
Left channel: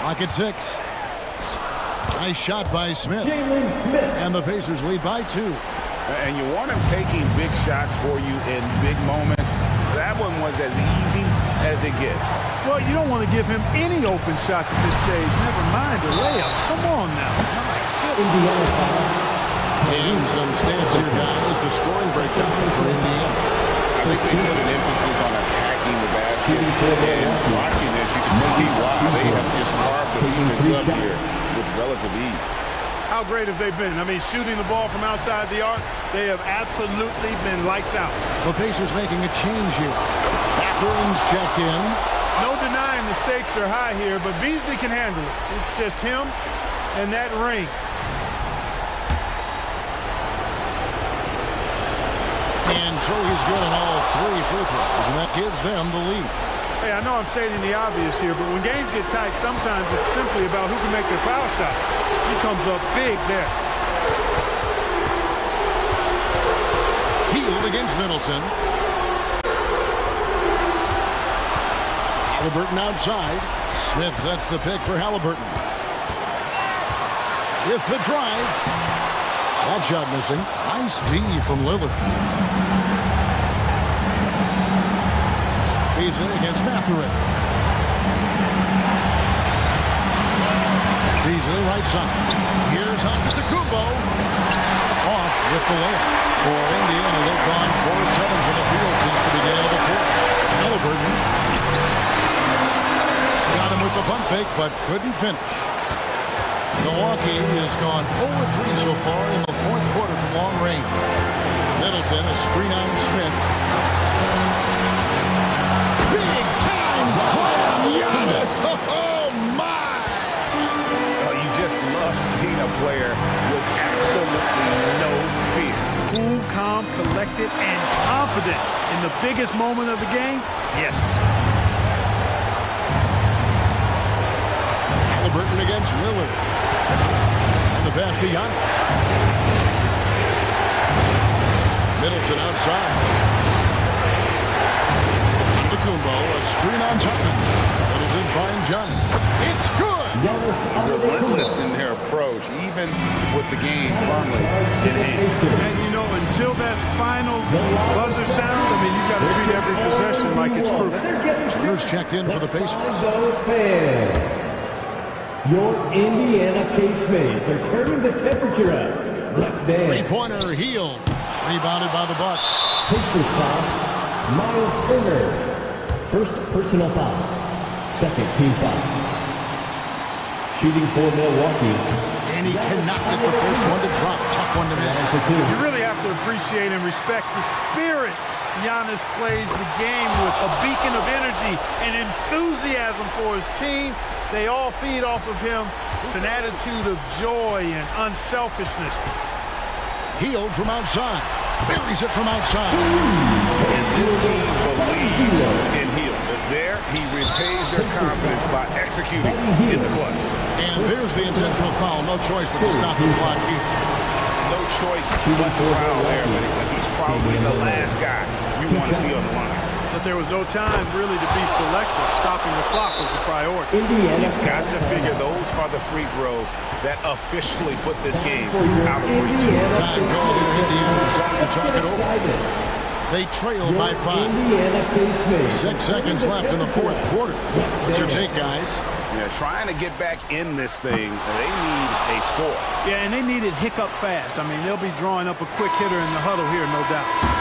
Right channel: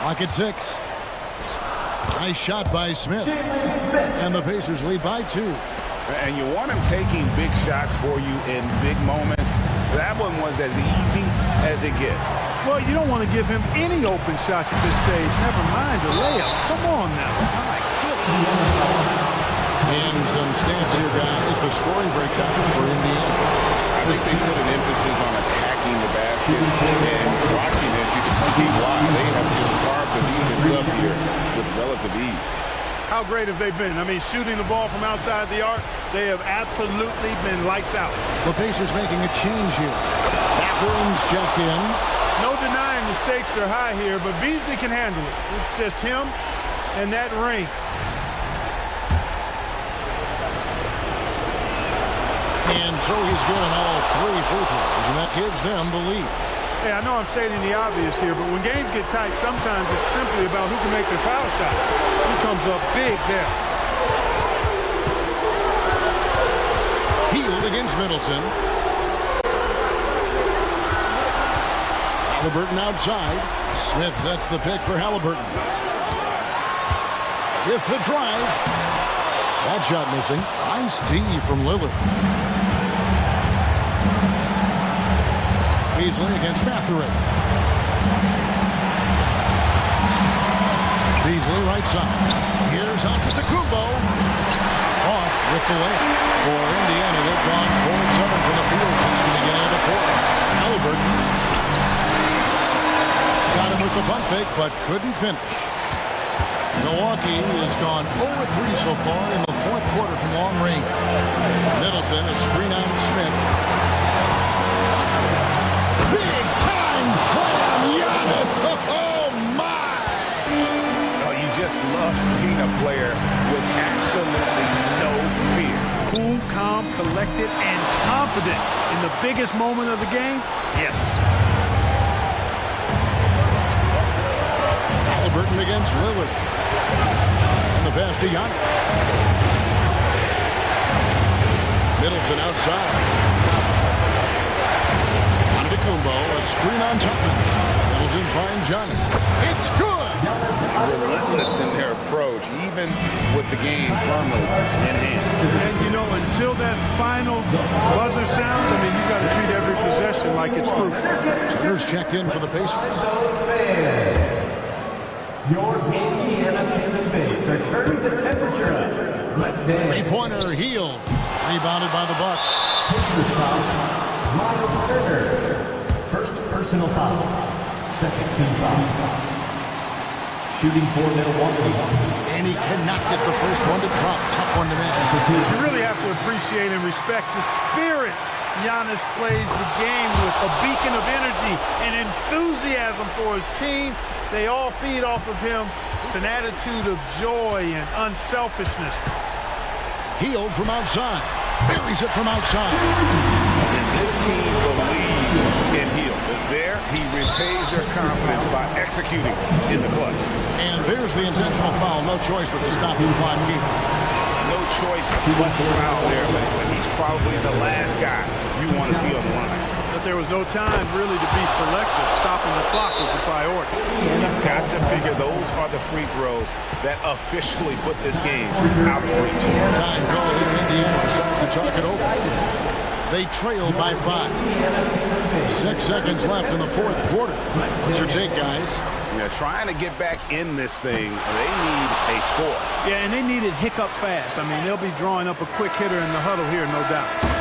Clock at 6. Nice shot by Smith. And the Pacers lead by 2. And you want him taking big shots for you in big moments. That one was as easy as it gets. Well, you don't want to give him any open shots at this stage. Never mind the layups. Come on now. My goodness. And some stats here, guys. The scoring breakdown for Indiana. I think they put an emphasis on attacking the basket. And watching this, you can see why. They have just carved the defense up here with relative ease. How great have they been? I mean, shooting the ball from outside the arc, they have absolutely been lights out. The Pacers making a change here. Mathurin's checked in. No denying the stakes are high here, but Beasley can handle it. It's just him and that ring. And so he's good on all 3 free throws, and that gives them the lead. Hey, I know I'm stating the obvious here, but when games get tight, sometimes it's simply about who can make their foul shot. He comes up big there. Healed against Middleton. Halliburton outside. Smith sets the pick for Halliburton. With the drive. That shot missing. Nice D from Lillard. Beasley against Mathurin. Beasley right side. Here's Antetokounmpo. Off with the layup. For Indiana, they've gone 4 of 7 from the field since the beginning of the fourth. Halliburton got him with the pump fake, but couldn't finish. Milwaukee has gone 0-3 so far in the fourth quarter from long range. Middleton, a screen on Smith. Big time slam, Giannis! Oh my! Oh, you just love seeing a player with absolutely no fear. Cool, calm, collected, and confident in the biggest moment of the game? Yes. Halliburton against Lillard. And the pass to Giannis. Middleton outside. Antetokounmpo, a screen on Chapman. Middleton finds Giannis. It's good! Relentless in their approach, even with the game firmly in hand. And, you know, until that final buzzer sounds, I mean, you've got to treat every possession like it's crucial. Turner's checked in for the Pacers. Your Indiana Pacemates are turning the temperature up. Let's dance. Three-pointer healed. Rebounded by the Bucks. Pacers foul. Miles Turner. First personal foul. Second team foul. Shooting for Milwaukee. And he cannot get the first one to drop. Tough one to miss. You really have to appreciate and respect the spirit Giannis plays the game with. A beacon of energy and enthusiasm for his team. They all feed off of him with an attitude of joy and unselfishness. Healed from outside. Buries it from outside. And this team believes in Hield. There, he repays their confidence by executing in the clutch. And there's the intentional foul. No choice but to stop the clock here. No choice but to foul there, but he's probably the last guy you want to see on the line. But there was no time really to be selective. Stopping the clock was the priority. You've got to figure those are the free throws that officially put this game out of reach. Time call here. Indiana decides to talk it over. They trail by 5. 6 seconds left in the fourth quarter. What's your take, guys? Yeah, trying to get back in this thing, they need a score. Yeah, and they need it hiccup fast. I mean, they'll be drawing up a quick hitter in the huddle here, no doubt.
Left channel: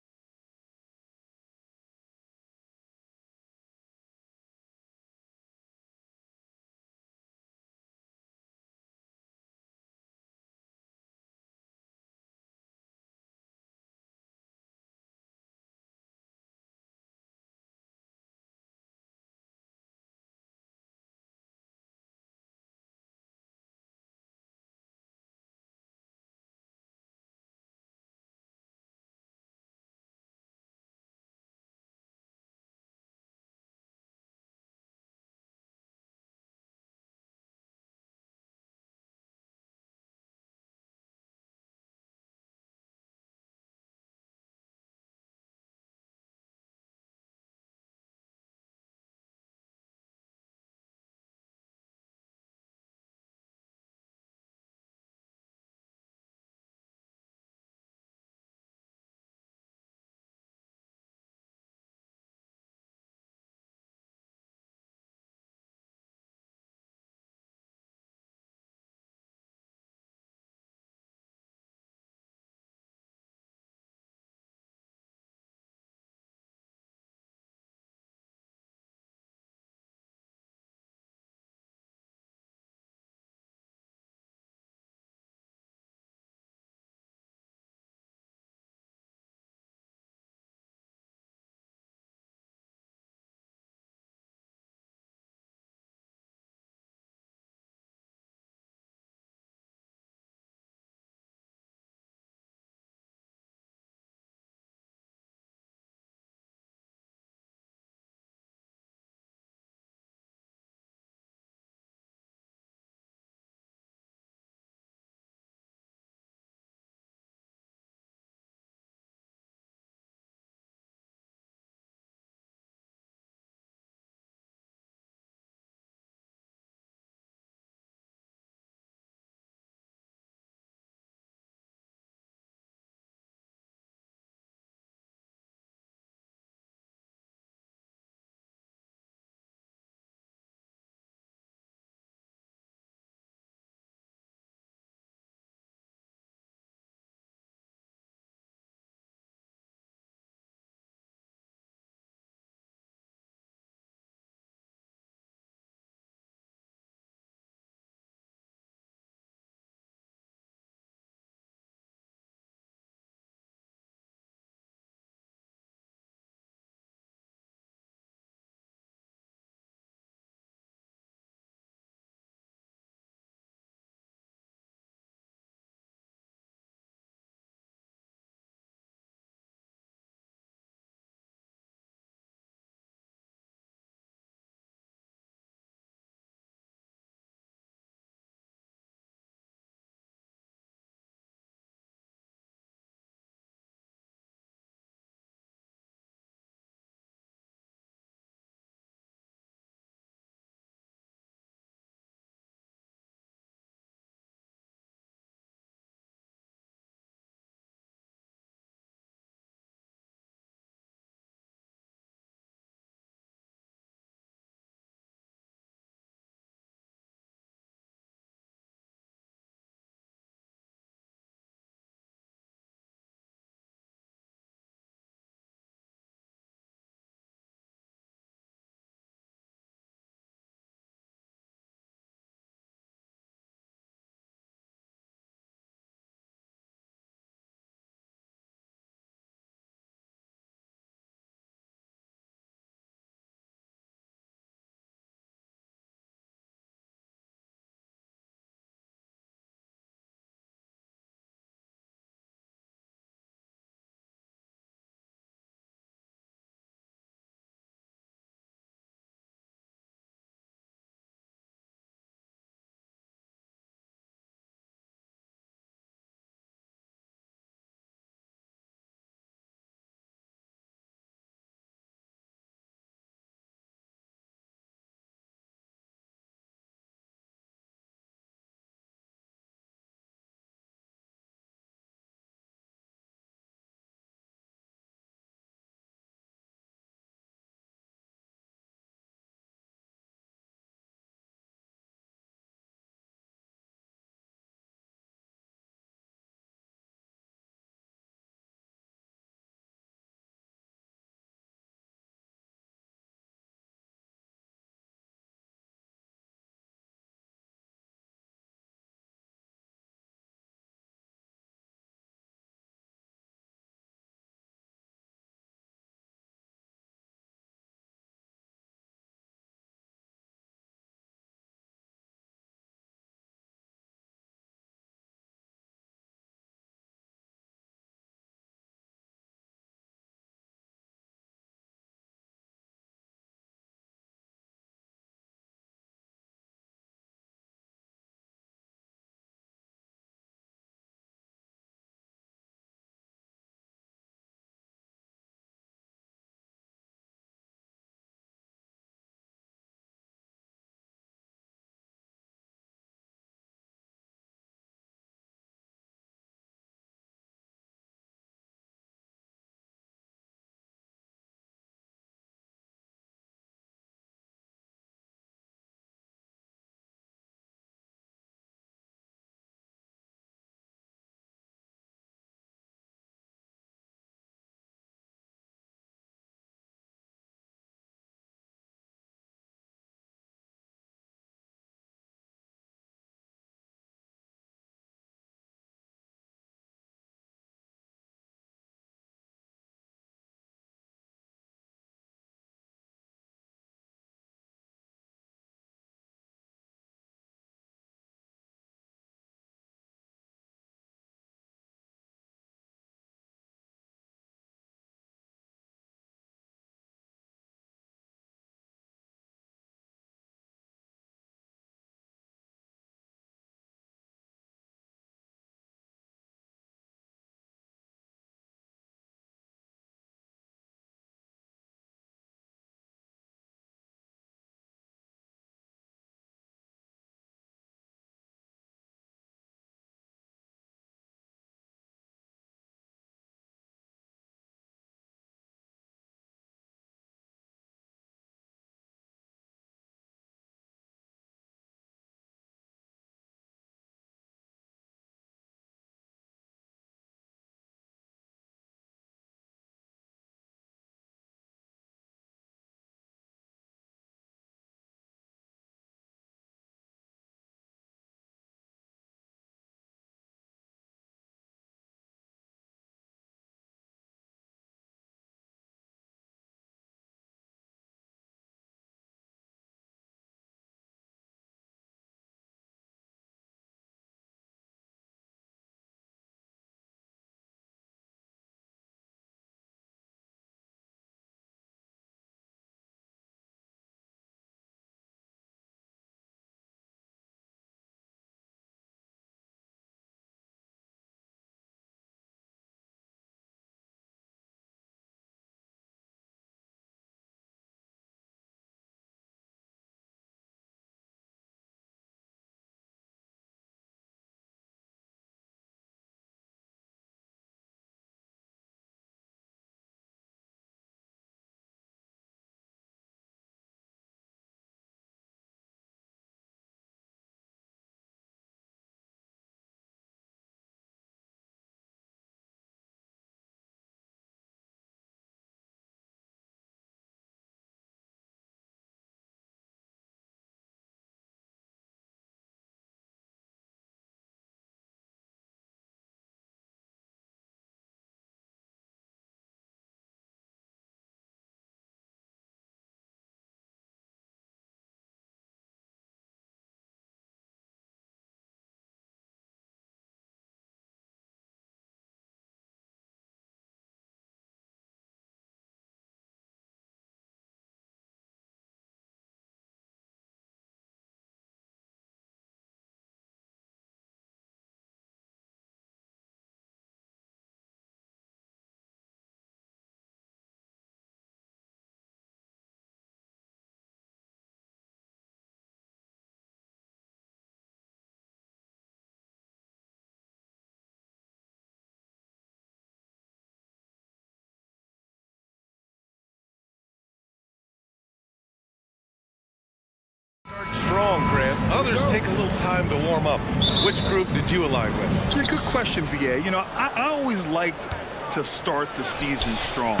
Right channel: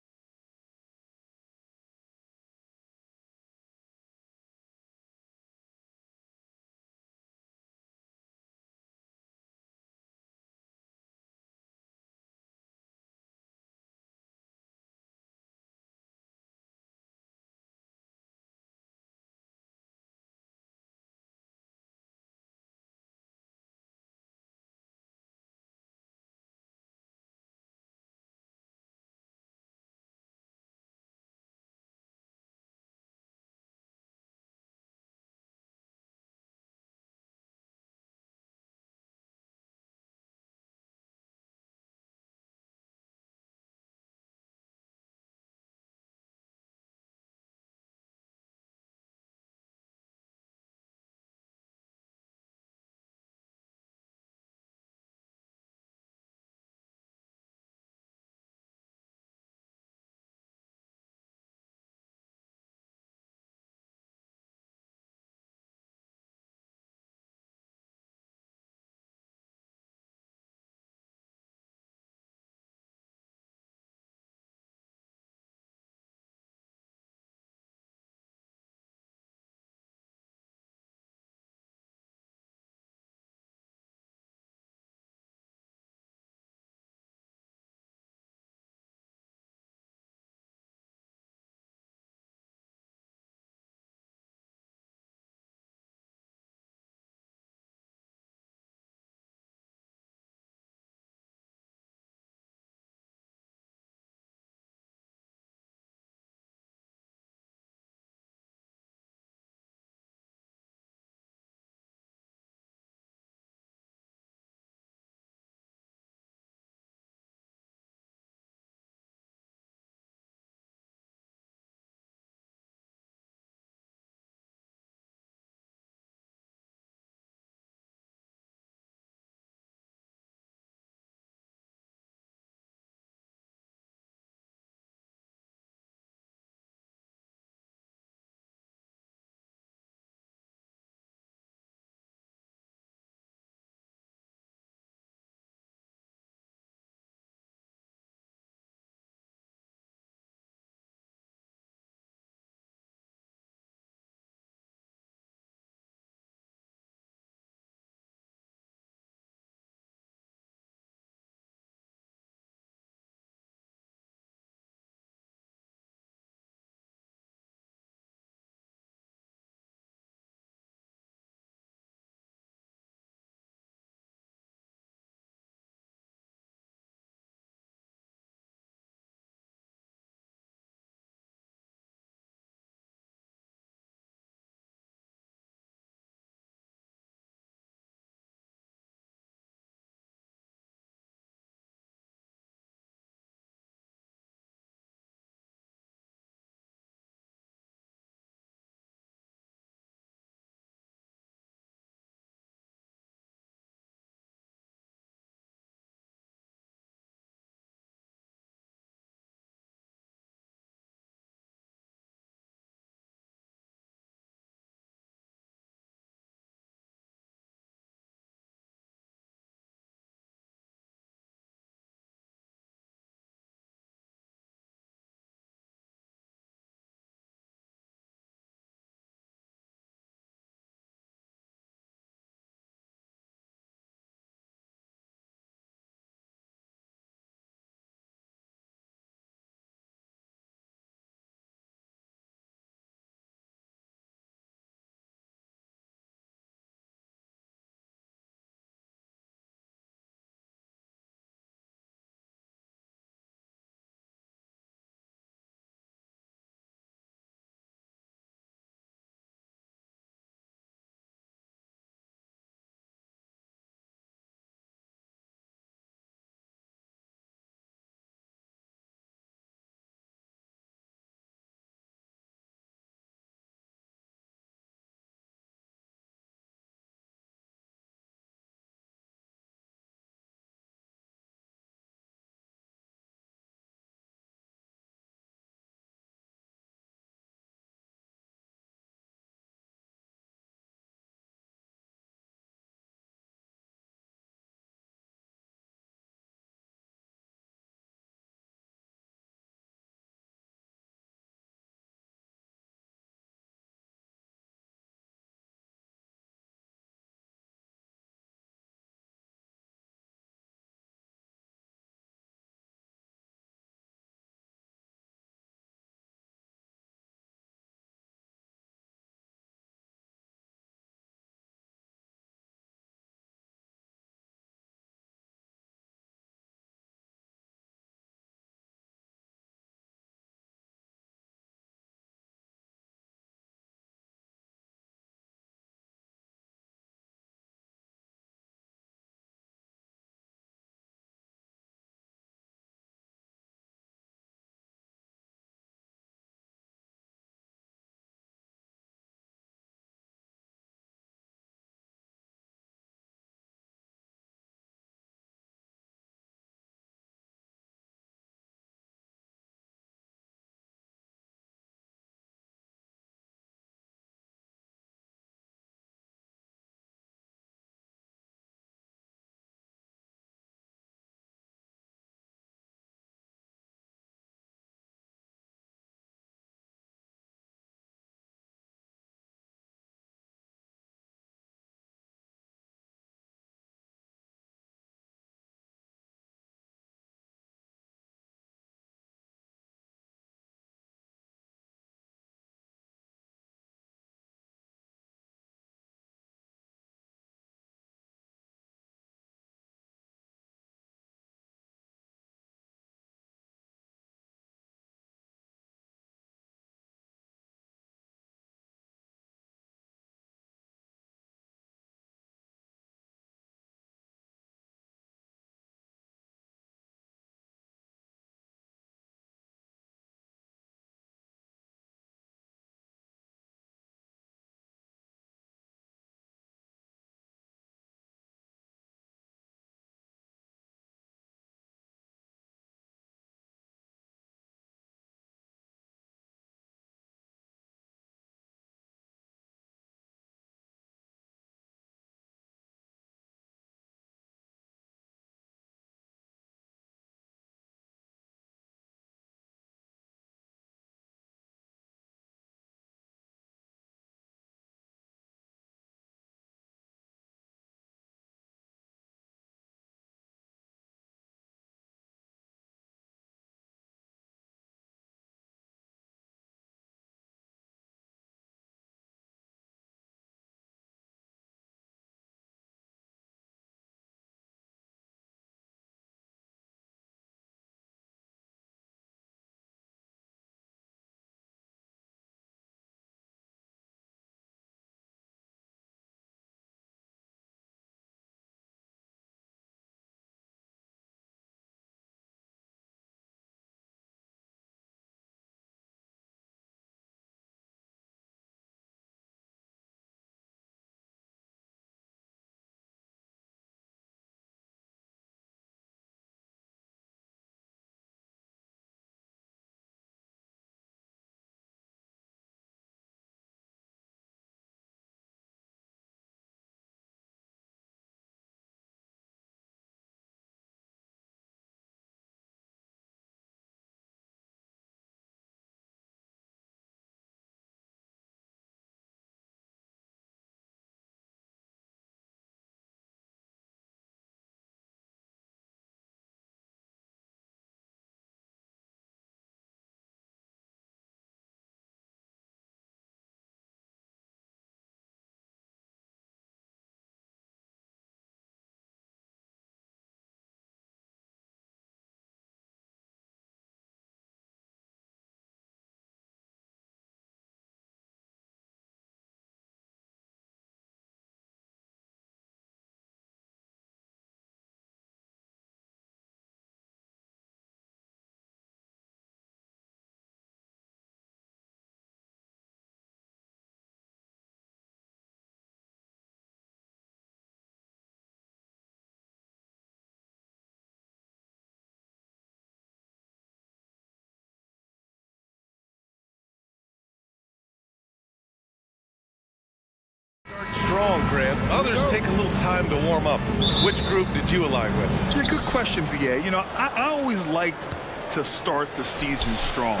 strong, Grant. Others take a little time to warm up. Which group did you align with? Yeah, good question, BA. You know, I always liked to start the season strong.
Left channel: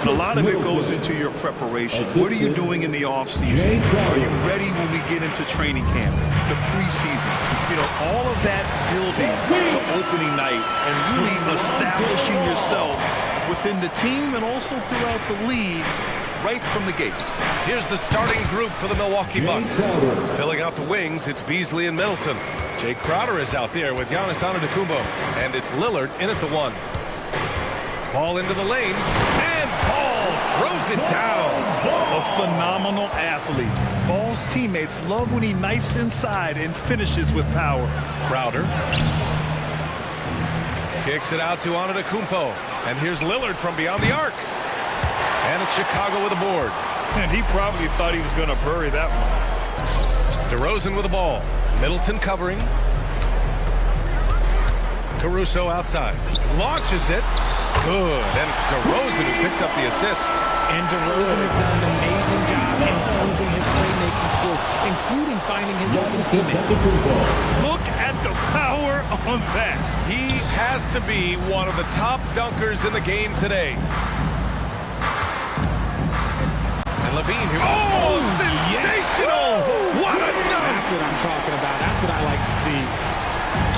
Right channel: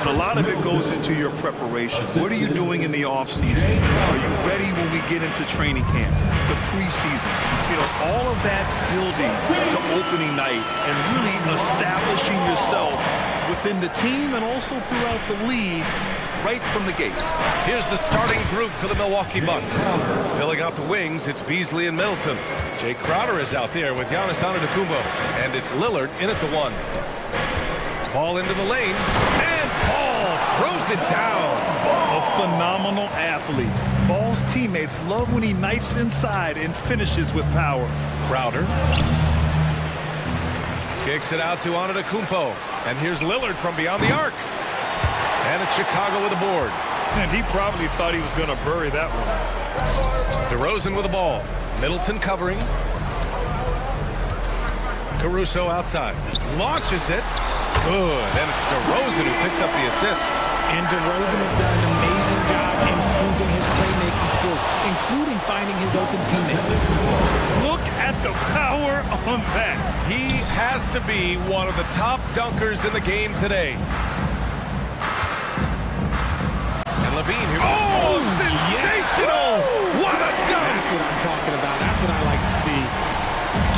And a lot of it goes into your preparation. What are you doing in the off-season? Are you ready when we get into training camp, the preseason? You know, all of that building to opening night and really establishing yourself within the team and also throughout the league right from the gates. Here's the starting group for the Milwaukee Bucks. Filling out the wings, it's Beasley and Middleton. Jay Crowder is out there with Giannis Antetokounmpo. And it's Lillard in at the 1. Ball into the lane, and Ball throws it down. A phenomenal athlete. Ball's teammates love when he knifes inside and finishes with power. Crowder kicks it out to Antetokounmpo. And here's Lillard from beyond the arc. And it's Chicago with a board. And he probably thought he was going to bury that one. DeRozan with the ball. Middleton covering. Caruso outside. Launches it. Good. And it's DeRozan who picks up the assist. And DeRozan has done an amazing job improving his playmaking skills, including finding his open teammates. Look at the power on that. He has to be one of the top dunkers in the game today. And Levine here. Oh, sensational! Yes. What a dunk! That's what I'm talking about. That's what I like to see.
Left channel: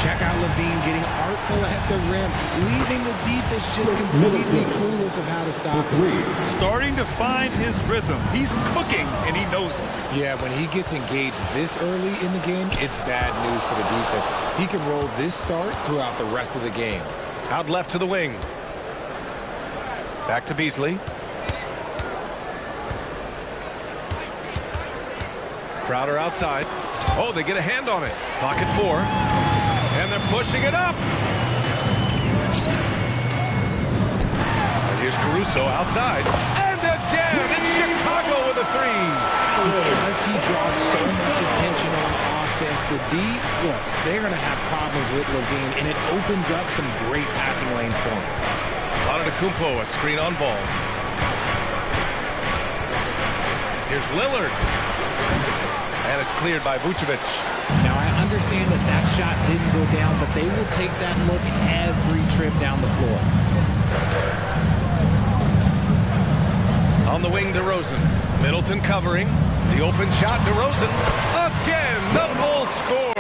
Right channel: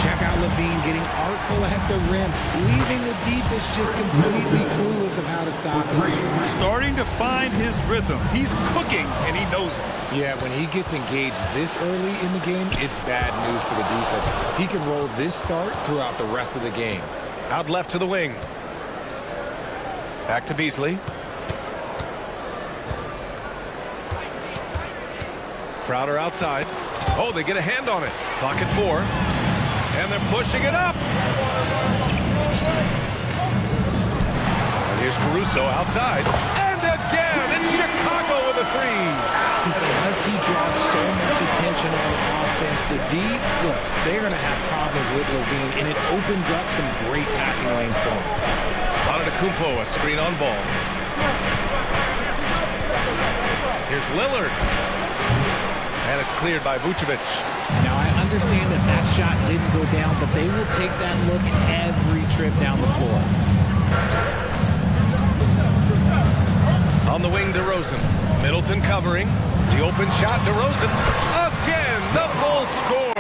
Check out Levine getting artful at the rim, leaving the defense just completely clueless of how to stop him. Starting to find his rhythm. He's cooking, and he knows it. Yeah, when he gets engaged this early in the game, it's bad news for the defense. He can roll this start throughout the rest of the game. Out left to the wing. Back to Beasley. Crowder outside. Oh, they get a hand on it. Clock at 4. And they're pushing it up. And here's Caruso outside. And again, it's Chicago with a 3. Because he draws so much attention on offense, the D, look, they're going to have problems with Levine, and it opens up some great passing lanes for him. Antetokounmpo, a screen on ball. Here's Lillard. And it's cleared by Vucevic. Now, I understand that that shot didn't go down, but they will take that look every trip down the floor. On the wing, DeRozan. Middleton covering. The open shot, DeRozan. Again, the Bulls score.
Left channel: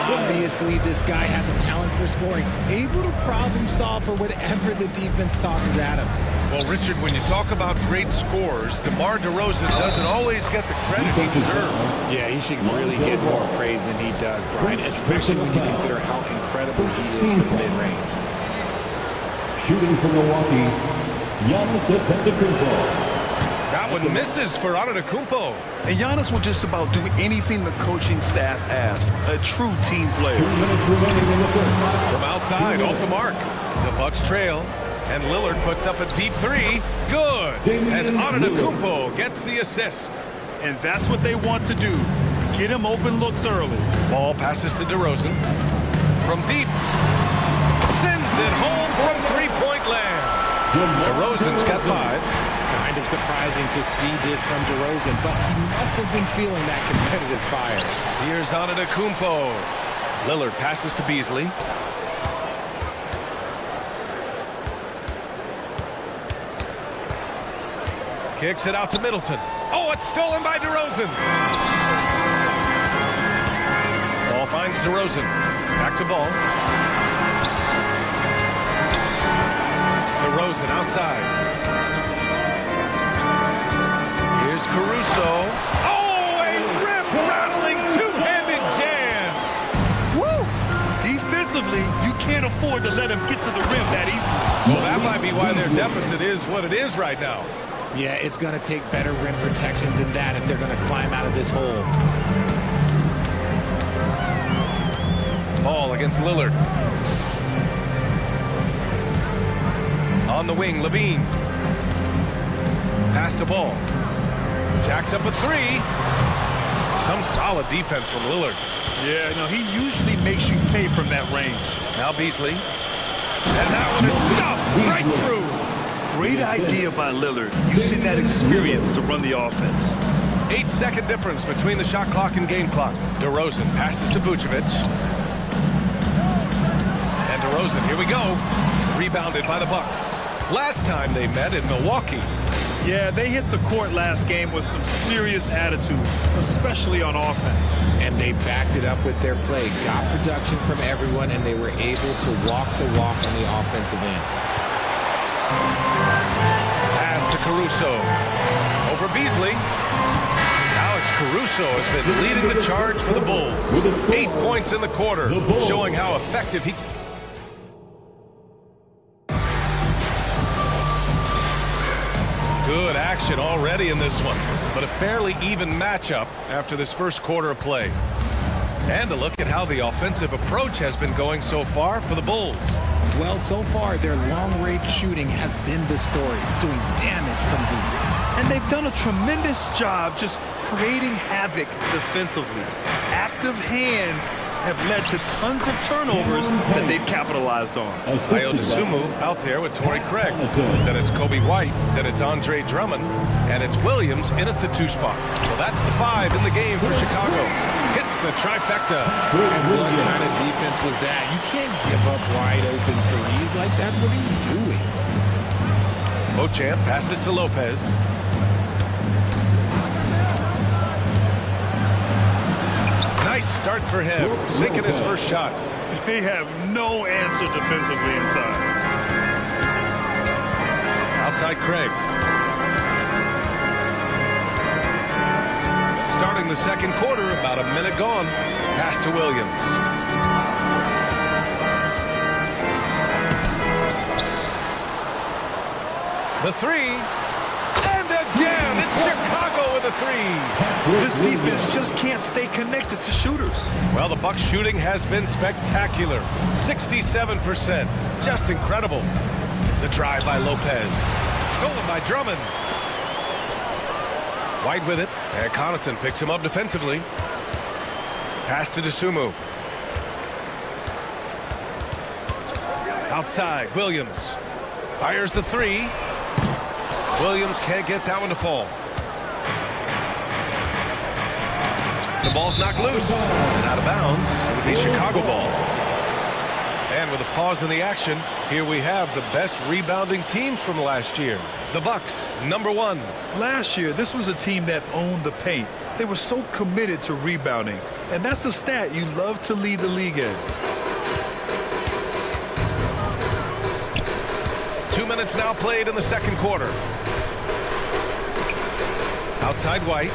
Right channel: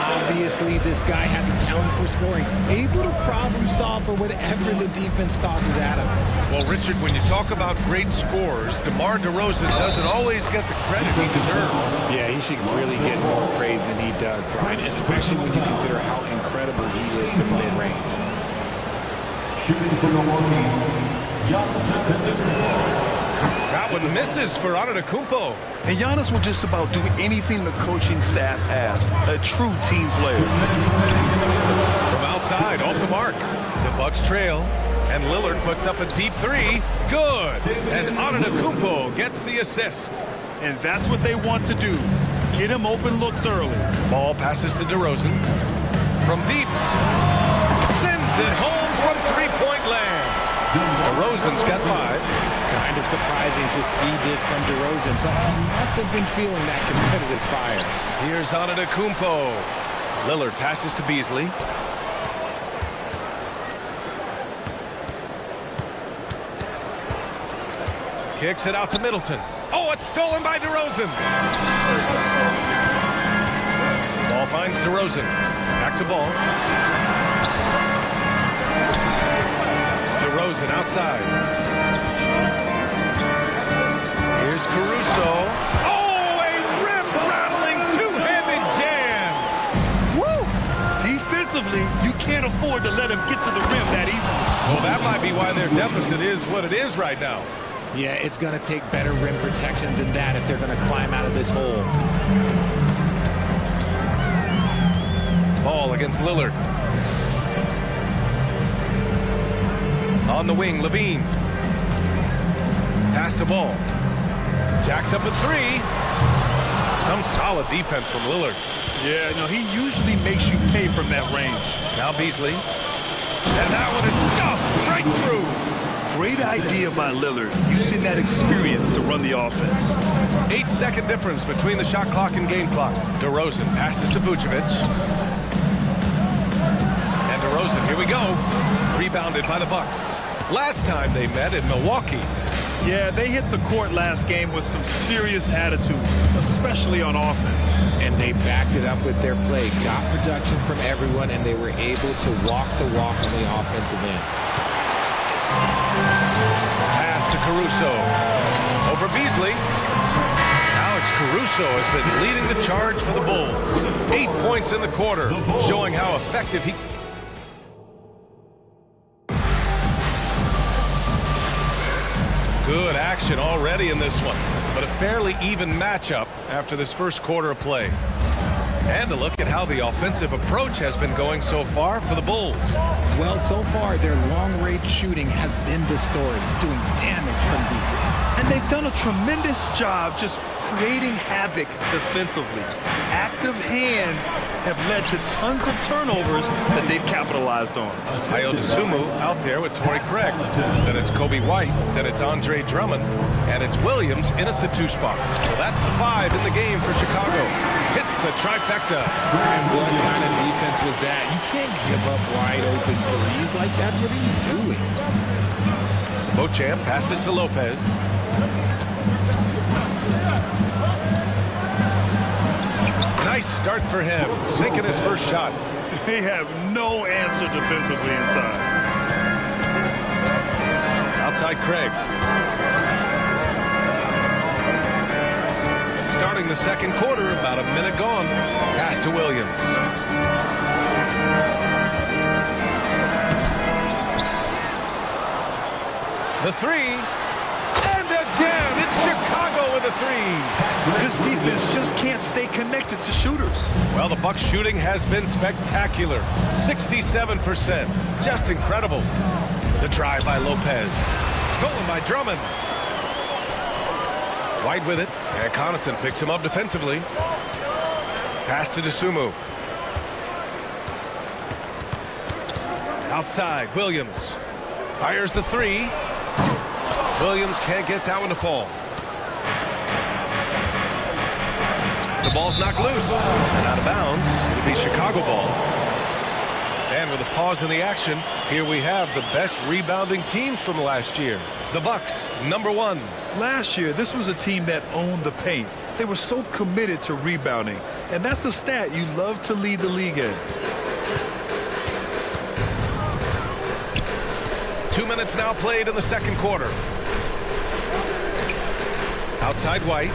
Obviously, this guy has a talent for scoring, able to problem solve for whatever the defense tosses at him. Well, Richard, when you talk about great scores, DeMar DeRozan doesn't always get the credit he deserves. Yeah, he should really get more praise than he does, Brian, especially when you consider how incredible he is from mid-range. Shooting from Milwaukee, Giannis Antetokounmpo. That one misses for Antetokounmpo. And Giannis will just about do anything the coaching staff asks. A true team player. From outside, off the mark. The Bucks trail. And Lillard puts up a deep 3. Good. And Antetokounmpo gets the assist. And that's what they want to do. Get him open looks early. Ball passes to DeRozan. From deep. Sends it home from three-point land. DeRozan's got 5. Kind of surprising to see this from DeRozan, but he must have been feeling that competitive fire. Here's Antetokounmpo. Lillard passes to Beasley. Kicks it out to Middleton. Oh, it's stolen by DeRozan. Ball finds DeRozan. Back to Ball. DeRozan outside. Here's Caruso. Oh, a rim-rattling two-handed jam. Woo! Defensively, you can't afford to let him get to the rim that easily. Well, that might be why their deficit is what it is right now. Yeah, it's going to take better rim protection than that if they're going to climb out of this hole. Ball against Lillard. On the wing, Levine. Pass to Ball. Jacks up a 3. Some solid defense from Lillard. Yeah, no, he usually makes you pay from that range. Now Beasley. And that one is stuffed right through. Great idea by Lillard, using that experience to run the offense. 8-second difference between the shot clock and game clock. DeRozan passes to Vucevic. And DeRozan, here we go. Rebounded by the Bucks. Last time they met in Milwaukee. Yeah, they hit the court last game with some serious attitude, especially on offense. And they backed it up with their play, got production from everyone, and they were able to walk the walk on the offensive end. Pass to Caruso. Over Beasley. Alex Caruso has been leading the charge for the Bulls. 8 points in the quarter, showing how effective he... Some good action already in this one, but a fairly even matchup after this first quarter of play. And a look at how the offensive approach has been going so far for the Bulls. Well, so far, their long-range shooting has been the story, doing damage from deep. And they've done a tremendous job just creating havoc defensively. Active hands have led to tons of turnovers that they've capitalized on. Ayo Dosunmu out there with Torrey Craig. Then it's Kobe White. Then it's Andre Drummond. And it's Williams in at the 2 spot. So that's the 5 in the game for Chicago. Hits the trifecta. And what kind of defense was that? You can't give up wide open threes like that. What are you doing? Beauchamp passes to Lopez. Nice start for him, sinking his first shot. They have no answer defensively inside. Outside Craig. Starting the second quarter, about a minute gone. Pass to Williams. The 3. And again, it's Chicago with a 3. This defense just can't stay connected to shooters. Well, the Bucks shooting has been spectacular. 67%. Just incredible. The drive by Lopez. Stolen by Drummond. White with it. And Connaughton picks him up defensively. Pass to Dosunmu. Outside, Williams. Fires the 3. Williams can't get that one to fall. The ball's knocked loose and out of bounds. It'll be Chicago ball. And with a pause in the action, here we have the best rebounding teams from last year. The Bucks, number 1. Last year, this was a team that owned the paint. They were so committed to rebounding. And that's a stat you love to lead the league in. 2 minutes now played in the second quarter. Outside White.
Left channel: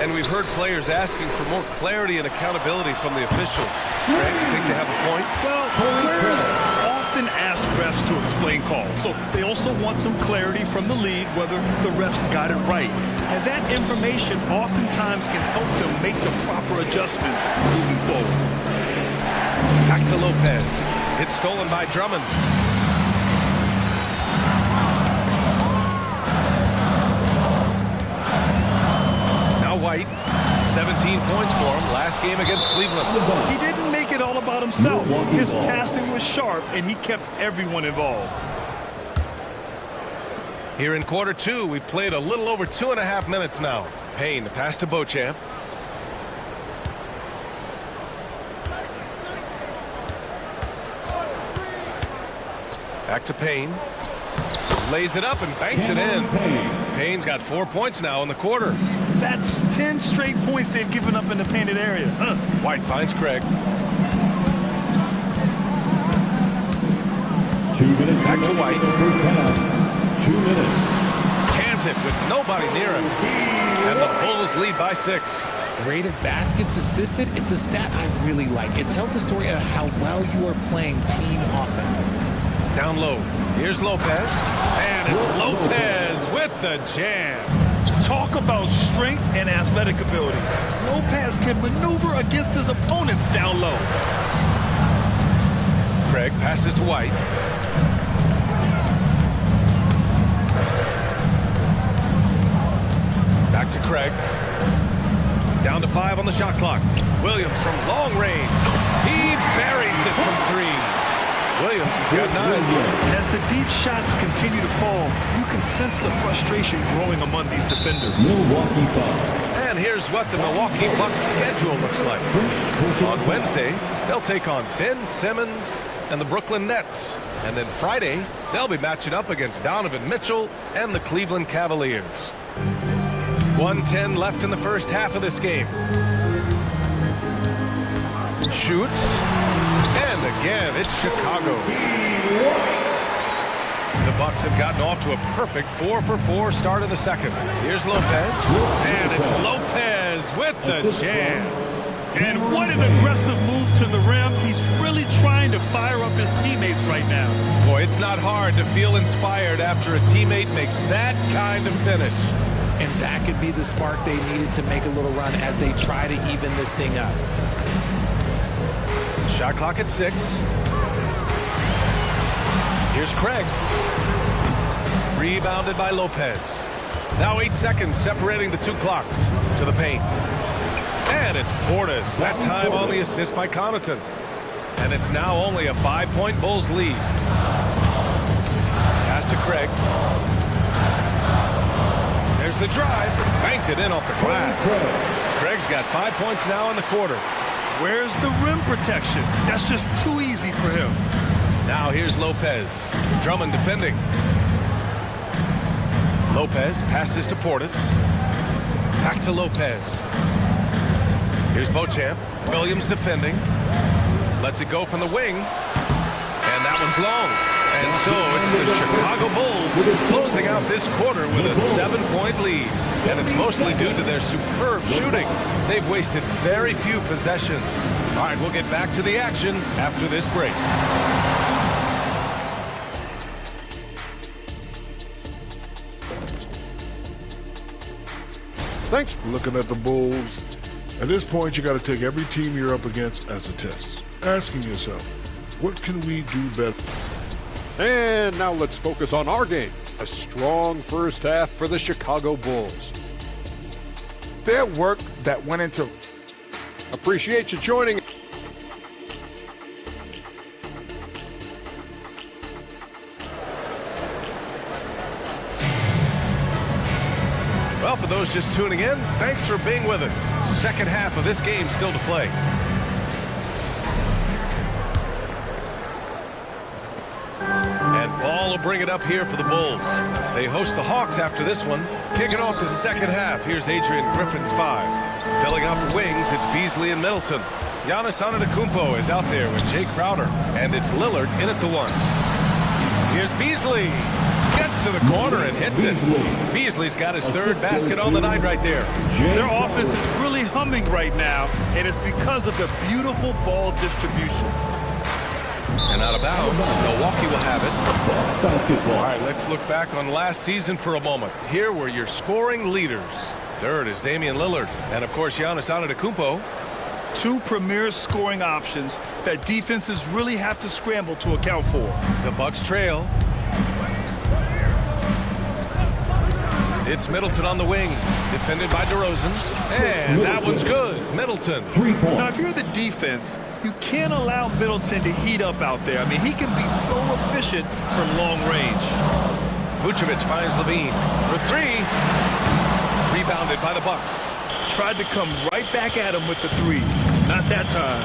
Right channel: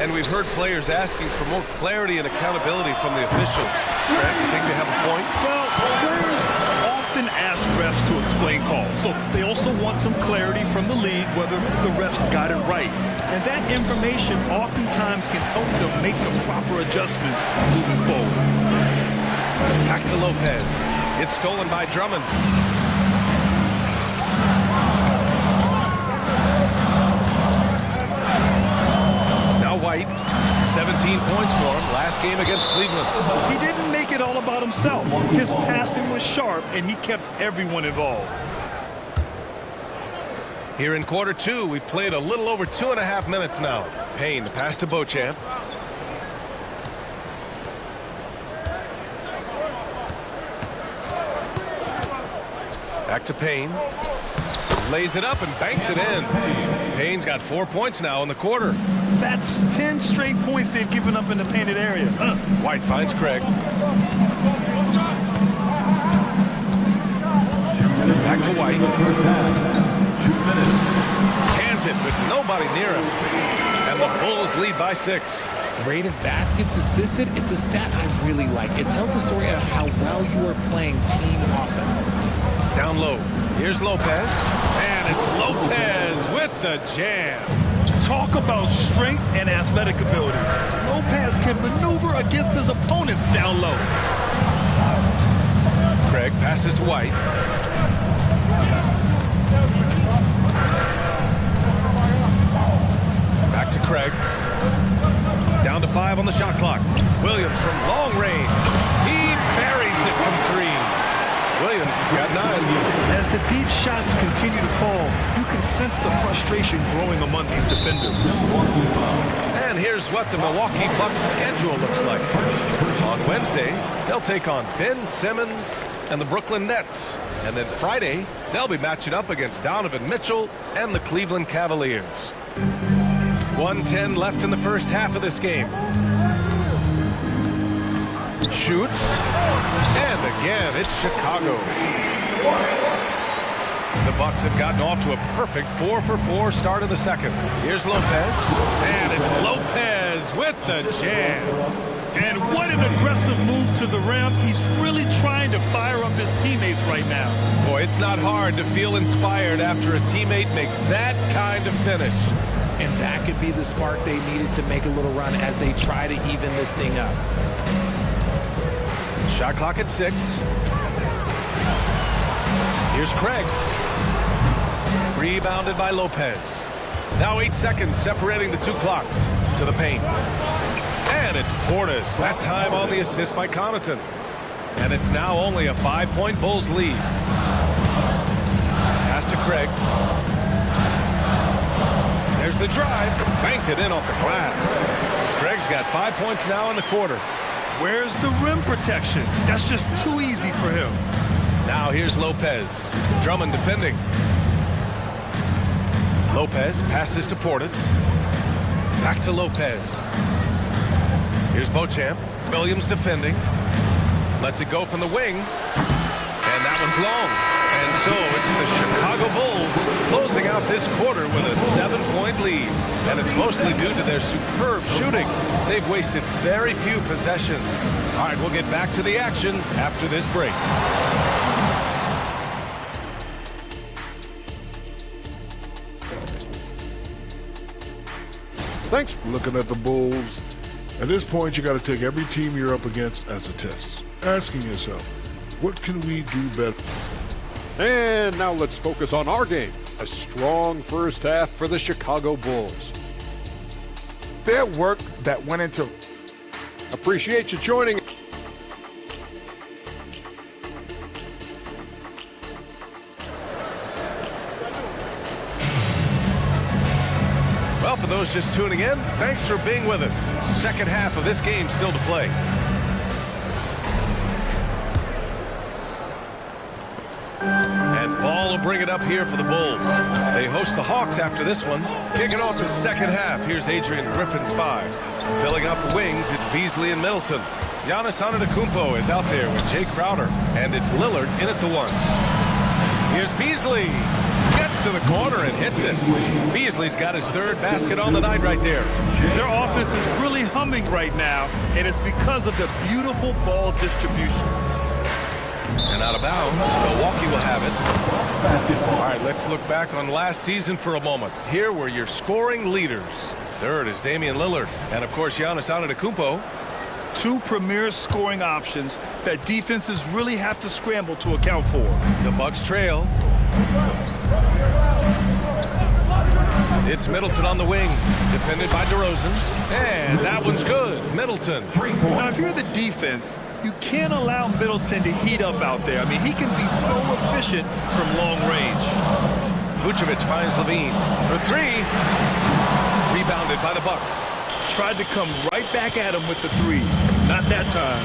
And we've heard players asking for more clarity and accountability from the officials. Greg, you think they have a point? Well, players often ask refs to explain calls. So they also want some clarity from the league whether the refs got it right. And that information oftentimes can help them make the proper adjustments moving forward. Back to Lopez. It's stolen by Drummond. White, 17 points for him last game against Cleveland. He didn't make it all about himself. His passing was sharp, and he kept everyone involved. Here in quarter 2, we've played a little over 2.5 minutes now. Payne, the pass to Beauchamp. Back to Payne. Lays it up and banks it in. Payne's got 4 points now in the quarter. That's 10 straight points they've given up in the painted area. White finds Craig. 2 minutes. Back to White. 2 minutes. Cans it with nobody near him. And the Bulls lead by 6. Rate of baskets assisted, it's a stat I really like. It tells the story of how well you are playing team offense. Down low. Here's Lopez. And it's Lopez with the jam. Talk about strength and athletic ability. Lopez can maneuver against his opponents down low. Craig passes to White. Back to Craig. Down to 5 on the shot clock. Williams from long range. He buries it from 3. Williams has got 9. As the deep shots continue to fall, you can sense the frustration growing among these defenders. And here's what the Milwaukee Bucks schedule looks like. On Wednesday, they'll take on Ben Simmons and the Brooklyn Nets. And then Friday, they'll be matching up against Donovan Mitchell and the Cleveland Cavaliers. 1:10 left in the first half of this game. Shoots, and again, it's Chicago. The Bucks have gotten off to a perfect 4-for-4 start in the second. Here's Lopez, and it's Lopez with the jam. And what an aggressive move to the rim. He's really trying to fire up his teammates right now. Boy, it's not hard to feel inspired after a teammate makes that kind of finish. And that could be the spark they needed to make a little run as they try to even this thing up. Shot clock at 6. Here's Craig. Rebounded by Lopez. Now 8 seconds separating the two clocks to the paint. And it's Portis, that time on the assist by Connaughton. And it's now only a 5-point Bulls lead. Pass to Craig. There's the drive. Banked it in off the glass. Craig's got 5 points now in the quarter. Where's the rim protection? That's just too easy for him. Now here's Lopez. Drummond defending. Lopez passes to Portis. Back to Lopez. Here's Beauchamp. Williams defending. Lets it go from the wing. And that one's long. And so it's the Chicago Bulls closing out this quarter with a 7-point lead. And it's mostly due to their superb shooting. They've wasted very few possessions. All right, we'll get back to the action after this break. Thanks for looking at the Bulls. At this point, you got to take every team you're up against as a test, asking yourself, what can we do better? And now let's focus on our game. A strong first half for the Chicago Bulls. Their work that went into... Appreciate you joining. Well, for those just tuning in, thanks for being with us. Second half of this game still to play. And Ball will bring it up here for the Bulls. They host the Hawks after this one. Kicking off the second half, here's Adrian Griffin's 5. Filling out the wings, it's Beasley and Middleton. Giannis Antetokounmpo is out there with Jay Crowder, and it's Lillard in at the 1. Here's Beasley. Gets to the corner and hits it. Beasley's got his third basket on the night right there. Their offense is really humming right now, and it's because of the beautiful ball distribution. And out of bounds, Milwaukee will have it. All right, let's look back on last season for a moment. Here were your scoring leaders. Third is Damian Lillard, and of course Giannis Antetokounmpo. Two premier scoring options that defenses really have to scramble to account for. The Bucks trail. It's Middleton on the wing, defended by DeRozan, and that one's good. Middleton. Now, if you're the defense, you can't allow Middleton to heat up out there. I mean, he can be so efficient from long range. Vucevic finds Levine for 3. Rebounded by the Bucks. Tried to come right back at him with the 3. Not that time.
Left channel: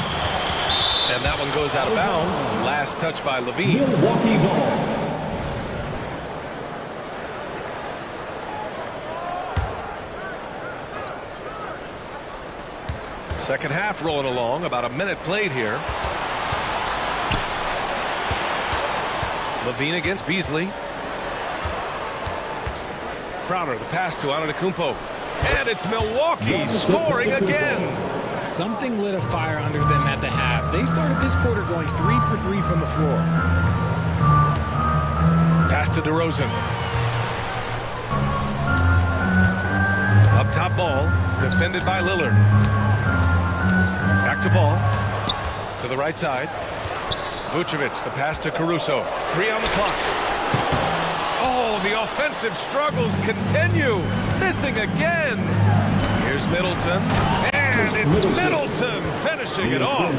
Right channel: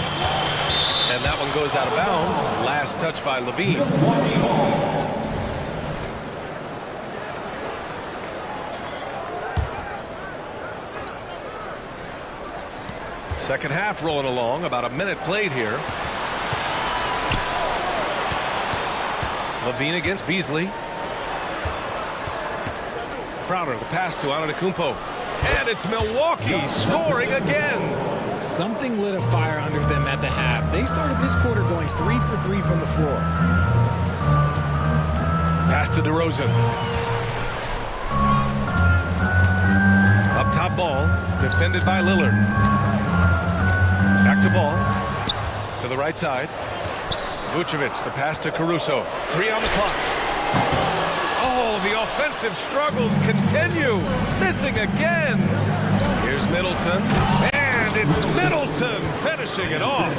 And that one goes out of bounds. Last touch by Levine. Second half rolling along, about a minute played here. Levine against Beasley. Crowder, the pass to Antetokounmpo. And it's Milwaukee scoring again. Something lit a fire under them at the half. They started this quarter going 3 for 3 from the floor. Pass to DeRozan. Up top Ball, defended by Lillard. Back to Ball, to the right side. Vucevic, the pass to Caruso. 3 on the clock. Oh, the offensive struggles continue. Missing again. Here's Middleton. And it's Middleton finishing it off.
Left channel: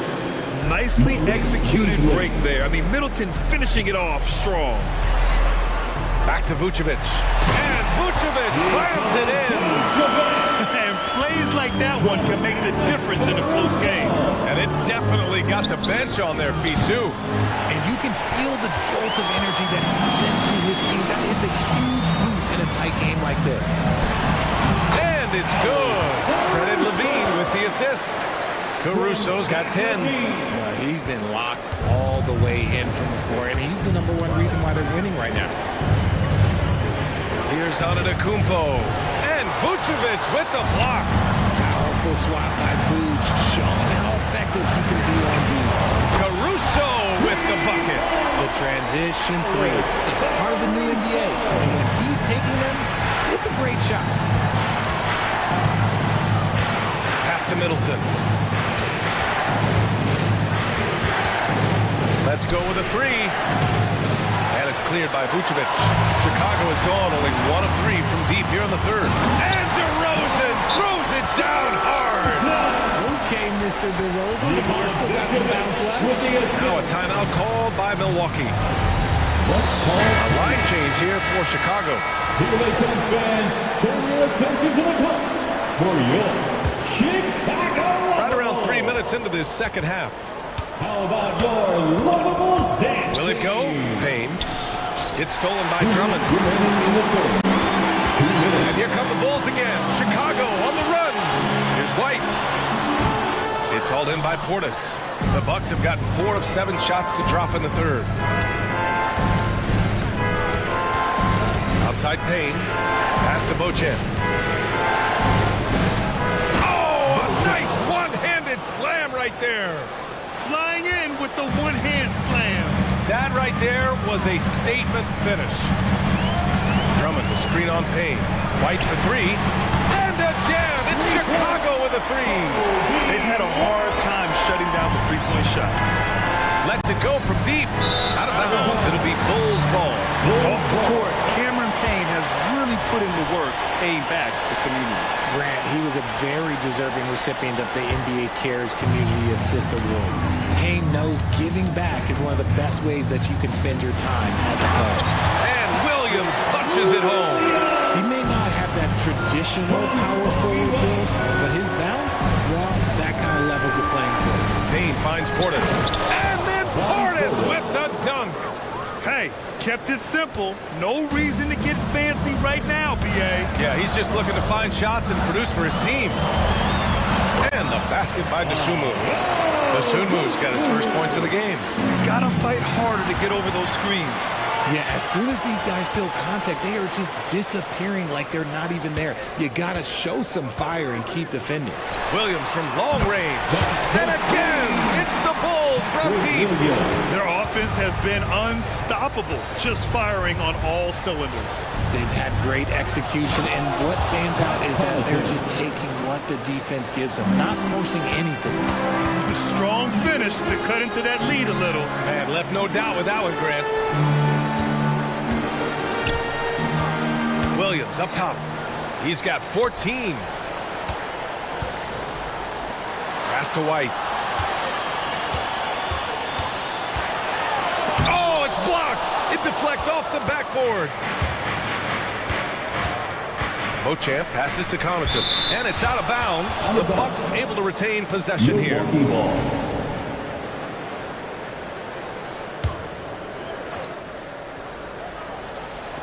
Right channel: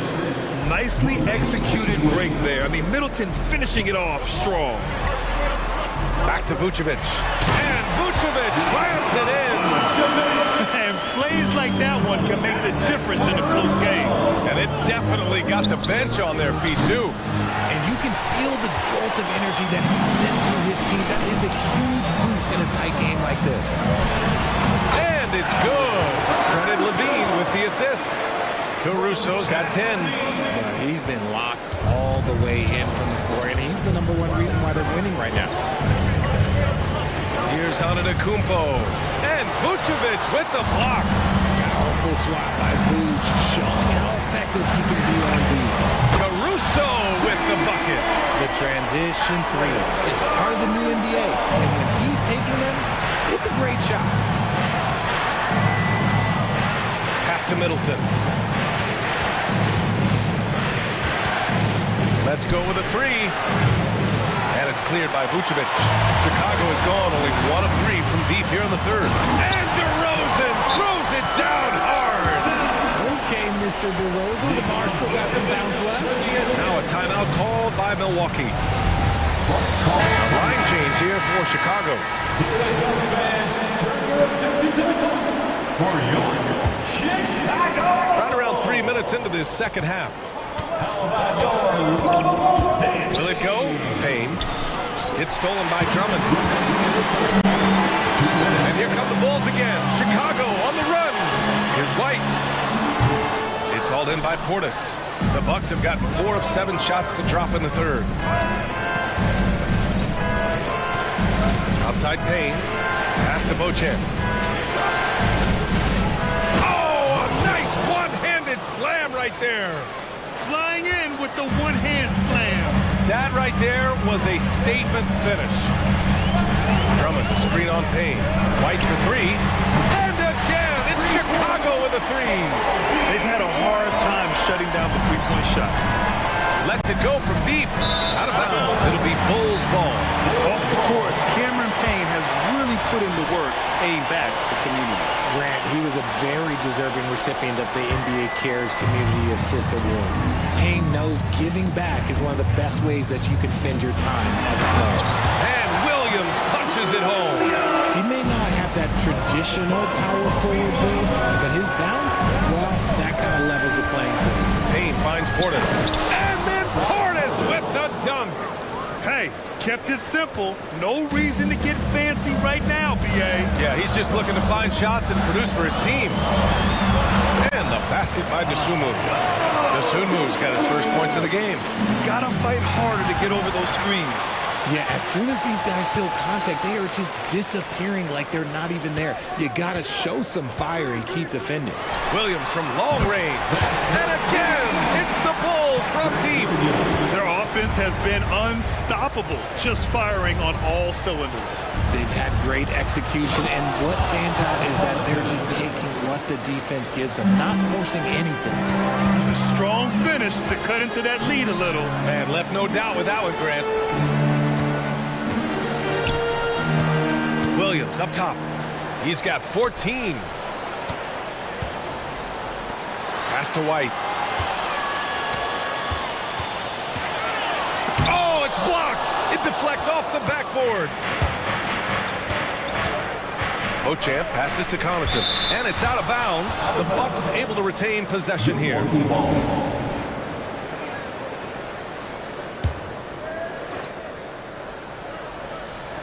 Nicely executed break there. I mean, Middleton finishing it off strong. Back to Vucevic. And Vucevic slams it in. And plays like that one can make the difference in a close game. And it definitely got the bench on their feet, too. And you can feel the jolt of energy that he sent through his team. That is a huge boost in a tight game like this. And it's good. Credit Levine with the assist. Caruso's got 10. He's been locked all the way in from the floor, and he's the #1 reason why they're winning right now. Here's Antetokounmpo. And Vucevic with the block. Powerful swat by Vuce, showing how effective he can be on D. Caruso with the bucket. The transition three. It's part of the new NBA, and when he's taking them, it's a great shot. Pass to Middleton. Let's go with a three. And it's cleared by Vucevic. Chicago is gone, only 1 of 3 from deep here in the third. And DeRozan throws it down hard. Okay, Mr. DeRozan. DeMar still got some bounce left. Now a timeout called by Milwaukee. A line change here for Chicago. Fans, turn your attention to the clock for your Chicago. Right around 3 minutes into this second half. How about your lovable dance? Will it go? Payne. It's stolen by Drummond. And here come the Bulls again. Chicago on the run. Here's White. It's hauled in by Portis. The Bucks have gotten 4 of 7 shots to drop in the third. Outside Payne. Pass to Beauchamp. Oh, a nice one-handed slam right there. Flying in with the one-hand slam. That right there was a statement finish. Drummond to screen on Payne. White for 3. And again, it's Chicago with a 3. They've had a hard time shutting down the three-point shot. Lets it go from deep. Out of bounds. It'll be Bulls ball. Off the court, Cameron Payne has really put in the work paying back the community. Grant, he was a very deserving recipient of the NBA Cares Community Assist Award. Payne knows giving back is one of the best ways that you can spend your time as a player. And Williams punches it home. He may not have that traditional power forward build, but his bounce, well, that kind of levels the playing field. Payne finds Portis. And then Portis with the dunk. Hey, kept it simple. No reason to get fancy right now, B.A. Yeah, he's just looking to find shots and produce for his team. And the basket by Dosunmu. Dosunmu's got his first points of the game. Gotta fight harder to get over those screens. Yeah, as soon as these guys feel contact, they are just disappearing like they're not even there. You gotta show some fire and keep defending. Williams from long range. And again, it's the Bulls from deep. Their offense has been unstoppable, just firing on all cylinders. They've had great execution, and what stands out is that they're just taking what the defense gives them, not forcing anything. A strong finish to cut into that lead a little. Man, left no doubt with that one, Grant. Williams up top. He's got 14. Pass to White. Oh, it's blocked. It deflects off the backboard. Beauchamp passes to Connaughton, and it's out of bounds. The Bucks able to retain possession here.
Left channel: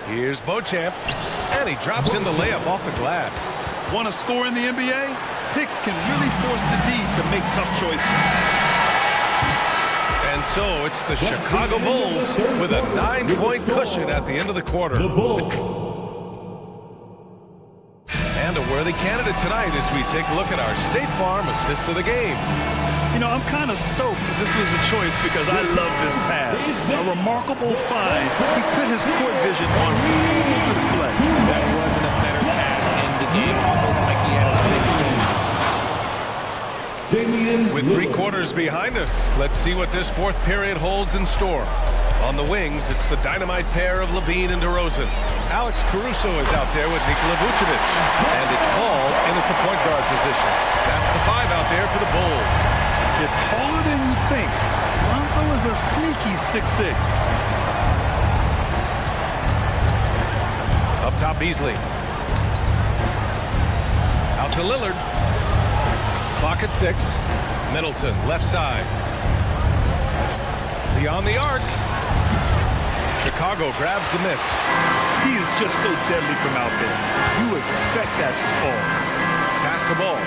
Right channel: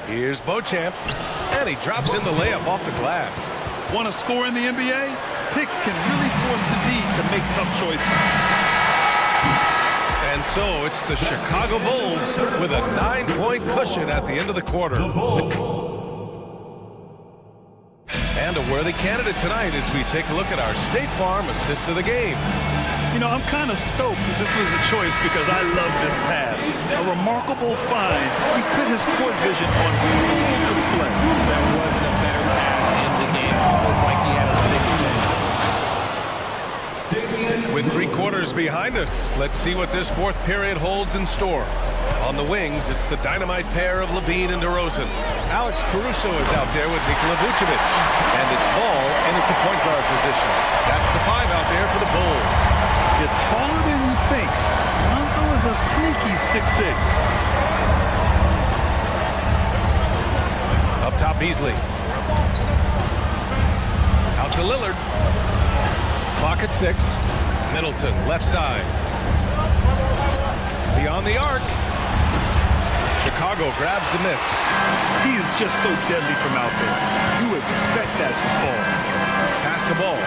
Here's Beauchamp, and he drops in the layup off the glass. Want to score in the NBA? Picks can really force the D to make tough choices. And so it's the Chicago Bulls with a 9-point cushion at the end of the quarter. And a worthy candidate tonight as we take a look at our State Farm assist of the game. You know, I'm kind of stoked that this was a choice because I love this pass. A remarkable find. He put his court vision on full display. That wasn't a better pass in the game, almost like he had a sixth sense. With 3 quarters behind us, let's see what this fourth period holds in store. On the wings, it's the dynamite pair of Levine and DeRozan. Alex Caruso is out there with Nikola Vucevic. And it's Ball in at the point guard position. That's the 5 out there for the Bulls. You're taller than you think. Lonzo is a sneaky 6'6". Up top, Beasley. Out to Lillard. Clock at 6. Middleton, left side. Beyond the arc. Chicago grabs the miss. He is just so deadly from out there. You expect that to fall. Pass to Ball.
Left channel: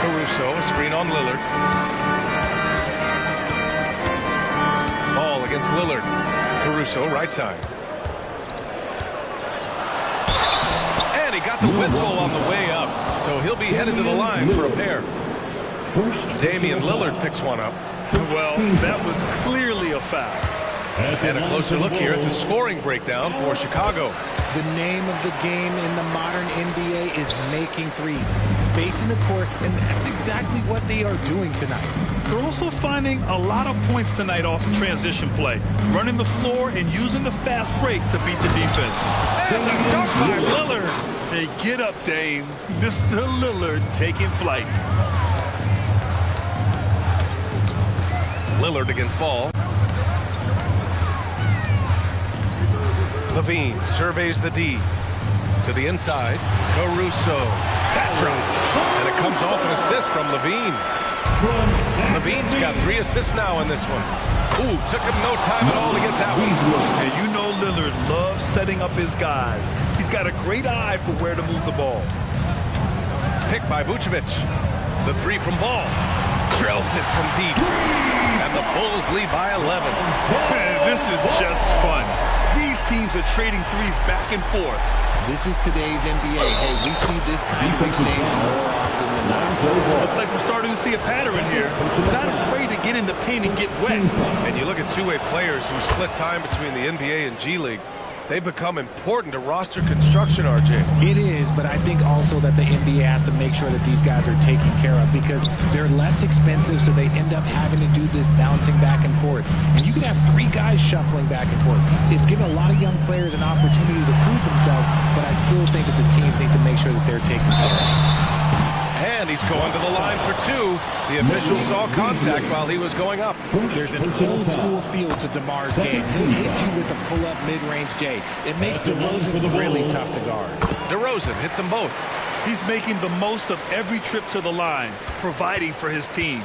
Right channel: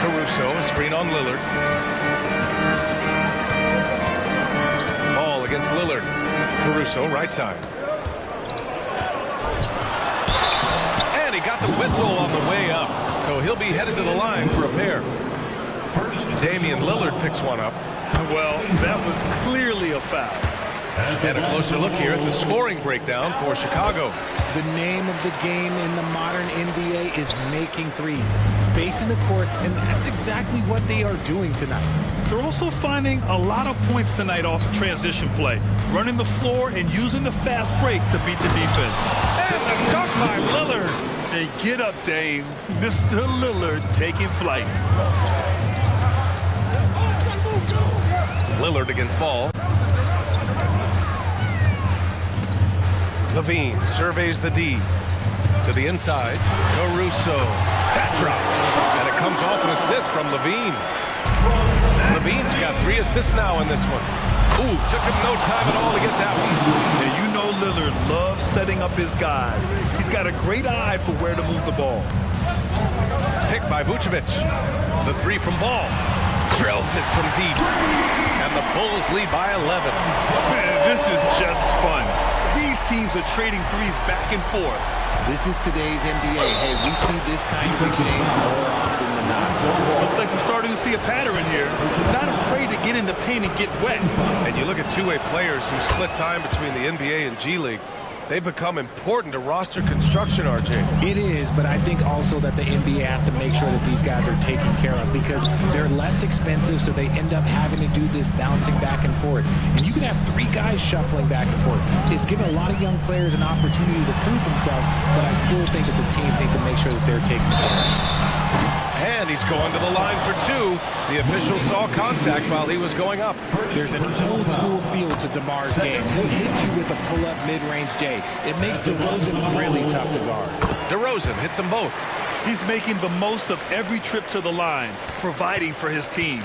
Caruso, a screen on Lillard. Ball against Lillard. Caruso, right side. And he got the whistle on the way up, so he'll be headed to the line for a pair. Damian Lillard picks one up. Well, that was clearly a foul. And a closer look here at the scoring breakdown for Chicago. The name of the game in the modern NBA is making threes, spacing the court, and that's exactly what they are doing tonight. They're also finding a lot of points tonight off of transition play, running the floor and using the fast break to beat the defense. And the dunk by Lillard. Hey, get up, Dame. Mr. Lillard taking flight. Lillard against Ball. Levine surveys the D. To the inside. Caruso. That drops. And it comes off an assist from Levine. Levine's got 3 assists now in this one. Ooh, took him no time at all to get that one. And you know Lillard loves setting up his guys. He's got a great eye for where to move the ball. Pick by Vucevic. The 3 from Ball. Drills it from deep. And the Bulls lead by 11. This is just fun. These teams are trading threes back and forth. This is today's NBA. Hey, we see this kind of exchange more often than not. Looks like we're starting to see a pattern here. Not afraid to get in the paint and get wet. And you look at two-way players who split time between the NBA and G League. They become important to roster construction, RJ. It is, but I think also that the NBA has to make sure that these guys are taken care of because they're less expensive, so they end up having to do this bouncing back and forth. And you can have 3 guys shuffling back and forth. It's given a lot of young players an opportunity to prove themselves, but I still think that the teams need to make sure that they're taken care of. And he's going to the line for 2. The official saw contact while he was going up. There's an old school feel to DeMar's game. He'll hit you with a pull-up mid-range J. It makes DeRozan really tough to guard. DeRozan hits them both. He's making the most of every trip to the line, providing for his team.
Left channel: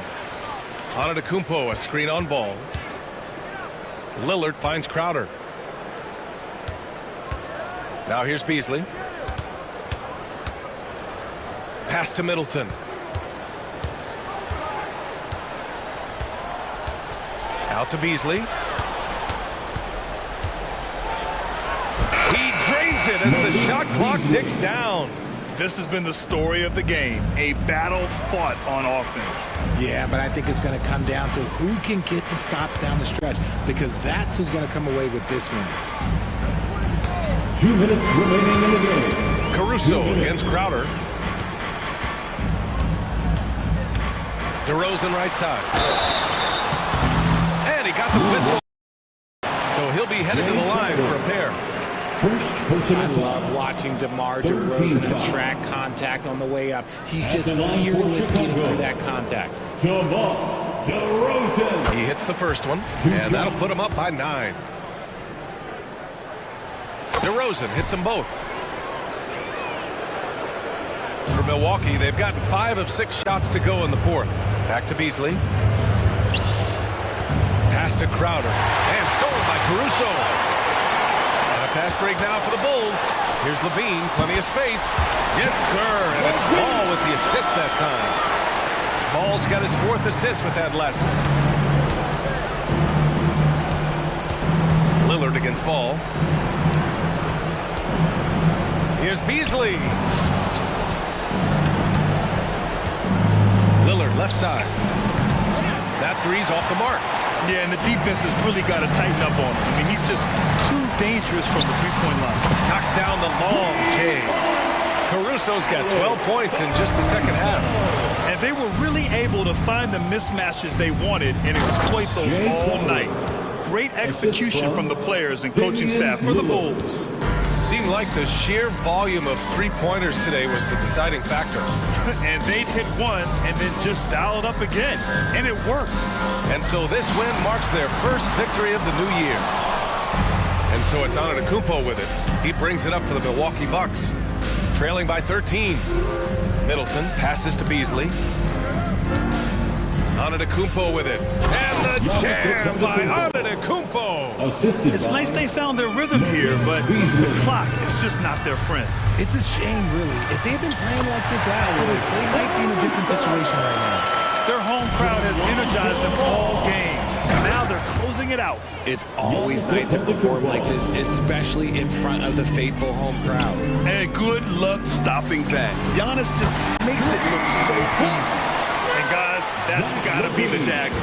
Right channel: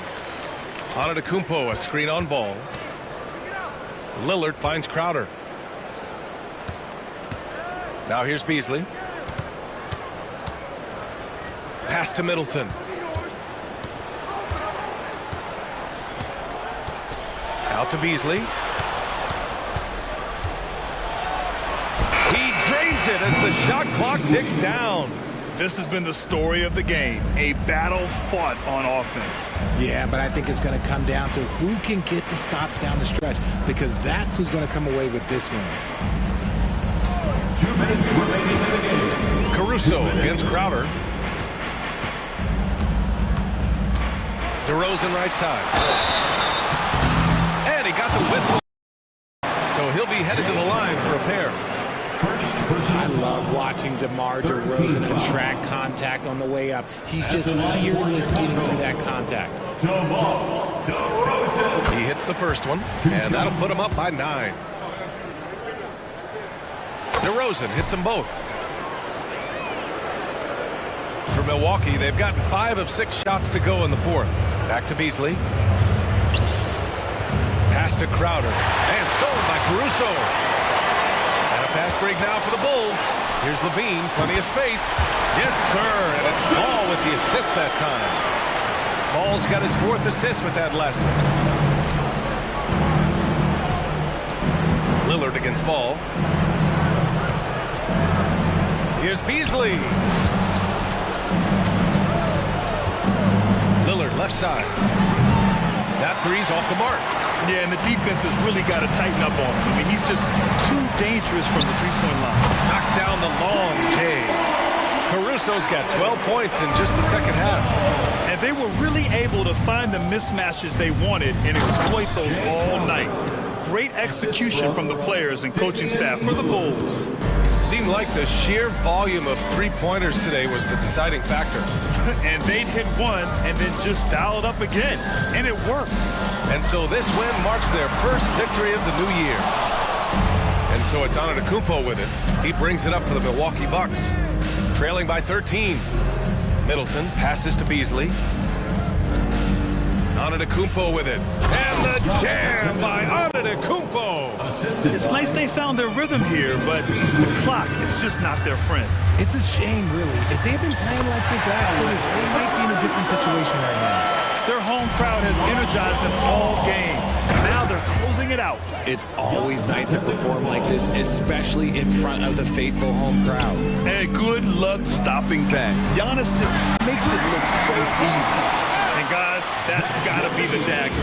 Antetokounmpo, a screen on Ball. Lillard finds Crowder. Now here's Beasley. Pass to Middleton. Out to Beasley. He drains it as the shot clock ticks down. This has been the story of the game, a battle fought on offense. Yeah, but I think it's going to come down to who can get the stops down the stretch because that's who's going to come away with this win. 2 minutes remaining in the game. Caruso against Crowder. DeRozan right side. And he got the whistle. So he'll be headed to the line for a pair. I love watching DeMar DeRozan attract contact on the way up. He's just fearless getting through that contact. DeMar DeRozan. He hits the first one, and that'll put him up by 9. DeRozan hits them both. For Milwaukee, they've gotten 5 of 6 shots to go in the 4th. Back to Beasley. Pass to Crowder. And stolen by Caruso. And a fast break now for the Bulls. Here's Levine, plenty of space. Yes, sir, and it's Ball with the assist that time. Ball's got his 4th assist with that last one. Lillard against Ball. Here's Beasley. Lillard left side. That 3's off the mark. Yeah, and the defense has really got to tighten up on him. I mean, he's just too dangerous from the three-point line. Knocks down the long J. Caruso's got 12 points in just the second half. And they were really able to find the mismatches they wanted and exploit those all night. Great execution from the players and coaching staff for the Bulls. Seemed like the sheer volume of three-pointers today was the deciding factor. And they'd hit one and then just dial it up again. And it worked. And so this win marks their first victory of the new year. And so it's Antetokounmpo with it. He brings it up for the Milwaukee Bucks. Trailing by 13. Middleton passes to Beasley. Antetokounmpo with it. And the jam by Antetokounmpo. It's nice they found their rhythm here, but the clock is just not their friend. It's a shame, really. If they'd been playing like this last quarter, they might be in a different situation right now. Their home crowd has energized them all game. Now they're closing it out. It's always nice to perform like this, especially in front of the faithful home crowd. And good luck stopping that. Giannis just makes it look so easy. And guys, that's gotta be the dagger.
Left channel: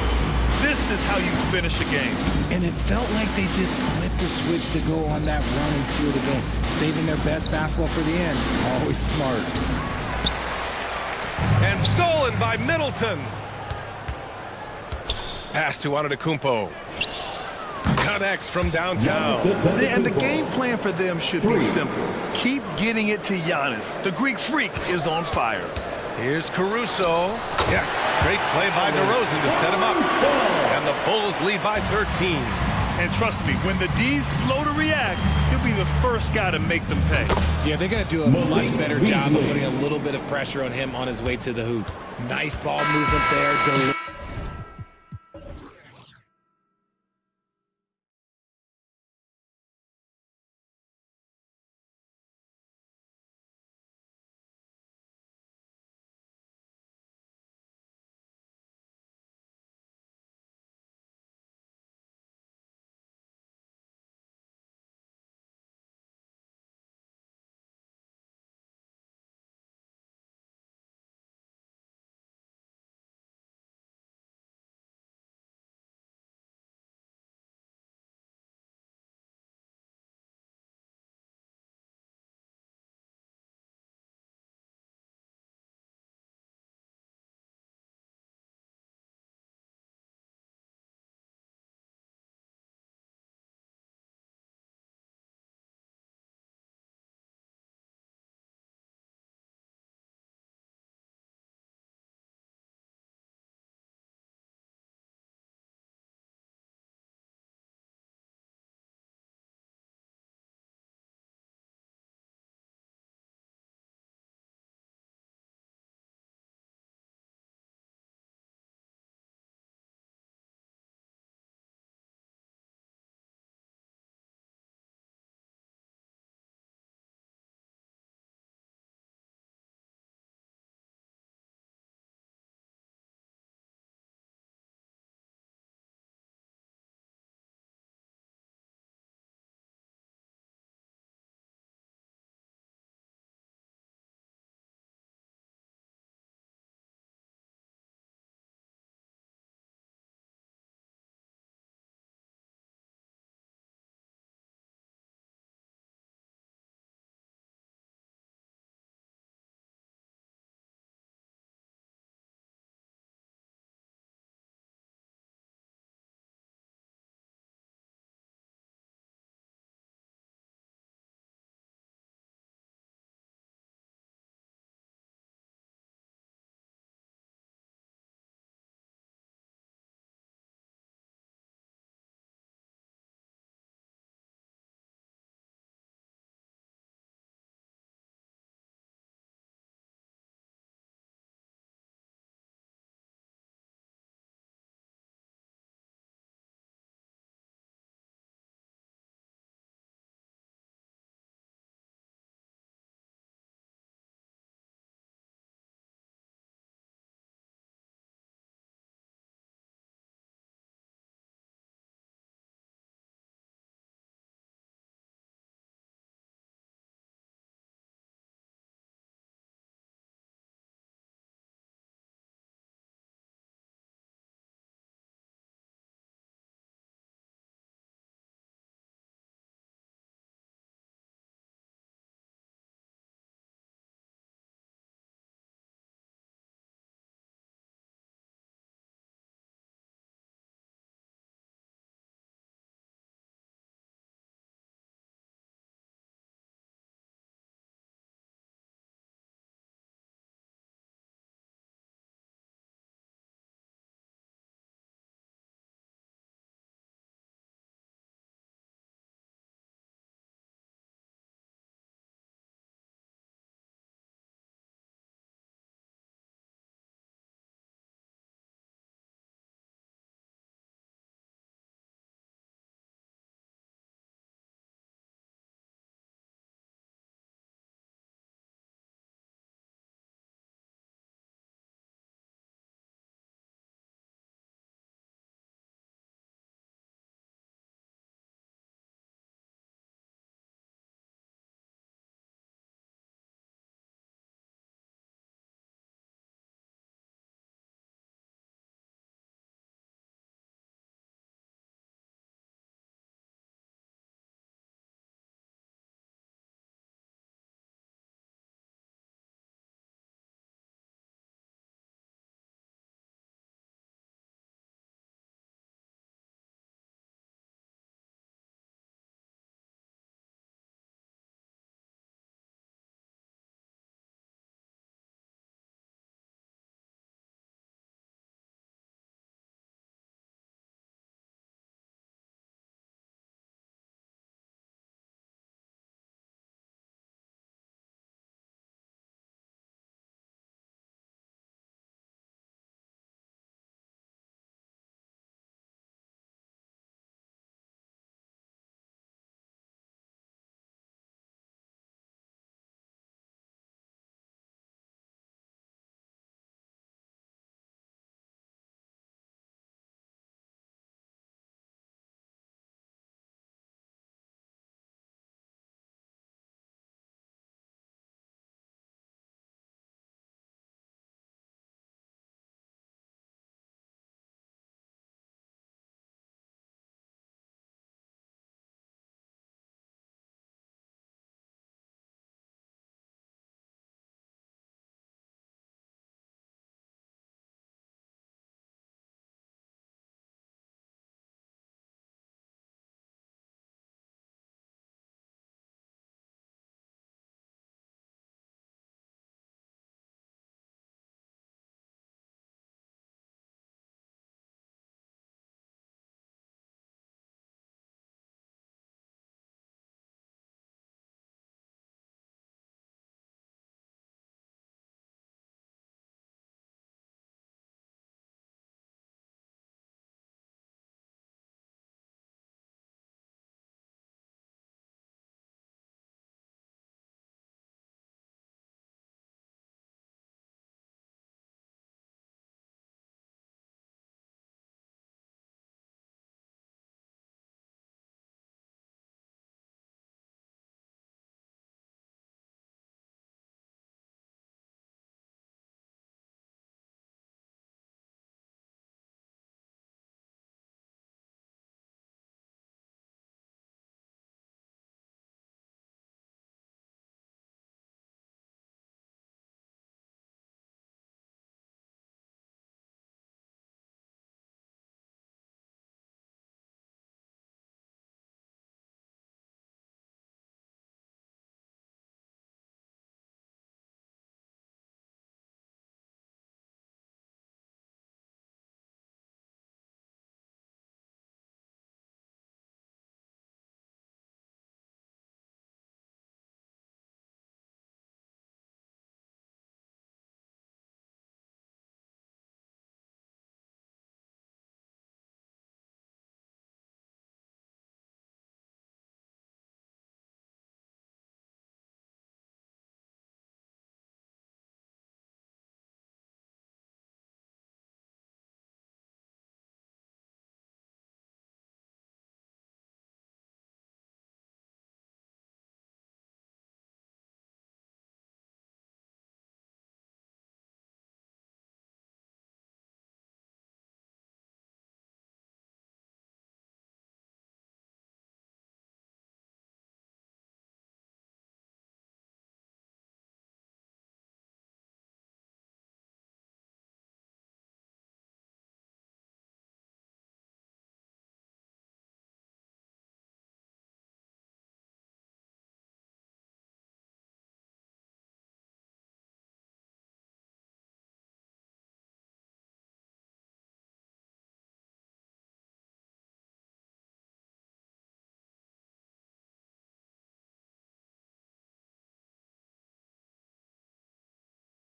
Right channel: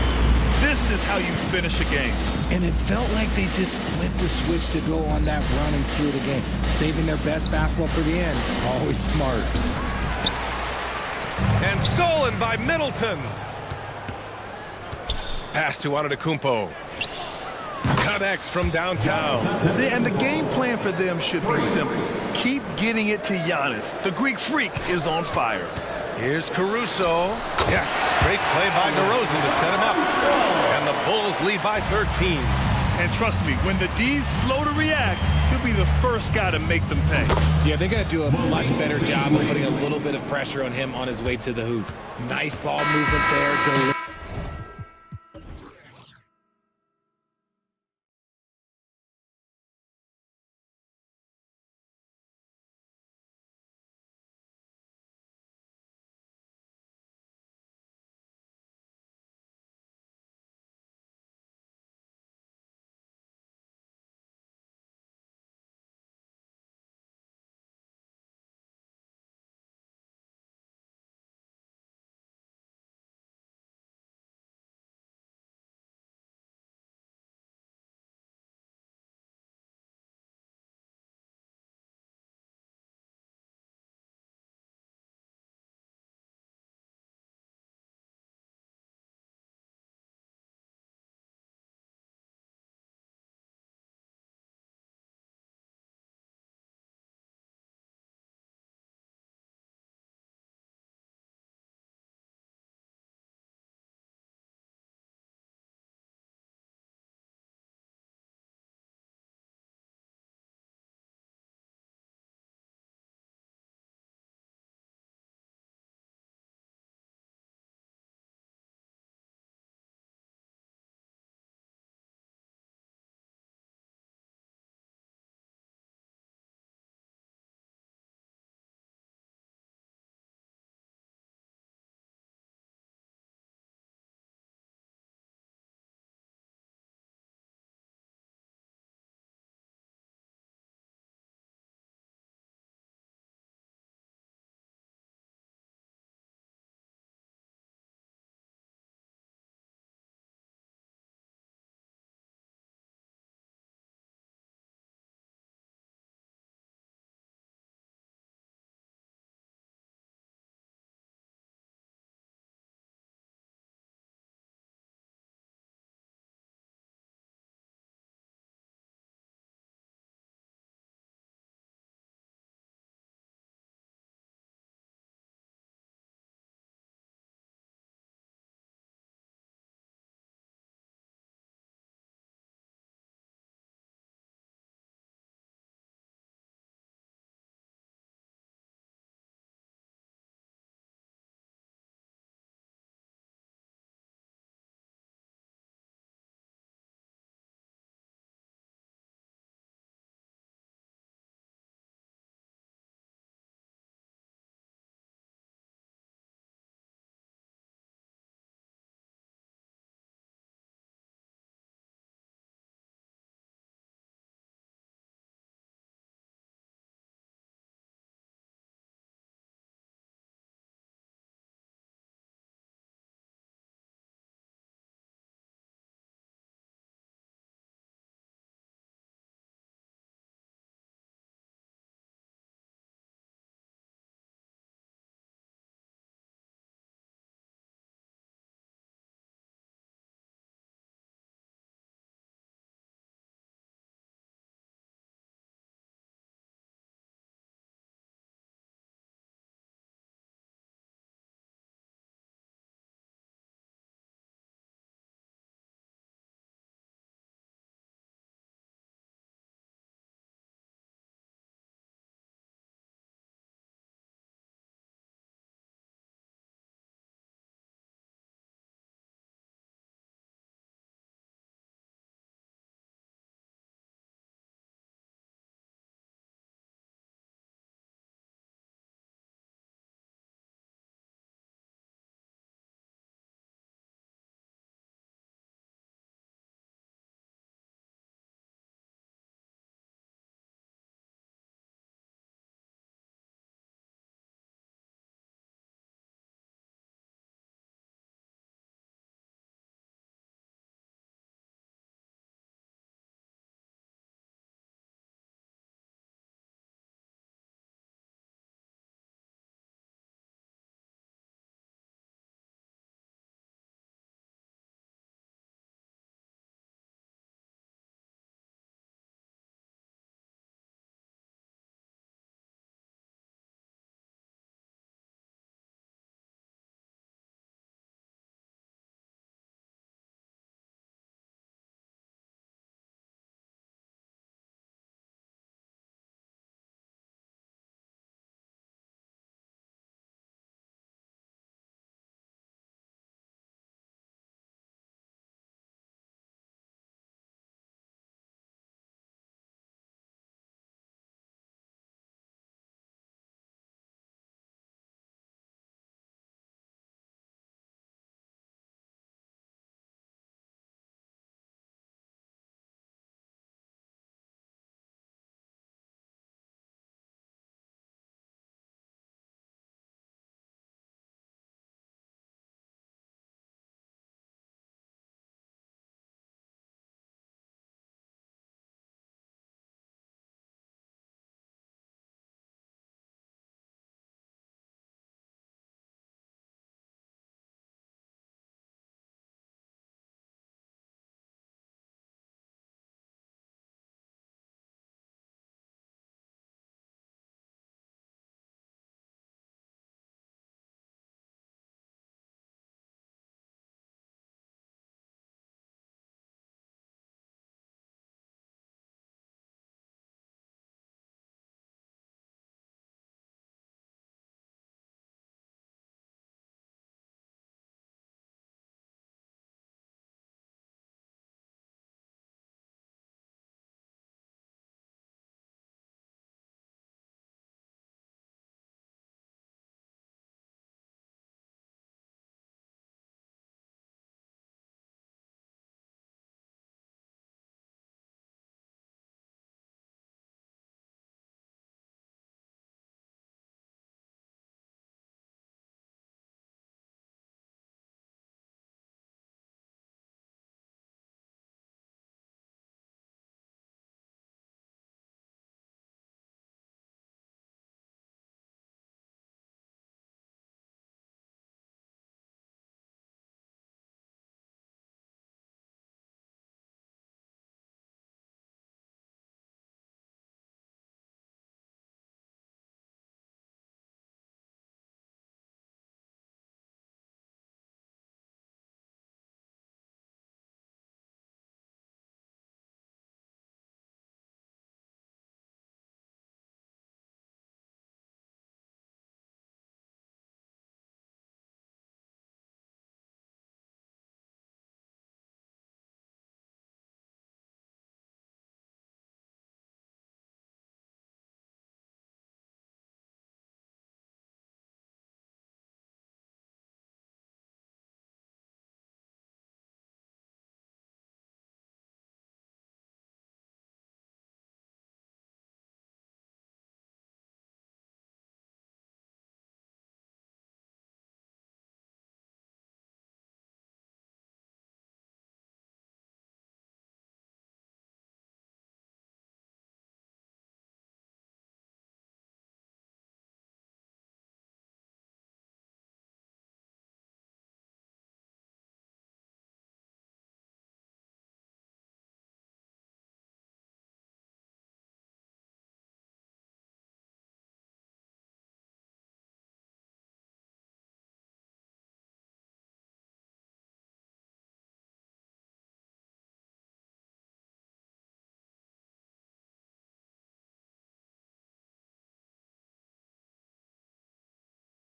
This is how you finish a game. And it felt like they just flipped the switch to go on that run and seal the game. Saving their best basketball for the end. Always smart. And stolen by Middleton. Pass to Antetokounmpo. Connects from downtown. And the game plan for them should be simple. Keep getting it to Giannis. The Greek freak is on fire. Here's Caruso. Yes, great play by DeRozan to set him up. And the Bulls lead by 13. And trust me, when the D's slow to react, he'll be the first guy to make them pay. Yeah, they're going to do a much better job of putting a little bit of pressure on him on his way to the hoop. Nice ball movement there.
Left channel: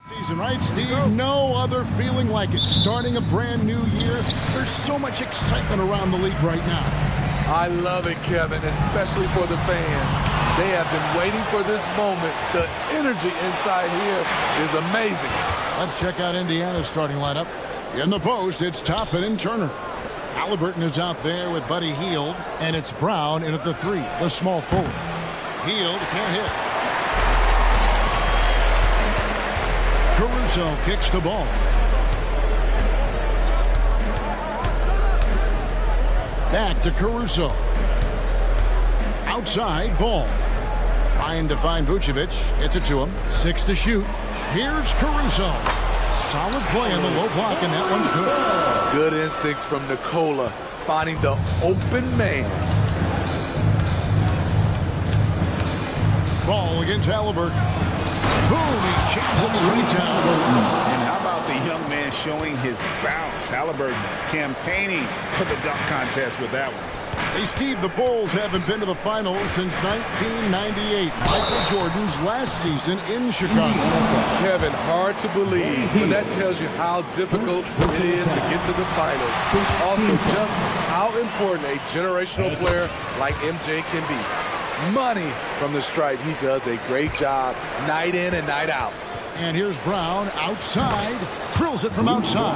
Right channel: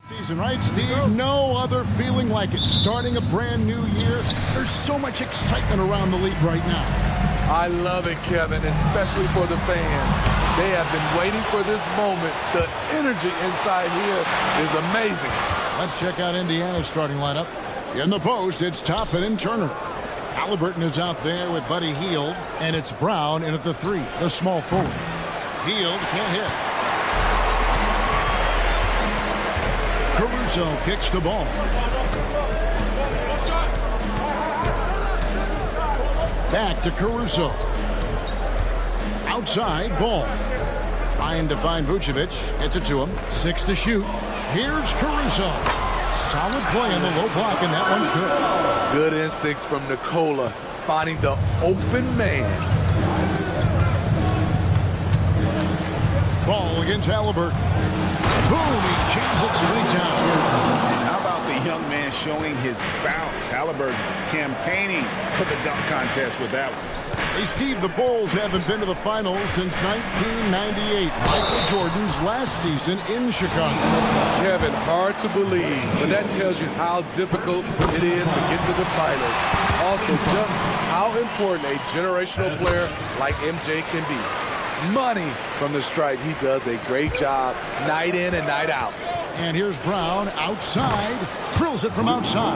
Season, right, Steve? No other feeling like it. Starting a brand new year, there's so much excitement around the league right now. I love it, Kevin, especially for the fans. They have been waiting for this moment. The energy inside here is amazing. Let's check out Indiana's starting lineup. In the post, it's Toppin and Turner. Halliburton is out there with Buddy Hield, and it's Brown in at the 3, the small forward. Hield can't hit. Caruso kicks the ball. Back to Caruso. Outside, ball. Trying to find Vucevic. Gets it to him. 6 to shoot. Here's Caruso. Solid play on the low block, and that one's good. Good instincts from Nikola, finding the open man. Ball against Halliburton. Boom, he jams it straight down. And how about the young man showing his bounce? Halliburton campaigning for the dunk contest with that one. Hey, Steve, the Bulls haven't been to the finals since 1998. Michael Jordan's last season in Chicago. Kevin, hard to believe, but that tells you how difficult it is to get to the finals. Also, just how important a generational player like MJ can be. Money from the stripe. He does a great job night in and night out. And here's Brown outside. Drills it from outside.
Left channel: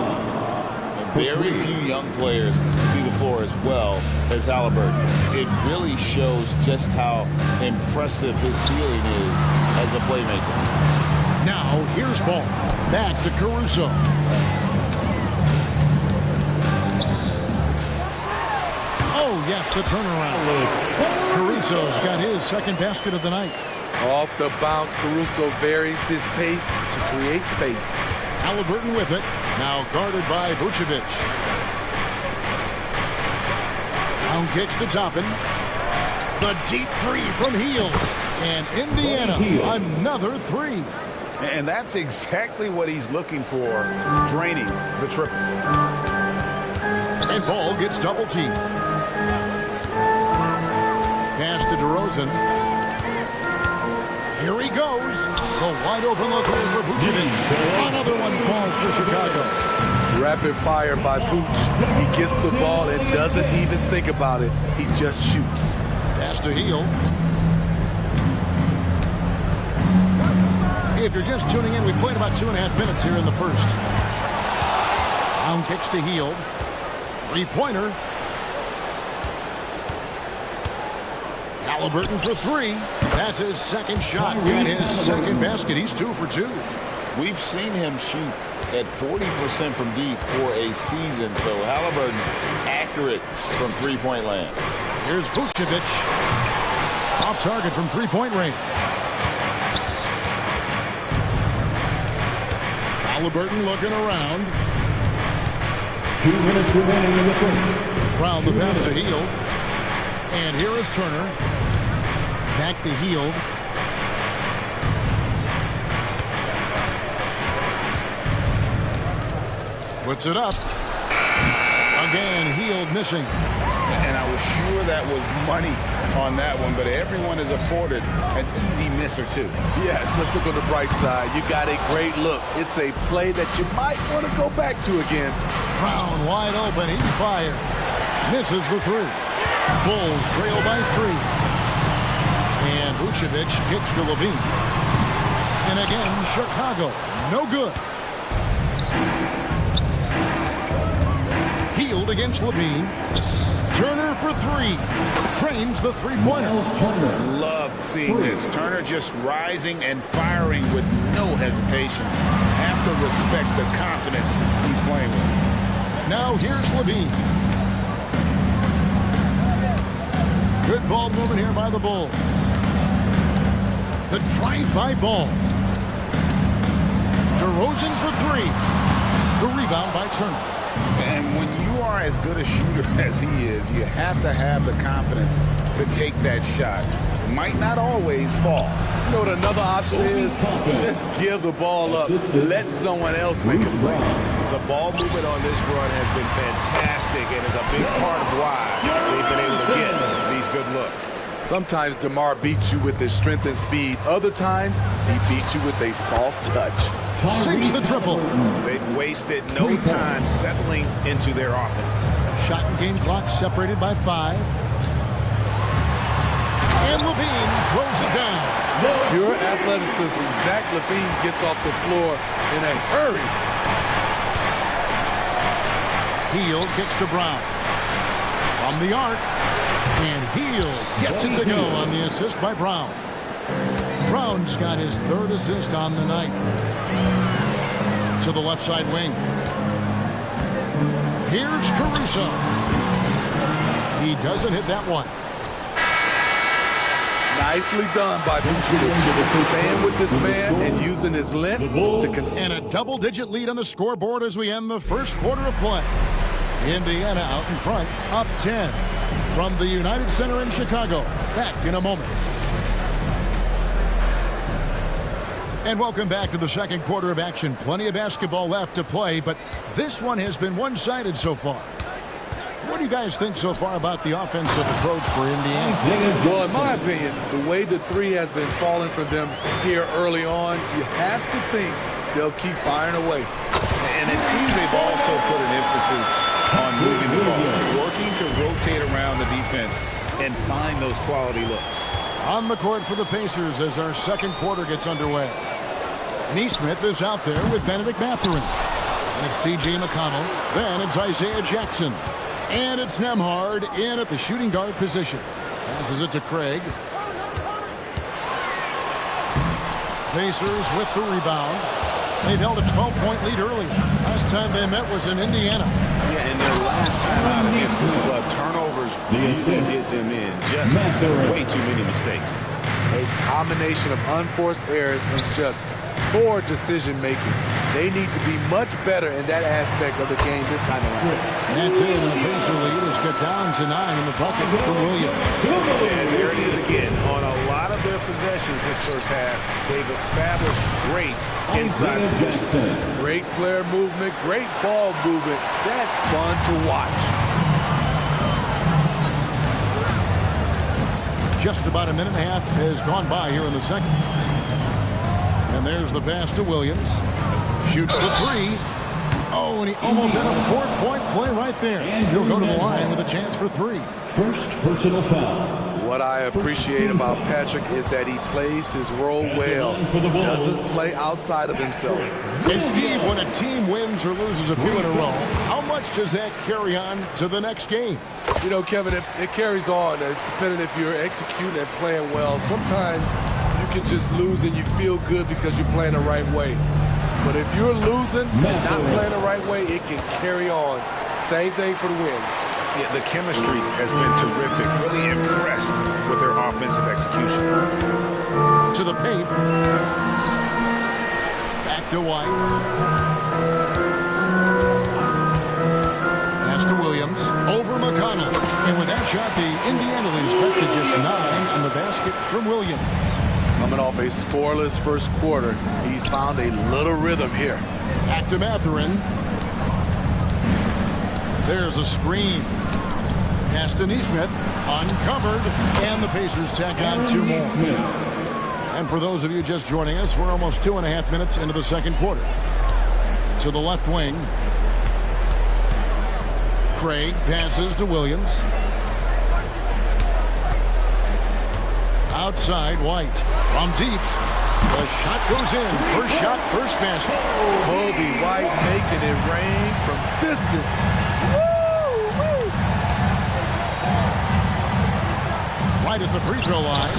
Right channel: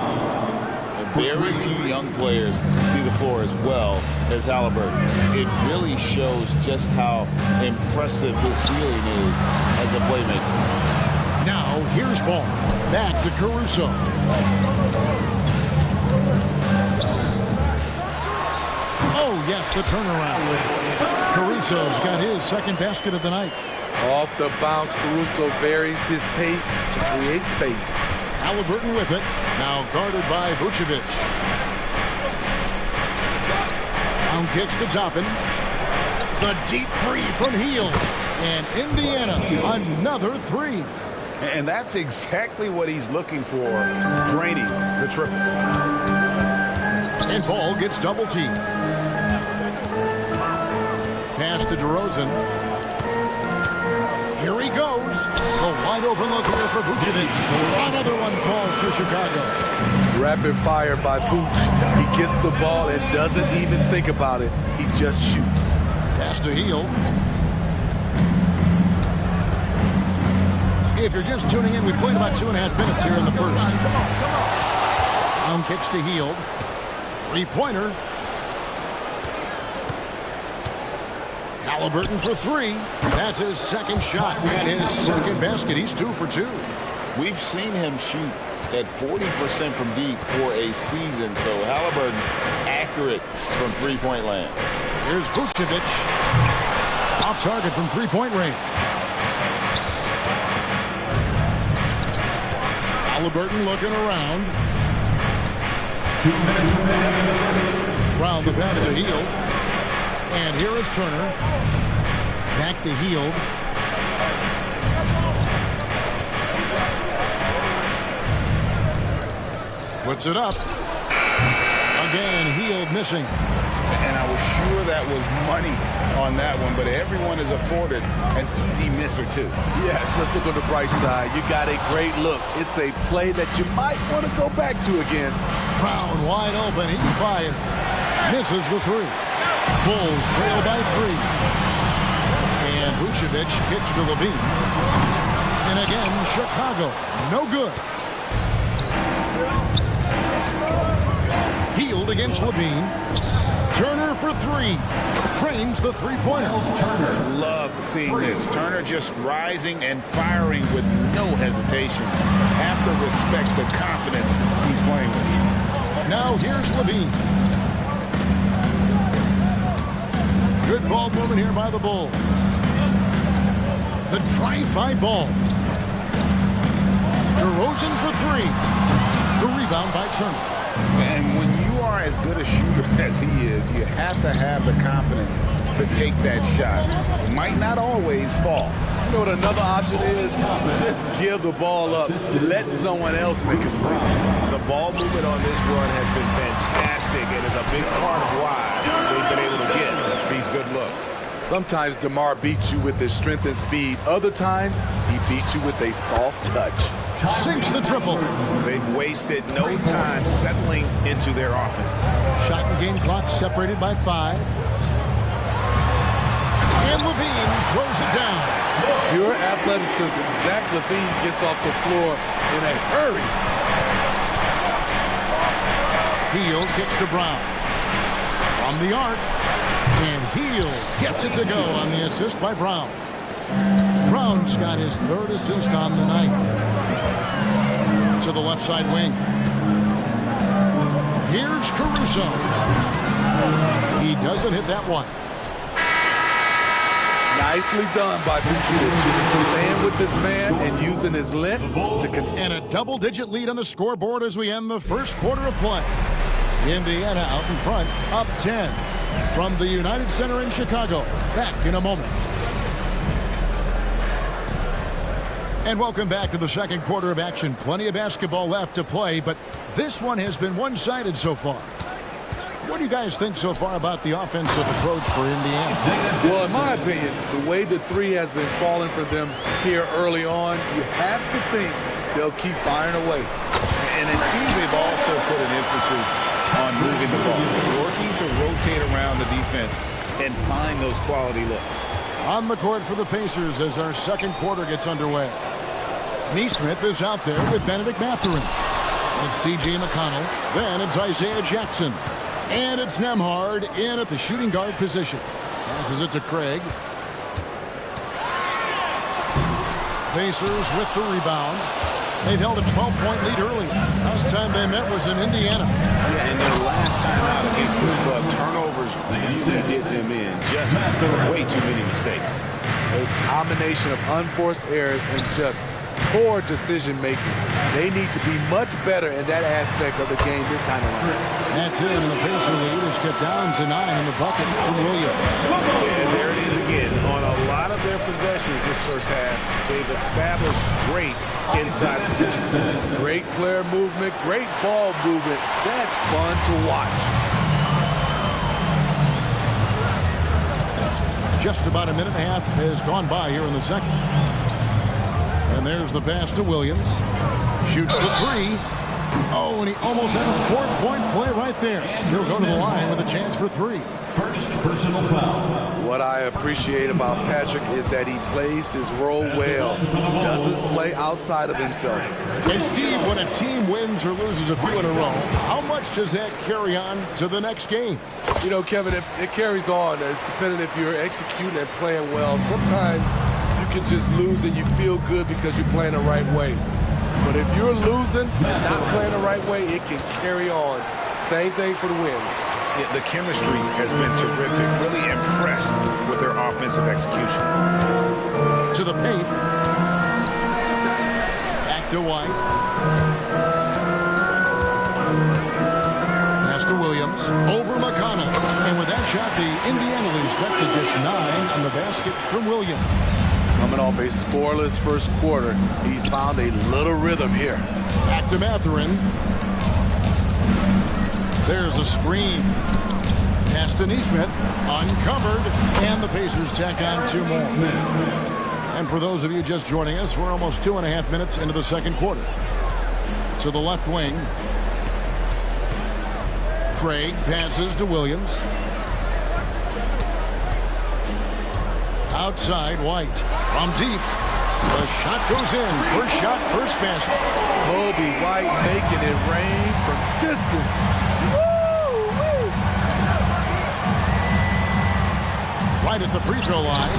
Well, very few young players see the floor as well as Halliburton. It really shows just how impressive his ceiling is as a playmaker. Now here's ball. Back to Caruso. Oh, yes, the turnaround. Caruso's got his second basket of the night. Off the bounce, Caruso varies his pace to create space. Halliburton with it. Now guarded by Vucevic. Brown kicks to Toppin. The deep 3 from Hield. And Indiana, another 3. And that's exactly what he's looking for, draining the triple. And ball gets double teamed. Pass to DeRozan. Here he goes. The wide open look here for Vucevic. Another one falls for Chicago. Rapid fire by Vooch. He gets the ball and doesn't even think about it. He just shoots. Pass to Hield. If you're just tuning in, we played about 2.5 minutes here in the first. Brown kicks to Hield. 3-pointer. Halliburton for 3. That's his second shot and his second basket. He's 2 for 2. We've seen him shoot at 40% from deep for a season, so Halliburton accurate from three-point land. Here's Vucevic. Off target from three-point range. Halliburton looking around. 2 minutes remaining in the first. Brown the pass to Hield. And here is Turner. Back to Hield. Puts it up. Again, Hield missing. And I was sure that was money on that one, but everyone is afforded an easy miss or two. Yes, let's look on the bright side. You got a great look. It's a play that you might want to go back to again. Brown wide open. He fires. Misses the 3. Bulls trail by 3. And Vucevic kicks to Levine. And again, Chicago. No good. Hield against Levine. Turner for 3. Trains the three-pointer. Love seeing this. Turner just rising and firing with no hesitation. Have to respect the confidence he's playing with. Now here's Levine. Good ball movement here by the Bulls. The drive-by ball. DeRozan for 3. The rebound by Turner. And when you are as good a shooter as he is, you have to have the confidence to take that shot. It might not always fall. You know what another option is? Just give the ball up. Let someone else make a play. The ball movement on this run has been fantastic and is a big part of why they've been able to get these good looks. Sometimes DeMar beats you with his strength and speed. Other times, he beats you with a soft touch. Sinks the triple. They've wasted no time settling into their offense. Shot and game clock separated by 5. And Levine throws it down. Pure athleticism. Zach Levine gets off the floor in a hurry. Hield kicks to Brown. From the arc. And Hield gets it to go on the assist by Brown. Brown's got his 3rd assist on the night. To the left side wing. Here's Caruso. He doesn't hit that one. Nicely done by Vucevic. Staying with this man and using his length to and a double-digit lead on the scoreboard as we end the first quarter of play. Indiana out in front, up 10 from the United Center in Chicago. Back in a moment. And welcome back to the second quarter of action. Plenty of basketball left to play, but this one has been one-sided so far. What do you guys think so far about the offensive approach for Indiana? Well, in my opinion, the way the three has been falling for them here early on, you have to think they'll keep firing away. And it seems they've also put an emphasis on moving the ball, working to rotate around the defense and find those quality looks. On the court for the Pacers as our second quarter gets underway. Neesmith is out there with Benedict Mathurin. And it's T.J. McConnell. Then it's Isaiah Jackson. And it's Nembhard in at the shooting guard position. Passes it to Craig. Pacers with the rebound. They've held a 12-point lead earlier. Last time they met was in Indiana. Yeah, and their last time out against this club, turnovers really did them in. Just way too many mistakes. A combination of unforced errors and just poor decision-making. They need to be much better in that aspect of the game this time around. That's it, and the Pacer lead is cut down to 9 in the bucket from Williams. And there it is again. On a lot of their possessions this first half, they've established great inside position. Great player movement, great ball movement. That's fun to watch. Just about a minute and a half has gone by here in the second. And there's the pass to Williams. Shoots the 3. Oh, and he almost had a 4-point play right there. He'll go to the line with a chance for 3. First personal foul. What I appreciate about Patrick is that he plays his role well. Doesn't play outside of himself. And Steve, when a team wins or loses a few in a row, how much does that carry on to the next game? You know, Kevin, it carries on. It's dependent if you're executing and playing well. Sometimes you can just lose and you feel good because you're playing the right way. But if you're losing and not playing the right way, it can carry on. Same thing for the wins. Yeah, the chemistry has been terrific. Really impressed with their offensive execution. To the paint. Back to White. Pass to Williams. Over McConnell. And with that shot, the Indiana leads cut to just 9 on the basket from Williams. Coming off a scoreless first quarter, he's found a little rhythm here. Back to Mathurin. There's a screen. Pass to Neesmith. Uncovered. And the Pacers tack on 2 more. And for those of you just joining us, we're almost 2.5 minutes into the second quarter. To the left wing. Craig passes to Williams. Outside, White. From deep. The shot goes in. First shot, first basket. Kobe White making it rain from distance. Woo-wee. Right at the free throw line.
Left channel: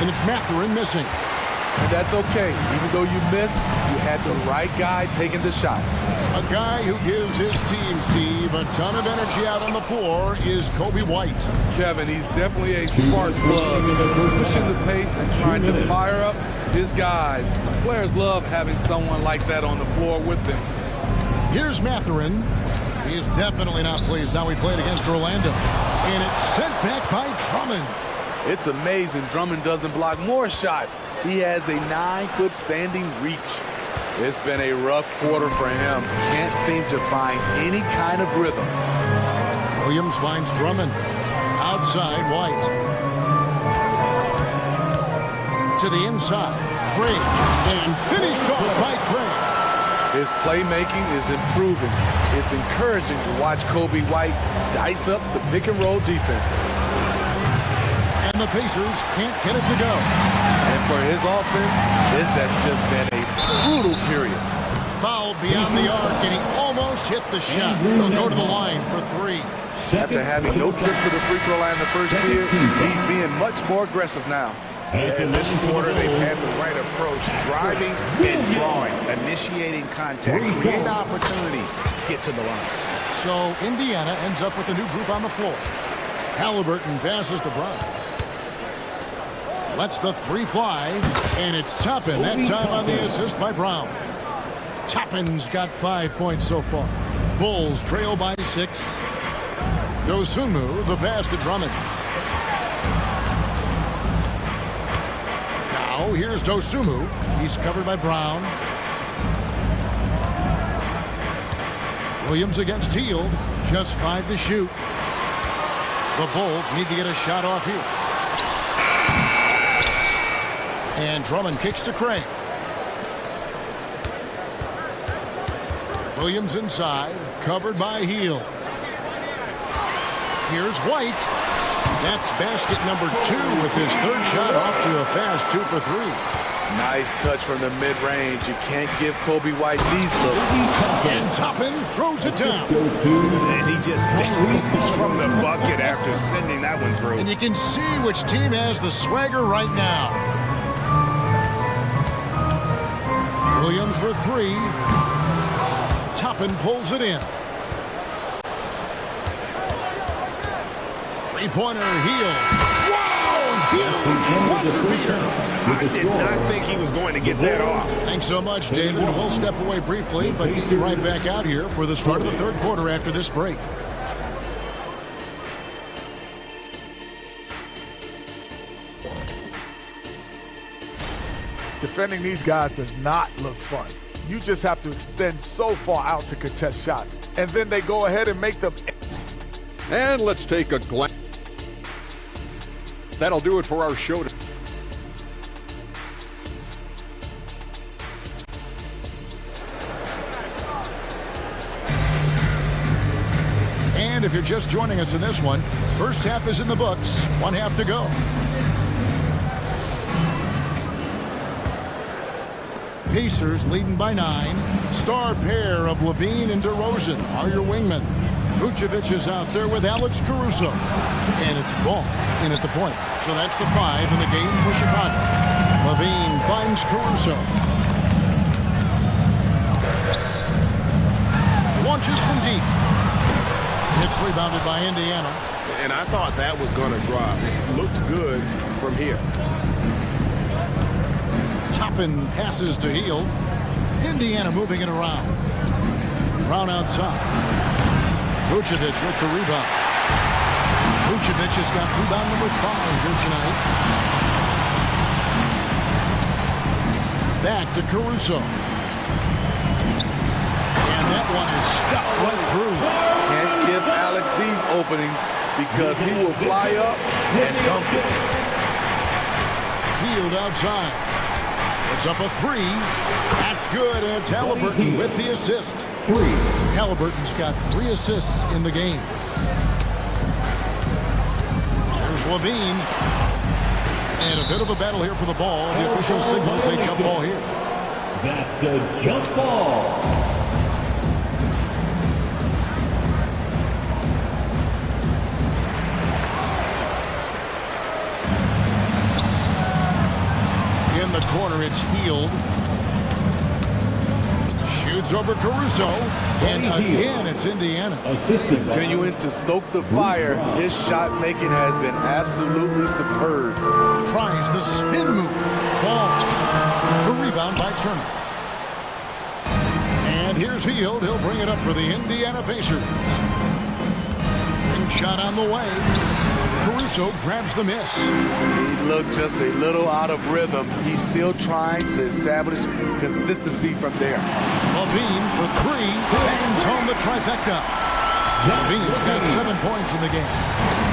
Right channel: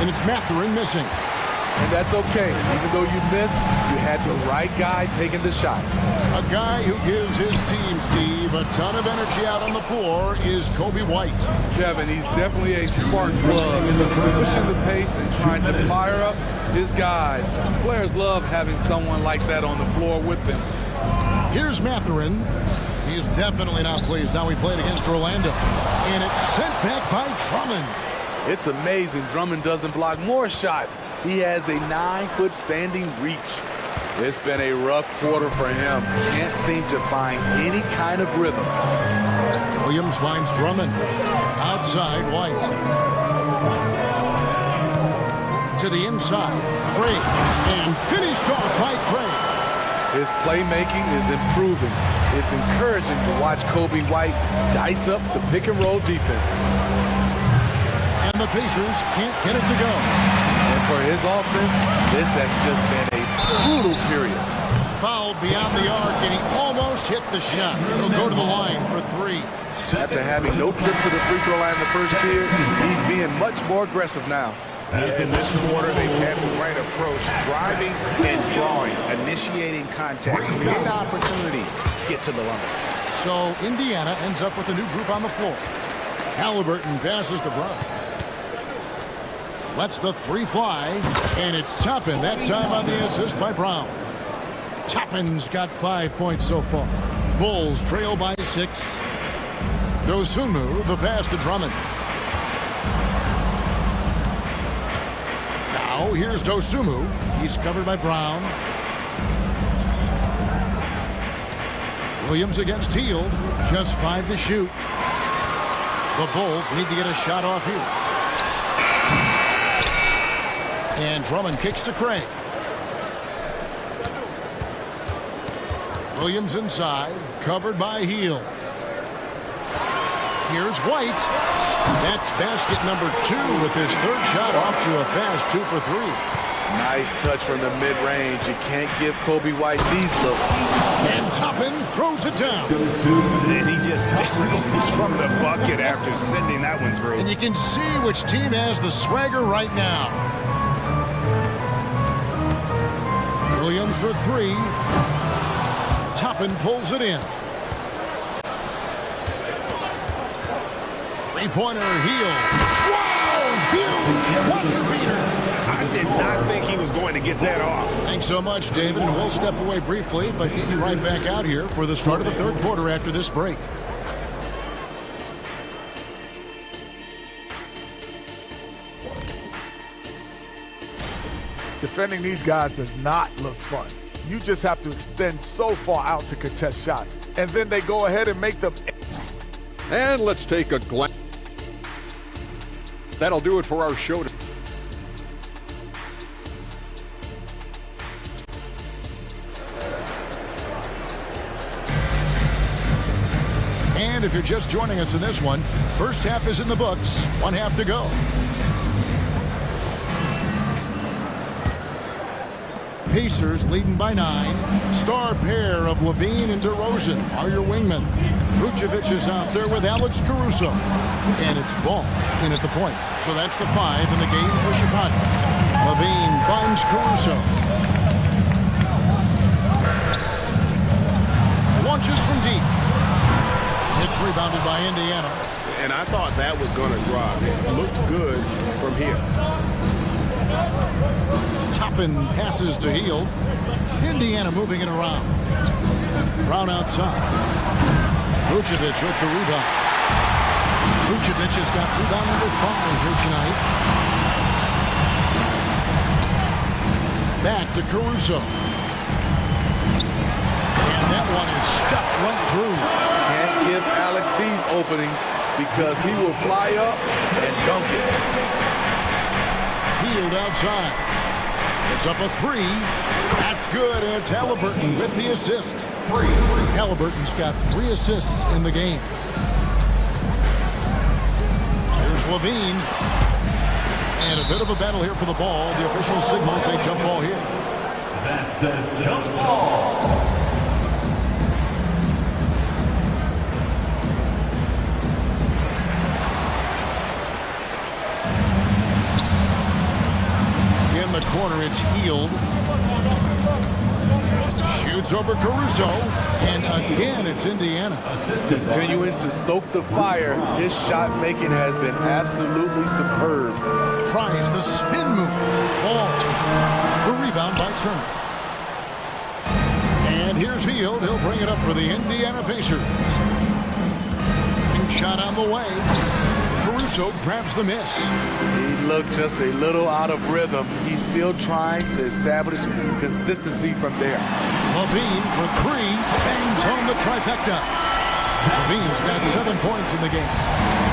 And it's Mathurin missing. And that's okay. Even though you missed, you had the right guy taking the shot. A guy who gives his team, Steve, a ton of energy out on the floor is Kobe White. Kevin, he's definitely a spark plug, pushing the pace and trying to fire up his guys. Players love having someone like that on the floor with them. Here's Mathurin. He is definitely not pleased how he played against Orlando. And it's sent back by Drummond. It's amazing Drummond doesn't block more shots. He has a 9-foot standing reach. It's been a rough quarter for him. Can't seem to find any kind of rhythm. Williams finds Drummond. Outside, White. To the inside. Craig. And finished off by Craig. His playmaking is improving. It's encouraging to watch Kobe White dice up the pick-and-roll defense. And the Pacers can't get it to go. And for his offense, this has just been a brutal period. Fouled beyond the arc, and he almost hit the shot. He'll go to the line for 3. After having no trips to the free throw line in the first period, he's being much more aggressive now. In this quarter, they've had the right approach, driving and drawing, initiating contact, create opportunities, get to the line. So Indiana ends up with a new group on the floor. Halliburton passes to Brown. Lets the 3 fly, and it's Toppin that time on the assist by Brown. Toppin's got 5 points so far. Bulls trail by 6. Dosunmu, the pass to Drummond. Now here's Dosunmu. He's covered by Brown. Williams against Hield. Just 5 to shoot. The Bulls need to get a shot off here. And Drummond kicks to Craig. Williams inside, covered by Hield. Here's White. That's basket number 2 with his 3rd shot off to a fast 2 for 3. Nice touch from the mid-range. You can't give Kobe White these looks. And Toppin throws it down. And he just dangles from the bucket after sending that one through. And you can see which team has the swagger right now. Williams for 3. Toppin pulls it in. 3-pointer, Hield. Wow, huge buzzer beater. I did not think he was going to get that off. Thanks so much, David, and we'll step away briefly, but get you right back out here for the start of the 3rd quarter after this break. Defending these guys does not look fun. You just have to extend so far out to contest shots, and then they go ahead and make them. And let's take a glance. That'll do it for our show. And if you're just joining us in this one, first half is in the books, 1 half to go. Pacers leading by 9. Star pair of Levine and DeRozan are your wingmen. Vucevic is out there with Alex Caruso. And it's Ball in at the point. So that's the 5 in the game for Chicago. Levine finds Caruso. Launches from deep. It's rebounded by Indiana. And I thought that was going to drop. It looked good from here. Toppin passes to Hield. Indiana moving it around. Brown outside. Vucevic with the rebound. Vucevic has got rebound number 5 here tonight. Back to Caruso. And that one is stuffed right through. Can't give Alex these openings because he will fly up and dunk it. Hield outside. It's up a 3. That's good, and it's Halliburton with the assist. 3. Halliburton's got 3 assists in the game. Here's Levine. And a bit of a battle here for the ball. The official signals a jump ball here. That's a jump ball. In the corner, it's Hield. Shoots over Caruso. And again, it's Indiana. Continuing to stoke the fire. His shot making has been absolutely superb. Tries the spin move. Ball. The rebound by Turner. And here's Hield. He'll bring it up for the Indiana Pacers. Ring shot on the way. Caruso grabs the miss. He looked just a little out of rhythm. He's still trying to establish consistency from there. Levine for 3. Bangs home the trifecta. Levine's got 7 points in the game.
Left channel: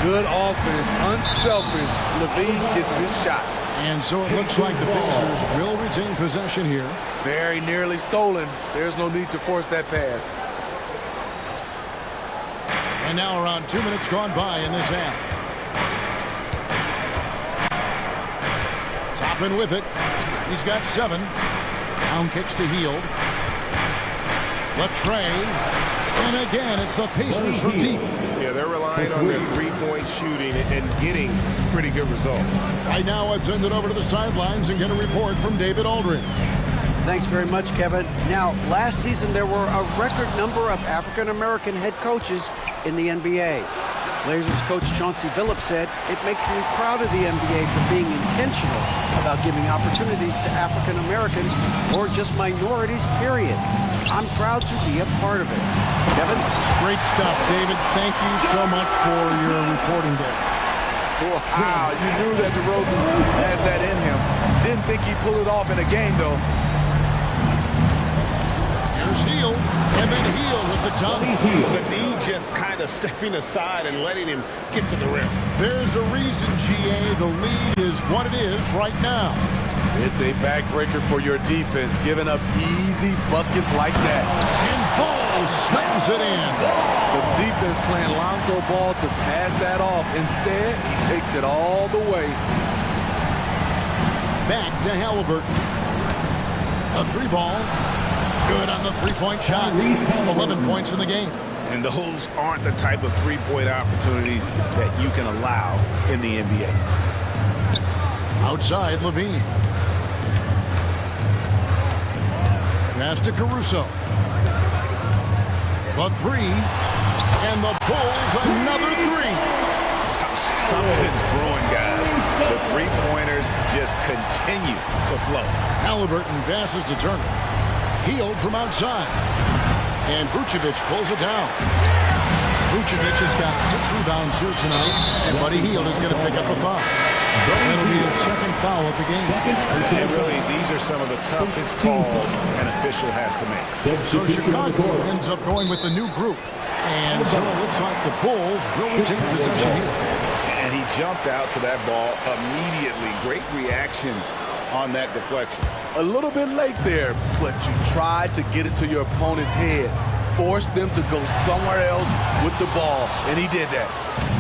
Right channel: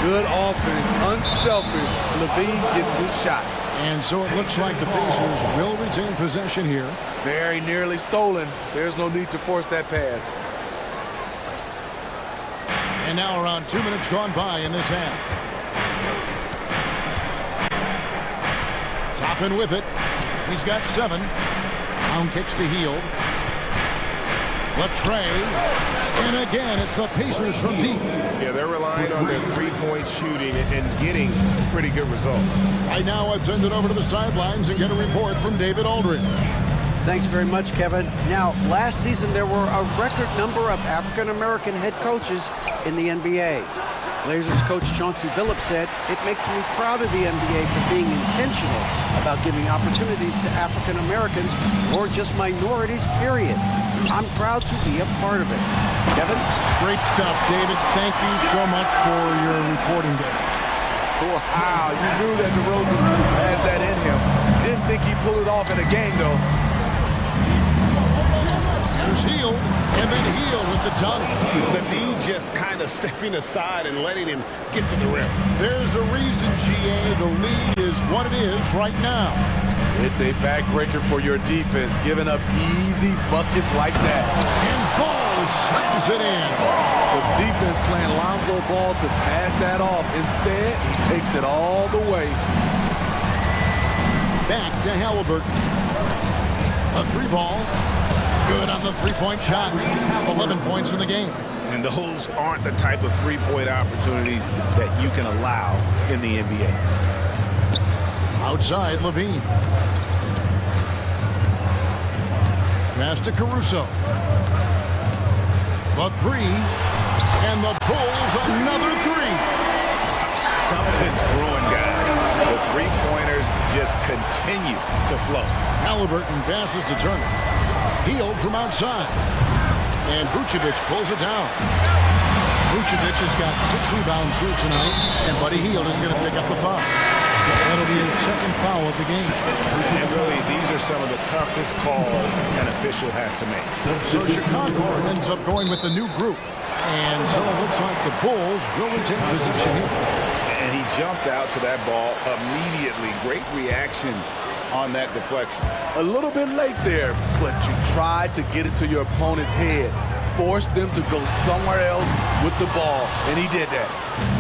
Good offense, unselfish. Levine gets his shot. And so it looks like the Pacers will retain possession here. Very nearly stolen. There's no need to force that pass. And now around 2 minutes gone by in this half. Toppin with it. He's got 7. Down kicks to Hield. The tray. And again, it's the Pacers from deep. Yeah, they're relying on their three-point shooting and getting pretty good results. Right now, let's send it over to the sidelines and get a report from David Aldridge. Thanks very much, Kevin. Now, last season there were a record number of African-American head coaches in the NBA. Blazers coach Chauncey Billups said, "It makes me proud of the NBA for being intentional about giving opportunities to African-Americans or just minorities, period. I'm proud to be a part of it." Kevin? Great stuff, David. Thank you so much for your reporting there. Wow, you knew that DeRozan has that in him. Didn't think he'd pull it off in a game, though. Here's Hield, and then Hield with the dunk. The D just kind of stepping aside and letting him get to the rim. There's a reason, GA, the lead is what it is right now. It's a backbreaker for your defense, giving up easy buckets like that. And Ball slams it in. The defense playing Lonzo Ball to pass that off. Instead, he takes it all the way. Back to Halliburton. A 3-ball. Good on the 3-point shot. 11 points in the game. And those aren't the type of three-point opportunities that you can allow in the NBA. Outside, Levine. Pass to Caruso. The 3. And the Bulls another 3. Wow, something's brewing, guys. The three-pointers just continue to flow. Halliburton passes to Turner. Hield from outside. And Vucevic pulls it down. Vucevic has got 6 rebounds here tonight, and Buddy Hield is going to pick up the foul. That'll be his second foul of the game. And really, these are some of the toughest calls an official has to make. So Chicago ends up going with the new group. And so it looks like the Bulls will retain possession here. And he jumped out to that ball immediately. Great reaction on that deflection. A little bit late there, but you tried to get it to your opponent's head. Forced them to go somewhere else with the ball, and he did that.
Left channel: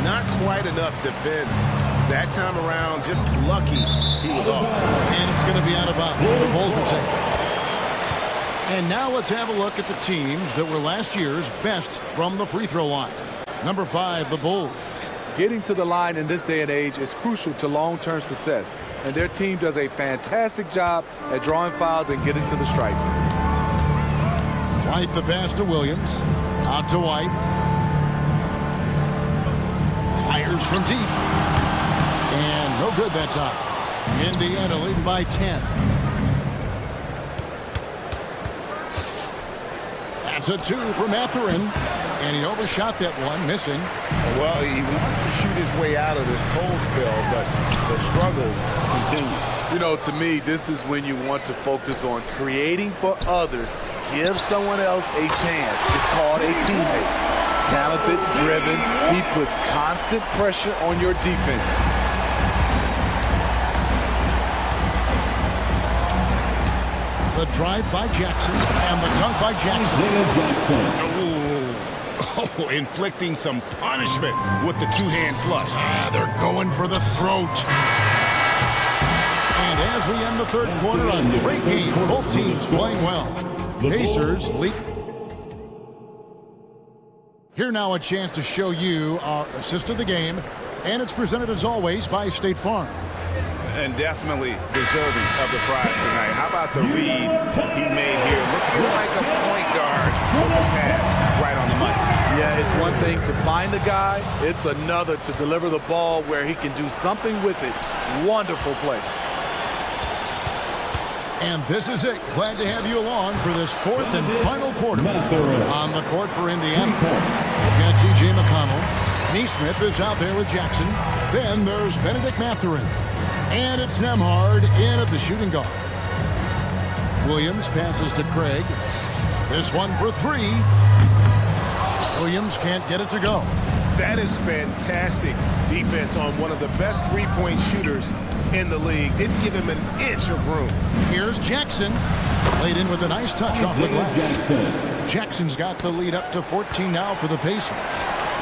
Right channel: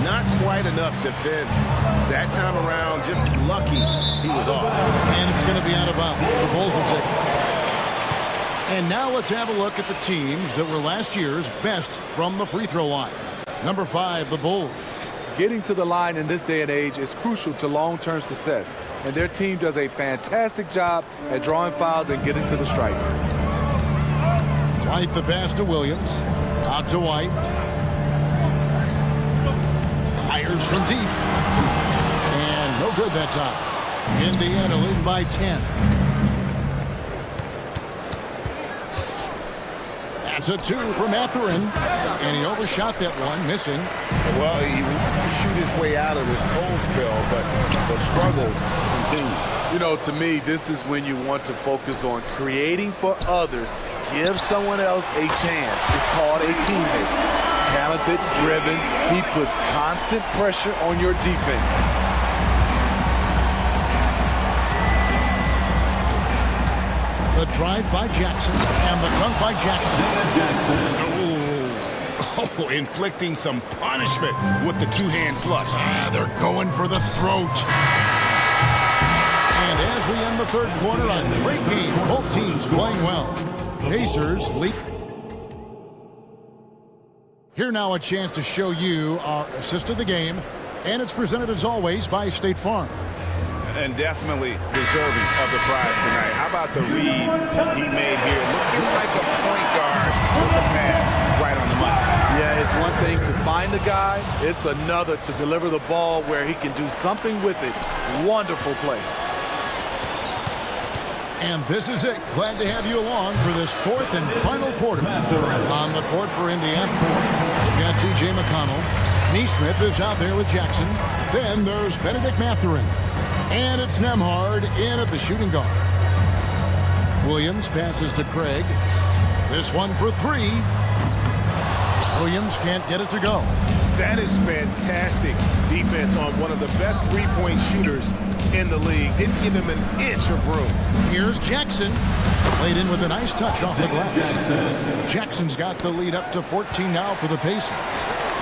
Not quite enough defense that time around. Just lucky he was off. And it's going to be out of bounds. The Bulls will take it. And now let's have a look at the teams that were last year's best from the free throw line. Number 5, the Bulls. Getting to the line in this day and age is crucial to long-term success, and their team does a fantastic job at drawing fouls and getting to the stripe. White the pass to Williams. Out to White. Fires from deep. And no good that time. Indiana leading by 10. That's a 2 from Etherin. And he overshot that one, missing. Well, he wants to shoot his way out of this cold spell, but the struggles continue. You know, to me, this is when you want to focus on creating for others. Give someone else a chance. It's called a teammate. Talented, driven. He puts constant pressure on your defense. The drive by Jackson and the dunk by Jackson. Oh, inflicting some punishment with the two-hand flush. They're going for the throat. And as we end the third quarter, a great game. Both teams playing well. Pacers lead. Here now a chance to show you our assist of the game. And it's presented as always by State Farm. And definitely deserving of the prize tonight. How about the read he made here? Looking like a point guard with the pass right on the money. Yeah, it's one thing to find the guy. It's another to deliver the ball where he can do something with it. Wonderful play. And this is it. Glad to have you along for this fourth and final quarter. On the court for Indiana, we've got T.J. McConnell. Neesmith is out there with Jackson. Then there's Benedict Mathurin. And it's Nembhard in at the shooting guard. Williams passes to Craig. This one for 3. Williams can't get it to go. That is fantastic defense on one of the best three-point shooters in the league. Didn't give him an inch of room. Here's Jackson. Played in with a nice touch off the glass. Jackson's got the lead up to 14 now for the Pacers.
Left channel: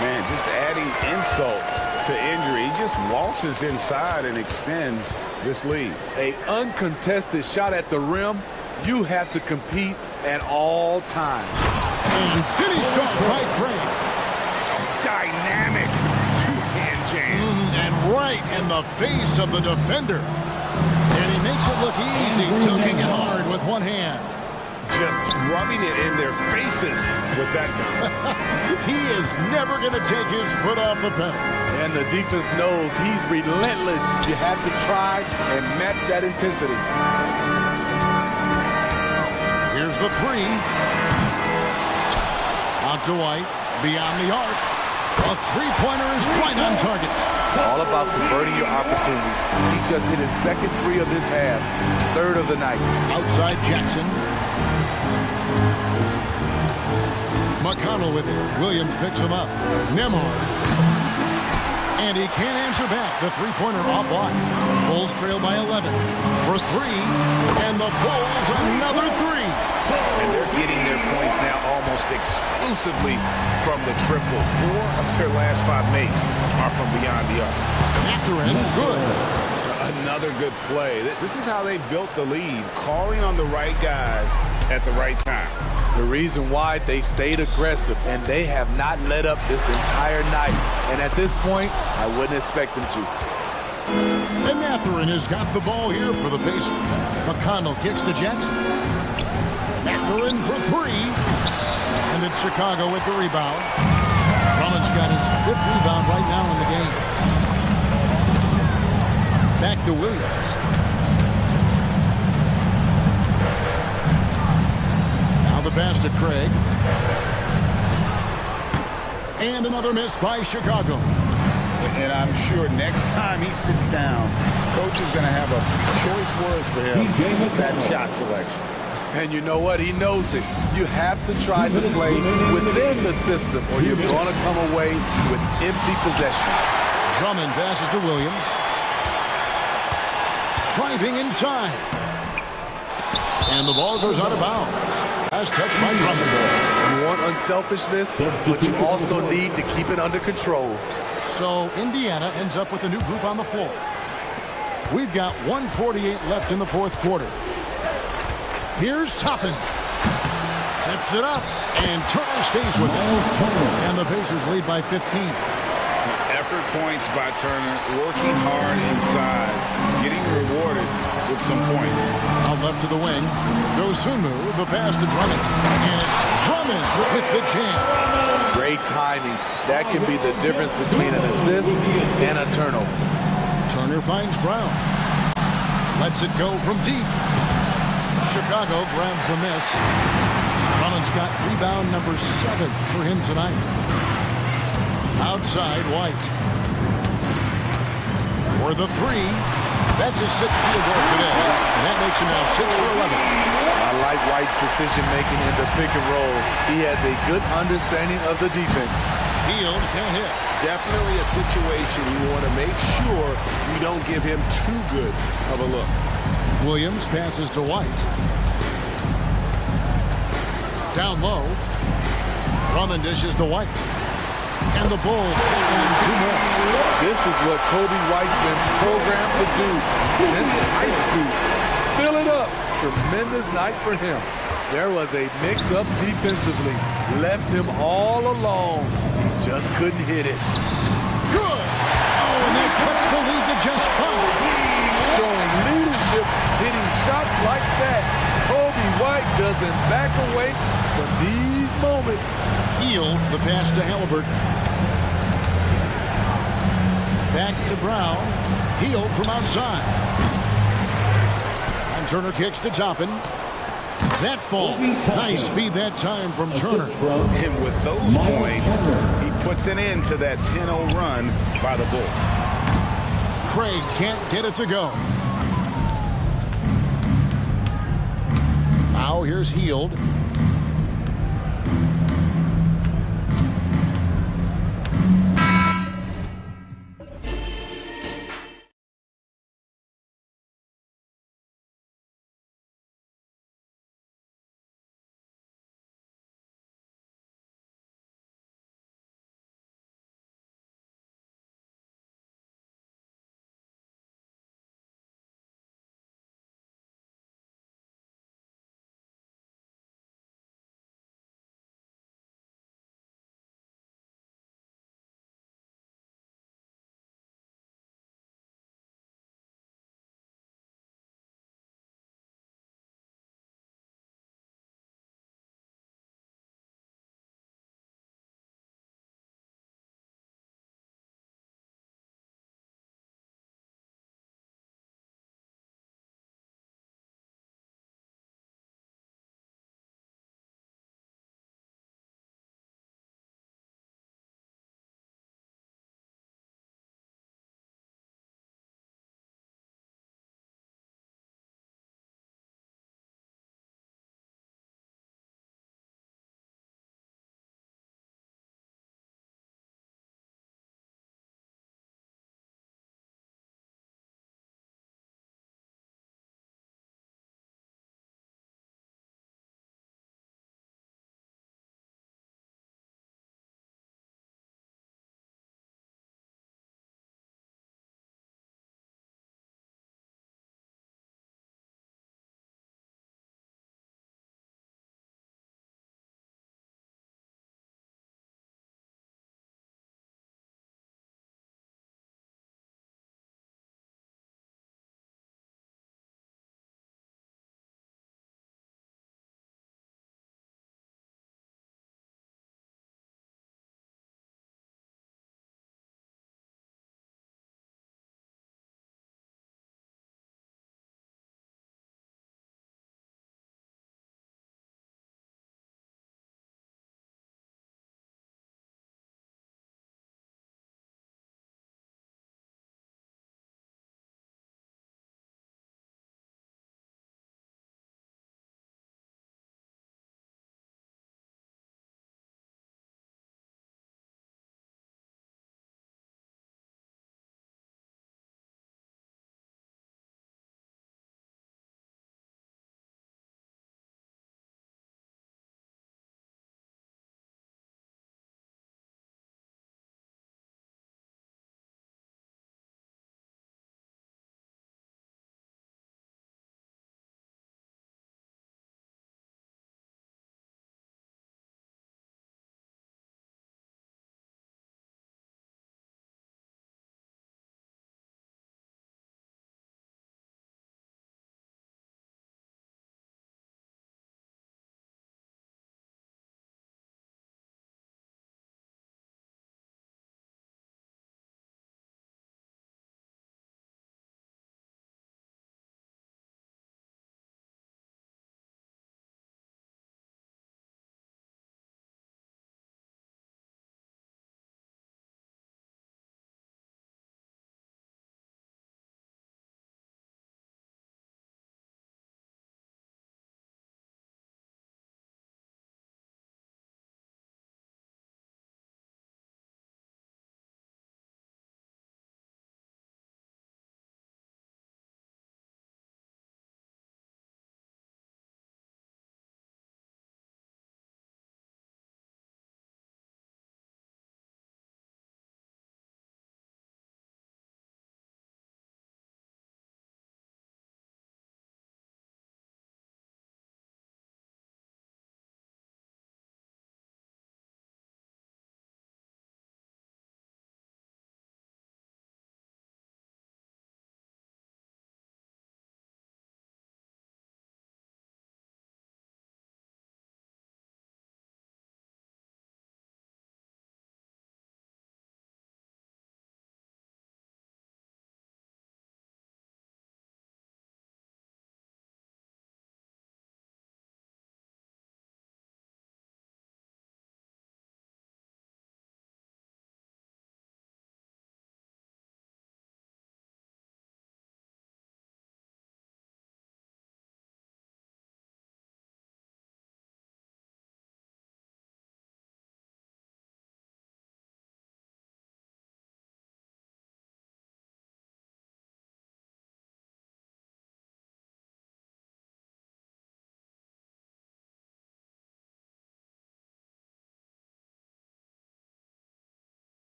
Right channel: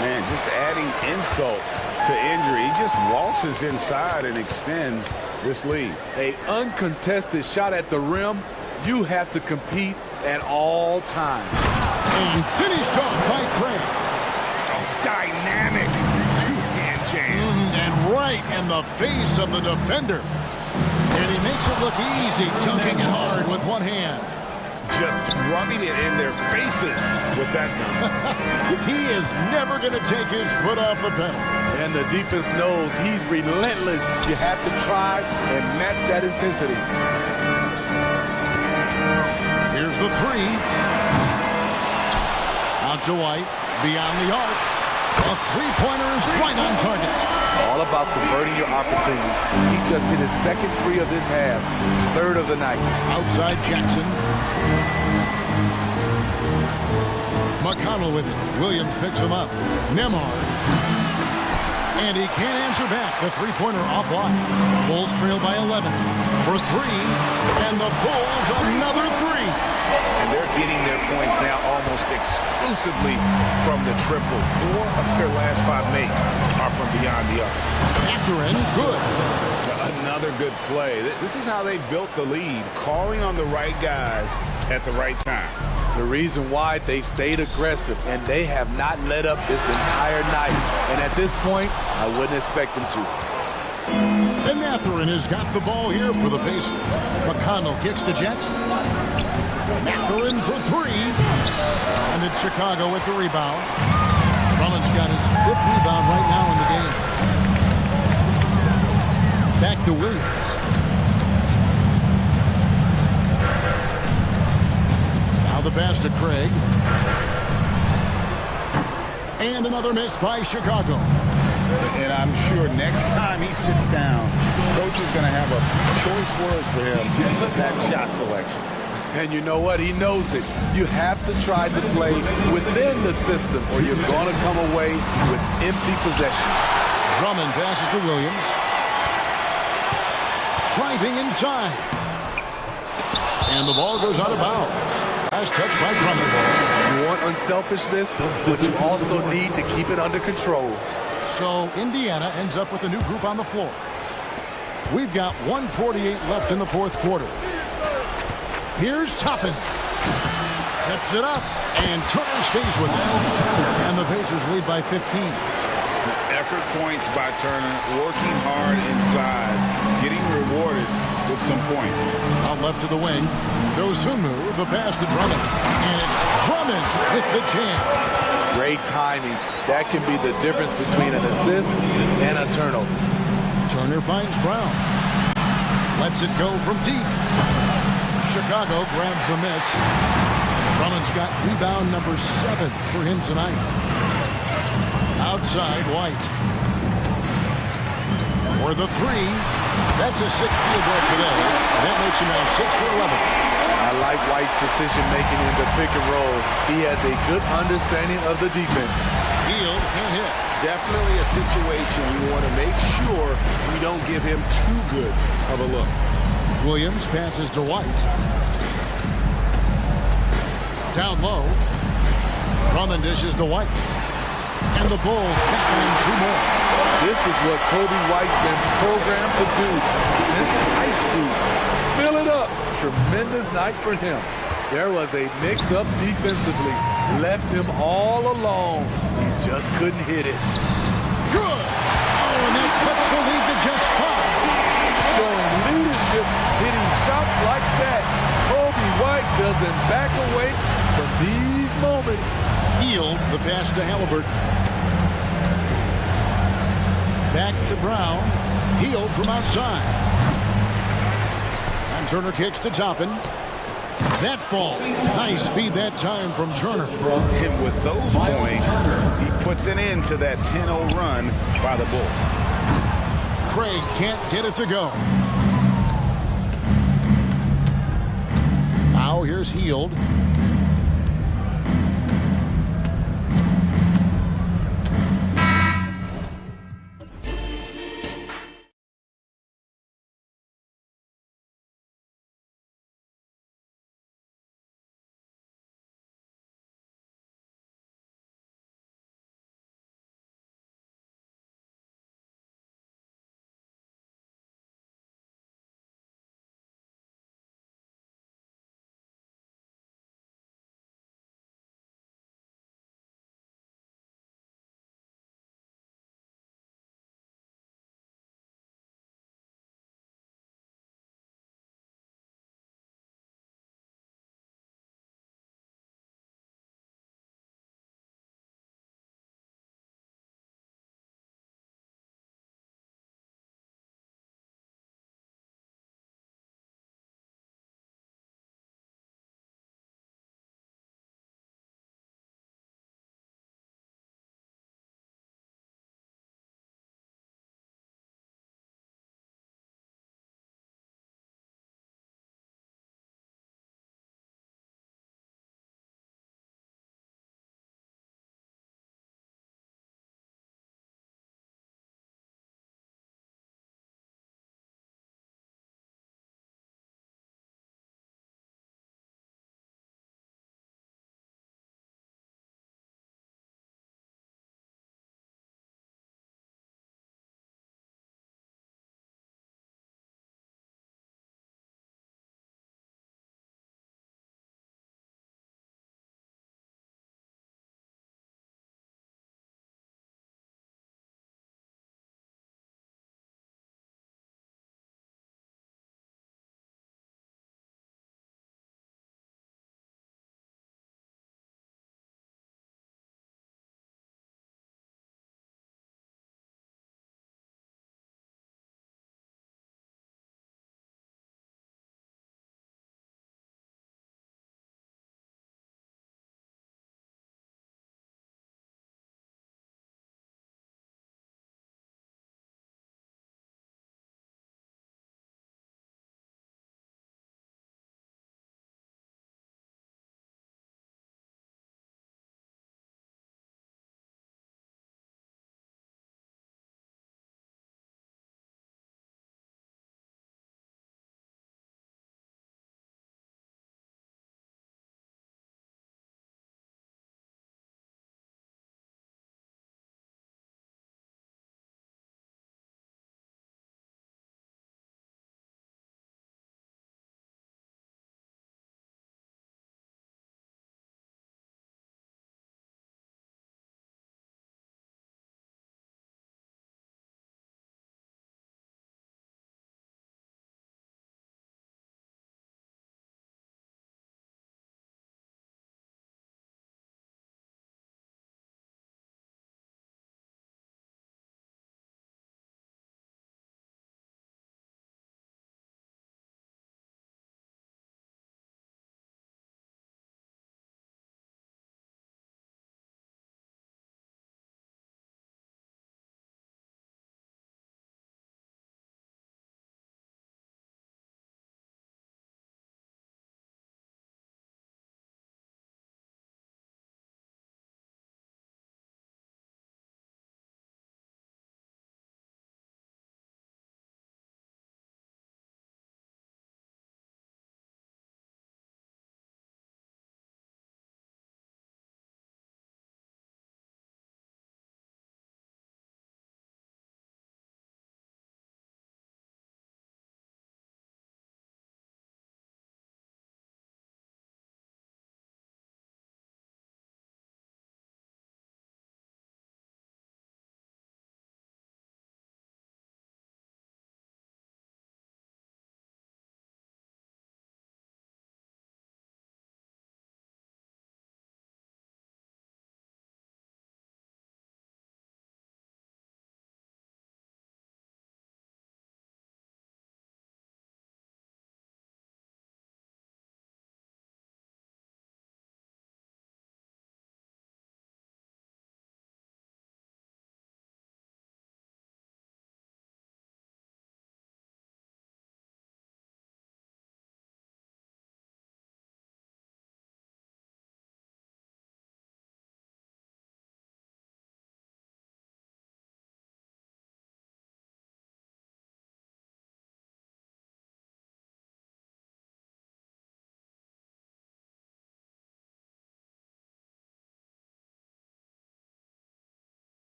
Man, just adding insult to injury. He just waltzes inside and extends this lead. An uncontested shot at the rim, you have to compete at all times. And finished off by Craig. Oh, dynamic two-hand jam. And right in the face of the defender. And he makes it look easy, dunking it hard with one hand. Just rubbing it in their faces with that dunk. He is never going to take his foot off the pedal. And the defense knows he's relentless. You have to try and match that intensity. Here's the three. Out to White, beyond the arc. A three-pointer is right on target. All about converting your opportunities. He just hit his second three of this half, third of the night. Outside Jackson. McConnell with it. Williams picks him up. Nemhard. And he can't answer back. The three-pointer offline. Bulls trail by 11. For three. And the Bulls another three. And they're getting their points now almost exclusively from the triple. 4 of their last 5 makes are from beyond the arc. Catherine, good. Another good play. This is how they built the lead, calling on the right guys at the right time. The reason why they've stayed aggressive, and they have not let up this entire night. And at this point, I wouldn't expect them to. And Mathurin has got the ball here for the Pacers. McConnell kicks to Jackson. Mathurin for three. And it's Chicago with the rebound. Drummond's got his 5th rebound right now in the game. Back to Williams. Now the pass to Craig. And another miss by Chicago. And I'm sure next time he sits down, coach is going to have a few choice words for him with that shot selection. And you know what? He knows it. You have to try to play within the system or you're going to come away with empty possessions. Drummond passes to Williams. Driving inside. And the ball goes out of bounds. As touched by Drummond. You want unselfishness, but you also need to keep it under control. So Indiana ends up with a new group on the floor. We've got 1:48 left in the 4th quarter. Here's Toppin. Tips it up, and Turner stays with it. And the Pacers lead by 15. Effort points by Turner, working hard inside, getting rewarded with some points. Out left to the wing goes Sunmu, the pass to Drummond. And it's Drummond with the jam. Great timing. That can be the difference between an assist and a turnover. Turner finds Brown. Lets it go from deep. Chicago grabs the miss. Drummond's got rebound number 7 for him tonight. Outside White. For the three. That's his 6th field goal today. And that makes him now 6 for 11. I like White's decision-making in the pick and roll. He has a good understanding of the defense. Hield can't hit. Definitely a situation you want to make sure you don't give him too good of a look. Williams passes to White. Down low. Drummond dishes to White. And the Bulls tack on 2 more. This is what Kobe White's been programmed to do since high school. Fill it up. Tremendous night for him. There was a mix-up defensively. Left him all alone. He just couldn't hit it. Good. Oh, and that cuts the lead to just 5. Showing leadership, hitting shots like that. Kobe White doesn't back away from these moments. Hield the pass to Halliburton. Back to Brown. Hield from outside. And Turner kicks to Toppin. That fall. Nice speed that time from Turner. And with those points, he puts an end to that 10-0 run by the Bulls. Craig can't get it to go. Now here's Hield.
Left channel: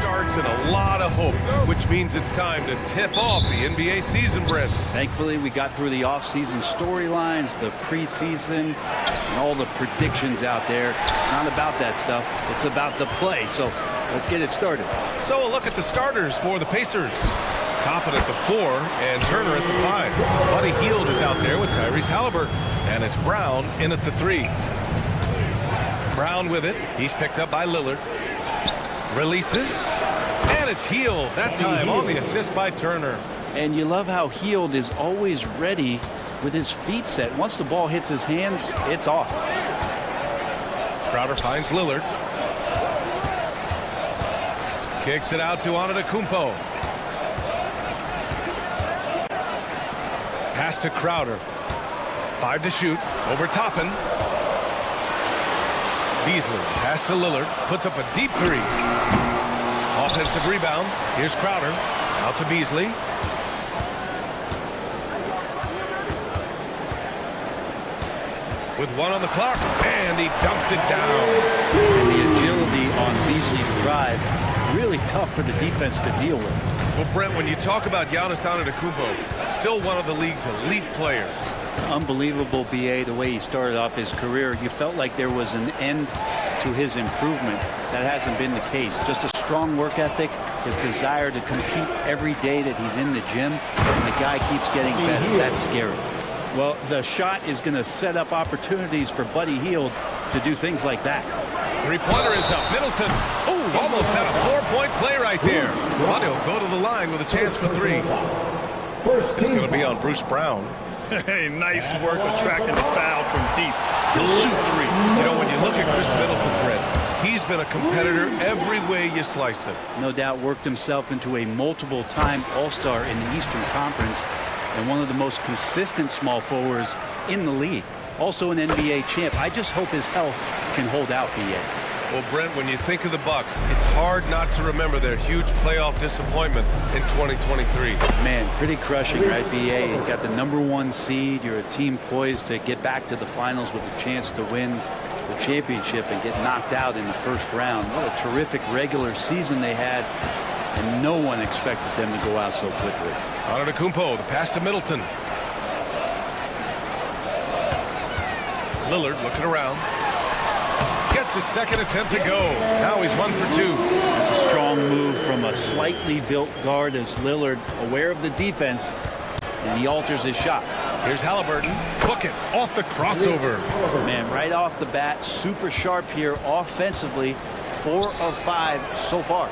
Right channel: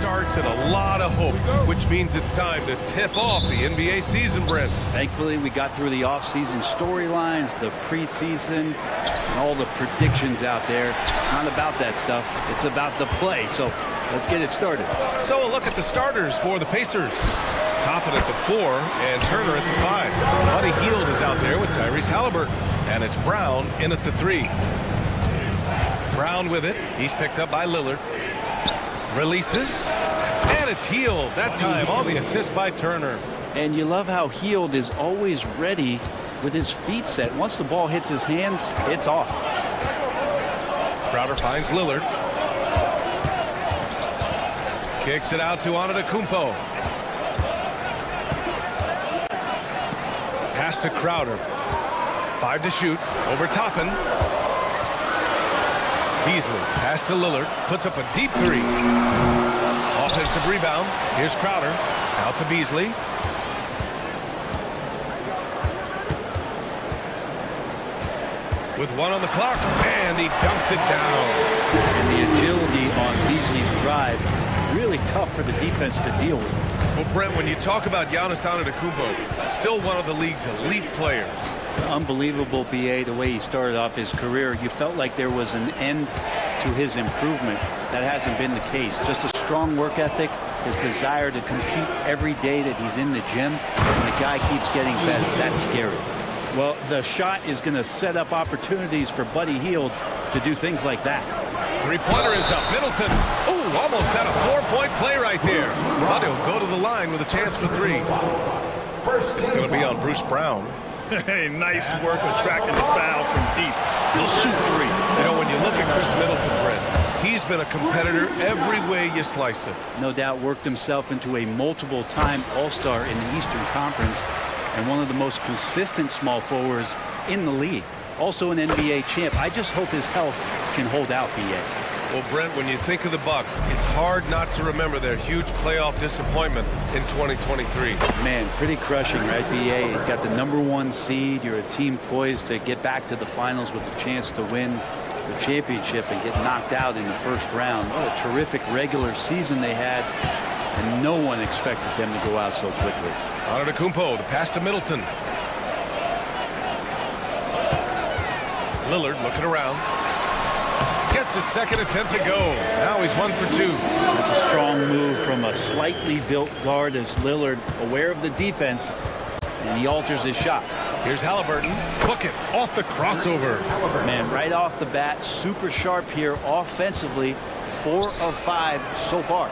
starts and a lot of hope, which means it's time to tip off the NBA season, Brent. Thankfully, we got through the off-season storylines, the preseason, and all the predictions out there. It's not about that stuff. It's about the play. So let's get it started. So a look at the starters for the Pacers. Toppin at the 4 and Turner at the 5. Buddy Hield is out there with Tyrese Halliburton. And it's Brown in at the 3. Brown with it. He's picked up by Lillard. Releases. And it's Hield. That time on the assist by Turner. And you love how Hield is always ready with his feet set. Once the ball hits his hands, it's off. Crowder finds Lillard. Kicks it out to Antetokounmpo. Pass to Crowder. 5 to shoot. Over Toppin. Beasley. Pass to Lillard. Puts up a deep 3. Offensive rebound. Here's Crowder. Out to Beasley. With 1 on the clock. And he dunks it down. And the agility on Beasley's drive, really tough for the defense to deal with. Well, Brent, when you talk about Giannis Antetokounmpo, still one of the league's elite players. Unbelievable, BA, the way he started off his career. You felt like there was an end to his improvement. That hasn't been the case. Just a strong work ethic, his desire to compete every day that he's in the gym, and the guy keeps getting better. That's scary. Well, the shot is going to set up opportunities for Buddy Hield to do things like that. Three-pointer is up. Middleton. Oh, almost had a 4-point play right there. Buddy will go to the line with a chance for 3. It's going to be on Bruce Brown. Hey, nice work attracting the foul from deep. He'll shoot 3. You know, when you look at Chris Middleton, Brent, he's been a competitor every way you slice it. No doubt worked himself into a multiple-time All-Star in the Eastern Conference and one of the most consistent small forwards in the league. Also an NBA champ. I just hope his health can hold out, BA. Well, Brent, when you think of the Bucks, it's hard not to remember their huge playoff disappointment in 2023. Man, pretty crushing, right, BA? You got the #1 seed. You're a team poised to get back to the finals with a chance to win the championship and get knocked out in the first round. What a terrific regular season they had, and no one expected them to go out so quickly. Antetokounmpo, the pass to Middleton. Lillard looking around. Gets his second attempt to go. Now he's 1 for 2. That's a strong move from a slightly built guard as Lillard, aware of the defense, and he alters his shot. Here's Halliburton. Book it off the crossover. Man, right off the bat, super sharp here offensively. 4 of 5 so far.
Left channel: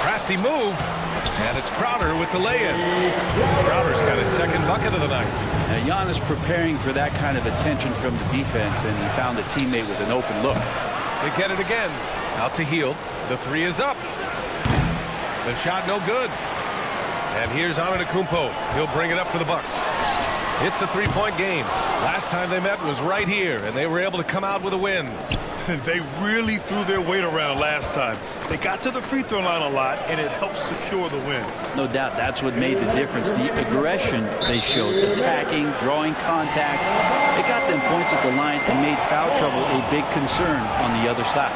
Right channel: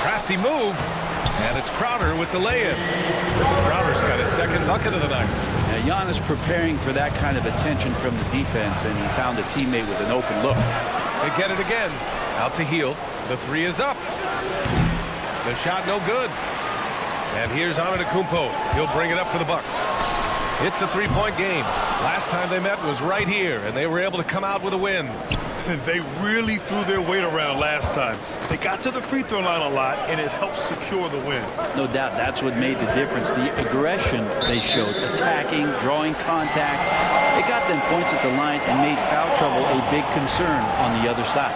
Crafty move. And it's Crowder with the lay-in. Crowder's got his second bucket of the night. Now, Giannis preparing for that kind of attention from the defense, and he found a teammate with an open look. They get it again. Out to Hield. The 3 is up. The shot no good. And here's Antetokounmpo. He'll bring it up for the Bucks. It's a 3-point game. Last time they met was right here, and they were able to come out with a win. They really threw their weight around last time. They got to the free throw line a lot, and it helped secure the win. No doubt that's what made the difference. The aggression they showed, attacking, drawing contact. It got them points at the line and made foul trouble a big concern on the other side.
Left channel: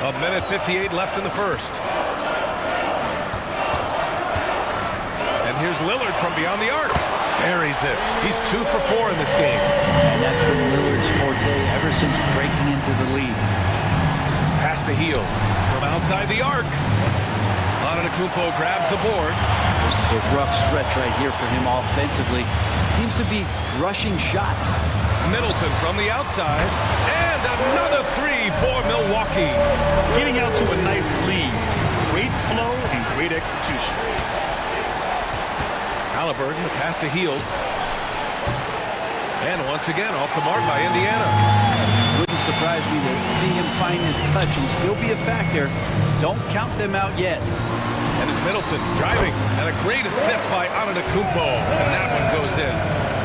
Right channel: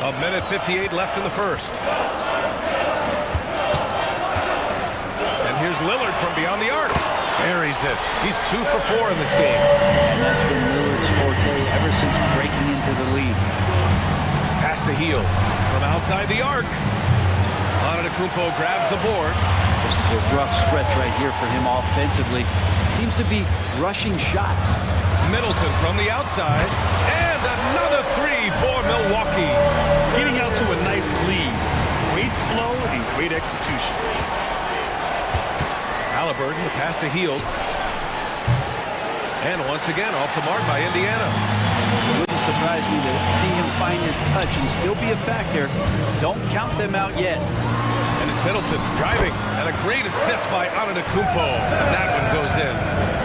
A minute 58 left in the first. And here's Lillard from beyond the arc. Buries it. He's 2 for 4 in this game. And that's been Lillard's forte ever since breaking into the league. Pass to Hield from outside the arc. Antetokounmpo grabs the board. This is a rough stretch right here for him offensively. Seems to be rushing shots. Middleton from the outside. And another 3 for Milwaukee. Getting out to a nice lead. Great flow and great execution. Halliburton, the pass to Hield. And once again, off the mark by Indiana. It wouldn't surprise me to see him find his touch and still be a factor. Don't count them out yet. And it's Middleton driving. And a great assist by Antetokounmpo. And that one goes in.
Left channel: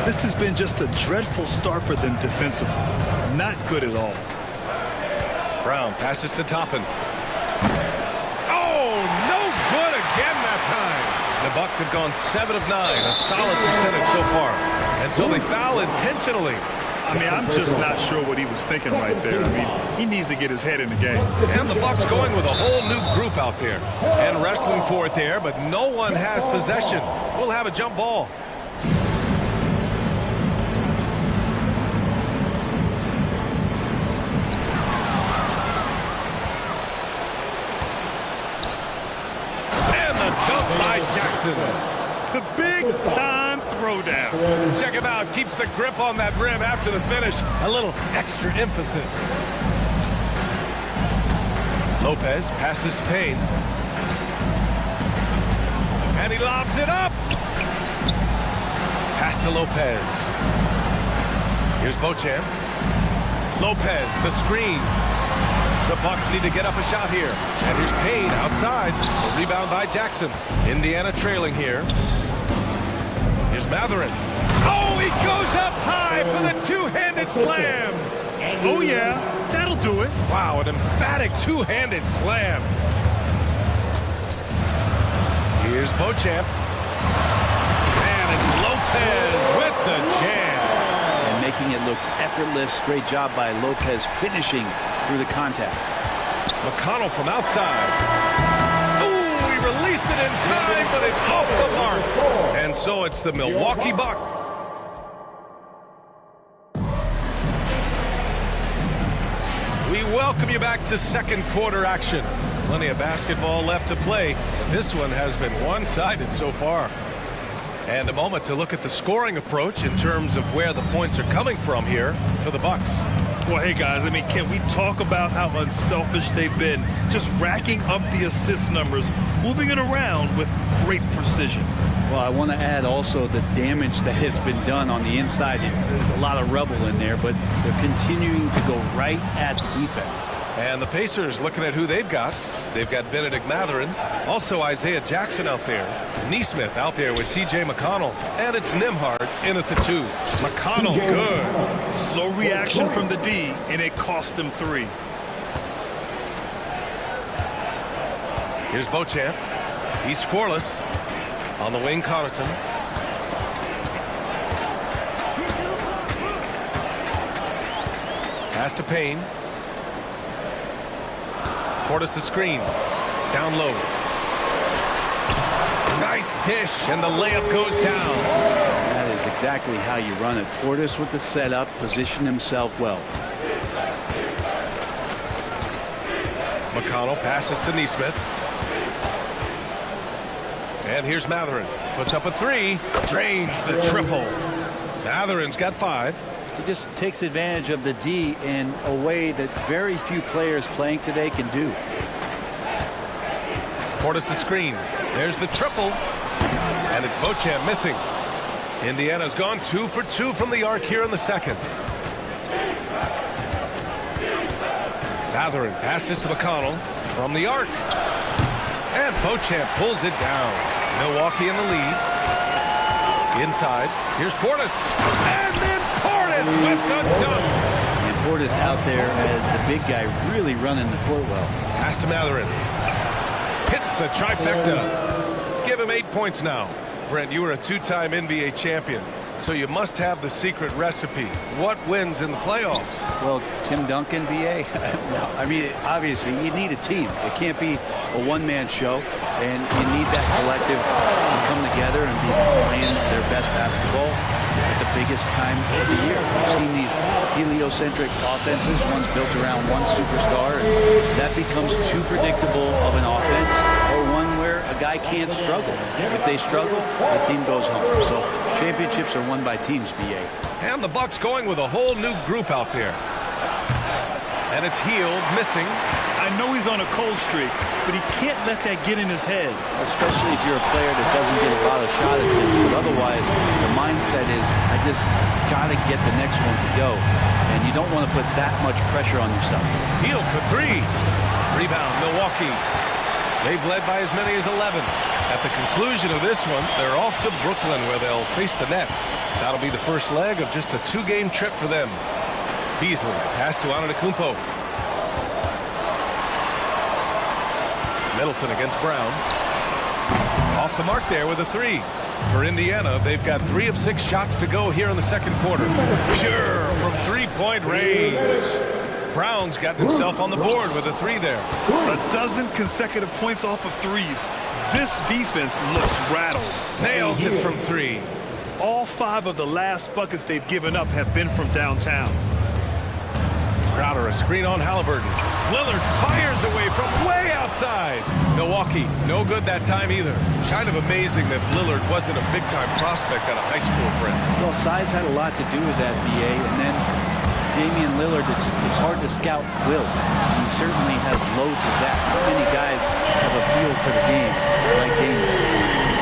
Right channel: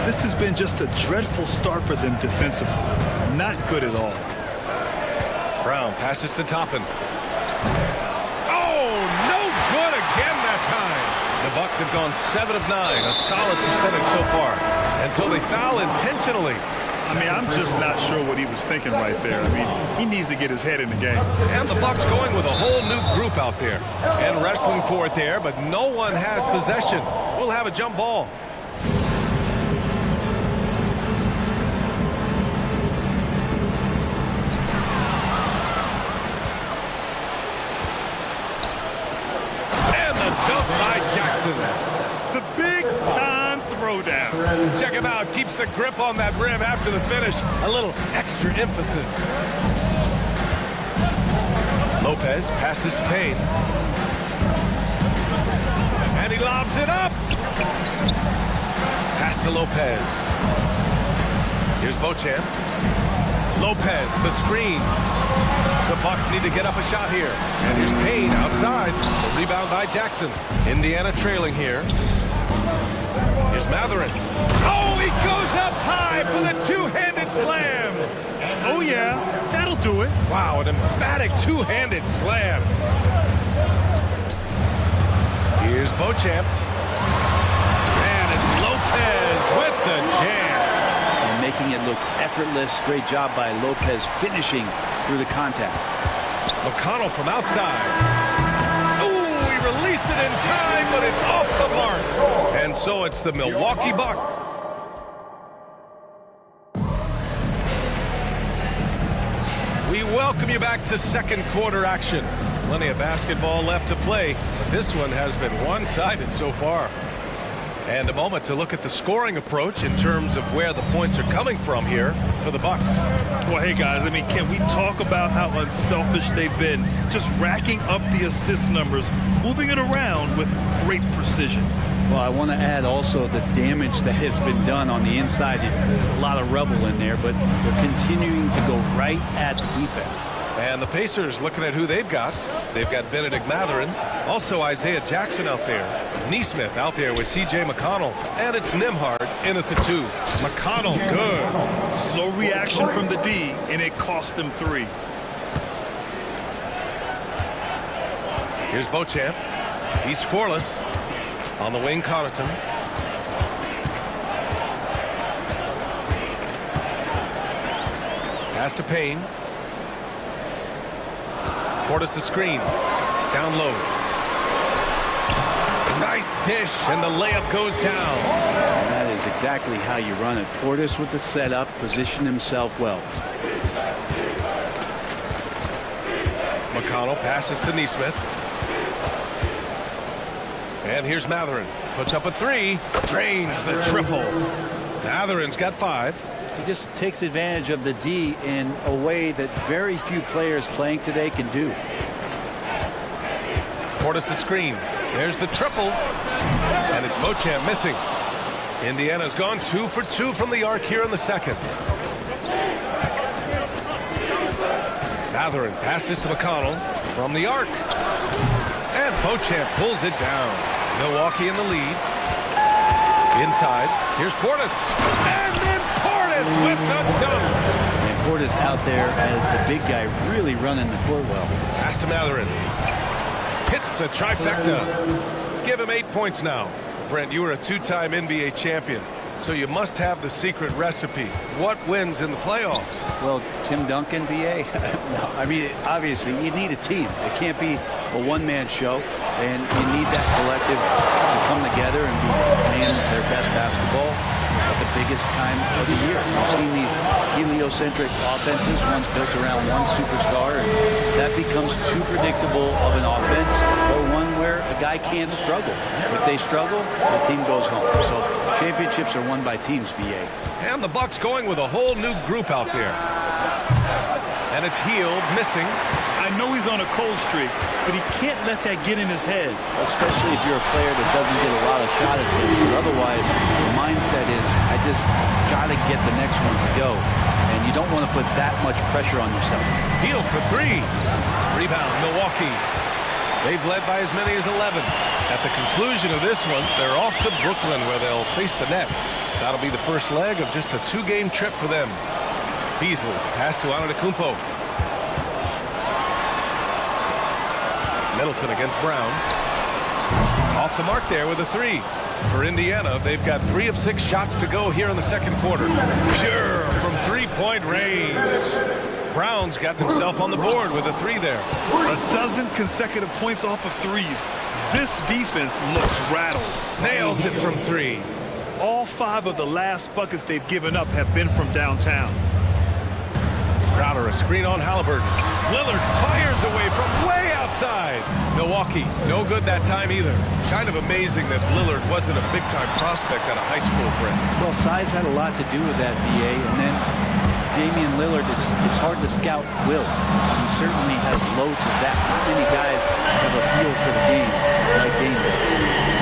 This has been just a dreadful start for them defensively. Not good at all. Brown passes to Toppin. Oh, no good again that time. The Bucks have gone 7 of 9, a solid percentage so far. And so they foul intentionally. I mean, I'm just not sure what he was thinking right there. I mean, he needs to get his head in the game. And the Bucks going with a whole new group out there. And wrestling for it there, but no one has possession. We'll have a jump ball. And the dunk by Jackson. The big-time throwdown. Check him out. Keeps the grip on that rim after the finish. A little extra emphasis. Lopez passes to Payne. And he lobs it up. Pass to Lopez. Here's Beauchamp. Lopez, the screen. The Bucks need to get up a shot here. And here's Payne outside. The rebound by Jackson. Indiana trailing here. Here's Matherin. Oh, he goes up high for the two-handed slam. Oh, yeah, that'll do it. Wow, an emphatic two-handed slam. Here's Beauchamp. And it's Lopez with the jam. And making it look effortless. Great job by Lopez finishing through the contact. McConnell from outside. Ooh, he released it in time, but it's off the mark. And so it's the Milwaukee Bucks. We welcome you back to second quarter action. Plenty of basketball left to play, but this one has been one-sided so far. And a moment to look at the scoring approach in terms of where the points are coming from here for the Bucks. Well, hey, guys, I mean, can we talk about how unselfish they've been? Just racking up the assist numbers, moving it around with great precision. Well, I want to add also the damage that has been done on the inside. It's a lot of rubble in there, but they're continuing to go right at the defense. And the Pacers looking at who they've got. They've got Benedict Matherin, also Isaiah Jackson out there, Neesmith out there with T.J. McConnell, and it's Nembhard in at the 2. McConnell, good. Slow reaction from the D, and it cost them 3. Here's Beauchamp. He's scoreless. On the wing, Connaughton. Pass to Payne. Portis the screen. Down low. Nice dish, and the layup goes down. And that is exactly how you run it. Portis with the setup, positioned himself well. McConnell passes to Neesmith. And here's Matherin. Puts up a 3. Drains the triple. Matherin's got 5. He just takes advantage of the D in a way that very few players playing today can do. Portis the screen. There's the triple. And it's Beauchamp missing. Indiana's gone 2 for 2 from the arc here in the second. Matherin passes to McConnell from the arc. And Beauchamp pulls it down. Milwaukee in the lead. Inside. Here's Portis. And then Portis with the dunk. And Portis out there as the big guy really running the court well. Pass to Matherin. Hits the trifecta. Give him 8 points now. Brent, you were a 2-time NBA champion, so you must have the secret recipe. What wins in the playoffs? Well, Tim Duncan, BA? No, I mean, obviously, you need a team. It can't be a one-man show, and you need that collective to come together and be playing their best basketball at the biggest time of the year. We've seen these heliocentric offenses, one's built around one superstar, and that becomes too predictable of an offense, or one where a guy can't struggle. If they struggle, the team goes home. So championships are won by teams, BA. And the Bucks going with a whole new group out there. And it's Hield missing. I know he's on a cold streak, but he can't let that get in his head. Especially if you're a player that doesn't get a lot of shot attempts, but otherwise the mindset is, I just got to get the next one to go. And you don't want to put that much pressure on yourself. Hield for 3. Rebound, Milwaukee. They've led by as many as 11. At the conclusion of this one, they're off to Brooklyn where they'll face the Nets. That'll be the first leg of just a 2-game trip for them. Beasley, pass to Antetokounmpo. Middleton against Brown. Off the mark there with a 3. For Indiana, they've got 3 of 6 shots to go here in the second quarter. Pure from three-point range. Brown's got himself on the board with a 3 there. A dozen consecutive points off of threes. This defense looks rattled. Nails it from 3. All 5 of the last buckets they've given up have been from downtown. Crowder, a screen on Halliburton. Lillard fires away from way outside. Milwaukee, no good that time either. Kind of amazing that Lillard wasn't a big-time prospect out of high school, Brent. Well, size had a lot to do with that, BA, and then Damian Lillard, it's hard to scout will. He certainly has loads of that. Not many guys have a feel for the game like Dame does.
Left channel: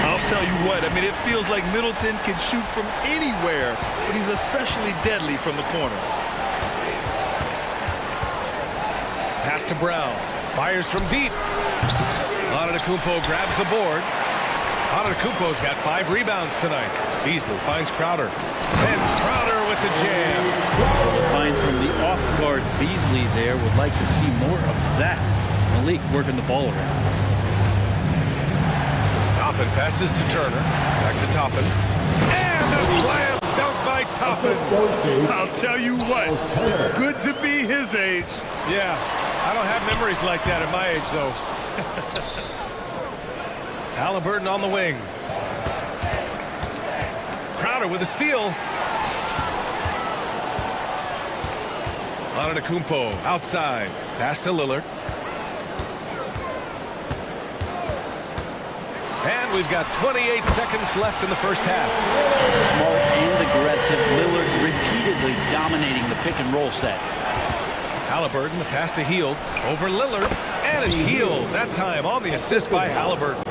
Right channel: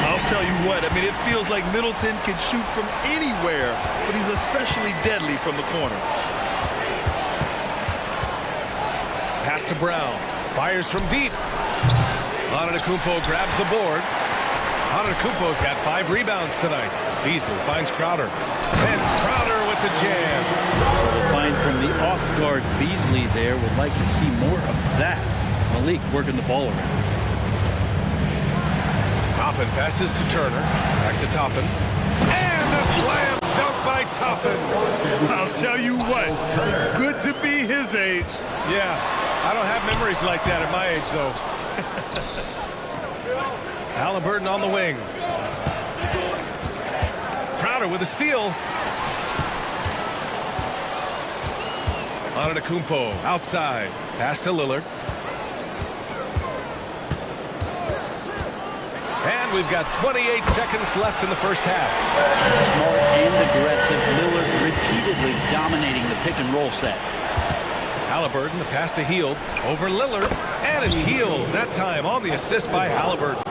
I'll tell you what, I mean, it feels like Middleton can shoot from anywhere, but he's especially deadly from the corner. Pass to Brown. Fires from deep. Antetokounmpo grabs the board. Antetokounmpo's got 5 rebounds tonight. Beasley finds Crowder. And Crowder with the jam. Well, the find from the off-guard Beasley there, would like to see more of that. Malik working the ball around. Toppin passes to Turner. Back to Toppin. And a slam dunk by Toppin. I'll tell you what, it's good to be his age. Yeah, I don't have memories like that at my age, though. Halliburton on the wing. Crowder with a steal. Antetokounmpo outside. Pass to Lillard. And we've got 28 seconds left in the first half. Smart and aggressive. Lillard repeatedly dominating the pick and roll set. Halliburton, the pass to Hield. Over Lillard. And it's Hield. That time on the assist by Halliburton.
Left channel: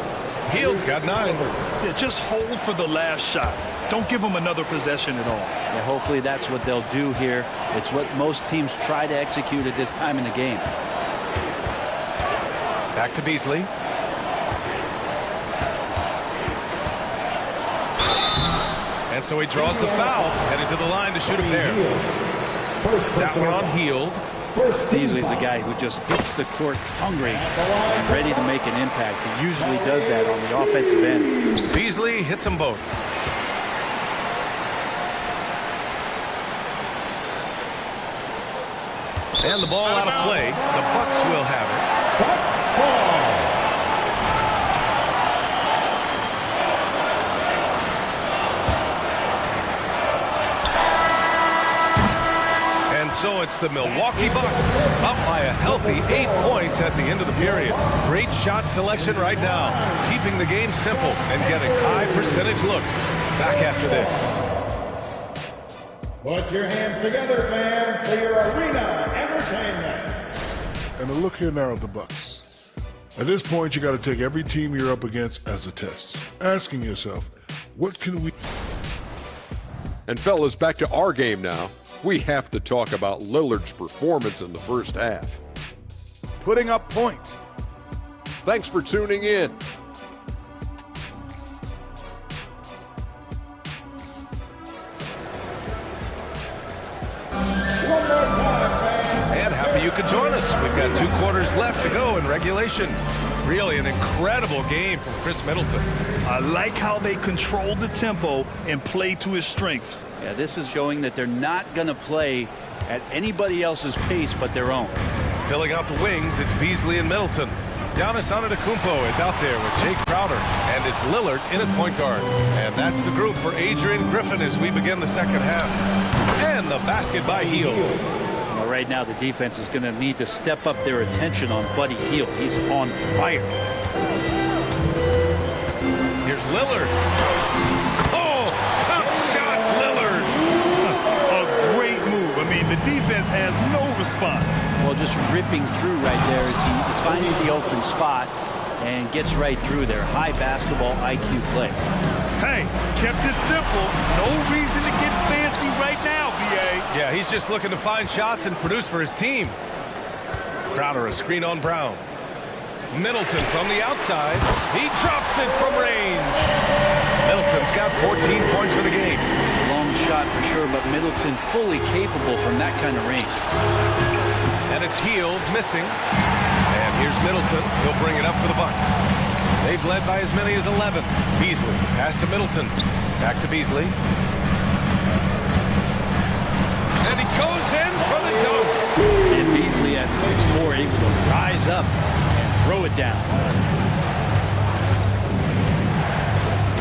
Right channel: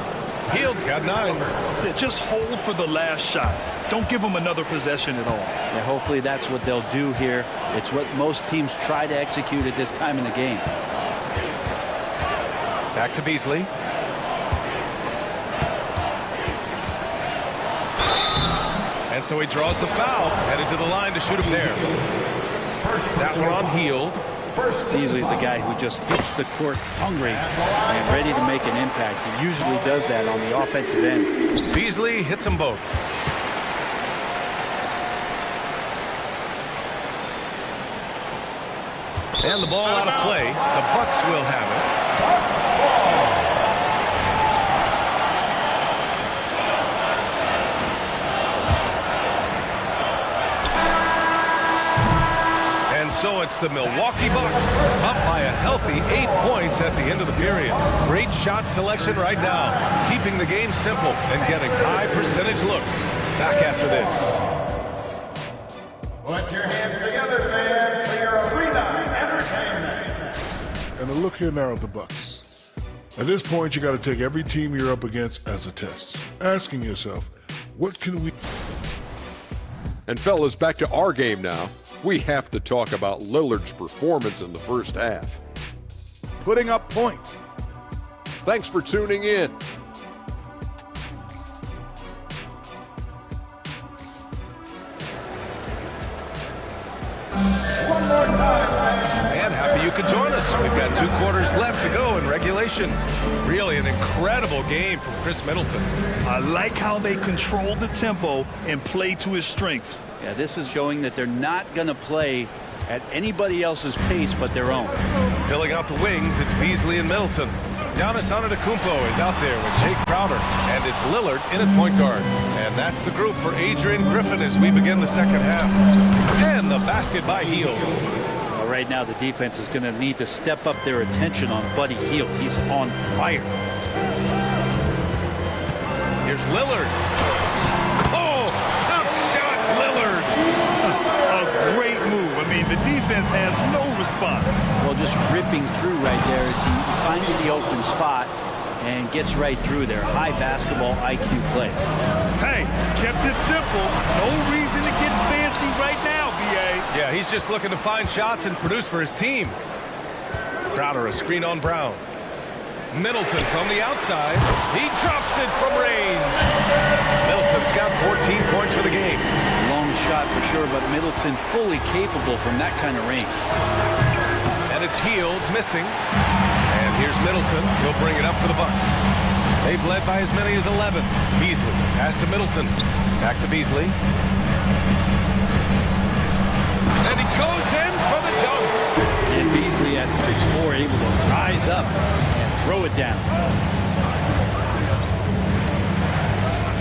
Hield's got 9. Yeah, just hold for the last shot. Don't give him another possession at all. Yeah, hopefully that's what they'll do here. It's what most teams try to execute at this time in the game. Back to Beasley. And so he draws the foul, headed to the line to shoot a pair. That one on Hield. Beasley's a guy who just hits the court hungry and ready to make an impact. He usually does that on the offensive end. Beasley hits them both. And the ball out of play. The Bucks will have it. And so it's the Milwaukee Bucks up by a healthy 8 points at the end of the period. Great shot selection right now, keeping the game simple and getting high percentage looks. Back after this. Put your hands together, fans, for your arena entertainment. And a look here now at the Bucks. At this point, you got to take every team you're up against as a test, asking yourself, what can we... And fellas, back to our game now. We have to talk about Lillard's performance in the first half. Putting up points. Thanks for tuning in. And happy you could join us. We've got 2 quarters left to go in regulation. Really an incredible game from Chris Middleton. I like how they control the tempo and play to his strengths. Yeah, this is showing that they're not going to play at anybody else's pace but their own. Filling out the wings, it's Beasley and Middleton. Giannis Antetokounmpo is out there with Jake Crowder, and it's Lillard in at point guard. And that's the group for Adrian Griffin as we begin the second half. And the basket by Hield. Well, right now the defense is going to need to step up their attention on Buddy Hield. He's on fire. Here's Lillard. Oh, tough shot, Lillard. A great move. I mean, the defense has no response. Well, just ripping through right there as he finds the open spot and gets right through there. High basketball IQ play. Hey, kept it simple. No reason to get fancy right now, B.A. Yeah, he's just looking to find shots and produce for his team. Crowder, a screen on Brown. Middleton from the outside. He drops it from range. Middleton's got 14 points for the game. Long shot for sure, but Middleton fully capable from that kind of range. And it's Hield missing. And here's Middleton. He'll bring it up for the Bucks. They've led by as many as 11. Beasley, pass to Middleton. Back to Beasley. And he goes in for the dunk. And Beasley at 6'4", able to rise up and throw it down.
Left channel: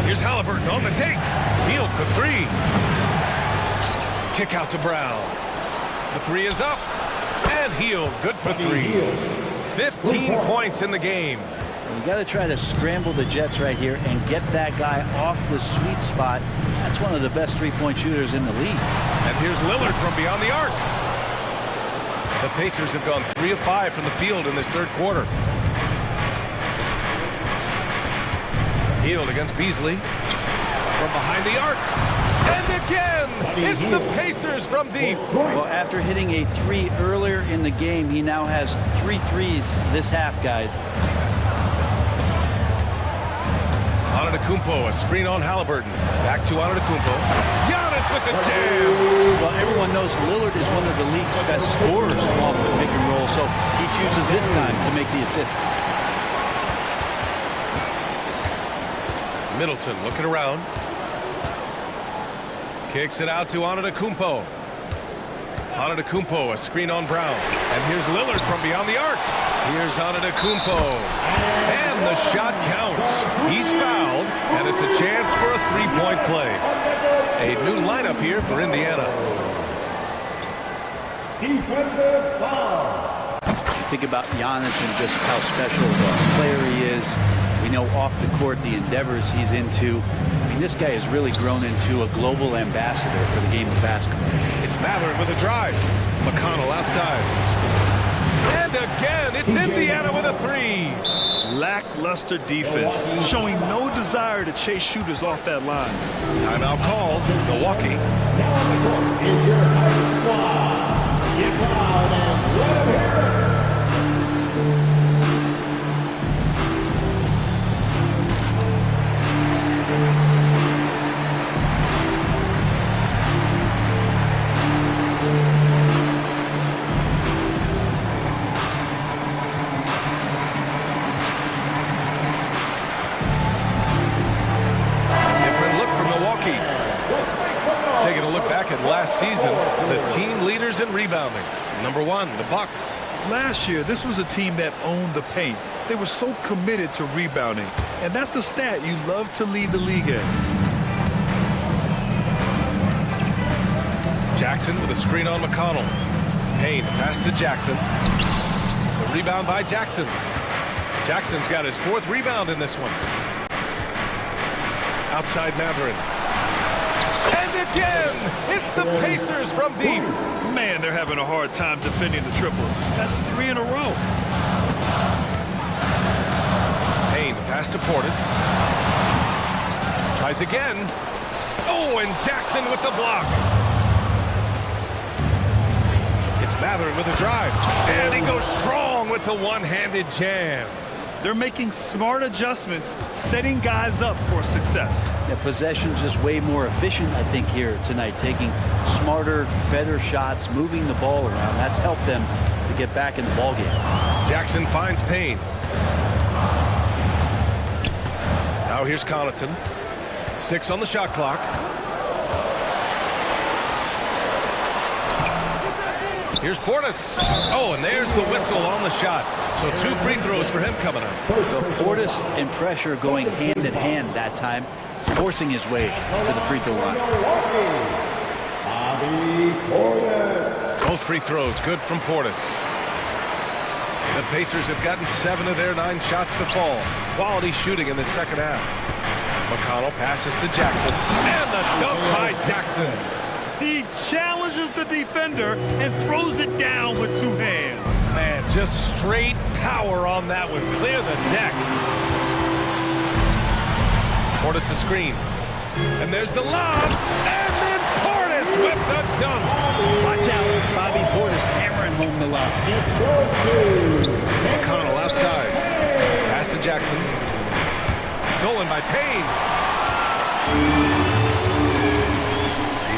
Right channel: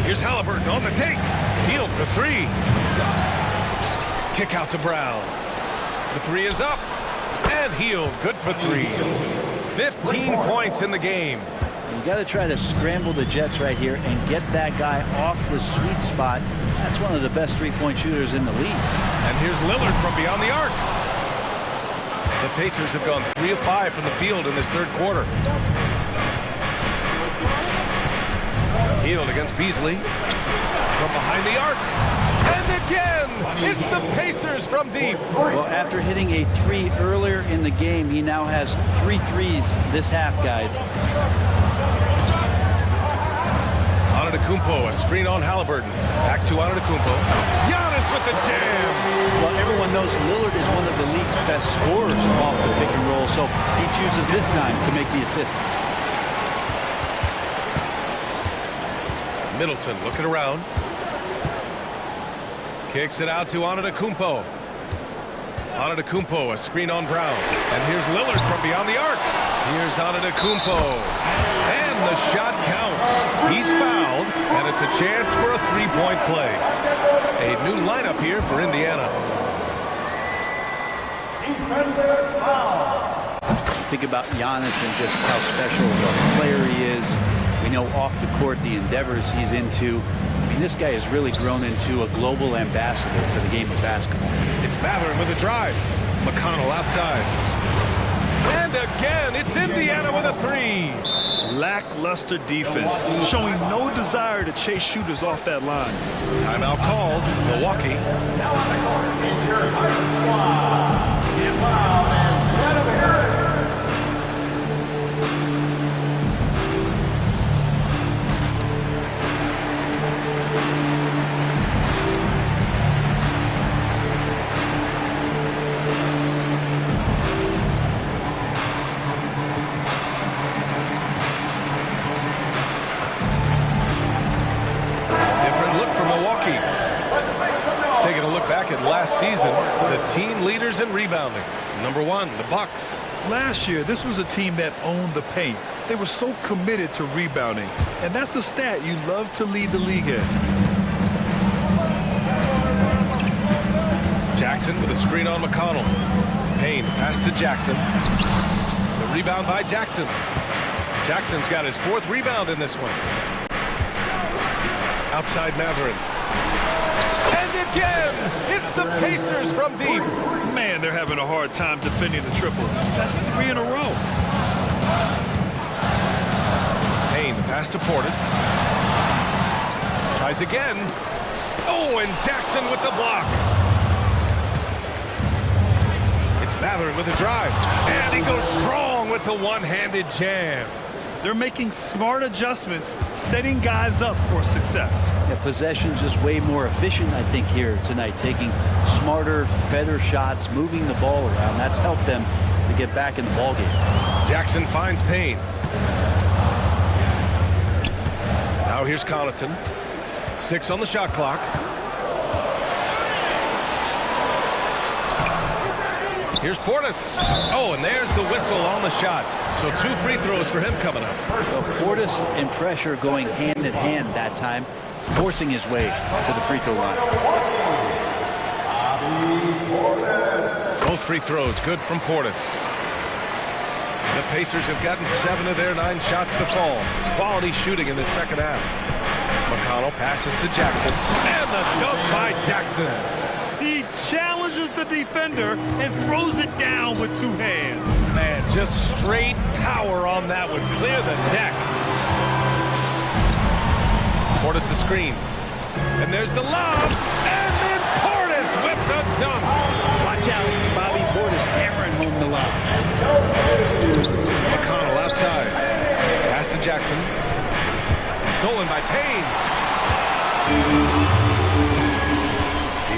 Here's Halliburton on the take. Healed for three. Kick out to Brown. The three is up. And Healed, good for three. 15 points in the game. You got to try to scramble the Jets right here and get that guy off the sweet spot. That's one of the best three-point shooters in the league. And here's Lillard from beyond the arc. The Pacers have gone 3 of 5 from the field in this third quarter. Healed against Beasley from behind the arc. And again, it's the Pacers from deep. Well, after hitting a three earlier in the game, he now has 3 threes this half, guys. Antetokounmpo, a screen on Halliburton. Back to Antetokounmpo. Giannis with the jam. Well, everyone knows Lillard is one of the league's best scorers off the pick and roll, so he chooses this time to make the assist. Middleton looking around. Kicks it out to Antetokounmpo. Antetokounmpo, a screen on Brown. And here's Lillard from beyond the arc. Here's Antetokounmpo. And the shot counts. He's fouled, and it's a chance for a three-point play. A new lineup here for Indiana. Defensive foul. Think about Giannis and just how special of a player he is. We know off the court the endeavors he's into. I mean, this guy has really grown into a global ambassador for the game of basketball. It's Mathurin with a drive. McConnell outside. And again, it's Indiana with a three. Lackluster defense, showing no desire to chase shooters off that line. Timeout called. Milwaukee. Now on the court is your Thunder squad. Get loud and let them hear it. Milwaukee. Taking a look back at last season, the team leaders in rebounding. Number 1, the Bucks. Last year, this was a team that owned the paint. They were so committed to rebounding, and that's a stat you love to lead the league in. Jackson with a screen on McConnell. Payne, pass to Jackson. The rebound by Jackson. Jackson's got his 4th rebound in this one. Outside Mathurin. And again, it's the Pacers from deep. Man, they're having a hard time defending the triple. That's 3 in a row. Payne, the pass to Portis. Tries again. Oh, and Jackson with the block. It's Mathurin with the drive. And he goes strong with the one-handed jam. They're making smart adjustments, setting guys up for success. Yeah, possession's just way more efficient, I think, here tonight. Taking smarter, better shots, moving the ball around. That's helped them to get back in the ballgame. Jackson finds Payne. Now here's Connaughton. 6 on the shot clock. Here's Portis. Oh, and there's the whistle on the shot. So 2 free throws for him coming up. So Portis and pressure going hand in hand that time, forcing his way to the free throw line. Both free throws good from Portis. The Pacers have gotten 7 of their 9 shots to fall. Quality shooting in the second half. McConnell passes to Jackson. And the dunk by Jackson. He challenges the defender and throws it down with 2 hands. Man, just straight power on that one. Clear the deck. Portis a screen. And there's the lob. And then Portis with the dunk. Watch out. Bobby Portis hammering home the lob. McConnell outside. Pass to Jackson. Stolen by Payne.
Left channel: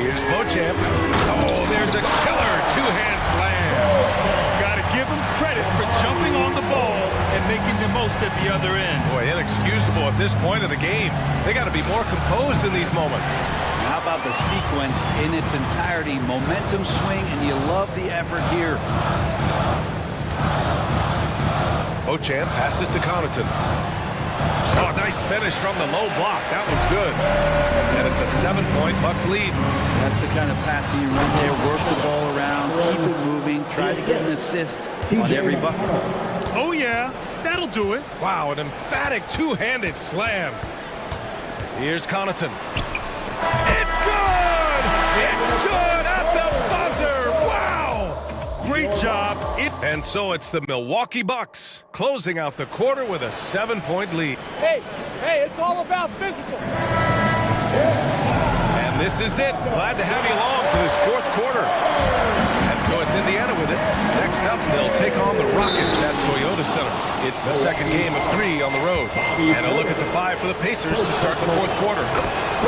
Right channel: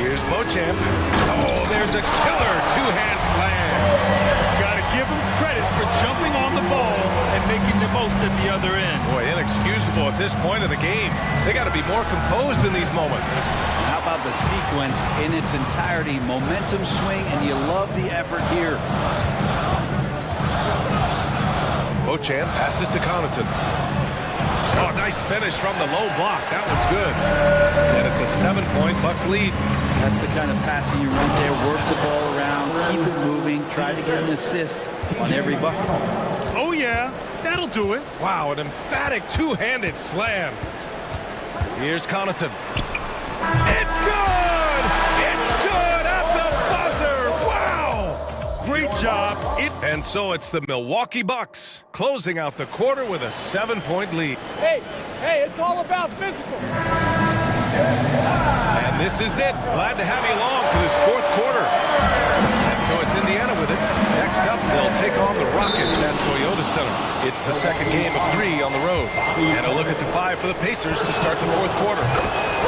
Here's Beauchamp. Oh, there's a killer 2-hand slam. Got to give him credit for jumping on the ball and making the most at the other end. Boy, inexcusable at this point of the game. They got to be more composed in these moments. And how about the sequence in its entirety? Momentum swing, and you love the effort here. Beauchamp passes to Connaughton. Oh, nice finish from the low block. That one's good. And it's a 7-point Bucks lead. That's the kind of passing you want there. Work the ball around, keep it moving, try to get an assist on every bucket. Oh, yeah. That'll do it. Wow, an emphatic two-handed slam. Here's Connaughton. It's good! It's good at the buzzer! Wow! Great job. And so it's the Milwaukee Bucks closing out the quarter with a 7-point lead. Hey, it's all about physical. And this is it. Glad to have you along for this fourth quarter. And so it's Indiana with it. Next up, they'll take on the Rockets at Toyota Center. It's the second game of 3 on the road. And a look at the 5 for the Pacers to start the fourth quarter.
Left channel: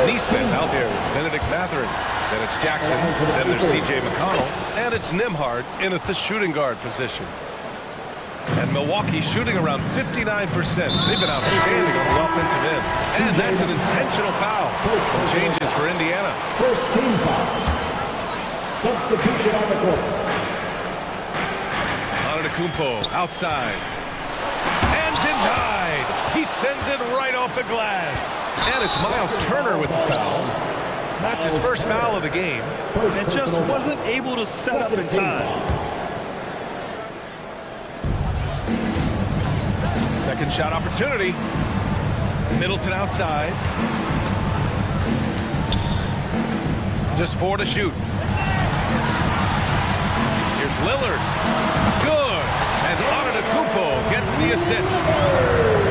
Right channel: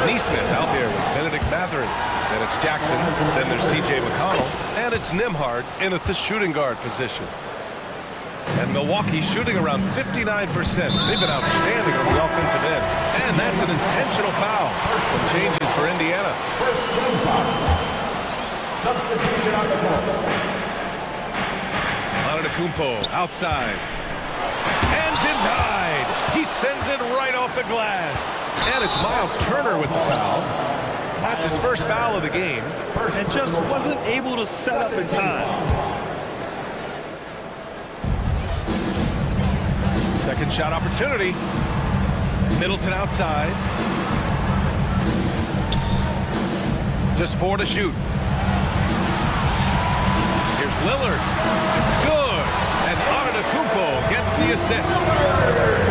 Neesmith out there with Benedict Mathurin. Then it's Jackson. Then there's T.J. McConnell. And it's Nembhard in at the shooting guard position. And Milwaukee shooting around 59%. They've been outstanding on the offensive end. And that's an intentional foul. Some changes for Indiana. First team foul. Substitution on the court. Antetokounmpo outside. And denied. He sends it right off the glass. And it's Miles Turner with the foul. That's his first foul of the game. And just wasn't able to set up in time. Second shot opportunity. Middleton outside. Just 4 to shoot. Here's Lillard. Good. And Antetokounmpo gets the assist.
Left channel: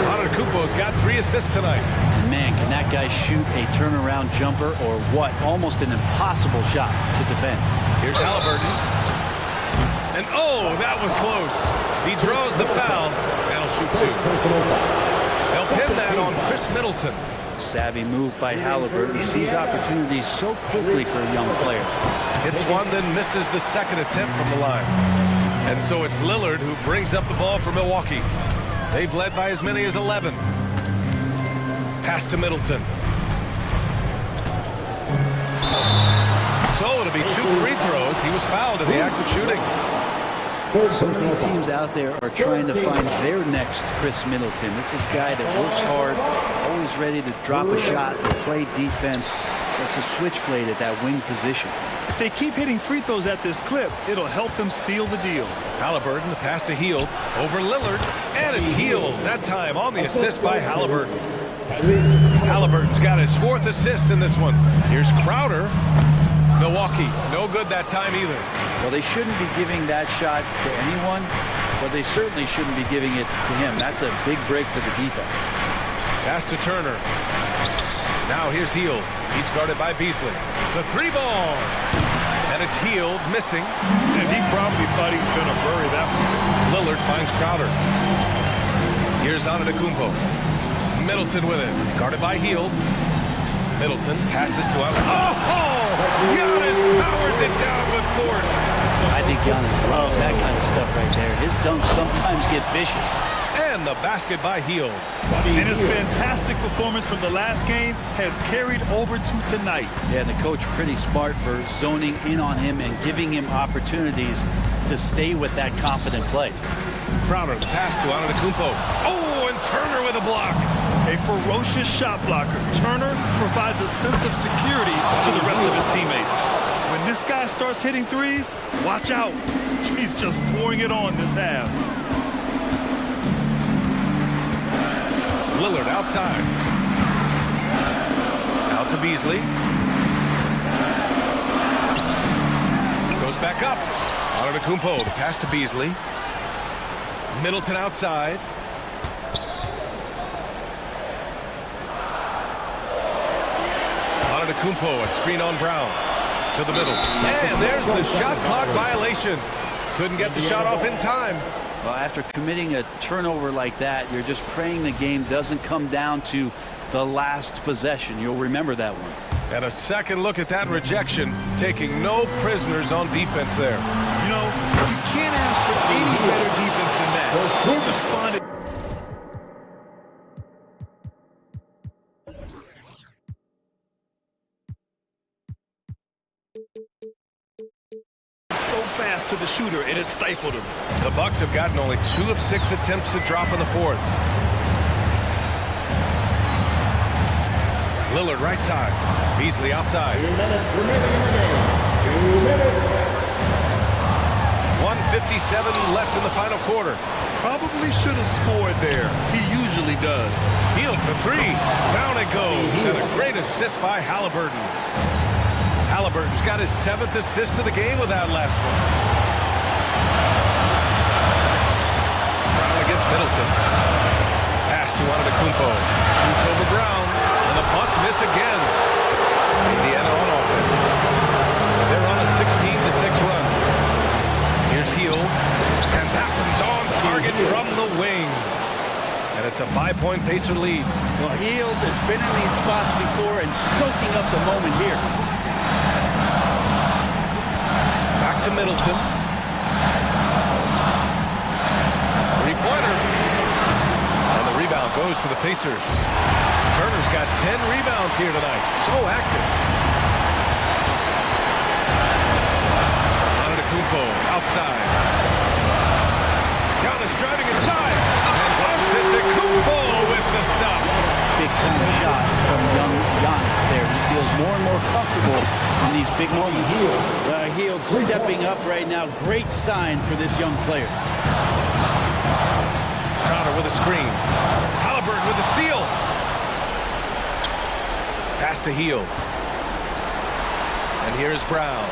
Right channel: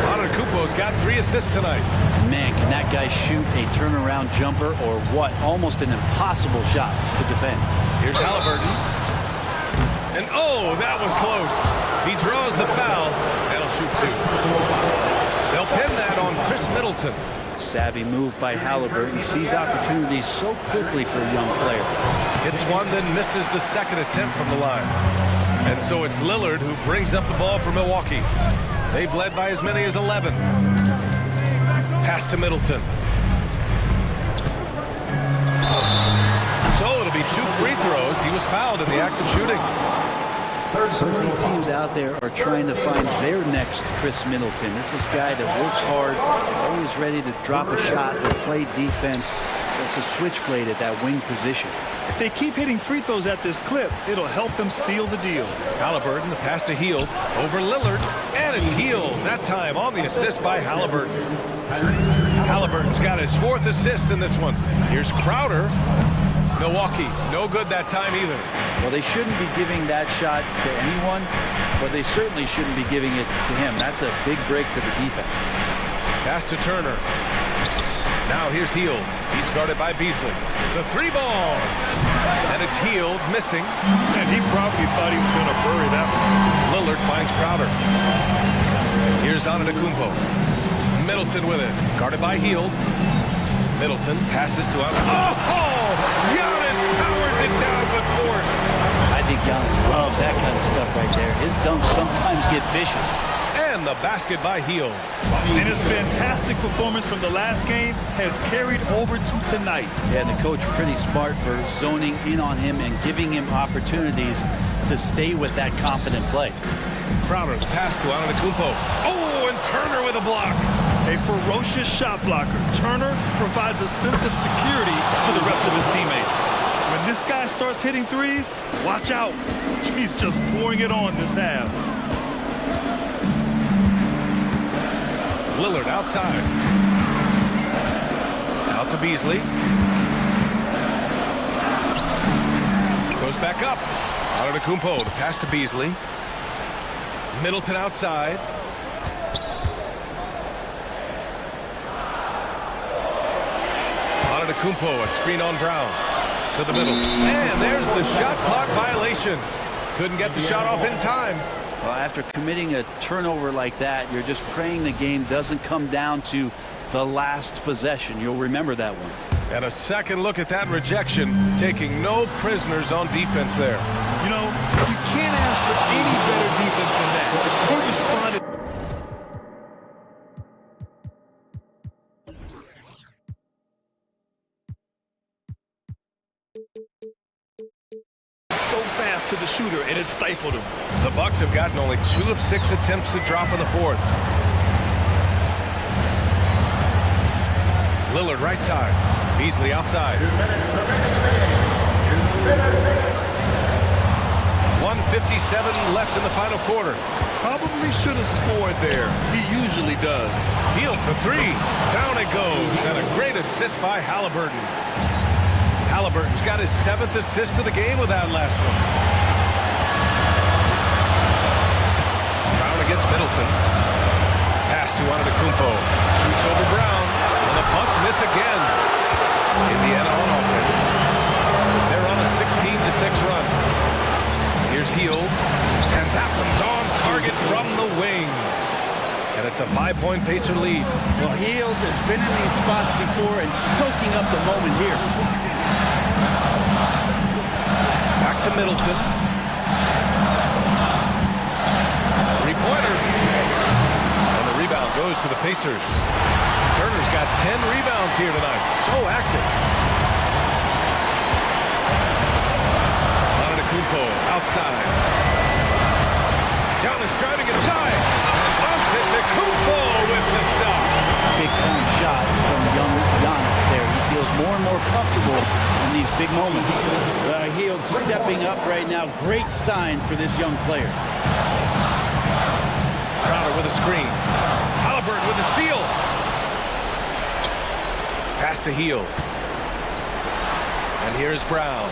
Antetokounmpo's got 3 assists tonight. And man, can that guy shoot a turnaround jumper or what? Almost an impossible shot to defend. Here's Halliburton. And oh, that was close. He draws the foul. And he'll shoot 2. They'll pin that on Chris Middleton. Savvy move by Halliburton. Sees opportunities so quickly for a young player. Hits one, then misses the second attempt from the line. And so it's Lillard who brings up the ball for Milwaukee. They've led by as many as 11. Pass to Middleton. So it'll be 2 free throws. He was fouled in the act of shooting. So many teams out there are trying to find their next Chris Middleton. This is a guy that works hard, always ready to drop a shot or play defense. Such a switchblade at that wing position. If they keep hitting free throws at this clip, it'll help them seal the deal. Halliburton, the pass to Hield, over Lillard, and it's Hield, that time on the assist by Halliburton. Halliburton's got his 4th assist in this one. Here's Crowder. Milwaukee, no good that time either. Well, they shouldn't be giving that shot to anyone, but they certainly shouldn't be giving it to him. That's a big break for the defense. Pass to Turner. Now here's Hield. He's guarded by Beasley. The 3-ball. And it's Hield missing. And he probably thought he was going to bury that one. Lillard finds Crowder. Here's Antetokounmpo. Middleton with it. Guarded by Hield. Middleton passes to Antetokounmpo. Oh! Giannis powers it down with force. I think Giannis loves that kind of stuff right there. His dunks sometimes get vicious. And the basket by Hield. And his fantastic performance from the last game has carried over to tonight. Yeah, and the coach pretty smart for zoning in on him and giving him opportunities to stay with that confident play. Crowder, the pass to Antetokounmpo. Oh, and Turner with a block. A ferocious shot blocker. Turner provides a sense of security to the rest of his teammates. When this guy starts hitting threes, watch out. He's just pouring it on this half. Lillard outside. Out to Beasley. Goes back up. Antetokounmpo, the pass to Beasley. Middleton outside. Antetokounmpo, a screen on Brown. To the middle. And there's the shot clock violation. Couldn't get the shot off in time. Well, after committing a turnover like that, you're just praying the game doesn't come down to the last possession. You'll remember that one. And a second look at that rejection, taking no prisoners on defense there. You know, you can't ask for any better defense than that. He responded. So fast to the shooter, and it stifled him. The Bucks have gotten only 2 of 6 attempts to drop in the fourth. Lillard right side. Beasley outside. 1:57 left in the final quarter. Probably should have scored there. He usually does. Hield for 3. Down it goes. And a great assist by Halliburton. Halliburton's got his 7th assist of the game with that last one. Brown against Middleton. Pass to Antetokounmpo. Shoots over Brown. And the Bucks miss again. Indiana on offense. They're on a 16-6 run. Here's Hield. And that one's on target from the wing. And it's a 5-point Pacer lead. Well, Hield has been in these spots before and soaking up the moment here. Back to Middleton. Three-pointer. And the rebound goes to the Pacers. Turner's got 10 rebounds here tonight. So active. Antetokounmpo outside. Giannis driving inside. And Antetokounmpo with the stuff. Big-time shot from young Giannis there. He feels more and more comfortable in these big moments. Hield stepping up right now. Great sign for this young player. Crowder with a screen. Halliburton with the steal. Pass to Hield. And here's Brown.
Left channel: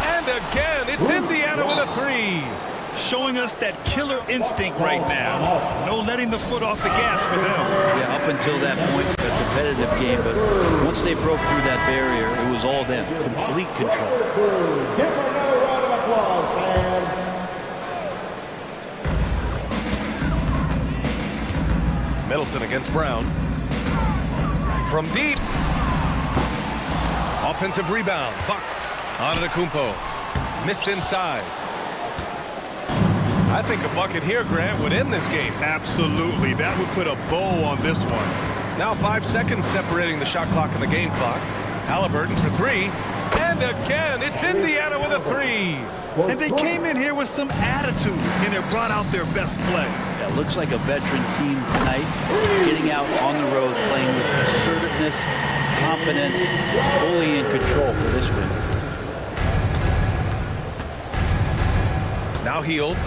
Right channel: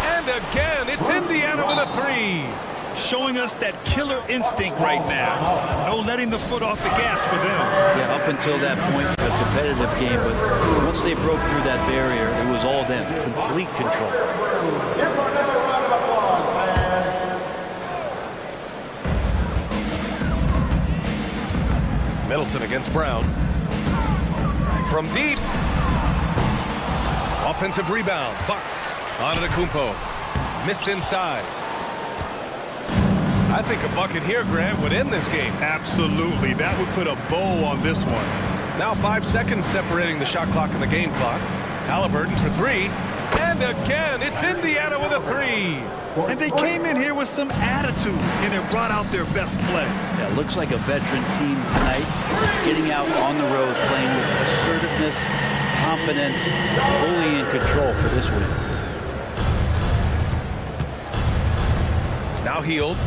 And again, it's Indiana with a 3. Showing us that killer instinct right now. No letting the foot off the gas for them. Yeah, up until that point, a competitive game, but once they broke through that barrier, it was all them. Complete control. Give them another round of applause, fans. Middleton against Brown. From deep. Offensive rebound. Bucks. Antetokounmpo. Missed inside. I think a bucket here, Grant, would end this game. Absolutely. That would put a bow on this one. Now 5 seconds separating the shot clock and the game clock. Halliburton for 3. And again, it's Indiana with a 3. And they came in here with some attitude, and they brought out their best play. Yeah, looks like a veteran team tonight. Getting out on the road, playing with assertiveness, confidence, fully in control for this win. Now Hield.